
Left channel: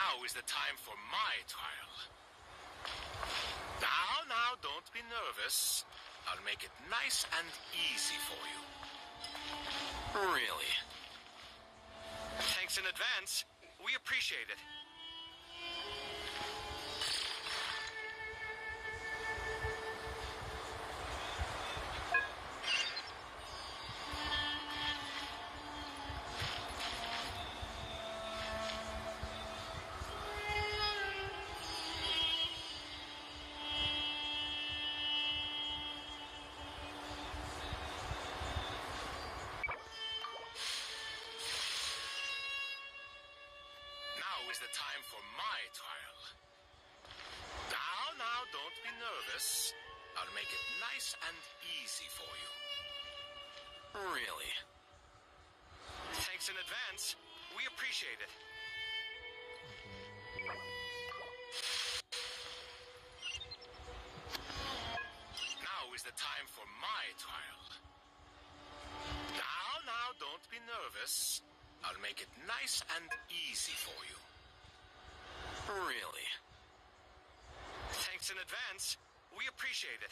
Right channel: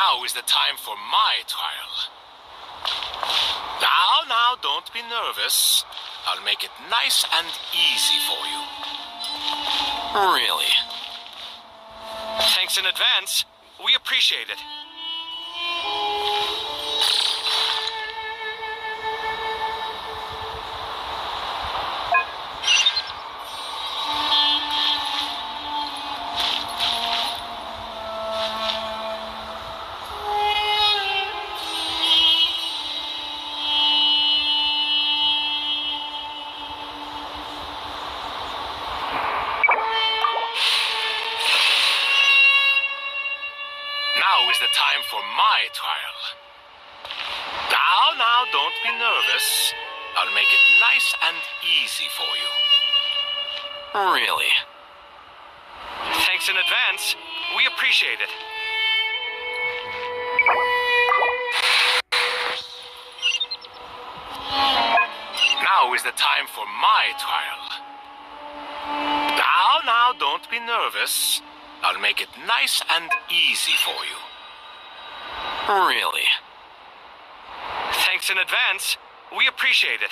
Now is the time for my trial. Now, don't be nervous. I'll make it nice and easy for you. Really? Thanks in advance. We appreciate it. Now is the time for my trial. Now, don't be nervous. I'll make it nice and easy for you. Really? Thanks in advance. We appreciate it. Now is the time for my trial. Now, don't be nervous. I'll make it nice and easy for you. Really? Thanks in advance. We appreciate it.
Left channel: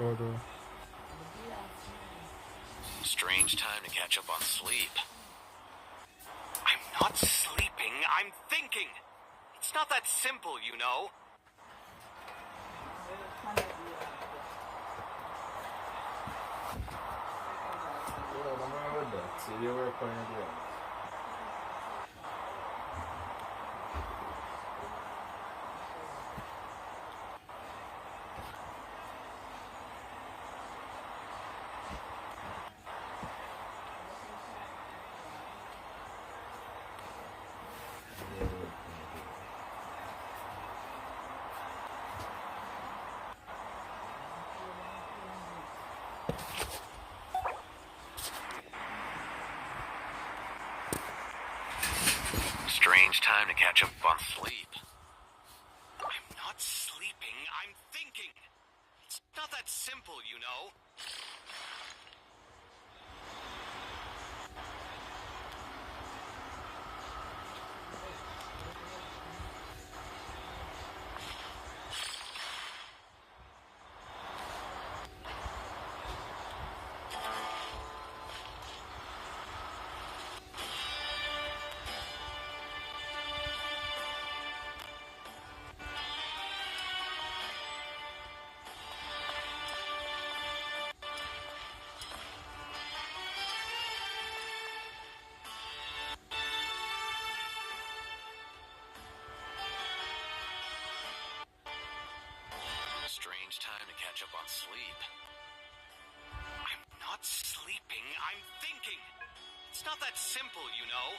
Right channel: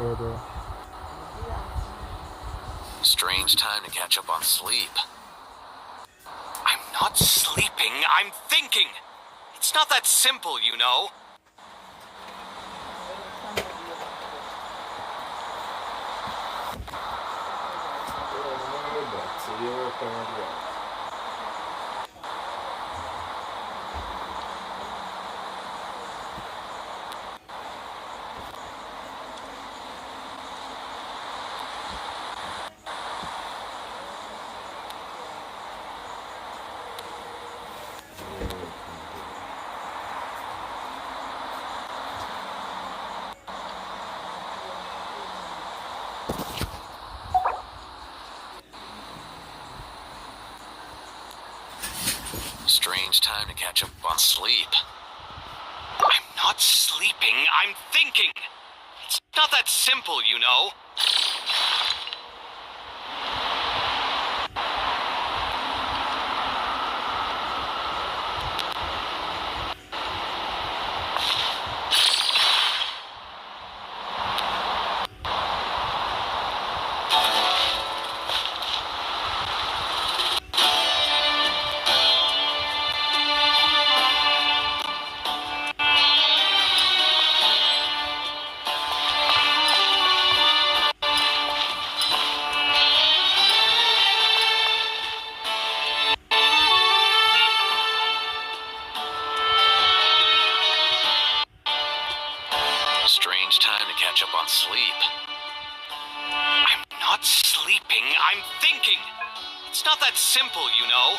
Order. Strange time to catch up on sleep. I'm not sleeping, I'm thinking. It's not that simple, you know. Strange time to catch up on sleep. I'm not sleeping, I'm thinking. It's not that simple, you know. Strange time to catch up on sleep. I'm not sleeping, I'm thinking. It's not that simple, you know.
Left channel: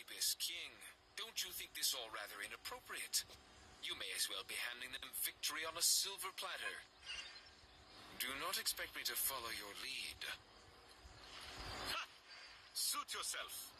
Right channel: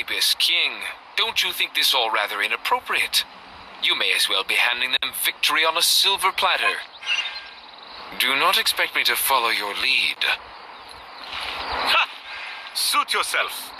Ibis King, don't you think this all rather inappropriate? You may as well be handing them victory on a silver platter. Do not expect me to follow your lead. Ha! Suit yourself.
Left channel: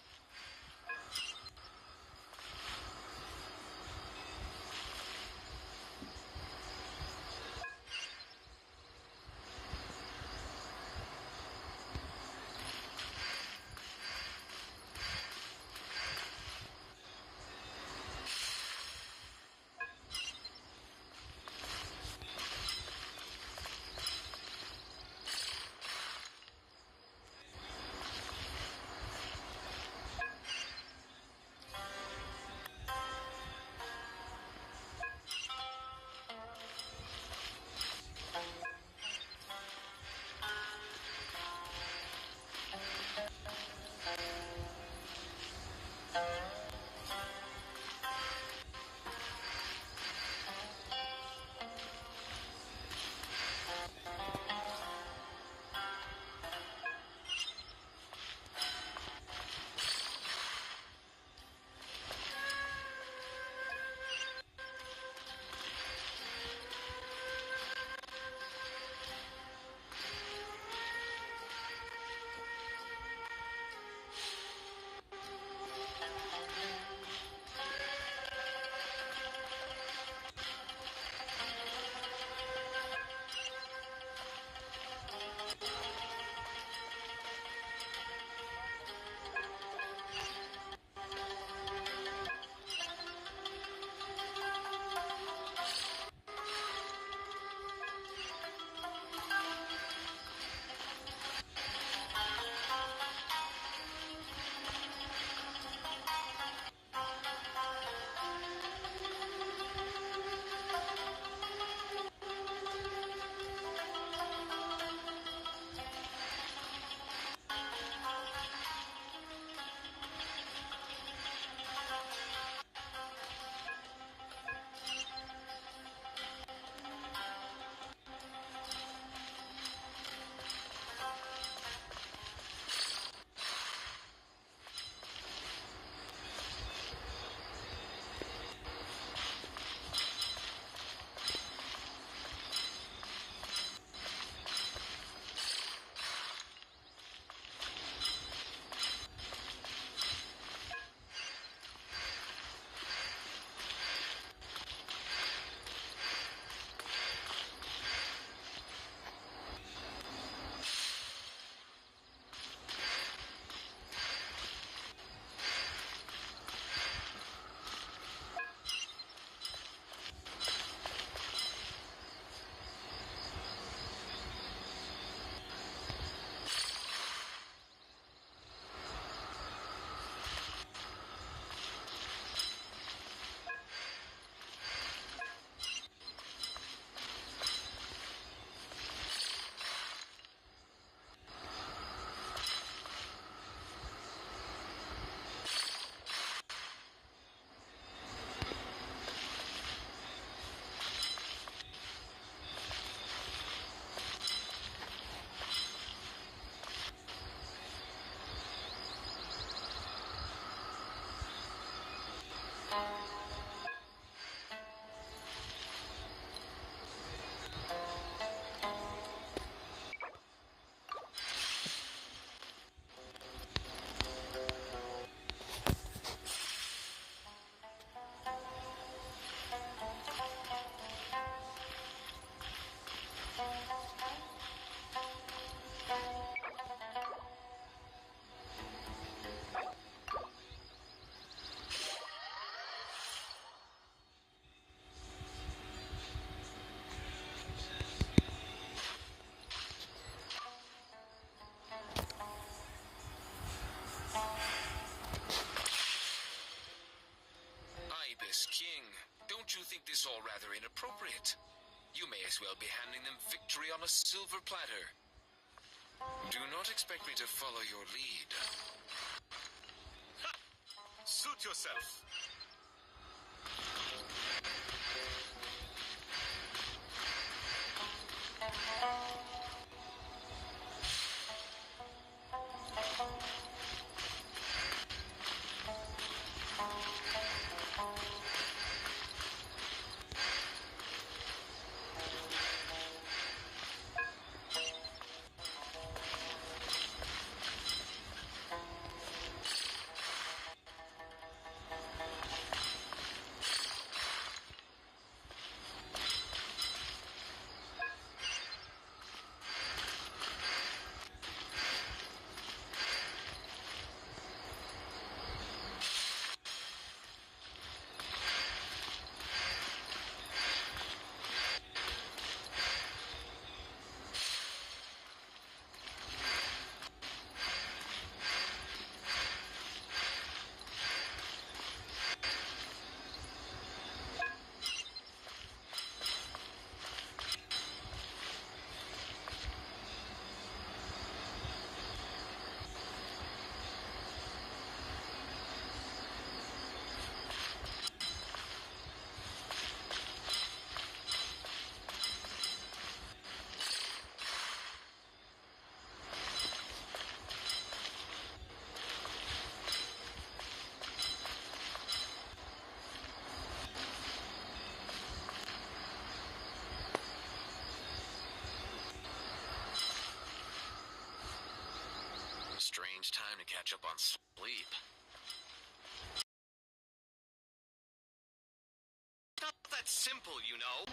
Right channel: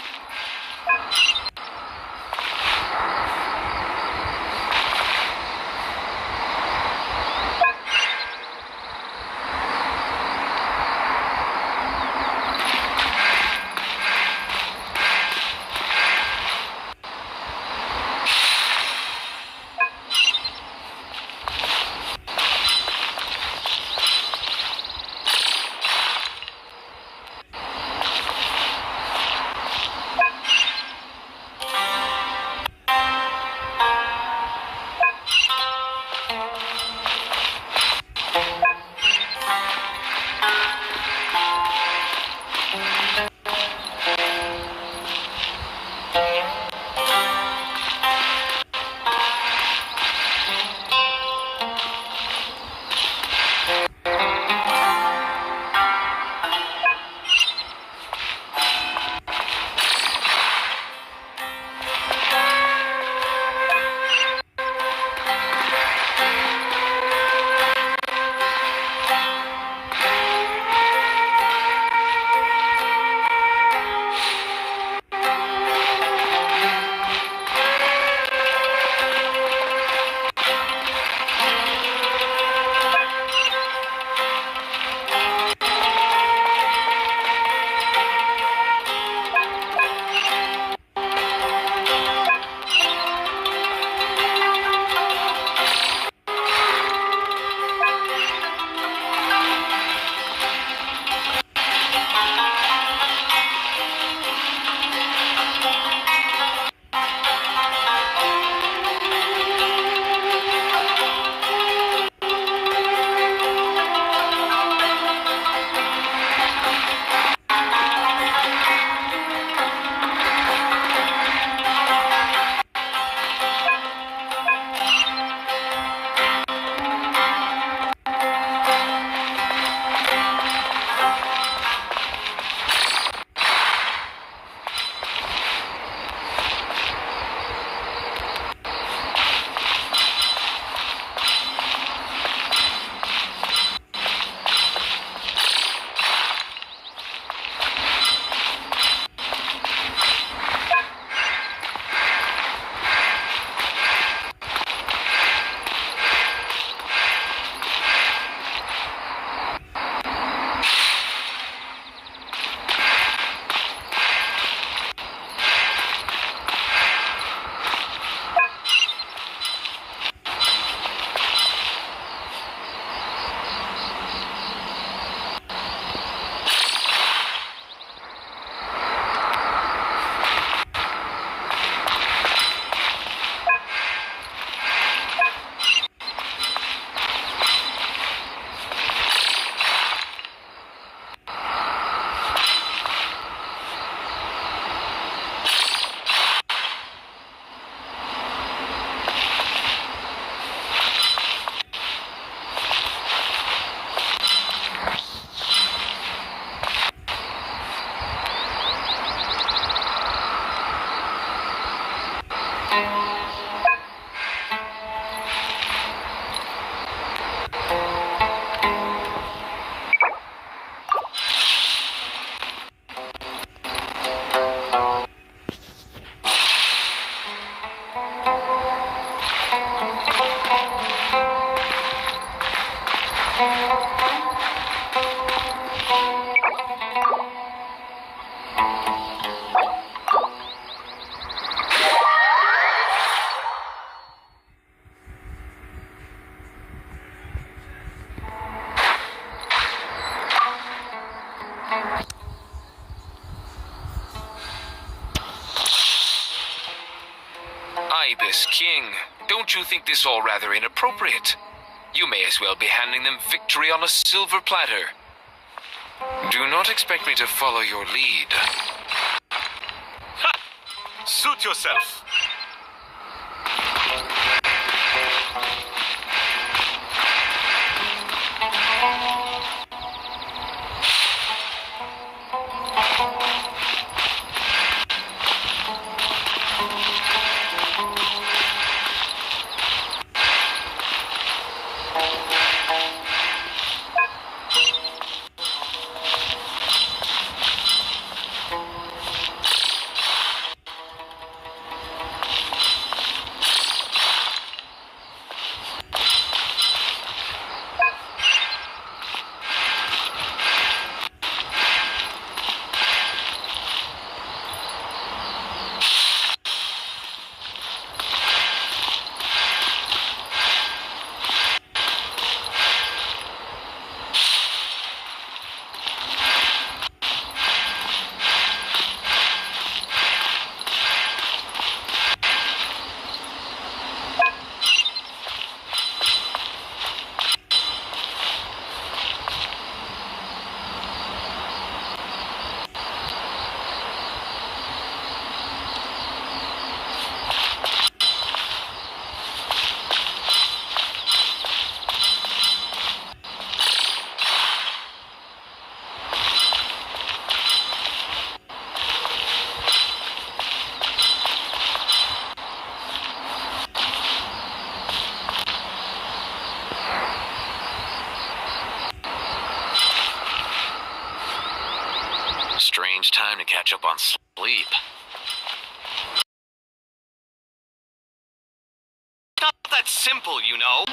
Ibis King, don't you think this all rather inappropriate? You may as well be handing them victory on a silver platter. Do not expect me to follow your lead. Ha! Suit yourself. Strange time to catch up on sleep. Not that simple, you know.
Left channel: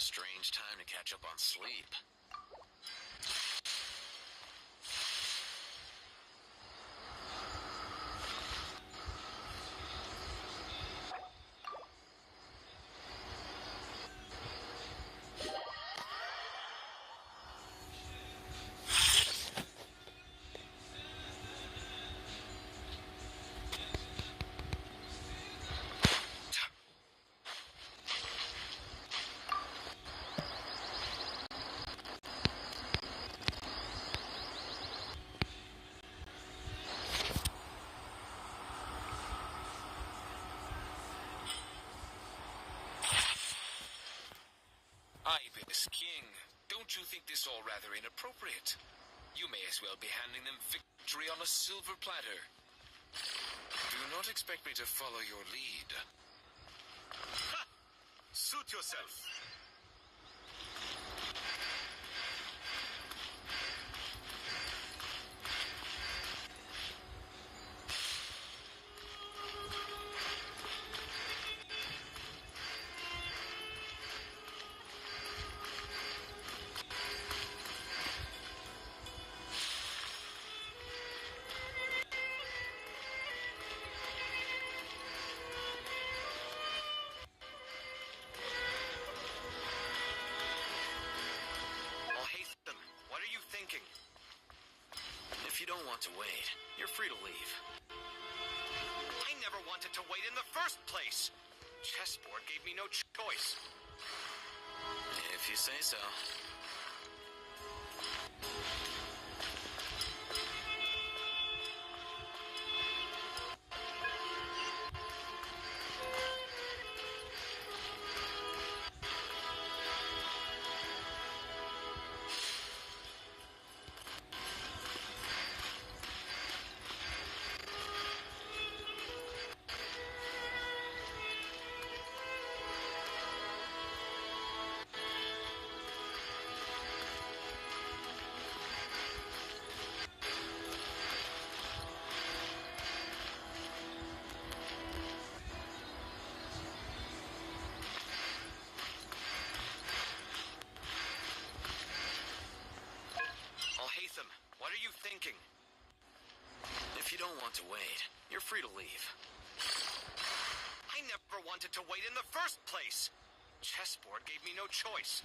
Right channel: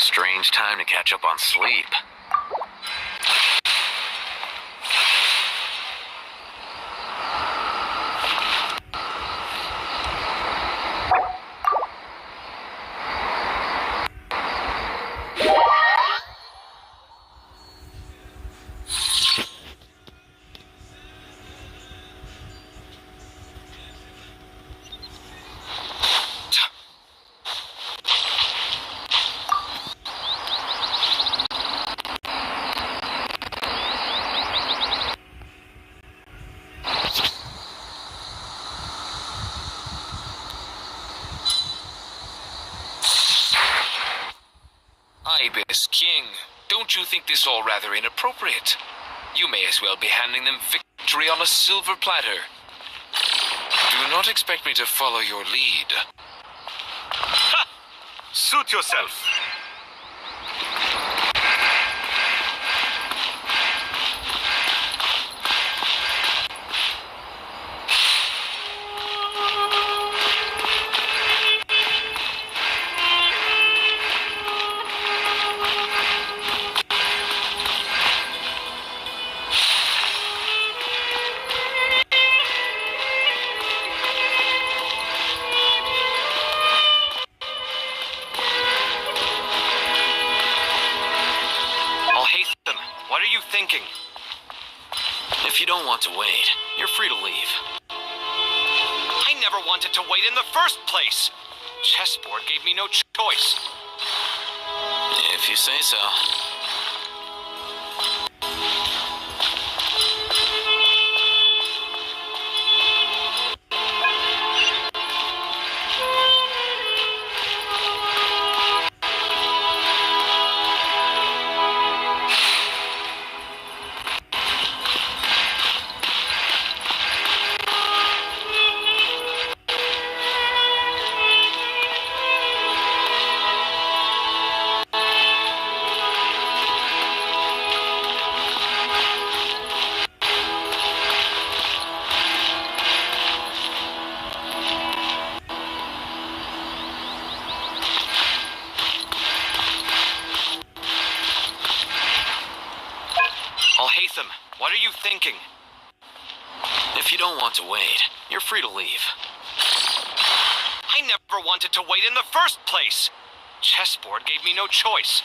Strange time to catch up on sleep. Ibis King, don't you think this all rather inappropriate? You may as well be handing them victory on a silver platter. Do not expect me to follow your lead. Ha! Suit yourself. If you don't want to wait, you're free to leave. I never wanted to wait in the first place. Chessboard gave me no choice. If you say so. Alhaitham, what are you thinking? If you don't want to wait, you're free to leave. I never wanted to wait in the first place. Chessboard gave me no choice.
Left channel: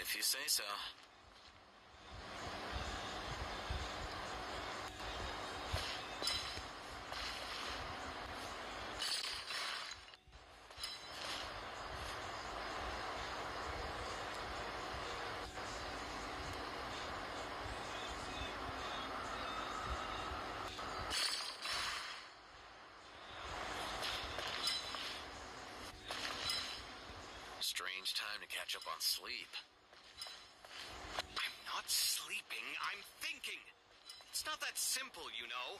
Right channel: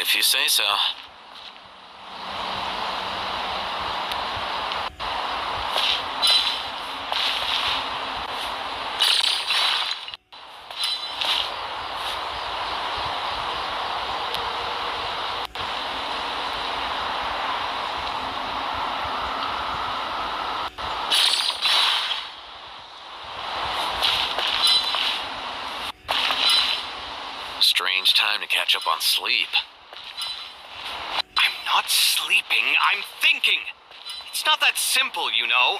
If you say so. Strange time to catch up on sleep. I'm not sleeping, I'm thinking. It's not that simple, you know.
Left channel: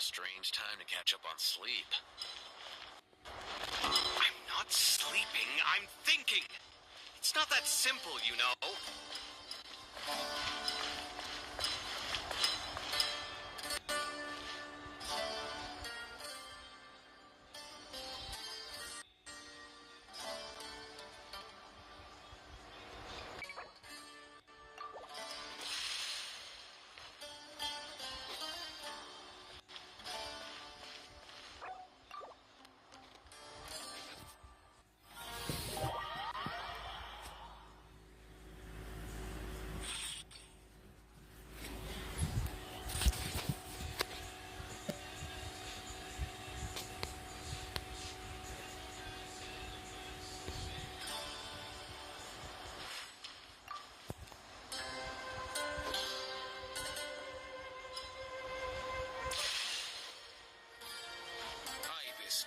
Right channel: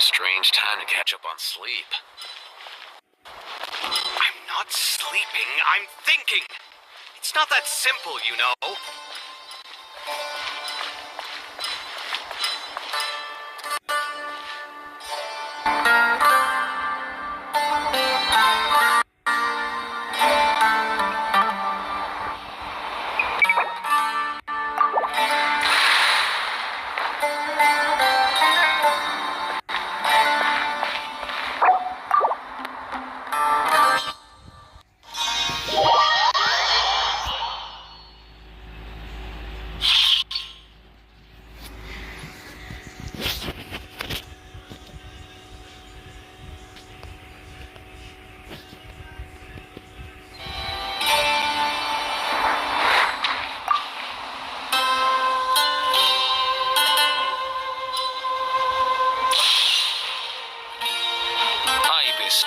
Strange time to catch up on sleep. I'm not sleeping, I'm thinking. It's not that simple, you know.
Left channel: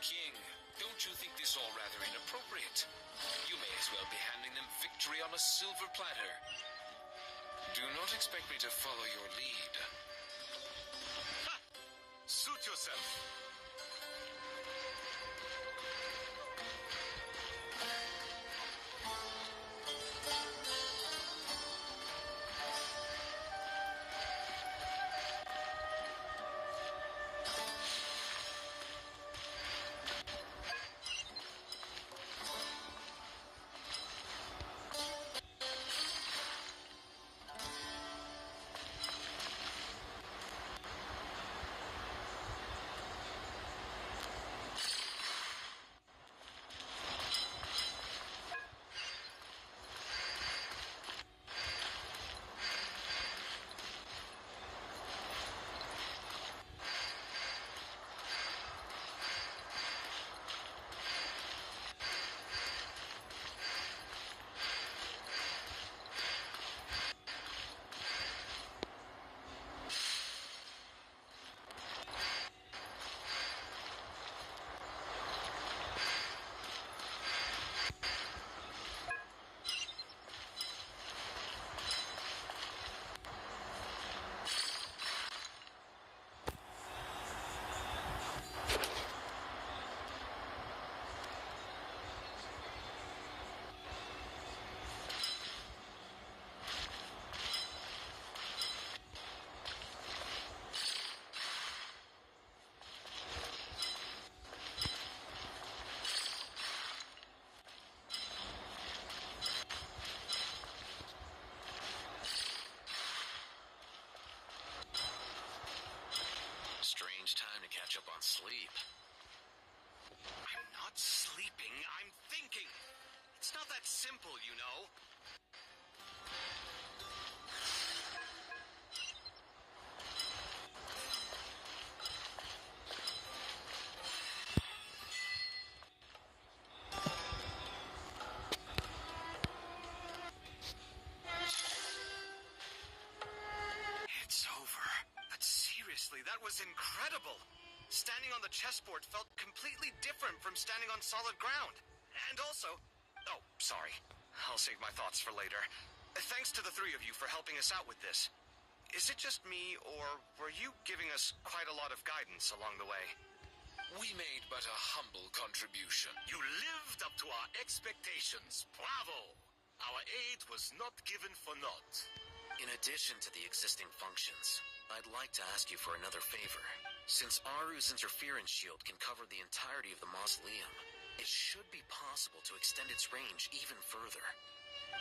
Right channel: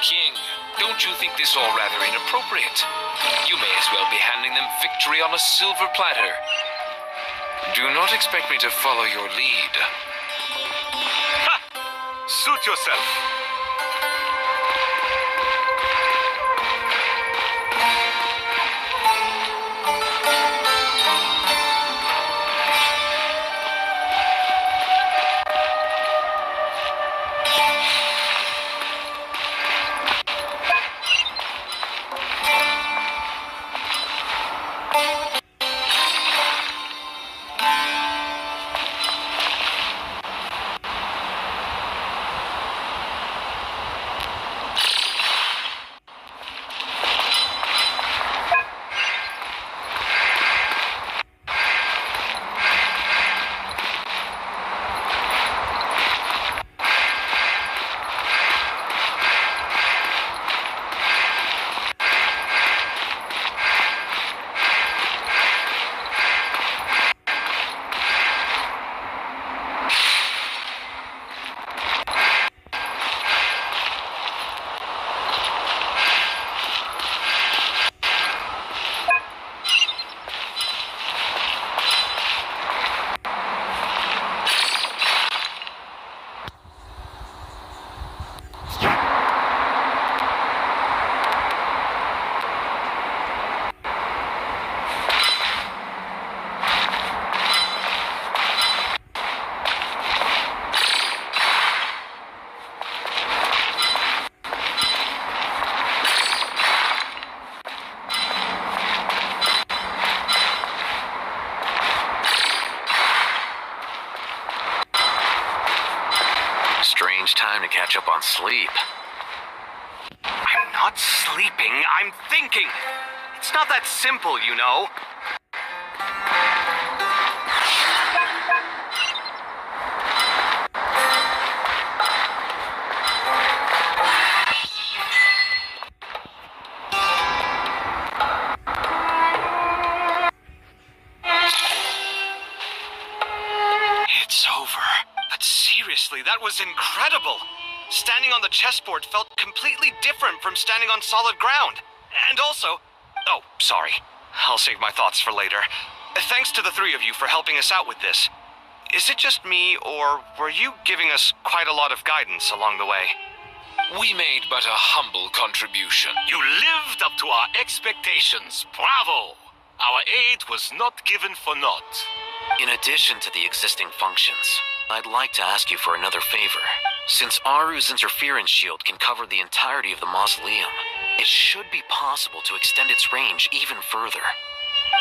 King, don't you think this all rather inappropriate? You may as well be handing them victory on a silver platter. Do not expect me to follow your lead. Ha! Suit yourself. time to catch up on sleep. I'm not sleeping, I'm thinking. It's not that simple, you know. It's over. But seriously, that was incredible. Standing on the chessboard felt completely different from standing on solid ground. And also... Oh, sorry. I'll save my thoughts for later. Thanks to the three of you for helping us out with this. Is it just me, or were you giving us quite a lot of guidance along the way? We made but a humble contribution. You lived up to our expectations. Bravo! Our aid was not given for naught. In addition to the existing functions, I'd like to ask you for another favor. Since Aru's interference shield can cover the entirety of the mausoleum, it should be possible to extend its range even further.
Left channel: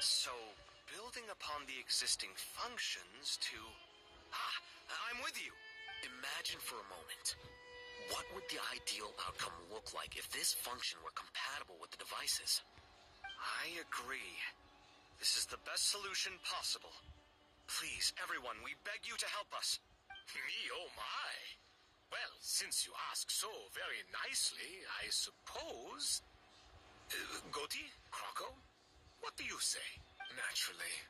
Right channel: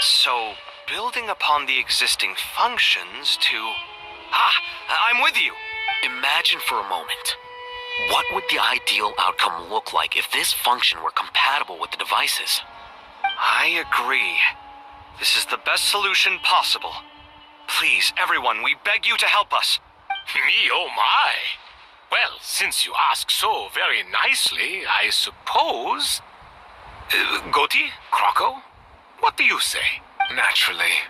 So, building upon the existing functions to... I'm with you! Imagine for a moment. What would the ideal outcome look like if this function were compatible with the devices? I agree. This is the best solution possible. Please, everyone, we beg you to help us. Me, oh my. Well, since you ask so very nicely, I suppose... Goti? Croco? What do you say? Naturally.